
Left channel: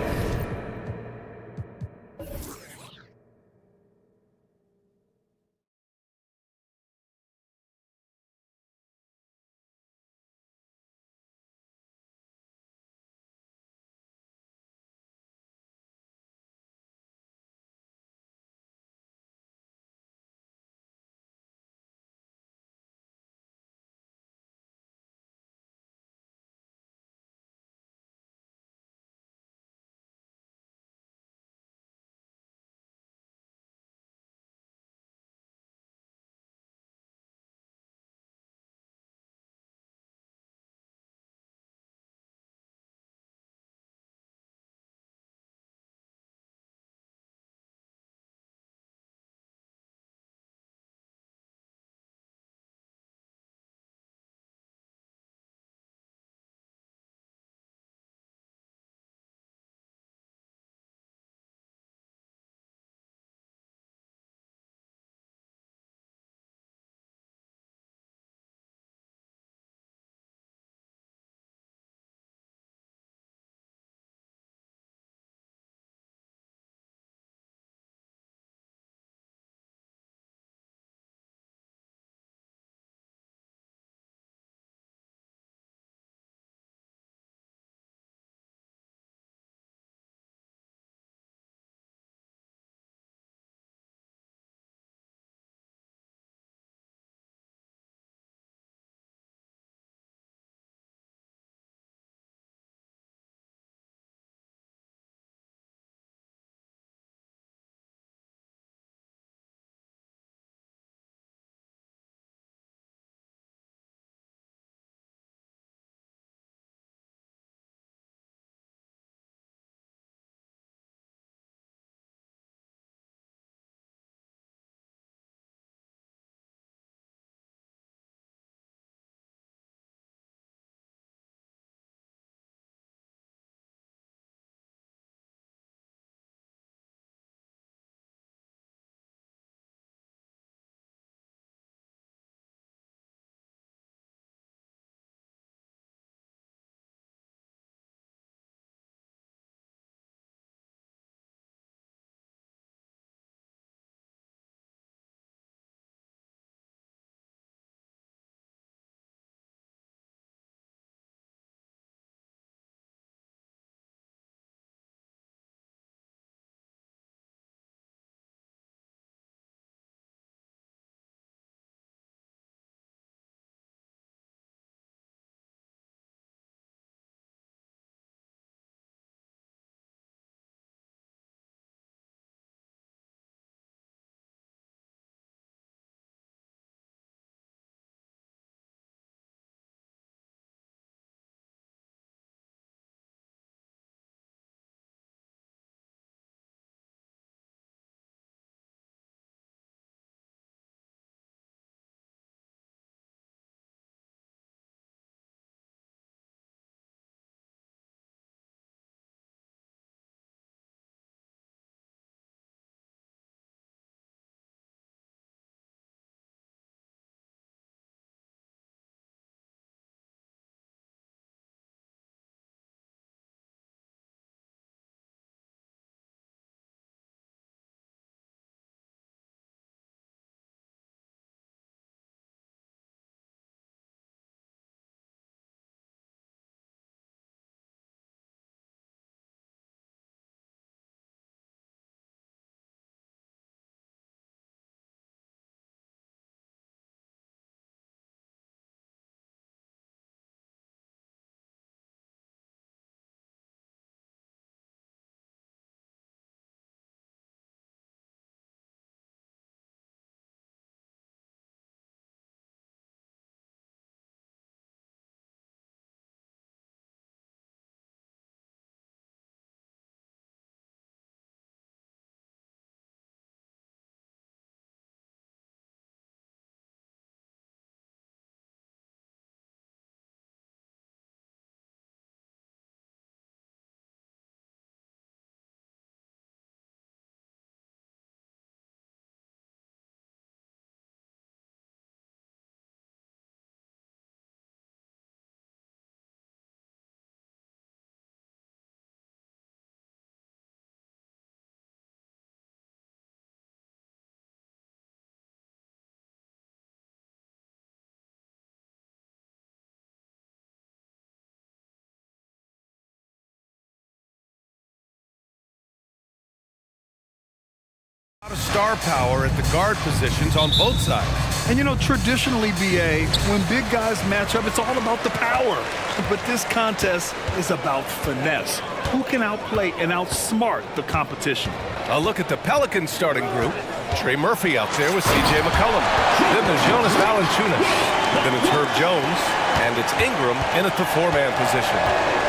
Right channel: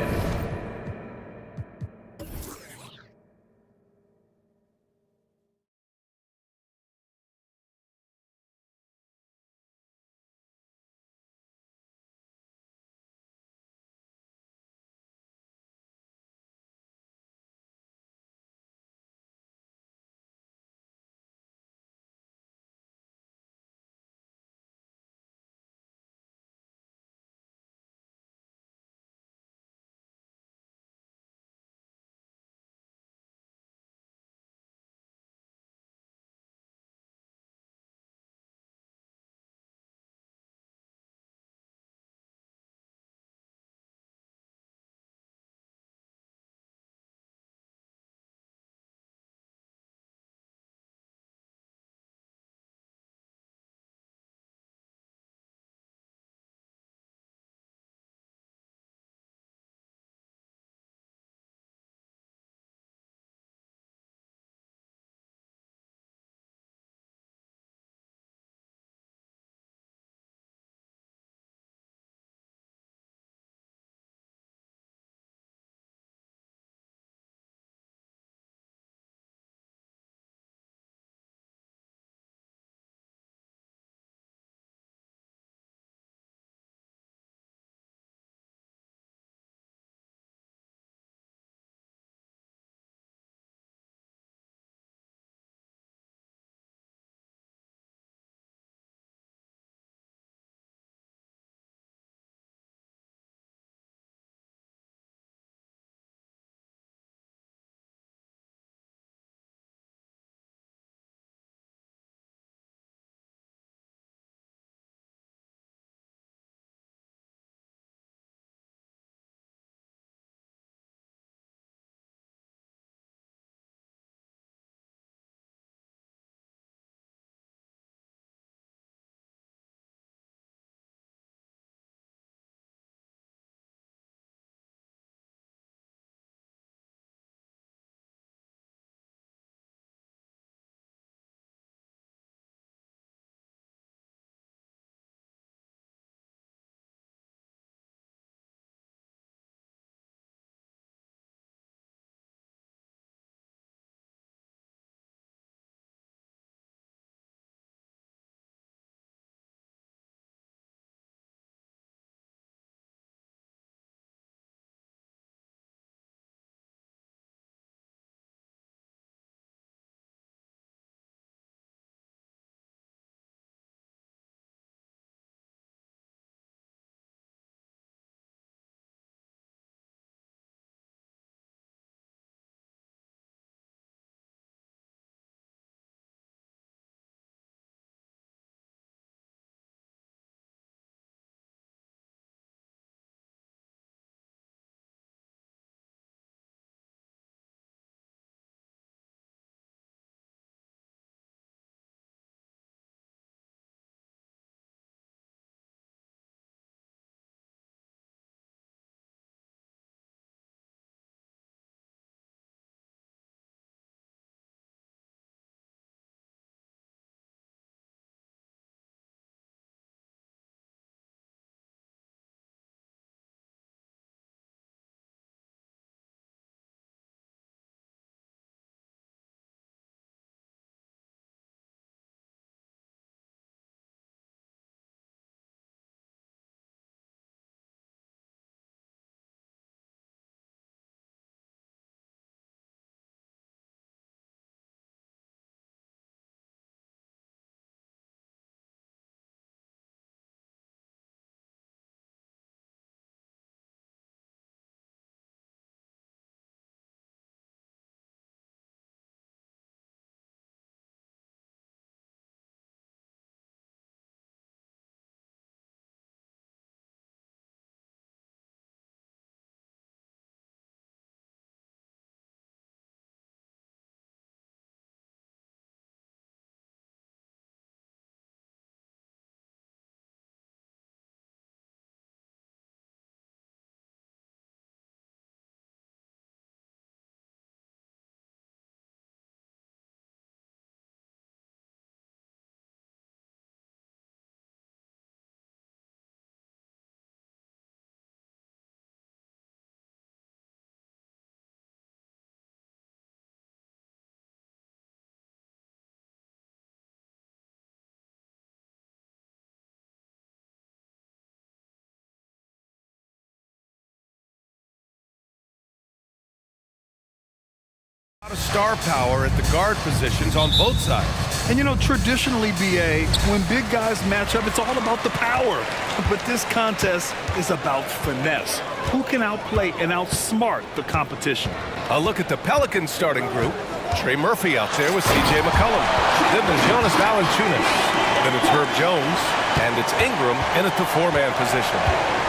A lot of star power at the guard positions on both sides. And you know, traditionally, BA, when big guys match up, it's all about the power. But this contest is about finesse. Who can outplay and outsmart the competition? A look at the Pelicans starting group. Trey Murphy out there with C.J. McCollum. Then there's Jonas Valanciunas. Then it's Herb Jones. And it's Ingram in at the four-man position.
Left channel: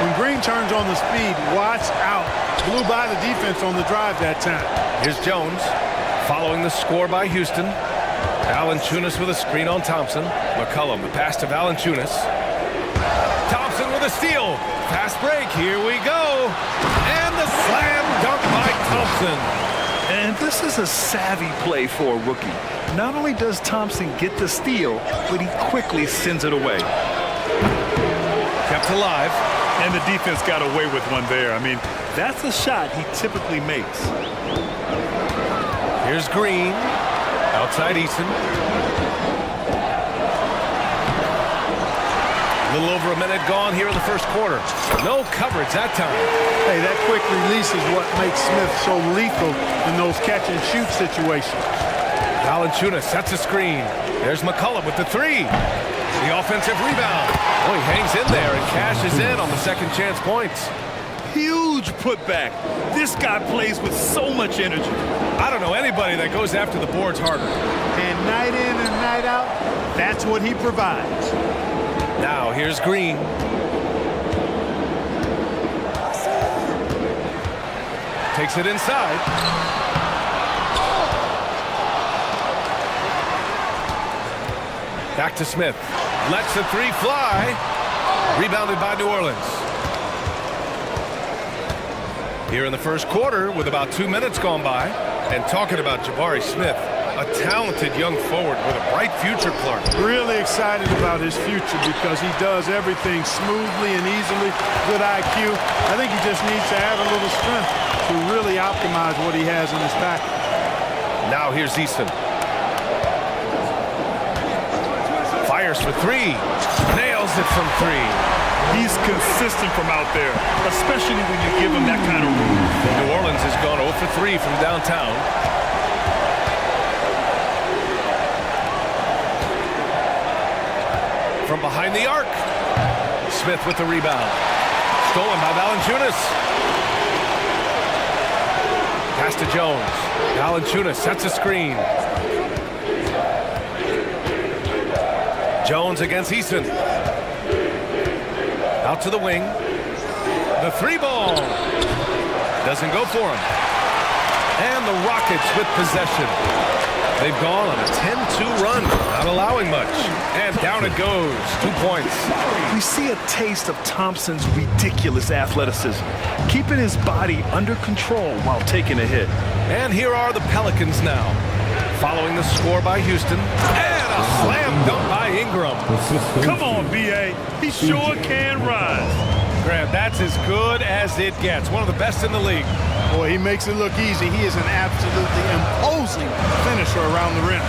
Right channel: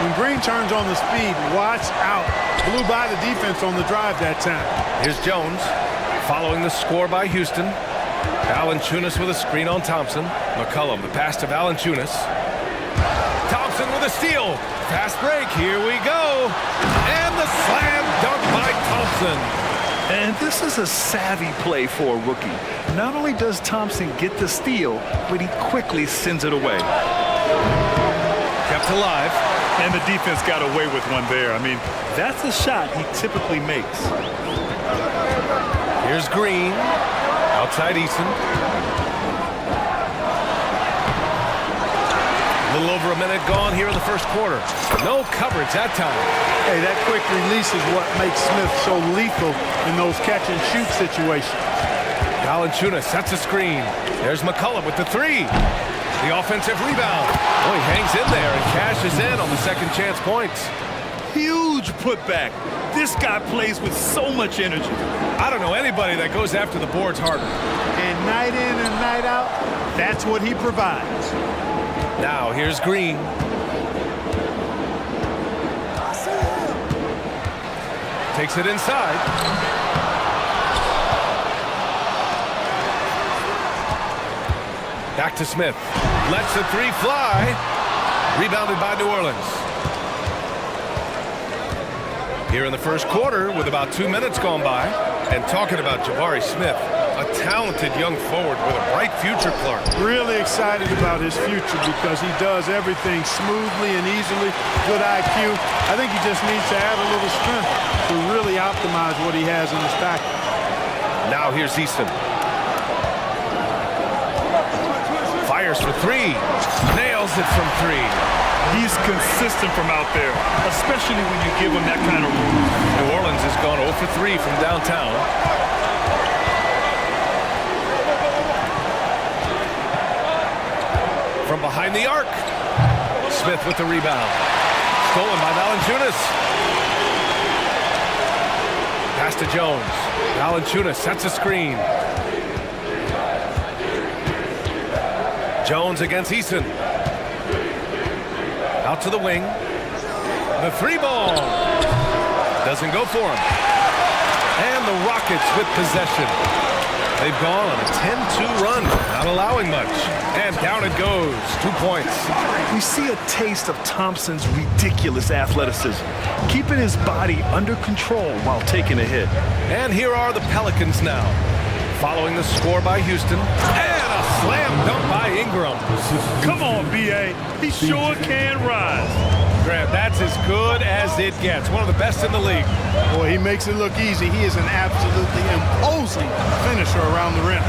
When Green turns on the speed, watch out. Blew by the defense on the drive that time. Here's Jones following the score by Houston. Valanciunas with a screen on Thompson. McCollum, the pass to Valanciunas. Thompson with a steal. Fast break, here we go. And the slam dunk by Thompson. And this is a savvy play for a rookie. Not only does Thompson get the steal, but he quickly sends it away. Kept alive. And the defense got away with one there. I mean, that's a shot he typically makes. Here's Green. Outside Eason. A little over a minute gone here in the first quarter. No coverage that time. Hey, that quick release is what makes Smith so lethal in those catch-and-shoot situations. Valanciunas sets a screen. There's McCollum with the three. The offensive rebound. Oh, he hangs in there and cashes in on the second chance points. Huge putback. This guy plays with so much energy. I don't know anybody that goes after the boards harder. And night in and night out, that's what he provides. Now here's Green. Takes it inside. Back to Smith. Lets the three fly. Rebounded by New Orleans. Here in the first quarter with about 2 minutes gone by. And talking about Jabari Smith, a talented young forward with a bright future, Clark. Really excited about his future because he does everything smoothly and easily. Good IQ. I think he just needs to add a little strength to really optimize what he has in his package. Now here's Easton. Fires for three. Nails it from three. He's consistent from out there, especially when you give him that kind of room. New Orleans has gone 0 for 3 from downtown. From behind the arc. Smith with the rebound. Stolen by Valanciunas. Pass to Jones. Valanciunas sets a screen. Jones against Eason. Out to the wing. The three ball. Doesn't go for him. And the Rockets with possession. They've gone on a 10-2 run, not allowing much. And down it goes. 2 points. We see a taste of Thompson's ridiculous athleticism, keeping his body under control while taking a hit. And here are the Pelicans now. Following the score by Houston. And a slam dunk by Ingram. Come on, B.A. He sure can rise. Grant, that's as good as it gets. One of the best in the league. Boy, he makes it look easy. He is an absolutely imposing finisher around the rim.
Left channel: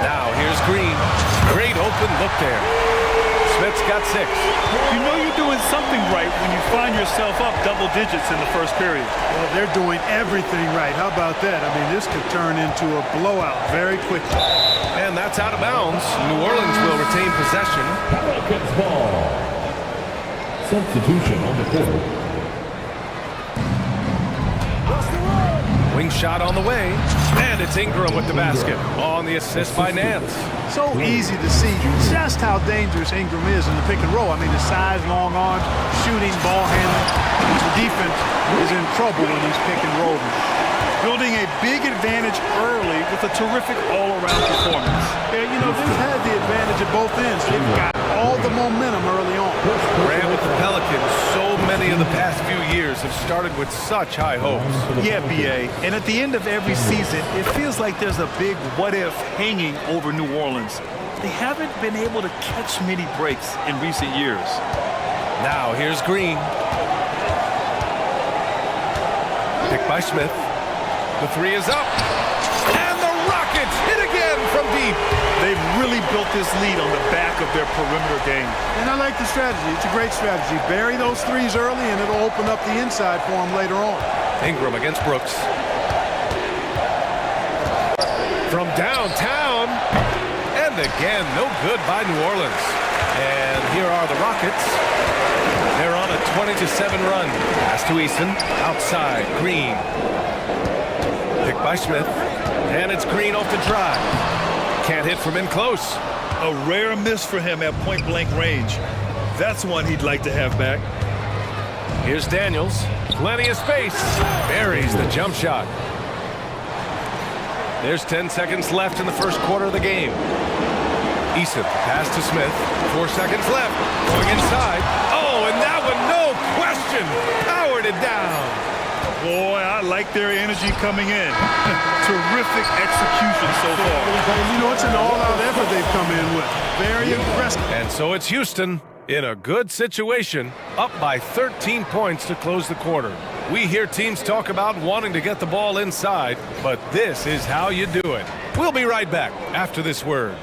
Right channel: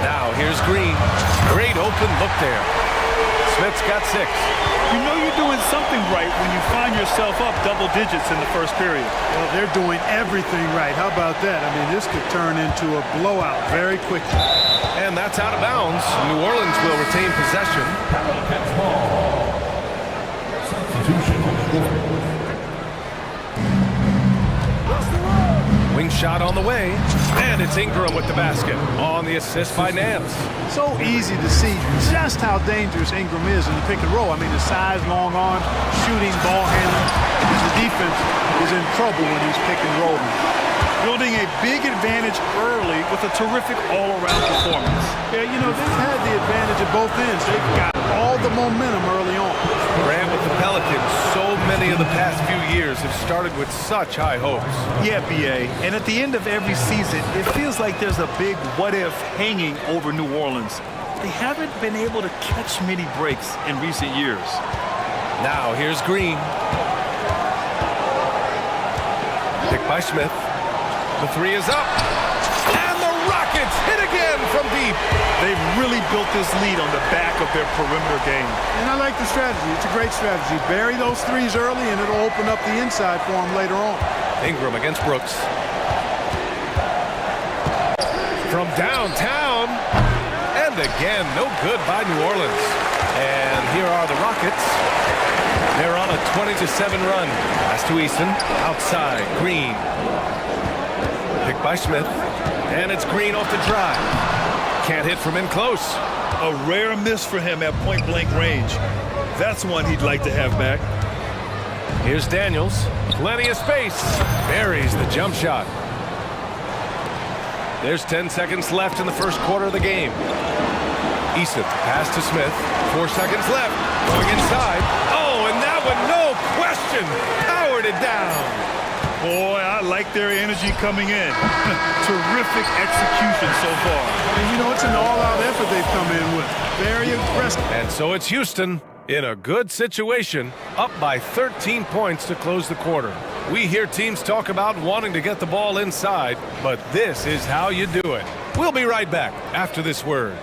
Now here's Green. Great open look there. Smith's got 6. You know you're doing something right when you find yourself up double digits in the first period. Well, they're doing everything right. How about that? I mean, this could turn into a blowout very quickly. And that's out of bounds. New Orleans will retain possession. Pelicans ball. Substitution on the court. Wing shot on the way. And it's Ingram with the basket on the assist by Nance. So easy to see just how dangerous Ingram is in the pick and roll. I mean, his size, long arms, shooting, ball handling. The defense is in trouble when he's pick and rolling. Building a big advantage early with a terrific all-around performance. Yeah, you know, they've had the advantage at both ends. They've got all the momentum early on. Grant, with the Pelicans, so many of the past few years have started with such high hopes. Yeah, B.A. And at the end of every season, it feels like there's a big what-if hanging over New Orleans. They haven't been able to catch many breaks in recent years. Now here's Green. Picked by Smith. The three is up. And the Rockets hit again from deep. They've really built this lead on the back of their perimeter game. And I like the strategy. It's a great strategy. Bury those threes early, and it'll open up the inside for them later on. Ingram against Brooks. from downtown. And again, no good by New Orleans. And here are the Rockets. They're on a 20-7 run. Pass to Eason. Outside, Green. Picked by Smith. And it's Green off the drive. Can't hit from in close. A rare miss for him at point-blank range. That's one he'd like to have back. Here's Daniels. Plenty of space. Buries the jump shot. There's 10 seconds left in the first quarter of the game. Eason, pass to Smith. 4 seconds left. Going inside. Oh, and that one, no question, powered it down. Boy, I like their energy coming in. Terrific execution so far. And you know, it's an all-out effort they've come in with. Very aggressive. And so it's Houston in a good situation, up by 13 points to close the quarter. We hear teams talk about wanting to get the ball inside, but this is how you do it. We'll be right back after this word.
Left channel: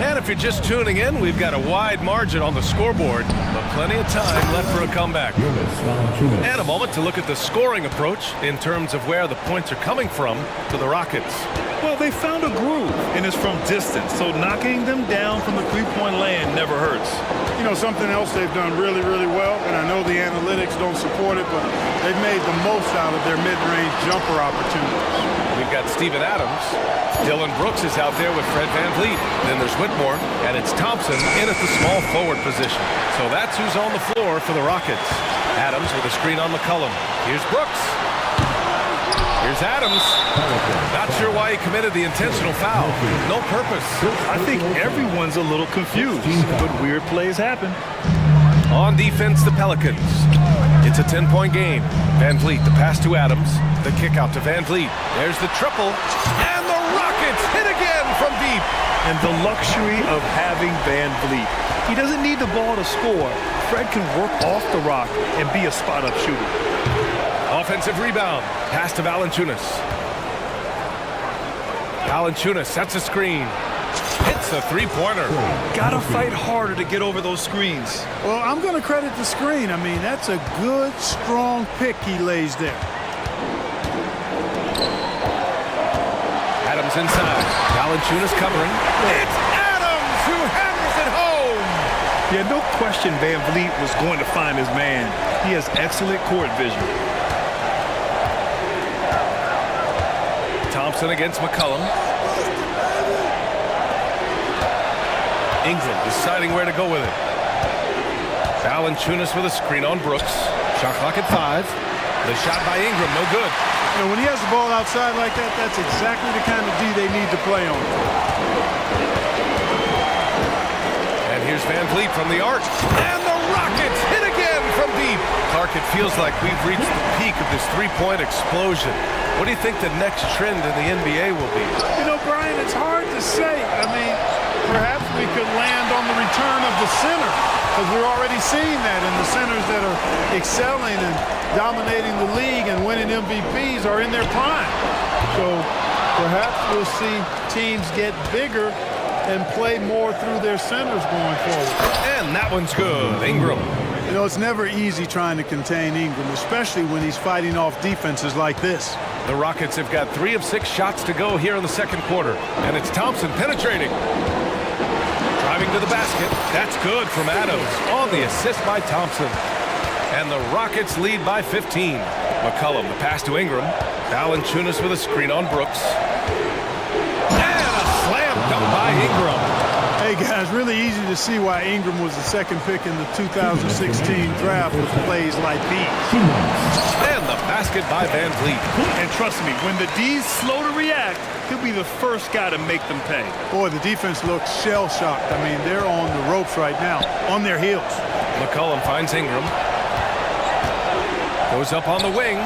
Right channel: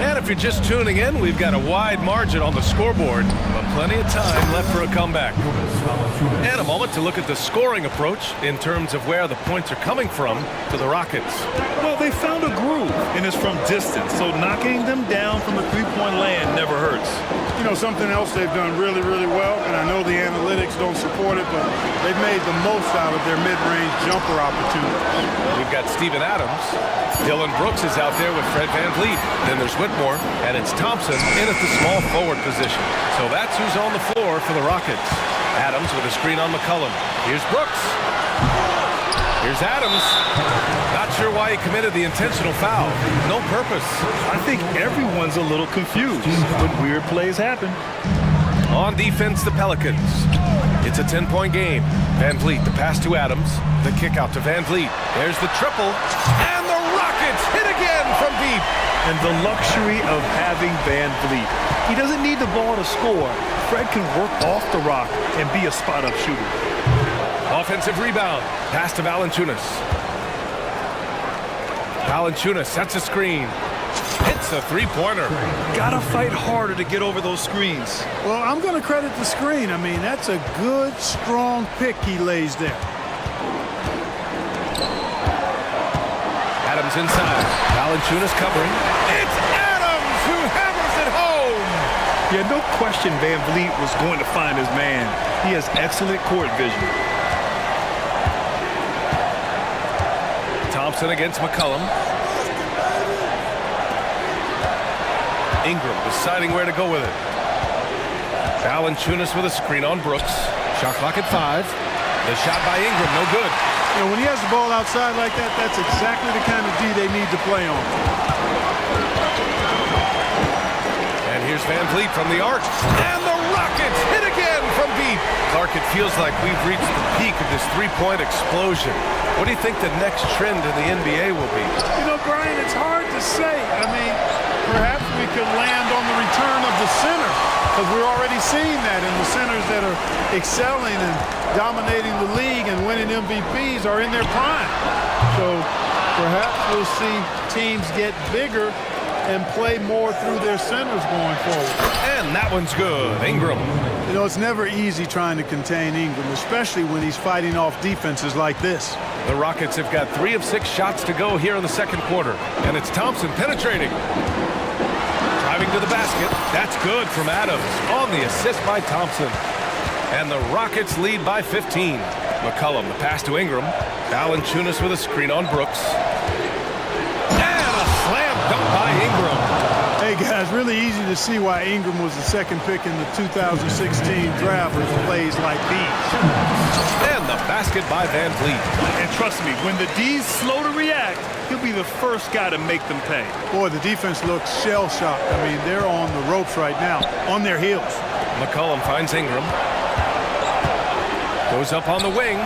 And if you're just tuning in, we've got a wide margin on the scoreboard, but plenty of time left for a comeback. And a moment to look at the scoring approach in terms of where the points are coming from to the Rockets. Well, they found a groove, and it's from distance, so knocking them down from the three-point land never hurts. You know, something else they've done really, really well, and I know the analytics don't support it, but they've made the most out of their mid-range jumper opportunities. We've got Steven Adams. Dylan Brooks is out there with Fred VanVleet. Then there's Whitmore, and it's Thompson in at the small forward position. So that's who's on the floor for the Rockets. Adams with a screen on McCollum. Here's Brooks. Here's Adams. Not sure why he committed the intentional foul. No purpose. I think everyone's a little confused, but weird plays happen. On defense, the Pelicans. It's a 10-point game. VanVleet, the pass to Adams. The kick out to VanVleet. There's the triple. And the Rockets hit again from deep. And the luxury of having VanVleet. He doesn't need the ball to score. Fred can work off the rock and be a spot-up shooter. Offensive rebound. Pass to Valanciunas. Valanciunas sets a screen. Hits a three-pointer. Gotta fight harder to get over those screens. Well, I'm going to credit the screen. I mean, that's a good, strong pick he lays there. Adams inside. Valanciunas covering. It's Adams who hammers it home. Yeah, no question VanVleet was going to find his man. He has excellent court vision. Thompson against McCollum. Ingram deciding where to go with it. Valanciunas with a screen on Brooks. Shot clock at 5. The shot by Ingram, no good. You know, when he has the ball outside like that, that's exactly the kind of D they need to play on. And here's VanVleet from the arc. And the Rockets hit again from deep. Clark, it feels like we've reached the peak of this three-point explosion. What do you think the next trend in the NBA will be? You know, Brian, it's hard to say. I mean, perhaps we could land on the return of the center, because we're already seeing that in the centers that are excelling and dominating the league and winning MVPs are in their prime. So perhaps we'll see teams get bigger and play more through their centers going forward. And that one's good. Ingram. You know, it's never easy trying to contain Ingram, especially when he's fighting off defenses like this. The Rockets have got 3 of 6 shots to go here in the second quarter. And it's Thompson penetrating. Driving to the basket. That's good from Adams on the assist by Thompson. And the Rockets lead by 15. McCollum, the pass to Ingram. Valanciunas with a screen on Brooks. And a slam dunk by Ingram. Hey, guys, really easy to see why Ingram was the second pick in the 2016 draft with plays like these. And the basket by VanVleet. And trust me, when the D's slow to react, he'll be the first guy to make them pay. Boy, the defense looks shell-shocked. I mean, they're on the ropes right now, on their heels. McCollum finds Ingram. Goes up on the wing.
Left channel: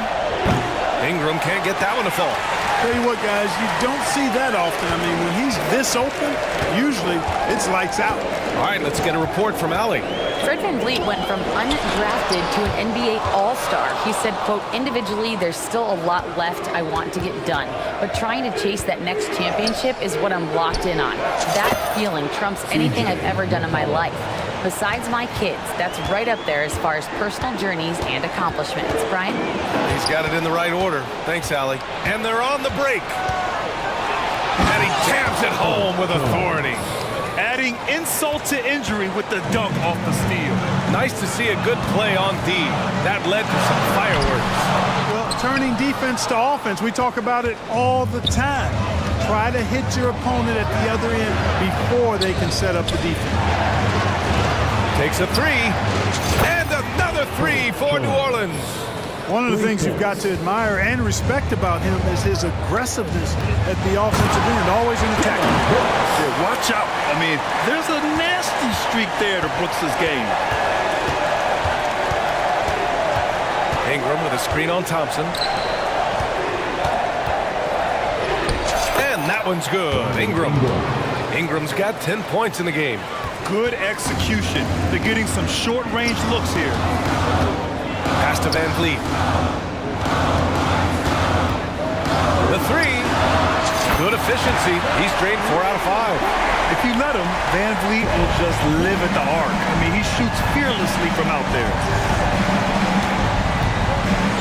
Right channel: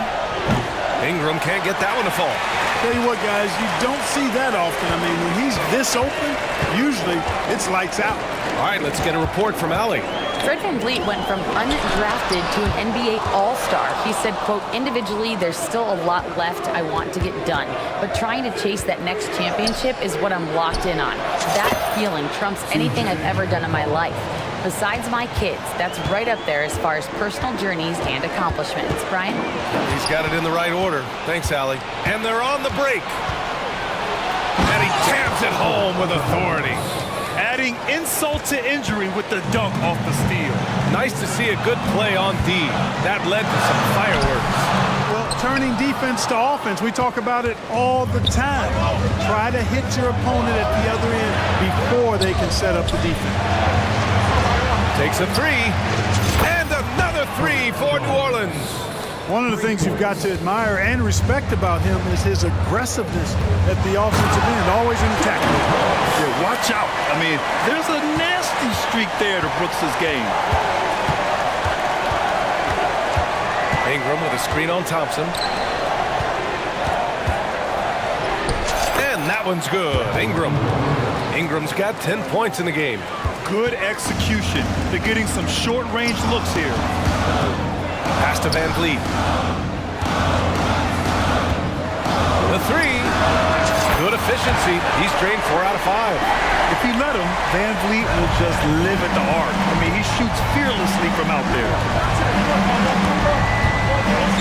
Ingram can't get that one to fall. Tell you what, guys, you don't see that often. I mean, when he's this open, usually it's lights out. All right, let's get a report from Allie. Fred VanVleet went from undrafted to an NBA All-Star. He said, quote, individually, there's still a lot left I want to get done, but trying to chase that next championship is what I'm locked in on. That feeling trumps anything I've ever done in my life. Besides my kids, that's right up there as far as personal journeys and accomplishments. Brian? He's got it in the right order. Thanks, Allie. And they're on the break. And he jams it home with authority. Adding insult to injury with the dunk off the steal. Nice to see a good play on D. That led to some fireworks. Well, turning defense to offense, we talk about it all the time. Try to hit your opponent at the other end before they can set up the defense. Takes a three, and another three for New Orleans. One of the things you've got to admire and respect about him is his aggressiveness at the offensive end, always in attack. Yeah, watch out. I mean, there's a nasty streak there to Brooks's game. Ingram with a screen on Thompson. And that one's good. Ingram's got 10 points in the game. Good execution. They're getting some short-range looks here. Pass to Van Vliet. The three. Good efficiency. He's drained 4 out of 5. If you let him, Van Vliet will just live at the arc. I mean, he shoots fearlessly from out there.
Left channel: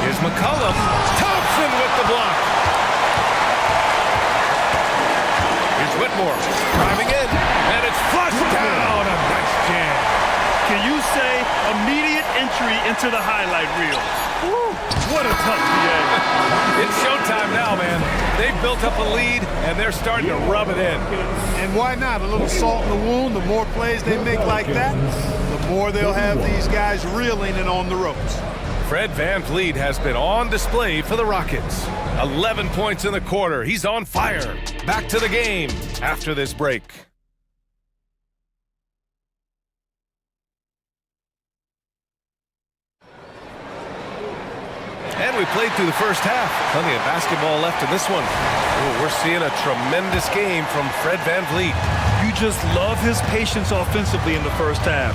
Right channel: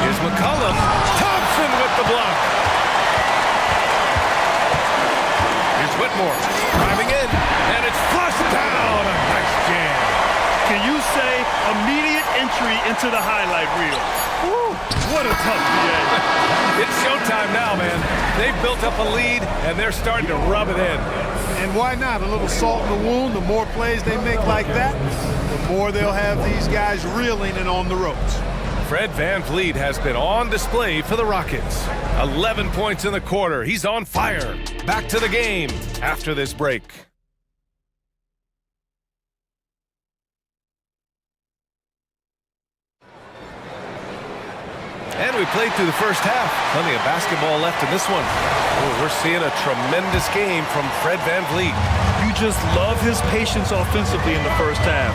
Here's McCollum. Thompson with the block. Here's Whitmore. Driving in. And it's flushed down. A nice jam. Can you say immediate entry into the highlight reel? Woo, what a tough BA. It's showtime now, man. They've built up a lead, and they're starting to rub it in. And why not? A little salt in the wound. The more plays they make like that, the more they'll have these guys reeling and on the ropes. Fred Van Vliet has been on display for the Rockets. 11 points in the quarter. He's on fire. Back to the game after this break. And we played through the first half. Plenty of basketball left in this one. Oh, we're seeing a tremendous game from Fred Van Vliet. You just love his patience offensively in the first half.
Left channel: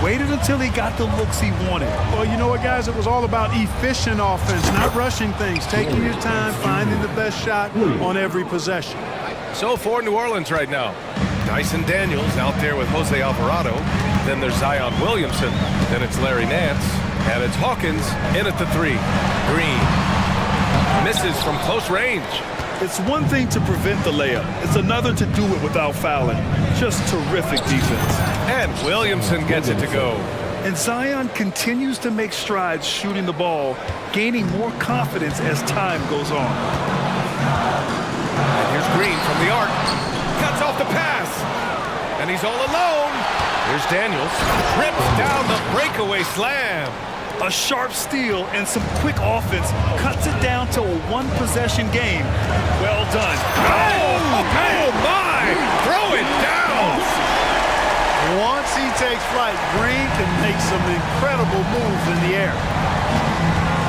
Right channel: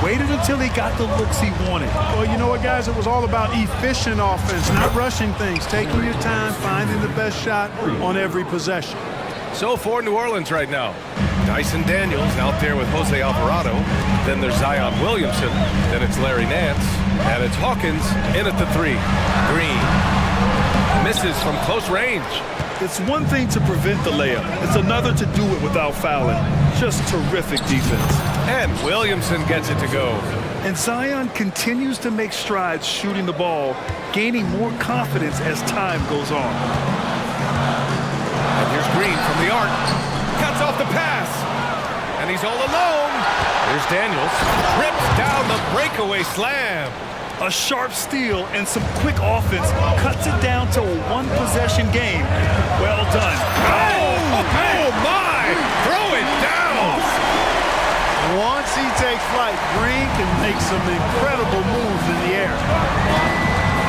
Waited until he got the looks he wanted. Well, you know what, guys? It was all about efficient offense, not rushing things, taking your time, finding the best shot on every possession. So for New Orleans right now, Dyson Daniels out there with Jose Alvarado. Then there's Zion Williamson. Then it's Larry Nance. And it's Hawkins in at the three. Green misses from close range. It's one thing to prevent the layup. It's another to do it without fouling. Just terrific defense. And Williamson gets it to go. And Zion continues to make strides shooting the ball, gaining more confidence as time goes on. And here's Green from the arc. Cuts off the pass. And he's all alone. Here's Daniels. Rips down the breakaway slam. A sharp steal and some quick offense cuts it down to a one-possession game. Well done. Oh my! Throw it down! Once he takes flight, Green can make some incredible moves in the air.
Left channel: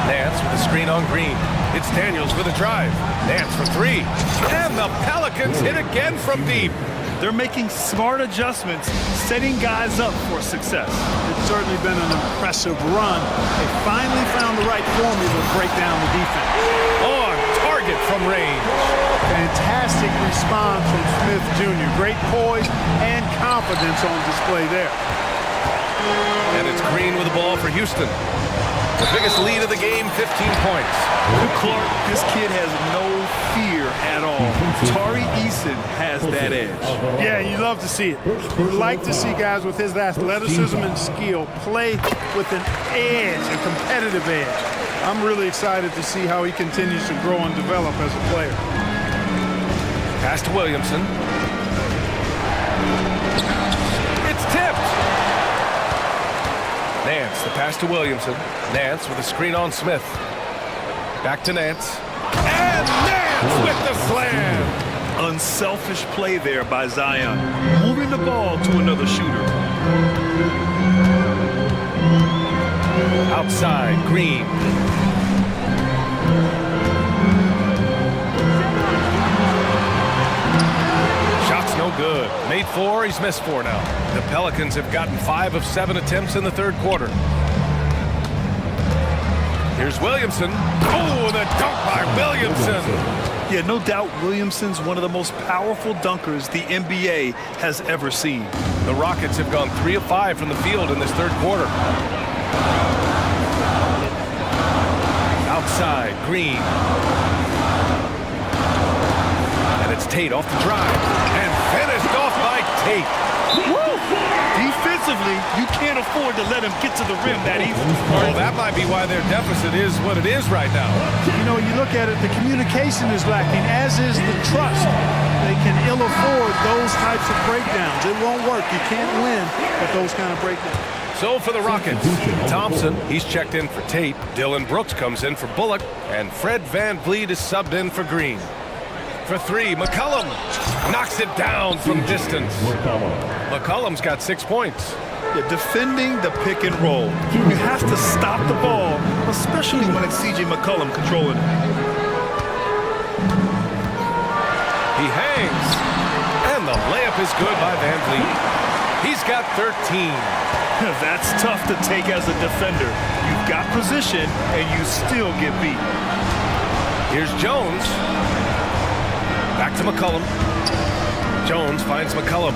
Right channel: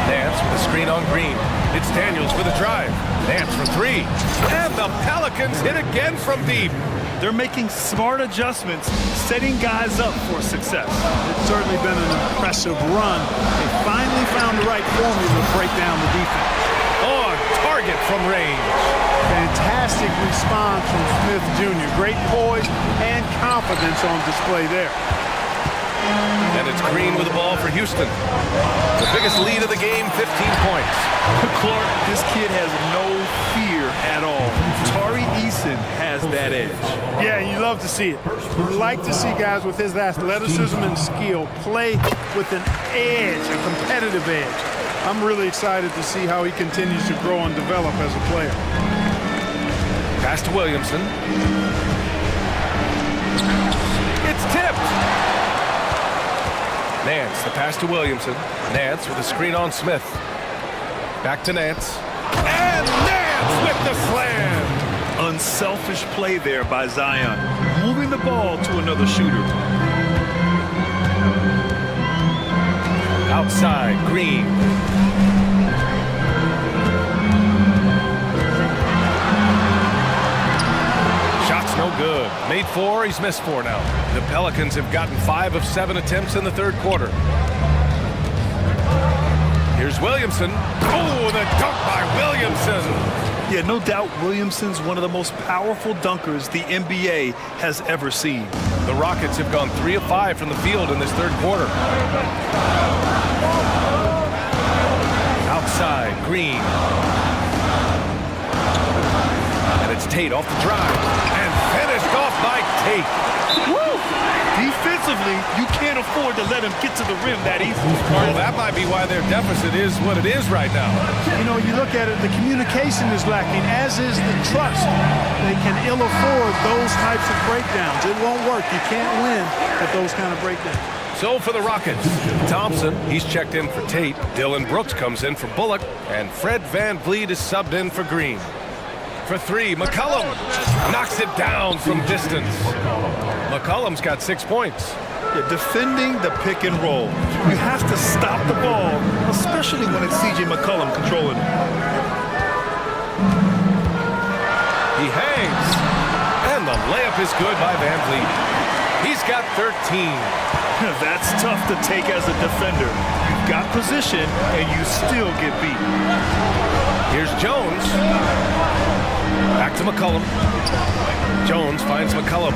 Nance with a screen on Green. It's Daniels with a drive. Nance for three. And the Pelicans hit again from deep. They're making smart adjustments, setting guys up for success. It's certainly been an impressive run. They finally found the right formula to break down the defense. On target from range. Fantastic response from Smith Jr. Great poise and confidence on display there. And it's Green with the ball for Houston. The biggest lead of the game, 15 points. Clark, this kid has no fear at all. Tari Eason has that edge. Yeah, you love to see it. You like to see guys with his athleticism and skill play with an edge, a competitive edge. I'm really excited to see how he continues to grow and develop as a player. Pass to Williamson. It's tipped. Nance, the pass to Williamson. Nance with a screen on Smith. Back to Nance. And Nance with the slam. Unselfish play there by Zion, moving the ball to another shooter. Outside, Green. Shot's no good. Made 4, he's missed 4 now. The Pelicans have gotten 5 of 7 attempts in the third quarter. Here's Williamson. Oh, the dunk by Williamson. Yeah, no doubt Williamson's one of the most powerful dunkers the NBA has ever seen. The Rockets have gone 3 of 5 from the field in this third quarter. Outside, Green. And it's Tate off the drive. And finished off by Tate. Woo! Defensively, you can't afford to let him get to the rim that easy. Well, that might be why their deficit is what it is right now. You know, you look at it, the communication is lacking, as is the trust. They can ill afford those types of breakdowns. It won't work. You can't win with those kind of breakdowns. So for the Rockets, Thompson, he's checked in for Tate. Dylan Brooks comes in for Bullock. And Fred VanVleet is subbed in for Green. For 3, McCollum knocks it down from distance. McCollum's got 6 points. Yeah, defending the pick and roll. You have to stop the ball, especially when it's C.J. McCollum controlling it. He hangs. And the layup is good by VanVleet. He's got 13. That's tough to take as a defender. You've got position, and you still get beat. Here's Jones. Back to McCollum. Jones finds McCollum.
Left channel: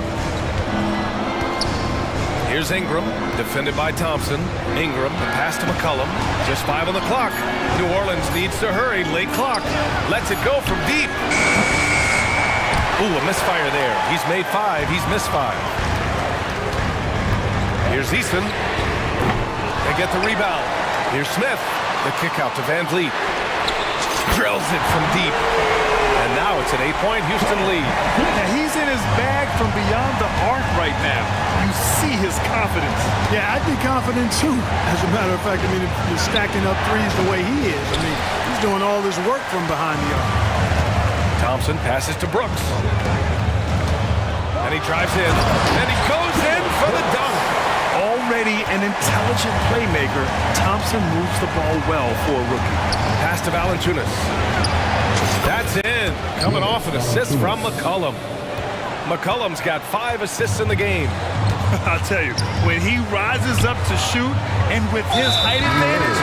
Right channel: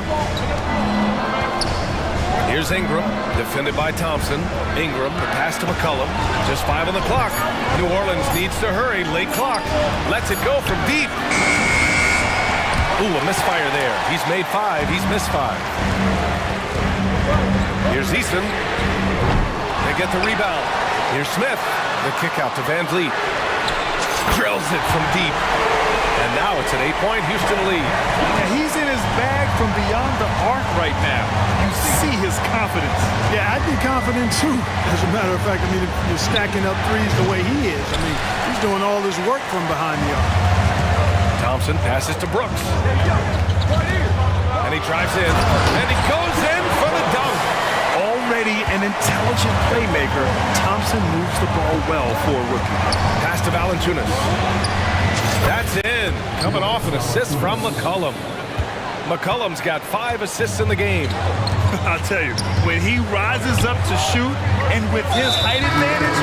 Here's Ingram, defended by Thompson. Ingram, the pass to McCollum. Just 5 on the clock. New Orleans needs to hurry. Late clock. Lets it go from deep. Ooh, a misfire there. He's made 5. He's missed 5. Here's Eason. They get the rebound. Here's Smith. The kick out to VanVleet. Drills it from deep. And now it's an 8-point Houston lead. Yeah, he's in his bag from beyond the arc right now. You see his confidence. Yeah, I'd be confident too. As a matter of fact, I mean, if you're stacking up threes the way he is, I mean, he's doing all this work from behind the arc. Thompson passes to Brooks. And he drives in. And he goes in for the dunk. Already an intelligent playmaker, Thompson moves the ball well for a rookie. Pass to Valanciunas. That's in. Coming off an assist from McCollum. McCollum's got 5 assists in the game. I'll tell you, when he rises up to shoot, and with his height advantage,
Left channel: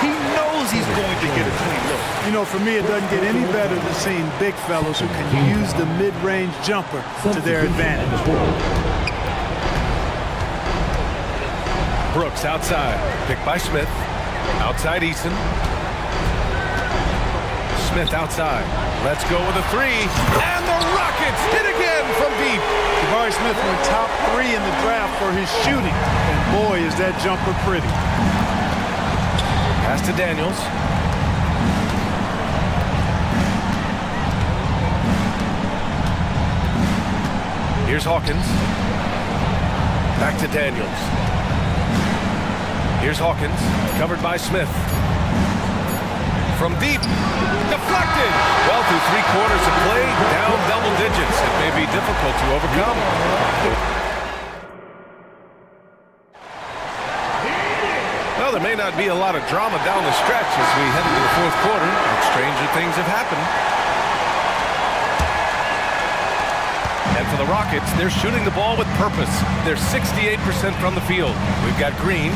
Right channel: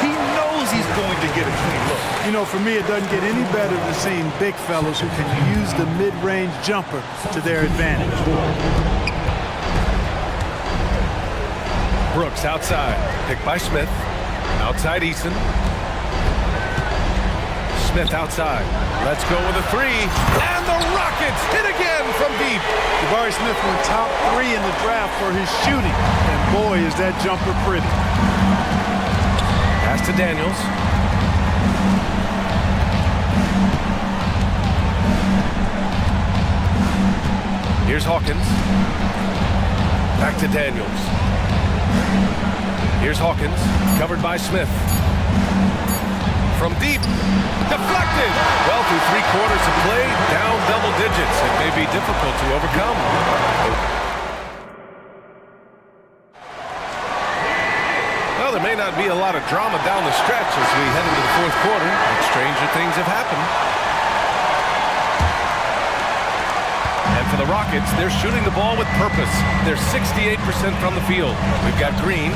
he knows he's going to get a clean look. You know, for me, it doesn't get any better than seeing big fellas who can use the mid-range jumper to their advantage. Brooks outside. Picked by Smith. Outside Eason. Smith outside. Let's go with a 3. And the Rockets hit again from deep. Jabari Smith went top 3 in the draft for his shooting. And boy, is that jumper pretty. Pass to Daniels. Here's Hawkins. Back to Daniels. Here's Hawkins, covered by Smith. From deep, deflected. Well, through 3 quarters of play, down double digits. It may be difficult to overcome. Well, there may not be a lot of drama down the stretch as we head into the 4th quarter, but stranger things have happened. And for the Rockets, they're shooting the ball with purpose. They're 68% from the field. We've got Green.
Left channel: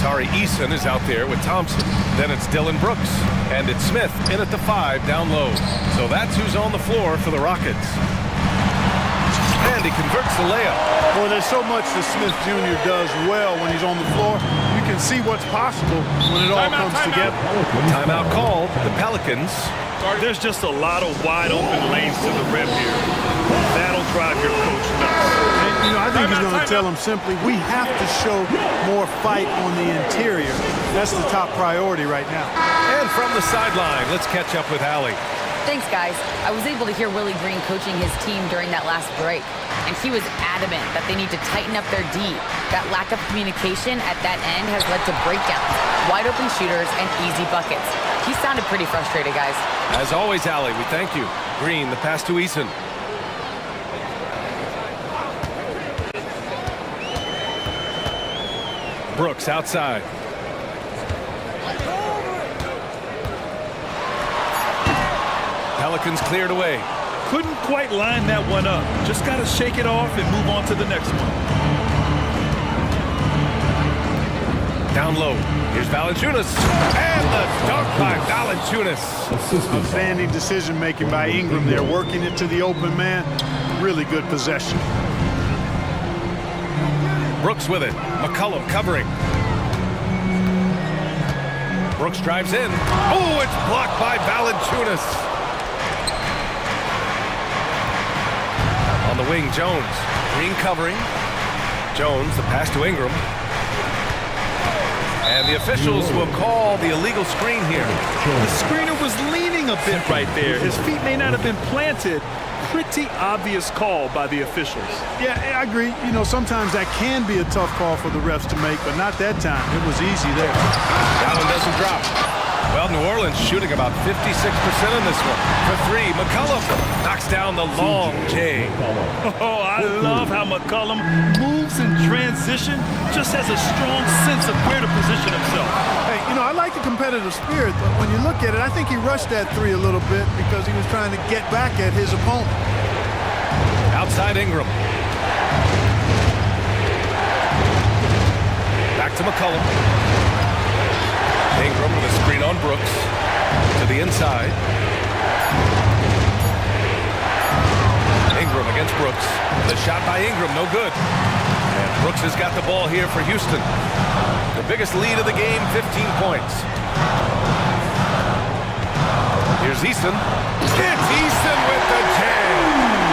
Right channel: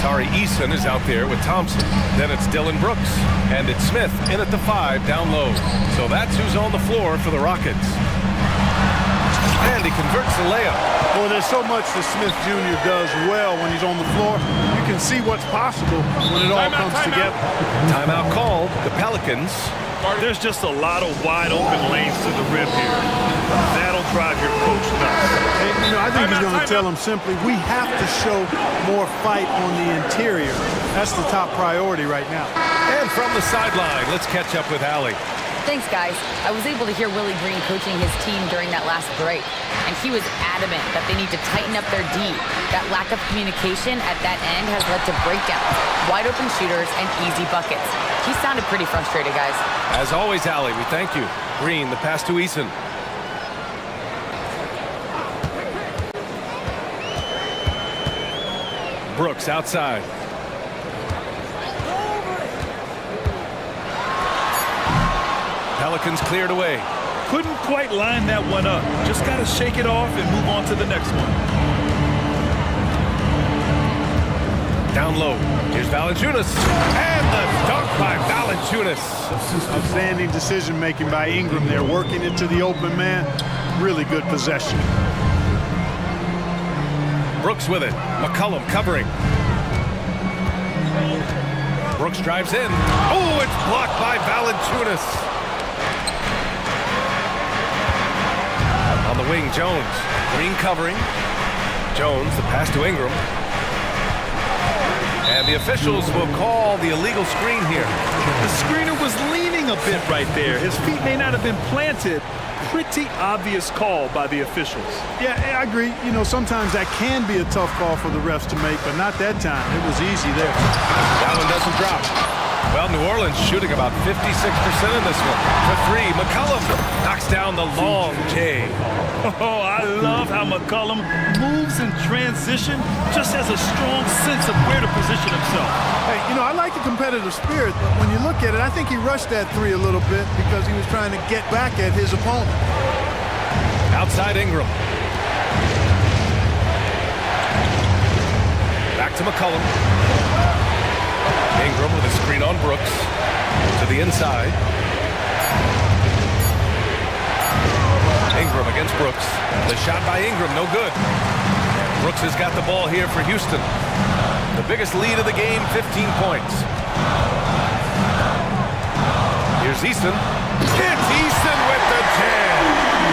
Tari Eason is out there with Thompson. Then it's Dylan Brooks. And it's Smith in at the 5 down low. So that's who's on the floor for the Rockets. And he converts the layup. Boy, there's so much that Smith Jr. does well when he's on the floor. You can see what's possible when it all comes together. Timeout called. The Pelicans. There's just a lot of wide open lanes to the rim here. That'll drive your coach nuts. And, you know, I think he's going to tell them simply, we have to show more fight on the interior. That's the top priority right now. And from the sideline, let's catch up with Allie. Thanks, guys. I was able to hear Willie Green coaching his team during that last break, and he was adamant that they need to tighten up their D. That lack of communication at that end has led to breakdowns, wide open shooters, and easy buckets. He sounded pretty frustrated, guys. As always, Allie, we thank you. Green, the pass to Eason. Brooks outside. Pelicans cleared away. Couldn't quite line that one up. Just got to shake it off and move on to the next one. Down low. Here's Valanciunas. And the dunk by Valanciunas. Outstanding decision-making by Ingram there, working it to the open man. Really good possession. Brooks with it. McCollum covering. Brooks drives in. Oh, it's blocked by Valanciunas. On the wing, Jones. Green covering. Jones, the pass to Ingram. And the officials will call the illegal screen here. The screener was leaning a bit right there. His feet may not have been planted. Pretty obvious call by the officials. Yeah, I agree. You know, sometimes that can be a tough call for the refs to make, but not that time. It was easy there. That one doesn't drop. Well, New Orleans shooting about 56% in this one. For three, McCollum knocks down the long J. Oh, I love how McCollum moves in transition, just has a strong sense of where to position himself. Hey, you know, I like the competitive spirit, but when you look at it, I think he rushed that three a little bit because he was trying to get back at his opponent. Outside Ingram. Back to McCollum. Ingram with a screen on Brooks. To the inside. Ingram against Brooks. The shot by Ingram, no good. And Brooks has got the ball here for Houston. The biggest lead of the game, 15 points. Here's Easton. It's Easton with the jam.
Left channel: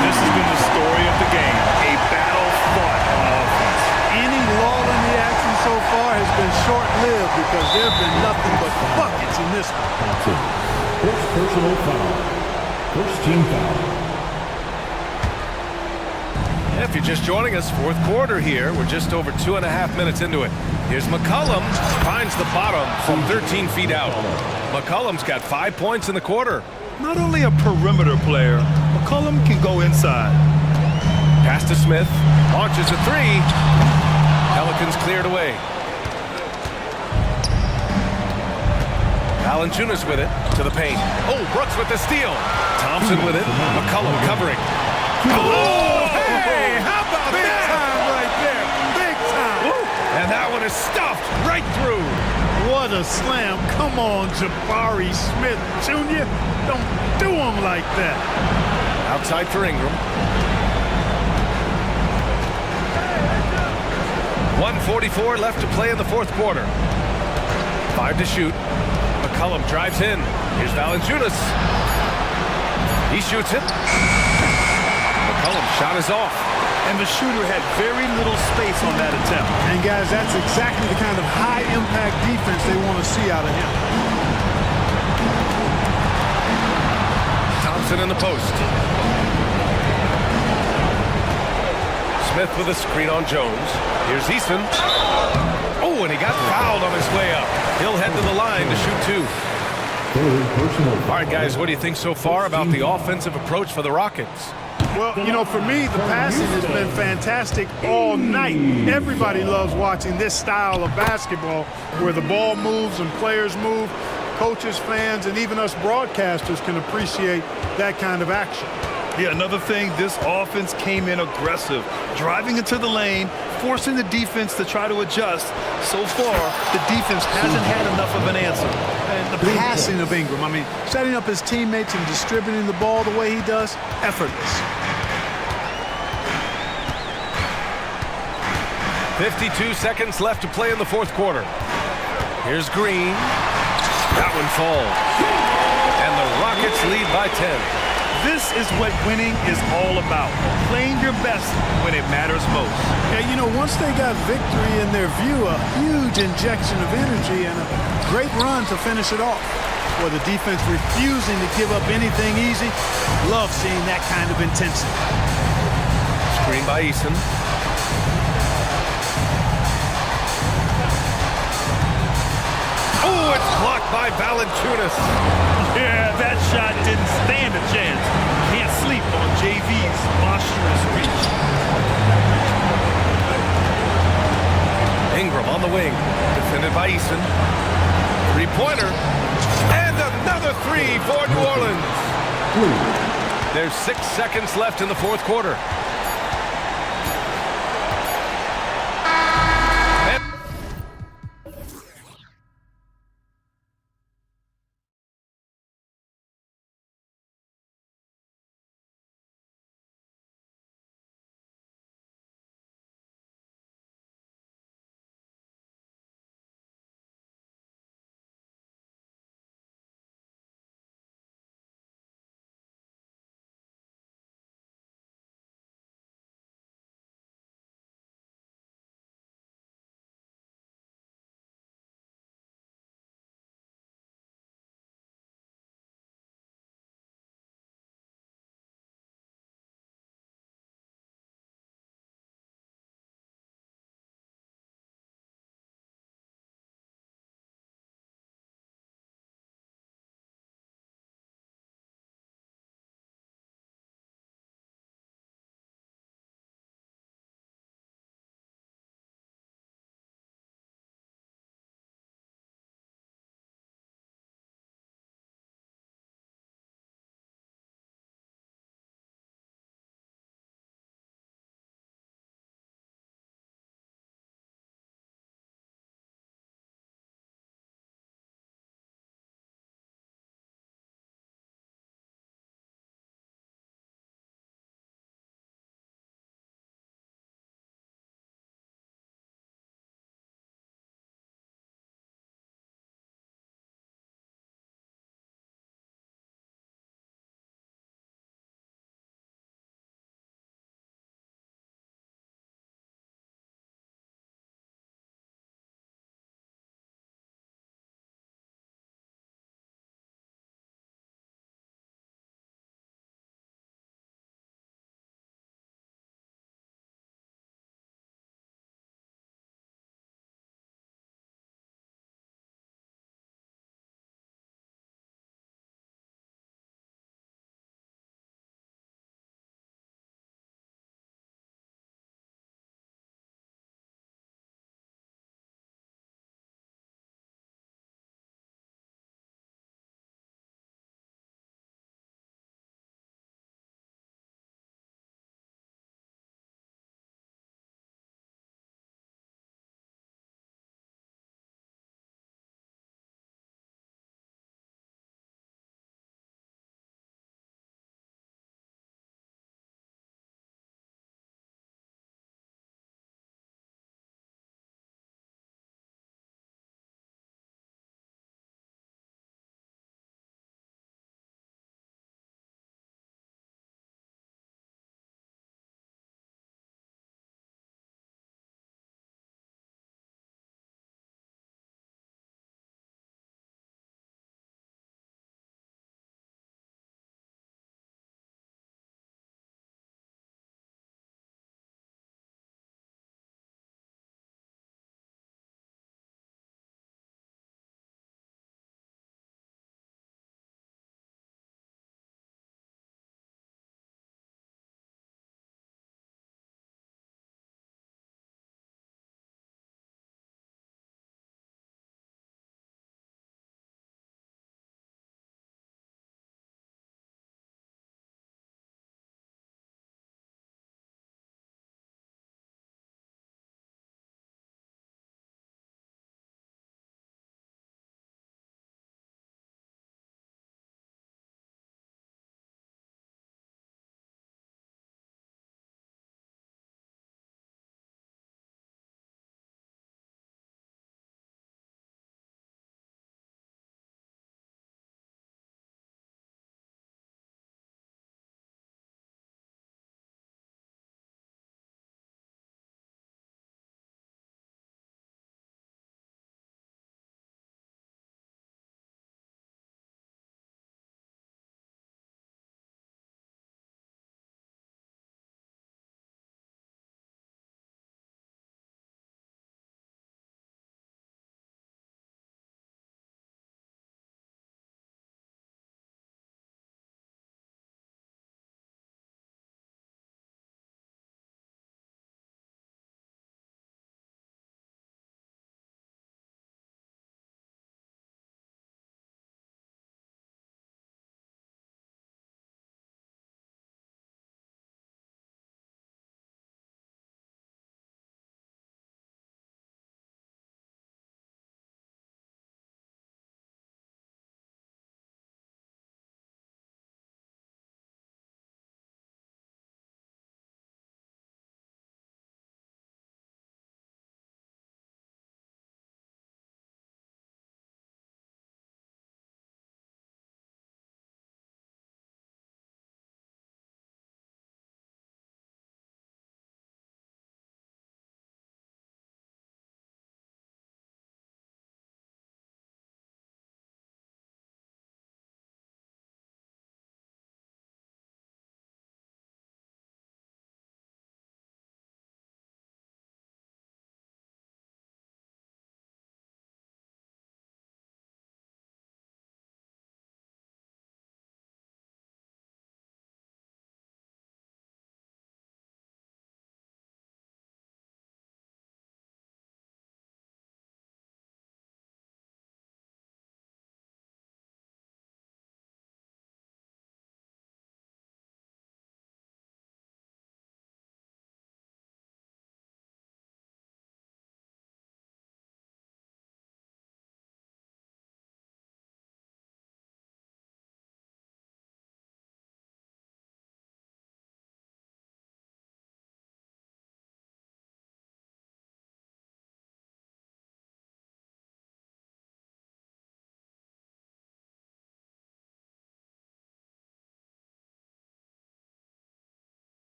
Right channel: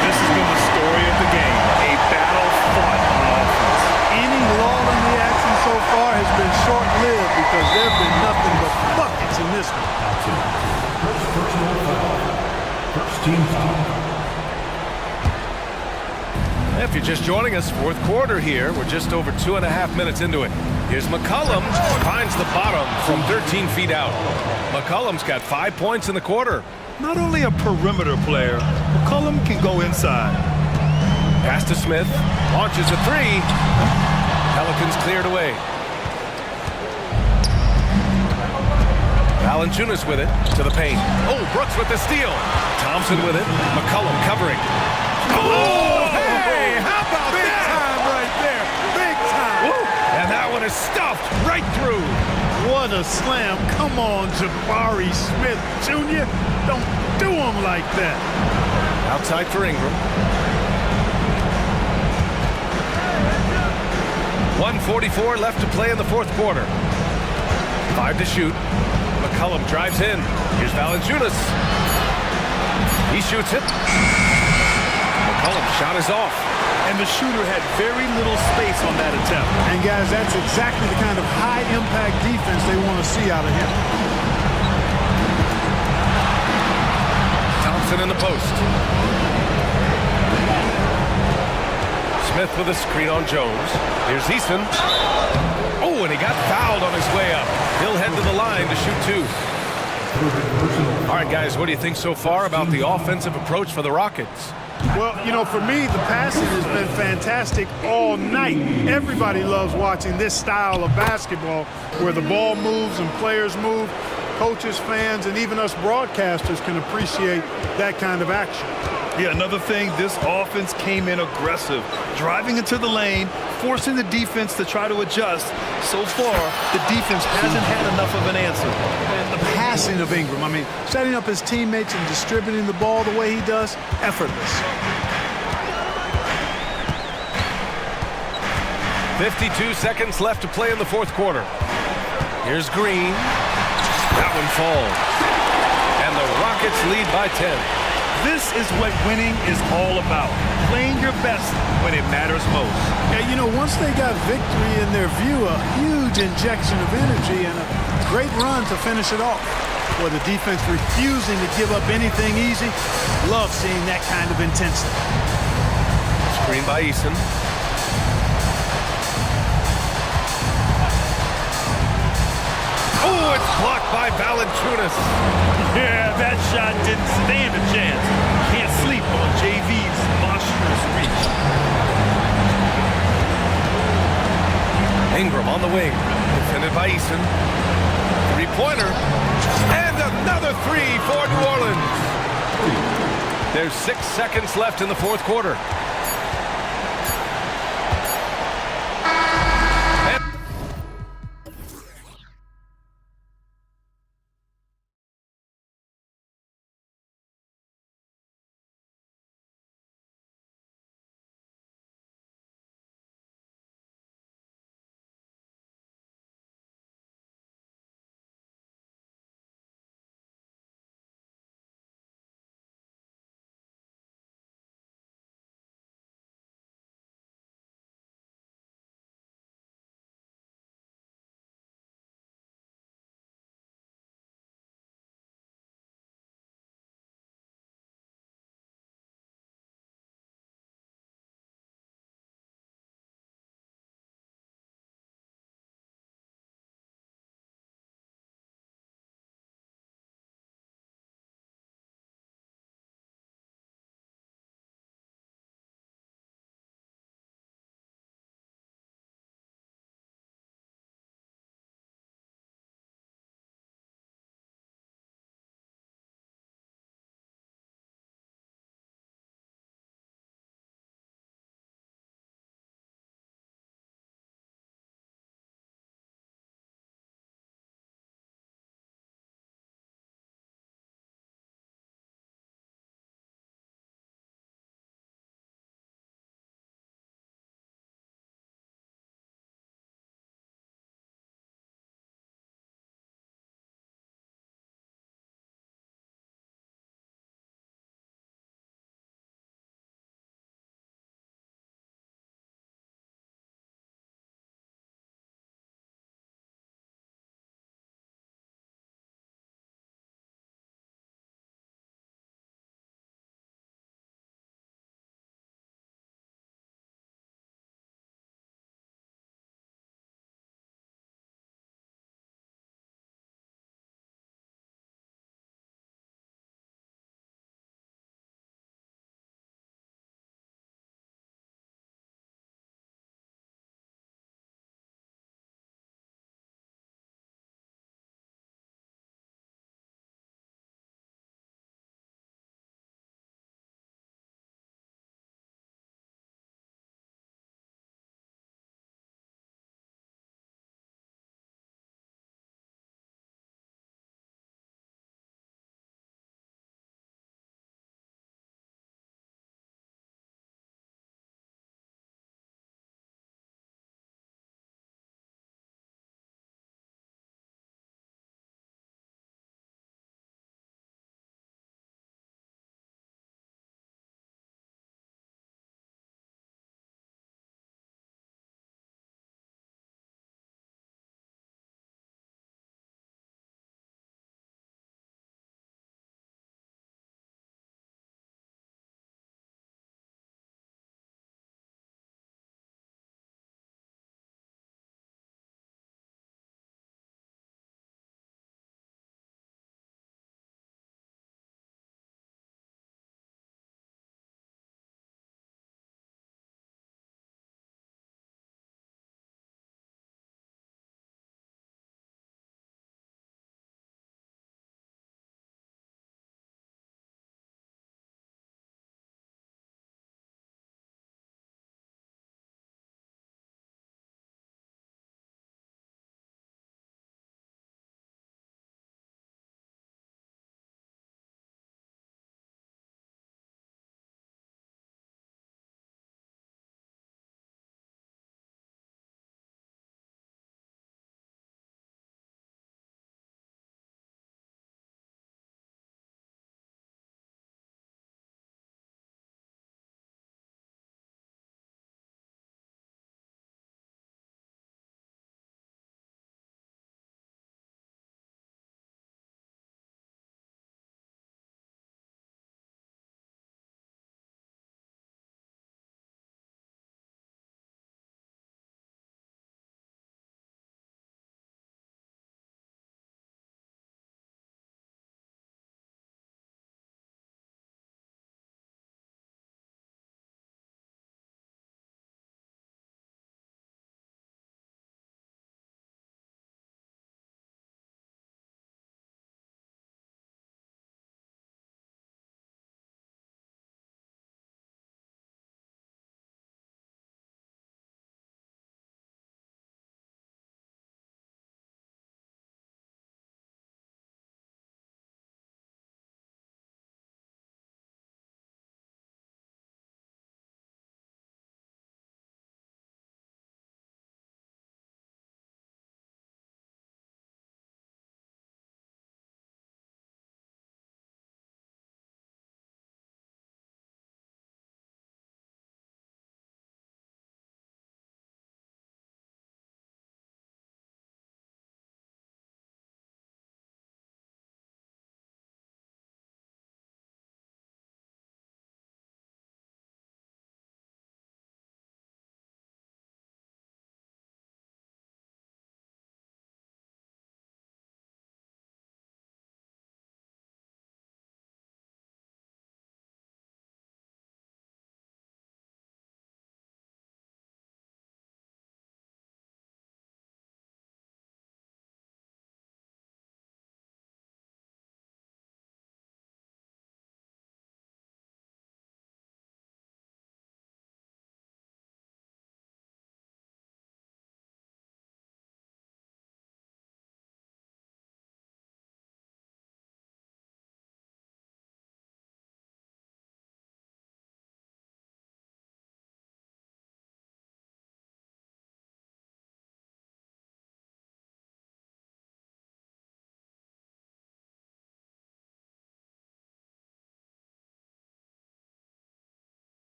This has been the story of the game, a battle fought on offense. Any lull in the action so far has been short-lived because there have been nothing but buckets in this one. That's it. First personal foul. First team foul. If you're just joining us, fourth quarter here. We're just over 2.5 minutes into it. Here's McCollum, finds the bottom from 13 feet out. McCollum's got 5 points in the quarter. Not only a perimeter player, McCollum can go inside. Pass to Smith, launches a three. Pelicans cleared away. Valanciunas with it to the paint. Oh, Brooks with the steal. Thompson with it. McCollum covering. Oh, hey, how about Big that? time right there. Big time. Woo. And that one is stuffed right through. What a slam. Come on, Jabari Smith Jr. Don't do him like that. Outside for Ingram. 1:44 left to play in the fourth quarter. 5 to shoot. McCollum drives in. Here's Valanciunas. He shoots it. McCollum's shot is off. And the shooter had very little space on that attempt. And guys, that's exactly the kind of high-impact defense they want to see out of him. Thompson in the post. Smith with a screen on Jones. Here's Easton. Oh, and he got fouled on his way up. He'll head to the line to shoot two. All right, guys, what do you think so far about the offensive approach for the Rockets? Well, you know, for me, the passing has been fantastic all night. Everybody loves watching this style of basketball where the ball moves and players move. Coaches, fans, and even us broadcasters can appreciate that kind of action. Yeah, another thing, this offense came in aggressive, driving into the lane, forcing the defense to try to adjust. So far, the defense hasn't had enough of an answer. And the passing of Ingram, I mean, setting up his teammates and distributing the ball the way he does, effortless. 52 seconds left to play in the fourth quarter. Here's Green. That one falls. And the Rockets lead by 10. This is what winning is all about. Playing your best when it matters most. Yeah, you know, once they got victory in their view, a huge injection of energy and a great run to finish it off. With the defense refusing to give up anything easy, love seeing that kind of intensity. Screen by Easton. Oh, it's blocked by Valanciunas. Yeah, that shot didn't stand a chance. Can't sleep on JV's monstrous reach. Ingram on the wing, defended by Easton. Three-pointer, and another three for New Orleans. There's 6 seconds left in the fourth quarter.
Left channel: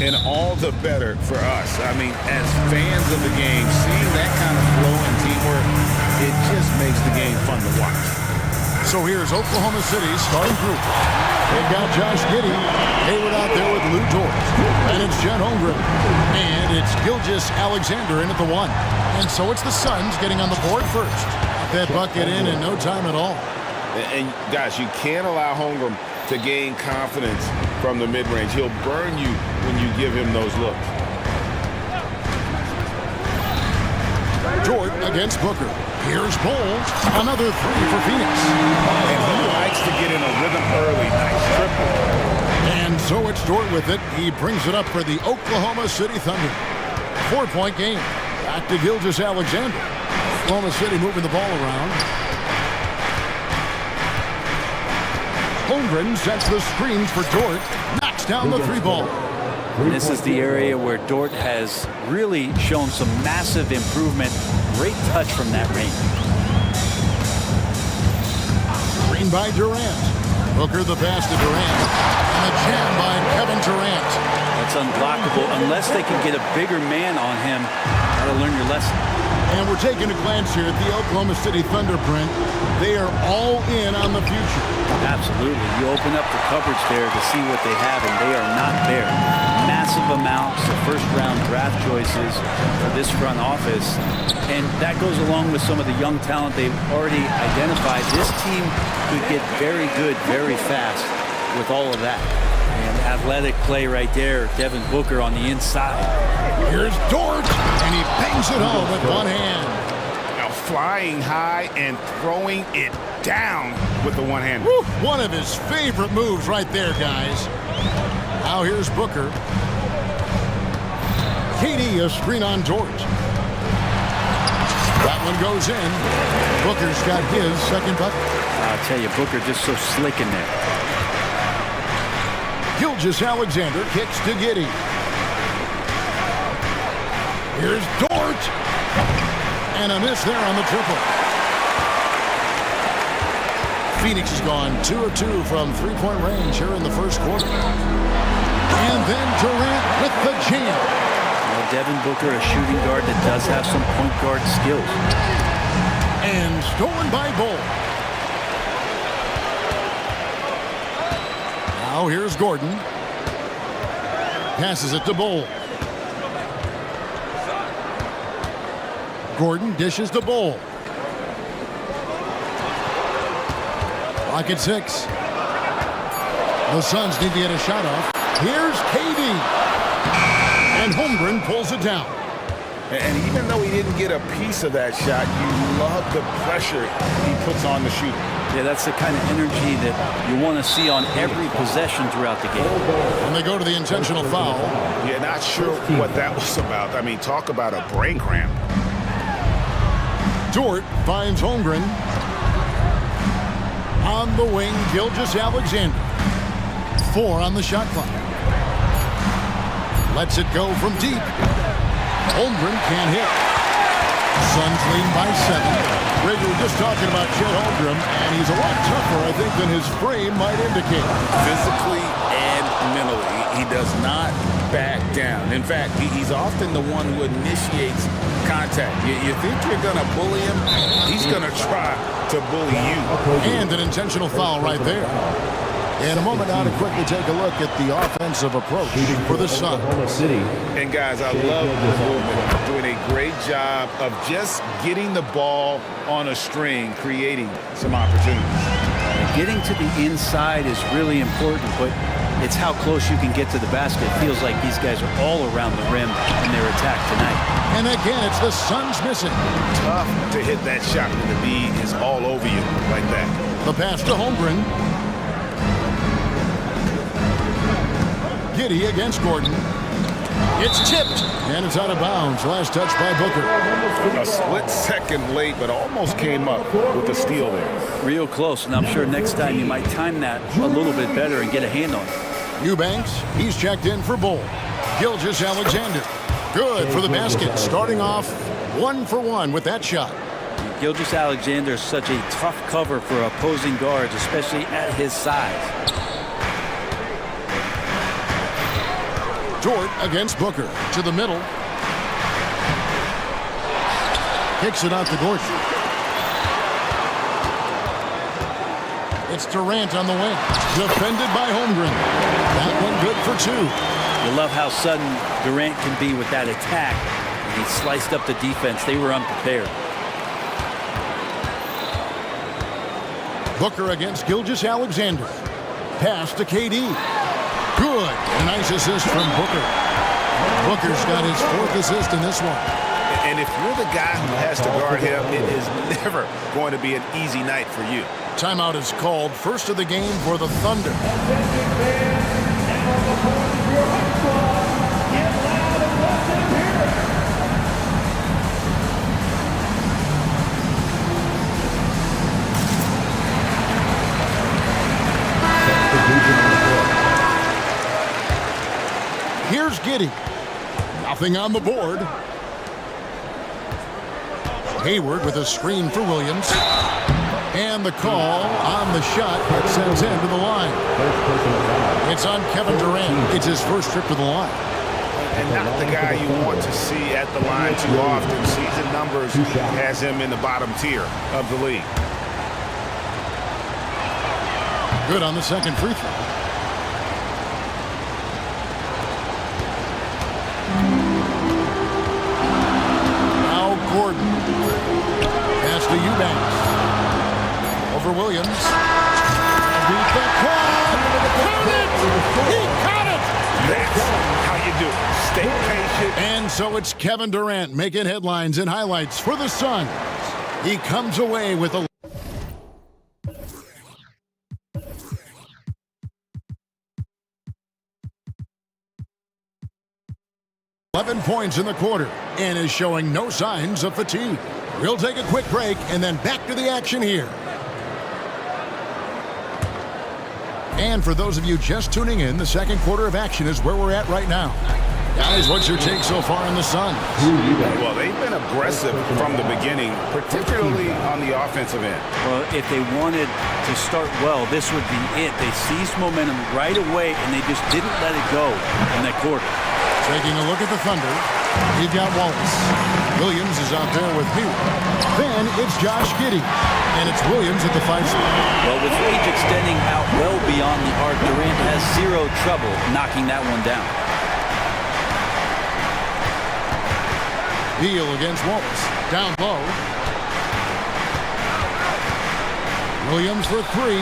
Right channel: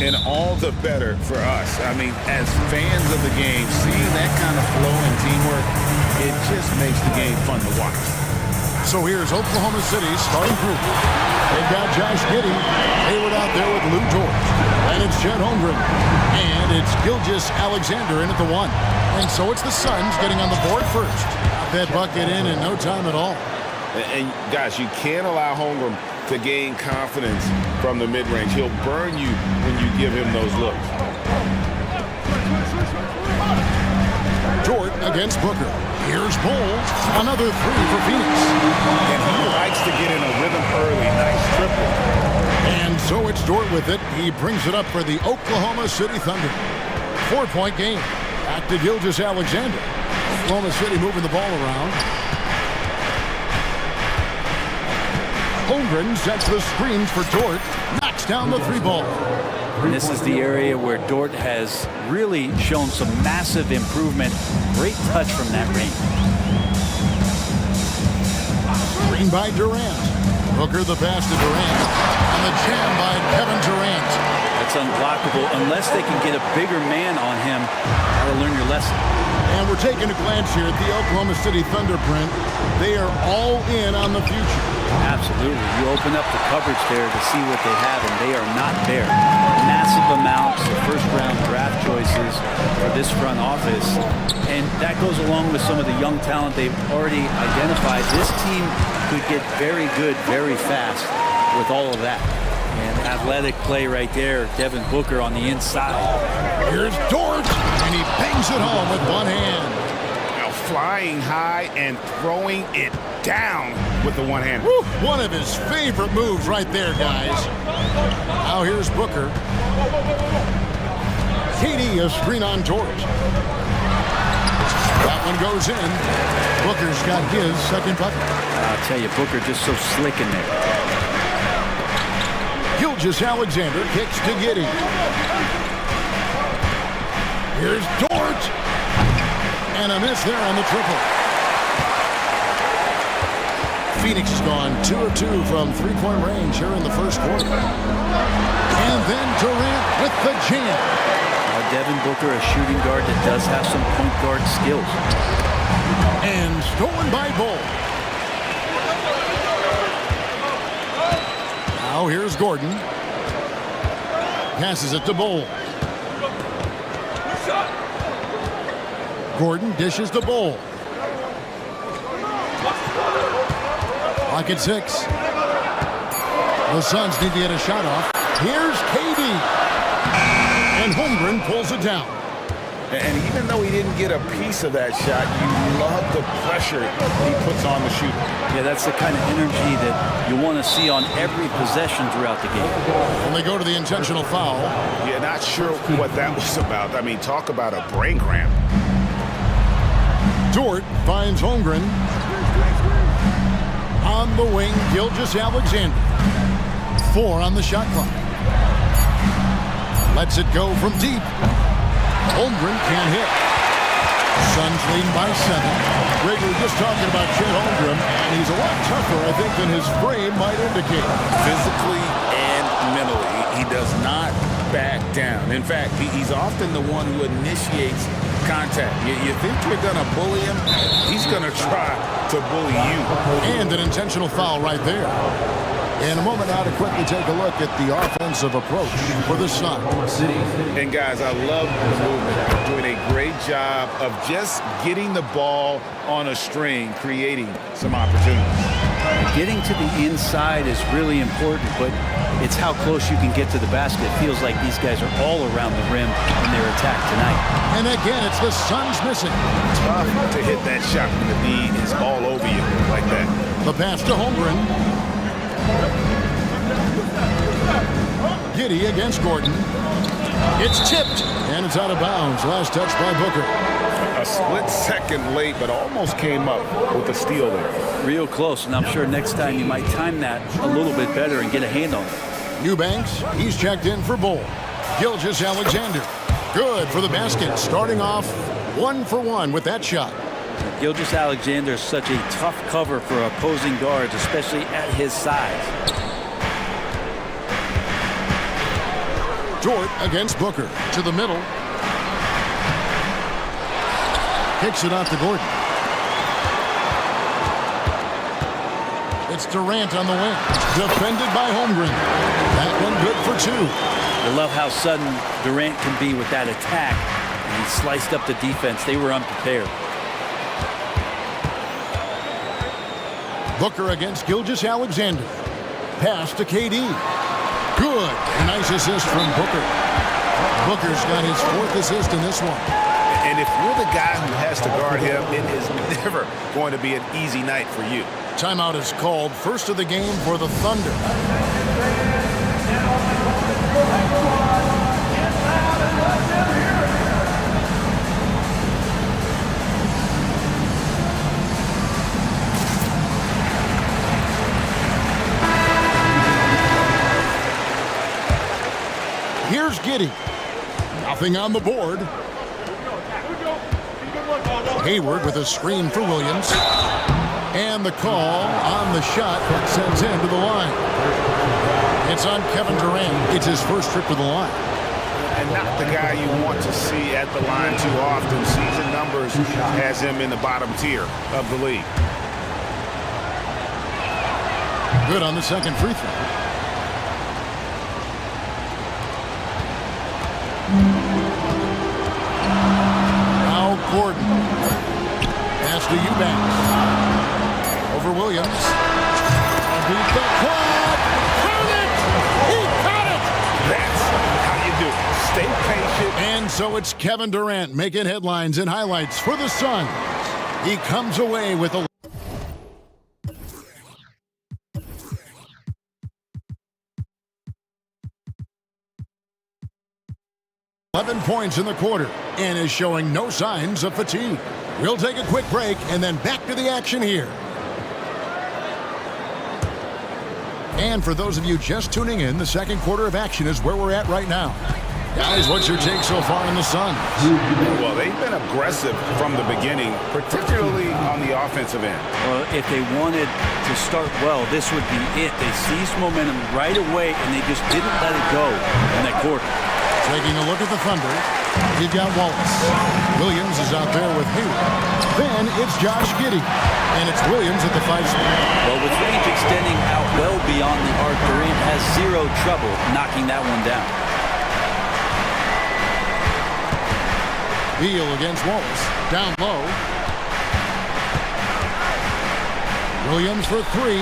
And all the better for us. I mean, as fans of the game, seeing that kind of flow and teamwork, it just makes the game fun to watch. So here's Oklahoma City's starting group. They've got Josh Giddey, Hayward out there with Lou George. And it's Chet Holmgren. And it's Gilgeous Alexander in at the 1. And so it's the Suns getting on the board first. Got that bucket in no time at all. And guys, you can't allow Holmgren to gain confidence from the mid-range. He'll burn you when you give him those looks. Dort against Booker. Here's Bull. Another 3 for Phoenix. And he likes to get in a rhythm early. Nice triple. And so it's Dort with it. He brings it up for the Oklahoma City Thunder. 4-point game. Back to Gilgeous Alexander. Oklahoma City moving the ball around. Holmgren sets the screens for Dort. Knocks down the 3-ball. And this is the area where Dort has really shown some massive improvement. Great touch from that range. Screen by Durant. Booker the pass to Durant. And the jam by Kevin Durant. That's unblockable unless they can get a bigger man on him. Gotta learn your lesson. And we're taking a glance here at the Oklahoma City Thunder print. They are all in on the future. Absolutely. You open up the coverage there to see what they have, and they are not bare. Massive amounts of first-round draft choices for this front office. And that goes along with some of the young talent they've already identified. This team could get very good very fast with all of that. And athletic play right there. Devin Booker on the inside. Here's Dort, and he bangs it home with one hand. Now flying high and throwing it down with the one hand. Woo, one of his favorite moves right there, guys. Now here's Booker. KD, a screen on Dort. That one goes in. Booker's got his second bucket. I'll tell you, Booker just so slick in there. Gilgeous Alexander kicks to Giddey. Here's Dort. And a miss there on the triple. Phoenix has gone 2 of 2 from three-point range here in the first quarter. And then Durant with the jam. Devin Booker, a shooting guard that does have some point guard skills. And stolen by Bull. Now here's Gordon. Passes it to Bull. Gordon dishes the Bull. Lock at 6. The Suns need to get a shot off. Here's KD. And Holmgren pulls it down. And even though he didn't get a piece of that shot, you love the pressure he puts on the shooter. Yeah, that's the kind of energy that you want to see on every possession throughout the game. And they go to the intentional foul. Yeah, not sure what that was about. I mean, talk about a brain cramp. Dort finds Holmgren. On the wing, Gilgeous Alexander. 4 on the shot clock. Lets it go from deep. Holmgren can't hit. Suns leading by 7. Greg, we were just talking about Chet Holmgren, and he's a lot tougher, I think, than his frame might indicate. Physically and mentally, he does not back down. In fact, he's often the one who initiates contact. You think you're going to bully him? He's going to try to bully you. And an intentional foul right there. In a moment now to quickly take a look at the offensive approach for the Suns. And guys, I love the movement. Doing a great job of just getting the ball on a string, creating some opportunities. And getting to the inside is really important, but it's how close you can get to the basket. It feels like these guys are all around the rim in their attack tonight. And again, it's the Suns missing. Tough to hit that shot when the D is all over you like that. The pass to Holmgren. Giddey against Gordon. It's tipped, and it's out of bounds. Last touch by Booker. A split second late, but almost came up with a steal there. Real close, and I'm sure next time you might time that a little bit better and get a hand on it. Eubanks, he's checked in for Bull. Gilgeous Alexander, good for the basket. Starting off 1 for 1 with that shot. Gilgeous Alexander is such a tough cover for opposing guards, especially at his size. Dort against Booker. To the middle. Kicks it out to Gordon. It's Durant on the wing. Defended by Holmgren. That one good for 2. You love how sudden Durant can be with that attack. And he sliced up the defense. They were unprepared. Booker against Gilgeous-Alexander. Pass to KD. Good. A nice assist from Booker. Booker's got his 4th assist in this one. And if you're the guy who has to guard him, it is never going to be an easy night for you. Timeout is called. First of the game for the Thunder. Here's Giddey. Nothing on the board. Hayward with a screen for Williams. And the call on the shot that sends him to the line. It's on Kevin Durant. It's his first trip to the line. And not the guy you want to see at the line too often. Season numbers has him in the bottom tier of the league. Good on the second free throw. Now Gordon. Pass to Eubanks. Over Williams. Beat the clock. Count it! He caught it! That's how you do it. Stay patient. And so it's Kevin Durant making headlines and highlights for the Suns. He comes away with a 11 points in the quarter and is showing no signs of fatigue. We'll take a quick break and then back to the action here. And for those of you just tuning in, the second quarter of action is where we're at right now. Guys, what's your take so far on the Suns? Well, they've been aggressive from the beginning, particularly on the offensive end. Well, if they wanted to start well, this would be it. They seized momentum right away, and they just didn't let it go in that quarter. Taking a look at the Thunder, we've got Wallace. Williams is out there with Hayward. Then it's Josh Giddey, and it's Williams at the 5 spot. Well, with range extending out well beyond the arc, Durant has zero trouble knocking that one down. Beal against Wallace. Down low. Williams for 3.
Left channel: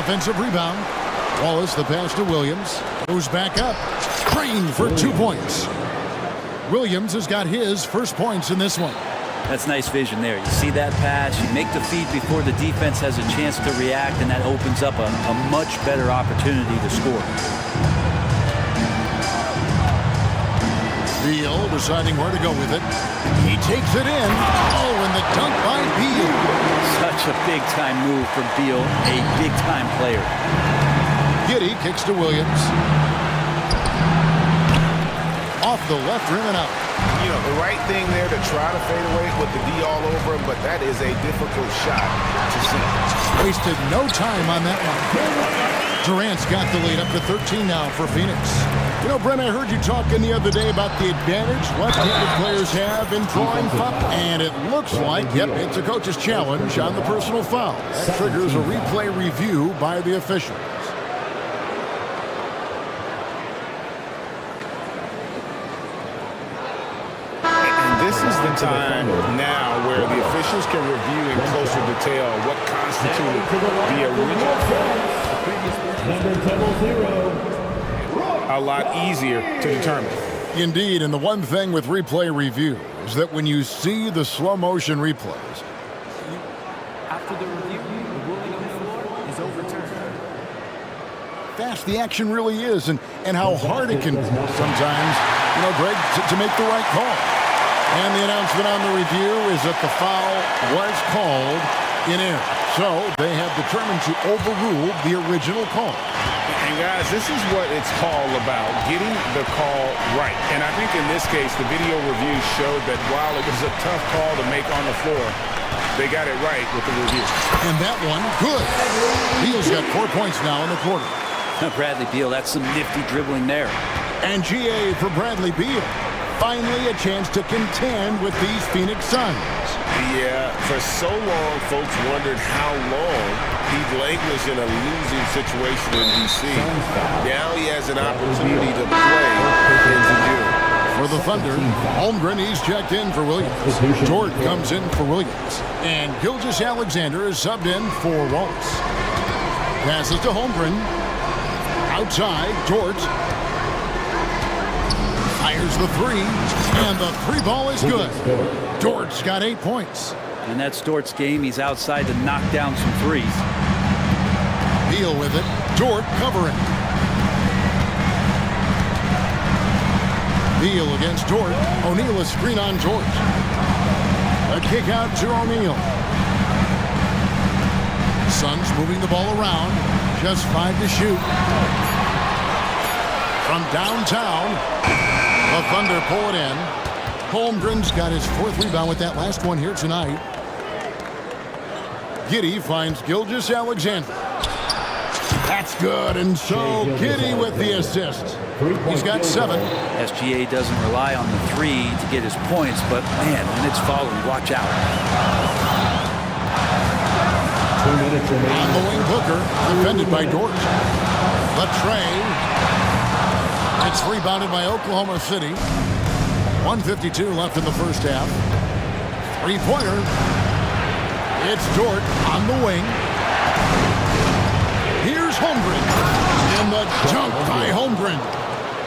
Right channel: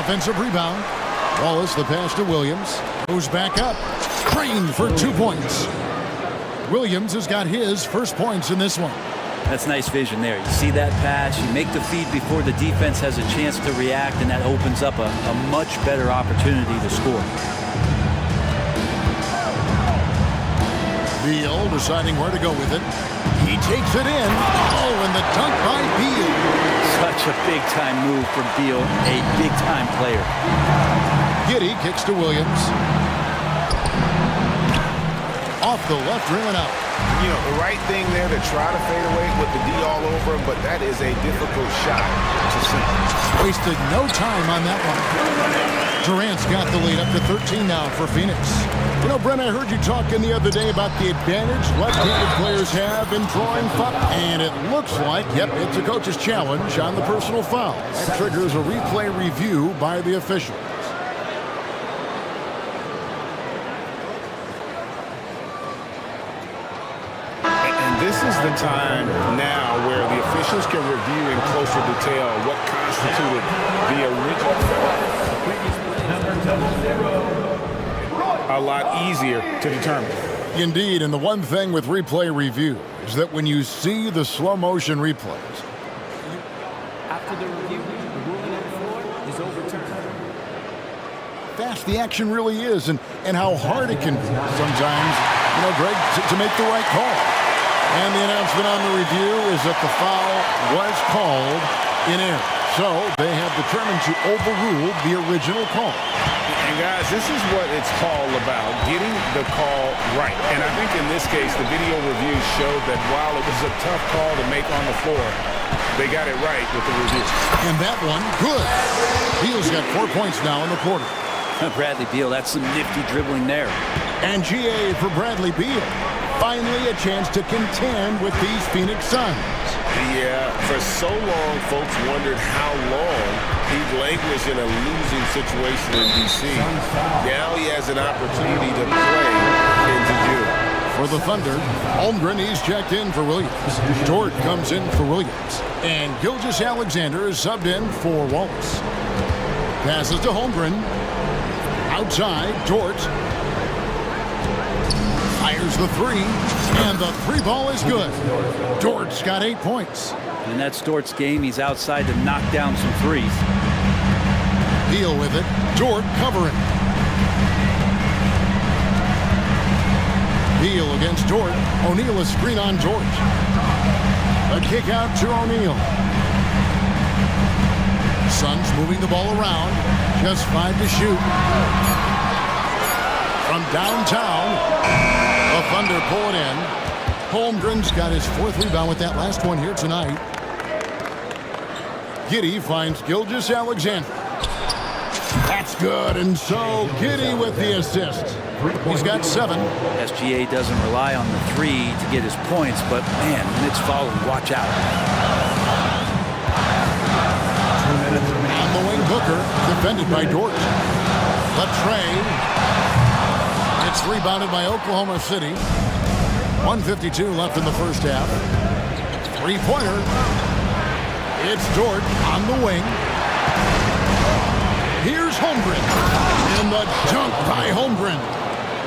Offensive rebound. Wallace, the pass to Williams. Goes back up. Trained for 2 points. Williams has got his first points in this one. That's nice vision there. You see that pass, you make the feed before the defense has a chance to react, and that opens up a much better opportunity to score. Beal deciding where to go with it. He takes it in. Oh, and the dunk by Beal. Such a big-time move from Beal, a big-time player. Giddey kicks to Williams. Off the left rim and out. You know, the right thing there to try to fade away with the D all over him, but that is a difficult shot to see. Wasted no time on that one. Durant's got the lead up to 13 now for Phoenix. You know, Brent, I heard you talking the other day about the advantage left-handed players have in drawing foul. And it looks like, yep, it's a coach's challenge on the personal foul. That triggers a replay review by the officials. And this is the time now where the officials can review in closer detail what constituted the original foul. Number 00. A lot easier to determine. Indeed, and the one thing with replay review is that when you see the slow motion replays, After the review, the ruling on the floor is overturned. fast the action really is and how hard it can be sometimes, you know, Greg, to make the right call. And the announcement on the review is that the foul was called in error. So they have determined to overrule the original call. And guys, this is what it's all about, getting the call right. And I think in this case, the video review showed that while it was a tough call to make on the floor, they got it right with the review. And that one, good. Beal's got 4 points now in the quarter. Bradley Beal, that's some nifty dribbling there. And GA for Bradley Beal. Finally a chance to contend with these Phoenix Suns. Yeah, for so long, folks wondered how long he'd languish in a losing situation in D.C. Now he has an opportunity to play into June. For the Thunder, Holmgren, he's checked in for Williams. Dort comes in for Williams. And Gilgeous-Alexander is subbed in for Wallace. Passes to Holmgren. Outside, Dort. Fires the three, and the three ball is good. Dort's got 8 points. And that's Dort's game. He's outside to knock down some threes. Beal with it. Dort covering. Beal against Dort. O'Neal a screen on Dort. A kick out to O'Neal. Suns moving the ball around. Just 5 to shoot. From downtown, the Thunder pull it in. Holmgren's got his 4th rebound with that last one here tonight. Giddey finds Gilgeous-Alexander. That's good, and so Giddey with the assist. He's got 7. SGA doesn't rely on the three to get his points, but man, when it's followed, watch out. On the wing, Booker, defended by Dort. Latrey. It's rebounded by Oklahoma City. 1:52 left in the first half. Three-pointer. It's Dort on the wing. Here's Holmgren. And the dunk by Holmgren.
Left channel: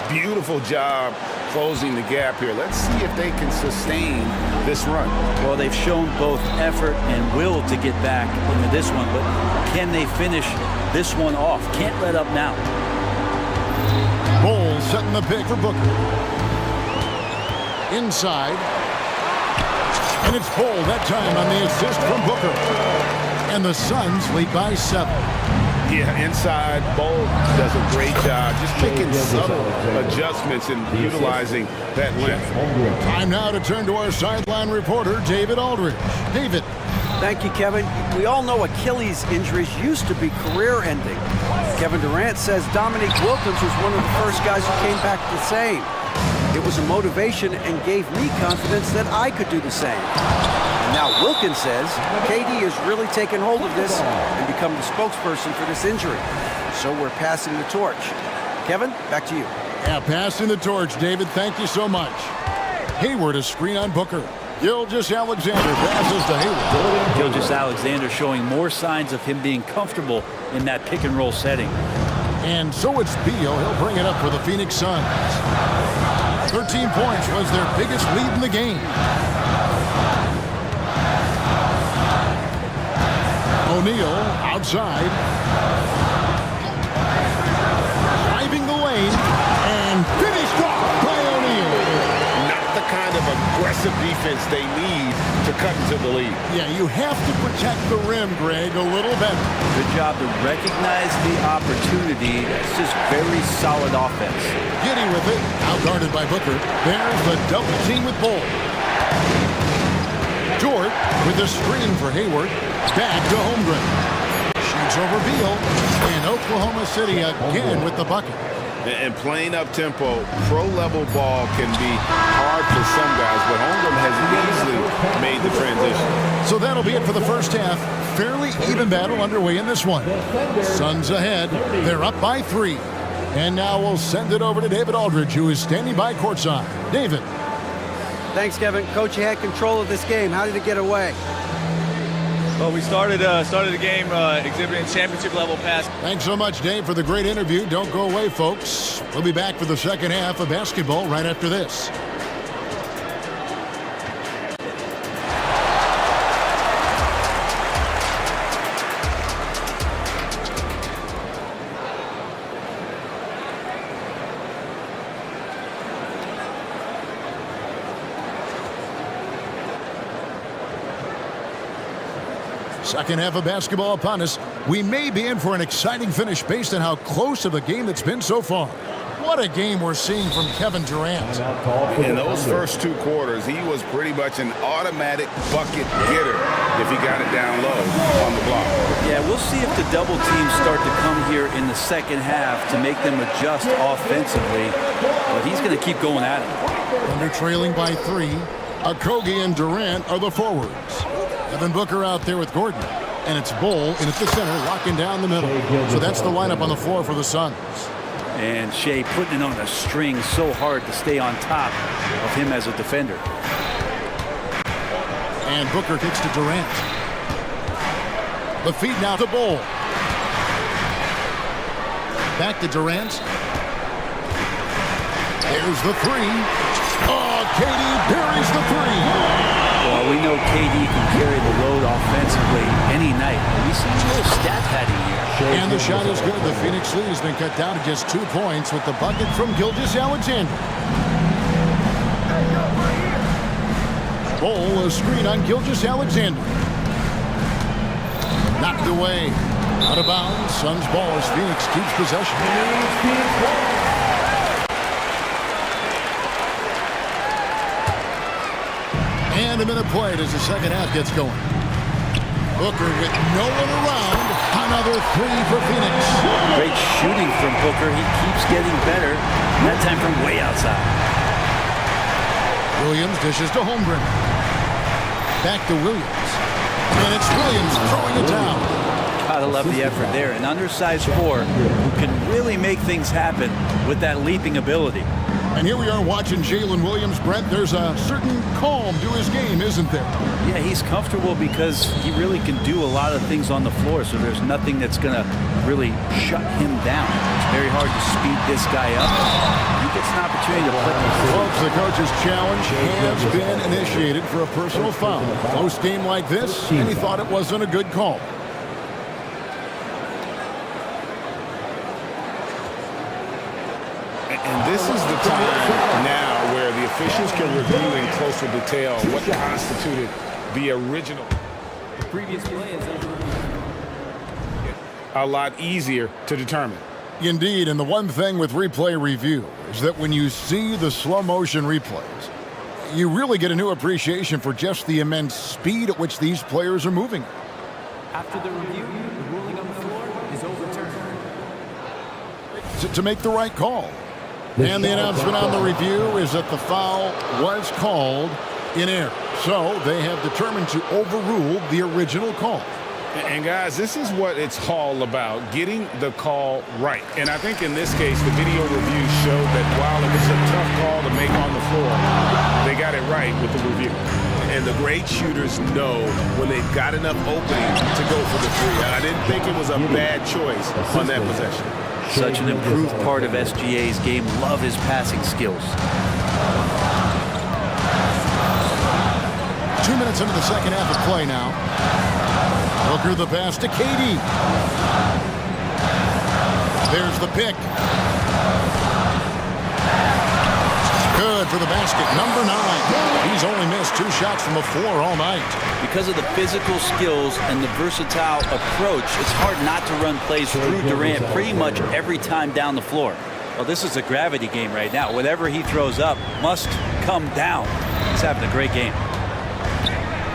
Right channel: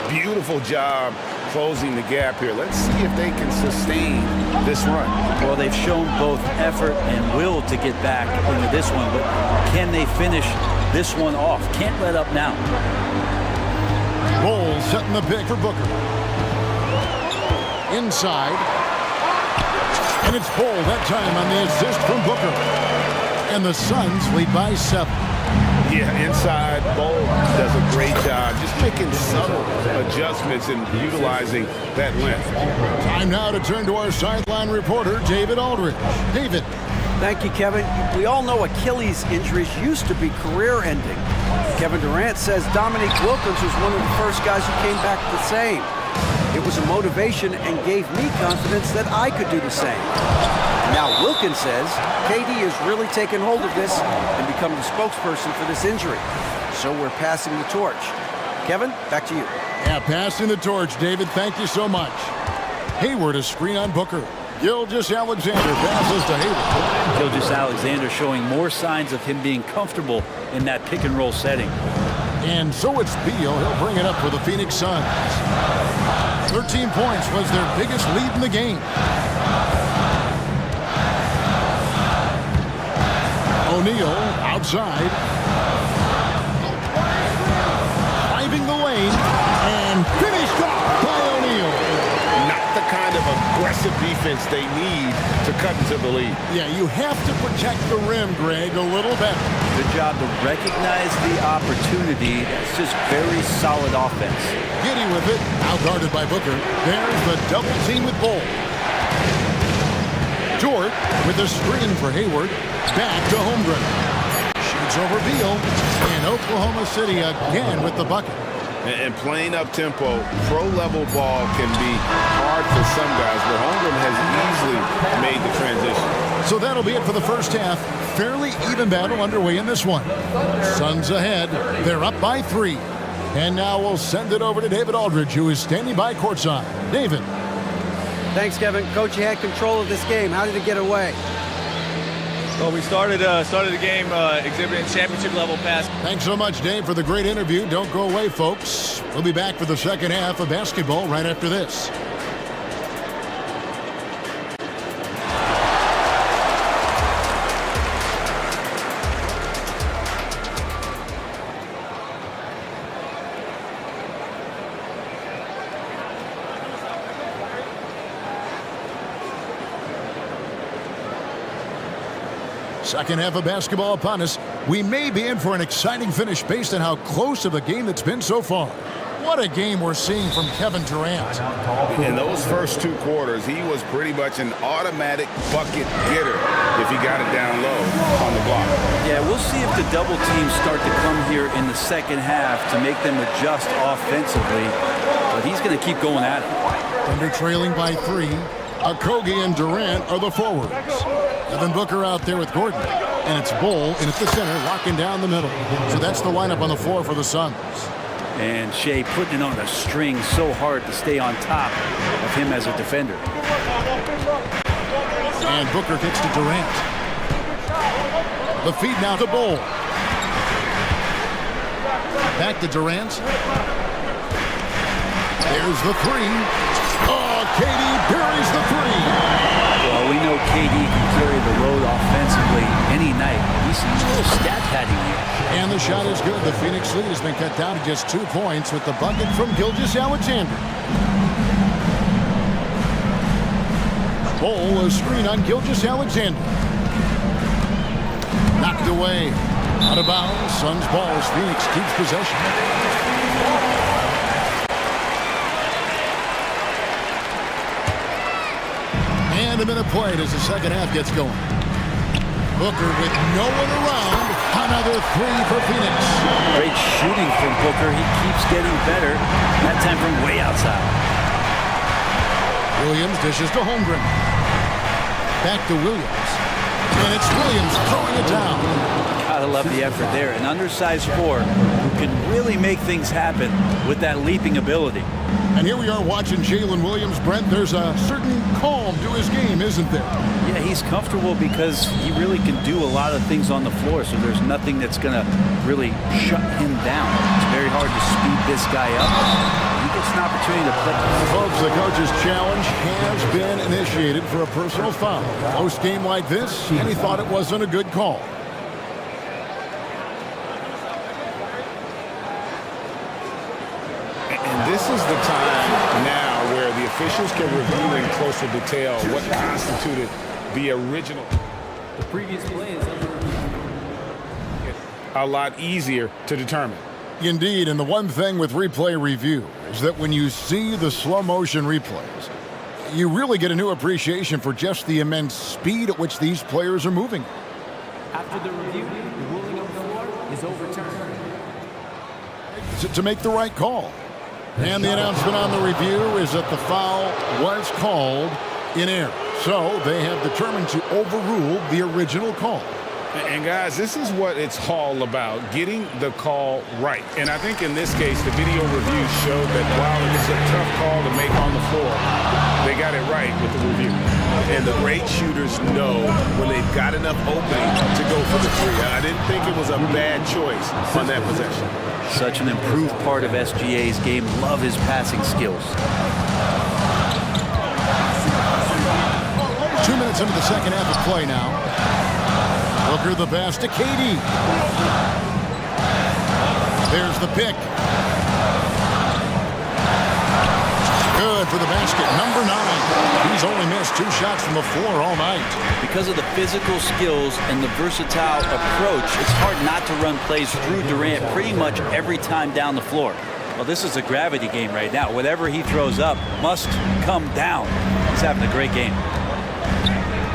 Beautiful job closing the gap here. Let's see if they can sustain this run. Well, they've shown both effort and will to get back into this one, but can they finish this one off? Can't let up now. Bowles setting the pick for Booker. Inside. And it's Bowles that time on the assist from Booker. And the Suns lead by 7. Yeah, inside, Bowles does a great job just making subtle adjustments and utilizing that length. Time now to turn to our sideline reporter, David Aldridge. David. Thank you, Kevin. We all know Achilles injuries used to be career-ending. Kevin Durant says Dominique Wilkins was one of the first guys who came back the same. It was a motivation and gave me confidence that I could do the same. And now Wilkins says KD has really taken hold of this and become the spokesperson for this injury. So we're passing the torch. Kevin, back to you. Yeah, passing the torch, David. Thank you so much. Hayward a screen on Booker. Gilgeous-Alexander passes to Hayward. Gilgeous-Alexander showing more signs of him being comfortable in that pick-and-roll setting. And so it's Beal. He'll bring it up for the Phoenix Suns. 13 points was their biggest lead in the game. O'Neal outside. Driving the lane and finished off by O'Neal. Not the kind of aggressive defense they need to cut into the lead. Yeah, you have to protect the rim, Greg, a little better. Good job to recognize the opportunity. That's just very solid offense. Giddey with it, out guarded by Booker. There's the double team with Bowles. Dort with a screen for Hayward. Back to Holmgren. Shoots over Beal. And Oklahoma City again with the bucket. And playing up-tempo, pro-level ball can be hard for some guys, but Holmgren has easily made the transition. So that'll be it for the first half. Fairly even battle underway in this one. Suns ahead. They're up by 3. And now we'll send it over to David Aldridge, who is standing by courtside. David. Thanks, Kevin. Coach, you had control of this game. How did it get away? Well, we started the game exhibiting championship-level pass. Thanks so much, Dave, for the great interview. Don't go away, folks. We'll be back for the second half of basketball right after this. Second half of basketball upon us. We may be in for an exciting finish based on how close of a game it's been so far. What a game we're seeing from Kevin Durant. In those first 2 quarters, he was pretty much an automatic bucket getter if he got it down low on the block. Yeah, we'll see if the double teams start to come here in the second half to make them adjust offensively. but he's going to keep going at him. Thunder trailing by 3. Okogie and Durant are the forwards. Devin Booker out there with Gordon. And it's Bull in at the center, locking down the middle. So that's the lineup on the floor for the Suns. And Shea putting it on a string so hard to stay on top of him as a defender. And Booker kicks to Durant. The feed now to Bull. Back to Durant. There's the 3. Oh, KD buries the 3. Well, we know KD can carry the load offensively any night. We see a little stat padding here. And the shot is good. The Phoenix lead has been cut down to just 2 points with the bucket from Gilgeous-Alexander. Bull, a screen on Gilgeous-Alexander. Knocked away. Out of bounds. Suns ball as Phoenix keeps possession. And a minute played as the second half gets going. Booker with no one around. Another 3 for Phoenix. Great shooting from Booker. He keeps getting better. That time from way outside. Williams dishes to Holmgren. Back to Williams. And it's Williams throwing it down. Gotta love the effort there. An undersized 4 who can really make things happen with that leaping ability. And here we are watching Jalen Williams. Brent, there's a certain calm to his game, isn't there? Yeah, he's comfortable because he really can do a lot of things on the floor, so there's nothing that's going to really shut him down. It's very hard to speed this guy up. He gets an opportunity to play. Folks, the coach's challenge has been initiated for a personal foul. Close game like this, and he thought it wasn't a good call. And this is the time now where the officials can review in closer detail what constituted the original. The previous play is under review. A lot easier to determine. Indeed, and the one thing with replay review is that when you see the slow motion replays, you really get a new appreciation for just the immense speed at which these players are moving. After the review, the ruling on the floor is overturned. To make the right call. And the announcement on the review is that the foul was called in error. So they have determined to overrule the original call. And guys, this is what it's all about, getting the call right. And I think in this case, the video review showed that while it was a tough call to make on the floor, they got it right with the review. And the great shooters know when they've got enough opening to go for the 3. I didn't think it was a bad choice on that possession. Such an improved part of SGA's game. Love his passing skills. 2 minutes into the second half of play now. Booker the pass to KD. There's the pick. Good for the basket. Number 9. He's only missed 2 shots from the floor all night. Because of the physical skills and the versatile approach, it's hard not to run plays through Durant pretty much every time down the floor. Well, this is a gravity game right now. Whatever he throws up must come down. He's having a great game.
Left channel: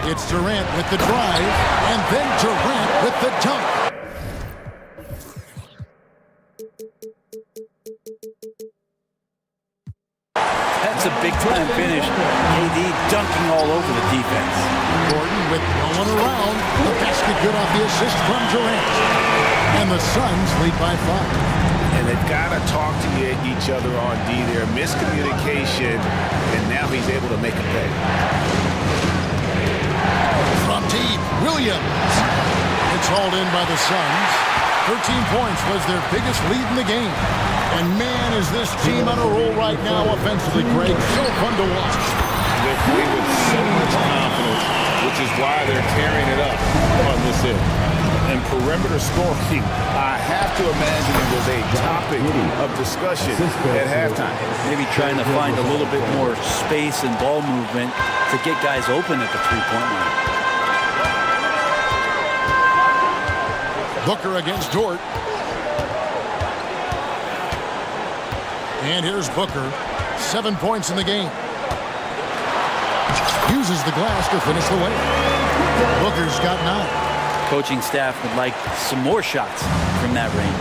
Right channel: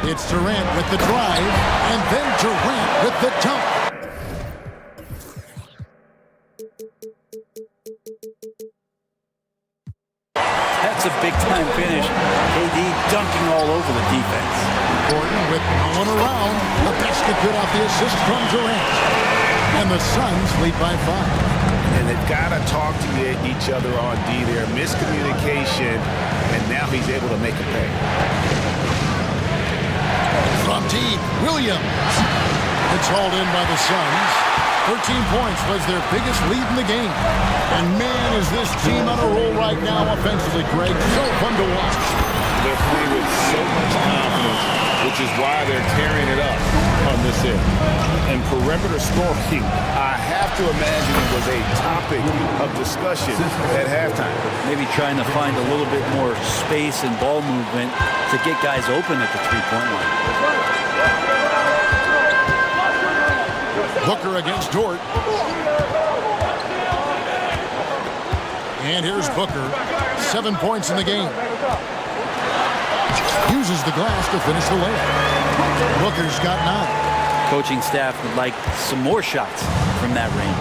It's Durant with the drive, and then Durant with the dunk. That's a big-time finish. KD dunking all over the defense. Gordon with no one around. The basket good off the assist from Durant. And the Suns lead by 5. And they've got to talk to each other on D there. Miscommunication, and now he's able to make a pay. From deep, Williams. It's hauled in by the Suns. 13 points was their biggest lead in the game. And man, is this team on a roll right now offensively, Greg. So fun to watch. They're playing with so much confidence, which is why they're tearing it up on this end. And perimeter scoring, I have to imagine it was a topic of discussion at halftime. Maybe trying to find a little bit more space and ball movement to get guys open at the three-point line. Booker against Dort. And here's Booker. 7 points in the game. Uses the glass to finish the layup. Booker's got 9. Coaching staff would like some more shots from that range.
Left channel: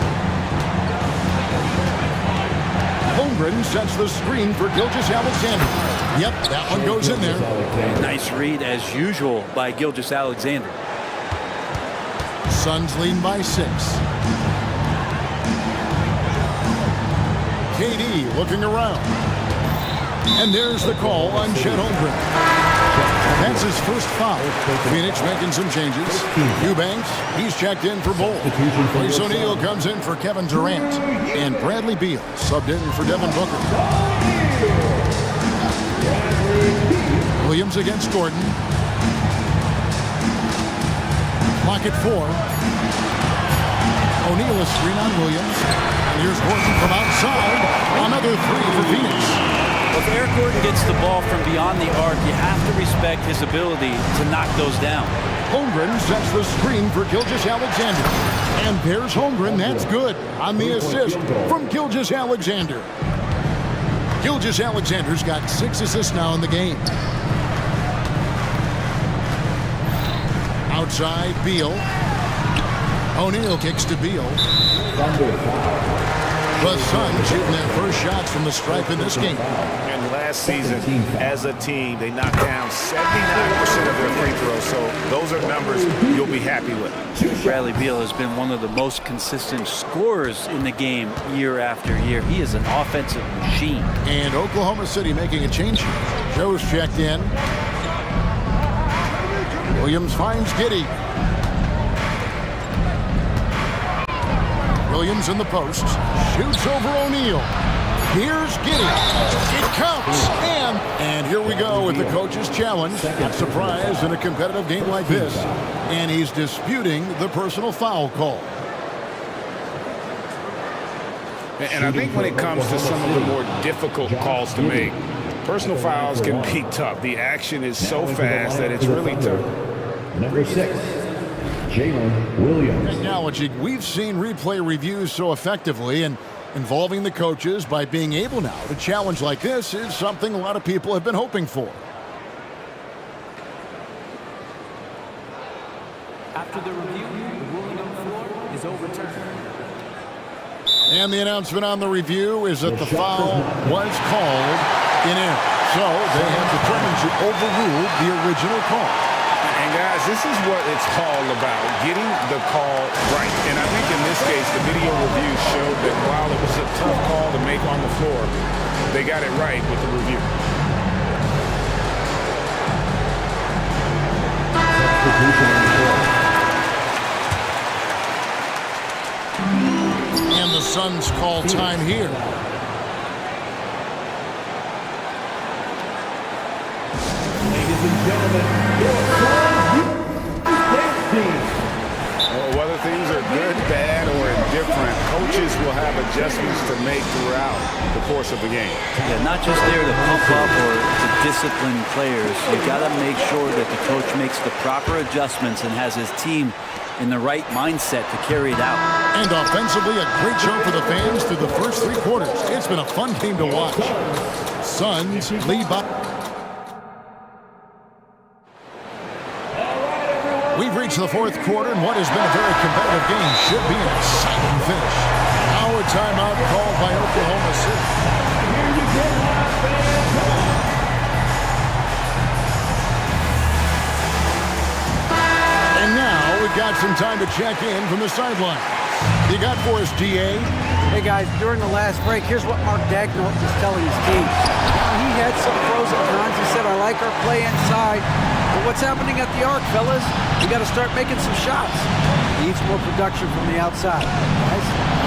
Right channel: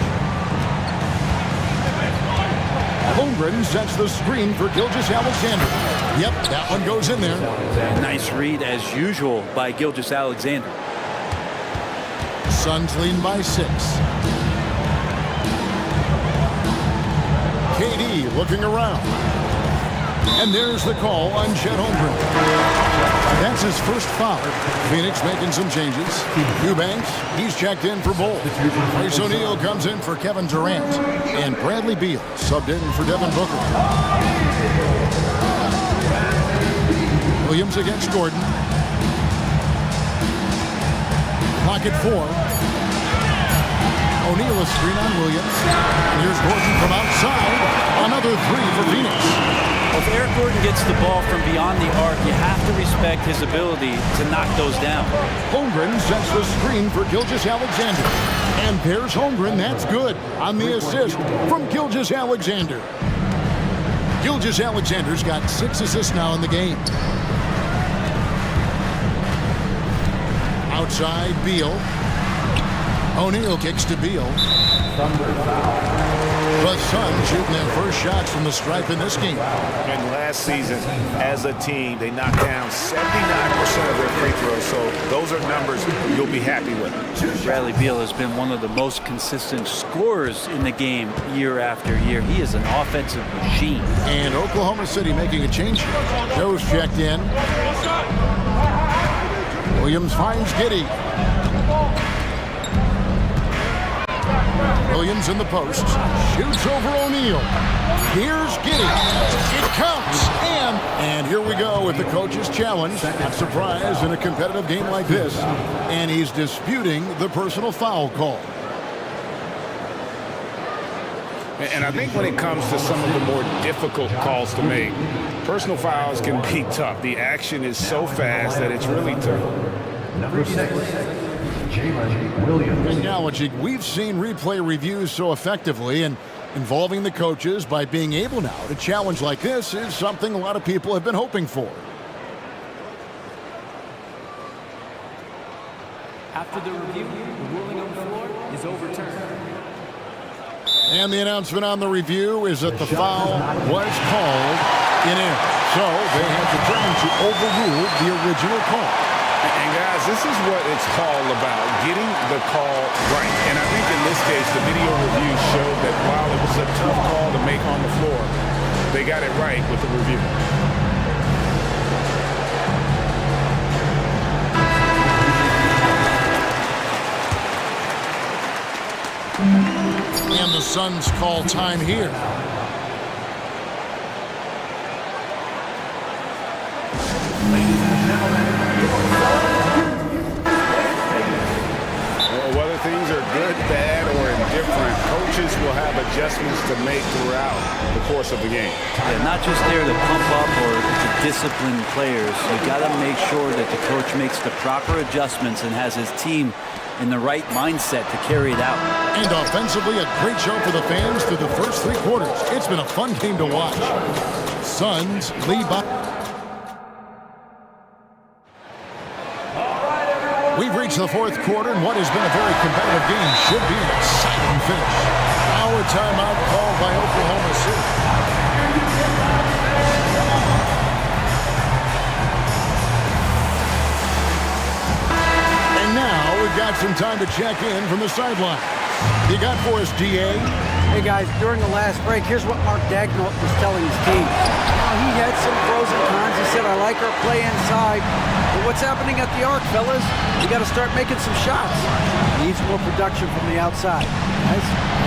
Holmgren sets the screen for Gilgeous-Alexander. Yep, that one goes in there. And nice read, as usual, by Gilgeous-Alexander. Suns leading by 6. KD looking around. And there's the call on Chet Holmgren. That's his first foul. Phoenix making some changes. Eubanks, he's checked in for Bull. Royce O'Neal comes in for Kevin Durant. And Bradley Beal subbed in for Devin Booker. Williams against Gordon. Clock at 4. O'Neal a screen on Williams. And here's Gordon from outside. Another 3 for Phoenix. Well, if Eric Gordon gets the ball from beyond the arc, you have to respect his ability to knock those down. Holmgren sets the screen for Gilgeous-Alexander. And there's Holmgren. That's good on the assist from Gilgeous-Alexander. Gilgeous-Alexander's got 6 assists now in the game. Outside, Beal. O'Neal kicks to Beal. The Suns shooting their first shots from the stripe in this game. And last season, as a team, they knocked down 79% of their free throws, so those are numbers you'll be happy with. Bradley Beal has been one of the most consistent scorers in the game year after year. He is an offensive machine. And Oklahoma City making a change here. Joe's checked in. Williams finds Giddey. Williams in the post. Shoots over O'Neal. Here's Giddey. It counts. And here we go with the coach's challenge. Not surprised in a competitive game like this. And he's disputing the personal foul call. And I think when it comes to some of the more difficult calls to make, personal fouls can be tough. The action is so fast that it's really tough. Number 6, Jalen Williams. Acknowledging we've seen replay reviews so effectively and involving the coaches by being able now to challenge like this is something a lot of people have been hoping for. After the review, the ruling on the floor is overturned. And the announcement on the review is that the foul was called in error. So they have determined to overrule the original call. And guys, this is what it's all about, getting the call right. And I think in this case, the video review showed that while it was a tough call to make on the floor, they got it right with the review. And the Suns call time here. Ladies and gentlemen, well, whether things are good, bad, or indifferent, coaches will have adjustments to make throughout the course of the game. Yeah, not just there to pump up or to discipline players. You got to make sure that the coach makes the proper adjustments and has his team in the right mindset to carry it out. And offensively, a great show for the fans through the first 3 quarters. It's been a fun game to watch. Suns lead by. We've reached the 4th quarter, and what has been a very competitive game should be an exciting finish. Now a timeout called by Oklahoma City. And now we've got some time to check in from the sideline. You got for us, DA? Hey guys, during the last break, here's what Mark Daigneault was telling his team. Now, he had some pros and cons. He said, I like our play inside. But what's happening at the arc, fellas? We got to start making some shots. Needs more production from the outside, guys.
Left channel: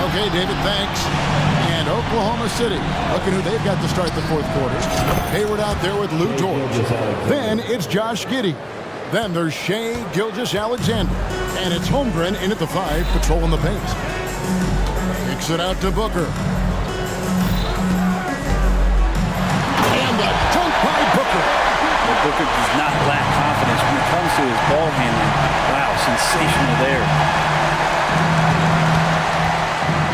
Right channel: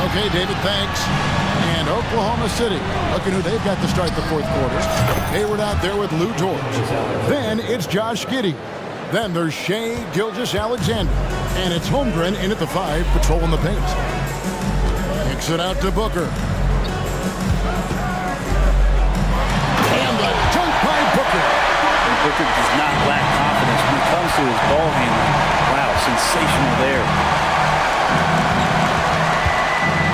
Okay, David, thanks. And Oklahoma City, looking who they've got to start the 4th quarter. Hayward out there with Lou George. Then it's Josh Giddey. Then there's Shai Gilgeous-Alexander. And it's Holmgren in at the 5, patrolling the paint. Kicks it out to Booker. And the dunk by Booker. Booker does not lack confidence when it comes to his ball handling. Wow, sensational there.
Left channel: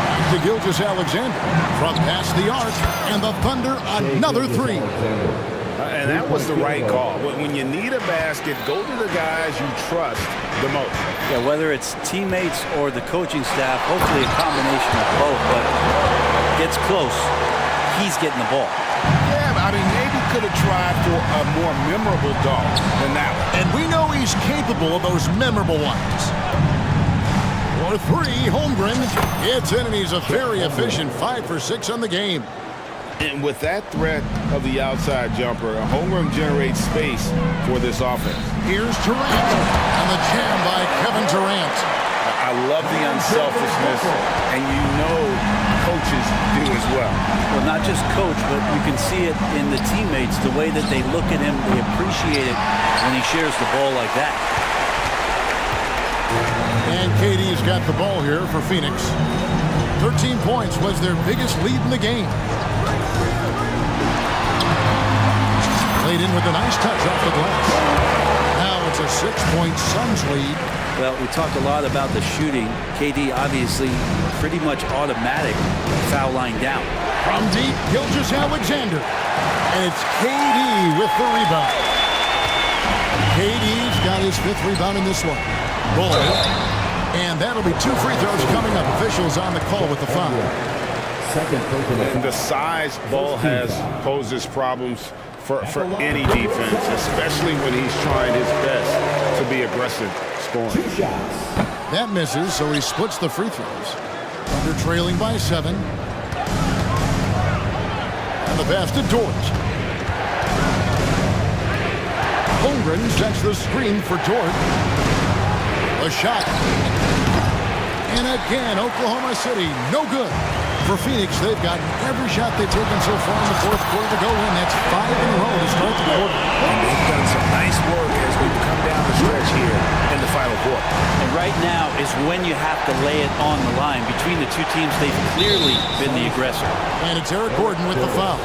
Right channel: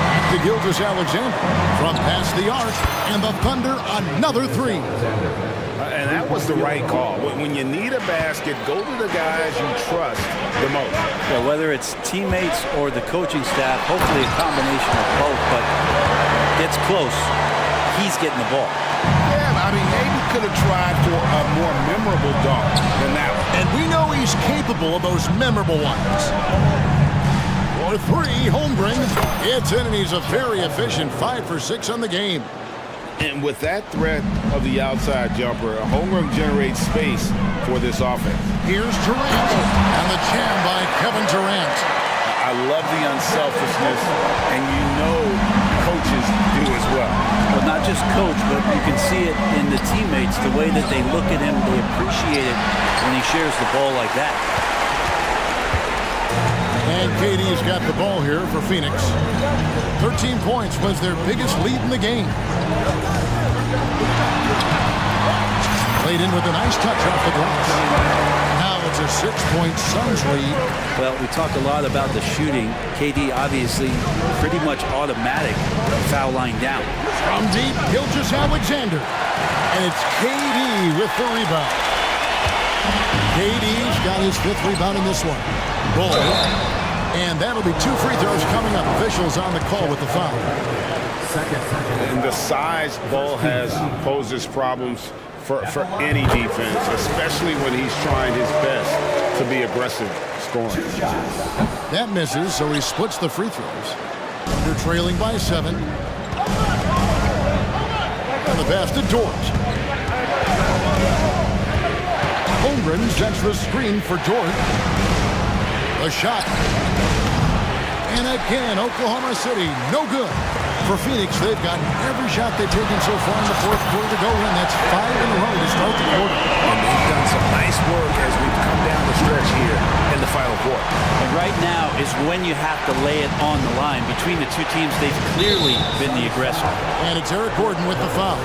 Back to Gilgeous-Alexander from past the arc, and the Thunder another 3. And that was the right call. When you need a basket, go to the guys you trust the most. Yeah, whether it's teammates or the coaching staff, hopefully a combination of both, but gets close. he's getting the ball. Yeah, but I mean, maybe could have tried for a more memorable dunk than that one. And we know he's capable of those memorable ones. For three, Holmgren. It's in, and he's a very efficient 5 for 6 on the game. And with that threat of the outside jumper, Holmgren generates space for this offense. Here's Durant, and the jam by Kevin Durant. I love the unselfishness, and you know coaches do as well. Well, not just coach, but you can see it in the teammates, the way that they look at him, they appreciate it when he shares the ball like that. And KD's got the ball here for Phoenix. 13 points was their biggest lead in the game. Played in with a nice touch off the glass. Now it's a 6-point Suns lead. Well, we talk a lot about the shooting. KD obviously pretty much automatic foul line down. From deep, Gilgeous-Alexander. And it's KD with the rebound. KD's got his 5th rebound in this one. Ball. And that'll be 2 free throws coming up. Officials on the call with the foul. And the size Ball has poses problems for any defense, especially when he's trying his best to be aggressive scoring. That misses, so he splits the free throws. Under trailing by 7. And the pass to Dort. Holmgren sets the screen for Dort. A shot. And again, Oklahoma City, no good. For Phoenix, they've gotten every shot they've taken so far in the 4th quarter to go in. That's 5 in a row to start the quarter. And they've done some nice work as we've come down the stretch here in the final quarter. And right now is when you have to lay it on the line. Between the two teams, they've clearly been the aggressor. And it's Eric Gordon with the foul.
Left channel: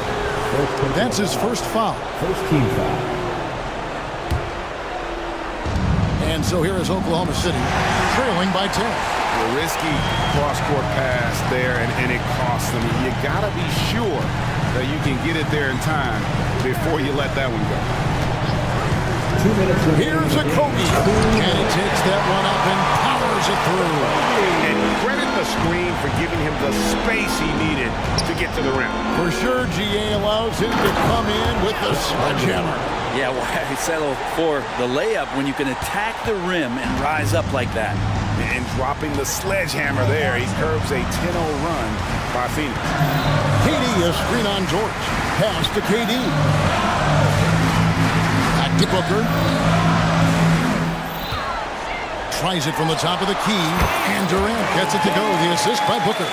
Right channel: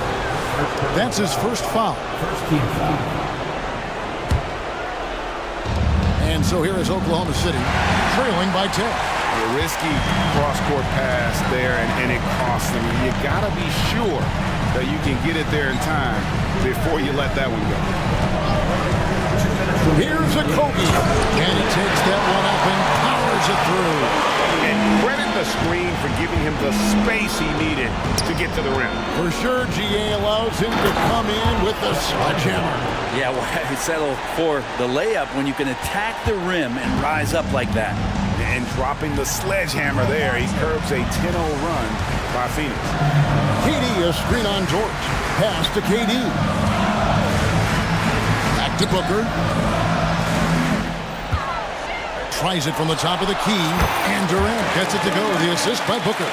That's his first foul. First team foul. And so here is Oklahoma City, trailing by 10. A risky cross-court pass there, and it costs them. You got to be sure that you can get it there in time before you let that one go. Here's a Kobe, and he takes that one up and powers it through. And credit the screen for giving him the space he needed to get to the rim. For sure, GA allows him to come in with the sledgehammer. Yeah, why settle for the layup when you can attack the rim and rise up like that? And dropping the sledgehammer there, he curbs a 10-0 run by Phoenix. KD, a screen on George. Pass to KD. Back to Booker. Tries it from the top of the key, and Durant gets it to go. The assist by Booker.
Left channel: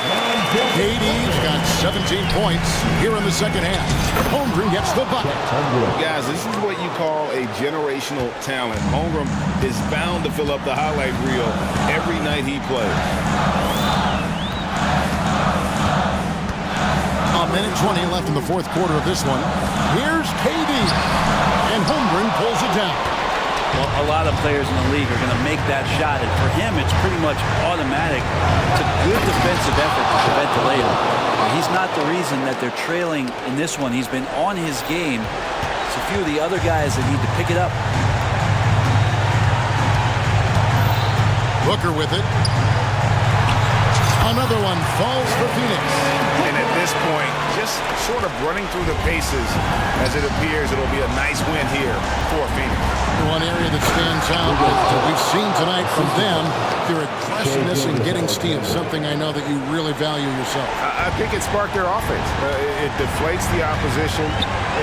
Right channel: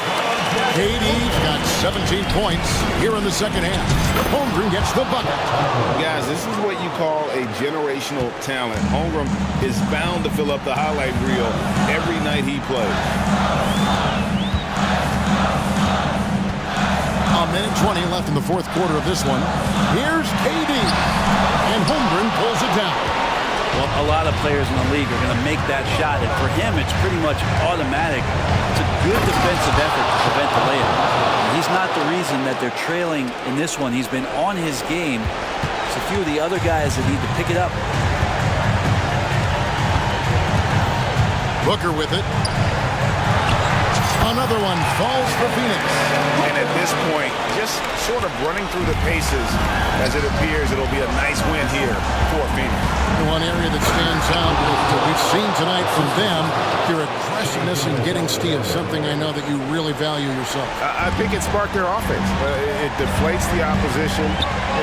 KD's got 17 points here in the second half. Holmgren gets the bucket. Guys, this is what you call a generational talent. Holmgren is bound to fill up the highlight reel every night he plays. A minute 20 left in the 4th quarter of this one. Here's KD, and Holmgren pulls it down. Well, a lot of players in the league are going to make that shot, and for him, it's pretty much automatic. It's a good defensive effort to prevent the layup. And he's not the reason that they're trailing in this one. He's been on his game. It's a few of the other guys that need to pick it up. Booker with it. Another one falls for Phoenix. And at this point, just sort of running through the paces, as it appears it'll be a nice win here for Phoenix. The one area that stands out that we've seen tonight from them, their aggressiveness in getting steals, something I know that you really value yourself. I think it sparked their offense. It deflates the opposition,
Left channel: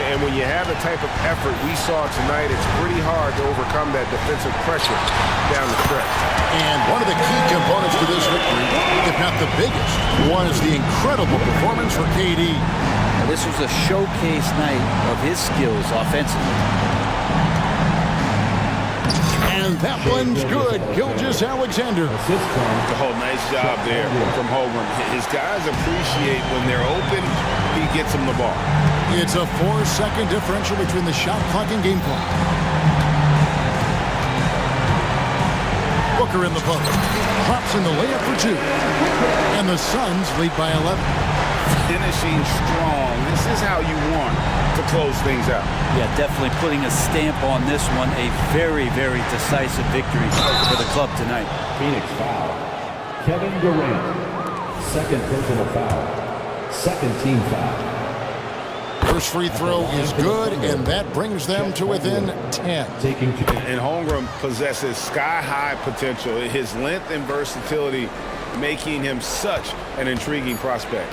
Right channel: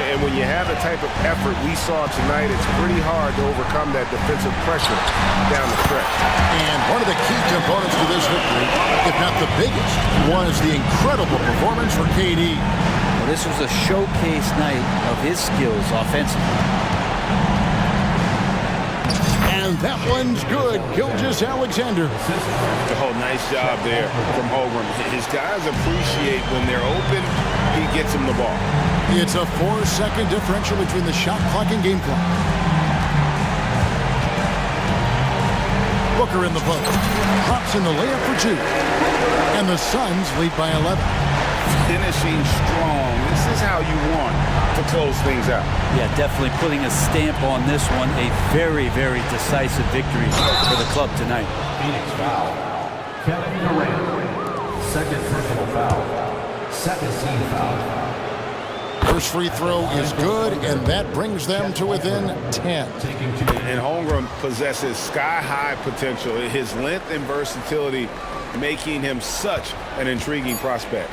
and when you have the type of effort we saw tonight, it's pretty hard to overcome that defensive pressure down the stretch. And one of the key components to this victory, if not the biggest, was the incredible performance for KD. Now, this was a showcase night of his skills offensively. And that one's good. Gilgeous-Alexander. Oh, nice job there from Holmgren. His guys appreciate when they're open, he gets them the ball. It's a 4-second differential between the shot clock and game clock. Booker in the post. Drops in the layup for 2. And the Suns lead by 11. Finishing strong. This is how you want to close things out. Yeah, definitely putting a stamp on this one. A very, very decisive victory for the club tonight. Phoenix foul. Kevin Durant. Second personal foul. Second team foul. First free throw is good, and that brings them to within 10. And Holmgren possesses sky-high potential. His length and versatility making him such an intriguing prospect.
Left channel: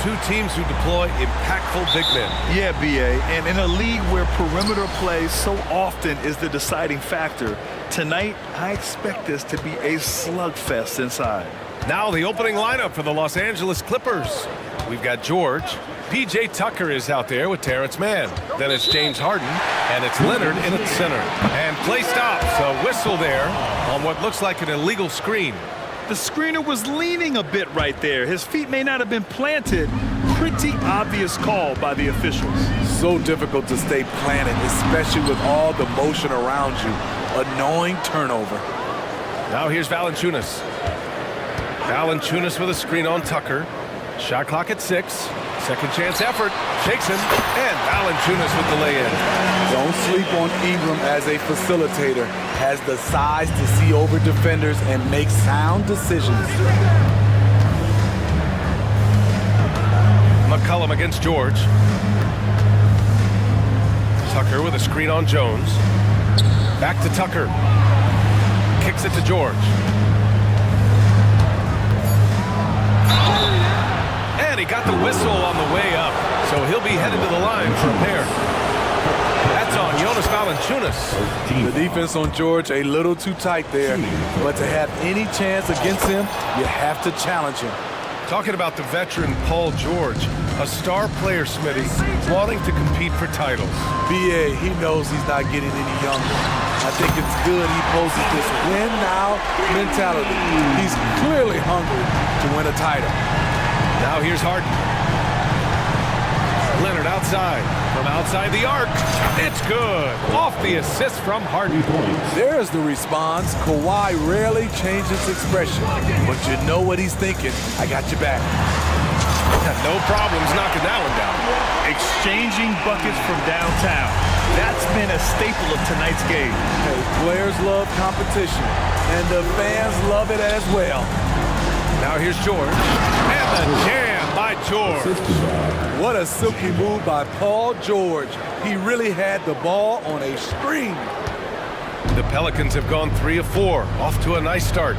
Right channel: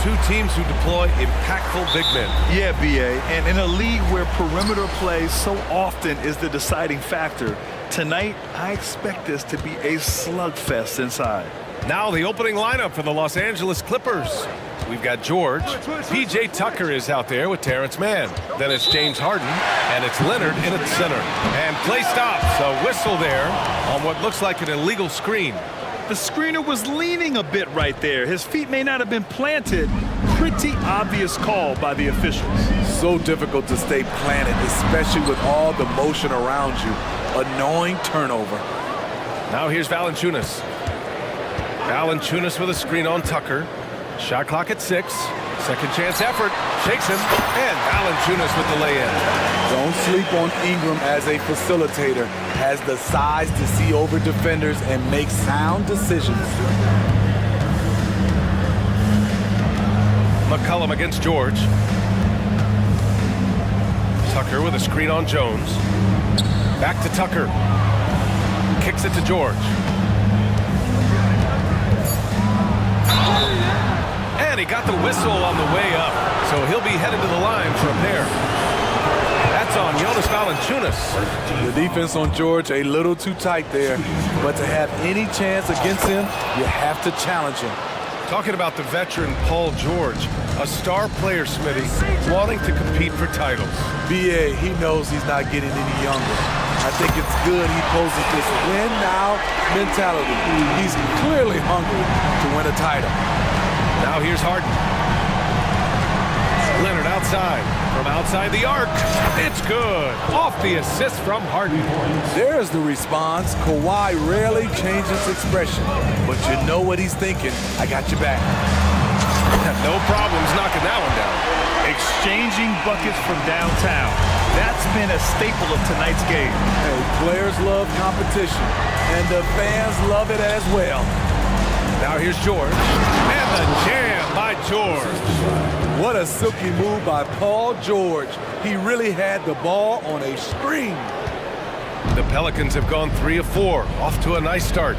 Two teams who deploy impactful big men. Yeah, BA, and in a league where perimeter play so often is the deciding factor, tonight I expect this to be a slugfest inside. Now the opening lineup for the Los Angeles Clippers. We've got George. P.J. Tucker is out there with Terrence Mann. Then it's James Harden, and it's Leonard in at center. And play stops. A whistle there on what looks like an illegal screen. The screener was leaning a bit right there. His feet may not have been planted. Pretty obvious call by the officials. So difficult to stay planted, especially with all the motion around you. Annoying turnover. Now here's Valanciunas. Valanciunas with a screen on Tucker. Shot clock at 6. Second chance effort. Shakes him. And Valanciunas with the lay-in. Don't sleep on Ingram as a facilitator. Has the size to see over defenders and make sound decisions. McCollum against George. Tucker with a screen on Jones. Back to Tucker. Kicks it to George. And he got the whistle on the way up, so he'll be headed to the line for a pair. That's on Jonas Valanciunas. The defense on George a little too tight there, but to have any chance against him, you have to challenge him. Talking about the veteran Paul George, a star player, Smitty, wanting to compete for titles. BA, he knows he's not getting any younger. I think it's good he poses this win-now mentality. He's clearly hungry to win a title. Now here's Harden. Leonard outside. From outside the arc. It's good. Off the assist from Harden. There's the response. Kawhi rarely changes expression, but you know what he's thinking. I got your back. No problems knocking that one down. Exchanging buckets from downtown. That's been a staple of tonight's game. Hey, players love competition, and the fans love it as well. Now here's George. And the jam by George. What a silky move by Paul George. He really had the ball on a string. The Pelicans have gone 3 of 4. Off to a nice start.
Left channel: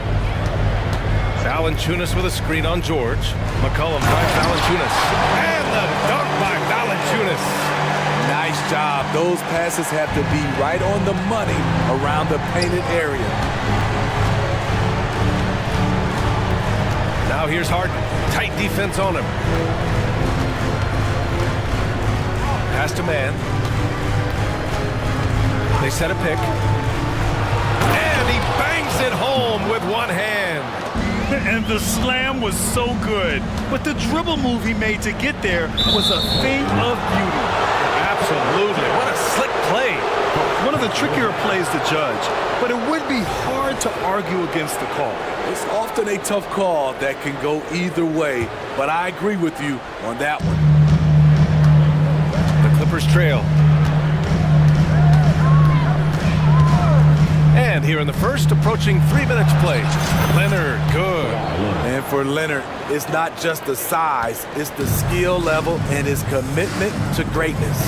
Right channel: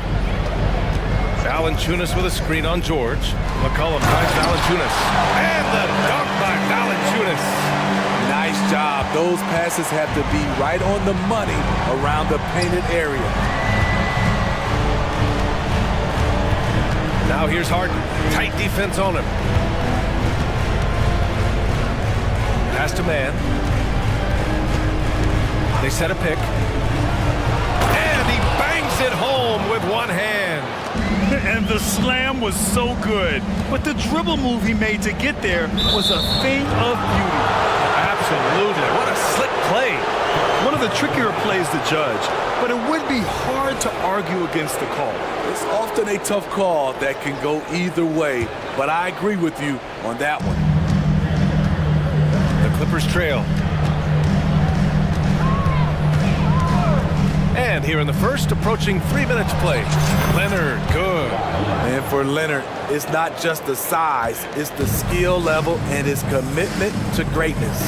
Valanciunas with a screen on George. McCollum finds Valanciunas. And the dunk by Valanciunas. Nice job. Those passes have to be right on the money around the painted area. Now here's Harden. Tight defense on him. Pass to Mann. They set a pick. And he bangs it home with one hand. And the slam was so good. But the dribble move he made to get there was a thing of beauty. Absolutely. What a slick play. One of the trickier plays to judge, but it would be hard to argue against the call. It's often a tough call that can go either way, but I agree with you on that one. The Clippers trail. And here in the first, approaching 3 minutes play. Leonard, good. And for Leonard, it's not just the size, it's the skill level and his commitment to greatness.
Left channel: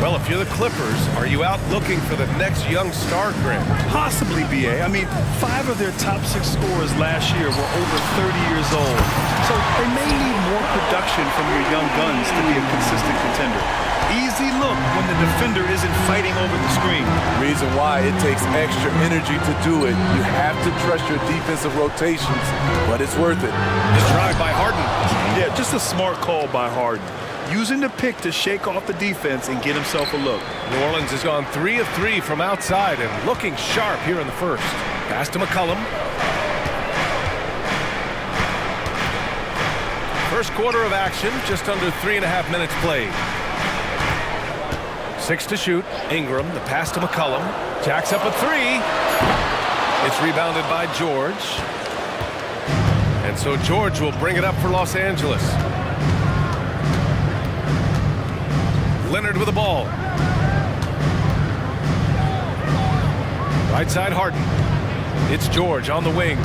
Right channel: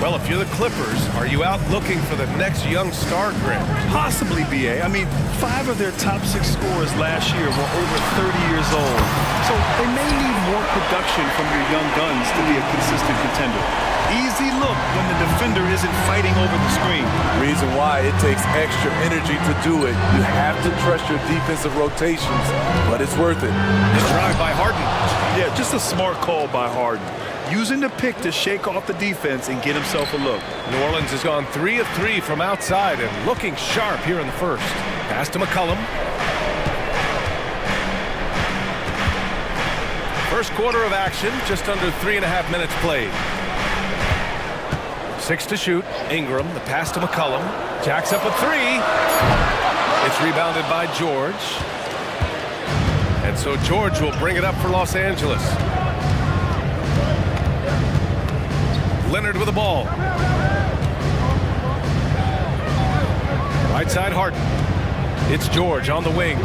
Well, if you're the Clippers, are you out looking for the next young star, Grant? Possibly, BA. I mean, 5 of their top 6 scorers last year were over 30 years old. So they may need more production from your young guns to be a consistent contender. Easy look when the defender isn't fighting over the screen. Reason why it takes extra energy to do it. You have to trust your defensive rotations, but it's worth it. The drive by Harden. Yeah, just a smart call by Harden. Using the pick to shake off the defense and get himself a look. New Orleans has gone 3 of 3 from outside and looking sharp here in the first. Pass to McCollum. First quarter of action, just under 3.5 minutes played. 6 to shoot. Ingram, the pass to McCollum. Jacks up a 3. It's rebounded by George. And so George will bring it up for Los Angeles. Leonard with the ball. Right side Harden. It's George on the wing.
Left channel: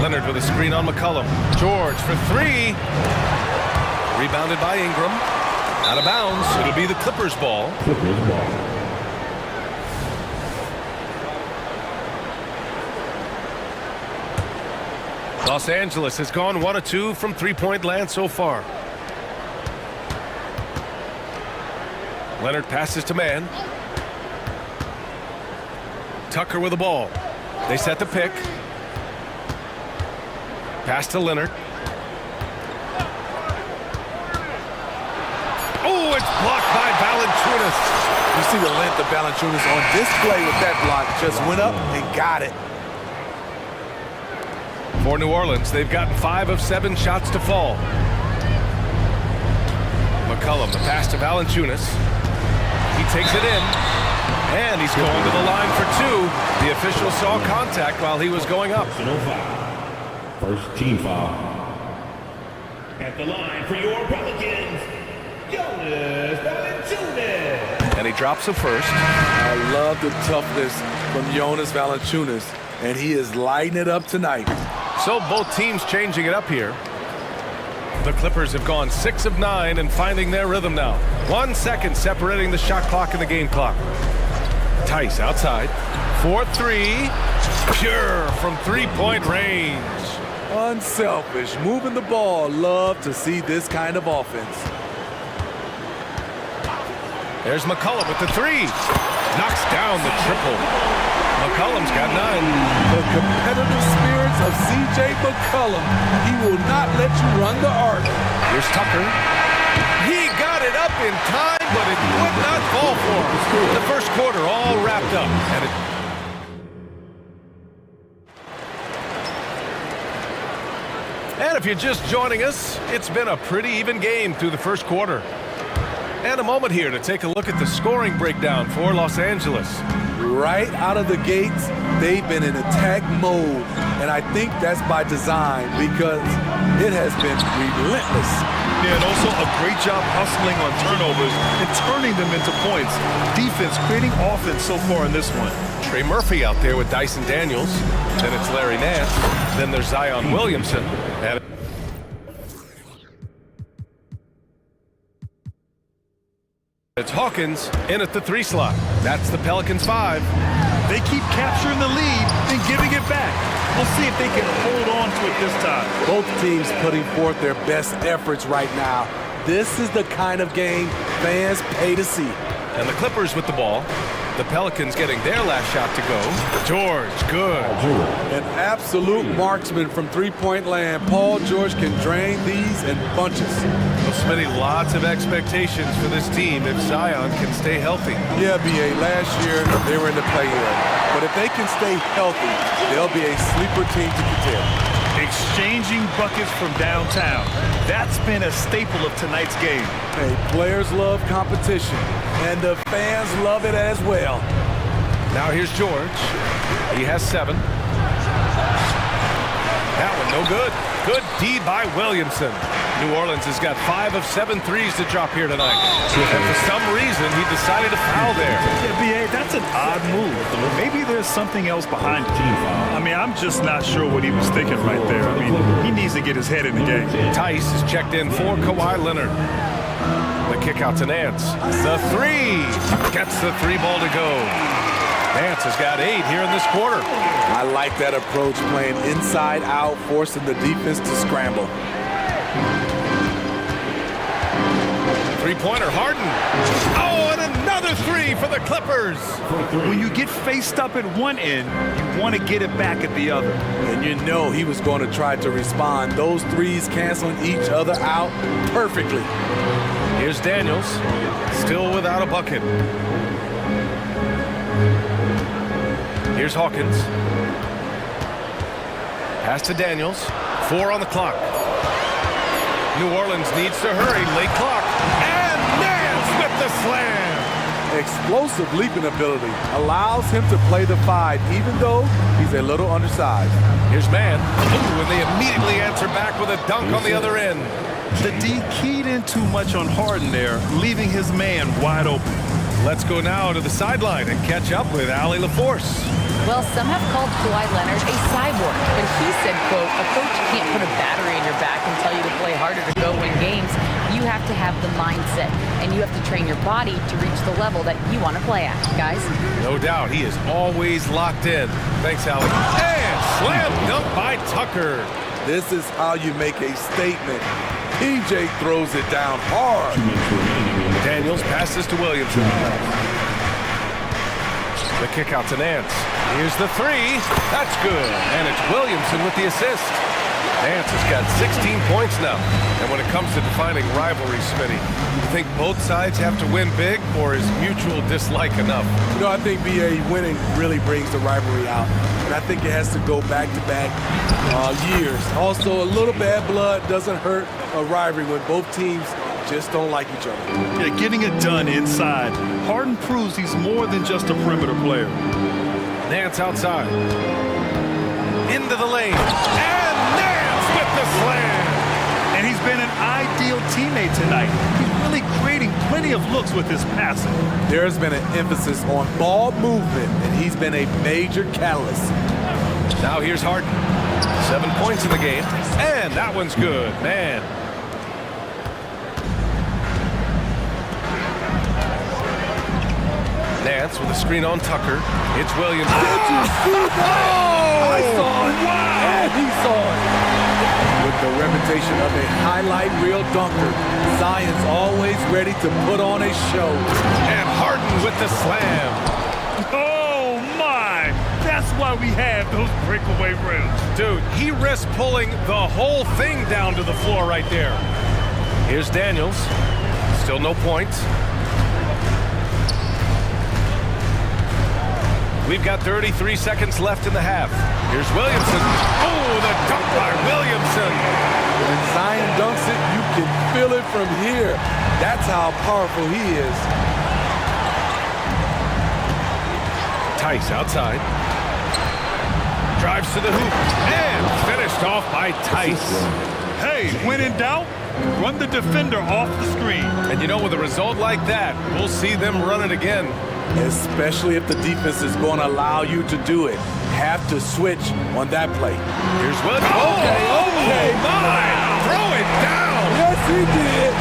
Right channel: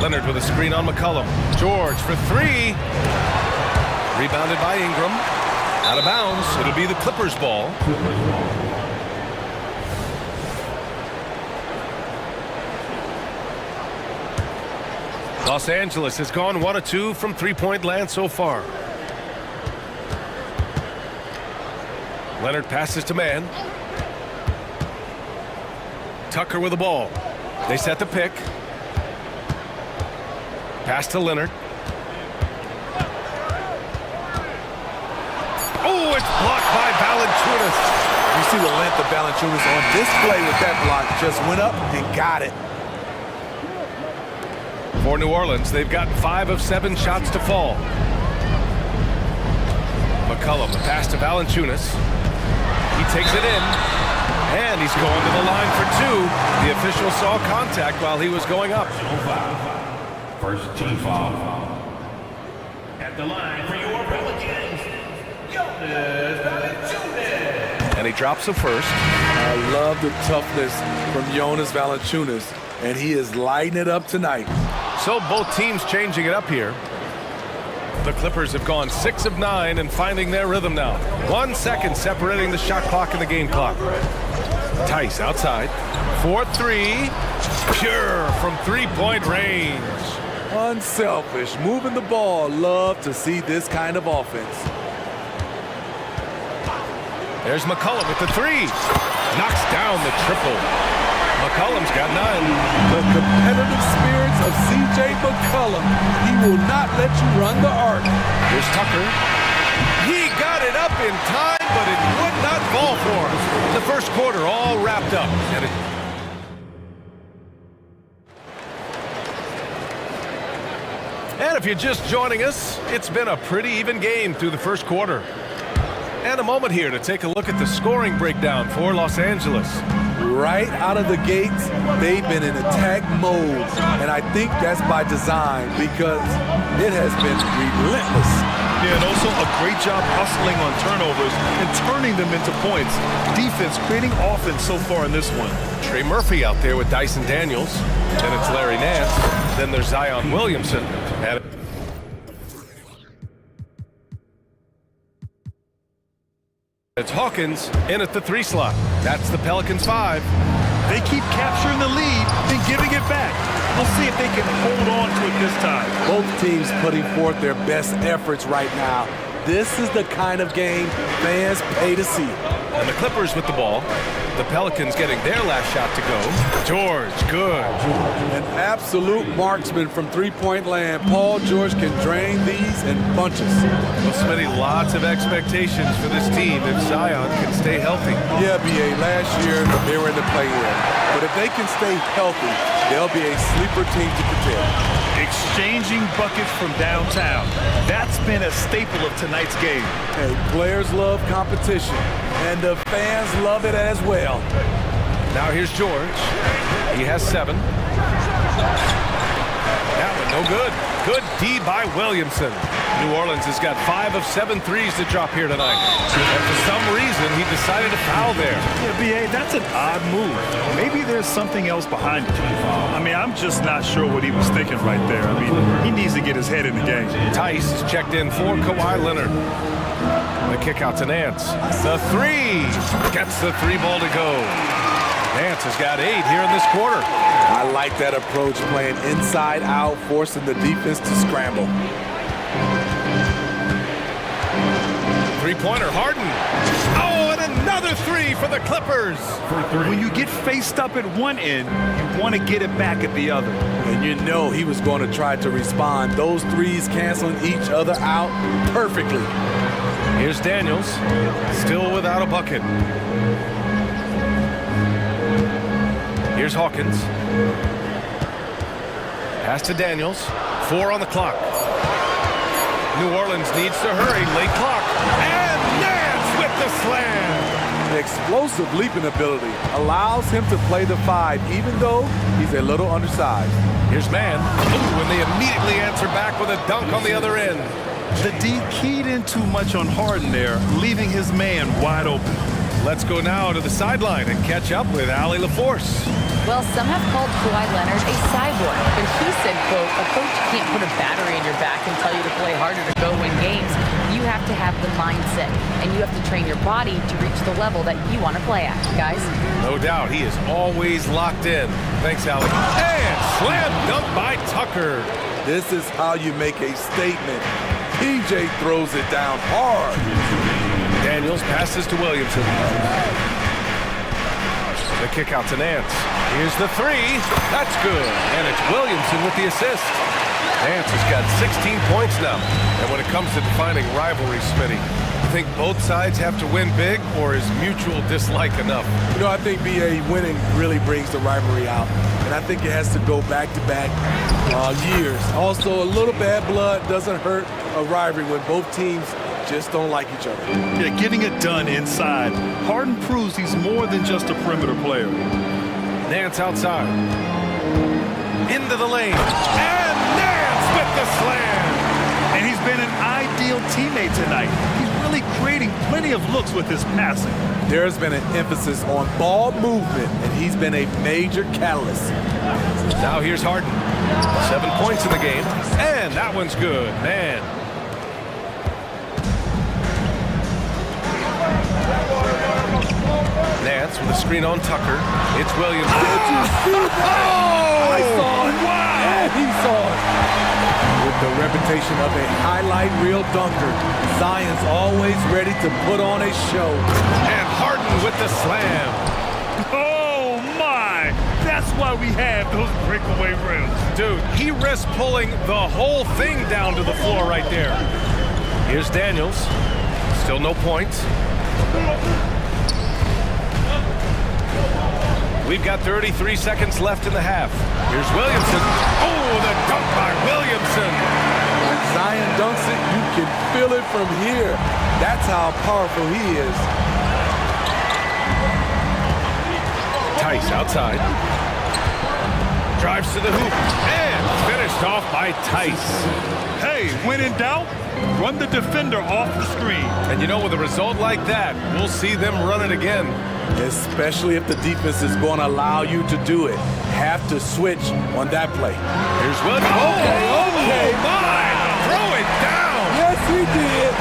Leonard with a screen on McCollum. George for 3. Rebounded by Ingram. Out of bounds. It'll be the Clippers' ball. Los Angeles has gone 1 of 2 from three-point land so far. Leonard passes to man. Tucker with the ball. They set the pick. Pass to Leonard. Oh, it's blocked by Valanciunas. You see the length of Valanciunas on display with that block. Just went up and got it. For New Orleans, they've gotten 5 of 7 shots to fall. McCollum, the pass to Valanciunas. He takes it in, and he's going to the line for 2. The official saw contact while he was going up. First team foul. At the line for your Pelicans, Jonas Valanciunas. And he drops the first. I love the toughness from Jonas Valanciunas, and he is lighting it up tonight. So both teams changing it up here. The Clippers have gone 6 of 9 and finding their rhythm now. 1 second separating the shot clock and the game clock. Tice outside. 4-3. Pure from three-point range. Unselfish, moving the ball. Love to see this kind of offense. There's McCollum with the 3. Knocks down the triple. McCollum's got 9. The competitive spirits of C.J. McCollum. He will not let you run the arc. Here's Tucker. He got it up in time, but it would not fall for him. The first quarter all wrapped up. And if you're just joining us, it's been a pretty even game through the first quarter. And a moment here to take a look at the scoring breakdown for Los Angeles. Right out of the gates, they've been in attack mode. And I think that's by design because it has been relentless. Yeah, and also a great job hustling on turnovers and turning them into points. Defense creating offense so far in this one. Trey Murphy out there with Dyson Daniels. Then it's Larry Nance. Then there's Zion Williamson. And it's Hawkins in at the 3 slot. That's the Pelicans 5. They keep capturing the lead and giving it back. We'll see if they can hold on to it this time. Both teams putting forth their best efforts right now. This is the kind of game fans pay to see. And the Clippers with the ball. The Pelicans getting their last shot to go. George, good. An absolute marksman from three-point land. Paul George can drain these in bunches. Well, Smitty, lots of expectations for this team if Zion can stay healthy. Yeah, B.A., last year they were in the play-in. But if they can stay healthy, they'll be a sleeper team to contend. Exchanging buckets from downtown. That's been a staple of tonight's game. Hey, players love competition, and the fans love it as well. Now here's George. He has 7. That one no good. Good D by Williamson. New Orleans has got 5 of 7 threes to drop here tonight. And for some reason, he decided to foul there. Yeah, B.A., that's an odd move. Maybe there's something else behind it. I mean, I'm just not sure what he was thinking right there. I mean, he needs to get his head in the game. Tice is checked in for Kawhi Leonard. The kick out to Nance. The 3 gets the 3 ball to go. Nance has got 8 here in this quarter. I like that approach, playing inside out, forcing the defense to scramble. Three-pointer, Harden. Oh, and another 3 for the Clippers. When you get faced up at one end, you want to get it back at the other. And you know he was going to try to respond. Those threes canceling each other out perfectly. Here's Daniels, still without a bucket. Here's Hawkins. Pass to Daniels. 4 on the clock. New Orleans needs to hurry. Late clock. And Nance with the slam. Explosive leaping ability allows him to play the 5, even though he's a little undersized. Here's man. Ooh, and they immediately answer back with a dunk on the other end. The D keyed in too much on Harden there, leaving his man wide open. Let's go now to the sideline and catch up with Allie LaForce. Well, some have called Kawhi Leonard a cyborg, but he said, quote, a coach can't put a battery in your back and tell you to play harder to go win games. You have to have the mindset, and you have to train your body to reach the level that you want to play at, guys. No doubt, he is always locked in. Thanks, Allie. And slam dunk by Tucker. This is how you make a statement. PJ throws it down hard. Daniels passes to Williamson. The kick out to Nance. Here's the three. That's good. And it's Williamson with the assist. Nance has got 16 points now. And when it comes to defining rivalries, Smitty, you think both sides have to win big, or is mutual dislike enough? You know, I think BA winning really brings the rivalry out. And I think it has to go back-to-back years. Also, a little bad blood doesn't hurt a rivalry when both teams just don't like each other. Yeah, getting it done inside. Harden proves he's more than just a perimeter player. Nance outside. Into the lane. And Nance with the slam. And he's been an ideal teammate tonight. He's really creating plenty of looks with his passing. There's been an emphasis on ball movement, and he's been a major catalyst. Now here's Harden. 7 points in the game. And that one's good, man. Nance with a screen on Tucker. It's Williams. Did you see that? I saw it. Wow. And he saw it. With the reputation of a highlight reel dunker, Zion's always ready to put on a show. And Harden with the slam. Oh, my. That's why we have those breakaway rims. Dude, he risks pulling the whole thing down to the floor right there. Here's Daniels. Still no points. We've got 33 seconds left in the half. Here's Williamson. Oh, the dunk by Williamson. When Zion dunks it, you can feel it from here. That's how powerful he is. Tice outside. Drives to the hoop. And finished off by Tice. Hey, when in doubt, run the defender off the screen. And you know, with a result like that, we'll see them run it again. Especially if the defense is going to allow you to do it. Have to switch on that play. Here's Williams. Okay. Oh, my! Wow. Throw it down! Yes, he did.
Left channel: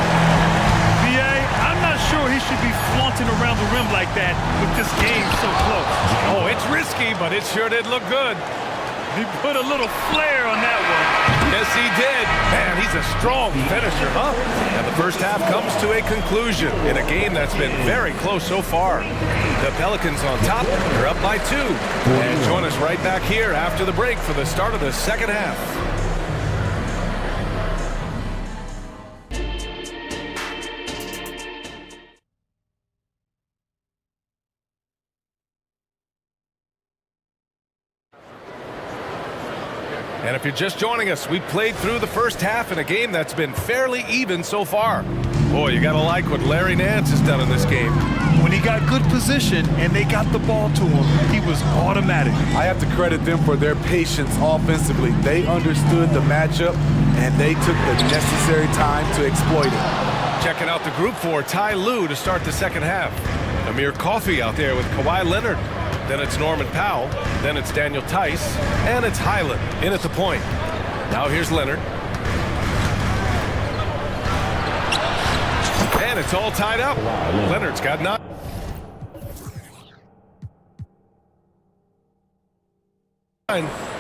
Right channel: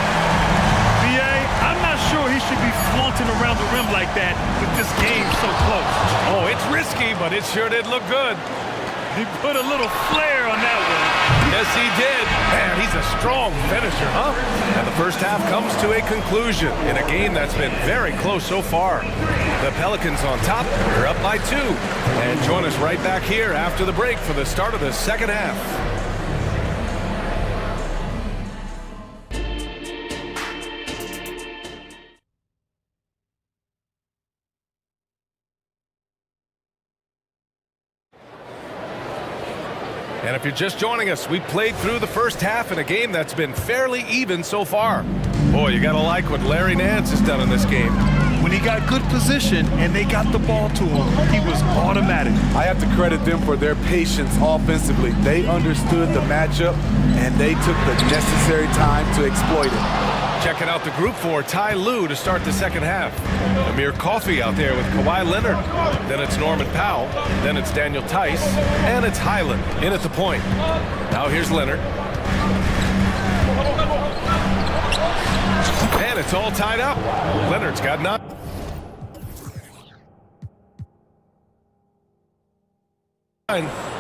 BA, I'm not sure he should be flaunting around the rim like that with this game so close. Oh, it's risky, but it sure did look good. He put a little flair on that one. Yes, he did. Man, he's a strong finisher, huh? And the first half comes to a conclusion in a game that's been very close so far. The Pelicans on top, they're up by 2. And join us right back here after the break for the start of the second half. And if you're just joining us, we played through the first half in a game that's been fairly even so far. Boy, you gotta like what Larry Nance has done in this game. When he got good position and they got the ball to him, he was automatic. I have to credit them for their patience offensively. They understood the matchup, and they took the necessary time to exploit it. Checking out the group for Ty Lue to start the second half. Amir Coffey out there with Kawhi Leonard. Then it's Norman Powell. Then it's Daniel Tice. And it's Highland in at the point. Now here's Leonard. And it's all tied up. Leonard's got 9.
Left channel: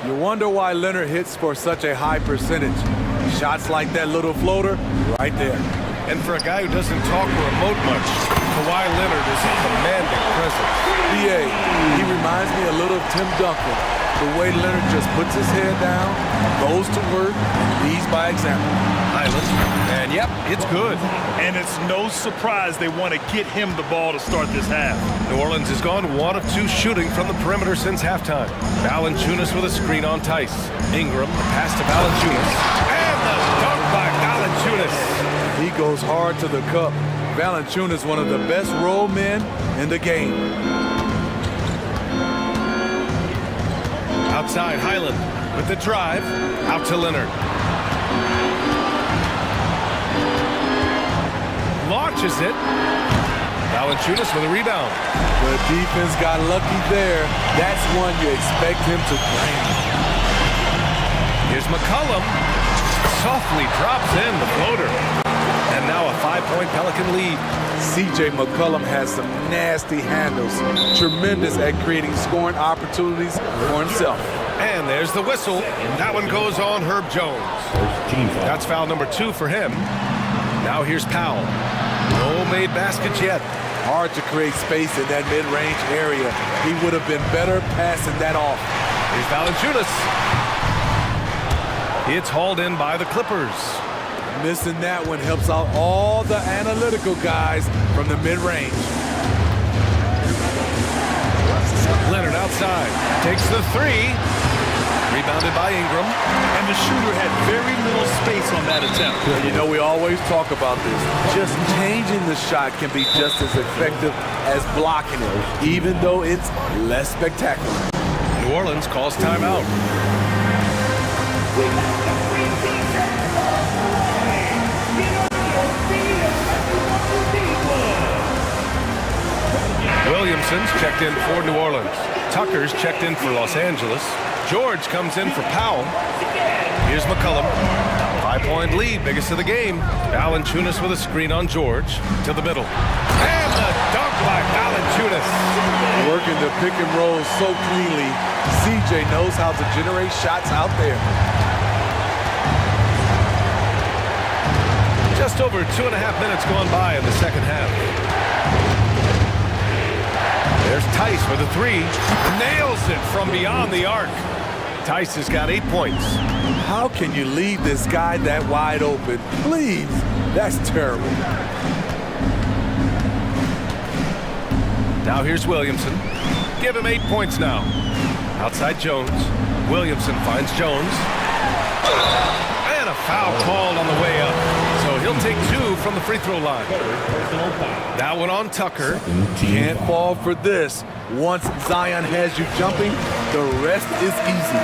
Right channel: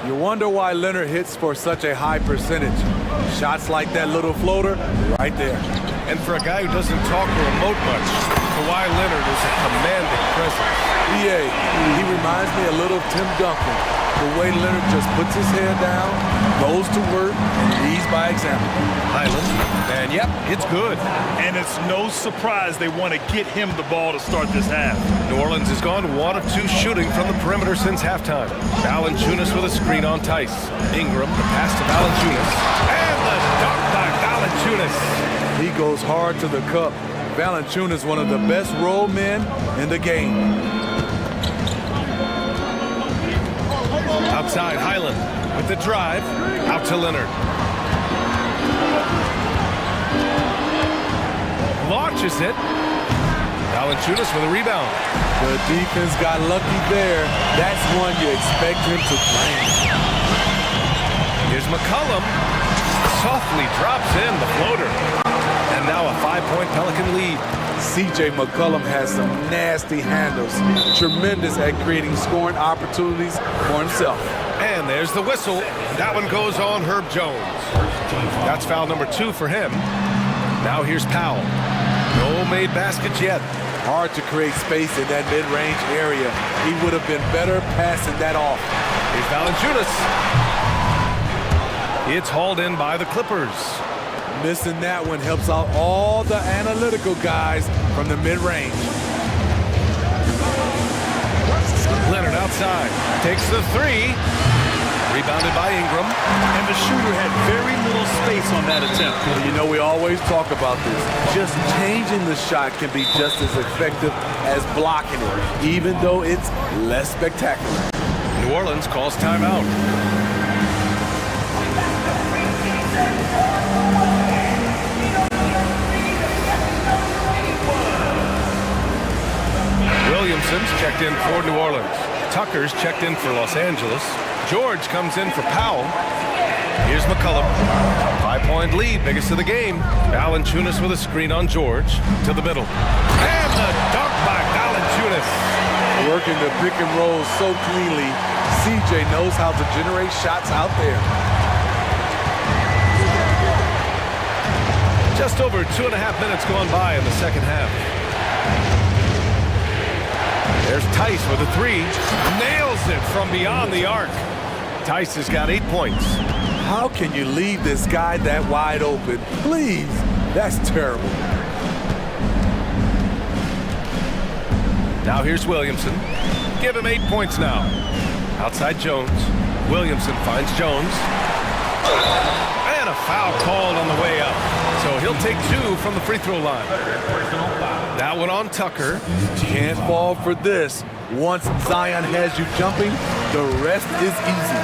You wonder why Leonard hits for such a high percentage. Shots like that little floater, right there. And for a guy who doesn't talk or emote much, Kawhi Leonard is a commanding presence. BA, he reminds me a little of Tim Duncan. The way Leonard just puts his head down, goes to work, and leads by example. Highland, and yep, it's good. And it's no surprise they want to get him the ball to start this half. New Orleans has gone 1 of 2 shooting from the perimeter since halftime. Valanciunas with a screen on Tice. Ingram, the pass to Valanciunas. And the dunk by Valanciunas. He goes hard to the cup. Valanciunas, one of the best roll men in the game. Outside, Highland with the drive. Out to Leonard. Launches it. Valanciunas with a rebound. The defense got lucky there. That's one you expect him to bring. Here's McCollum. Softly drops in the floater. And now a 5-point Pelican lead. CJ McCollum has some nasty handles. Tremendous at creating scoring opportunities for himself. And there's the whistle. That one goes on Herb Jones. That's foul number 2 for him. Now here's Powell. No made baskets yet. Hard to create space in that mid-range area. He would have been better passing that off. Here's Valanciunas. It's hauled in by the Clippers. Missing that one helps out all the analytical guys from the mid-range. Leonard outside. Takes the 3. Rebounded by Ingram. And the shooter had very little space on that attempt. Well, you know, we always talk about this. Just changing the shot can be just as effective as blocking it, even though it's less spectacular. New Orleans calls timeout. Williamson's checked in for New Orleans. Tucker's checked in for Los Angeles. George comes in for Powell. Here's McCollum. 5-point lead, biggest of the game. Valanciunas with a screen on George. To the middle. And the dunk by Valanciunas. Working the pick and roll so cleanly. CJ knows how to generate shots out there. Just over 2.5 minutes gone by in the second half. There's Tice with a 3. Nails it from beyond the arc. Tice has got 8 points. How can you leave this guy that wide open? Please, that's terrible. Now here's Williamson. Give him 8 points now. Outside Jones. Williamson finds Jones. And a foul called on the way up. So he'll take 2 from the free throw line. That one on Tucker. Can't fall for this. Once Zion has you jumping, the rest is easy.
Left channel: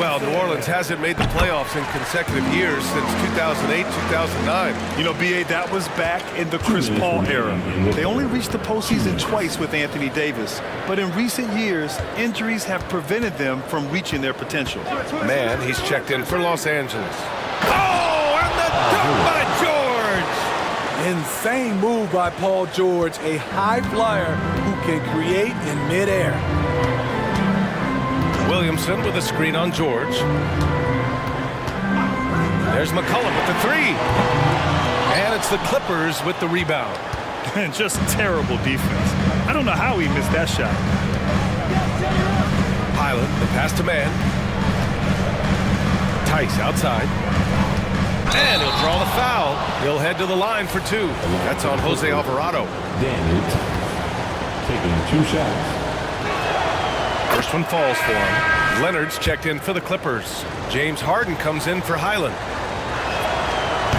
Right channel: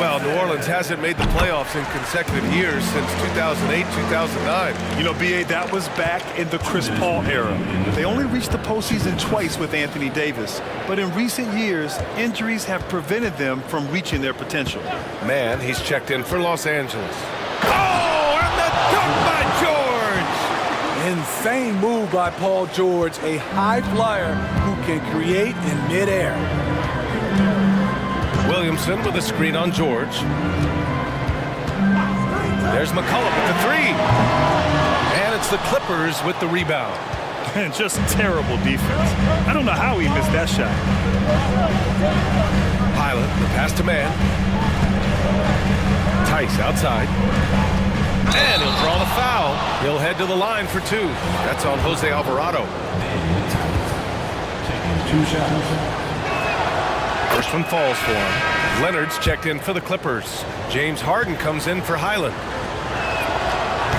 Well, New Orleans hasn't made the playoffs in consecutive years since 2008, 2009. You know, B.A., that was back in the Chris Paul era. They only reached the postseason twice with Anthony Davis. But in recent years, injuries have prevented them from reaching their potential. Man, he's checked in for Los Angeles. Oh, and the dunk by George! Insane move by Paul George, a high flyer who can create in midair. Williamson with a screen on George. There's McCollum with the 3. And it's the Clippers with the rebound. And just terrible defense. I don't know how he missed that shot. Highland, the pass to man. Tice outside. And he'll draw the foul. He'll head to the line for 2. That's on Jose Alvarado. Taking 2 shots. First one falls for him. Leonard's checked in for the Clippers. James Harden comes in for Highland.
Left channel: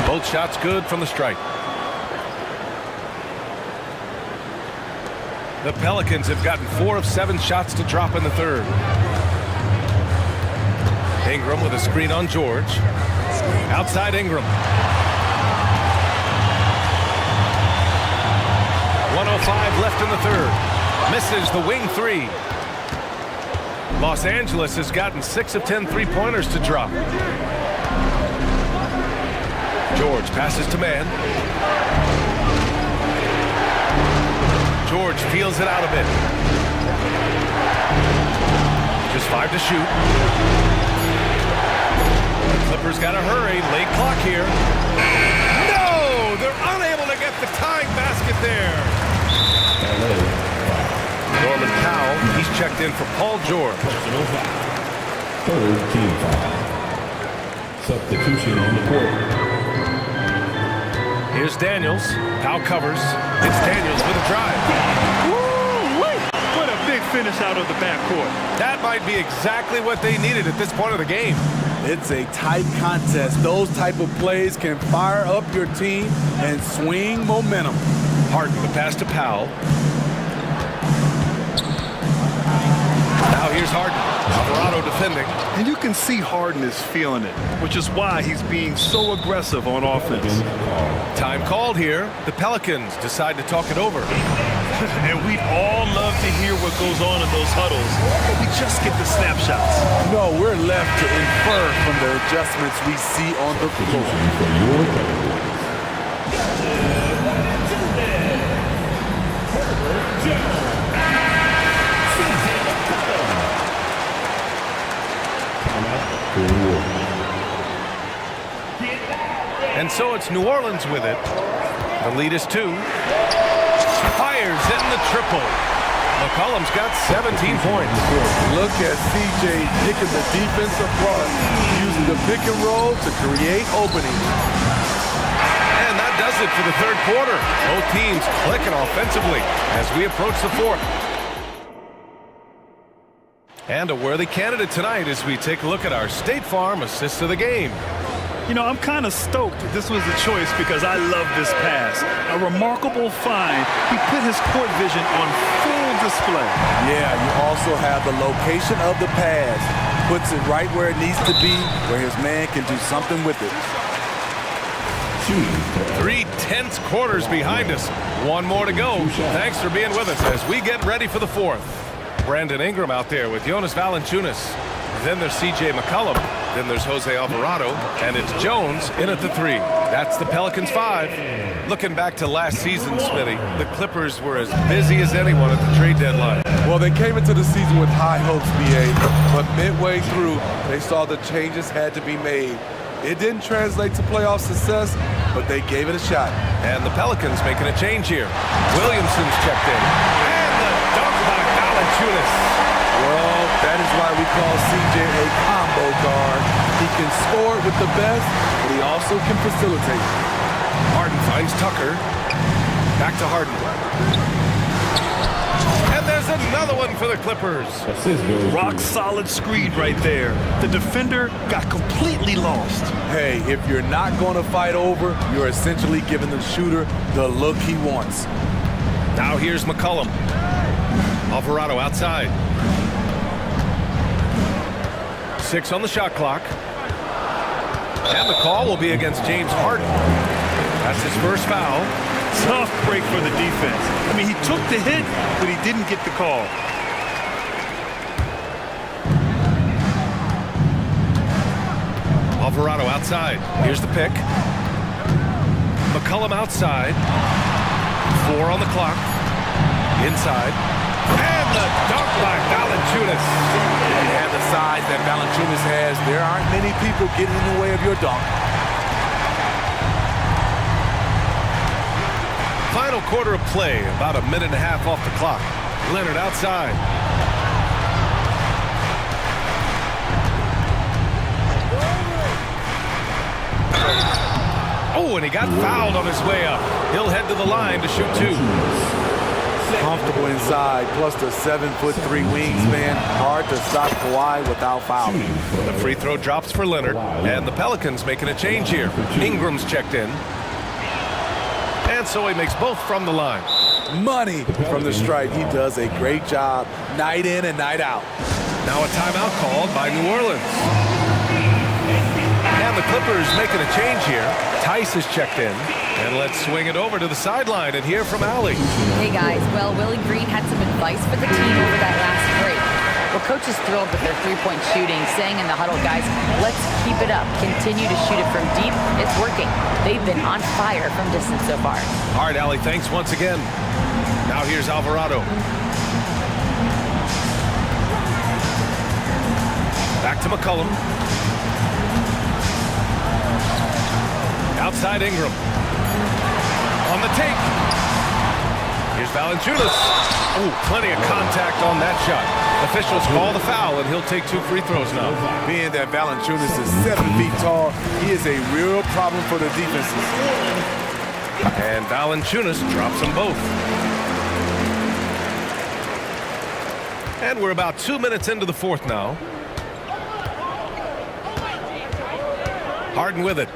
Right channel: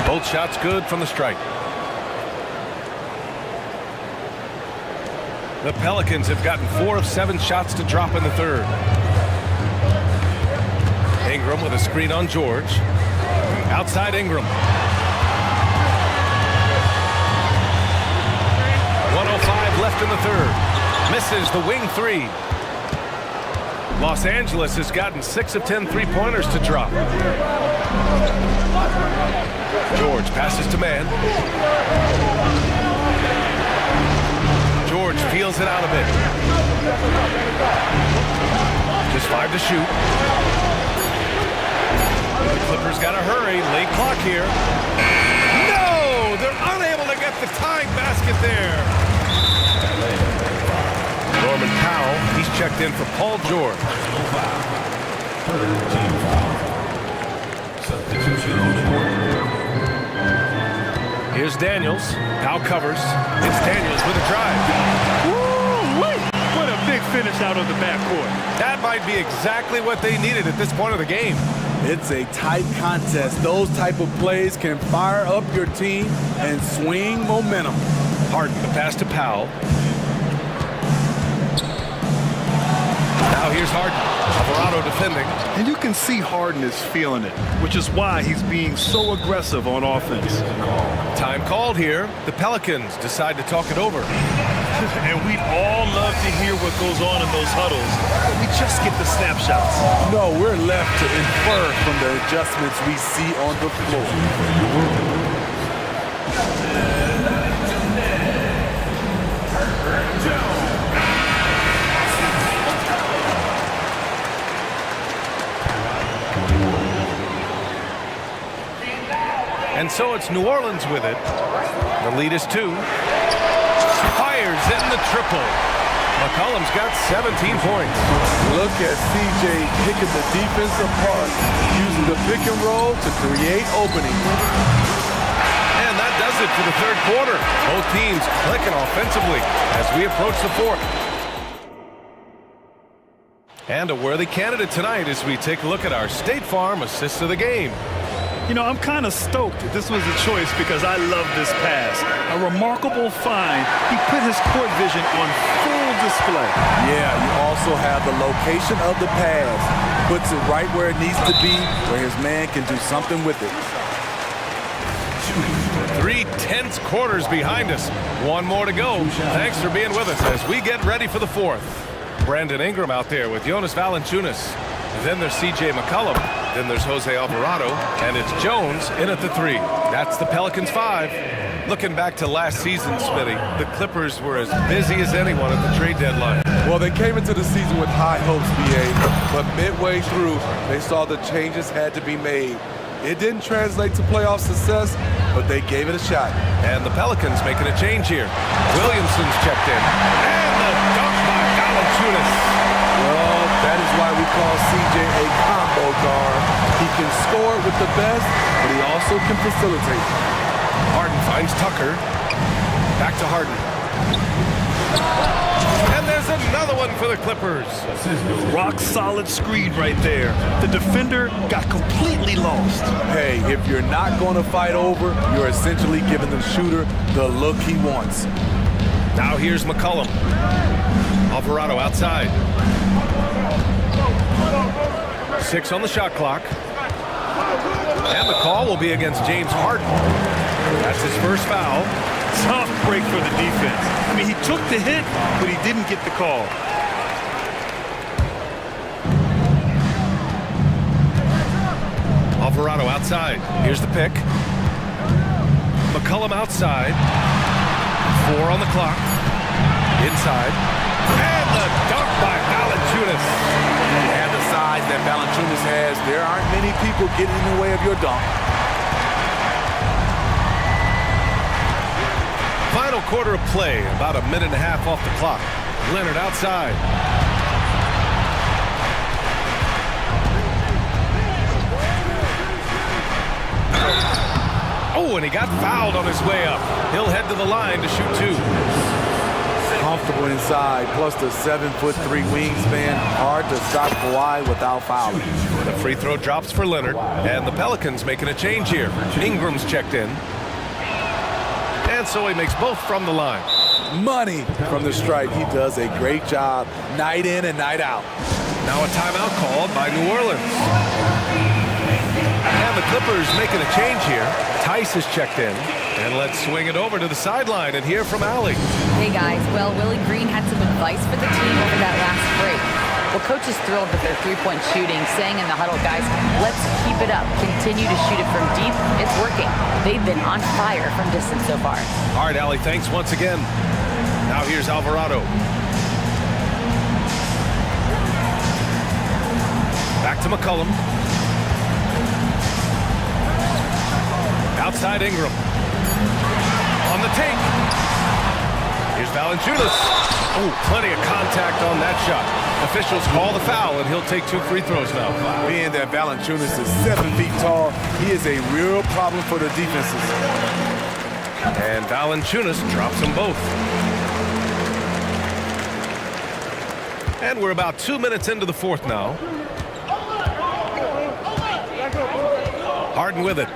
Both shots good from the strike. The Pelicans have gotten 4 of 7 shots to drop in the third. Ingram with a screen on George. Outside Ingram. 1:05 left in the third. Misses the wing 3. Los Angeles has gotten 6 of 10 3-pointers to drop. George passes to man. George feels it out a bit. Just 5 to shoot. The Clippers got to hurry. Late clock here. No! They're unable to get the tying basket there. Norman Powell, he's checked in for Paul George. Third team foul. Substitution on the court. Here's Daniels. Powell covers. It's Daniels with a drive. Woo-wee! What a big finish out of the backcourt. That might be exactly what they needed at this point of the game. It's a tight contest. Those type of plays can fire up your team and swing momentum. Harden, the pass to Powell. Now here's Harden. Alvarado defending. And you can see Harden is feeling it, which is why he's being so aggressive on offense. Time called here. The Pelicans decide to talk it over. And we'd all love to hear what goes on in those huddles, but we just get the snapshots. No, we're left to infer from the adjustments we see on the floor. And so it's New Orleans with it. The lead is 2. Fires in the triple. McCollum's got 17 points. Look at CJ picking the defense apart, using the pick and roll to create openings. And that does it for the third quarter. Both teams clicking offensively as we approach the fourth. And a worthy candidate tonight as we take a look at our State Farm assist of the game. You know, I'm kind of stoked this was a choice because I love this pass. A remarkable find. He put his court vision on full display. Yeah, you also have the location of the pass. Puts it right where it needs to be, where his man can do something with it. 3 tense quarters behind us. One more to go. Thanks for being with us as we get ready for the fourth. Brandon Ingram out there with Jonas Valanciunas. Then there's C.J. McCollum. Then there's Jose Alvarado. And it's Jones in at the 3. That's the Pelicans 5. Looking back to last season, Smitty, the Clippers were as busy as anyone at the trade deadline. Well, they came into the season with high hopes, B.A., but midway through, they saw the changes had to be made. It didn't translate to playoff success, but they gave it a shot. And the Pelicans making a change here. Williamson's checked in. And the dunk by Valanciunas. Well, that is why we call CJ a combo guard. He can score with the best, but he also can facilitate. Harden finds Tucker. Back to Harden. And there's another one for the Clippers. Rock solid screen right there. The defender got completely lost. Hey, if you're not going to fight over, you're essentially giving the shooter the look he wants. Now here's McCollum. Alvarado outside. 6 on the shot clock. And the call will be against James Harden. That's his first foul. Tough break for the defense. I mean, he took the hit, but he didn't get the call. Alvarado outside. Here's the pick. McCollum outside. 4 on the clock. Inside. And the dunk by Valanciunas. You have the size that Valanciunas has. There aren't many people getting in the way of your dunk. Final quarter of play, about a minute and a half off the clock. Leonard outside. Oh, and he got fouled on his way up. He'll head to the line to shoot 2. Comfortable inside, plus the 7'3" wingspan. Hard to stop Kawhi without fouling. The free throw drops for Leonard, and the Pelicans making a change here. Ingram's checked in. And so he makes both from the line. Money from the stripe. He does a great job night in and night out. Now a timeout called by New Orleans. And the Clippers making a change here. Tice is checked in. And let's swing it over to the sideline and hear from Allie. Hey guys, well, Willie Green had some advice for the team over that last break. Well, coach is thrilled with their three-point shooting, saying in the huddle, guys, let's keep it up. Continue to shoot it from deep. It's working. They've been on fire from distance so far. All right, Allie, thanks once again. Now here's Alvarado. Back to McCollum. Outside Ingram. On the take. Here's Valanciunas. Oh, plenty of contact on that shot. Officials call the foul, and he'll take 2 free throws now. Being that Valanciunas is 7 feet tall, he is a real problem for the defenses. And Valanciunas drops them both. And we're about 2 minutes into the fourth now. Harden with it.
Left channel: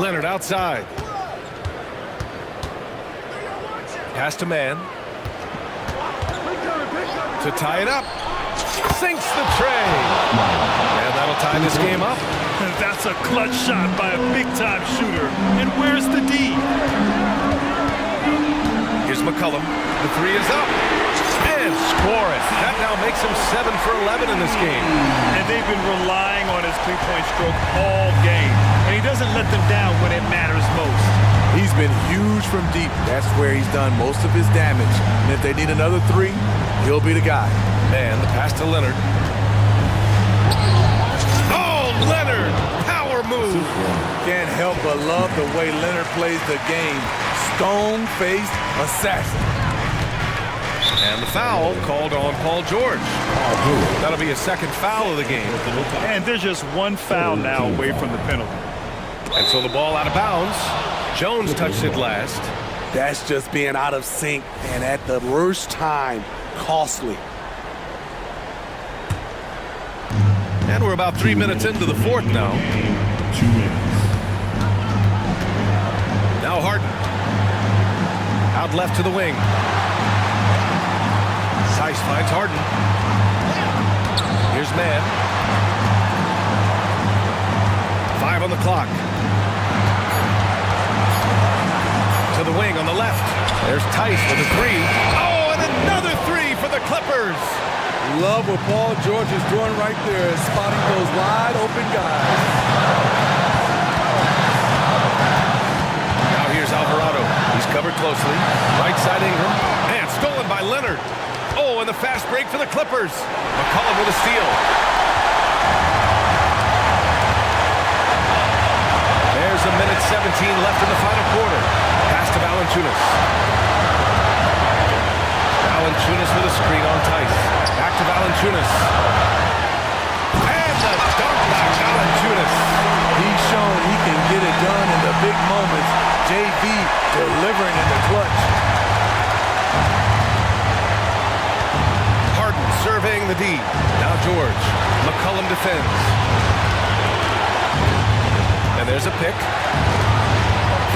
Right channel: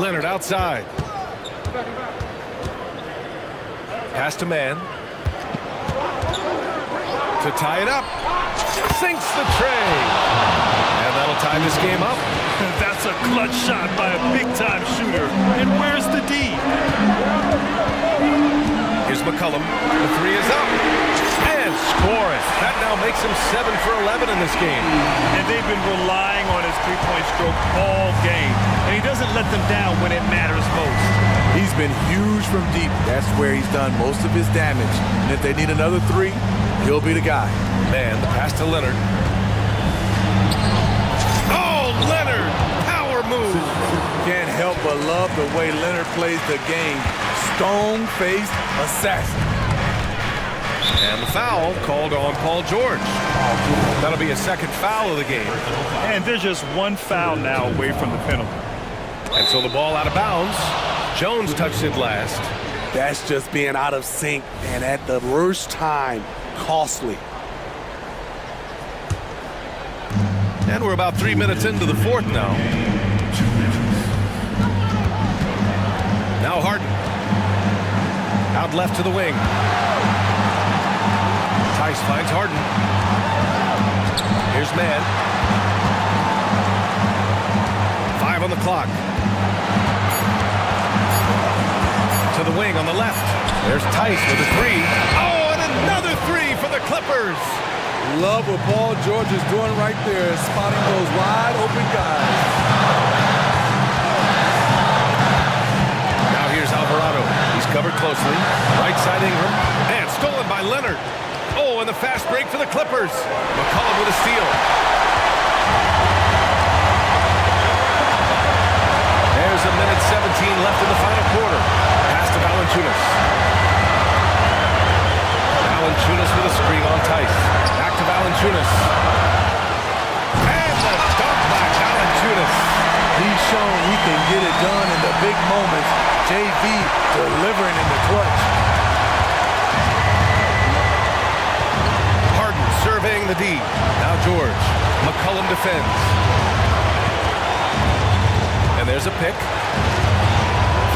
Leonard outside. Pass to man. To tie it up. Sinks the tray. And that'll tie this game up. That's a clutch shot by a big-time shooter. And where's the D? Here's McCollum. The 3 is up. And score it. That now makes him 7 for 11 in this game. And they've been relying on his three-point stroke all game. And he doesn't let them down when it matters most. He's been huge from deep. That's where he's done most of his damage. And if they need another 3, he'll be the guy. Man, the pass to Leonard. Oh, Leonard! Power move. Can't help but love the way Leonard plays the game. Stone-faced assassin. And the foul called on Paul George. That'll be a second foul of the game. And there's just one foul now away from the penalty. And so the ball out of bounds. Jones touched it last. That's just being out of sync and at the worst time, costly. And we're about 3 minutes into the fourth now. Now Harden. Out left to the wing. Tice finds Harden. Here's Mann. 5 on the clock. To the wing on the left. There's Tice with a three. Oh, and another three for the Clippers. Love what Paul George is doing right there, spotting those wide open guys. Now here's Alvarado. He's covered closely. Right side Ingram. And stolen by Leonard. Oh, and the fast break for the Clippers. McCollum with a steal. There's a minute 17 left in the final quarter. Pass to Valanciunas. Valanciunas with a screen on Tice. Back to Valanciunas. And the dunk by Valanciunas. He's shown he can get it done in the big moments. JV delivering in the clutch. Harden surveying the D. Now George. McCollum defends. And there's a pick.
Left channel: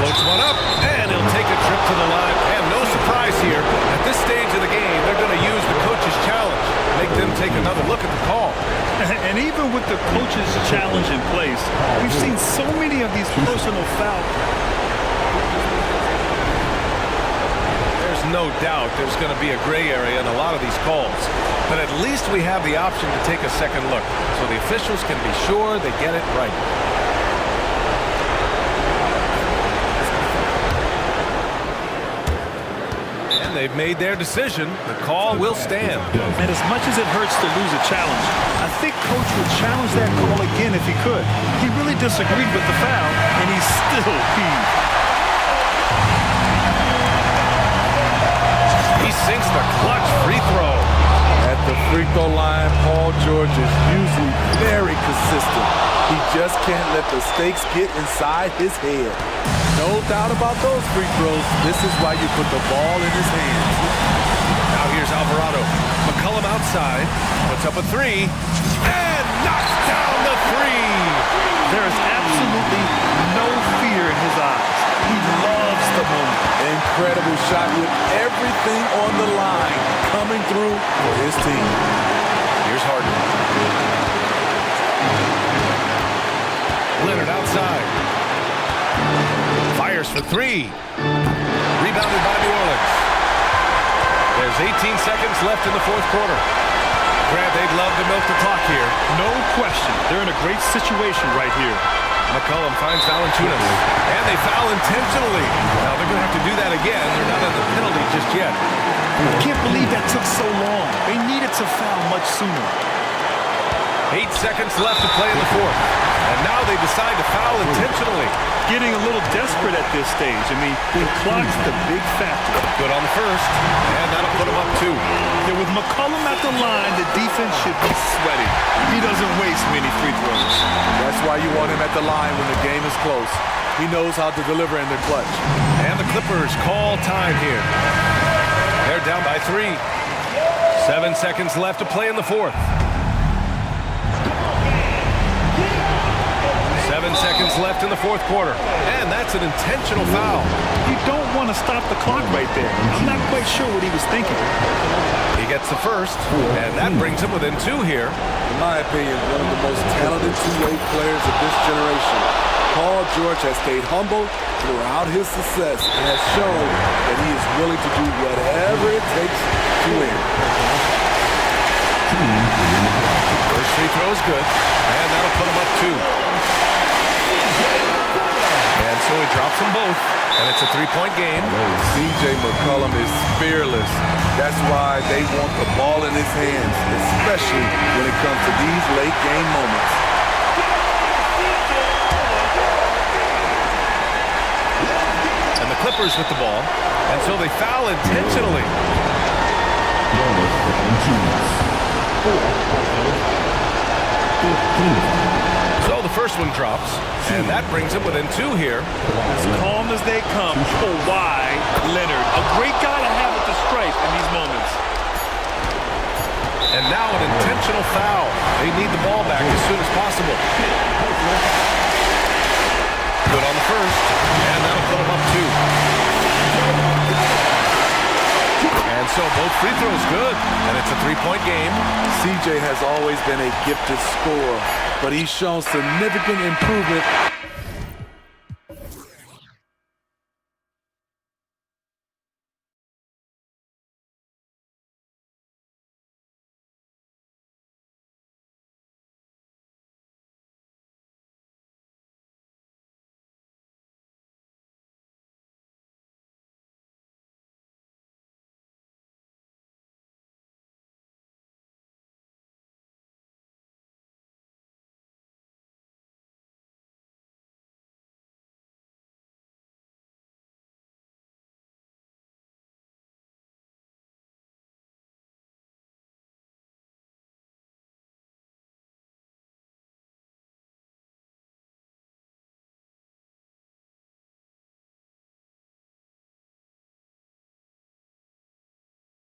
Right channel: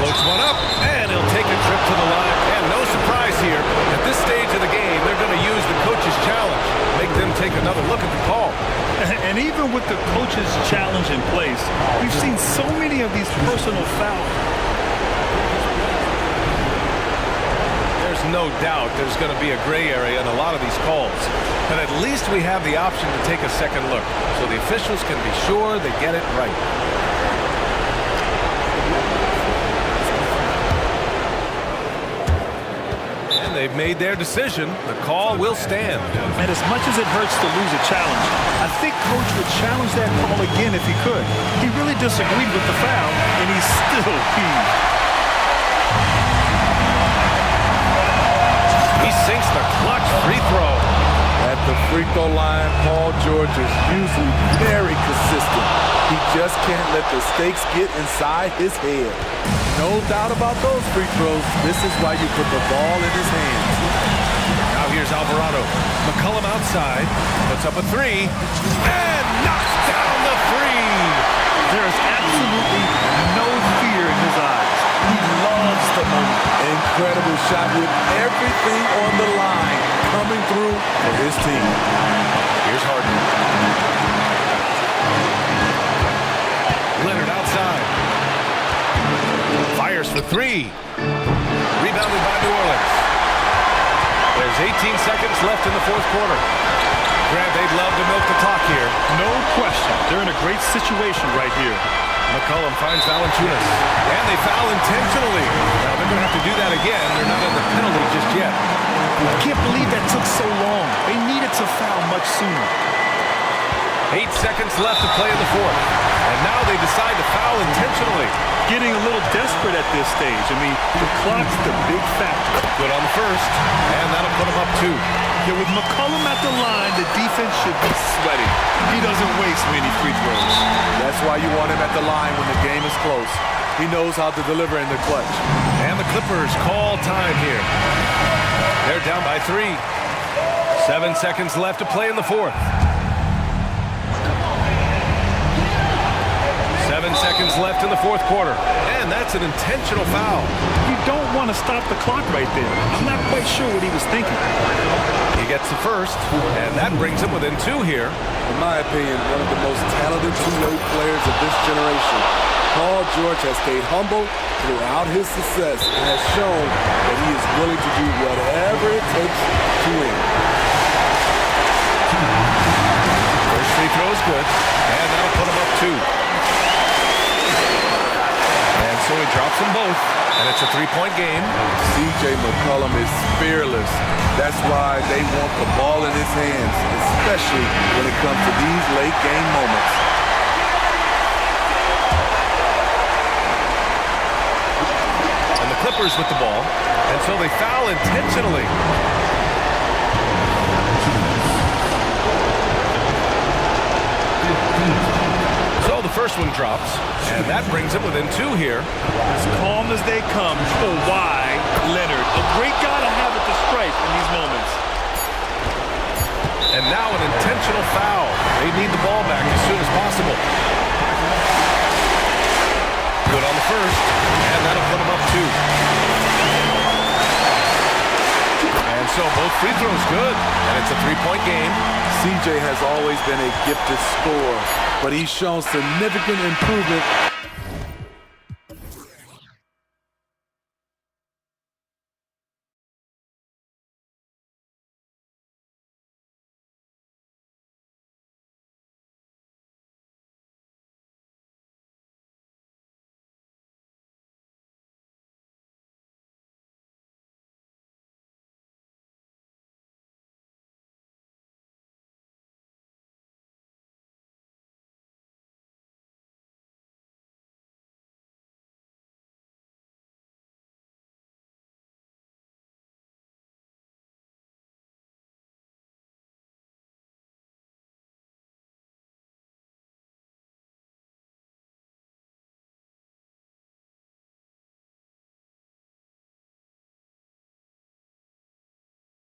Floats one up, and he'll take a trip to the line. And no surprise here, at this stage of the game, they're going to use the coach's challenge. Make them take another look at the call. And even with the coach's challenge in place, we've seen so many of these personal fouls. There's no doubt there's going to be a gray area in a lot of these calls. But at least we have the option to take a second look, so the officials can be sure they get it right. They've made their decision. The call will stand. And as much as it hurts to lose a challenge, I think Coach would challenge that call again if he could. He really disagreed with the foul, and he's still peeved. He sinks the clutch free throw. At the free throw line, Paul George is usually very consistent. He just can't let the stakes get inside his head. No doubt about those free throws. This is why you put the ball in his hands. Now here's Alvarado. McCollum outside. Puts up a three. And knocks down the three. There is absolutely no fear in his eyes. He loves the moment. Incredible shot with everything on the line coming through for his team. Here's Harden. Leonard outside. Fires for three. Rebounded by New Orleans. There's 18 seconds left in the fourth quarter. Grant, they'd love to milk the clock here. No question. They're in a great situation right here. McCollum finds Valanciunas. And they foul intentionally. Now they're going to have to do that again. They're not in the penalty just yet. I can't believe that took so long. They needed to foul much sooner. 8 seconds left to play in the fourth. And now they decide to foul intentionally. Getting a little desperate at this stage. I mean, the clock's the big factor. Good on the first, and that'll put him up 2. Yeah, with McCollum at the line, the defense should be sweating. He doesn't waste many free throws. That's why you want him at the line when the game is close. He knows how to deliver in the clutch. And the Clippers call time here. They're down by 3. 7 seconds left to play in the fourth. 7 seconds left in the fourth quarter. And that's an intentional foul. You don't want to stop the clock right there. I'm not quite sure what he was thinking. He gets the first, and that brings him within 2 here. In my opinion, one of the most talented two-way players of this generation. Paul George has stayed humble throughout his success and has shown that he is willing to do whatever it takes to win. First free throw is good, and that'll put him up 2. And so he drops them both, and it's a 3-point game. C.J. McCollum is fearless. That's why they want the ball in his hands, especially when it comes to these late game moments. Clippers with the ball, and so they foul intentionally. So the first one drops, and that brings it within 2 here. As calm as they come. Kawhi Leonard, a great guy to have at the stripe in these moments. And now an intentional foul. They need the ball back as soon as possible. Good on the first, and that'll put them up 2. And so both free throws good, and it's a 3-point game. CJ has always been a gifted scorer, but he's shown significant improvement